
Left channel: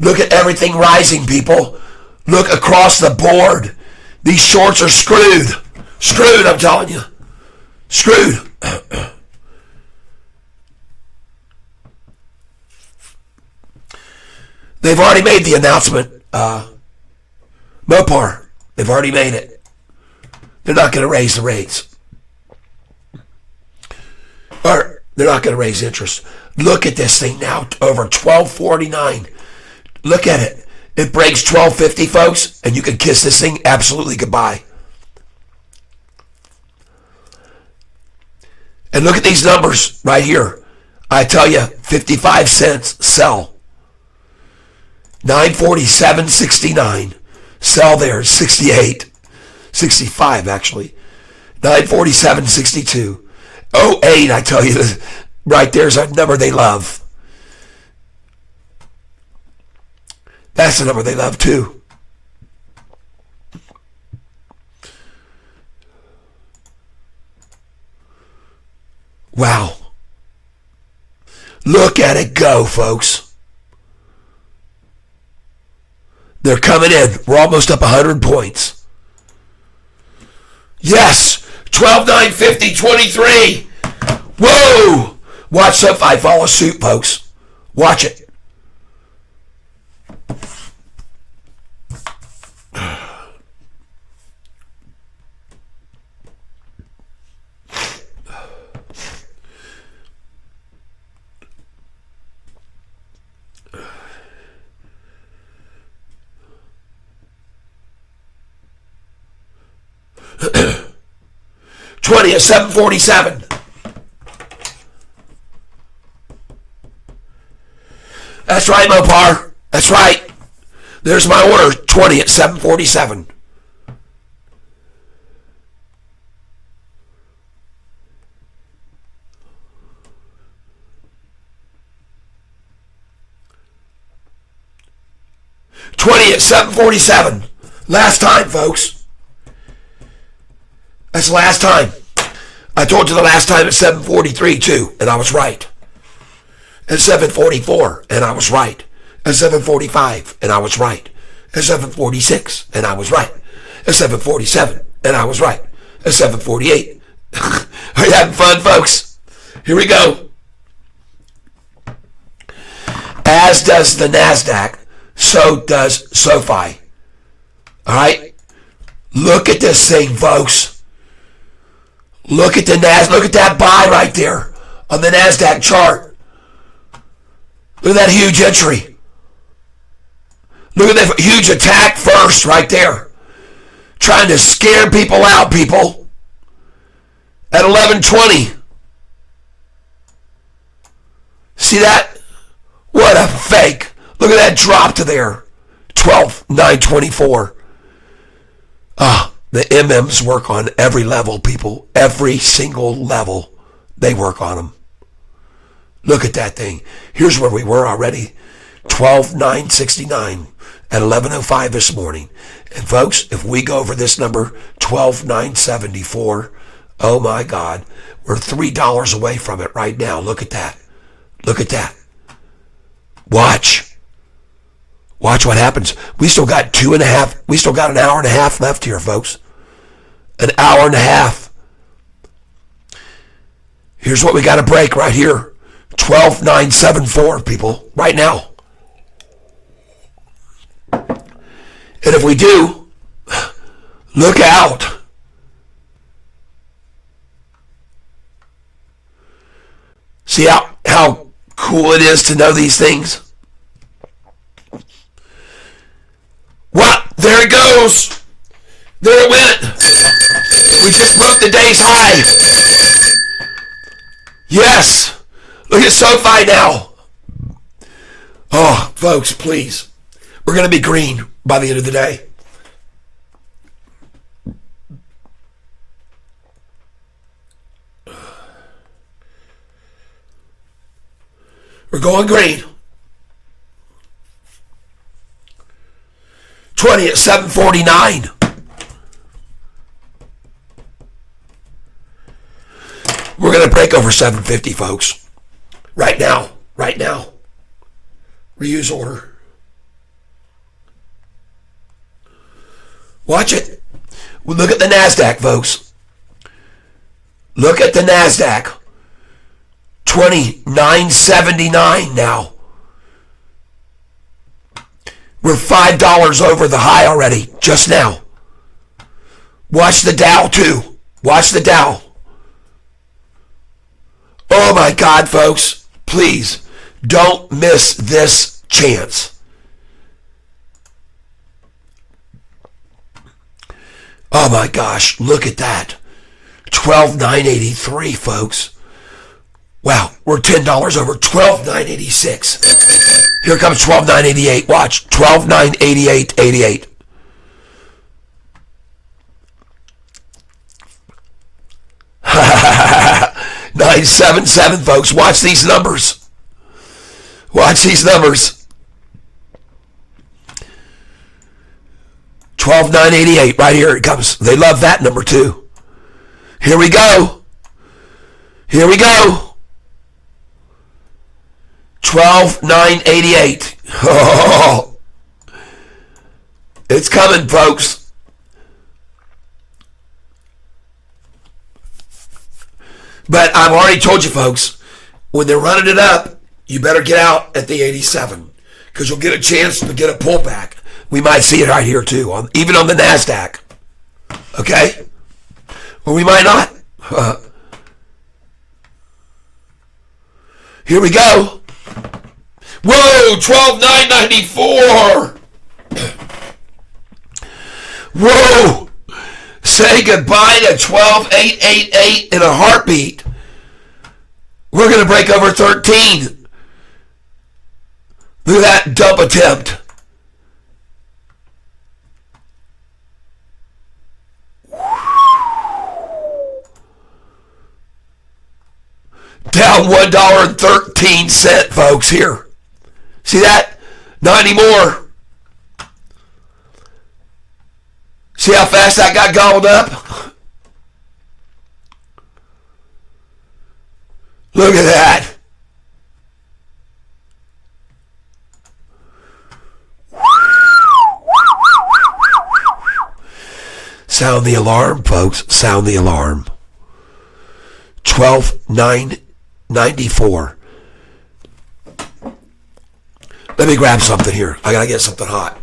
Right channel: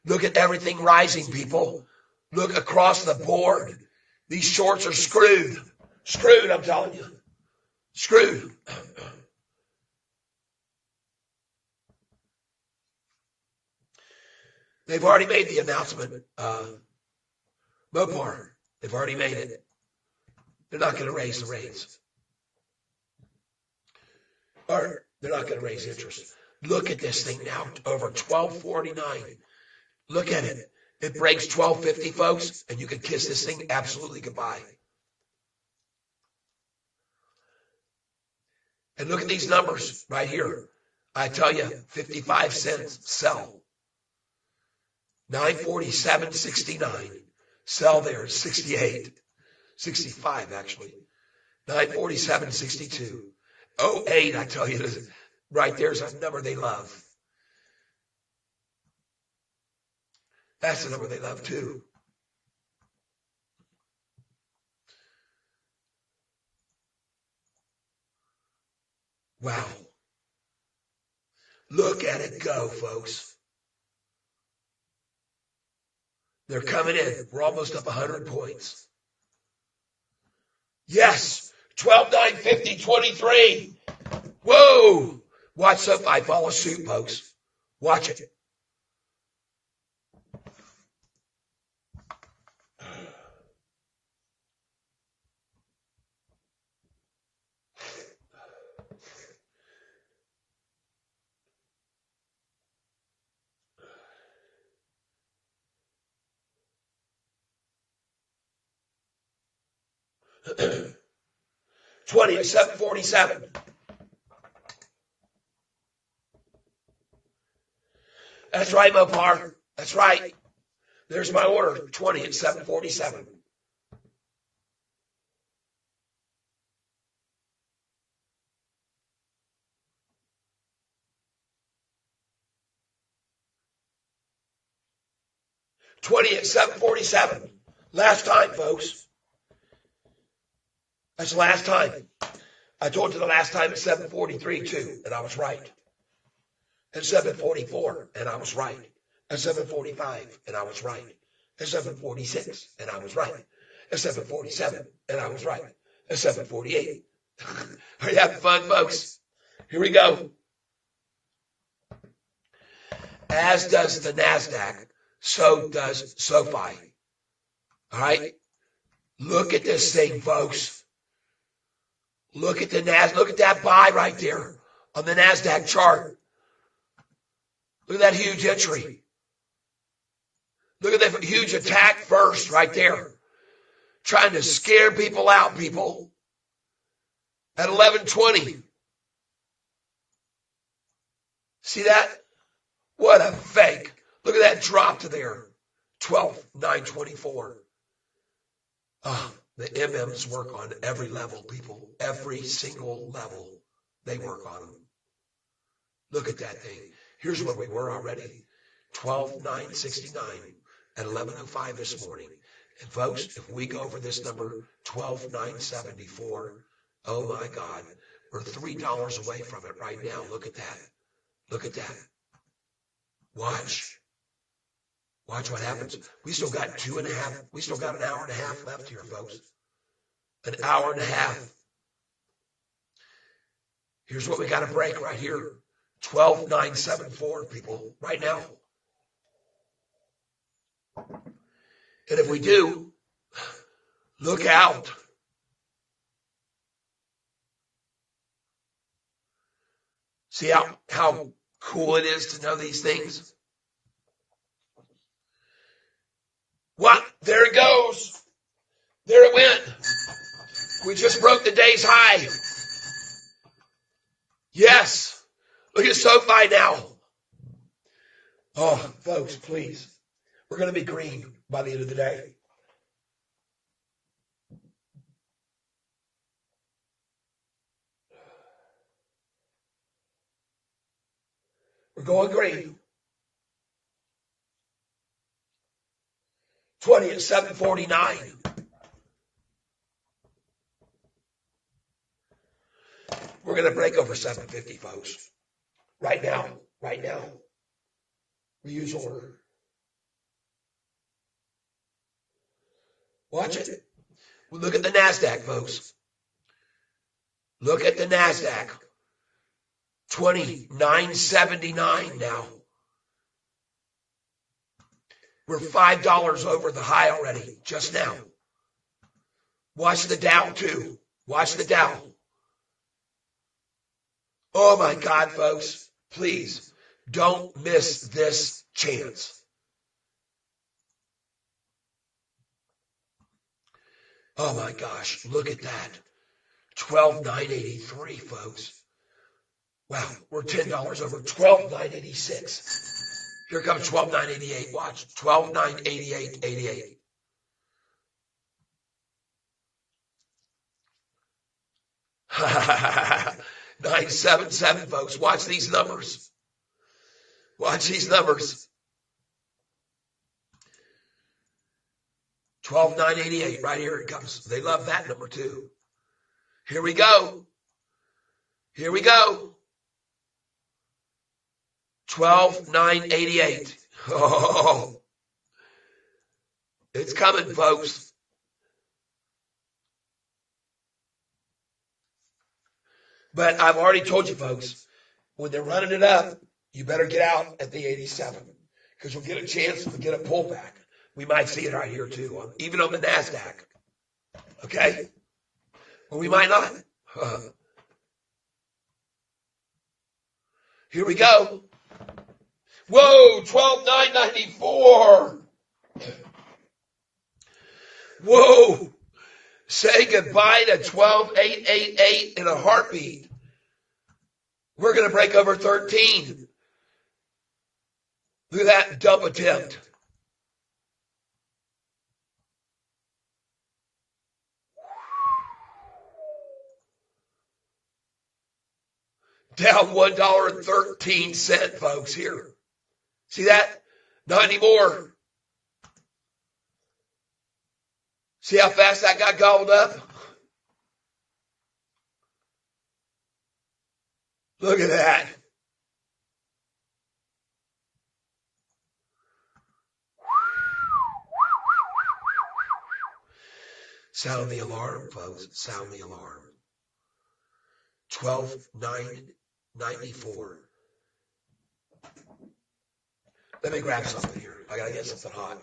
Look at everything rising, people. Look across the board. These shorts are screwed. Screwed, I'm telling you. Screwed. They've already made the announcement. Mopar, they've already made it. They're not going to raise the rates. Or they're not going to raise interest. Look at this thing now, over $12.49. Look at it. It breaks $12.50, folks, and you can kiss this thing absolutely goodbye. And look at these numbers right here. I tell you, 55 cents sell. 947.69. Sell there, 68. 65 actually. 947.62. 08, I tell you, right there's a number they love. That's the number they love too. Wow. Look at it go, folks. They're coming in. We're almost up 100 points. Yes. 12,950, 23. Whoa. Watch Sofi follow suit, folks. Watch it. $20 at 747. That's right, Mopar. That's right. There's my order. 20 at 747. $20 at 747. Last time, folks. That's the last time. I told you the last time at 743 too, and I was right. At 744, and I was right. At 745, and I was right. At 746, and I was right. At 747, and I was right. At 748. Are you having fun, folks? Here we go. As does the NASDAQ, so does Sofi. All right? Look at this thing, folks. Look at the look at that buy right there on the NASDAQ chart. Look at that huge entry. Look at that huge attack first right there. Trying to scare people out, people. At 11:20. See that? What a fake. Look at that drop to there. 12,924. The MMs work on every level, people. Every single level, they work on them. Look at that thing. Here's where we were already. 12,969 at 11:05 this morning. And folks, if we go over this number, 12,974, oh my God, we're $3 away from it right now. Look at that. Look at that. Watch. Watch what happens. We still got an hour and a half left here, folks. An hour and a half. Here's what we got to break right here. 12,974, people, right now. And if we do, look out. See how cool it is to know these things? What? There it goes. There it went. We just broke the day's high. Yes. Look at Sofi now. Oh, folks, please. We're going to be green by the end of the day. We're going green. 20 at 749. We're going to break over 750, folks. Right now. Right now. Reuse order. Watch it. Well, look at the NASDAQ, folks. Look at the NASDAQ. 29.79 now. We're $5 over the high already, just now. Watch the Dow, too. Watch the Dow. Oh, my God, folks. Please, don't miss this chance. Oh, my gosh. Look at that. 12,983, folks. Wow, we're $10 over 12,986. Here comes 12,988. Watch, 12,988.88. $977, folks. Watch these numbers. Watch these numbers. 12,988 right here it comes. They love that number too. Here we go. Here we go. 12,988. Oh, it's coming, folks. But I've already told you, folks, when they're running it up, you better get out at the 87 because you'll get a chance to get a pullback. We might see it right here too, even on the NASDAQ. Okay? Or we might not. Here we go. Whoa, 12,994. Whoa. Say goodbye to 12,888 in a heartbeat. We're going to break over 13. Look at that dump attempt. Down $1.13, folks, here. See that? Not anymore. See how fast that got gobbled up? Look at that. Sound the alarm, folks. Sound the alarm. 12,994. Let me grab something here. I gotta get something hot.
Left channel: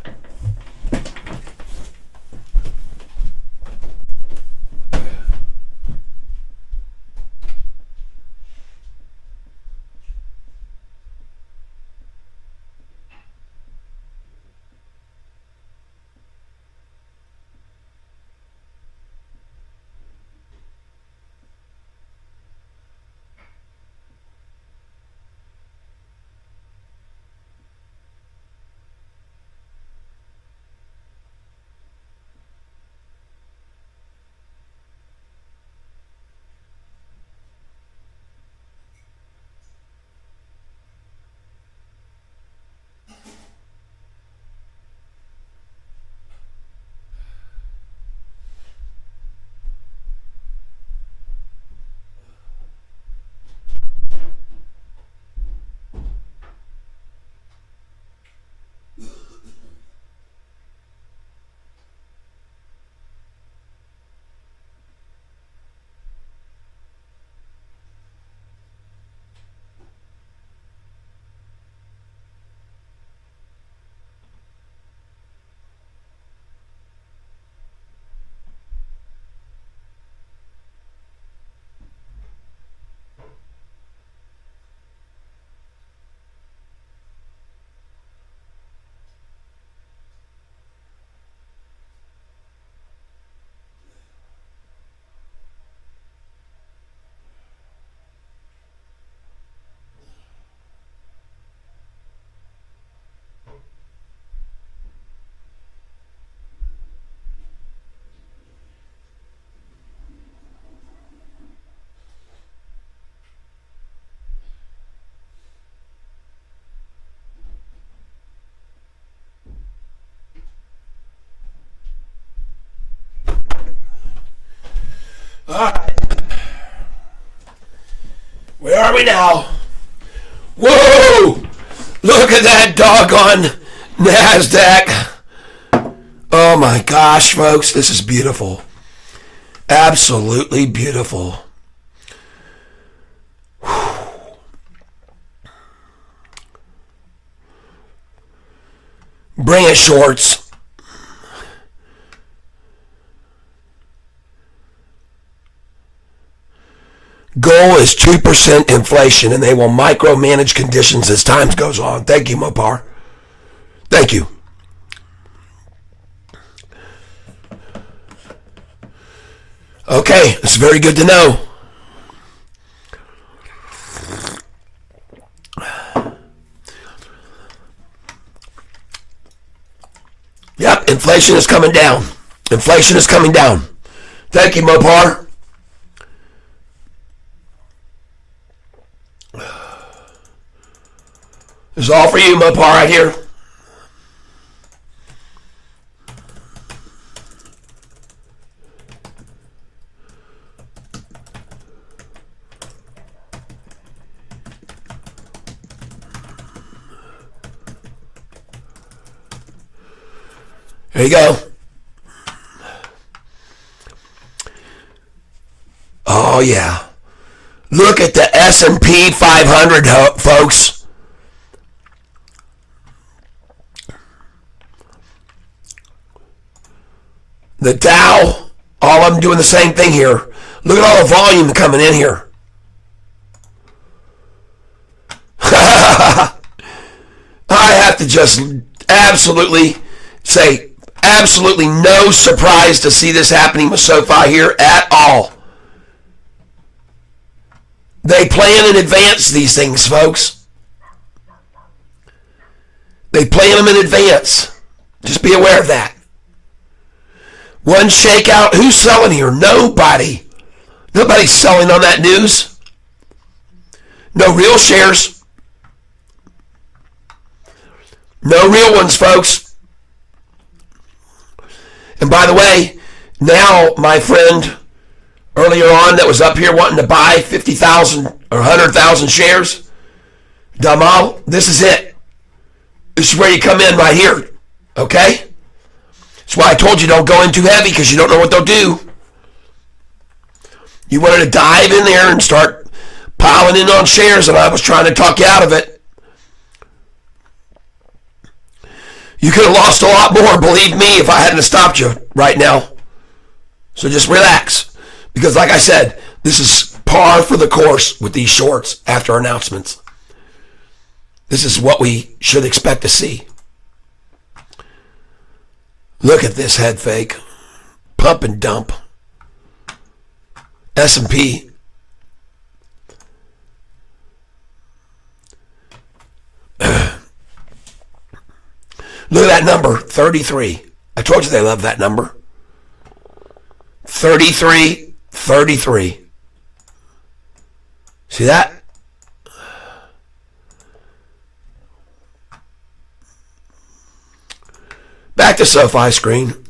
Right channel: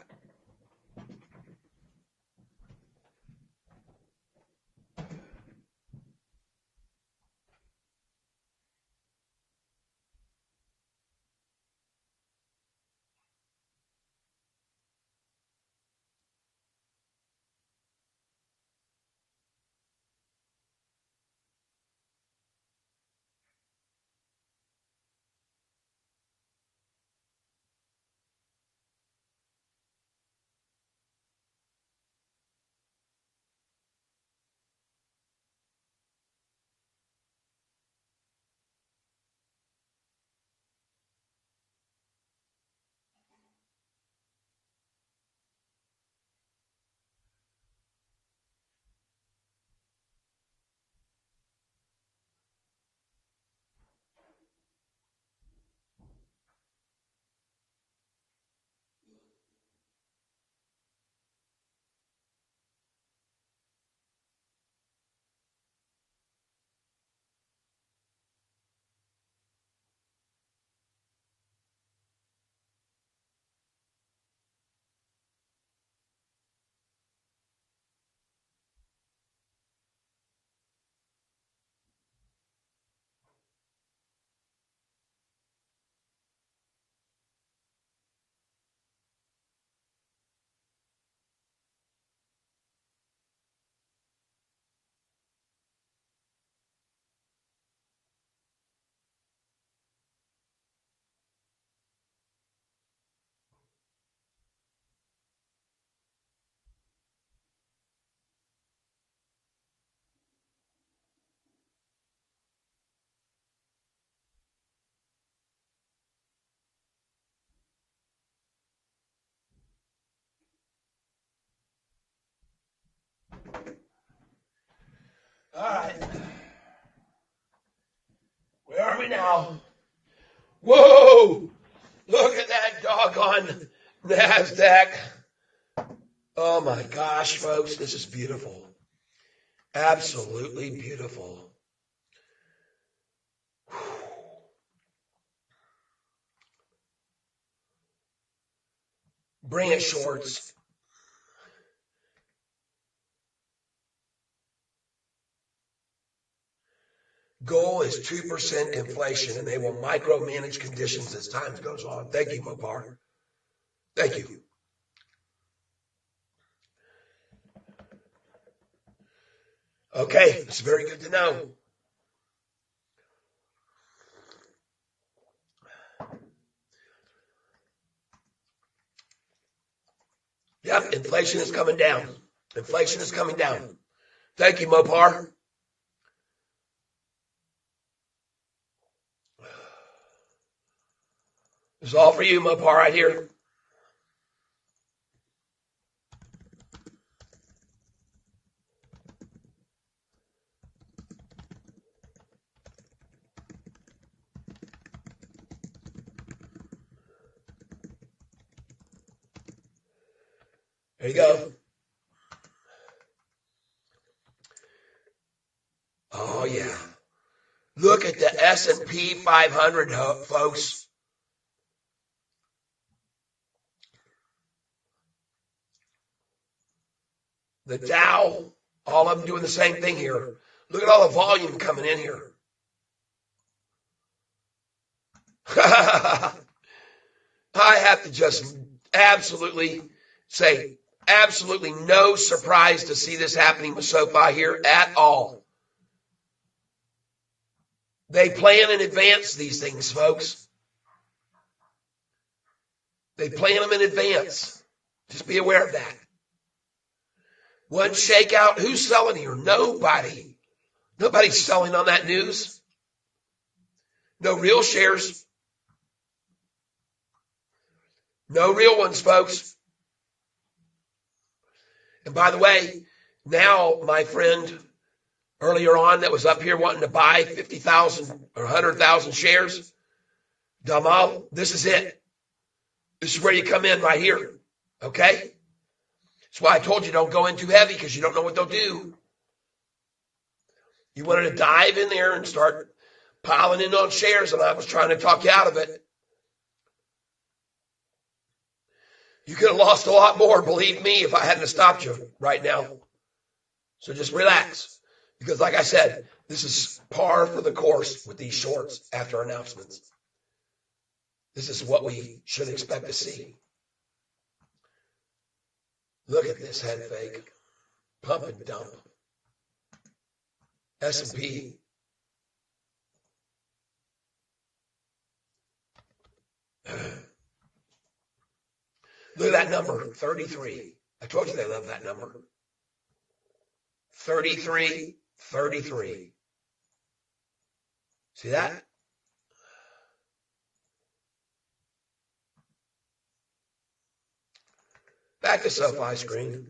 All right. Where are we now? Whoa! Look at that doggone NASDAQ. Oh my gosh, folks, this is beautiful. Absolutely beautiful. Bring it, shorts. Goal is 2% inflation, and they will micromanage conditions as time goes on. Thank you, Mopar. Thank you. Okay, it's very good to know. Yep, inflation is coming down. Inflation is coming down. Thank you, Mopar. This is all for you, Mopar, right here. There you go. Oh, yeah. Look at the S&P 500, folks. The Dow, all of them doing the same thing here. Look at all the volume coming in here. I have to just absolutely say, absolutely no surprise to see this happening with SoFi here at all. They plan in advance these things, folks. They plan them in advance. Just be aware of that. One shakeout. Who's selling here? Nobody. Nobody's selling on that news. No real shares. No real ones, folks. And by the way, now my friend earlier on that was up here wanting to buy 50,000 or 100,000 shares, Damal, this is it. This is where you come in right here. Okay? That's why I told you don't go in too heavy, because you don't know what they'll do. You wanted to dive in there and start piling in on shares, and I was trying to talk you out of it. You could have lost a lot more, believe me, if I hadn't stopped you right now. So just relax. Because like I said, this is par for the course with these shorts after announcements. This is what we should expect to see. Look at this head fake. Pump and dump. S&P. Look at that number, 33. I told you they love that number. 33, 33. See that? Back to SoFi screen.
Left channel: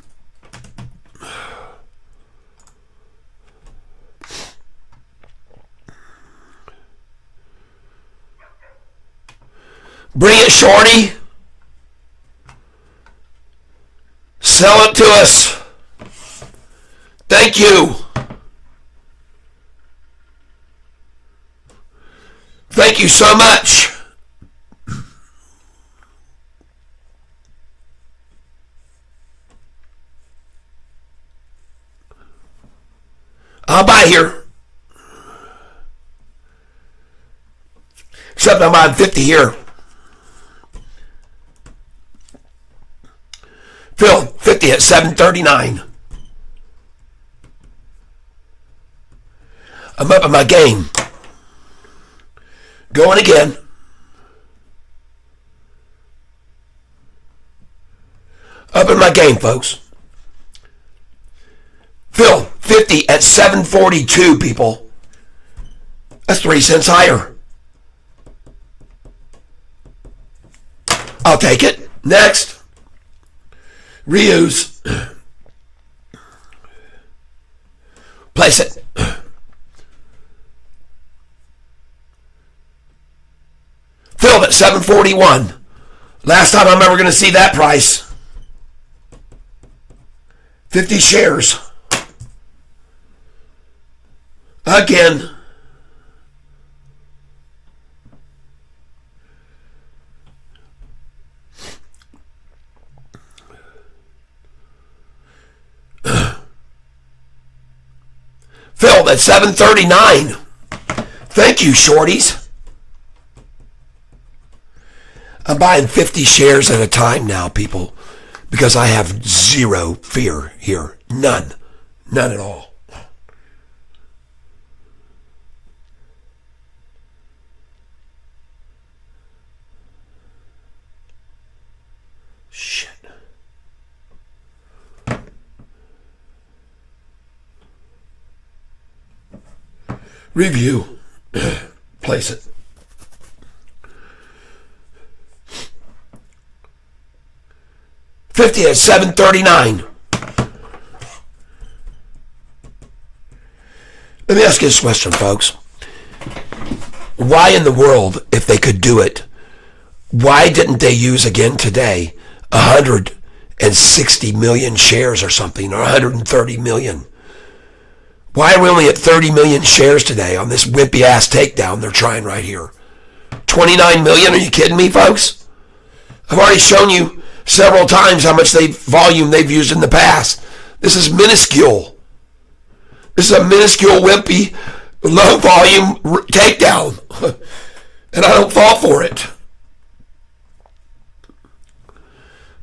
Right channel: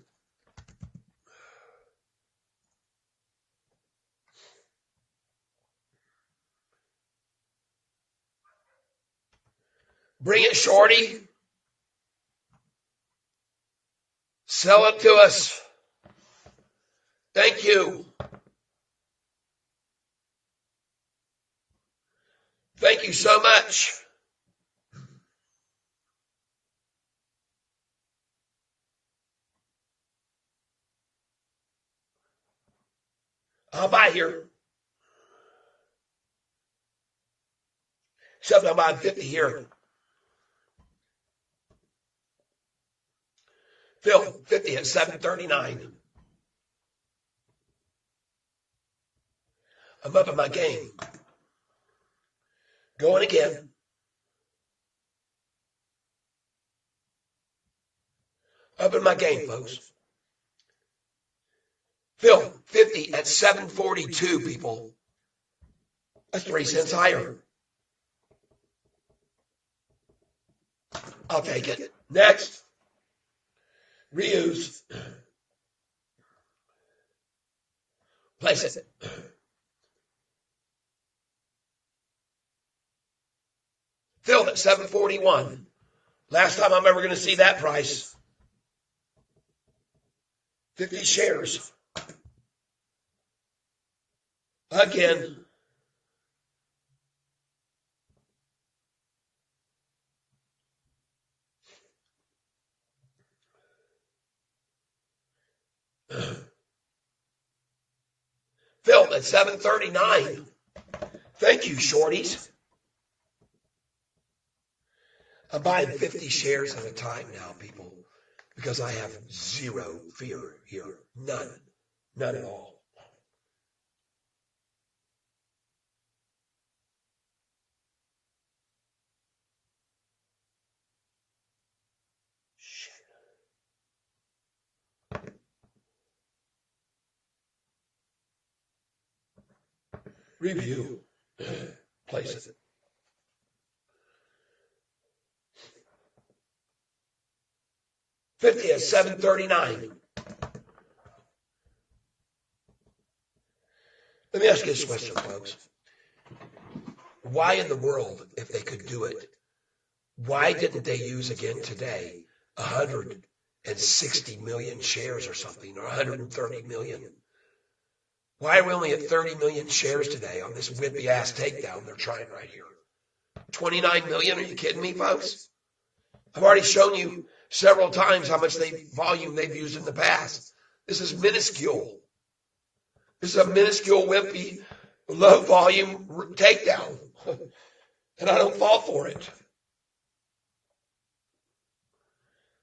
Bring it, shorty. Sell it to us. Thank you. Thank you so much. I'll buy here. Except I'm on 50 here. Phil, 50 at 739. I'm up in my game. Going again. Up in my game, folks. Phil, 50 at 742, people. That's 3 cents higher. I'll take it. Next. Reuse. Place it. Filled at 741. Last time I'm ever going to see that price. 50 shares. Again. Filled at 739. Thank you, shorties. I'm buying 50 shares at a time now, people, because I have zero fear here. None. None at all. Shit. Review. Place it. $50 at 739. Let me ask you this question, folks. Why in the world, if they could do it, why didn't they use again today 160 million shares or something, or 130 million? Why are we only at 30 million shares today on this wimpy ass takedown they're trying right here? 29 million? Are you kidding me, folks? I've already shown you several times how much volume they've used in the past. This is minuscule. This is a minuscule, wimpy, low volume takedown. And I don't fall for it.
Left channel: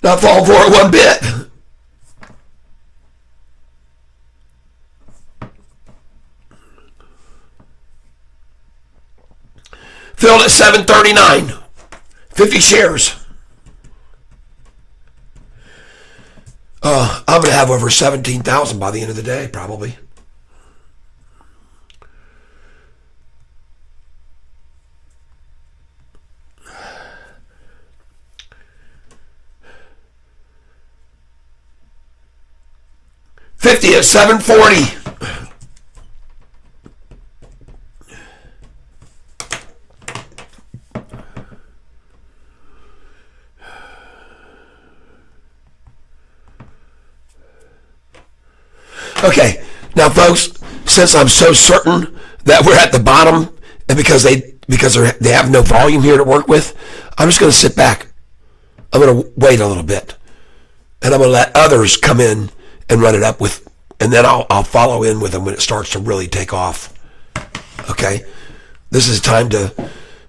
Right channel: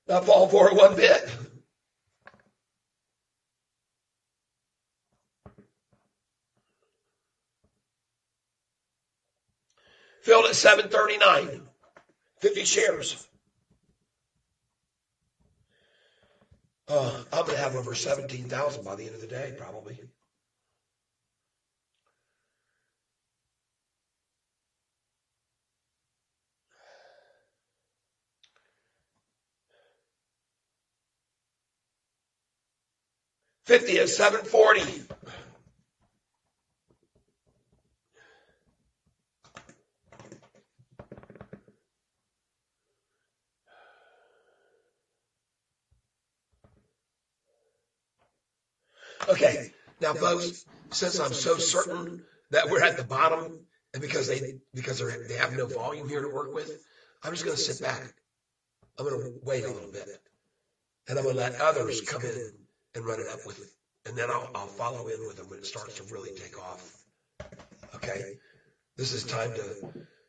Not fall for it one bit. Filled at 739. 50 shares. I'm going to have over 17,000 by the end of the day, probably. $50 at 740. Okay, now folks, since I'm so certain that we're at the bottom, and because they have no volume here to work with, I'm just going to sit back. I'm going to wait a little bit, and I'm going to let others come in and run it up with, and then I'll follow in with them when it starts to really take off. Okay, this is time to.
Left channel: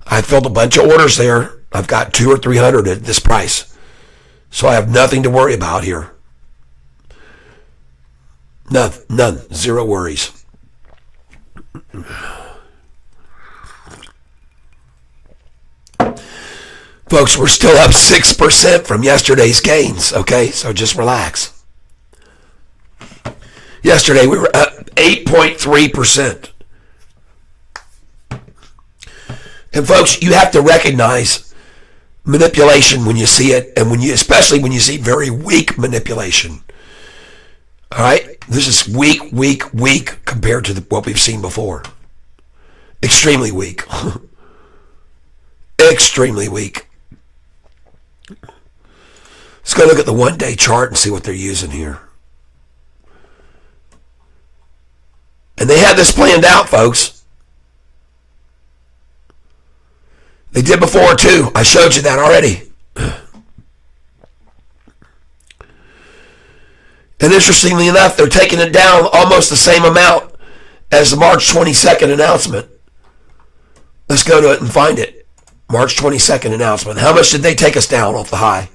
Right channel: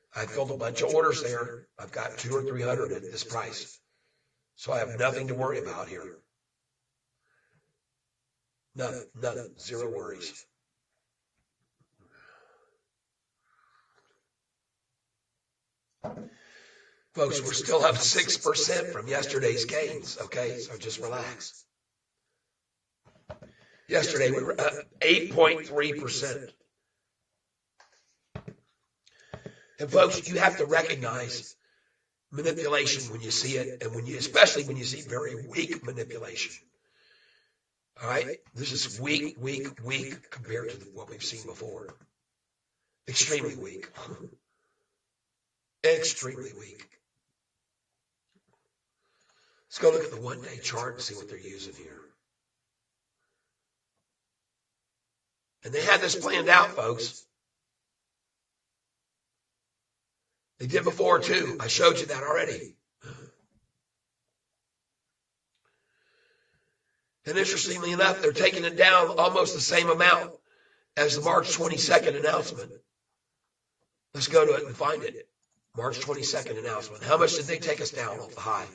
I filled a bunch of orders there. I've got 200 or 300 at this price, so I have nothing to worry about here. None. Zero worries. Folks, we're still up 6% from yesterday's gains, okay? So just relax. Yesterday we were up 8.3%. And folks, you have to recognize manipulation when you see it, and especially when you see very weak manipulation. All right, this is weak compared to what we've seen before. Extremely weak. Extremely weak. Let's go look at the one-day chart and see what they're using here. And they had this planned out, folks. They did before, too. I showed you that already. And interestingly enough, they're taking it down almost the same amount as the March 22nd announcement. Let's go to it and find it. March 22nd announcement. How much did they take us down off the high?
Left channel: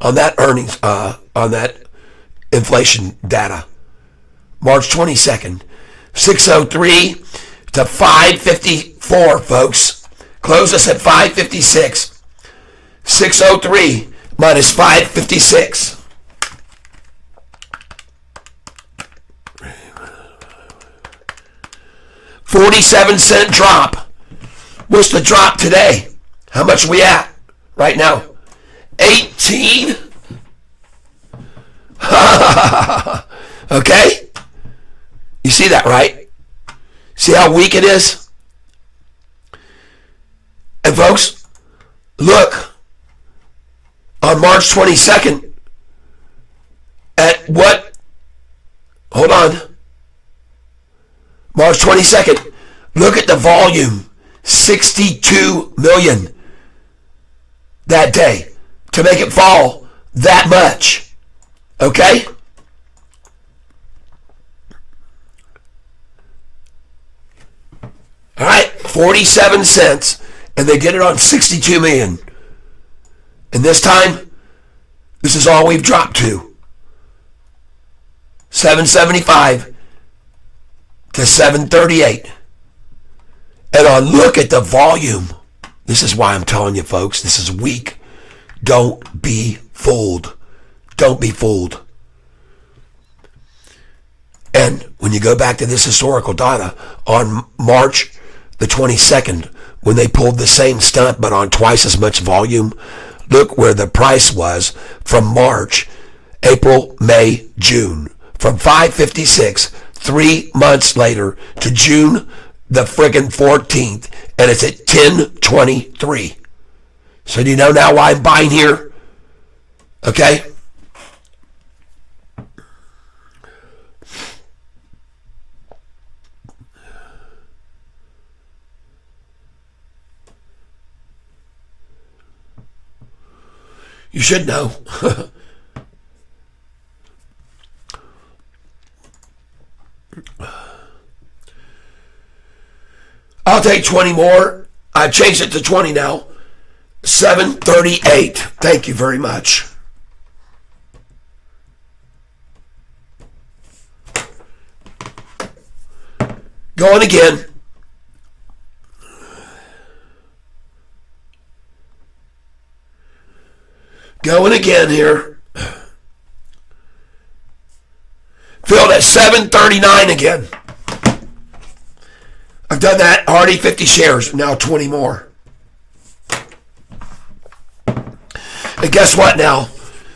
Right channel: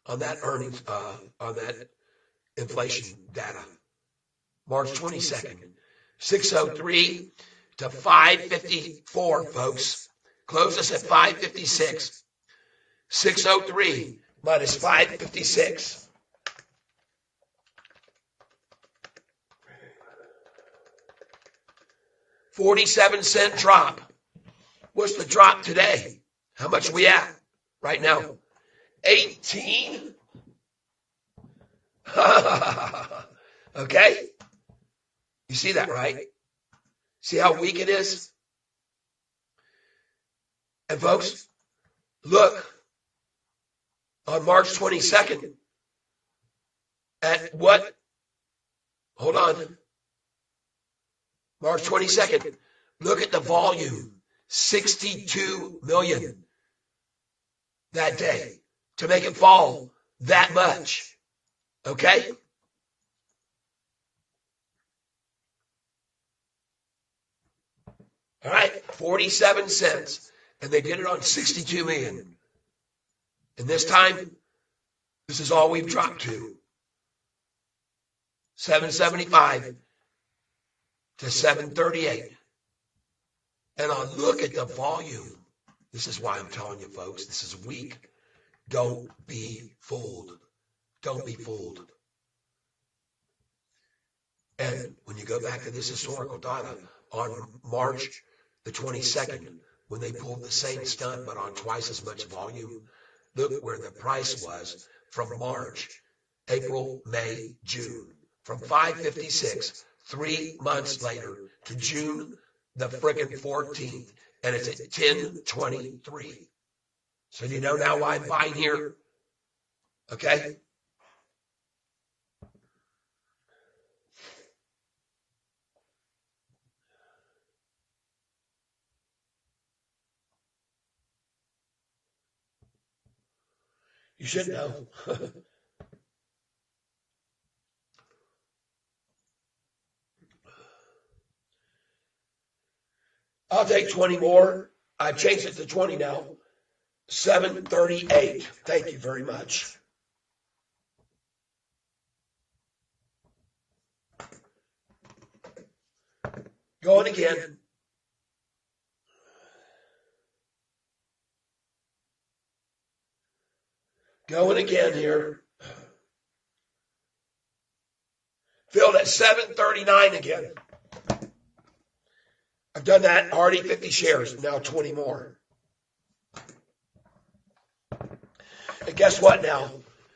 On that earnings, on that inflation data. March 22nd. 603 to 554, folks. Close us at 556. 603. Minus 556. $0.47 drop. What's the drop today? How much are we at right now? 18. Okay? You see that, right? See how weak it is? And folks, look. On March 22nd, at what? Hold on. March 22nd. Look at the volume. 62 million that day to make it fall that much. Okay? All right, 47 cents, and they get it on 62 million. And this time, this is all we've dropped to. 775 to 738. And on look at the volume. This is why I'm telling you, folks, this is weak. Don't be fooled. Don't be fooled. And when you go back to this historical data, on March the 22nd, when they pulled the same stunt but on twice as much volume, look where the price was from March, April, May, June. From 556, 3 months later, to June the friggin' 14th, and it's at 1023. So do you know now why I'm buying here? Okay? You should know. I'll take 20 more. I changed it to 20 now. 738. Thank you very much. Going again. Going again here. Filled at 739 again. I've done that, already 50 shares, now 20 more. And guess what now,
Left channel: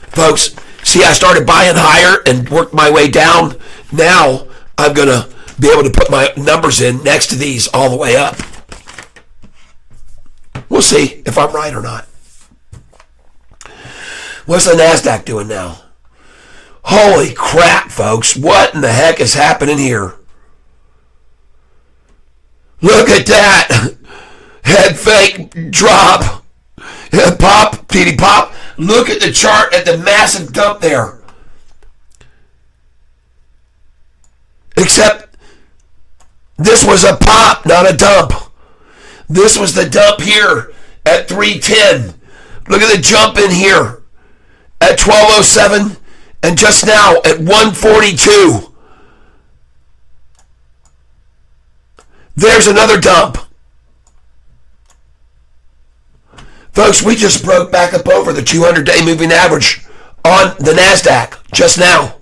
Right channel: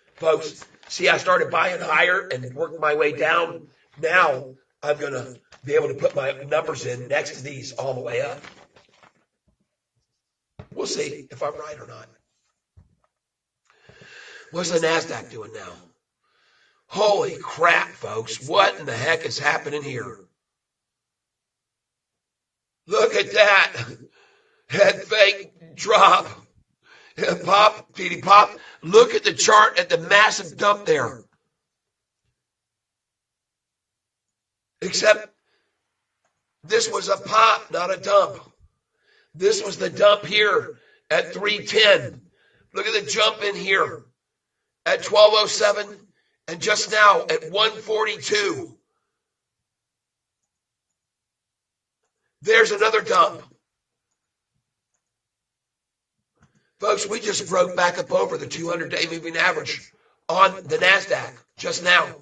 folks? See, I started buying higher and worked my way down. Now I'm going to be able to put my numbers in next to these all the way up. We'll see if I'm right or not. What's the NASDAQ doing now? Holy crap, folks. What in the heck is happening here? Look at that. Head fake drop. Pop, PD pop. Look at the chart at the massive dump there. Except this was a pop, not a dump. This was the dump here at 310. Look at the jump in here at 1207 and just now at 142. There's another dump. Folks, we just broke back up over the 200-day moving average on the NASDAQ just now.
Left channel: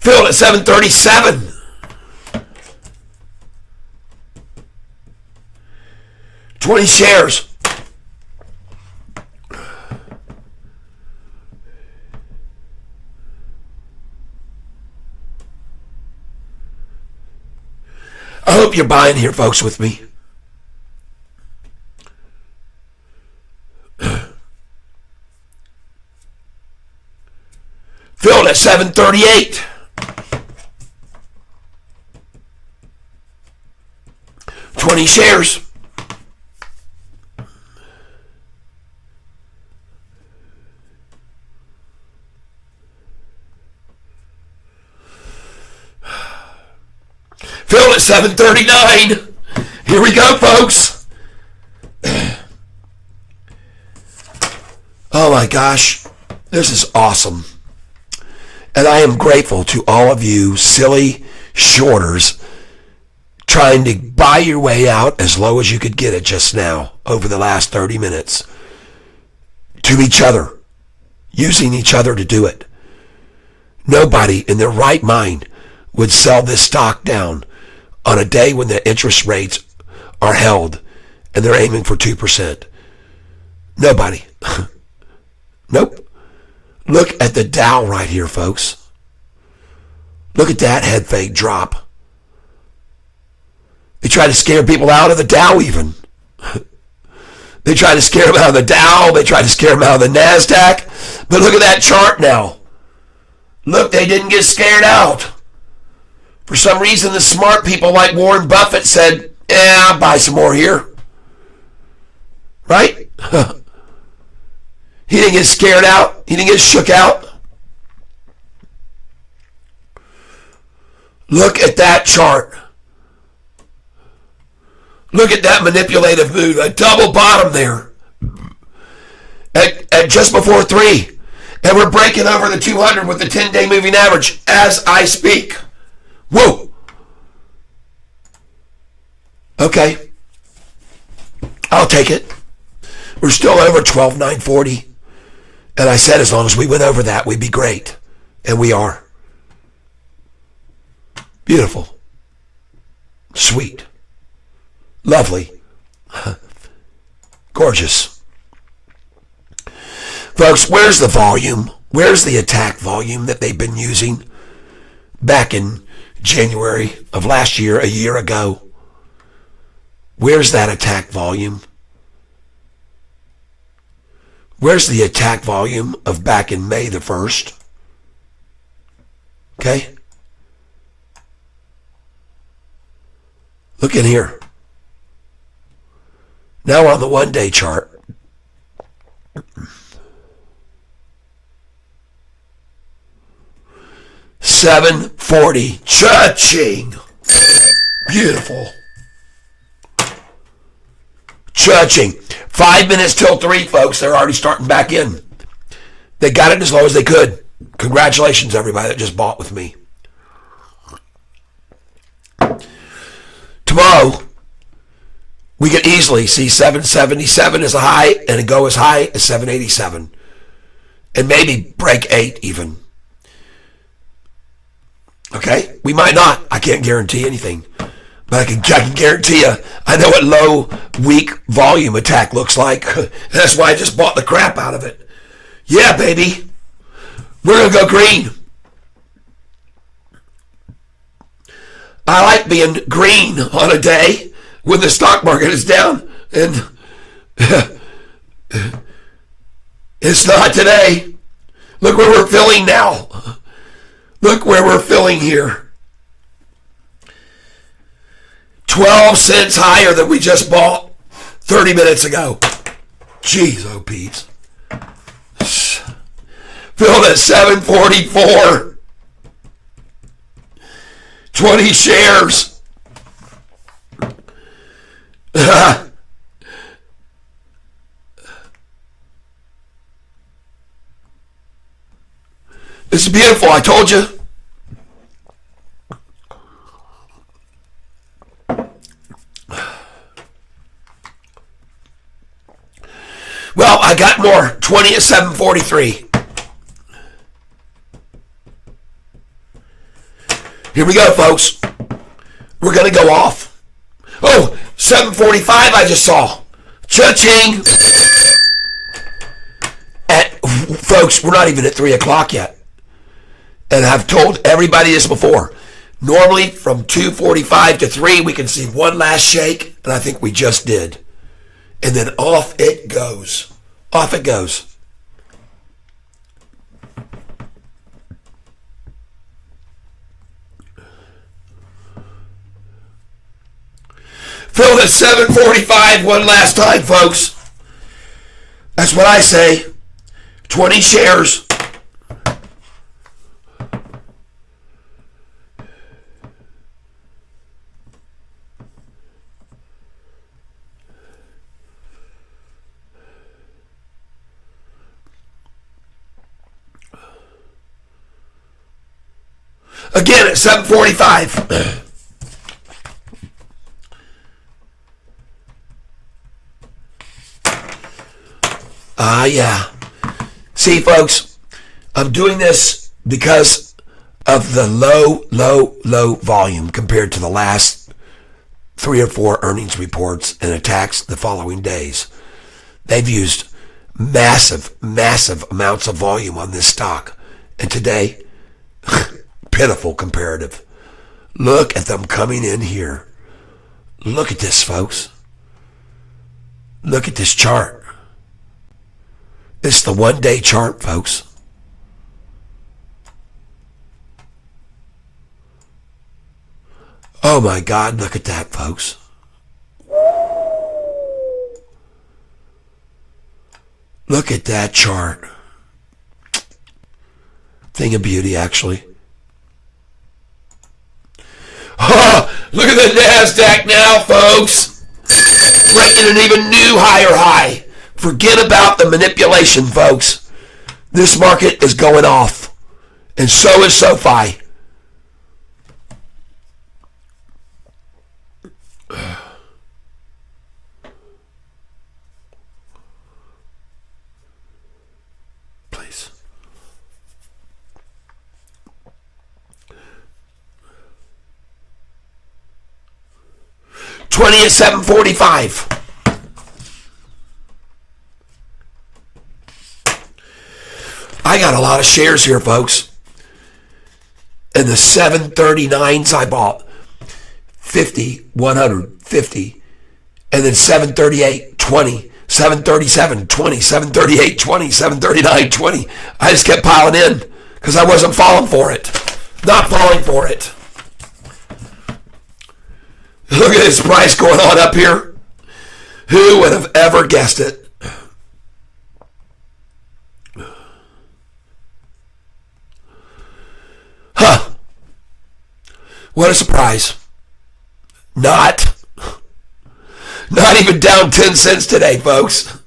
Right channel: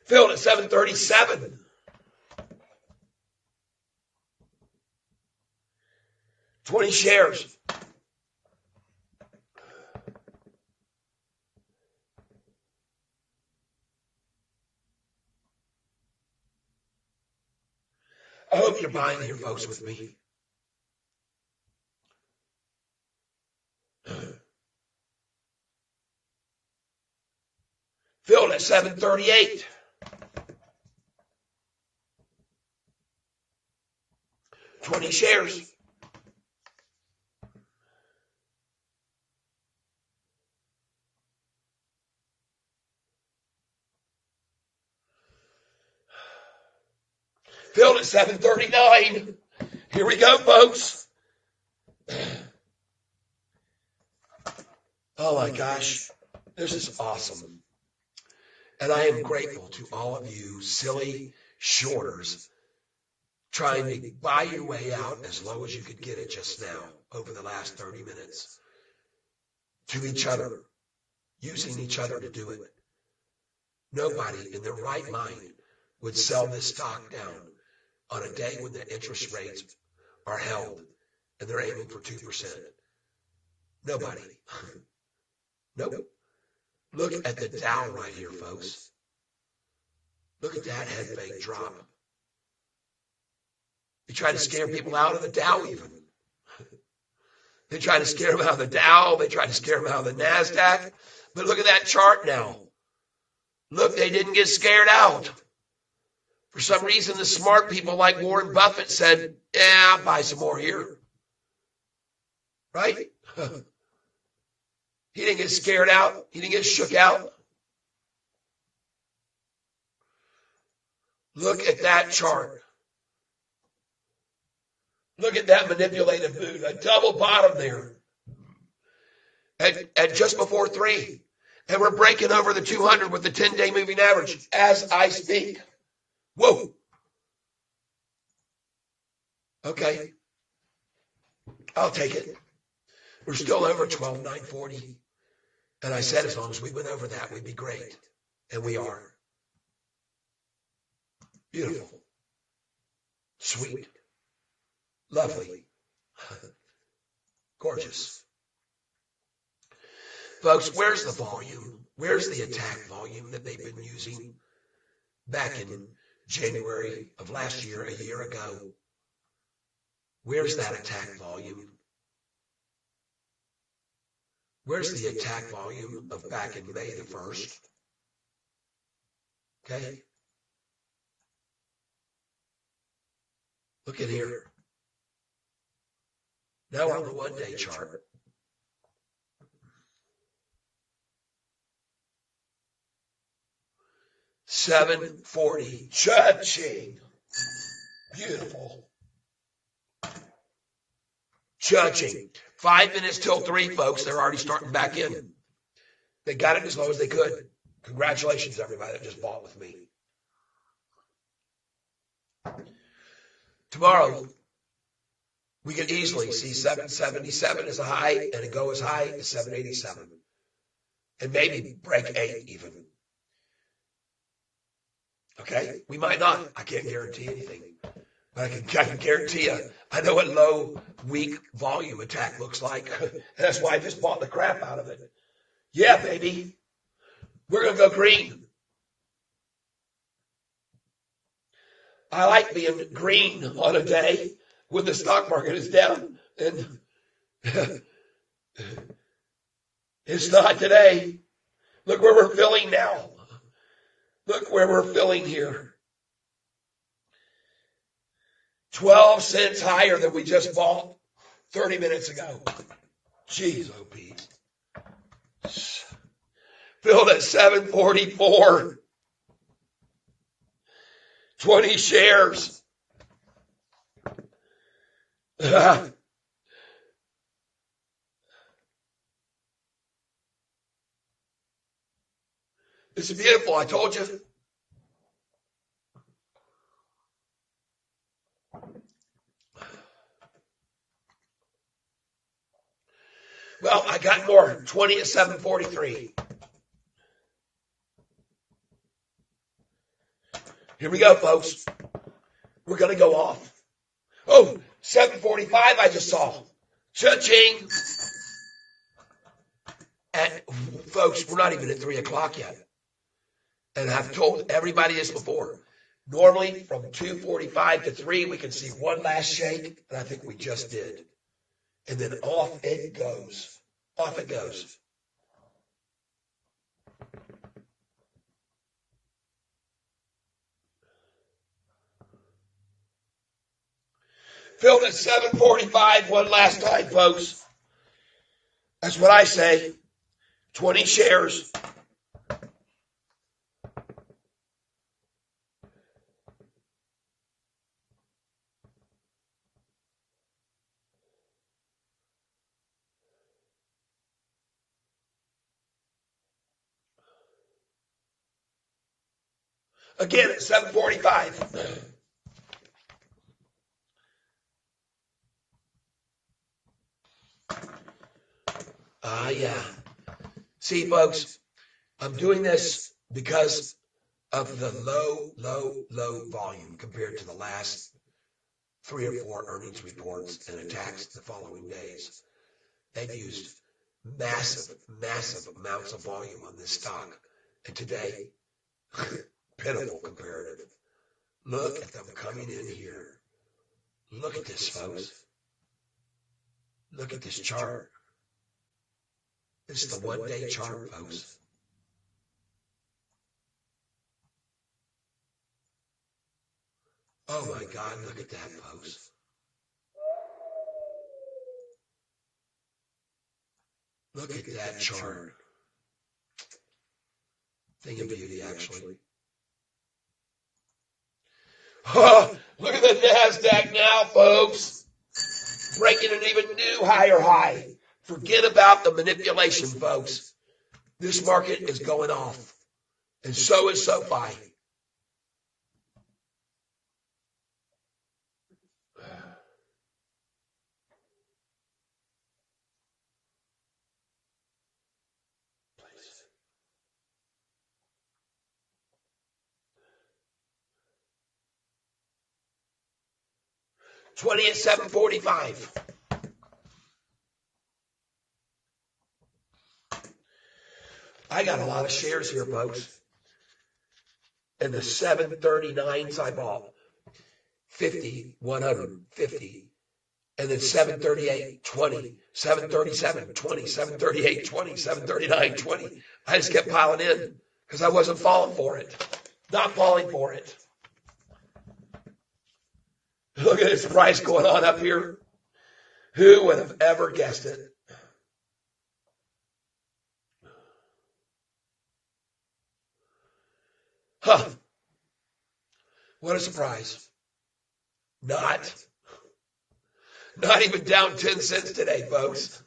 Filled at 737. $20 shares. I hope you're buying here, folks, with me. Filled at 738. $20 shares. Filled at 739. Here we go, folks. Oh my gosh, this is awesome. And I am grateful to all of you silly shorters trying to buy your way out as low as you could get it just now over the last 30 minutes to each other, using each other to do it. Nobody in their right mind would sell this stock down on a day when the interest rates are held and they're aiming for 2%? Nobody. Nope. Look at the Dow right here, folks. Look at that head fake drop. They try to scare people out of the Dow even. They try to scare them out of the Dow. They try to scare them out of the NASDAQ. But look at that chart now. Look, they didn't get scared out. For some reason, the smart people like Warren Buffett said, I'll buy some more here. Right? He didn't get scared out. He didn't get shook out. Look at that chart. Look at that manipulative move. A double bottom there. At just before 3. And we're breaking over the 200 with the 10-day moving average as I speak. Whoa. Okay. I'll take it. We're still over 12,940. And I said as long as we went over that, we'd be great. And we are. Beautiful. Sweet. Lovely. Gorgeous. Folks, where's the volume? Where's the attack volume that they've been using back in January of last year, a year ago? Where's that attack volume? Where's the attack volume of back in May the 1st? Okay? Look in here. Now on the one-day chart. $7.40. Cha-ching. Beautiful. Cha-ching. 5 minutes till 3, folks. They're already starting back in. They got it as low as they could. Congratulations, everybody that just bought with me. Tomorrow, we could easily see 777 as a high and go as high as 787. And maybe break 8 even. Okay? We might not. I can't guarantee anything. But I can guarantee you, I know what low, weak volume attack looks like. That's why I just bought the crap out of it. Yeah, baby. We're going to go green. I like being green on a day when the stock market is down. And it's not today. Look where we're filling now. Look where we're filling here. 12 cents higher than we just bought 30 minutes ago. Jeez, oh Pete. Filled at 744. 20 shares. This is beautiful, I told you. Well, I got more. 20 at 743. Here we go, folks. We're going to go off. Oh, 745 I just saw. Cha-ching. Folks, we're not even at 3 o'clock yet. And I've told everybody this before. Normally, from 2:45 to 3, we can see one last shake, and I think we just did. And then off it goes. Off it goes. Filled at 745 one last time, folks. That's what I say. 20 shares. Again at 745. Yeah. See, folks, I'm doing this because of the low volume compared to the last 3 or 4 earnings reports and attacks the following days. They've used massive amounts of volume on this stock. And today, pitiful comparative. Look at them coming in here. Look at this, folks. Look at this chart. It's the 1-day chart, folks. Oh my God, look at that, folks. Look at that chart. Thing of beauty, actually. Oh, look at the NASDAQ now, folks. Breaking an even new higher high. Forget about the manipulation, folks. This market is going off. And so is Sofi. Please. $20 at 745. I got a lot of shares here, folks. And the 739s I bought 50, 100, 50, and then 738, 20, 737, 20, 738, 20, 739, 20. I just kept piling in because I wasn't falling for it. Not falling for it. Look at this price going on up here. Who would have ever guessed it? Huh. What a surprise. Not even down 10 cents today, folks.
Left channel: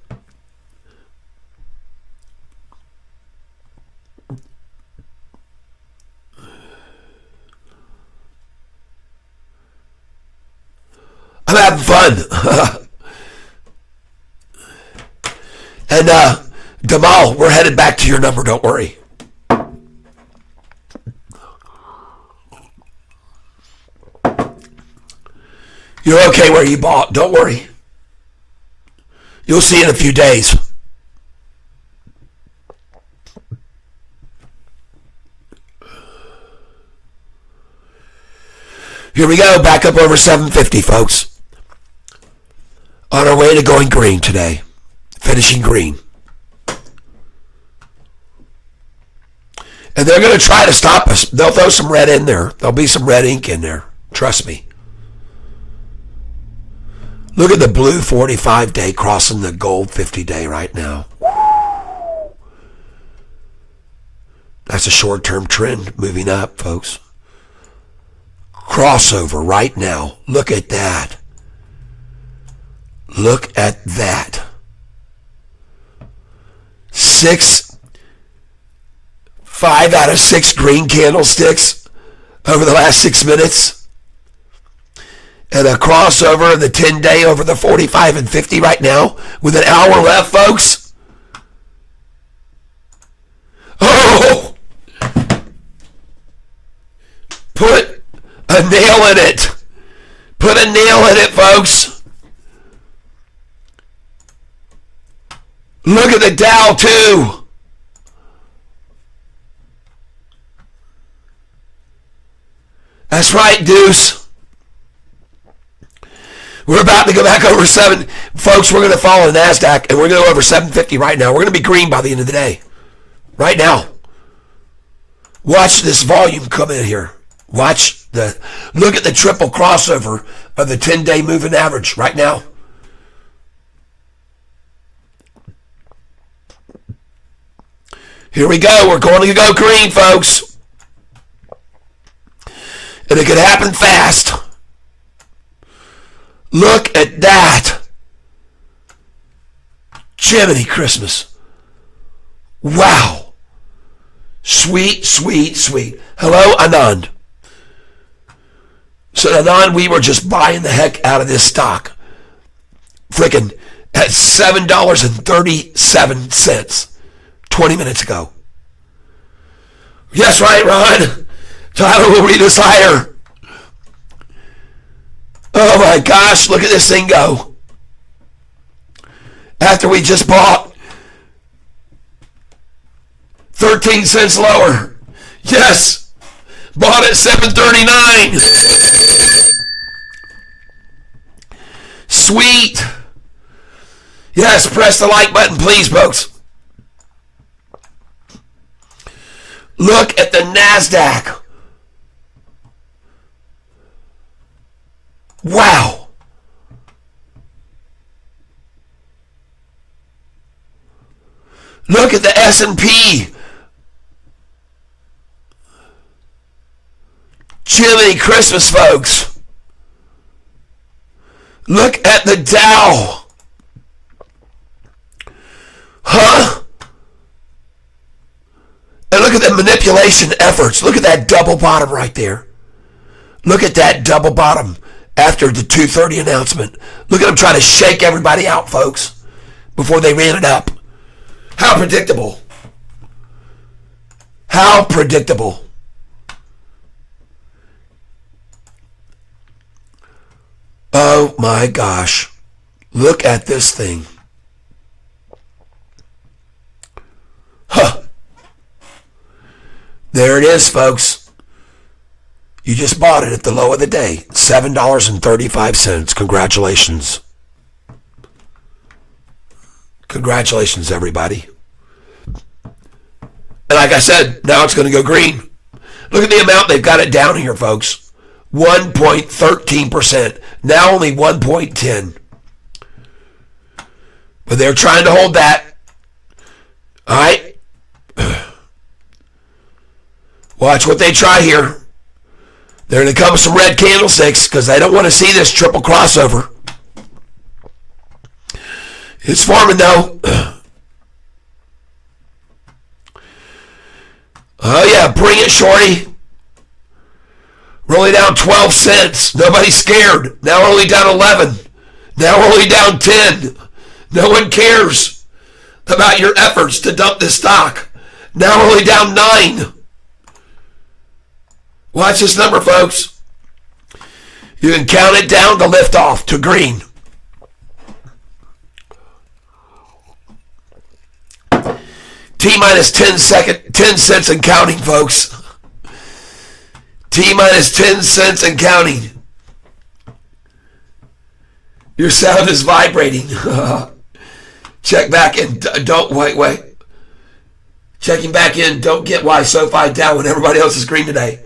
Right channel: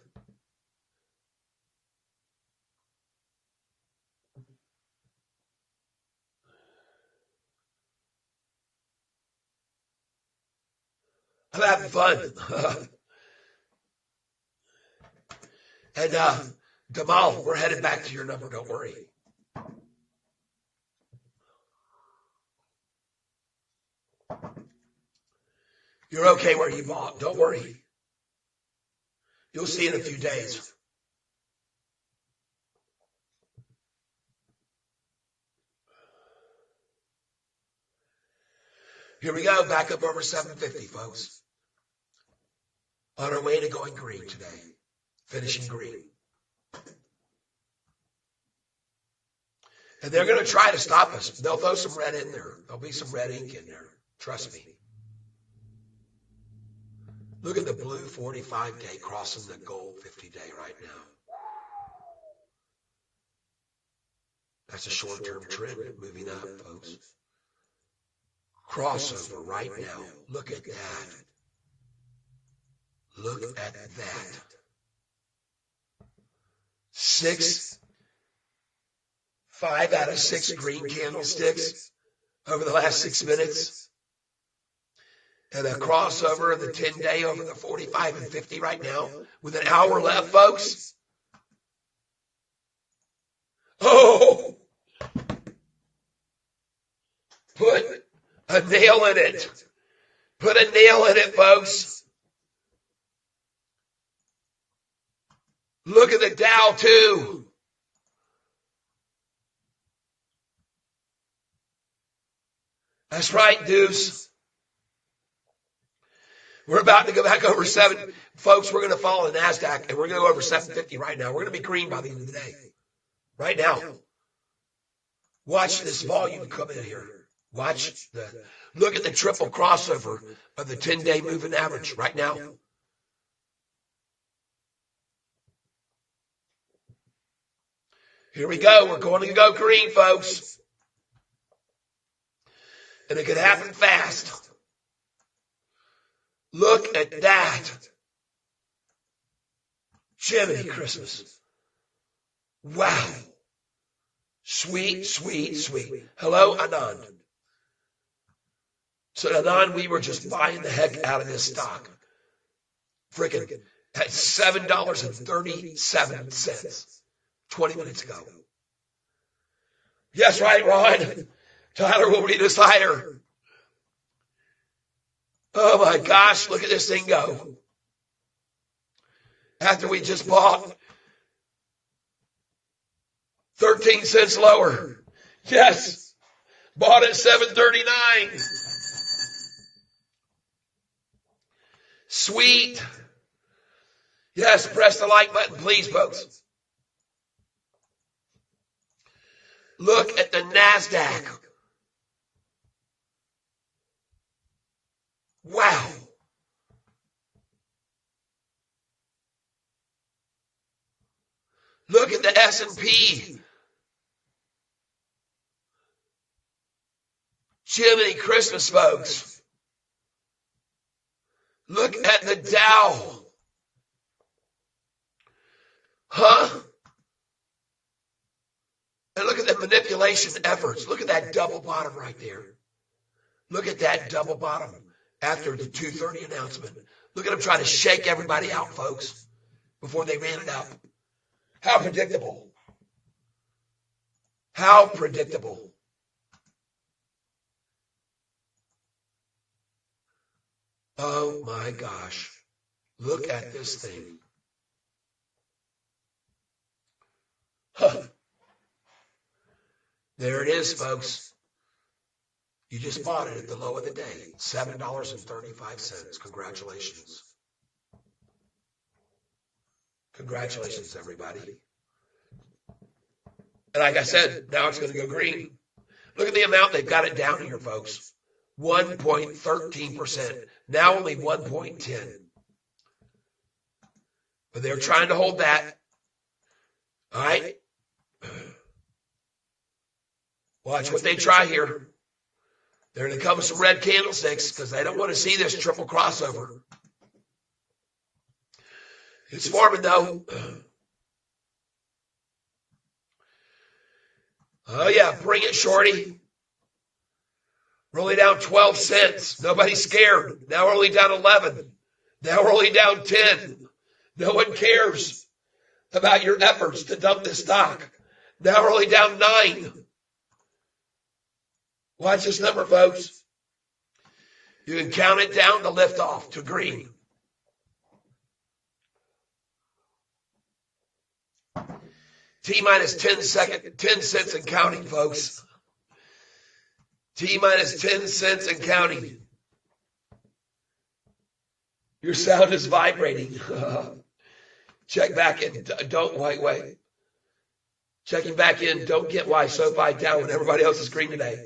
I'm having fun. And Damal, we're headed back to your number, don't worry. You're okay where you bought. Don't worry. You'll see in a few days. Here we go. Back up over 750, folks. On our way to going green today. Finishing green. And they're going to try to stop us. They'll throw some red in there. There'll be some red ink in there. Trust me. Look at the blue 45-day crossing the gold 50-day right now. That's a short-term trend moving up, folks. Crossover right now. Look at that. Look at that. 5 out of 6 green candlesticks over the last 6 minutes. And a crossover of the 10-day over the 45 and 50 right now with an hour left, folks. Oh! Put a nail in it. Put a nail in it, folks. Look at the Dow, too. That's right, Deuce. We're about to go back over 7. Folks, we're going to follow the NASDAQ, and we're going to go over 750 right now. We're going to be green by the end of the day. Right now. Watch this volume come in here. Look at the triple crossover of the 10-day moving average right now. Here we go. We're going to go green, folks. And it could happen fast. Look at that. Jiminy Christmas. Wow. Sweet, sweet, sweet. Hello, Anand. So, Anand, we were just buying the heck out of this stock. Freaking at $7.37 20 minutes ago. Yes, right, Ron. Tyler will read us higher. Oh my gosh, look at this thing go. After we just bought 13 cents lower. Yes, bought at 7.39. Sweet. Yes, press the like button, please, folks. Look at the NASDAQ. Wow. Look at the S&P. Jiminy Christmas, folks. Look at the Dow. Huh? And look at the manipulation efforts. Look at that double bottom right there. Look at that double bottom after the 2:30 announcement. Look at them trying to shake everybody out, folks, before they ran it up. How predictable. How predictable. Oh my gosh. Look at this thing. Huh. There it is, folks. You just bought it at the low of the day. $7.35. Congratulations. Congratulations, everybody. And like I said, now it's going to go green. Look at the amount they've got it down here, folks. 1.13%. Now only 1.10. But they're trying to hold that. All right? Watch what they try here. They're going to come with some red candlesticks because they don't want to see this triple crossover. It's forming, though. Oh, yeah, bring it, shorty. We're only down 12 cents. Nobody's scared. Now we're only down 11. Now we're only down 10. No one cares about your efforts to dump this stock. Now we're only down 9. Watch this number, folks. You can count it down to lift off to green. T-minus 10 cents and counting, folks. T-minus 10 cents and counting. Your sound is vibrating. Check back in. Don't, wait. Checking back in. Don't get why Sofi down when everybody else is green today.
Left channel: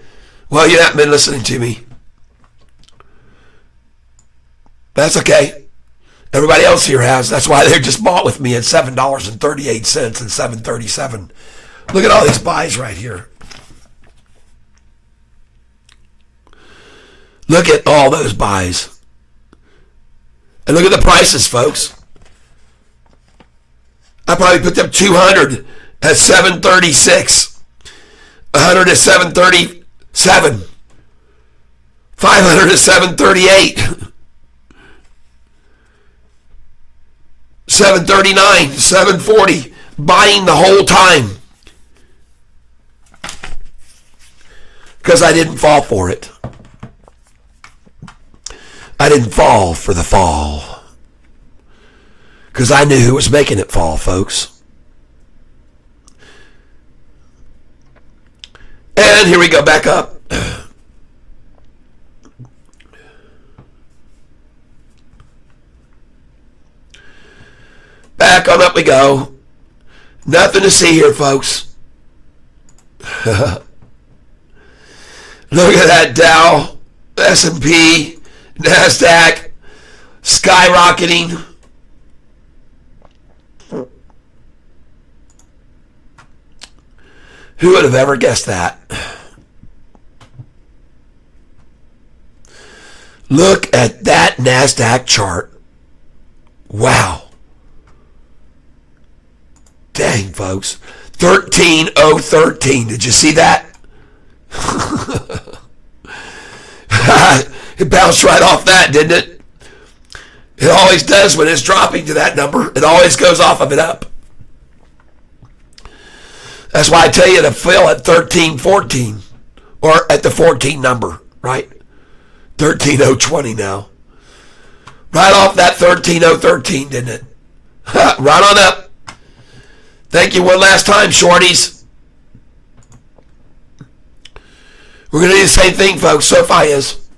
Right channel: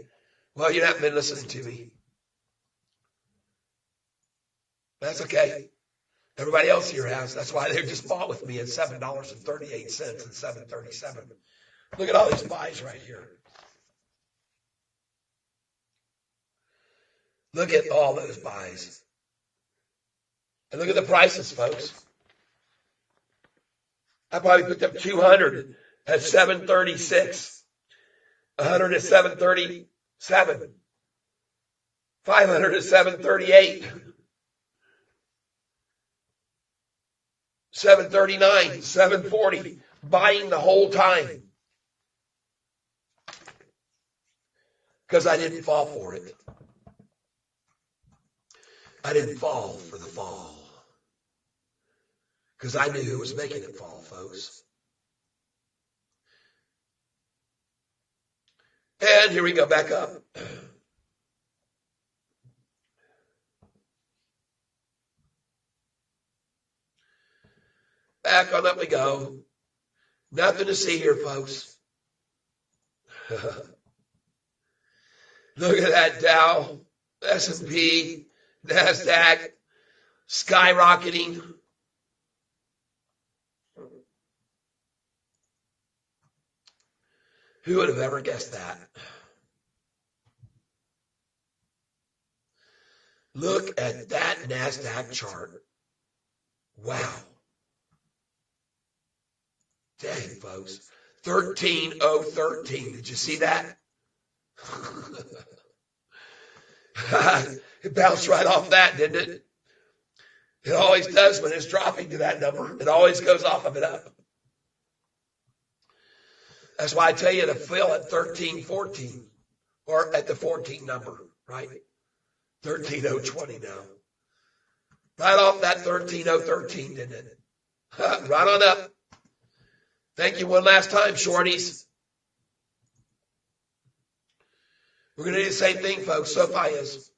Well, you haven't been listening to me. That's okay. Everybody else here has. That's why they just bought with me at $7.38 and $7.37. Look at all these buys right here. Look at all those buys. And look at the prices, folks. I probably put them 200 at $7.36. 100 at $7.37. 500 at $7.38. 7.39, 7.40, buying the whole time. Because I didn't fall for it. I didn't fall for the fall. Because I knew who was making it fall, folks. And here we go back up. Back on up we go. Nothing to see here, folks. Look at that Dow, S&P, NASDAQ, skyrocketing. Who would have ever guessed that? Look at that NASDAQ chart. Wow. Dang, folks. 13,013. Did you see that? It bounced right off that, didn't it? It always does when it's dropping to that number. It always goes off of it up. That's why I tell you to fill at 13.14. Or at the 14 number, right? 13020 now. Right off that 13013, didn't it? Right on up. Thank you one last time, shorties. We're going to do the same thing, folks. Sofi is.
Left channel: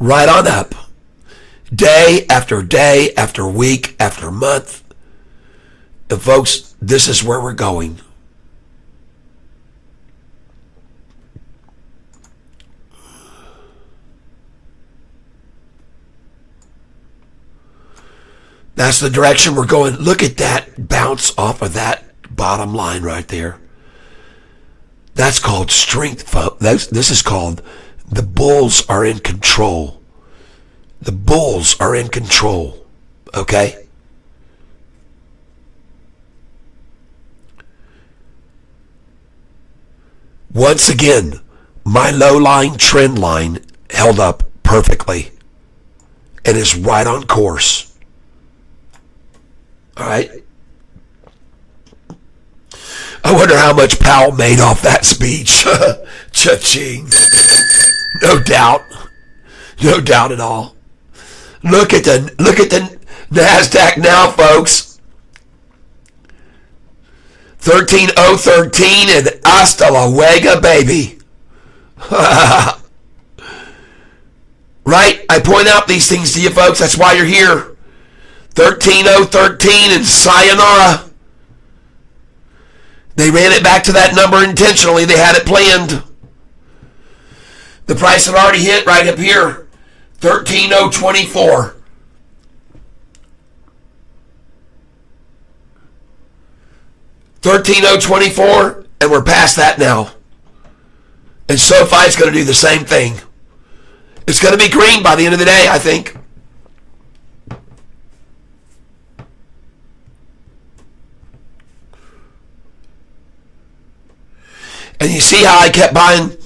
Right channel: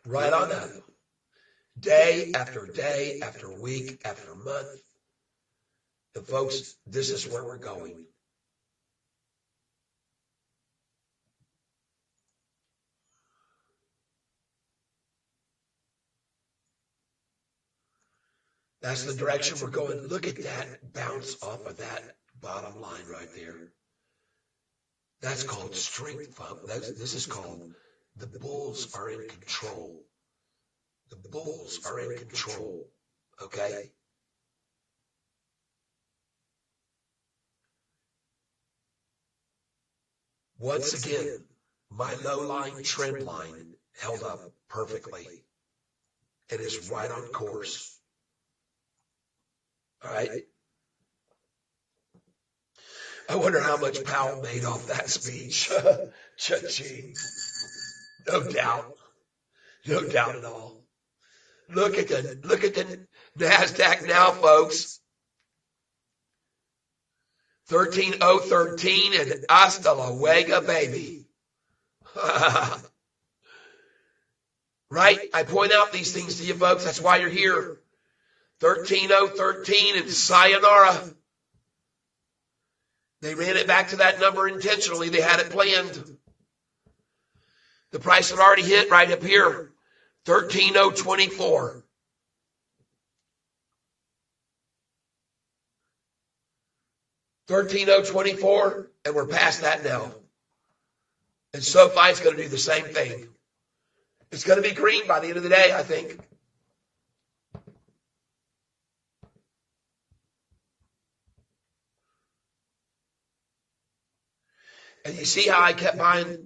Right on up. Day after day after week after month. And folks, this is where we're going. That's the direction we're going. Look at that bounce off of that bottom line right there. That's called strength, folks. This is called the bulls are in control. The bulls are in control. Okay? Once again, my low line trend line held up perfectly and is right on course. All right. I wonder how much Powell made off that speech. Cha-ching. No doubt. No doubt at all. Look at the NASDAQ now, folks. 13013 and hasta la luego, baby. Right? I point out these things to you, folks. That's why you're here. 13013 and sayonara. They ran it back to that number intentionally. They had it planned. The price had already hit right up here. 13024. $13,024, and we're past that now. And SoFi's going to do the same thing. It's going to be green by the end of the day, I think. And you see how I kept buying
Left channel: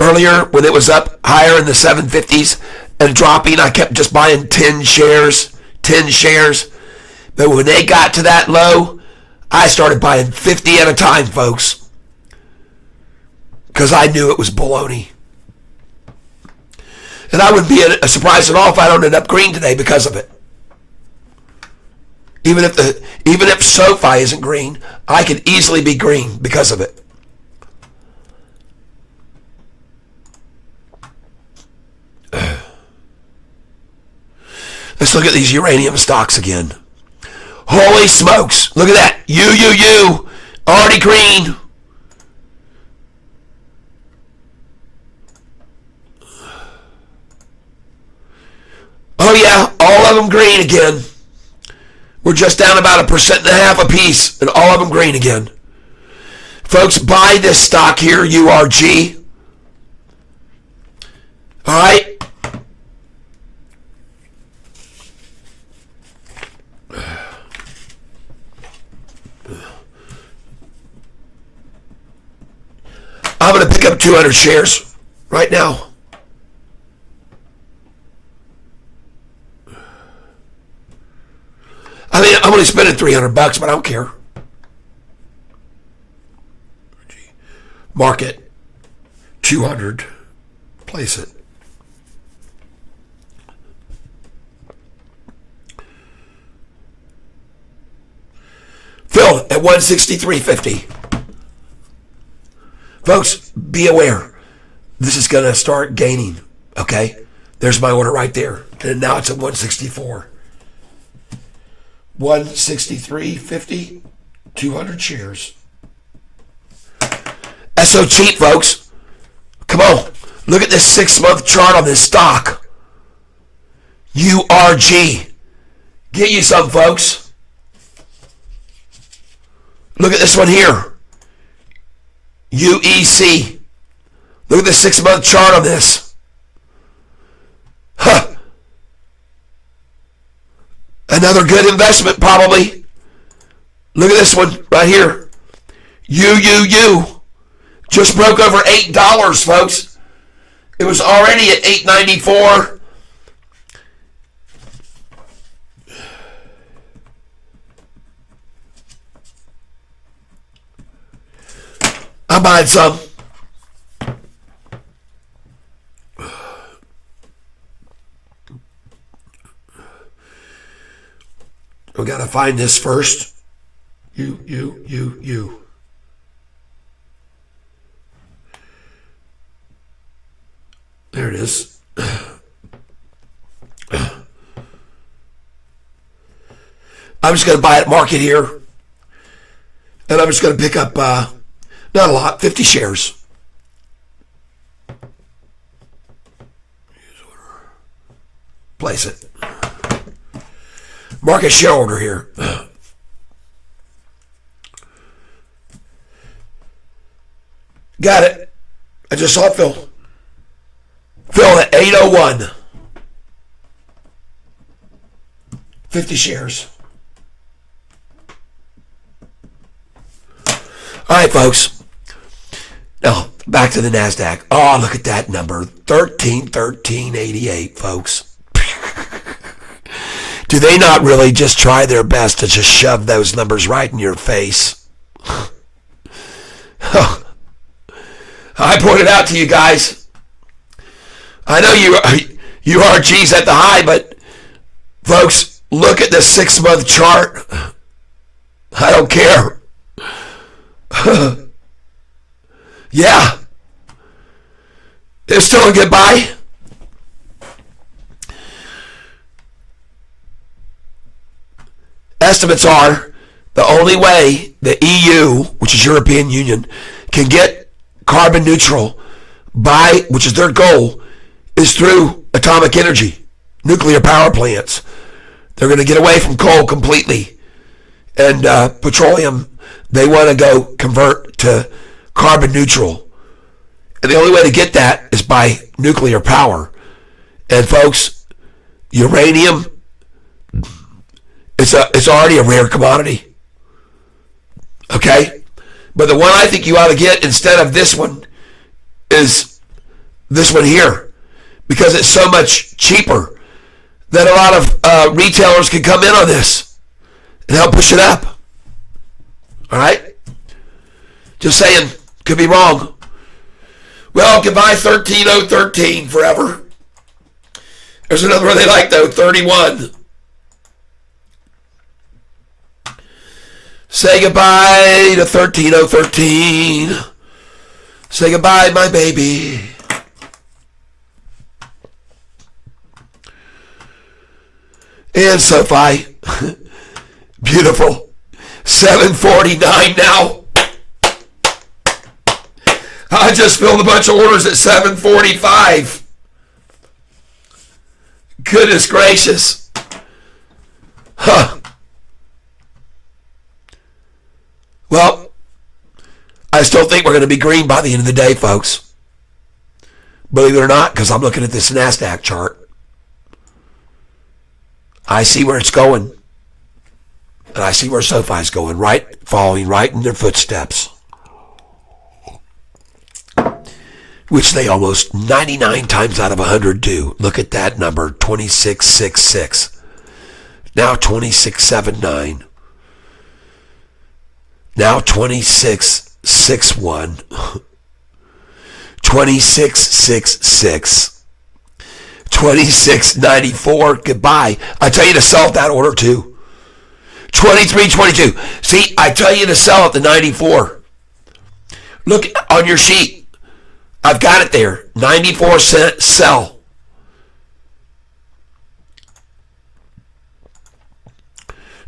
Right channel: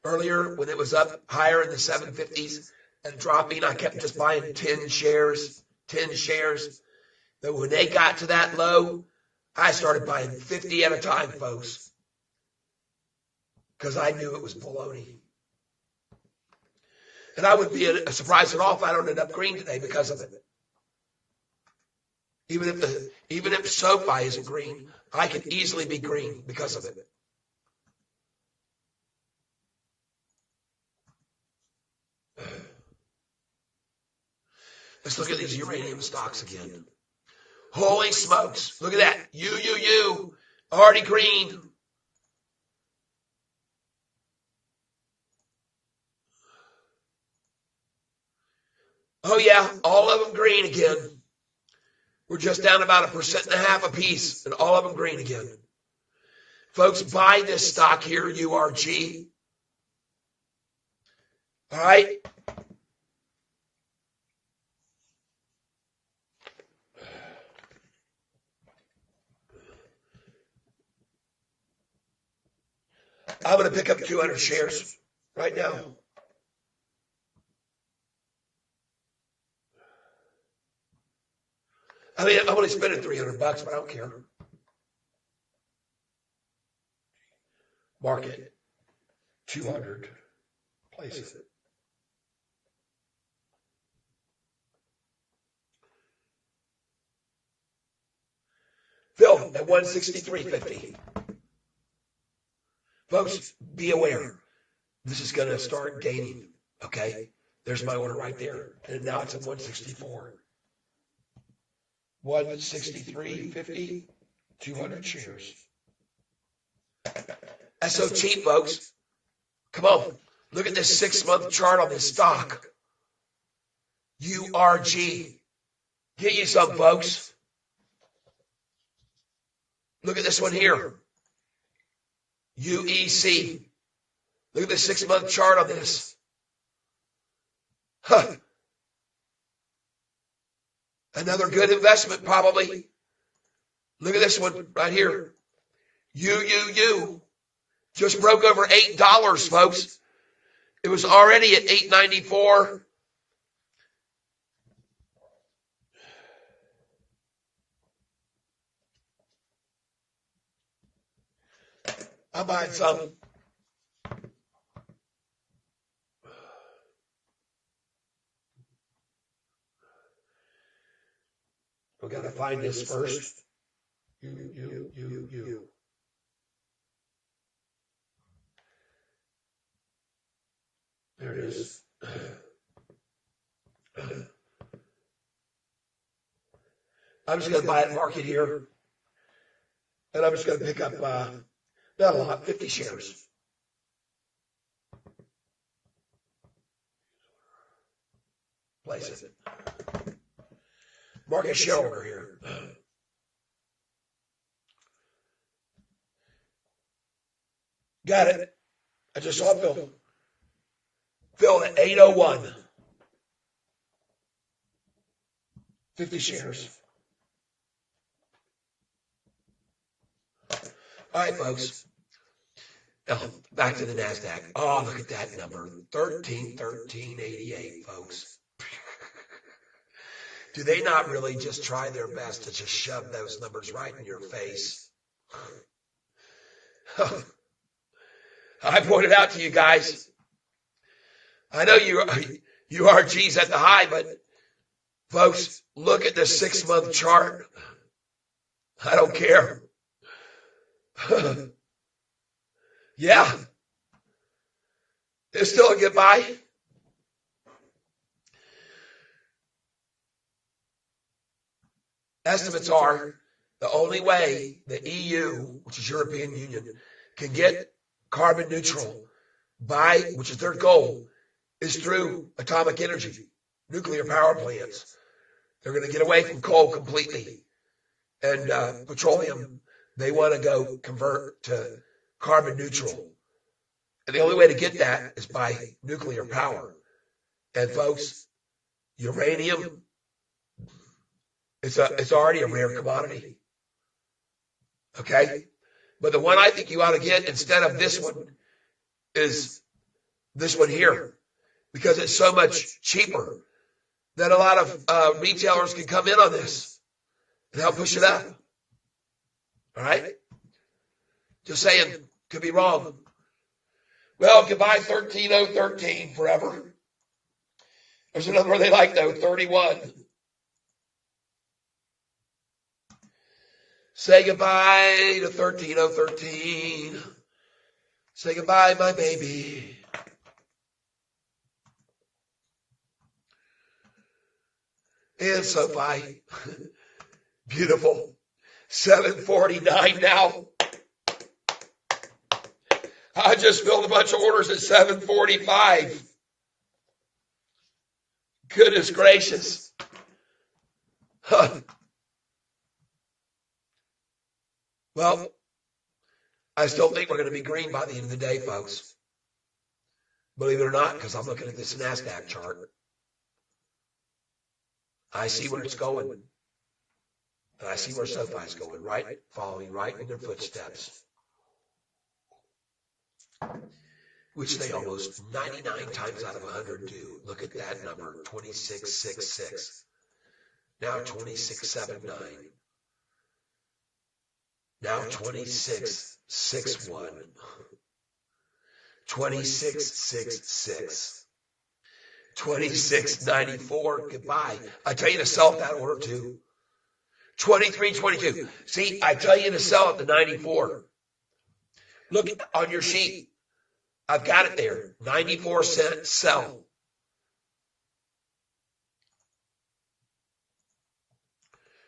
earlier when it was up higher in the 750s and dropping? I kept just buying 10 shares. But when they got to that low, I started buying 50 at a time, folks, because I knew it was baloney. And I wouldn't be surprised at all if I don't end up green today because of it. Even if SoFi isn't green, I could easily be green because of it. Let's look at these uranium stocks again. Holy smokes. Look at that. You. Already green. Oh yeah, all of them green again. We're just down about 1.5% apiece, and all of them green again. Folks, buy this stock here, URG. All right? I'm going to pick up 200 shares right now. I mean, I'm only spending $300, but I don't care. Market 200. Place it. Fill at 163.50. Folks, be aware. This is going to start gaining, okay? There's my order right there. And now it's at 164. 163.50, 200 shares. That's so cheap, folks. Come on. Look at this 6-month chart on this stock. URG. Get you some, folks. Look at this one here. UEC. Look at the 6-month chart on this. Huh. Another good investment, probably. Look at this one right here. UUU. Just broke over $8, folks. It was already at $8.94. I'm buying some. We got to find this first. You. There it is. I'm just going to buy at market here. And I'm just going to pick up, not a lot, 50 shares. Place it. Market share order here. Got it. I just saw it fill. Fill at 801. 50 shares. All right, folks. Now, back to the NASDAQ. Oh, look at that number. 1388, folks. Do they not really just try their best to just shove those numbers right in your face? I pointed out to you guys. I know you are G's at the high, but folks, look at the 6-month chart. I don't care. Yeah. They're still a good buy. Estimates are the only way the EU, which is European Union, can get carbon neutral by, which is their goal, is through atomic energy, nuclear power plants. They're going to get away from coal completely. And petroleum, they want to go convert to carbon neutral. And the only way to get that is by nuclear power. And folks, uranium, it's already a rare commodity. Okay? But the one I think you ought to get instead of this one is this one here. Because it's so much cheaper that a lot of retailers can come in on this and help push it up. All right? Just saying. Could be wrong. Well, goodbye 13013 forever. There's another one they like though, 31. Say goodbye to 13013. Say goodbye, my baby. And Sofi. Beautiful. 749 now. I just filled a bunch of orders at 745. Goodness gracious. Huh. Well, I still think we're going to be green by the end of the day, folks. Believe it or not, because I'm looking at this NASDAQ chart. I see where it's going. And I see where SoFi's going, right? Following right in their footsteps. Which they almost 99 times out of 100 do. Look at that number, 2666. Now 2679. Now 2661. 2666. 2694. Goodbye. I tell you to sell at that order too. 2322. See, I tell you to sell at the 94. Look on your sheet. I've got it there. 94-cent sell.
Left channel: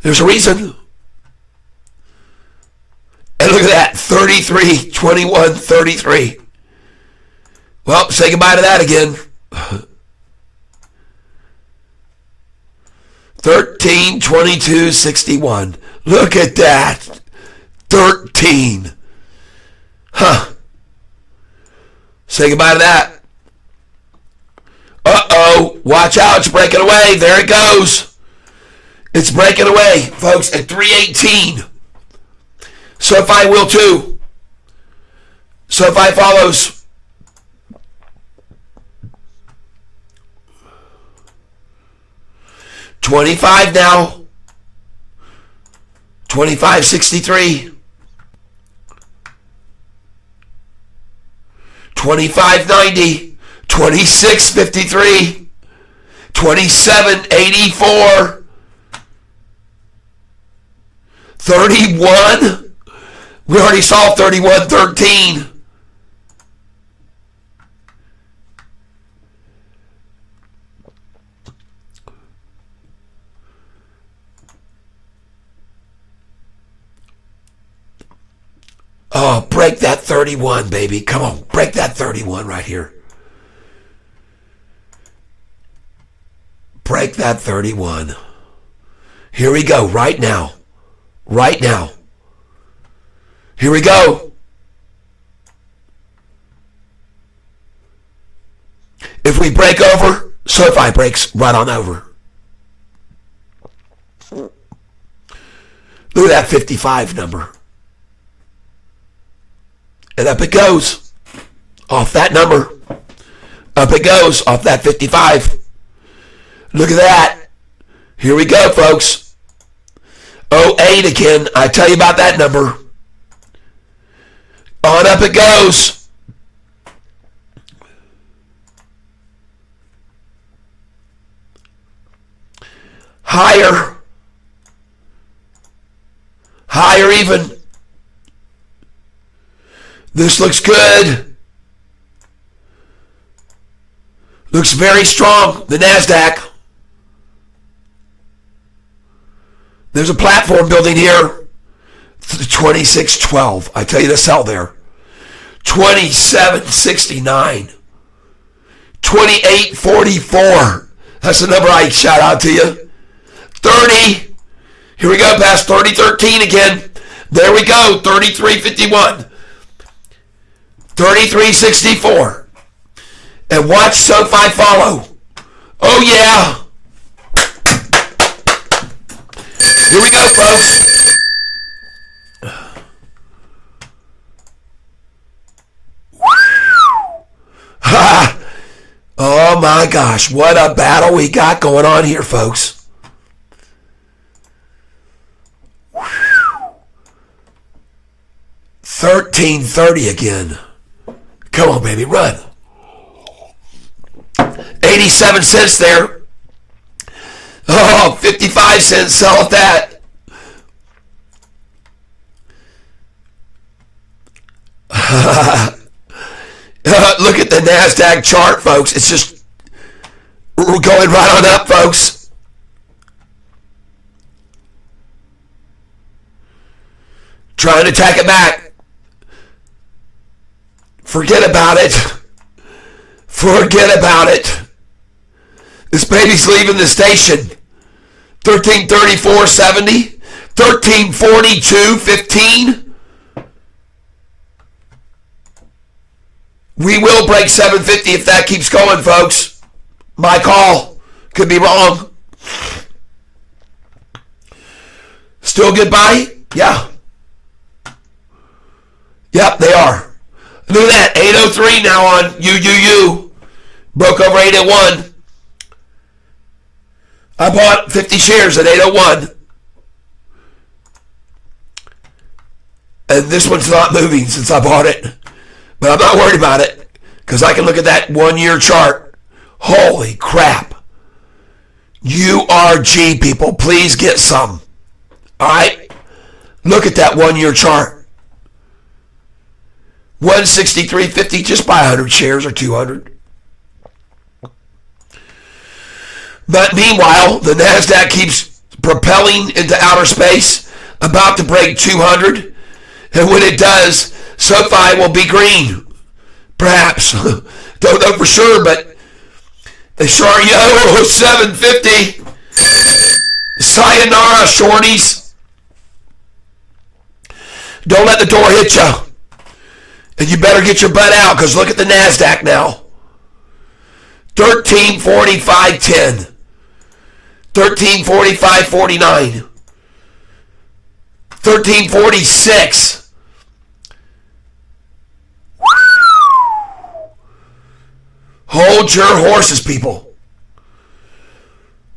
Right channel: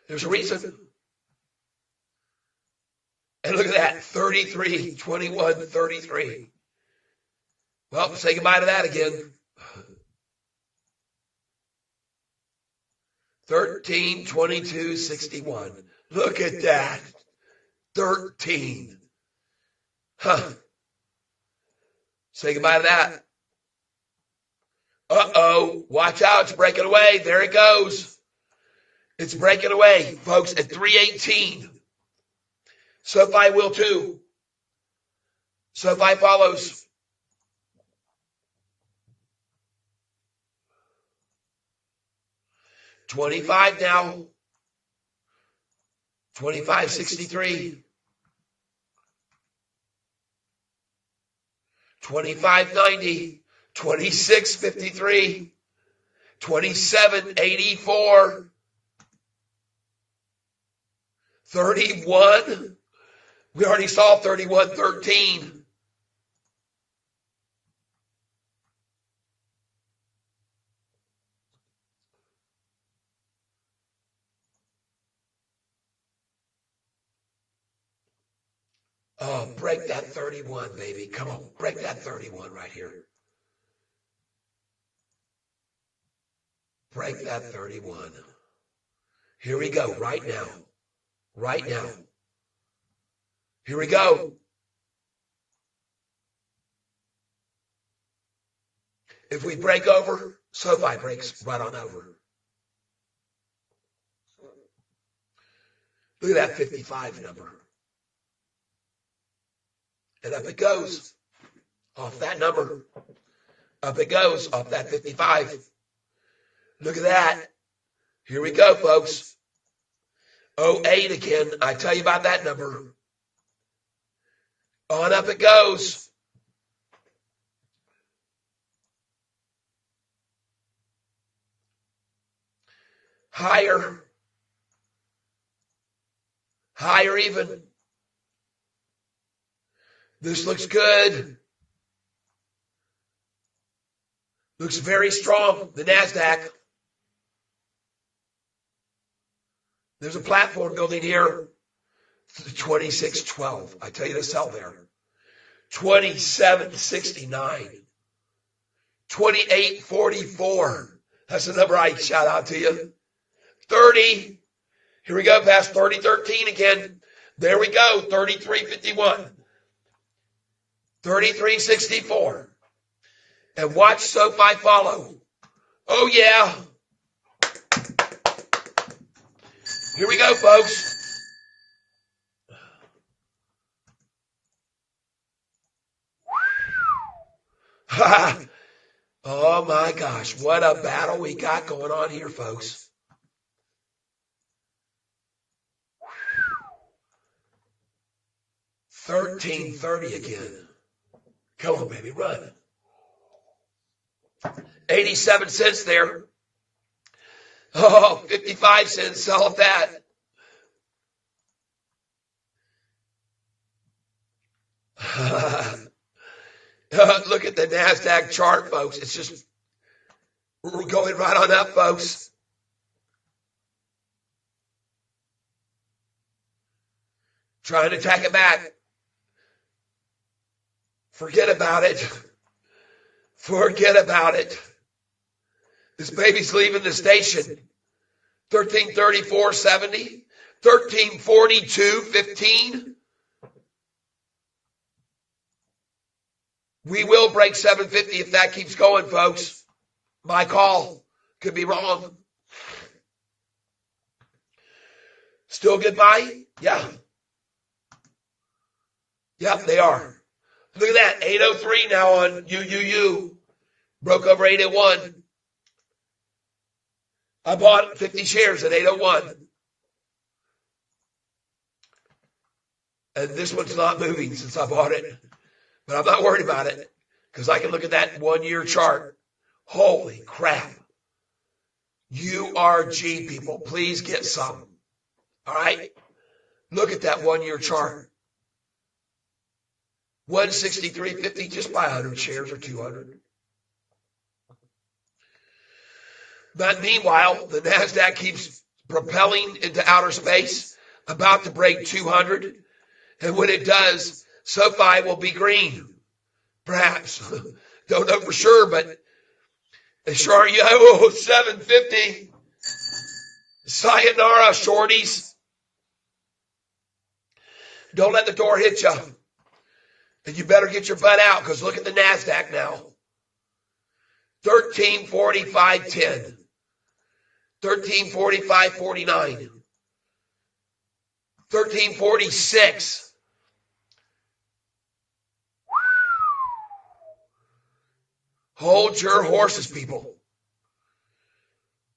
There's a reason. And look at that. 33, 21, 33. Well, say goodbye to that again. 13, 22, 61. Look at that. 13. Huh. Say goodbye to that. Uh-oh. Watch out. It's breaking away. There it goes. It's breaking away, folks, at 318. SoFi will too. SoFi follows. $25 now. 25.63. 25.90, 26.53, 27.84, 31. We already saw 31.13. Oh, break that 31, baby. Come on, break that 31 right here. Break that 31. Here we go, right now. Right now. Here we go. If we break over, Sofi breaks right on over. Look at that 55 number. And up it goes. Off that number. Up it goes off that 55. Look at that. Here we go, folks. 08 again. I tell you about that number. On up it goes. Higher. Higher even. This looks good. Looks very strong. The NASDAQ. There's a platform building here. 26.12. I tell you the sell there. 27.69. 28.44. That's the number I shout out to you. 30. Here we go past 30.13 again. There we go. 33.51. 33.64. And watch Sofi follow. Oh yeah. Here we go, folks. Ha! Oh my gosh, what a battle we got going on here, folks. 13.30 again. Come on, baby, run. 87 cents there. Oh, 55 cents, sell at that. Look at the NASDAQ chart, folks. It's just, we're going right on up, folks. Trying to tack it back. Forget about it. Forget about it. This baby's leaving the station. 1334.70, 1342.15. We will break 750 if that keeps going, folks. My call. Could be wrong. Still good buy? Yeah. Yep, they are. Look at that. 803 now on UUU. Broke over 801. I bought 50 shares at 801. And this one's not moving since I bought it. But I'm not worried about it because I can look at that 1 year chart. Holy crap. URG, people, please get some. All right? Look at that 1 year chart. 163.50, just buy 100 shares or 200. But meanwhile, the NASDAQ keeps propelling into outer space, about to break 200. And when it does, Sofi will be green. Perhaps. Don't know for sure, but they sure are yellow. 750. Sayonara, shorties. Don't let the door hit you. And you better get your butt out because look at the NASDAQ now. 1345.10. 1345.49. 1346. Hold your horses, people.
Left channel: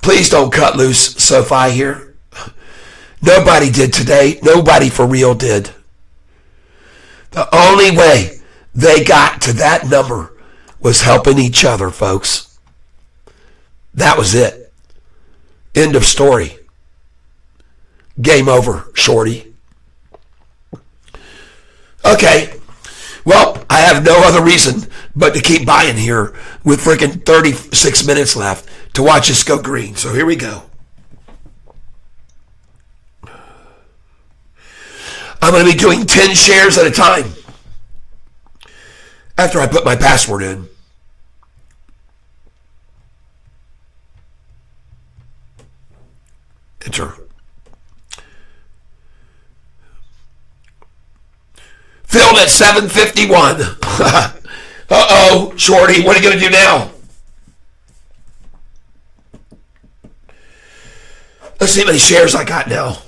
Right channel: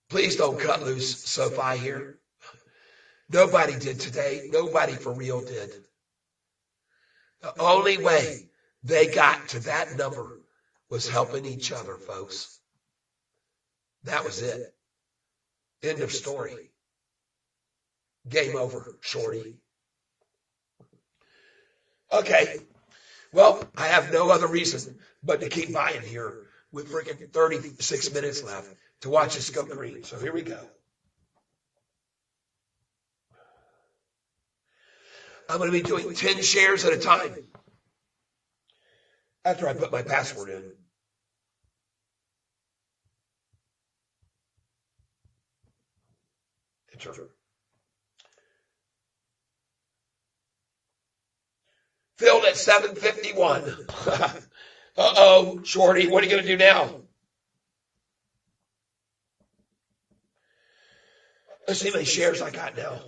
Please don't cut loose Sofi here. Nobody did today. Nobody for real did. The only way they got to that number was helping each other, folks. That was it. End of story. Game over, shorty. Okay. Well, I have no other reason but to keep buying here with freaking 36 minutes left to watch us go green. So here we go. I'm going to be doing 10 shares at a time after I put my password in. Enter. Filled at 7:51. Uh-oh, shorty, what are you going to do now? Let's see how many shares I got now.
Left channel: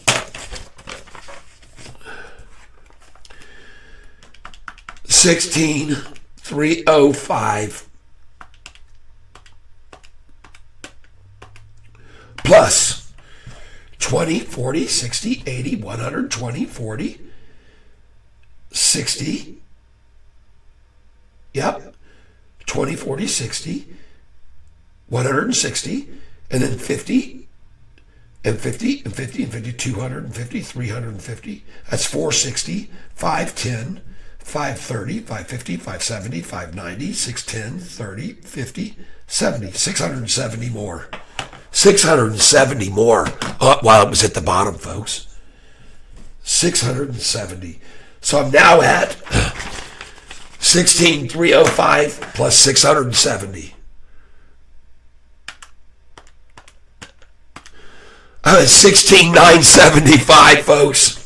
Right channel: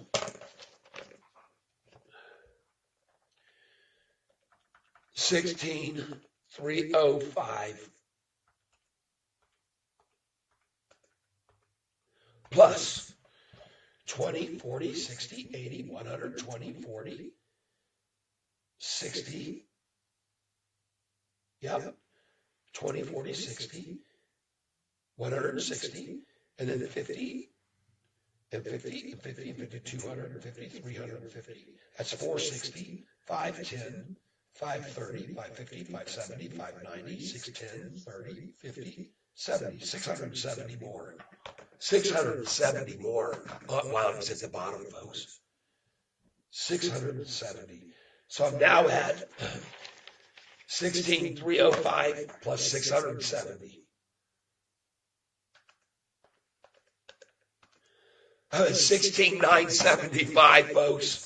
16,305 plus 20, 40, 60, 80, 120, 40, 60. Yep. 20, 40, 60, 160, and then 50, and 50, and 50, and 50, 250, 350. That's 460, 510, 530, 550, 570, 590, 610, 30, 50, 70, 670 more. 670 more while it was at the bottom, folks. 670. So I'm now at 16,305 plus 670. I'm at 16,975, folks.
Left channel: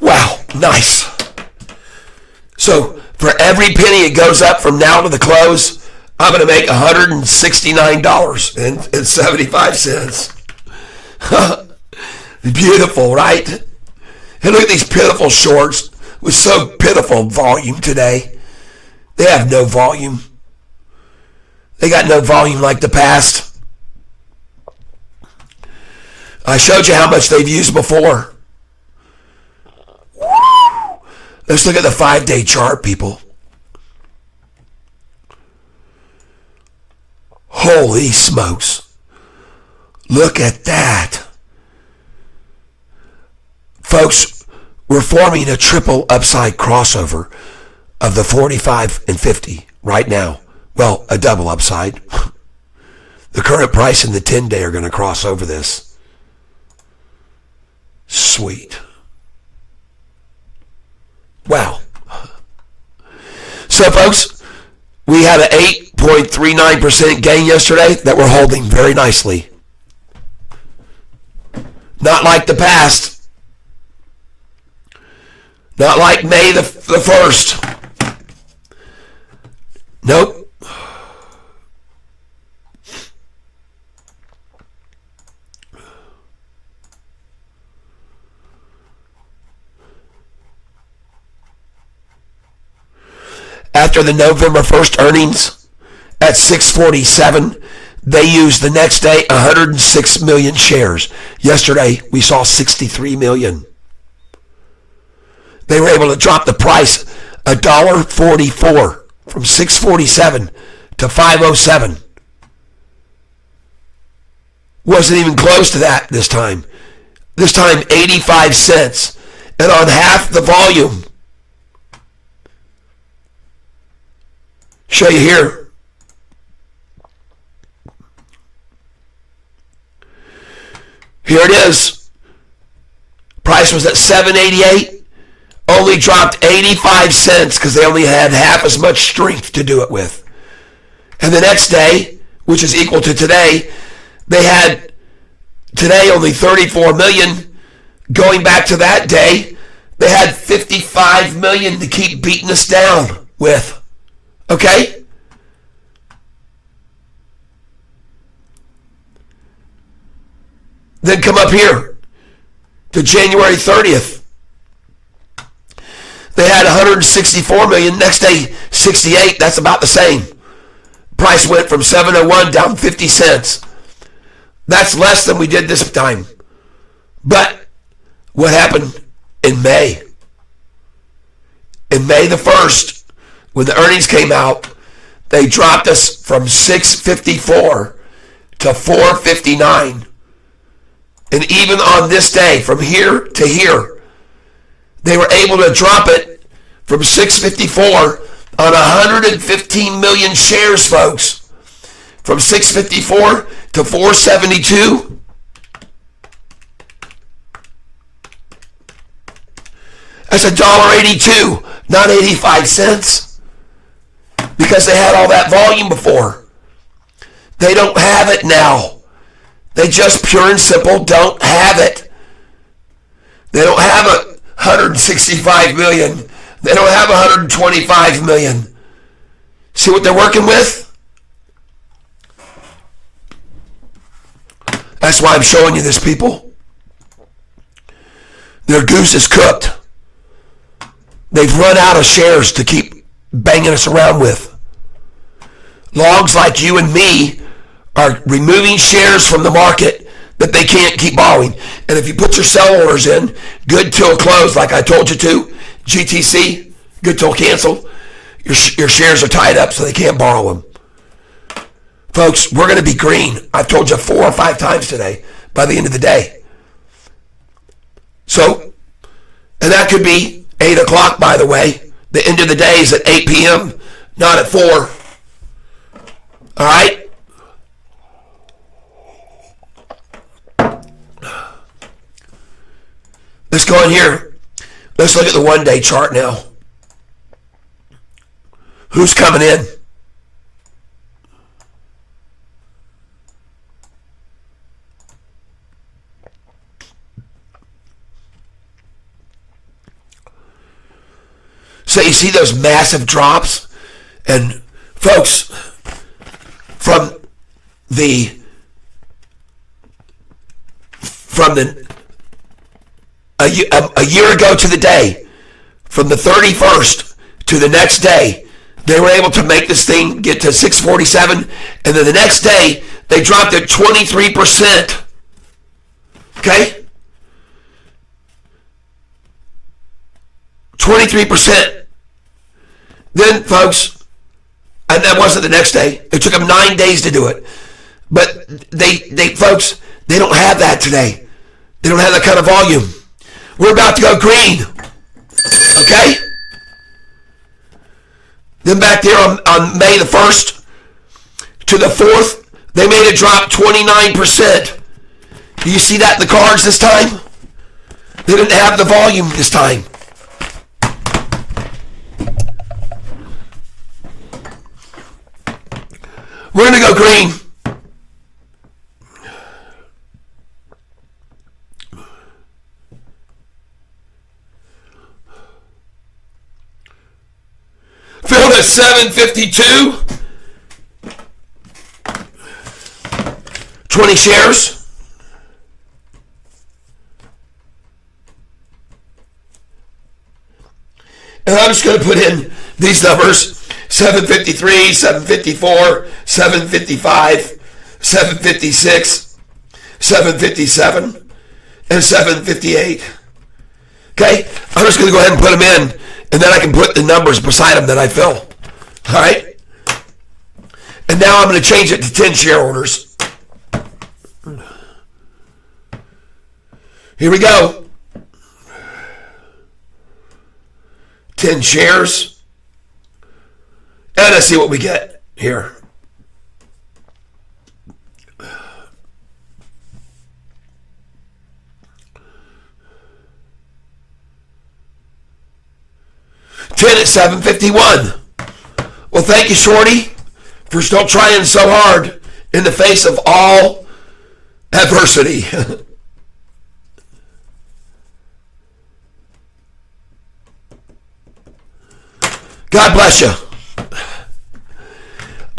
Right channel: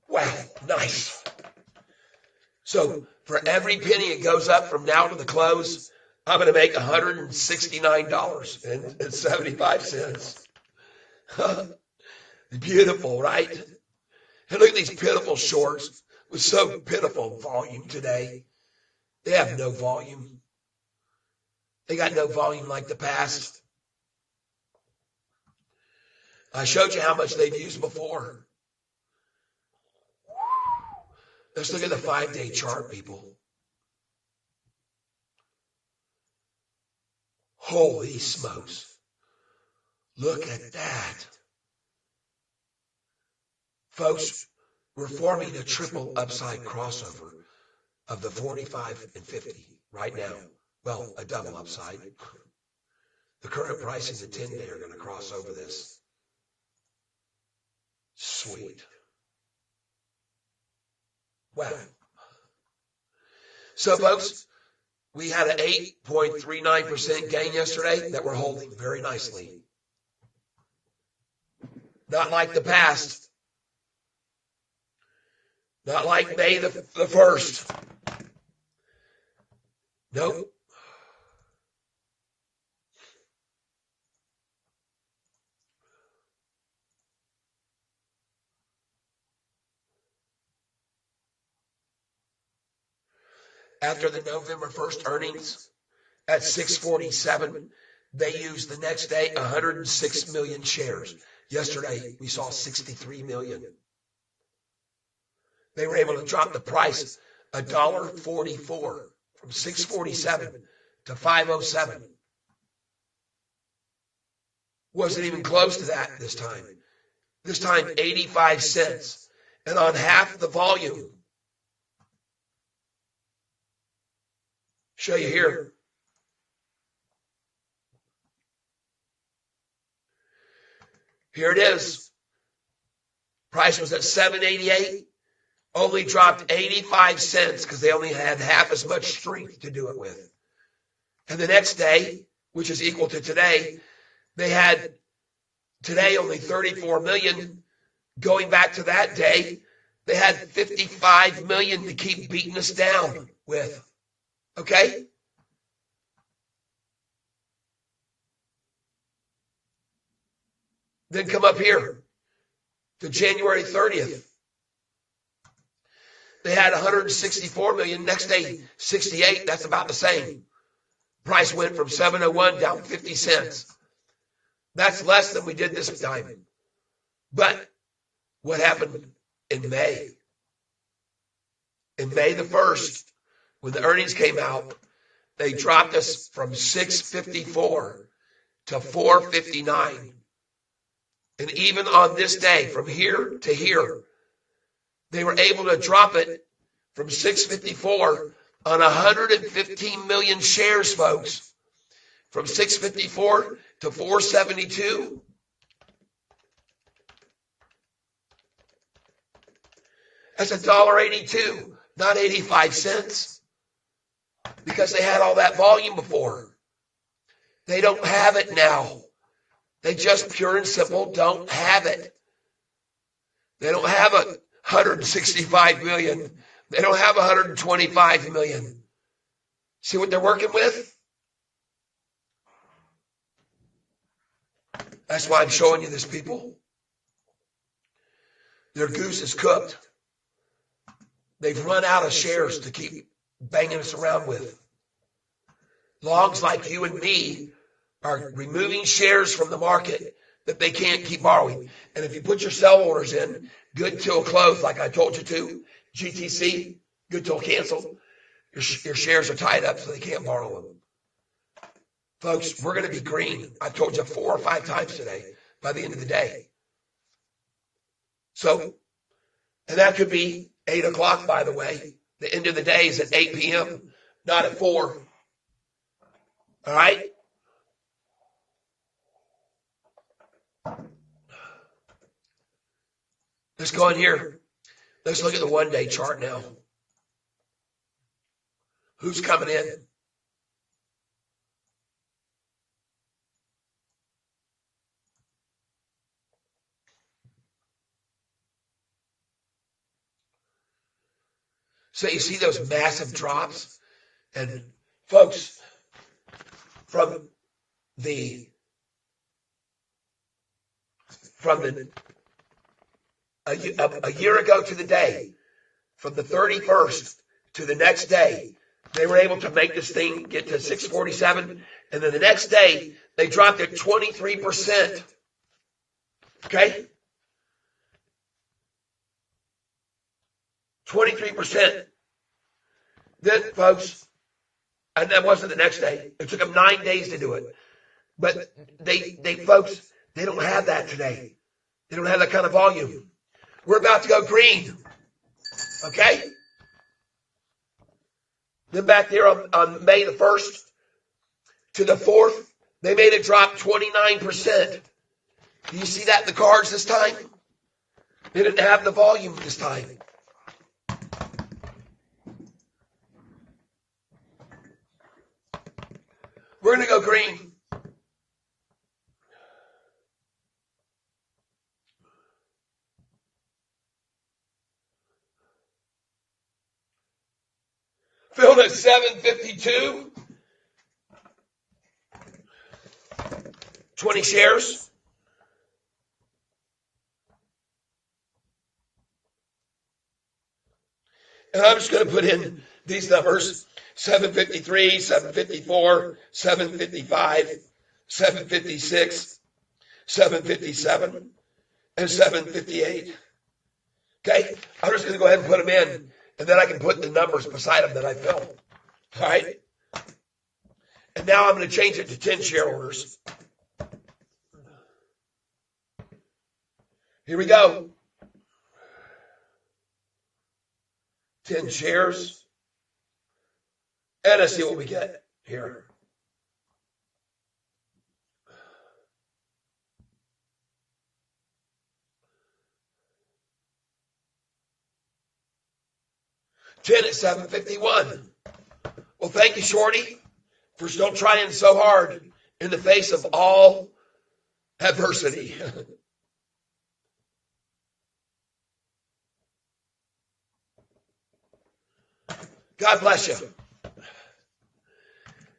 Wow, nice. So for every penny it goes up from now to the close, I'm going to make $169.75. Beautiful, right? And look at these pitiful shorts with so pitiful volume today. They have no volume. They got no volume like the past. I showed you how much they've used before. Let's look at the 5-day chart, people. Holy smokes. Look at that. Folks, we're forming a triple upside crossover of the 45 and 50 right now. Well, a double upside. The current price and the 10-day are going to cross over this. Sweet. Wow. So, folks, we had an 8.39% gain yesterday that we're holding very nicely. Not like the past. Not like May the 1st. Nope. After the November 1st earnings at 647, they used the next day 106 million shares. Yesterday, we saw 63 million. They were able to drop the price $1.44 from 647 to 507. Wasn't even close to that this time. This time, 85 cents. And on half the volume. Show you here. Here it is. Price was at $7.88. Only dropped 85 cents because they only had half as much strength to do it with. And the next day, which is equal to today, they had today only 34 million. Going back to that day, they had 55 million to keep beating us down with. Okay? Then come up here to January 30th. They had 164 million. Next day, 68. That's about the same. Price went from 701 down 50 cents. That's less than we did this time. But what happened in May? In May the 1st, when the earnings came out, they dropped us from 654 to 459. And even on this day, from here to here, they were able to drop it from 654 on 115 million shares, folks. From 654 to 472. That's $1.82, not 85 cents. Because they had all that volume before. They don't have it now. They just pure and simple don't have it. They don't have 165 million. They don't have 125 million. See what they're working with? That's why I'm showing you this, people. Their goose is cooked. They've run out of shares to keep banging us around with. Logs like you and me are removing shares from the market that they can't keep borrowing. And if you put your sell orders in, good till close, like I told you to, GTC, good till cancel, your shares are tied up so they can't borrow them. Folks, we're going to be green. I've told you 4 or 5 times today by the end of the day. So, and that could be 8 o'clock, by the way. The end of the day is at 8 p.m., not at 4. All right? Let's go in here. Let's look at the one-day chart now. Who's coming in? So you see those massive drops? And folks, from a year ago to the day, from the 31st to the next day, they were able to make this thing get to 647, and then the next day they dropped it 23%. Okay? 23%. Then, folks, and that wasn't the next day. It took them 9 days to do it. But they folks, they don't have that today. They don't have that kind of volume. We're about to go green. Okay? Then back there on May the 1st to the 4th, they made it drop 29%. Do you see that in the cards this time? They didn't have the volume this time. We're going to go green. Filled at 752. 20 shares. And I'm just going to put in these numbers. 753, 754, 755, 756, 757, and 758. Okay? I'm just going to go ahead and put them in, and then I can put the numbers beside them that I fill. All right? And now I'm going to change it to 10 share orders. Here we go. 10 shares. And let's see what we get here. $10 at 751. Well, thank you, Shorty, for still trying so hard in the face of all adversity. God bless you.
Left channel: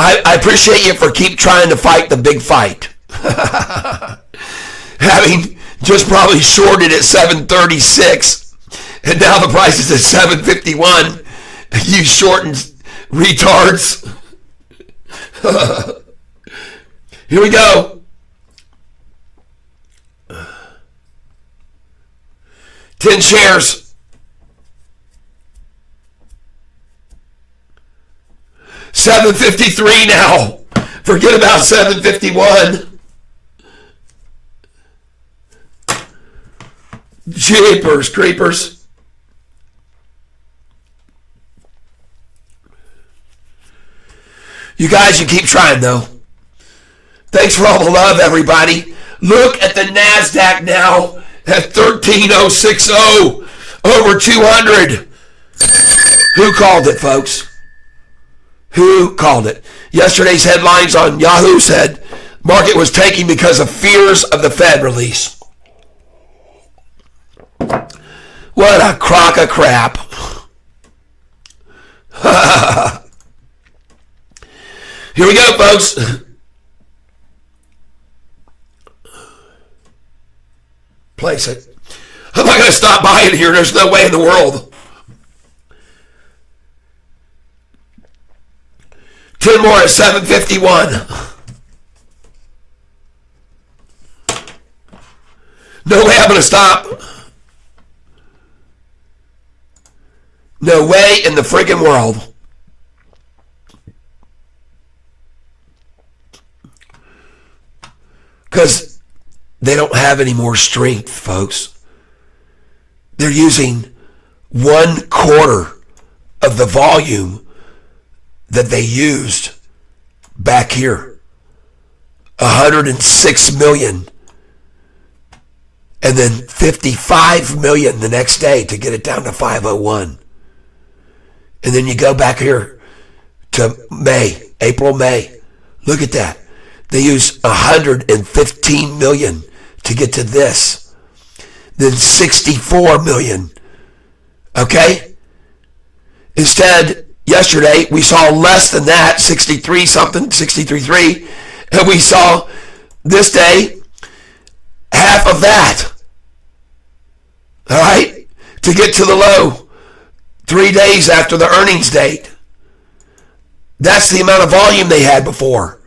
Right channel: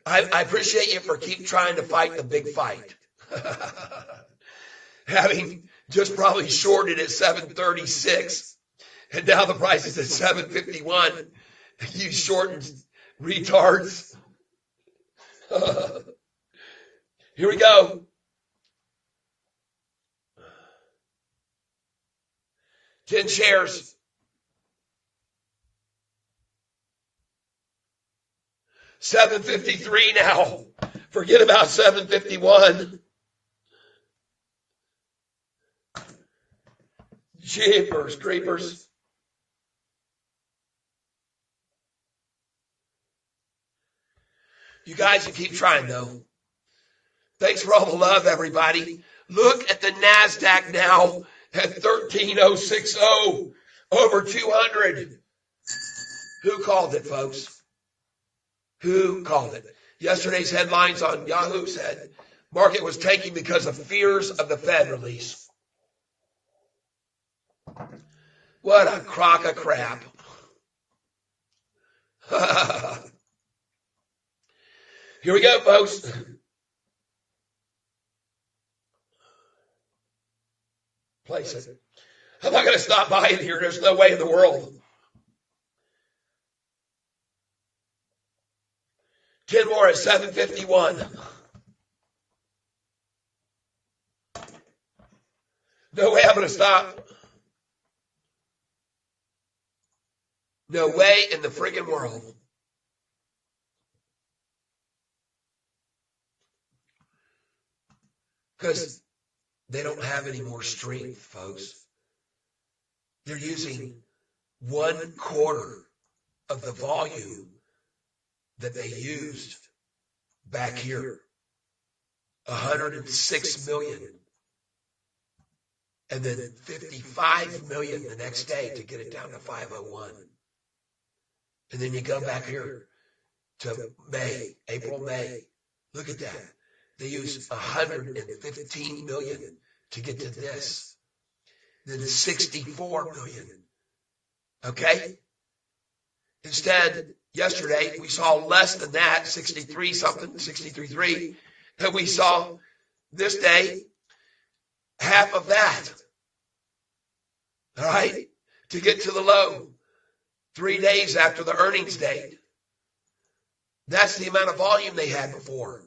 I appreciate you for keep trying to fight the big fight. Having just probably shorted at 736, and now the price is at 751. You shortened retards. Here we go. 10 shares. $7.53 now. Forget about $7.51. Jeepers creepers. You guys, you keep trying though. Thanks for all the love, everybody. Look at the NASDAQ now at 13,060, over 200. Who called it, folks? Who called it? Yesterday's headlines on Yahoo said market was tanking because of fears of the Fed release. What a crock of crap. Here we go, folks. Place it. I'm not going to stop buying here. There's no way in the world. 10 more at 751. No way I'm going to stop. No way in the freaking world. Because they don't have any more strength, folks. They're using 1/4 of the volume that they used back here. 106 million. And then 55 million the next day to get it down to 501. And then you go back here to May, April, May. Look at that. They used 115 million to get to this. Then 64 million. Okay? Instead, yesterday, we saw less than that, 63 something, 63.3. And we saw this day, half of that. All right? To get to the low 3 days after the earnings date. That's the amount of volume they had before.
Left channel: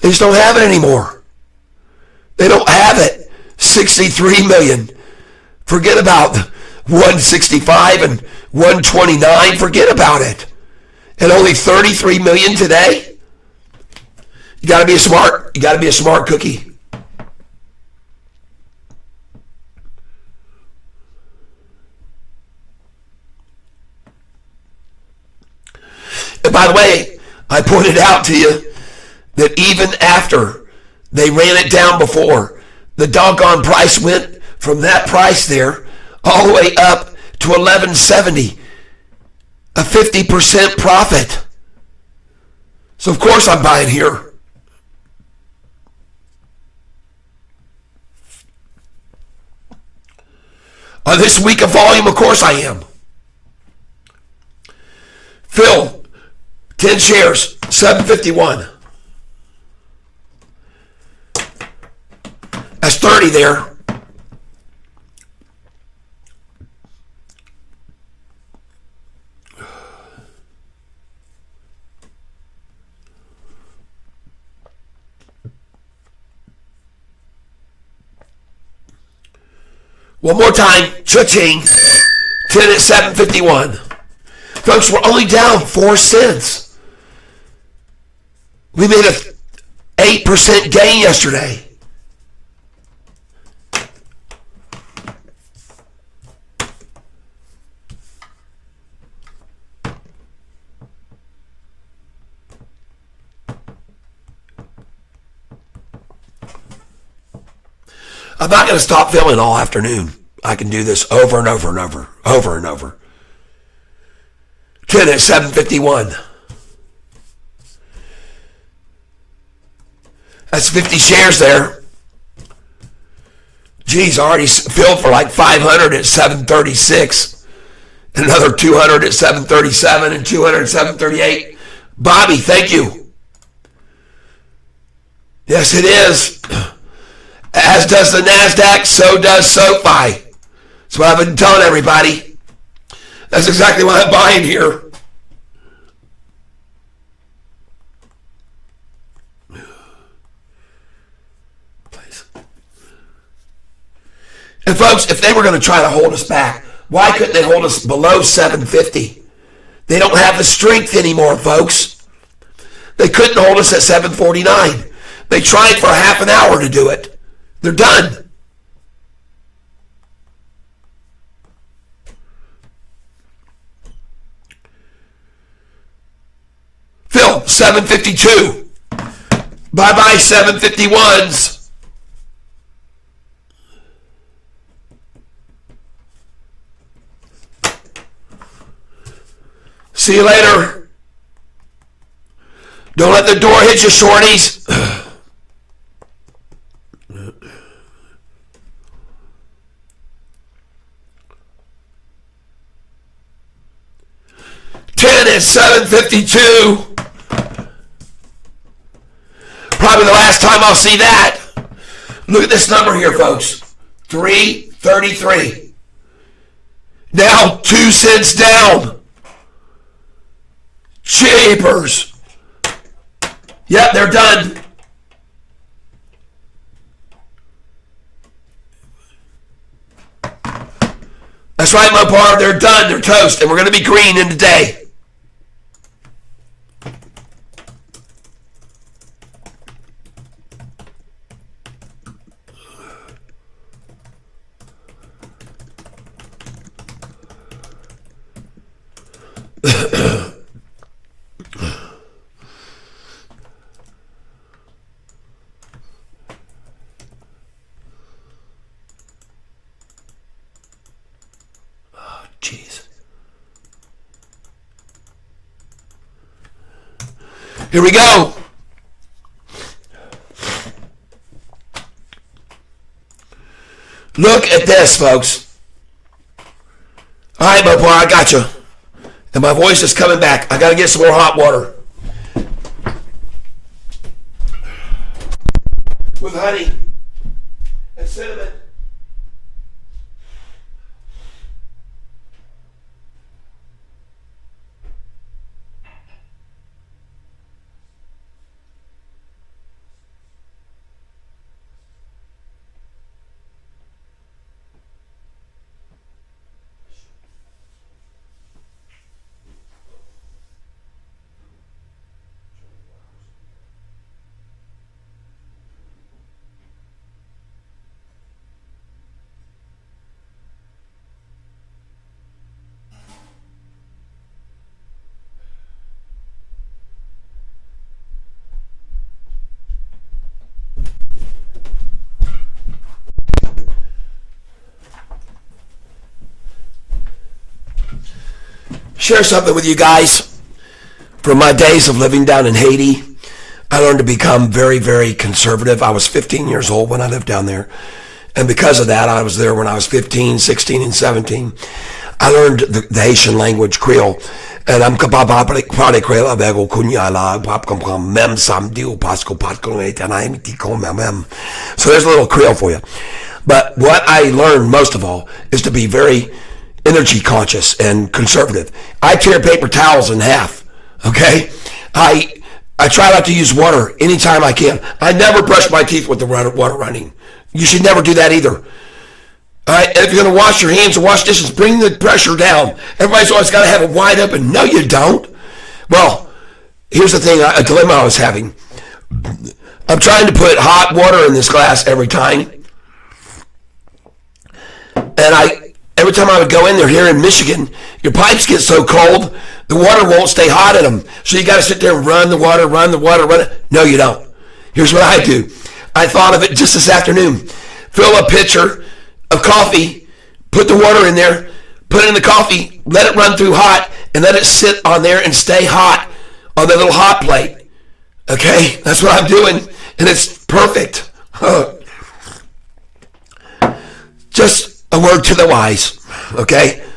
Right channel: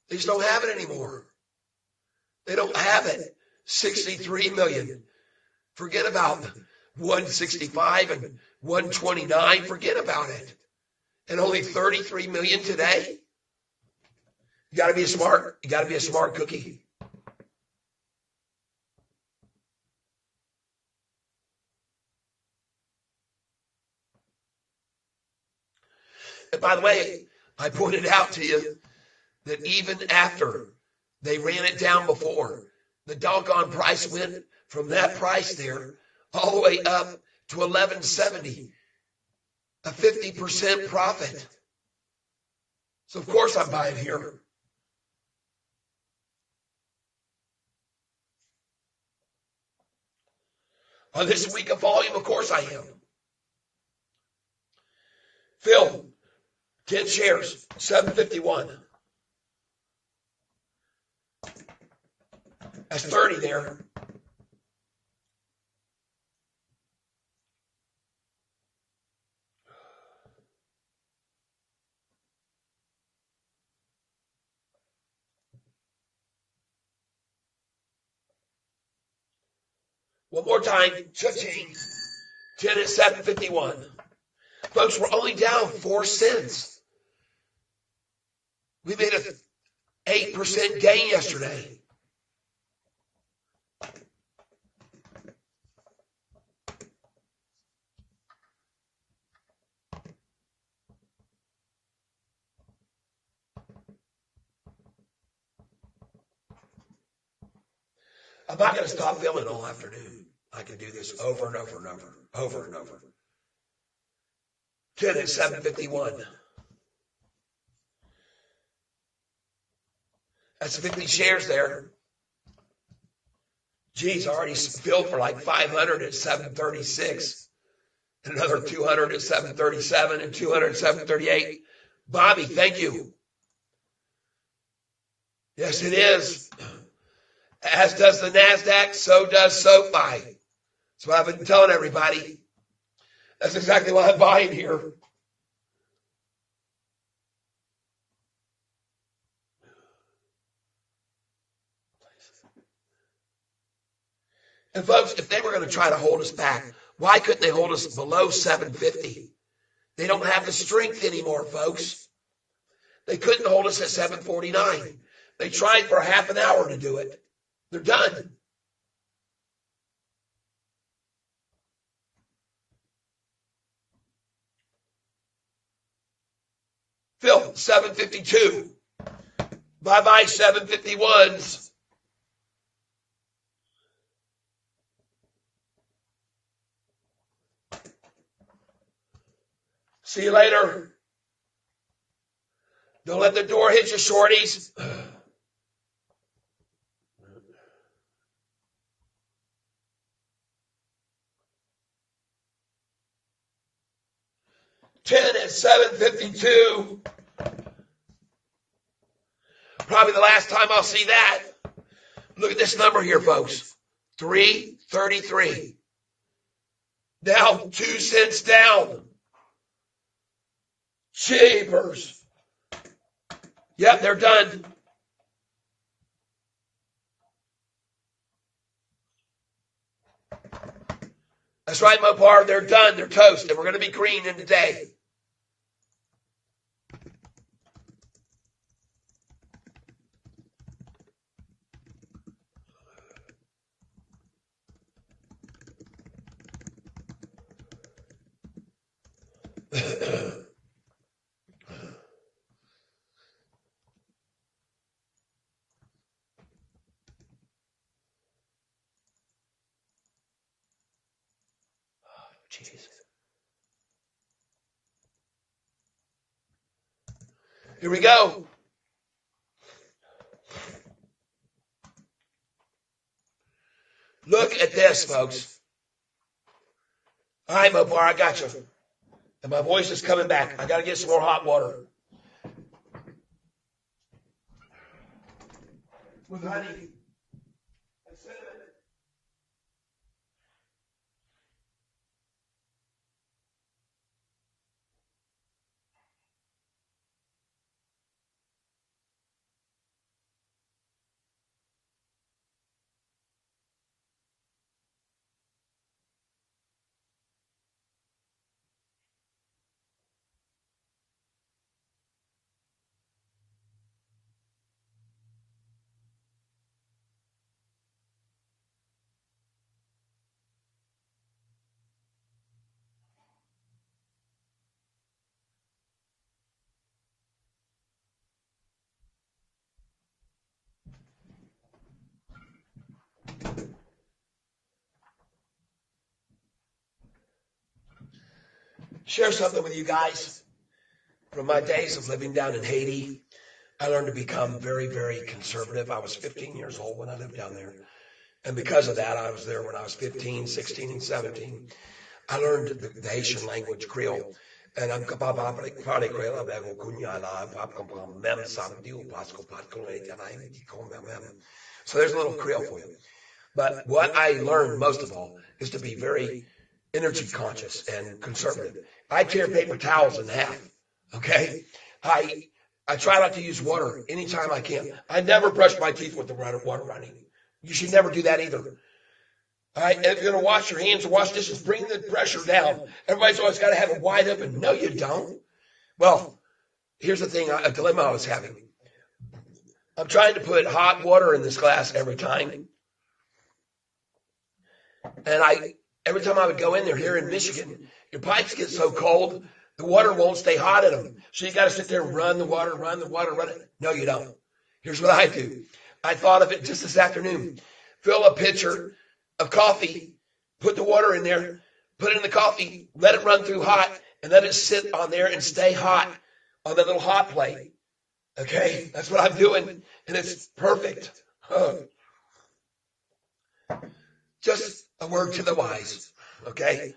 They just don't have it anymore. They don't have it. 63 million. Forget about 165 and 129. Forget about it. And only 33 million today? You gotta be smart. You gotta be a smart cookie. And by the way, I pointed out to you that even after they ran it down before, the doggone price went from that price there all the way up to 1170, a 50% profit. So of course I'm buying here. On this week of volume, of course I am. Phil, 10 shares, 751. That's 30 there. One more time, cha-ching. 10 at 751. Folks, we're only down 4 cents. We made a 8% gain yesterday. I'm not going to stop filming all afternoon. I can do this over and over and over, over and over. 10 at 751. That's 50 shares there. Geez, I already filled for like 500 at 736. And another 200 at 737 and 200 at 738. Bobby, thank you. Yes, it is. As does the NASDAQ, so does Sofi. That's what I've been telling everybody. That's exactly what I'm buying here. And folks, if they were going to try to hold us back, why couldn't they hold us below 750? They don't have the strength anymore, folks. They couldn't hold us at 749. They tried for half an hour to do it. They're done. Phil, 752. Bye-bye, 751s. See you later. Don't let the door hit you, shorties. Ten is 752. Probably the last time I'll see that. Look at this number here, folks. 333. Now 2 cents down. Jeepers. Yep, they're done. That's right, my bar. They're done. They're toast. And we're going to be green in the day. Jeez. Here we go. Look at this, folks. All right, my boy, I got you. And my voice is coming back. I got to get some more hot water. With honey and cinnamon. Share something with you guys. From my days of living down in Haiti, I learned to become very, very conservative. I was 15 years old when I lived down there. And because of that, I was there when I was 15, 16, and 17. I learned the Haitian language, Creole. And I'm capable de parler Creole avec au kunyala, pap comprendre même samedi ou parce que pas même. So there's a little Creole for you. But what I learned most of all is to be very energy conscious and conservative. I tear paper towels in half, okay? I try not to use water anytime I can. I never brush my teeth with the water running. You should never do that either. All right, and if you're going to wash your hands or wash dishes, bring the pressure down. Everybody's always got to have it wide open. No, you don't. Well, here's the thing, a dilemma I was having. I'm trying to put hot water in this glass every time. And every time I would go in there here in Michigan, your pipes get so cold, the water won't stay hot in them. So you got to sit there and run the water, run it. No, you don't. Here's what I do. I thought of it just this afternoon. Fill a pitcher of coffee, put the water in there, put it in the coffee, let it run through hot, and let it sit on there and stay hot on the little hot plate. Okay? That's what I'm doing, and it's perfect. Just a word to the wise, okay?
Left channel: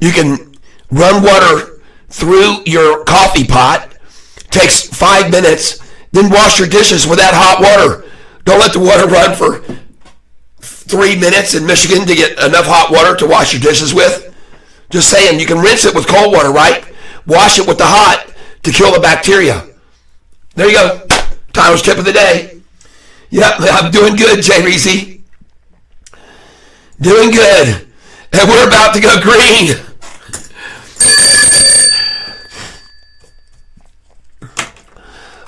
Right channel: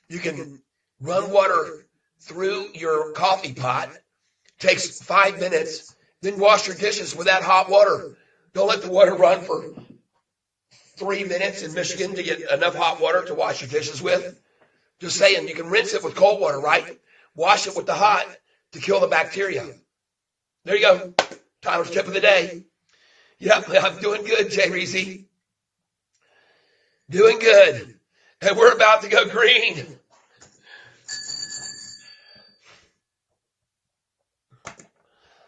You can run water through your coffee pot, takes 5 minutes, then wash your dishes with that hot water. Don't let the water run for 3 minutes in Michigan to get enough hot water to wash your dishes with. Just saying, you can rinse it with cold water, right? Wash it with the hot to kill the bacteria. There you go. Tyler's tip of the day. Yeah, I'm doing good, Jay Reese. Doing good. And we're about to go green.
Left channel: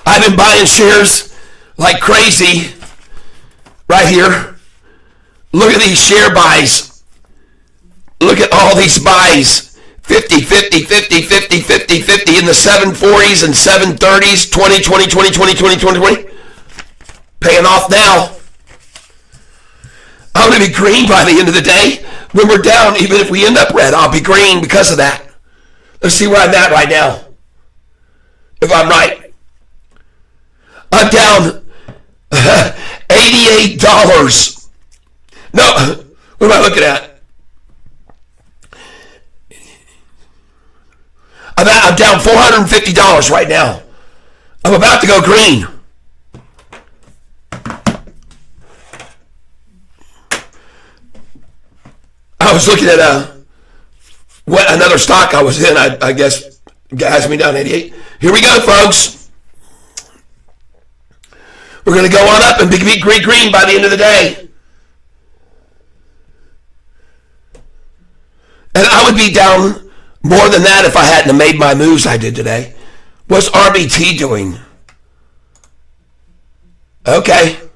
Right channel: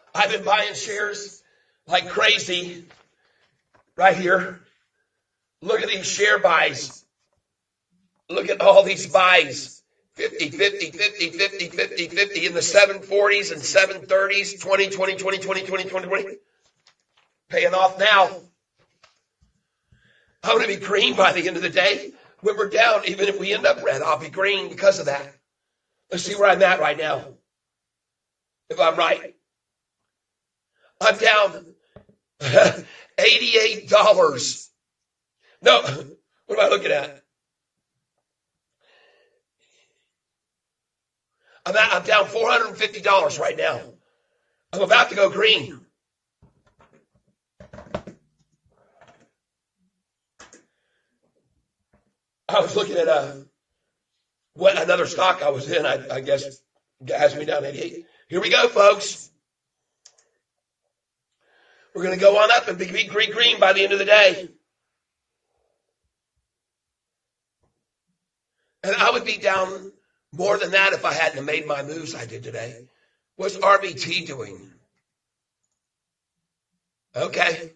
I've been buying shares like crazy right here. Look at these share buys. Look at all these buys. 50, 50, 50, 50, 50, 50 in the 740s and 730s, 20, 20, 20, 20, 20, 20, 20. Paying off now. I'm going to be green by the end of the day. When we're down, even if we end up red, I'll be green because of that. Let's see where I'm at right now. If I'm right. I'm down $88. No, what am I looking at? I'm down $450 right now. I'm about to go green. I was looking at what another stock I was in. I guess has me down 88. Here we go, folks. We're going to go on up and be green by the end of the day. And I would be down more than that if I hadn't have made my moves I did today. What's RBT doing? Okay.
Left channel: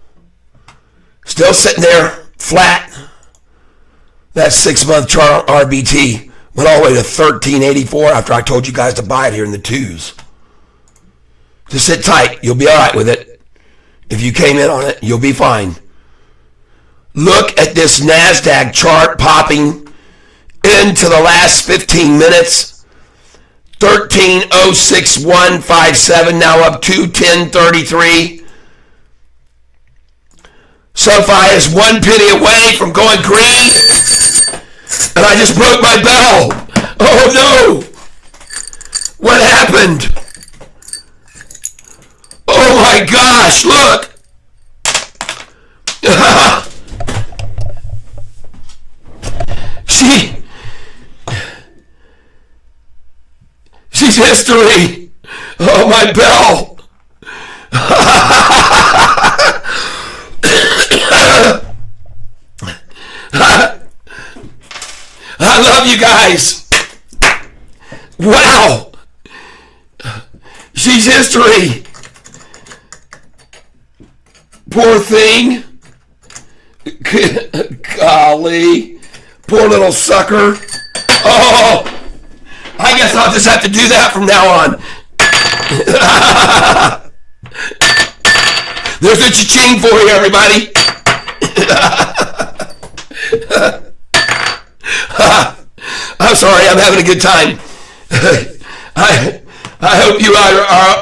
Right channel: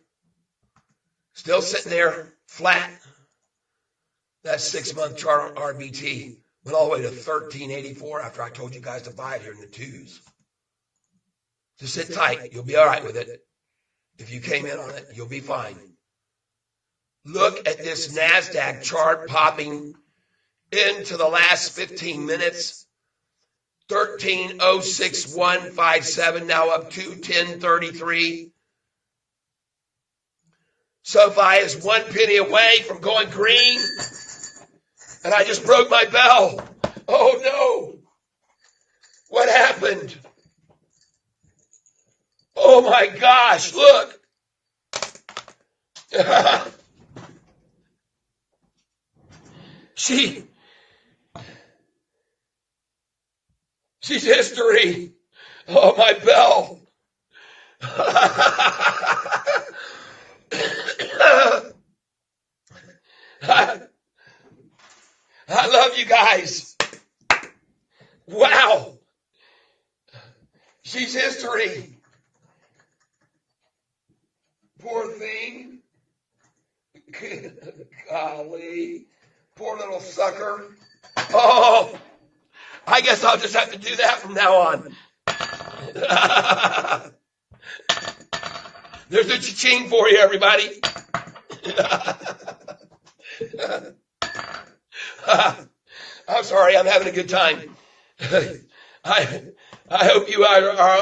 Still sitting there flat. That 6-month chart RBT went all the way to 1384 after I told you guys to buy it here in the twos. Just sit tight. You'll be all right with it. If you came in on it, you'll be fine. Look at this NASDAQ chart popping into the last 15 minutes. 13,06157, now up to 1033. Sofi is 1 penny away from going green. And I just broke my bell. Oh no! What happened? Oh my gosh, look! She's history. Oh, my bell. I love you guys. Wow. She's history. Poor thing. Golly. Poor little sucker. Oh, I guess I'll just have to do that from now on. There's a cha-ching for you, everybody. I'm sorry, I'm having a good time. I hope you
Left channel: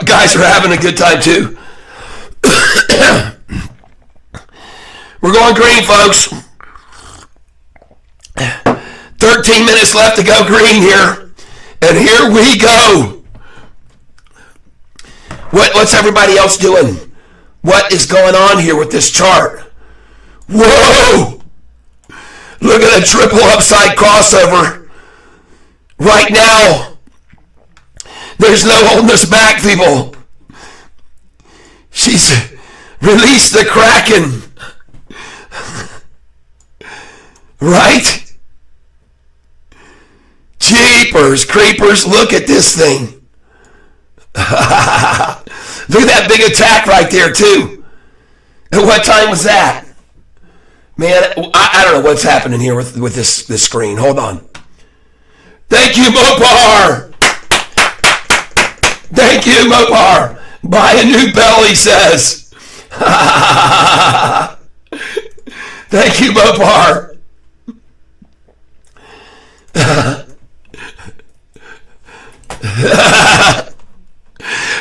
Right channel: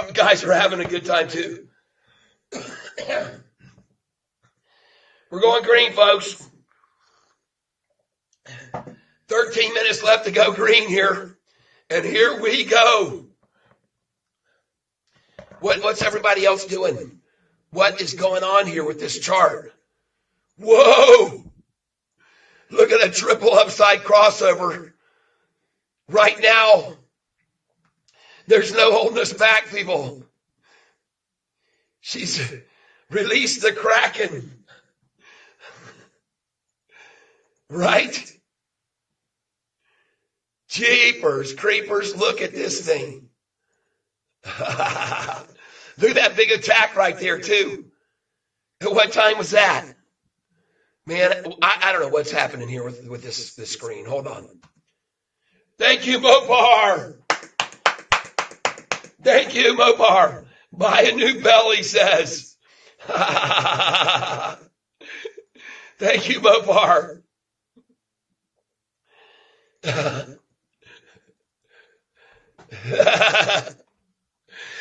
guys are having a good time too. We're going green, folks. 13 minutes left to go green here. And here we go. What's everybody else doing? What is going on here with this chart? Whoa! Look at a triple upside crossover. Right now. There's no holding us back, people. She's released the Kraken. Right? Jeepers creepers, look at this thing. Look at that big attack right there, too. And what time was that? Man, I don't know what's happening here with this screen. Hold on. Thank you, Mopar. Thank you, Mopar. Buy a new bell, he says. Thank you, Mopar.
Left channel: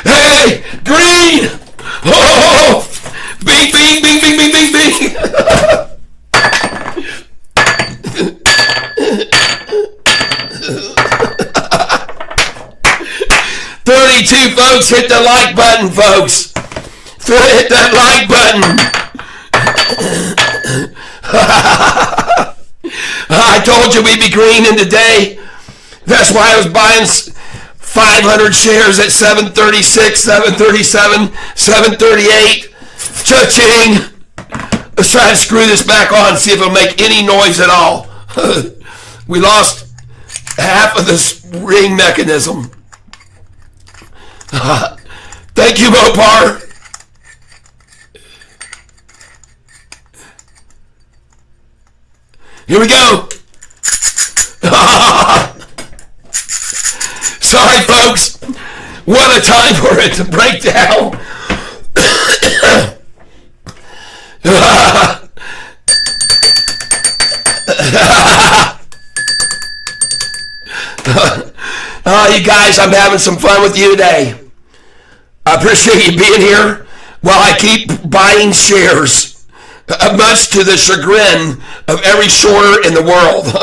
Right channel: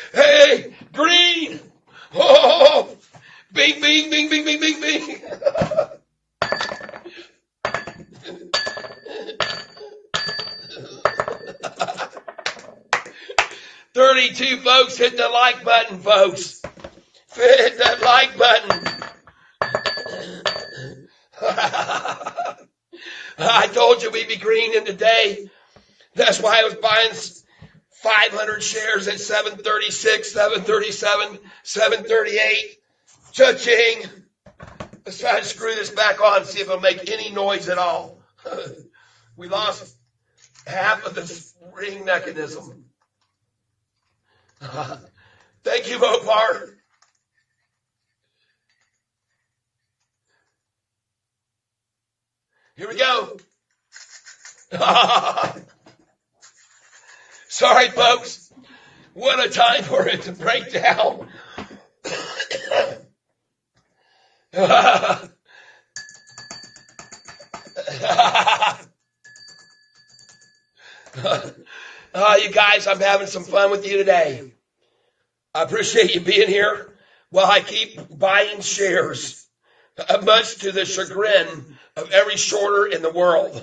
Hey, green! Oh, bing, bing, bing, bing, bing, bing, bing. 32 folks, hit the like button, folks. Hit that like button. I told you we'd be green in the day. That's why I was buying 500 shares at 736, 737, 738. Cha-ching. Let's try to screw this back on and see if it'll make any noise at all. We lost half of this ring mechanism. Thank you, Mopar. Here we go. Sorry, folks. What a time for it to break down. Oh, you guys, I'm having some fun with you today. I appreciate you being here while I keep buying shares, much to the chagrin of every shorter in the world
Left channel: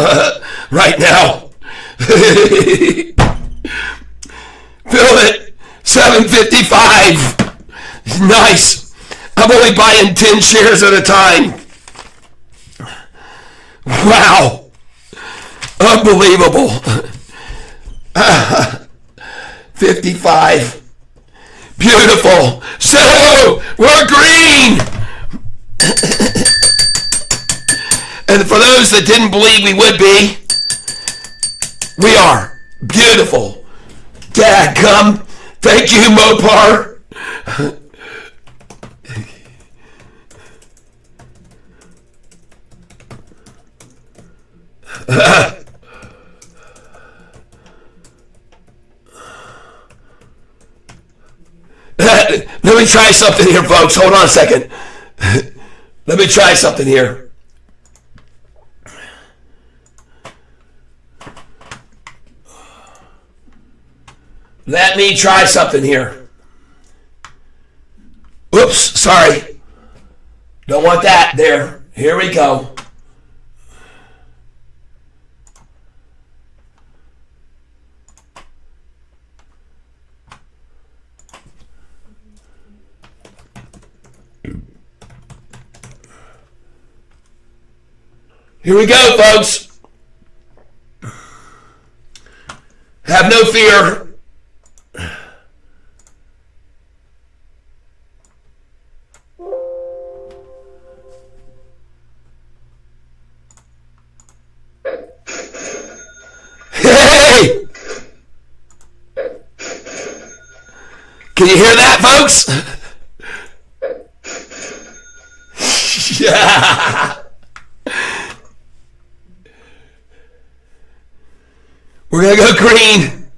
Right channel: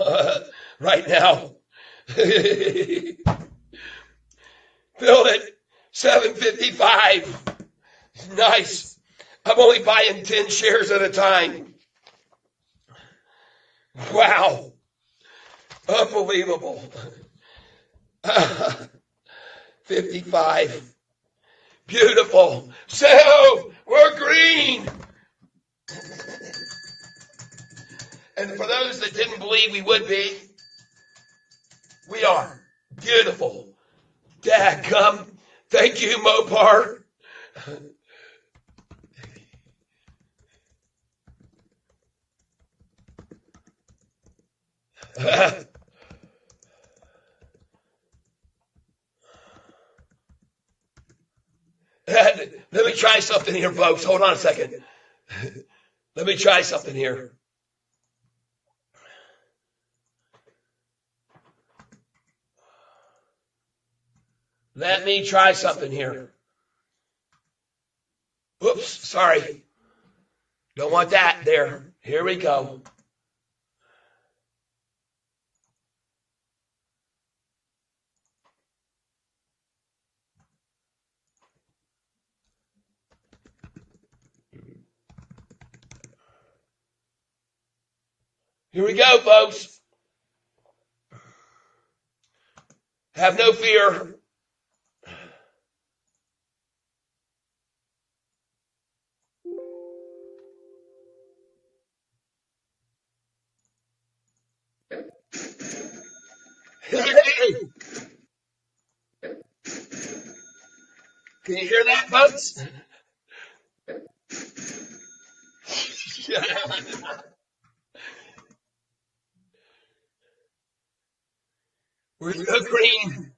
right now. Feel it, 755. Nice. I'm only buying 10 shares at a time. Wow. Unbelievable. 55. Beautiful. So, we're green. And for those that didn't believe we would be, we are. Beautiful. Dadgum. Thank you, Mopar. Let me try something here, folks. Hold on a second. Let me try something here. Let me try something here. Oops, sorry. Don't want that there. Here we go. Here we go, folks. Have no fear. Hey! Can you hear that, folks? Yeah. We're going to go green.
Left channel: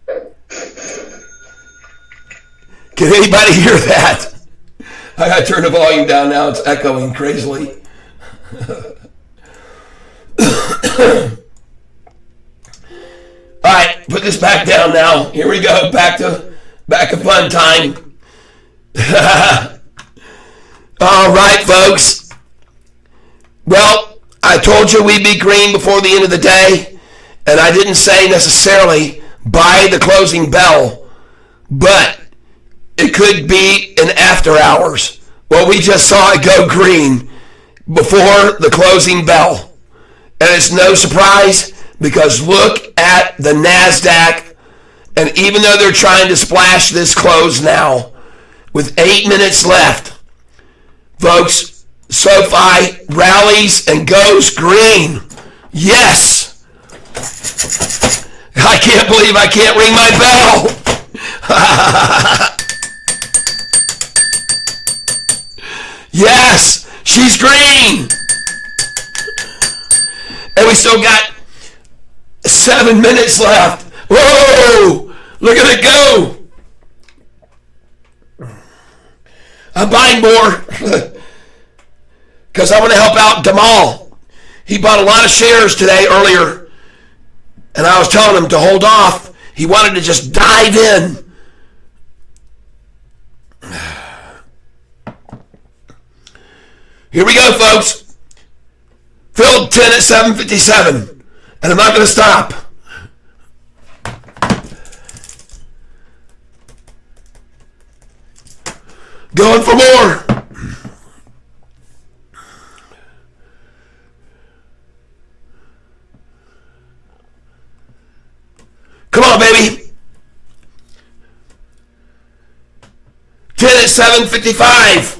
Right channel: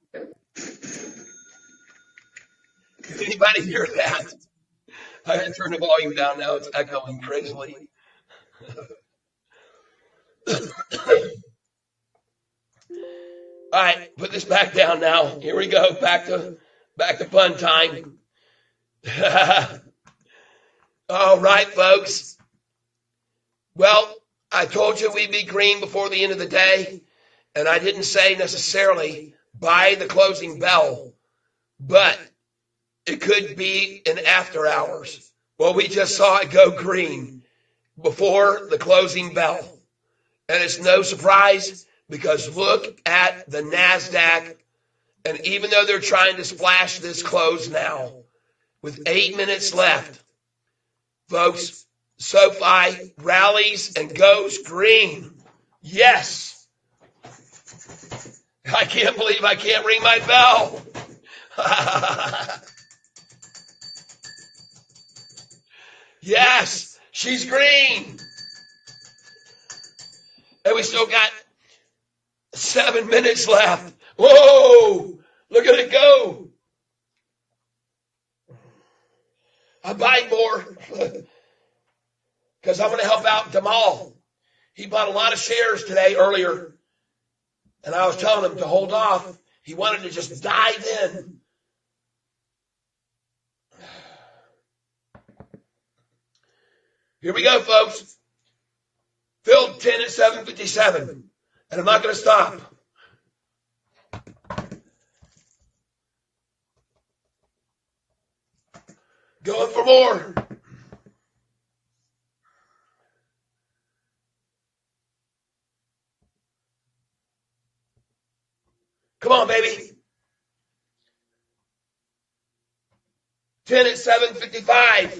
Can anybody hear that? I got to turn the volume down now. It's echoing crazily. All right, put this back down now. Here we go. Back to fun time. All right, folks. Well, I told you we'd be green before the end of the day. And I didn't say necessarily by the closing bell, but it could be in after hours. Well, we just saw it go green before the closing bell. And it's no surprise because look at the NASDAQ. And even though they're trying to splash this close now, with 8 minutes left, folks, Sofi rallies and goes green. Yes. I can't believe I can't ring my bell. Yes, she's green. And we still got 7 minutes left. Whoa, look at it go. I'm buying more because I want to help out Damal. He bought a lot of shares today earlier. And I was telling him to hold off. He wanted to just dive in. Here we go, folks. Filled 10 at 7:57. And I'm not going to stop. Going for more. Come on, baby. 10 at 7:55.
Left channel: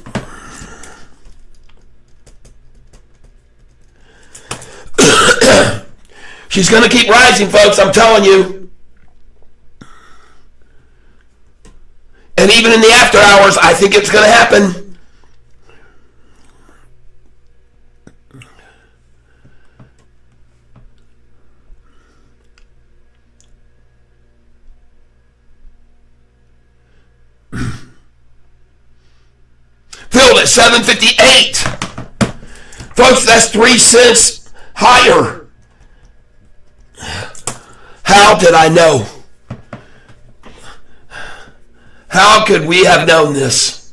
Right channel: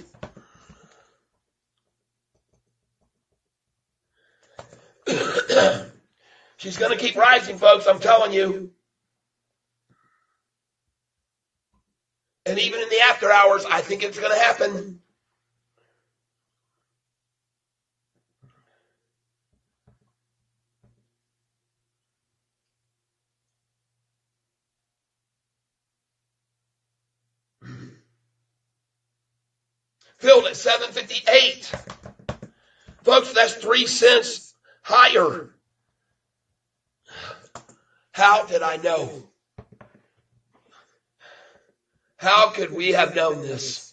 She's going to keep rising, folks, I'm telling you. And even in the after hours, I think it's going to happen. Filled at 758. Folks, that's 3 cents higher. How did I know? How could we have known this,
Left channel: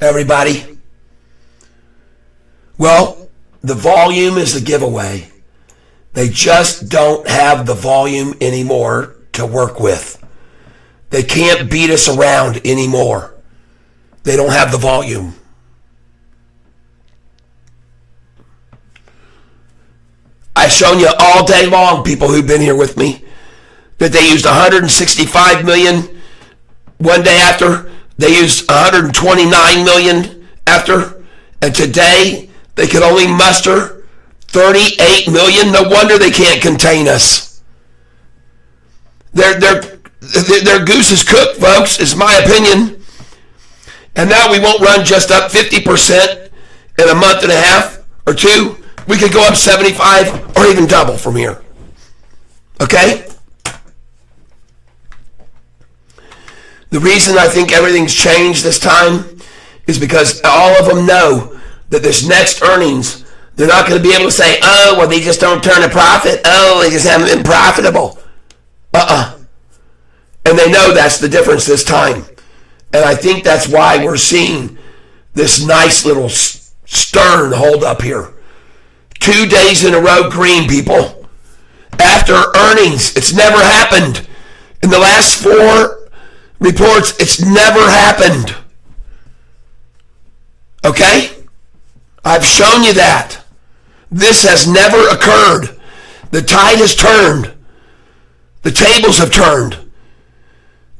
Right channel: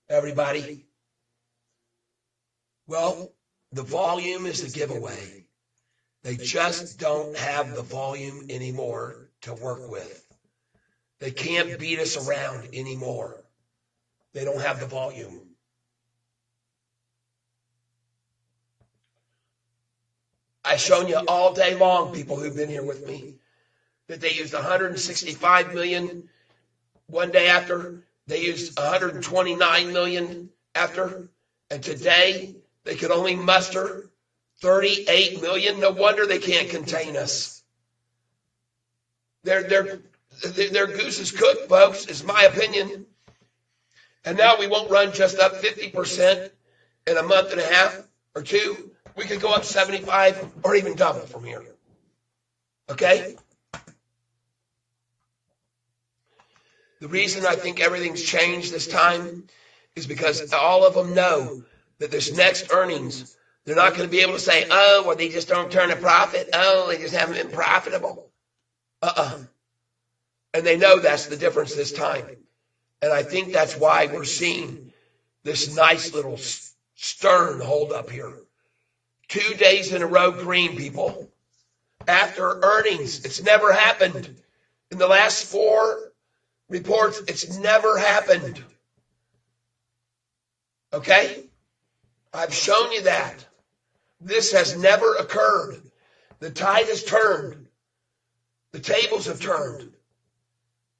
everybody? Well, the volume is the giveaway. They just don't have the volume anymore to work with. They can't beat us around anymore. They don't have the volume. I've shown you all day long, people who've been here with me, that they used 165 million one day after. They used 129 million after. And today, they could only muster 38 million. No wonder they can't contain us. Their goose is cooked, folks, is my opinion. And now we won't run just up 50% in a month and a half or two. We could go up 75 or even double from here. Okay? The reason I think everything's changed this time is because all of them know that this next earnings, they're not going to be able to say, oh, well, they just don't turn a profit. Oh, they just haven't been profitable. And they know that's the difference this time. And I think that's why we're seeing this nice little stern hold up here. 2 days in a row green, people. After earnings, it's never happened. In the last 4 reports, it's never happened. Okay? I've shown you that. This has never occurred. The tide has turned. The tables have turned.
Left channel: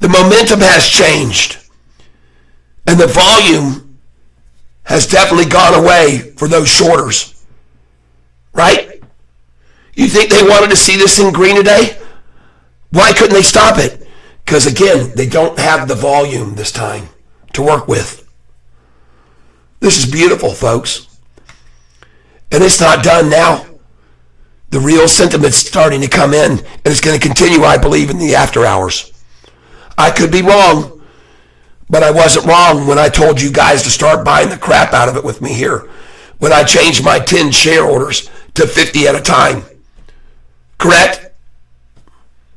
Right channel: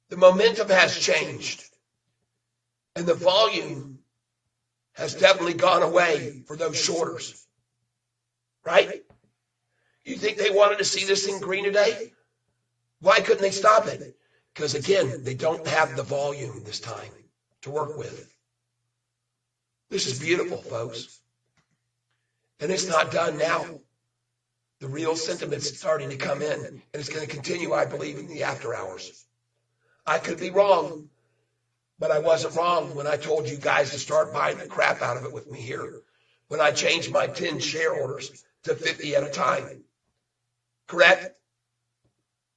The momentum has changed. And the volume has definitely gone away for those shorters. Right? You think they wanted to see this in green today? Why couldn't they stop it? Because again, they don't have the volume this time to work with. This is beautiful, folks. And it's not done now. The real sentiment's starting to come in, and it's going to continue, I believe, in the after hours. I could be wrong. But I wasn't wrong when I told you guys to start buying the crap out of it with me here. When I changed my 10 share orders to 50 at a time. Correct?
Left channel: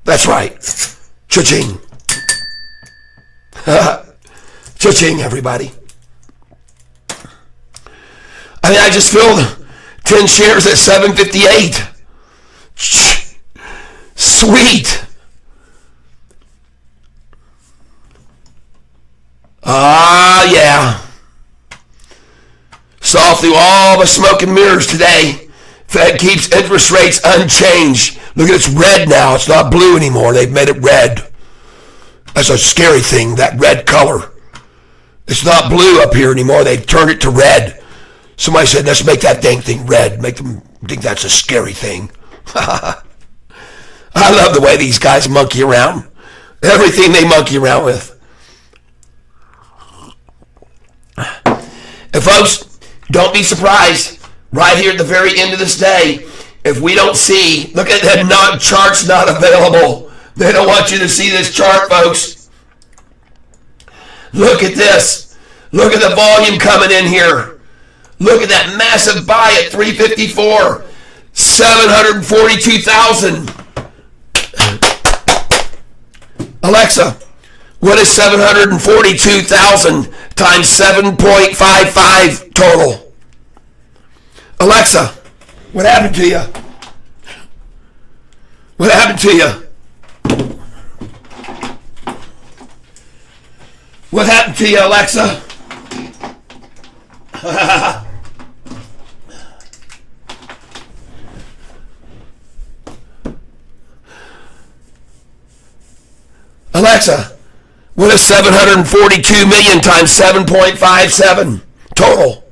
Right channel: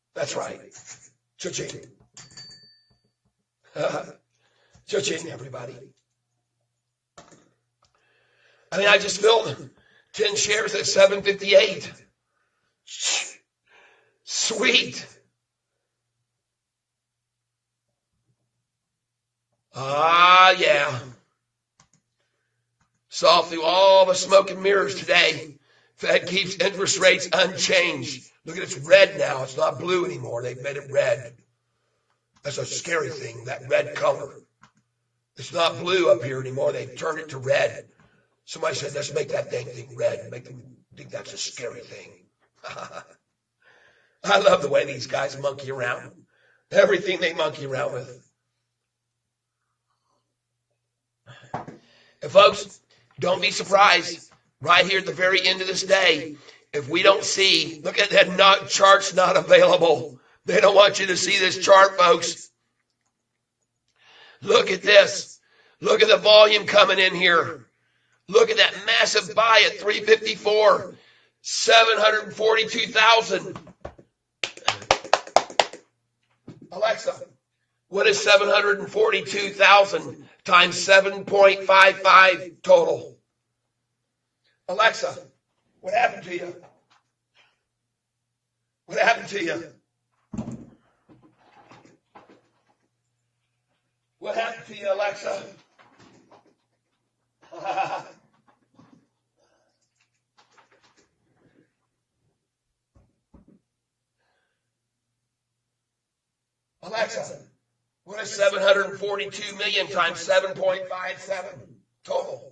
That's right. Cha-ching. Cha-ching, everybody. I mean, I just filled 10 shares at 758. Sweet. Yeah. Saw through all the smoke and mirrors today. Fed keeps interest rates unchanged. Look at it's red now. It's not blue anymore. They've made it red. That's a scary thing, that red color. It's not blue up here anymore. They turned it to red. Somebody said, let's make that dang thing red. Make them think that's a scary thing. I love the way these guys monkey around. Everything they monkey around with. And folks, don't be surprised, right here at the very end of this day, if we don't see, look at that chart's not available. They don't want you to see this chart, folks. Look at this. Look at the volume coming in here. Look at that massive buy at 354. 742,000. Alexa, what is 742,000 times 7.55 total? Alexa, what happened to you? What happened to you? What happened to you, Alexa? Alexa, what is 742 million times 7.57 total?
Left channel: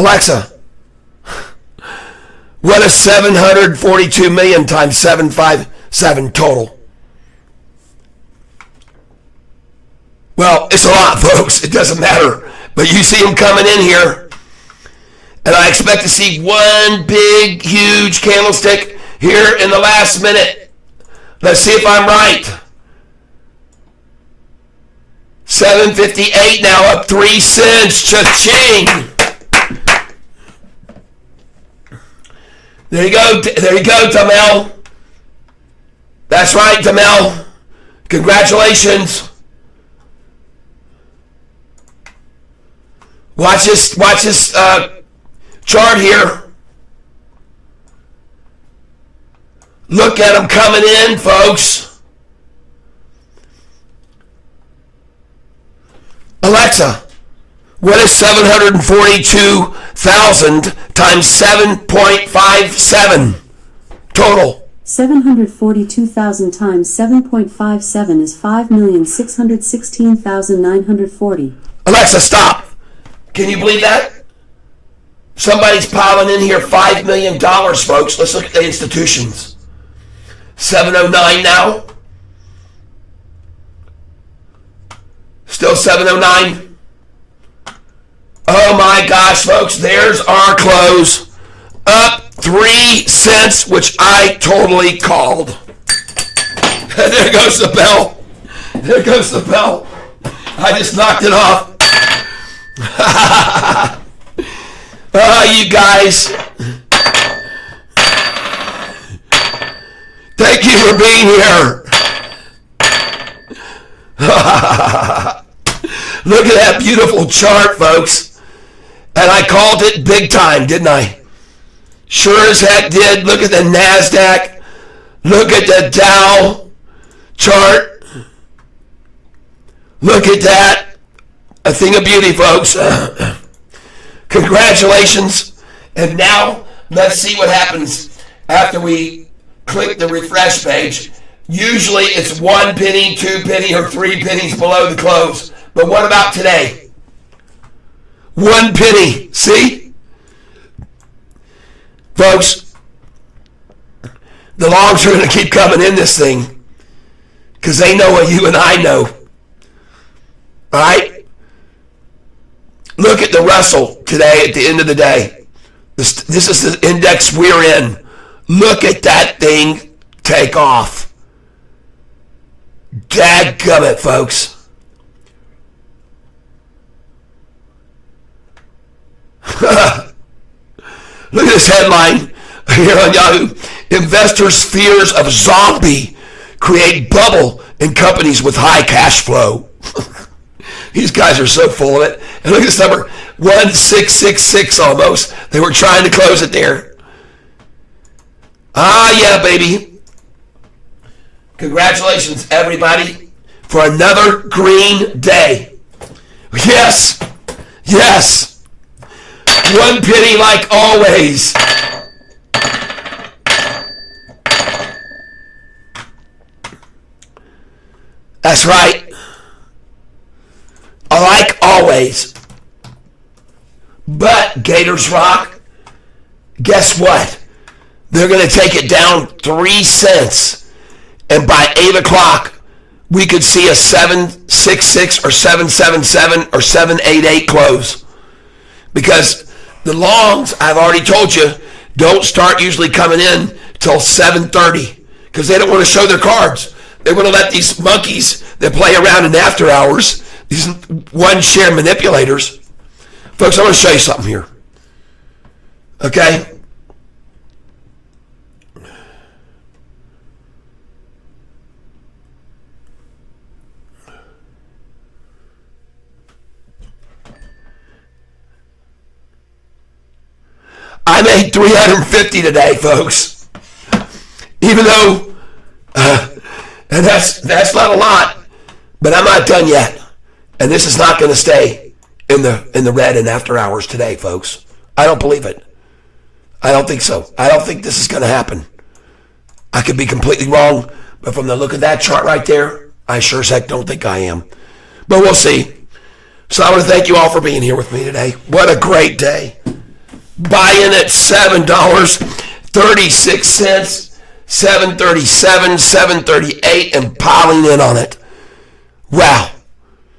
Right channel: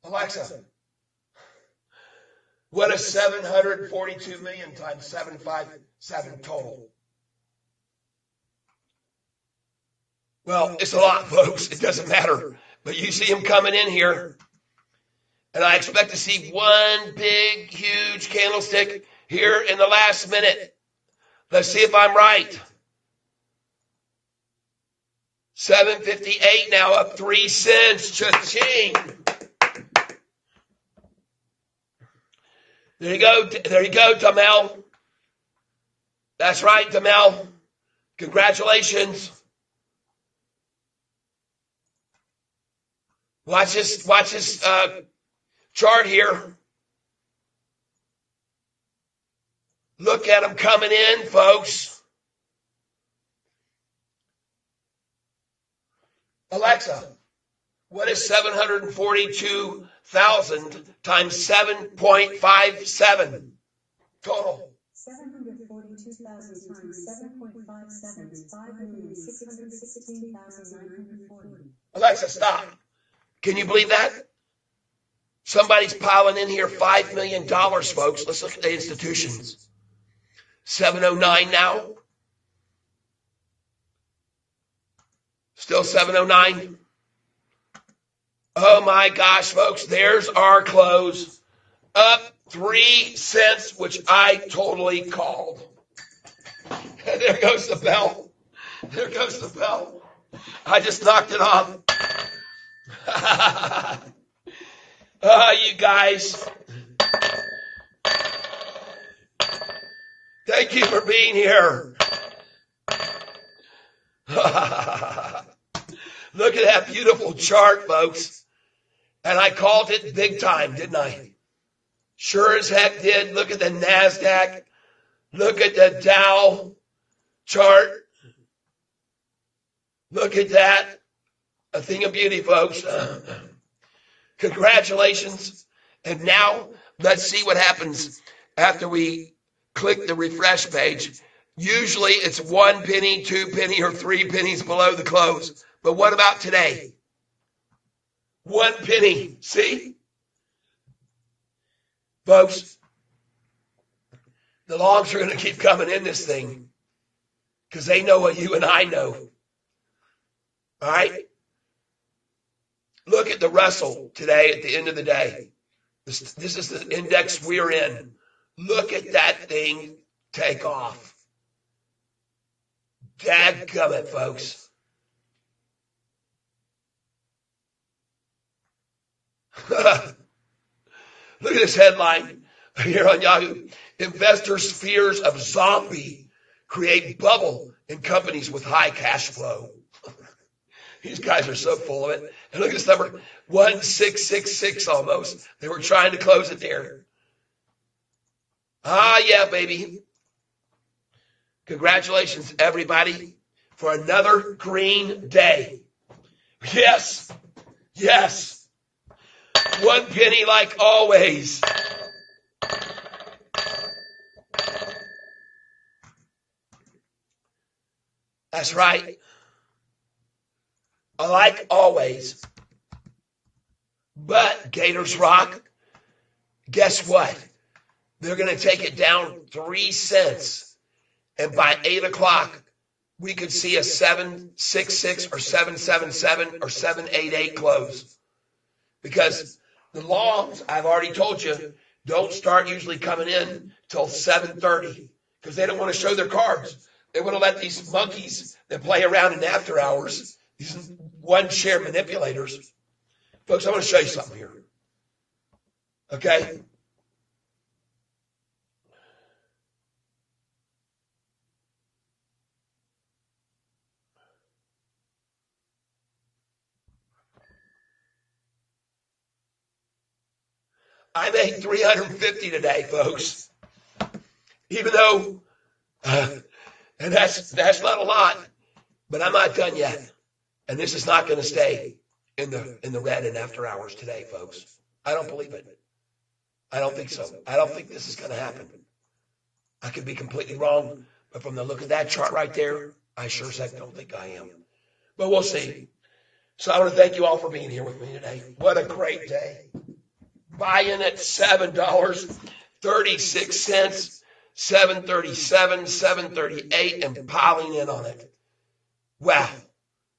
Alexa, what is 742 million times 757 total? Well, it's a lot, folks. It doesn't matter. But you see them coming in here, and I expect to see one big, huge candlestick here in the last minute. Let's see if I'm right. 758 now, up 3 cents. Cha-ching. There you go, Tamel. That's right, Tamel. Congratulations. Watch this chart here. Look at them coming in, folks. Alexa, what is 742,000 times 7.57 total? 742,000 times 7.57 is 5,616,940. Alexa, stop. Can you believe that? Somebody's piling in here $5 million, folks. Let's look at the institutions. 709 now. Still 709. Oh my gosh, folks, there's our close. Up 3 cents, which I totally called. There goes the bell. There goes the bell. I just knocked it off. Oh, you guys. Thank you for being here. Look at that beautiful chart, folks. And I called it big time, didn't I? Sure as heck did. Look at the NASDAQ. Look at the Dow chart. Look at that. A thing of beauty, folks. Congratulations. And now, let's see what happens after we click the refresh page. Usually it's 1 penny, 2 penny, or 3 pennies below the close. But what about today? 1 penny. See? Folks, the longs are going to keep coming in this thing because they know what you and I know. All right? Look at the Russell today at the end of the day. This is the index we're in. Look at that thing take off. Dadgummit, folks. Look at this headline here on Yahoo. Investors' fears of zombie create bubble in companies with high cash flow. These guys are so full of it. And look at this number, 1666 almost. They were trying to close it there. Ah, yeah, baby. Congratulations, everybody, for another green day. Yes, yes. 1 penny like always. That's right. Like always. But Gators Rock, guess what? They're going to take it down 3 cents. And by 8 o'clock, we could see a 766 or 777 or 788 close. Because the longs, I've already told you, don't start usually coming in till 7:30 because they don't want to show their cards. They want to let these monkeys that play around in after hours, these one-share manipulators. Folks, I want to show you something here. Okay? I made 350 today, folks. Even though, and that's not a lot, but I'm not done yet. And this is not going to stay in the red and after hours today, folks. I don't believe it. I don't think so. I don't think this is going to happen. I could be completely wrong, but from the look of that chart right there, I sure as heck don't think I am. But we'll see. So I want to thank you all for being here with me today. What a great day. buying at $7.36, $7.37, $7.38, and piling in on it. Wow.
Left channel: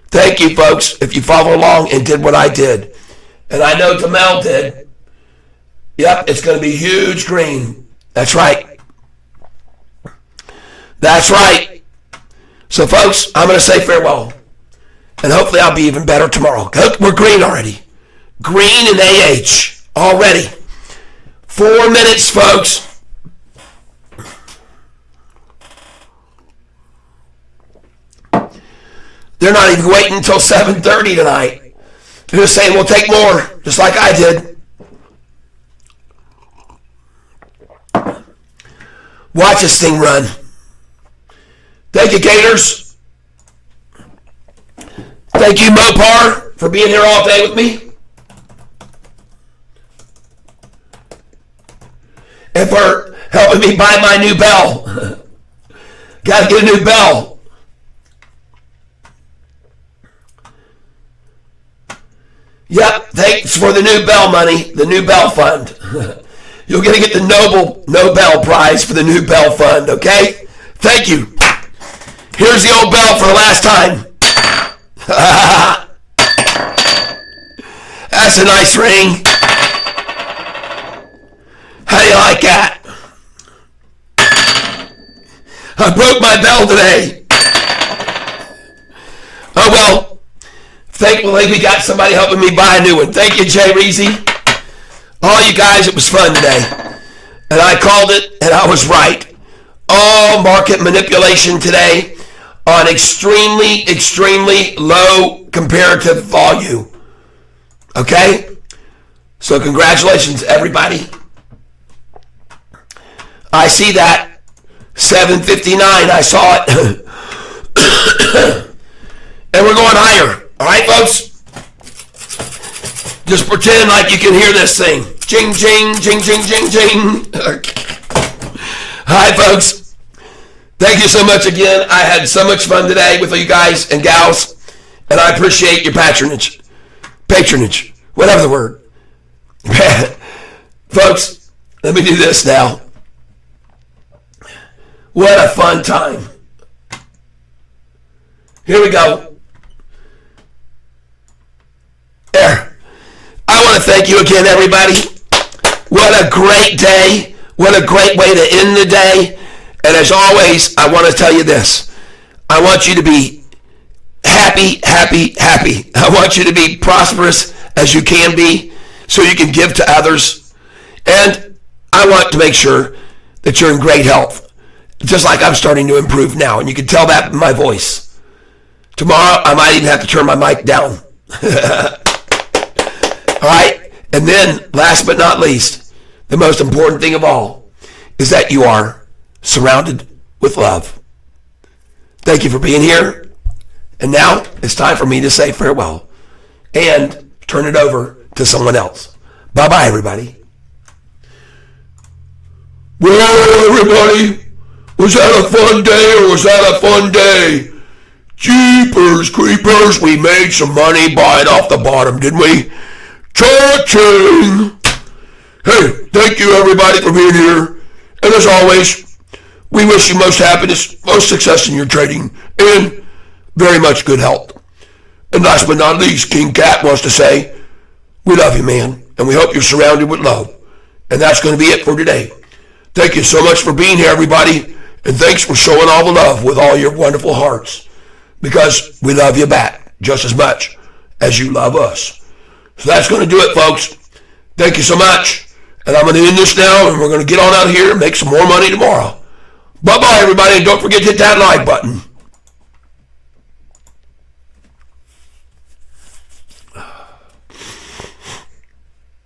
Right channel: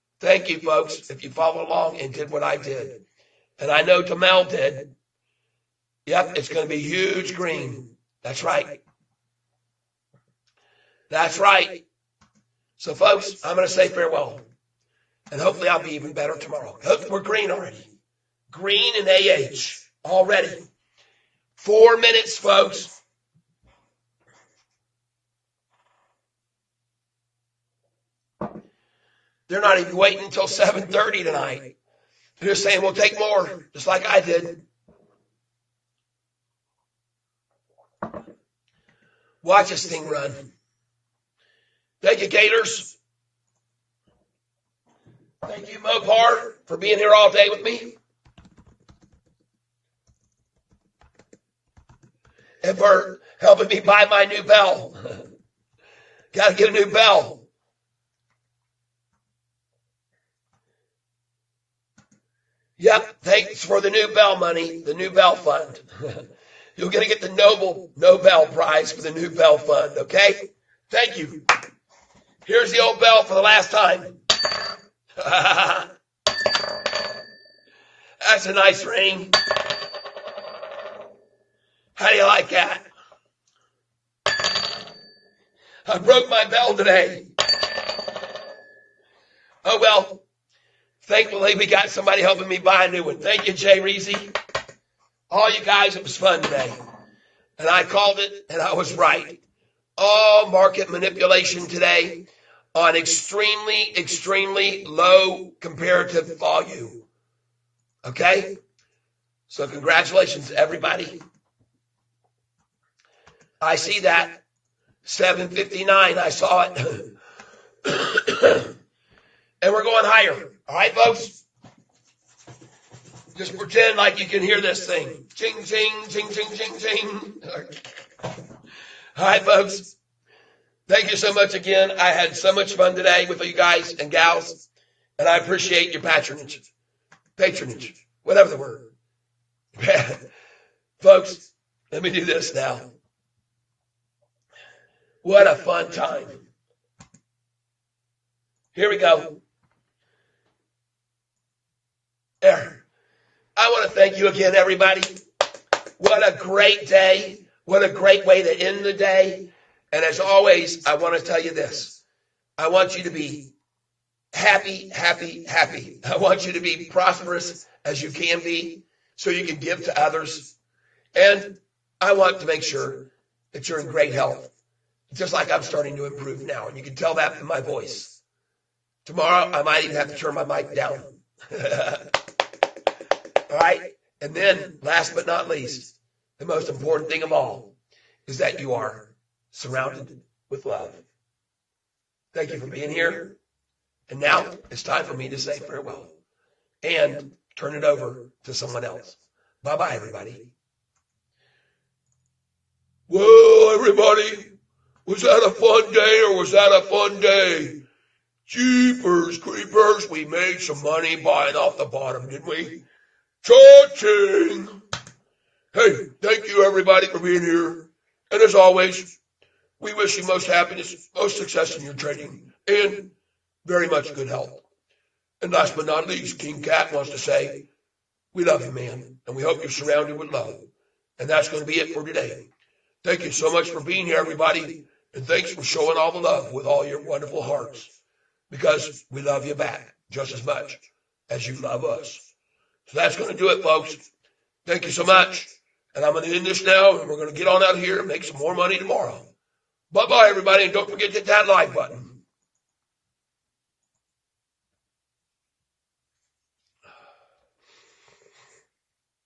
Thank you, folks, if you follow along and did what I did. And I know Tamel did. Yep, it's going to be huge green. That's right. That's right. So, folks, I'm going to say farewell. And hopefully I'll be even better tomorrow. We're green already. Green and AH already. 4 minutes, folks. They're not even waiting until 7:30 tonight. They're just saying, we'll take more, just like I did. Watch this thing run. Thank you, Gators. Thank you, Mopar, for being here all day with me. And for helping me buy my new bell. Got to get a new bell. Yep, thanks for the new bell money, the new bell fund. You're going to get the Nobel Prize for the new bell fund, okay? Thank you. Here's the old bell for the last time. That's a nice ring. How do you like that? I broke my bell today. Oh well, thankfully we got somebody helping me buy a new one. Thank you, Jay Reezy. All you guys, it was fun today. And I called it, and I was right. All market manipulation today on extremely, extremely low comparative volume. Okay? So congratulations, everybody. I see that. 7:59, I saw it. And we're going higher. All right, folks? Just pretend like you can hear this thing. Jing, jing, jing, jing, jing, jing. Hi, folks. Thank you so much again. I had so much fun today with you guys and gals, and I appreciate your patronage. Patronage, whatever the word. Folks, let me do this now. What a fun time. Here we go. There. I want to thank you again, everybody. What a great day. What a great way to end the day. And as always, I want to tell you this. I want you to be happy, happy, happy. I want you to be prosperous as you can be so you can give to others. And I want to make sure that you're in great health. Just like I'm starting to improve now. And you can tell that in my voice. Tomorrow, I might even have to turn my mic down. All right? And then, last but not least, the most important thing of all is that you are surrounded with love. Thank you for being here. And now, it's time for me to say farewell and turn it over to someone else. Bye-bye, everybody. Well, everybody, was that a fun day or was that a fun day? Jeepers creepers, we made some money buying off the bottom, didn't we? Cha-ching! Hey, thank you everybody for being here. And as always, we wish you most happiness, most success in your trading, and very much good health. And last but not least, King Cat wants to say, we love you, man, and we hope you're surrounded with love. And that's going to be it for today. Thank you so much for being here, everybody. And thanks for showing all the love with all your wonderful hearts. Because we love you back just as much as you love us. So that's going to do it, folks. Thank you so much. And I'm going to end this now, and we're going to get on out here and make some more money tomorrow. Bye-bye, everybody. Don't forget to hit that like button.